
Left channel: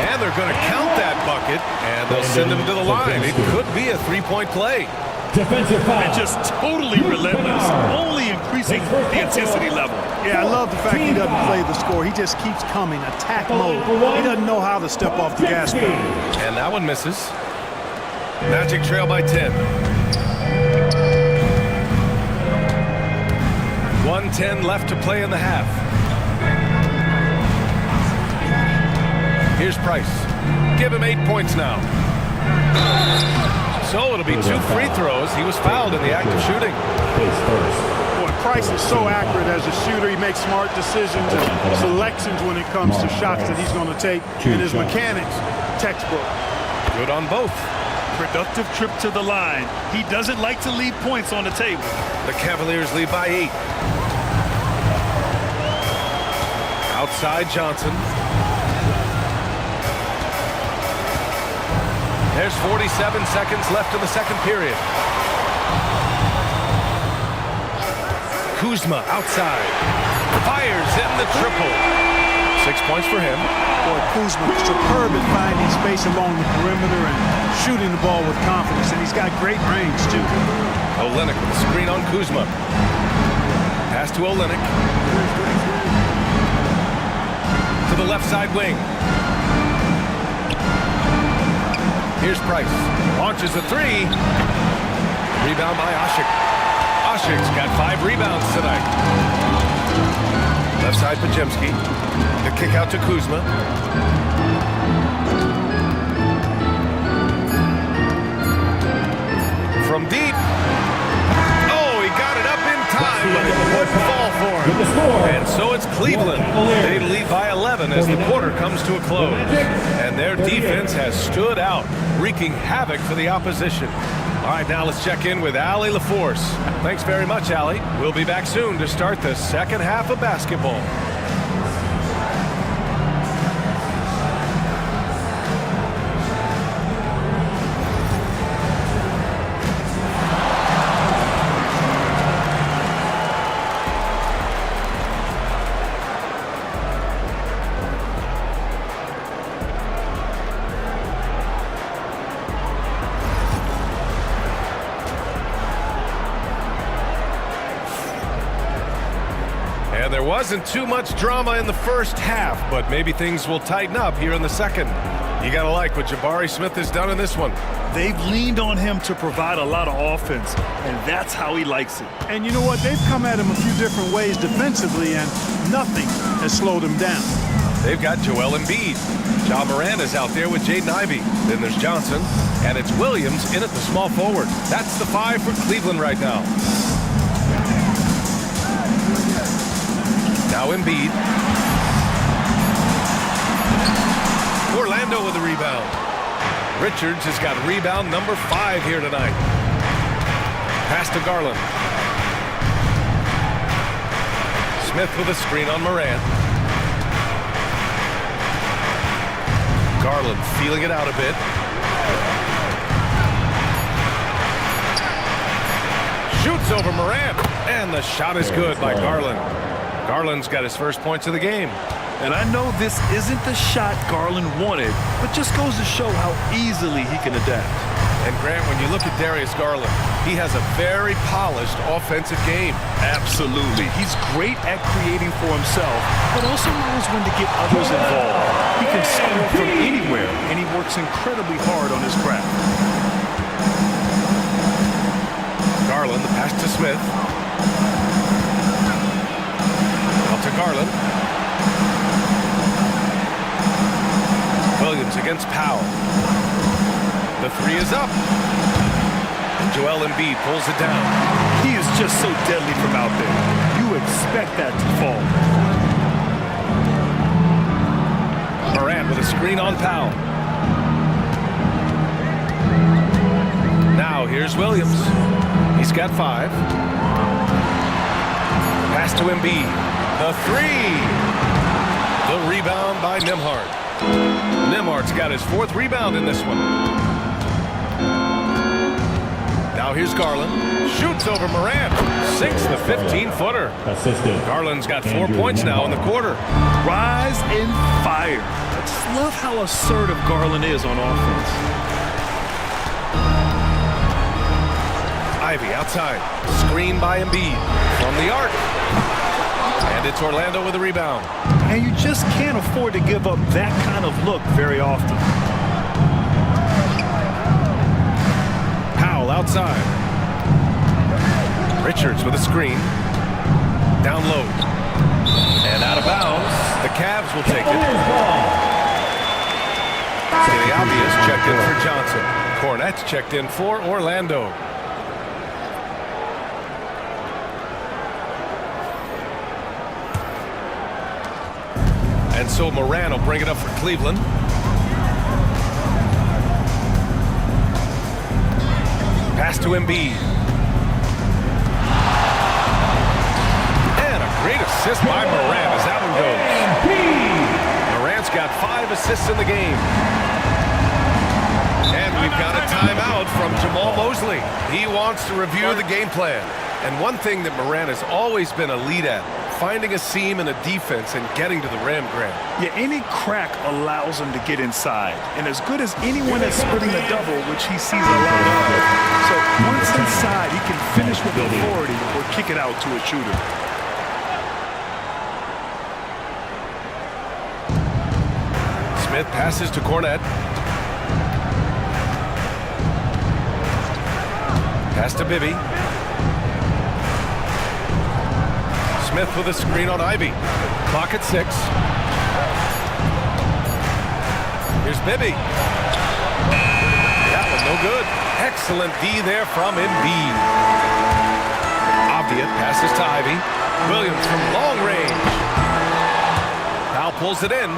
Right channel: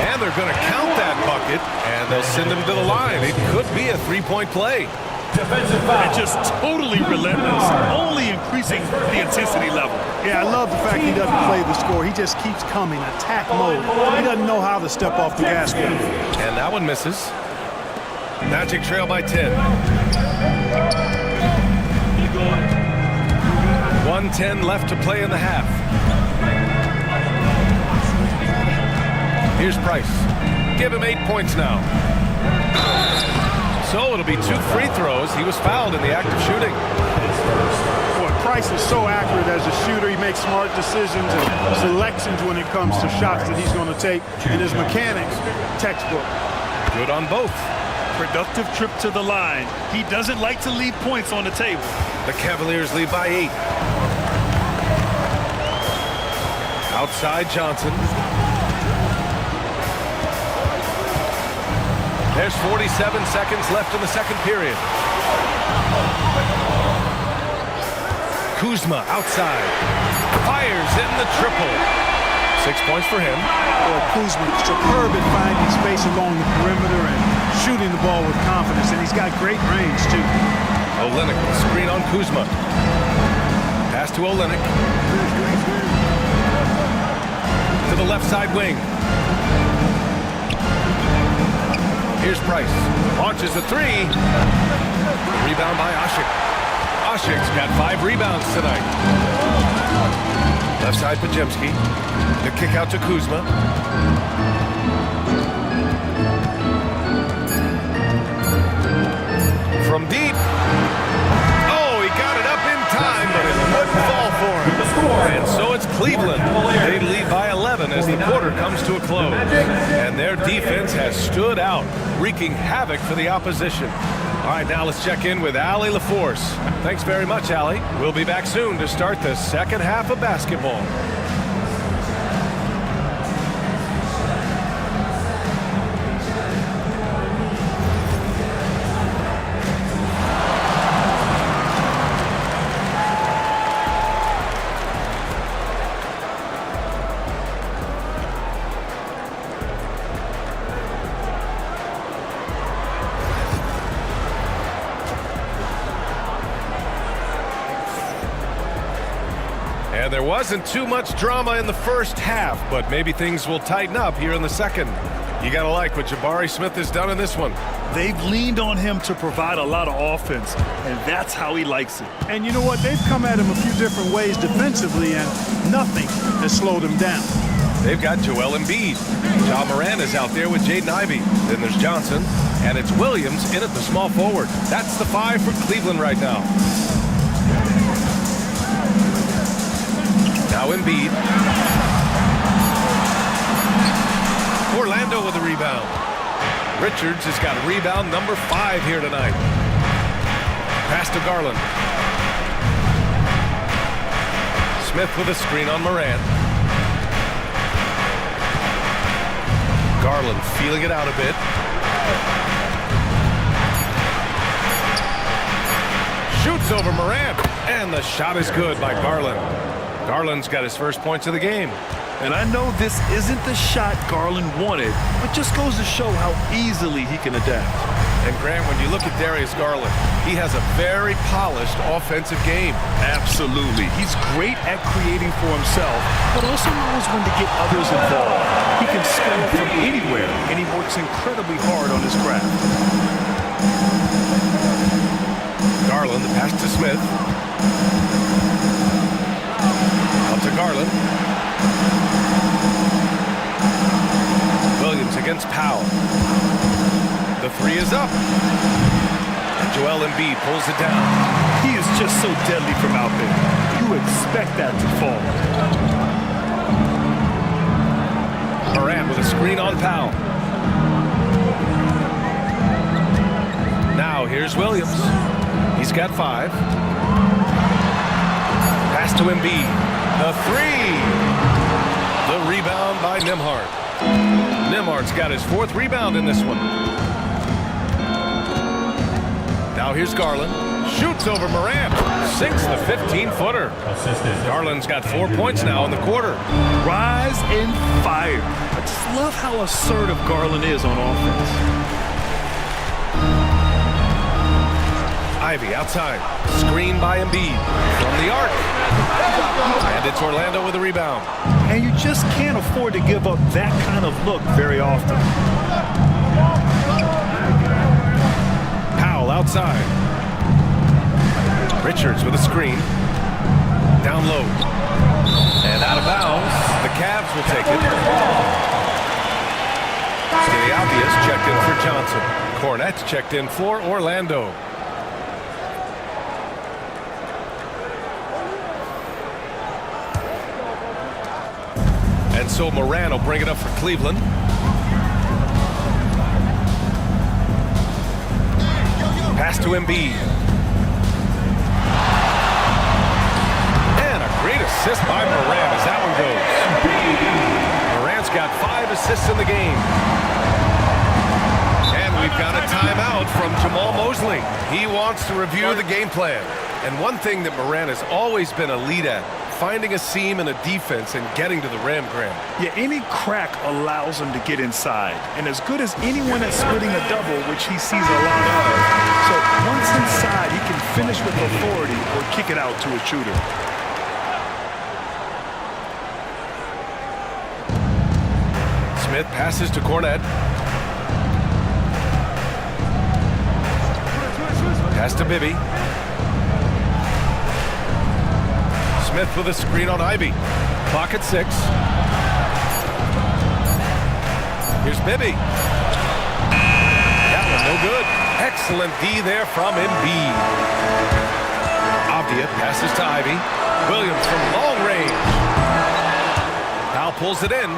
And they're going to count that bucket, and they'll send him to the line. It could be a three-point play. Defensive foul. And just totally relentless, only increasing the intensity level. Yeah, I love the fact he doesn't play the score. He just keeps coming, attack mode. He doesn't know how to step off the gas pedal. And that one misses. Magic trail by 10. 1:10 left to play in the half. Here's Price. Give him 8 points now. So it'll be 2 free throws. He was fouled in the act of shooting. Boy, Price is so accurate as a shooter. He makes smart decisions and selections when it comes to shots that he's going to take. And his mechanics, textbook. Good on both. Productive trip to the line. He doesn't like to leave points on the table. The Cavaliers lead by 8. Outside Johnson. There's 47 seconds left in the second period. Kuzma outside. Fires in the triple. 6 points for him. Boy, Kuzma superb at finding space along the perimeter and shooting the ball with confidence, and he's got great range, too. Olynyk with a screen on Kuzma. Pass to Olynyk. To the left side wing. Here's Price. Launches a 3. Rebound by Oshik. Oshik's got 5 rebounds tonight. Left side Podziemski. The kick out to Kuzma. From deep. Oh, he got it up in time, but it wouldn't fall for him. And so it's Cleveland. They lead by 11 as the quarter comes to a close. And their defense has stood out, wreaking havoc for the opposition. All right, now let's check in with Allie LaForce. Thanks very much, Allie. We'll be back soon to start the second half of basketball. And there wasn't too much drama in the first half, but maybe things will tighten up here in the second. You got to like what Jabari Smith has done in this one. They've leaned on him to provide a lot of offense, and that's how he likes it. And you know what? They've come at him a few different ways defensively, and nothing has slowed him down. They've got Joel Embiid. Ja Morant is out there with Jaden Ivey. Then there's Johnson, and it's Williams in at the small forward. That's the 5 for Cleveland right now. Now Embiid. Orlando with the rebound. Richards has got rebound number 5 here tonight. Pass to Garland. Smith with a screen on Morant. Garland feeling it out a bit. Shoots over Morant, and the shot is good by Garland. Garland's got his first points of the game. And I know this isn't the shot Garland wanted, but just goes to show how easily he can adapt. And Grant, when you look at Darius Garland, he has a very polished offensive game. Absolutely. He's great at creating for himself, but also knows when to get others involved. He can score from anywhere, and he works incredibly hard on his craft. Garland, the pass to Smith. Out to Garland. Williams against Powell. The 3 is up. And Joel Embiid pulls it down. He is just so deadly from out there. You expect that to fall. Morant with a screen on Powell. Now here's Williams. He's got 5. Pass to Embiid. The 3. The rebound by Nembhard. Nembhard's got his 4th rebound in this one. Now here's Garland. Shoots over Morant. Sinks the 15-footer. Garland's got 4 points now in the quarter. Rise and fire. I just love how assertive Garland is on offense. Ivey outside. Screen by Embiid. From the arc. And it's Orlando with a rebound. And you just can't afford to give up that kind of look very often. Powell outside. Richards with a screen. Down low. And out of bounds. The Cavs will take it. Skidiabias checked in for Johnson. Cornette's checked in for Orlando. And so Morant will bring it up for Cleveland. Pass to Embiid. And a great assist by Morant as that one goes. Morant's got 5 assists in the game. And we've got a timeout from Jamal Mosley. He wants to review the game plan. And one thing that Morant has always been a lead at, finding a seam in a defense and getting to the rim, Grant. Yeah, any crack allows him to get inside. And as good as anyone at splitting a double, which he sees a lot of. So once inside, he can finish with authority or kick it out to a shooter. Smith passes to Cornette. Pass to Bibby. Smith with a screen on Ivey. Clock at 6. Here's Bibby. That one no good. Excellent D there from Embiid. Avdia passes to Ivey. Williams from long range. Powell pulls it in.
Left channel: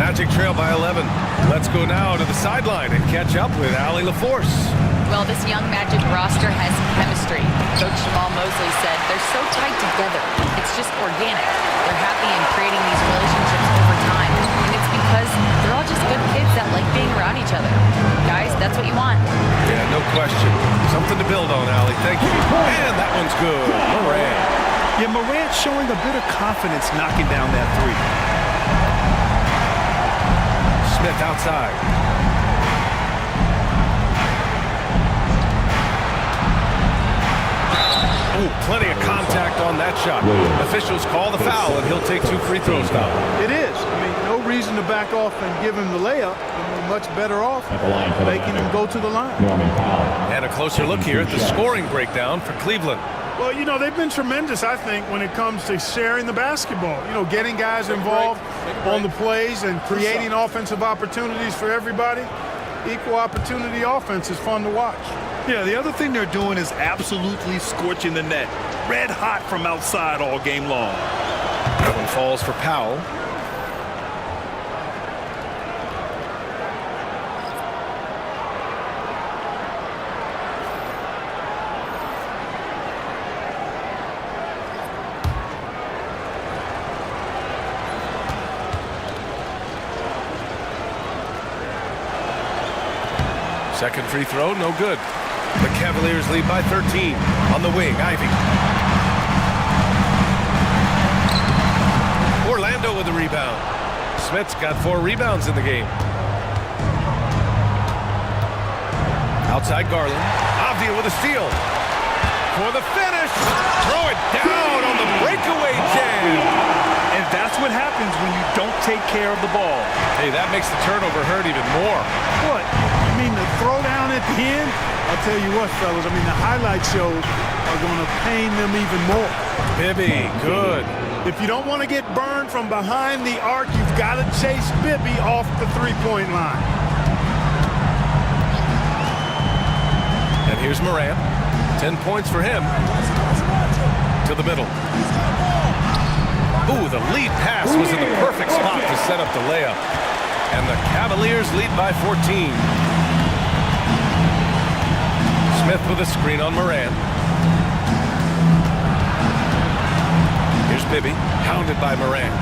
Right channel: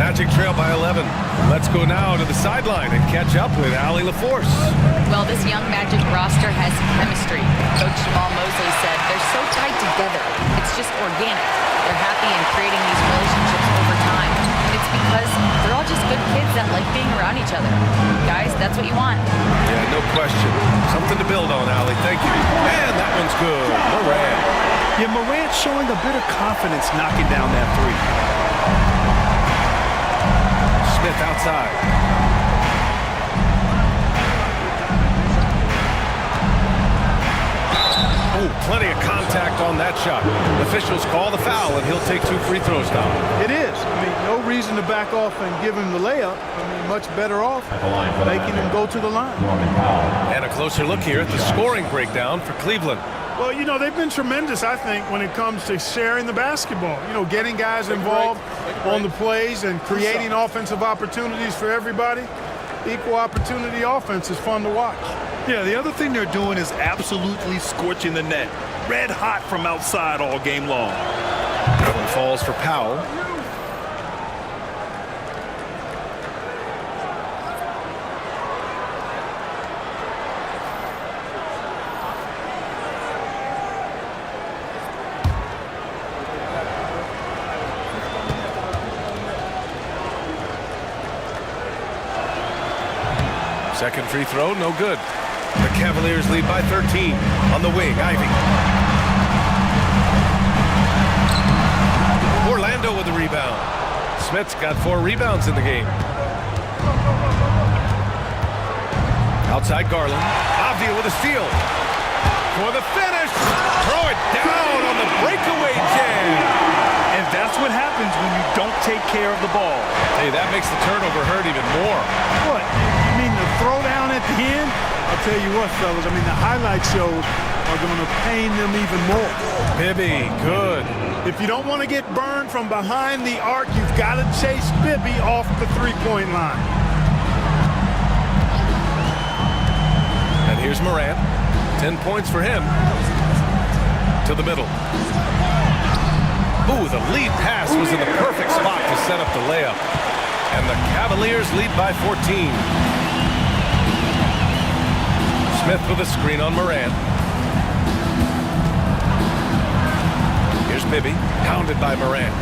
Magic trail by 11. Let's go now to the sideline and catch up with Allie LaForce. Well, this young Magic roster has chemistry. Coach Jamal Mosley said they're so tied together. It's just organic. They're happy in creating these relationships over time. And it's because they're all just good kids that like being around each other. Guys, that's what you want. Yeah, no question. Something to build on, Allie. Thank you. And that one's good. Morant. Yeah, Morant showing a bit of confidence knocking down that 3. Smith outside. Oh, plenty of contact on that shot. Officials call the foul, and he'll take 2 free throws now. It is. I mean, no reason to back off and give him the layup. I mean, much better off making him go to the line. And a closer look here at the scoring breakdown for Cleveland. Well, you know, they've been tremendous, I think, when it comes to sharing the basketball. You know, getting guys involved on the plays and creating offensive opportunities for everybody. Equal opportunity offense is fun to watch. Yeah, the other thing they're doing is absolutely scorching the net. Red hot from outside all game long. That one falls for Powell. Second free throw, no good. The Cavaliers lead by 13. On the wing, Ivy. Orlando with the rebound. Smith's got 4 rebounds in the game. Outside Garland. Avdia with a steal. For the finish. Throw it down on the breakaway jam. And that's what happens when you don't take care of the ball. Hey, that makes the turnover hurt even more. What? You mean the throwdown at the end? I'll tell you what, fellas. I mean, the highlight shows are going to pain them even more. Bibby, good. If you don't want to get burned from behind the arc, you've got to chase Bibby off the three-point line. And here's Morant. 10 points for him. To the middle. Ooh, the lead pass was in the perfect spot to set up the layup. And the Cavaliers lead by 14. Smith with a screen on Morant. Here's Bibby, pounded by Morant.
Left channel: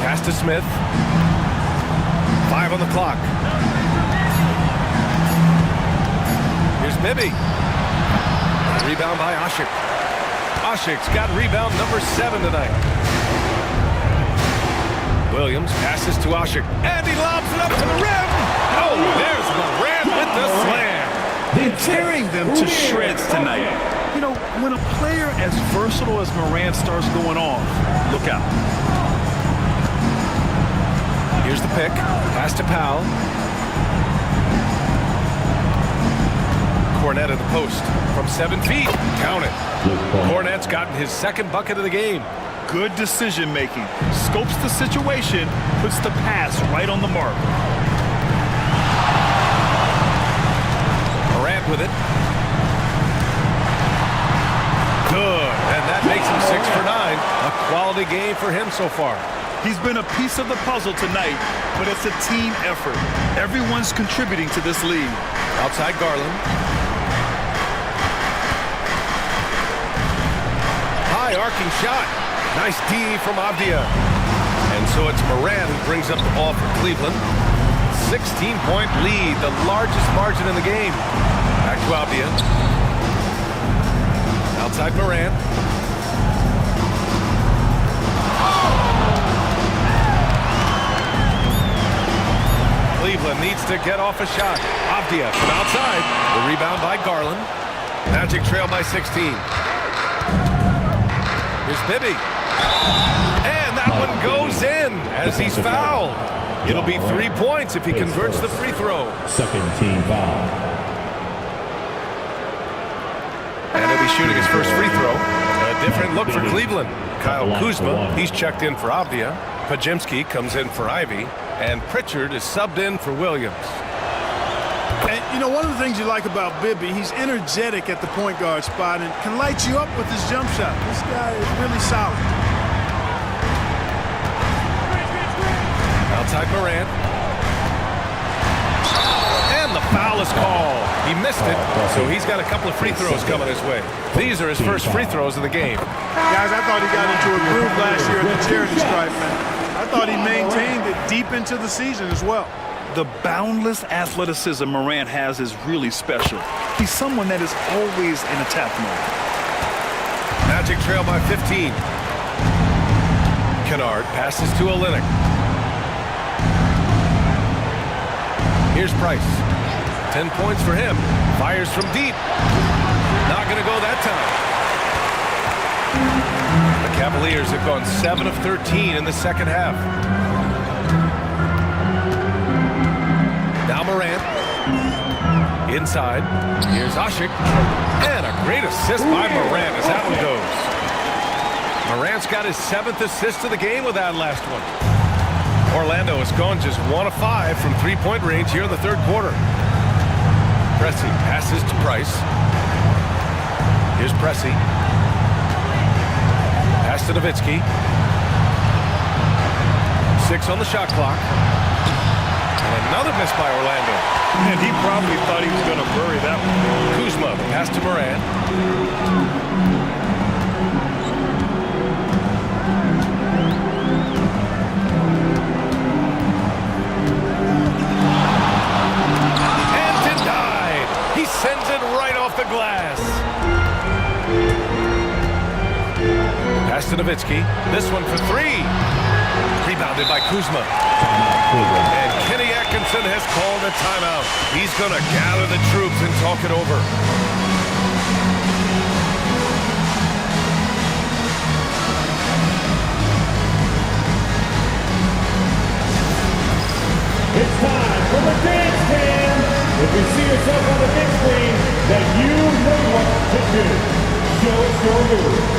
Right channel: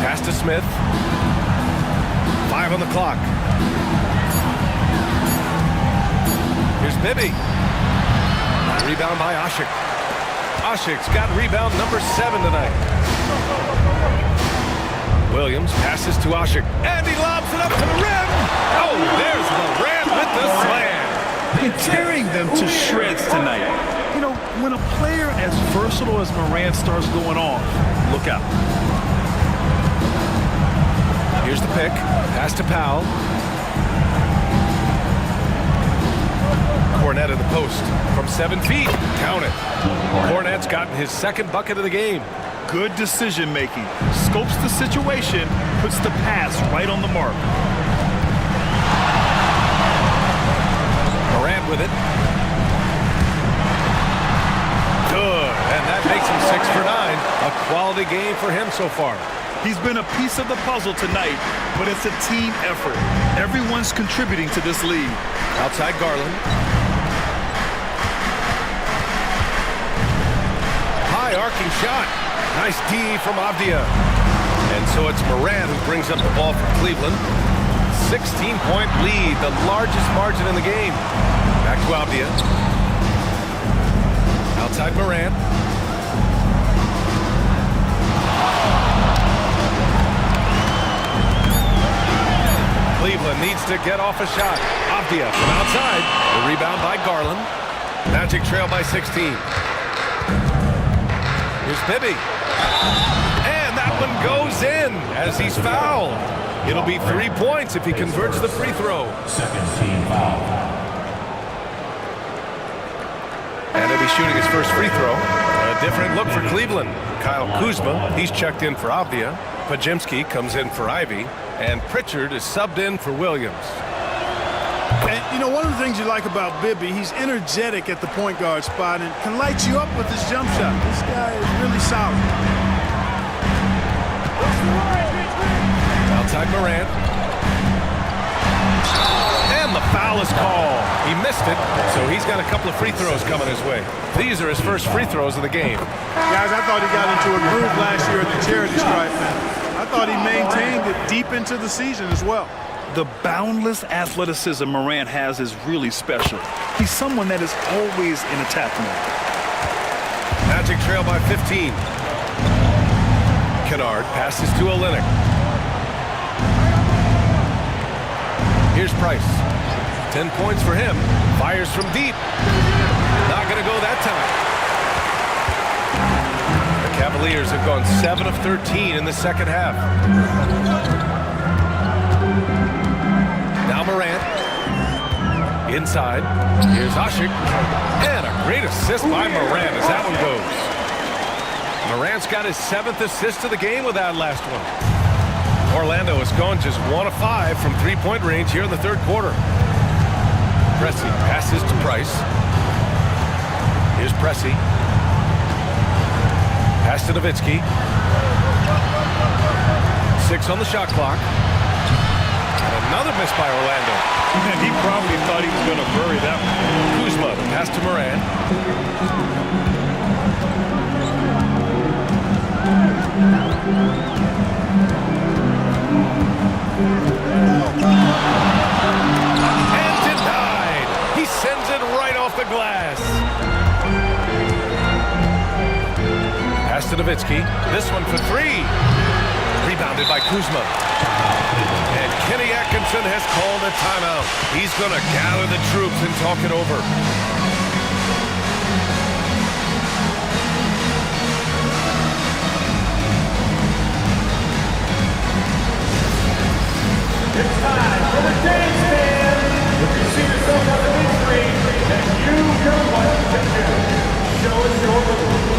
Pass to Smith. 5 on the clock. Here's Bibby. Rebound by Ashik. Ashik's got rebound number 7 tonight. Williams passes to Ashik, and he lobs it up to the rim. Oh, there's Morant with the slam. They're tearing them to shreds tonight. You know, when a player as versatile as Morant starts going off, look out. Here's the pick. Pass to Powell. Cornette in the post from 7 feet. Count it. Cornette's gotten his second bucket of the game. Good decision making. Scopes the situation, puts the pass right on the mark. Morant with it. Good, and that makes him 6 for 9. A quality game for him so far. He's been a piece of the puzzle tonight, but it's a team effort. Everyone's contributing to this lead. Outside Garland. High arcing shot. Nice D from Avdia. And so it's Morant who brings up the ball for Cleveland. 16-point lead, the largest margin in the game. Back to Avdia. Outside Morant. Cleveland needs to get off a shot. Avdia from outside. The rebound by Garland. Magic trail by 16. Here's Bibby. And that one goes in as he's fouled. It'll be 3 points if he converts the free throw. Second team foul. And he'll be shooting his first free throw. A different look for Cleveland. Kyle Kuzma, he's checked in for Avdia. Pajemski comes in for Ivy. And Pritchard is subbed in for Williams. And, you know, one of the things you like about Bibby, he's energetic at the point guard spot and can light you up with his jump shot. This guy is really solid. Outside Morant. And the foul is called. He missed it, so he's got a couple of free throws coming his way. These are his first free throws of the game. Guys, I thought he got into a groove last year at the charity stripe, and I thought he maintained it deep into the season as well. The boundless athleticism Morant has is really special. He's someone that is always in attack mode. Magic trail by 15. Kennard passes to Olynyk. Here's Price. 10 points for him. Fires from deep. Not going to go that time. Cavaliers have gone 7 of 13 in the second half. Now Morant. Inside. Here's Asik. And a great assist by Morant as that one goes. Morant's got his 7th assist of the game with that last one. Orlando has gone just 1 of 5 from three-point range here in the third quarter. Pressey passes to Price. Here's Pressey. Pass to Nowitzki. 6 on the shot clock. And another miss by Orlando. And he probably thought he was going to bury that one. Kuzma, the pass to Morant. And denied. He sends it right off the glass. Pass to Nowitzki. This one for 3. Rebounded by Kuzma. And Kenny Atkinson has called a timeout. He's going to gather the troops and talk it over. It's time for the dance cam. If you see yourself on the big screen, then you know what to do. Show us your move.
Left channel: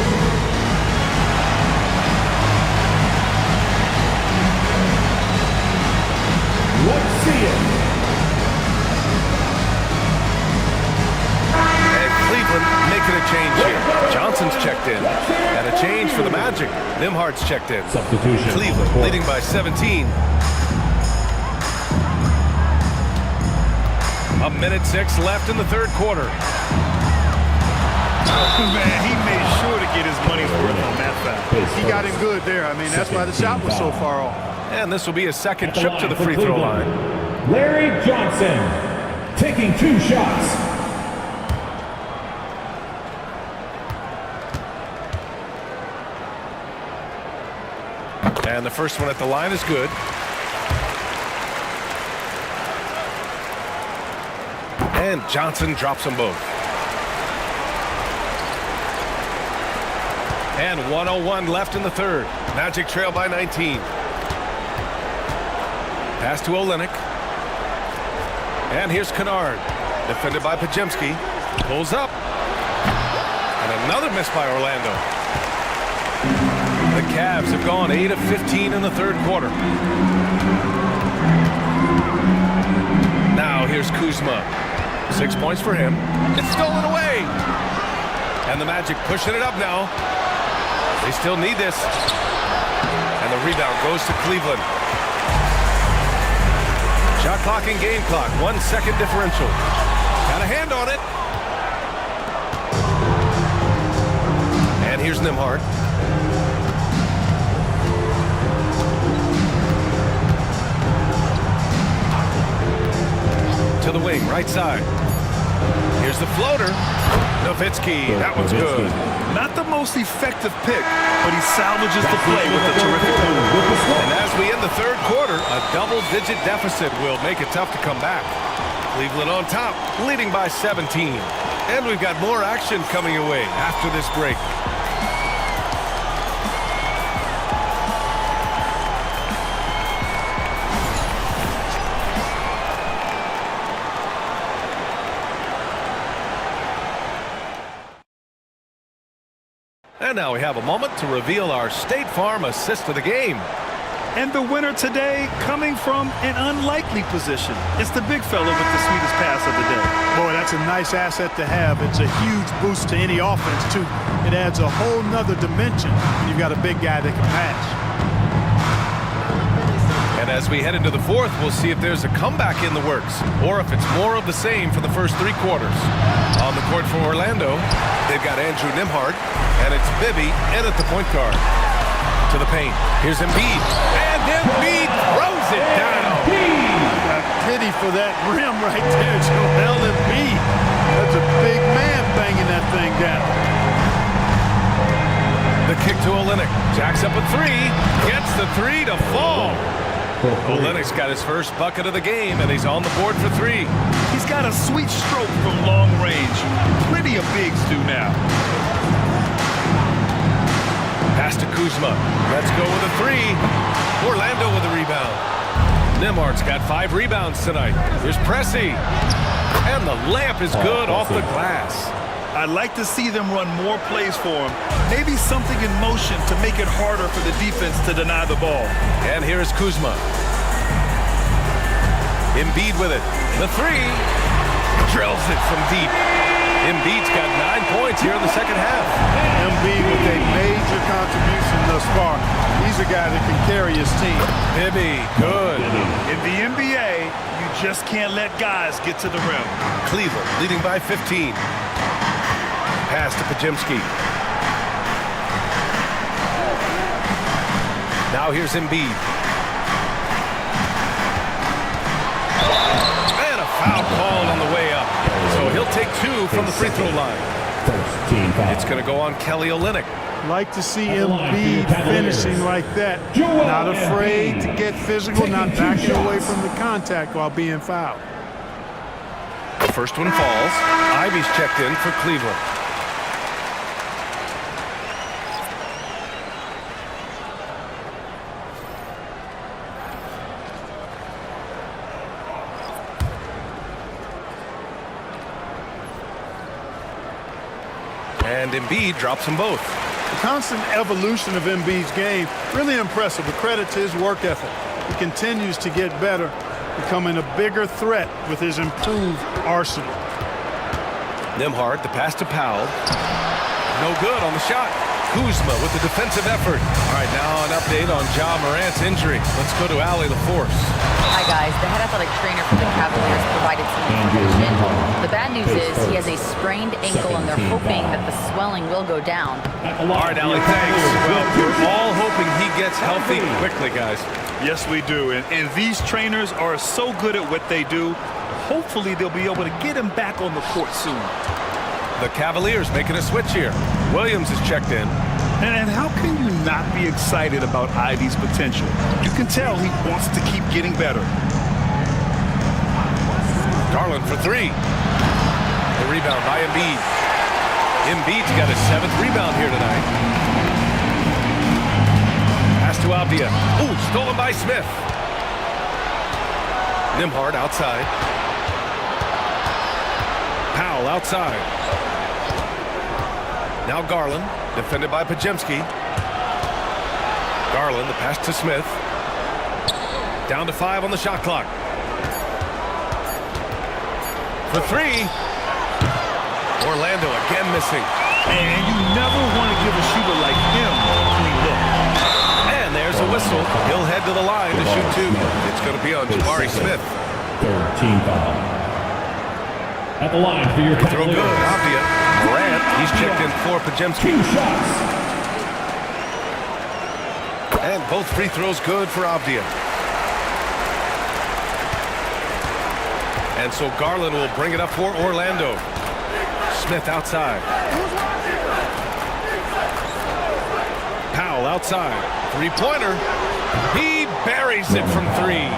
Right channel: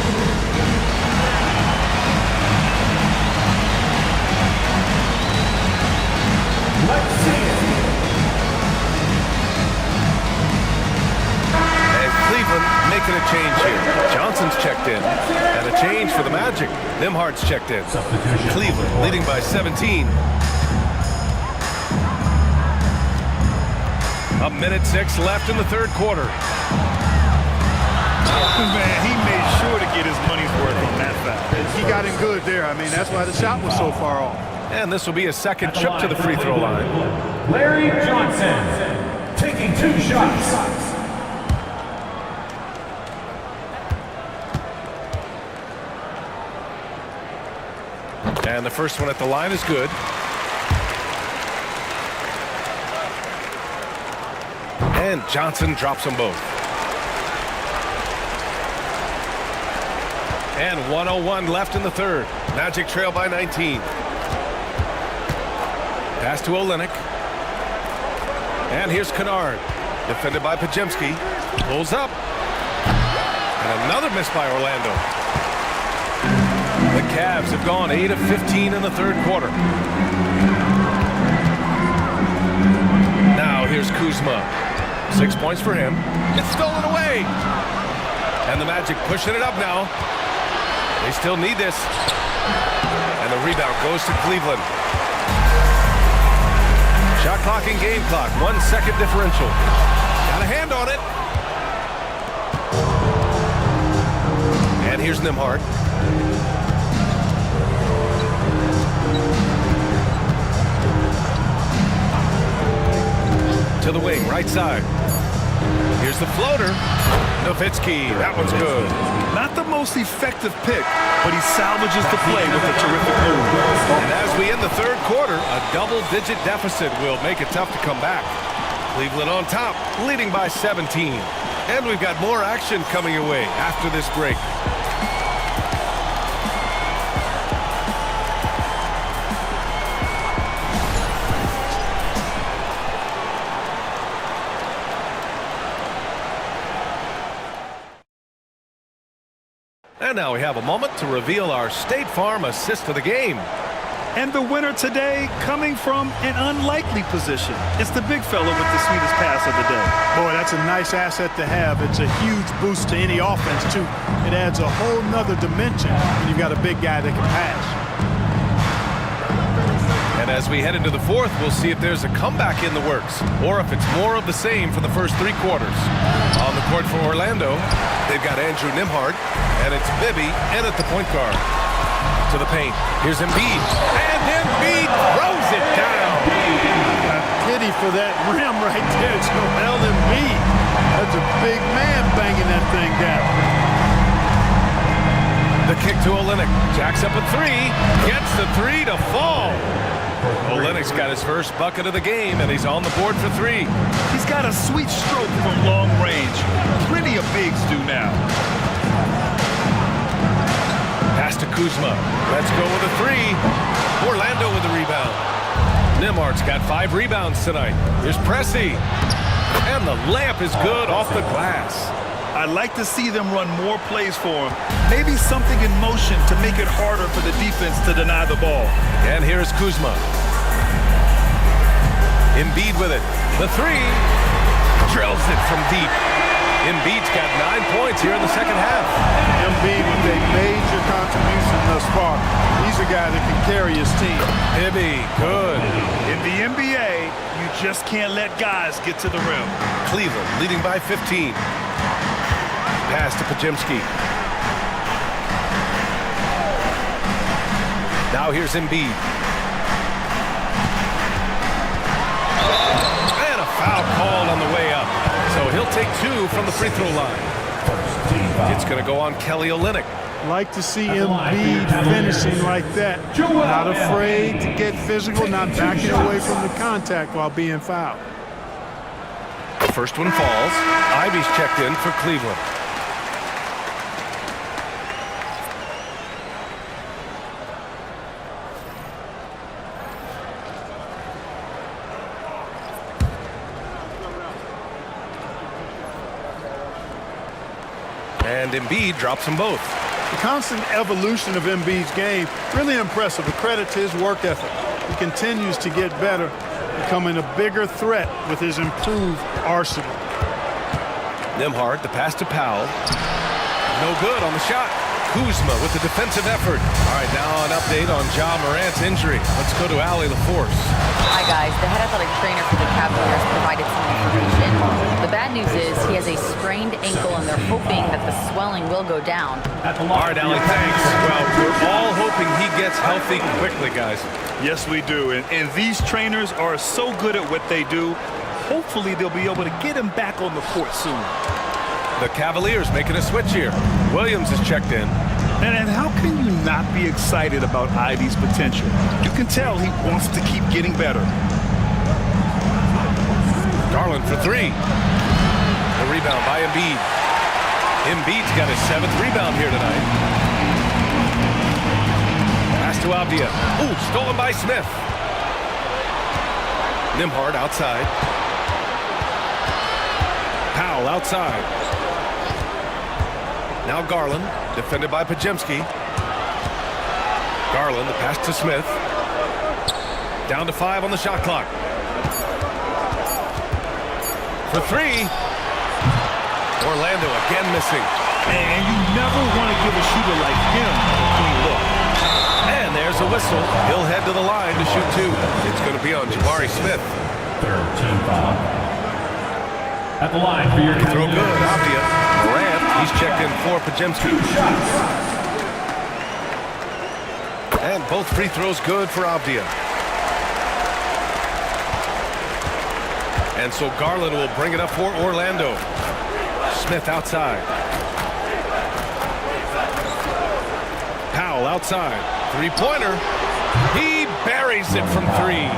Let's see it. And Cleveland making a change here. Johnson's checked in. And a change for the Magic. Nimhard's checked in. Substitution. Cleveland leading by 17. A minute 6 left in the third quarter. Man, he made sure to get his money's worth on that foul. He got him good there. I mean, that's why the shot was so far off. And this will be a second trip to the free throw line. Larry Johnson taking 2 shots. And the first one at the line is good. And Johnson drops them both. And 1:01 left in the third. Magic trail by 19. Pass to Olynyk. And here's Kennard. Defended by Podziemski. Pulls up. And another miss by Orlando. The Cavs have gone 8 of 15 in the third quarter. Now here's Kuzma. 6 points for him. It's stolen away. And the Magic pushing it up now. They still need this. And the rebound goes to Cleveland. Shot clock and game clock. 1 second differential. Got a hand on it. And here's Nimhard. To the wing, right side. Here's the floater. Nowitzki, that one's good. Not the most effective pick, but he salvages the play with a terrific move. And as we end the third quarter, a double-digit deficit will make it tough to come back. Cleveland on top, leading by 17. And we've got more action coming your way after this break. And now we have a moment to reveal our State Farm assist of the game. And the winner today coming from an unlikely position. It's the big fella with the sweetest pass of the day. Boy, that's a nice asset to have. It's a huge boost to any offense, too. It adds a whole nother dimension when you've got a big guy that can pass. And as we head into the fourth, we'll see if there's a comeback in the works or if it's more of the same for the first 3 quarters. On the court for Orlando, they've got Andrew Nimhard, and it's Bibby in at the point guard. To the paint. Here's Embiid. And Embiid throws it down. I've got pity for that rim right there, Joel Embiid. That's a big man banging that thing down. The kick to Olynyk. Jacks up a 3. Gets the 3 to fall. Olynyk's got his first bucket of the game, and he's on the board for 3. He's got a sweet stroke from long range. Plenty of bigs do now. Pass to Kuzma. Let's go with a three. Orlando with the rebound. Nembhard's got 5 rebounds tonight. Here's Pressey. And the layup is good off the glass. I'd like to see them run more plays for him. Maybe something in motion to make it harder for the defense to deny the ball. And here's Kuzma. Embiid with it. The three. Drills it from deep. Embiid's got 9 points here in the second half. Embiid with a major contribution thus far. He's a guy that can carry his team. Hibby, good. In the NBA, you just can't let guys get to the rim. Cleveland leading by 15. Pass to Podziemski. Now here's Embiid. And a foul called on the way up. So he'll take 2 from the free throw line. It's going to go on Kelly Olynyk. Like to see Embiid finishing like that. Not afraid to get physical, not backing away from the contact while being fouled. The first one falls. Ivy's checked in for Cleveland. And Embiid drops them both. The constant evolution of Embiid's game, really impressive. A credit to his work ethic. He continues to get better, becoming a bigger threat with his improved arsenal. Nembhard, the pass to Powell. No good on the shot. Kuzma with the defensive effort. All right, now an update on Ja Morant's injury. Let's go to Allie LaForce. Hi, guys. The head athletic trainer for the Cavaliers provided some information. The bad news is he has a sprained ankle, and they're hoping that the swelling will go down. All right, Allie, thanks. Well, we're all hoping he gets healthy quickly, guys. Yes, we do. And these trainers are so good at what they do. Hopefully, they'll be able to get him back on the court soon. The Cavaliers making a switch here. Williams is checked in. And how can you not be excited about Ivy's potential? You can tell he wants to keep getting better. Garland for 3. The rebound by Embiid. Embiid's got his 7th rebound here tonight. Pass to Avdia. Ooh, stolen by Smith. Nembhard outside. Powell outside. Now Garland, defended by Podziemski. Garland, the pass to Smith. Down to 5 on the shot clock. For 3. Orlando again missing. And you never want to give a shooter like him a clean look. And there's a whistle. He'll head to the line to shoot 2. It's going to be on Jabari Smith. Third team foul. At the line for your free throw good. Avdia. Morant, he's checked in for Podziemski. 2 shots. And both free throws good for Avdia. And so Garland will bring it up for Orlando. Smith outside. Powell outside. 3-pointer. He buries it from 3.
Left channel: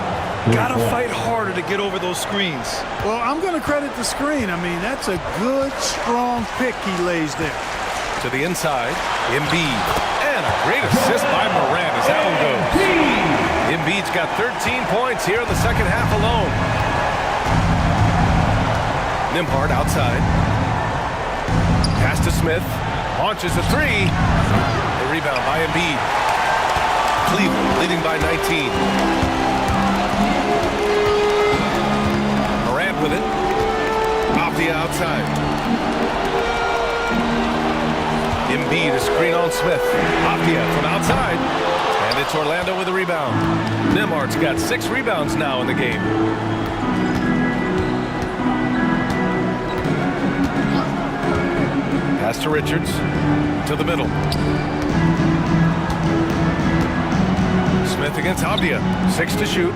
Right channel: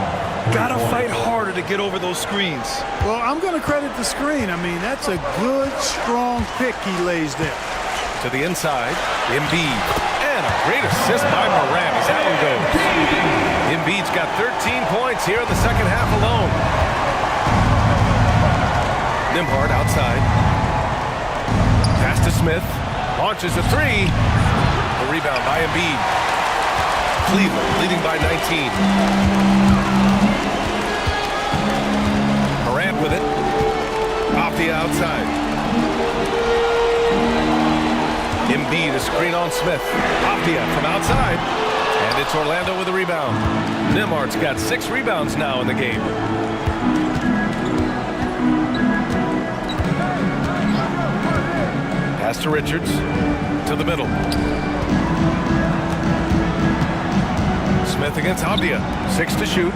Gotta fight harder to get over those screens. Well, I'm going to credit the screen. I mean, that's a good, strong pick he lays there. To the inside, Embiid. And a great assist by Morant as that one goes. Embiid's got 13 points here in the second half alone. Nembhard outside. Pass to Smith. Launches a 3. The rebound by Embiid. Cleveland leading by 19. Morant with it. Avdia outside. Embiid, a screen on Smith. Avdia from outside. And it's Orlando with a rebound. Nembhard's got 6 rebounds now in the game. Pass to Richards. To the middle. Smith against Avdia. 6 to shoot.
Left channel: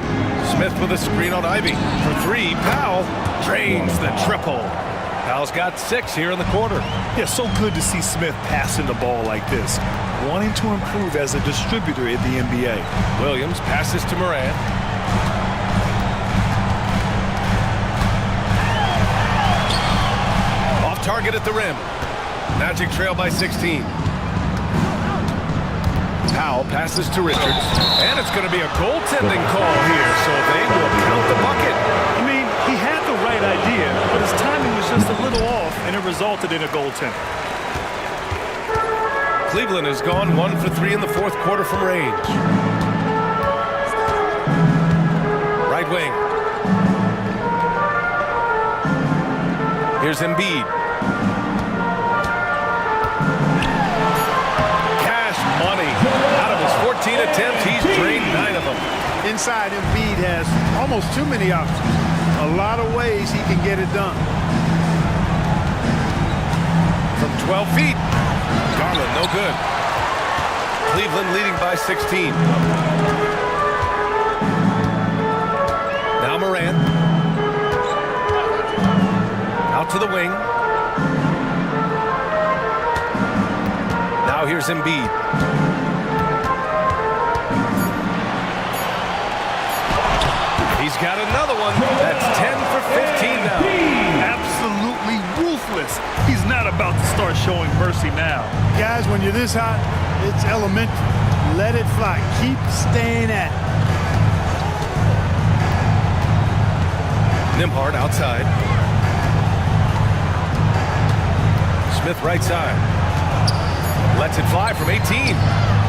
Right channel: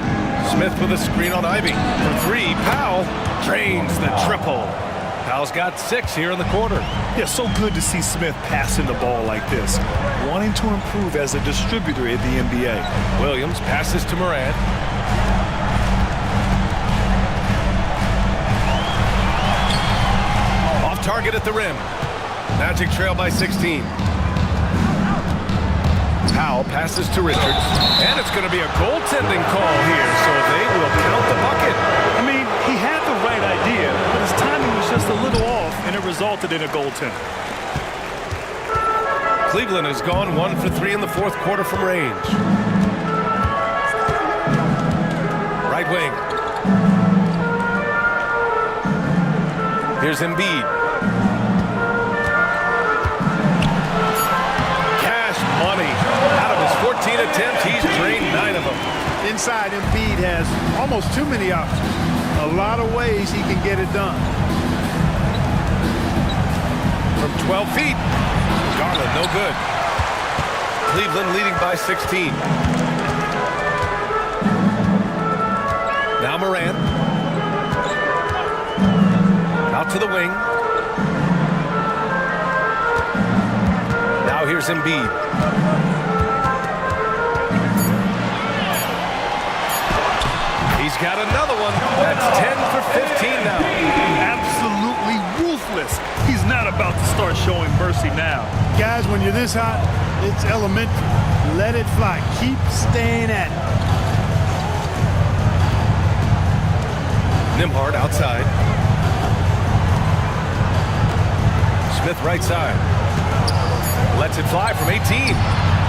Smith with a screen on Ivy. For 3, Powell drains the triple. Powell's got 6 here in the quarter. Yeah, so good to see Smith passing the ball like this. Wanting to improve as a distributor in the NBA. Williams passes to Morant. Off target at the rim. Magic trail by 16. Powell passes to Richards, and it's going to be a goaltending call here, so they will count the bucket. I mean, he had the right idea, but his timing was just a little off, and it resulted in a goaltend. Cleveland has gone 1 for 3 in the fourth quarter from range. Right wing. Here's Embiid. Cash money. Out of his 14 attempts, he's drained 9 of them. Inside, Embiid has almost too many options. A lot of ways he can get it done. From 12 feet. Garland, no good. Cleveland leading by 16. Now Morant. Out to the wing. Now here's Embiid. He's got another one. That's 10 for 15 now. Absolutely ruthless. He's not about to start showing mercy now. Guys, when you're this hot, it's elementary. Let it fly. Keep staying at it. Nembhard outside. Smith right side. Lets it fly from 18.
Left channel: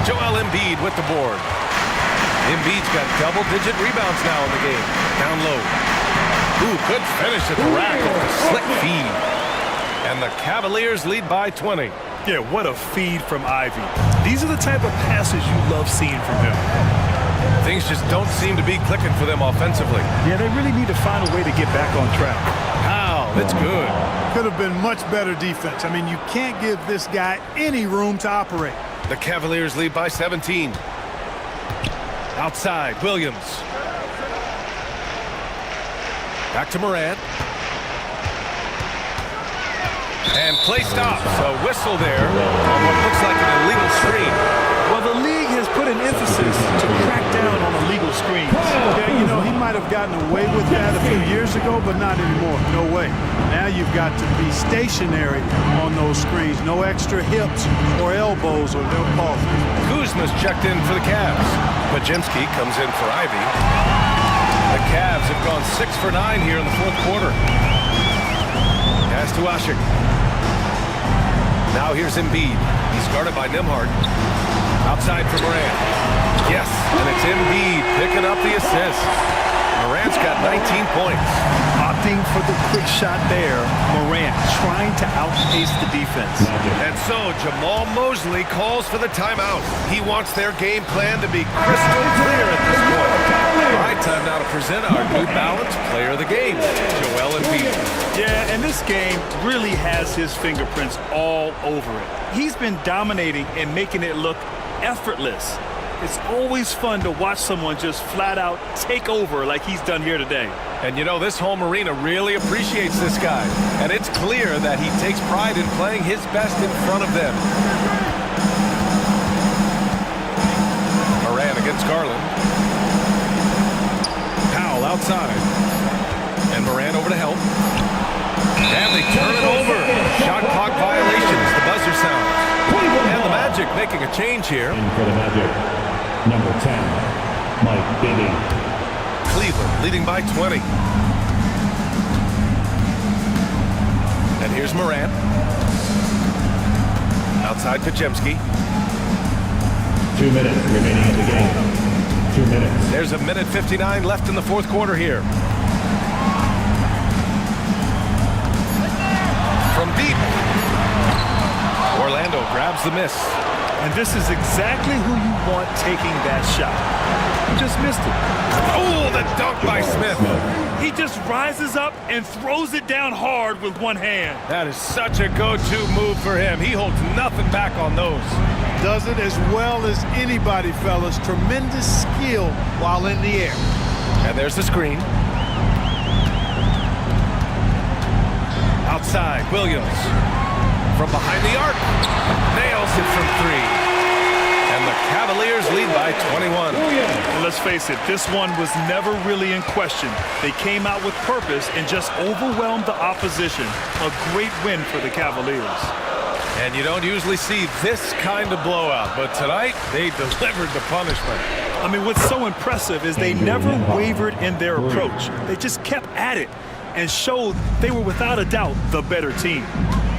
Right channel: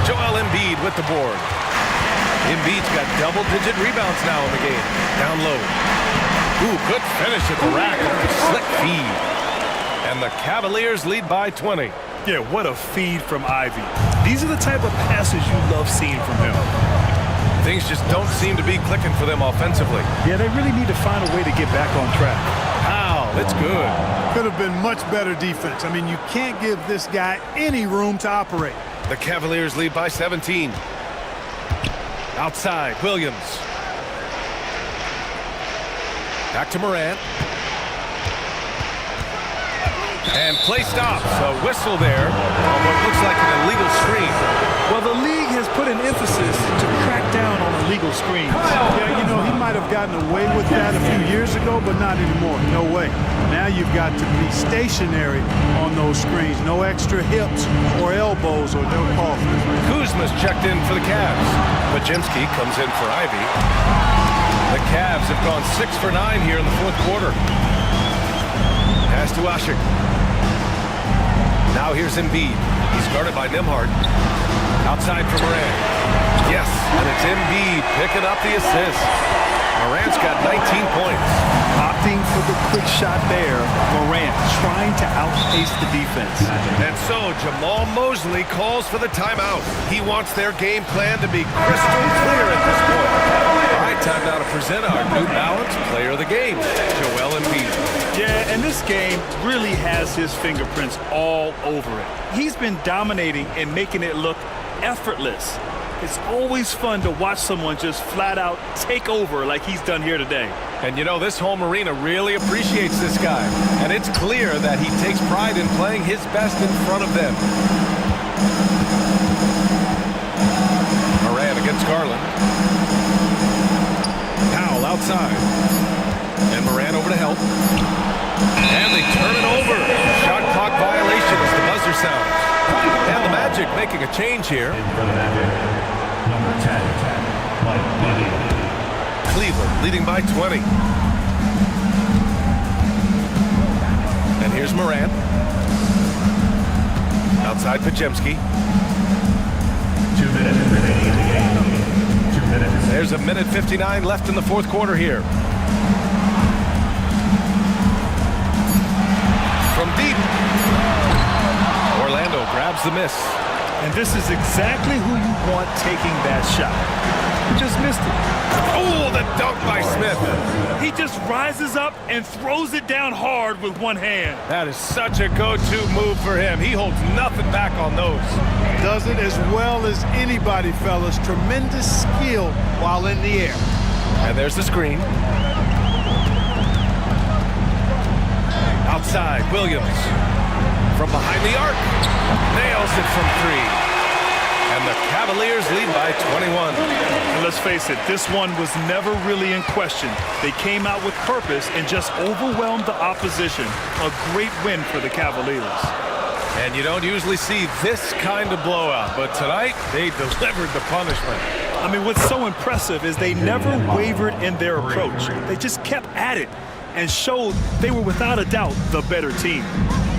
Joel Embiid with the board. Embiid's got double-digit rebounds now in the game. Down low. Ooh, good finish at the rack off the slick feed. And the Cavaliers lead by 20. Yeah, what a feed from Ivy. These are the type of passes you love seeing from him. Things just don't seem to be clicking for them offensively. Yeah, they really need to find a way to get back on track. Wow, it's good. Could have been much better defense. I mean, you can't give this guy any room to operate. The Cavaliers lead by 17. Outside, Williams. Back to Morant. And play stops. A whistle there on what looks like an illegal screen. Well, the league has put an emphasis to crack down on illegal screens. Yeah, you know, he might have gotten away with that a few years ago, but not anymore. No way. Now you've got to be stationary on those screens. No extra hips or elbows or they'll call it. Kuzma's checked in for the Cavs. Podziemski comes in for Ivy. The Cavs have gone 6 for 9 here in the fourth quarter. Pass to Asik. Now here's Embiid. He's guarded by Nembhard. Outside for Morant. Yes, and it's Embiid picking up the assist. Morant's got 19 points. Opting for the quick shot there. Morant trying to outpace the defense. And so Jamal Mosley calls for the timeout. He wants their game plan to be crystal clear at this point. All right, time now to present our New Balance Player of the Game, Joel Embiid. Yeah, and this game really has his fingerprints all over it. He's been dominating and making it look effortless. It's always fun to watch someone just flat out take over like he's done here today. And you know, this home arena really appreciates this guy. And it's clear that he takes pride in playing his best in front of them. Morant against Garland. Powell outside. And Morant over to help. And they turn it over. Shot clock violation as the buzzer sounds. And the Magic making a change here. In for the Magic, number 10, Mike Bibby. Cleveland leading by 20. And here's Morant. Outside Podziemski. 2 minutes remaining in the game. 2 minutes. There's a minute 59 left in the fourth quarter here. From deep. Orlando grabs the miss. And this is exactly who you want taking that shot. He just missed it. Oh, the dunk by Smith. He just rises up and throws it down hard with one hand. That is such a go-to move for him. He holds nothing back on those. Does it as well as anybody, fellas. Tremendous skill while in the air. And there's the screen. Outside, Williams. From behind the arc. Nails it from 3. And the Cavaliers lead by 21. And let's face it, this one was never really in question. They came out with purpose and just overwhelmed the opposition. A great win for the Cavaliers. And you don't usually see this kind of blowout, but tonight they delivered the punishment. I mean, what's so impressive is they never wavered in their approach. They just kept at it and showed they were without a doubt the better team.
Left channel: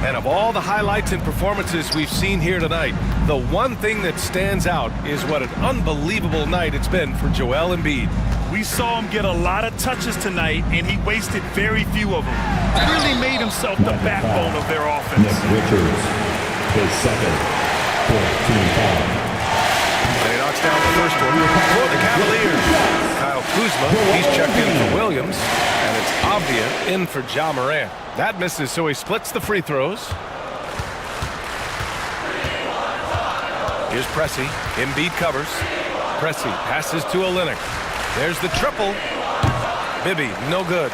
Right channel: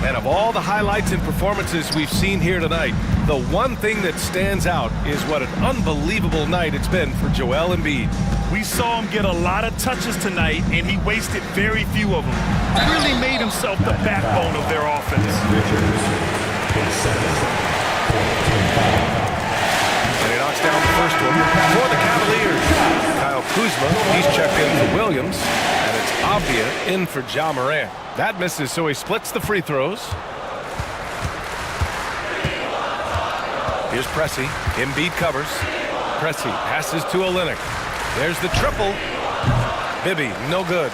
And of all the highlights and performances we've seen here tonight, the one thing that stands out is what an unbelievable night it's been for Joel Embiid. We saw him get a lot of touches tonight, and he wasted very few of them. Really made himself the backbone of their offense. Nick Richards, his second, team foul. And he knocks down the first one for the Cavaliers. Kyle Kuzma, he's checked in for Williams, and it's Avdia in for Ja Morant. That misses, so he splits the free throws. Here's Pressey. Embiid covers. Pressey passes to Olynyk. There's the triple. Bibby, no good.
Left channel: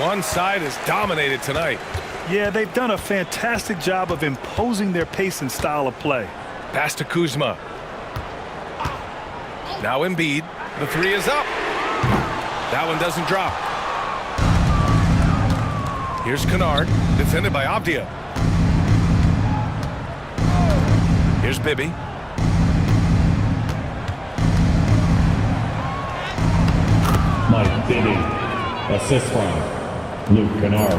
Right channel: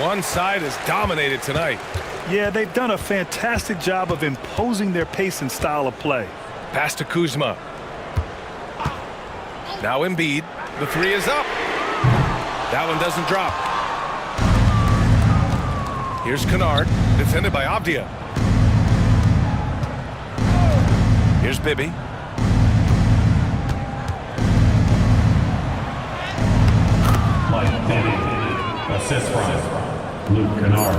One side is dominated tonight. Yeah, they've done a fantastic job of imposing their pace and style of play. Pass to Kuzma. Now Embiid. The three is up. That one doesn't drop. Here's Kennard, defended by Avdia. Here's Bibby. Mike Bibby, assist from Luke Kennard.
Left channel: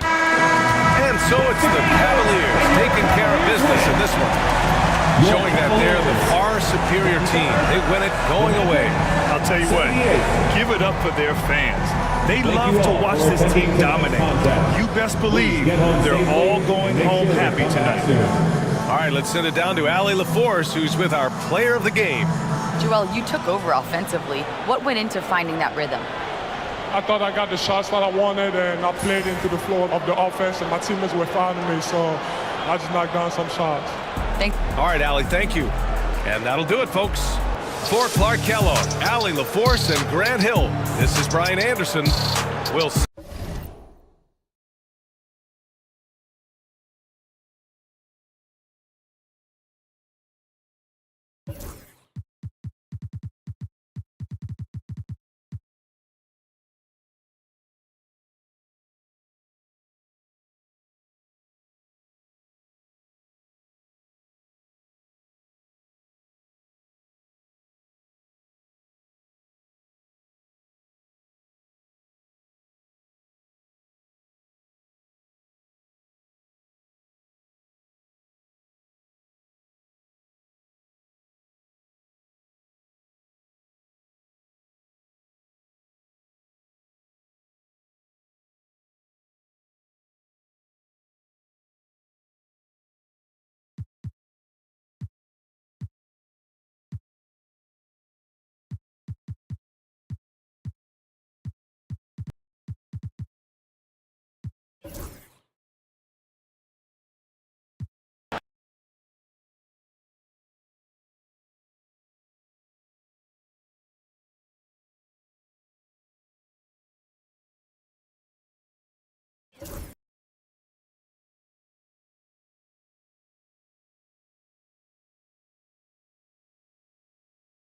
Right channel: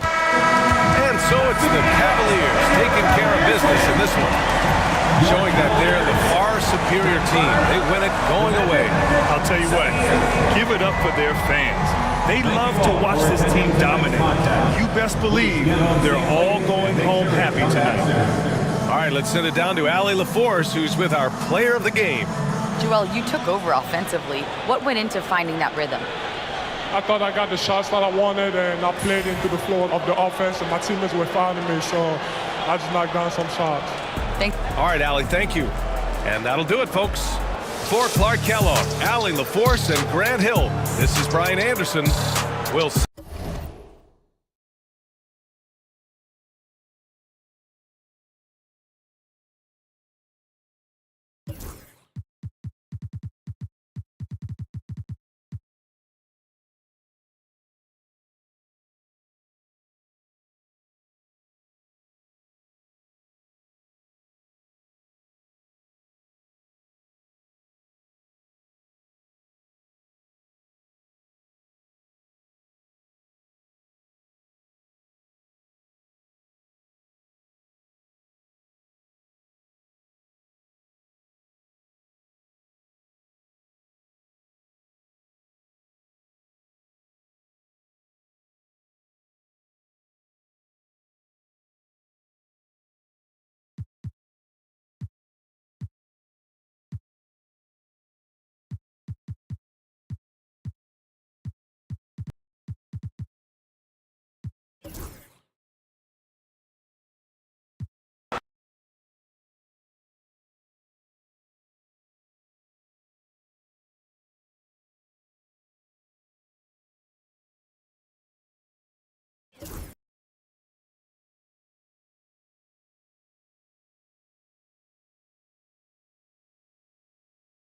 And so it's the Cavaliers taking care of business in this one, showing that they're the far superior team. They win it going away. I'll tell you what, give it up for their fans. They love to watch this team dominate. You best believe they're all going home happy tonight. All right, let's send it down to Allie LaForce, who's with our player of the game. Joel, you took over offensively. What went into finding that rhythm? I thought I got the shots that I wanted, and I played into the flow of the offense, and my teammates were fouling me, so I just knocked down some shots. Thanks. All right, Allie, thank you. And that'll do it, folks. For Clark Kellogg, Allie LaForce, and Grant Hill, this is Brian Anderson. We'll see.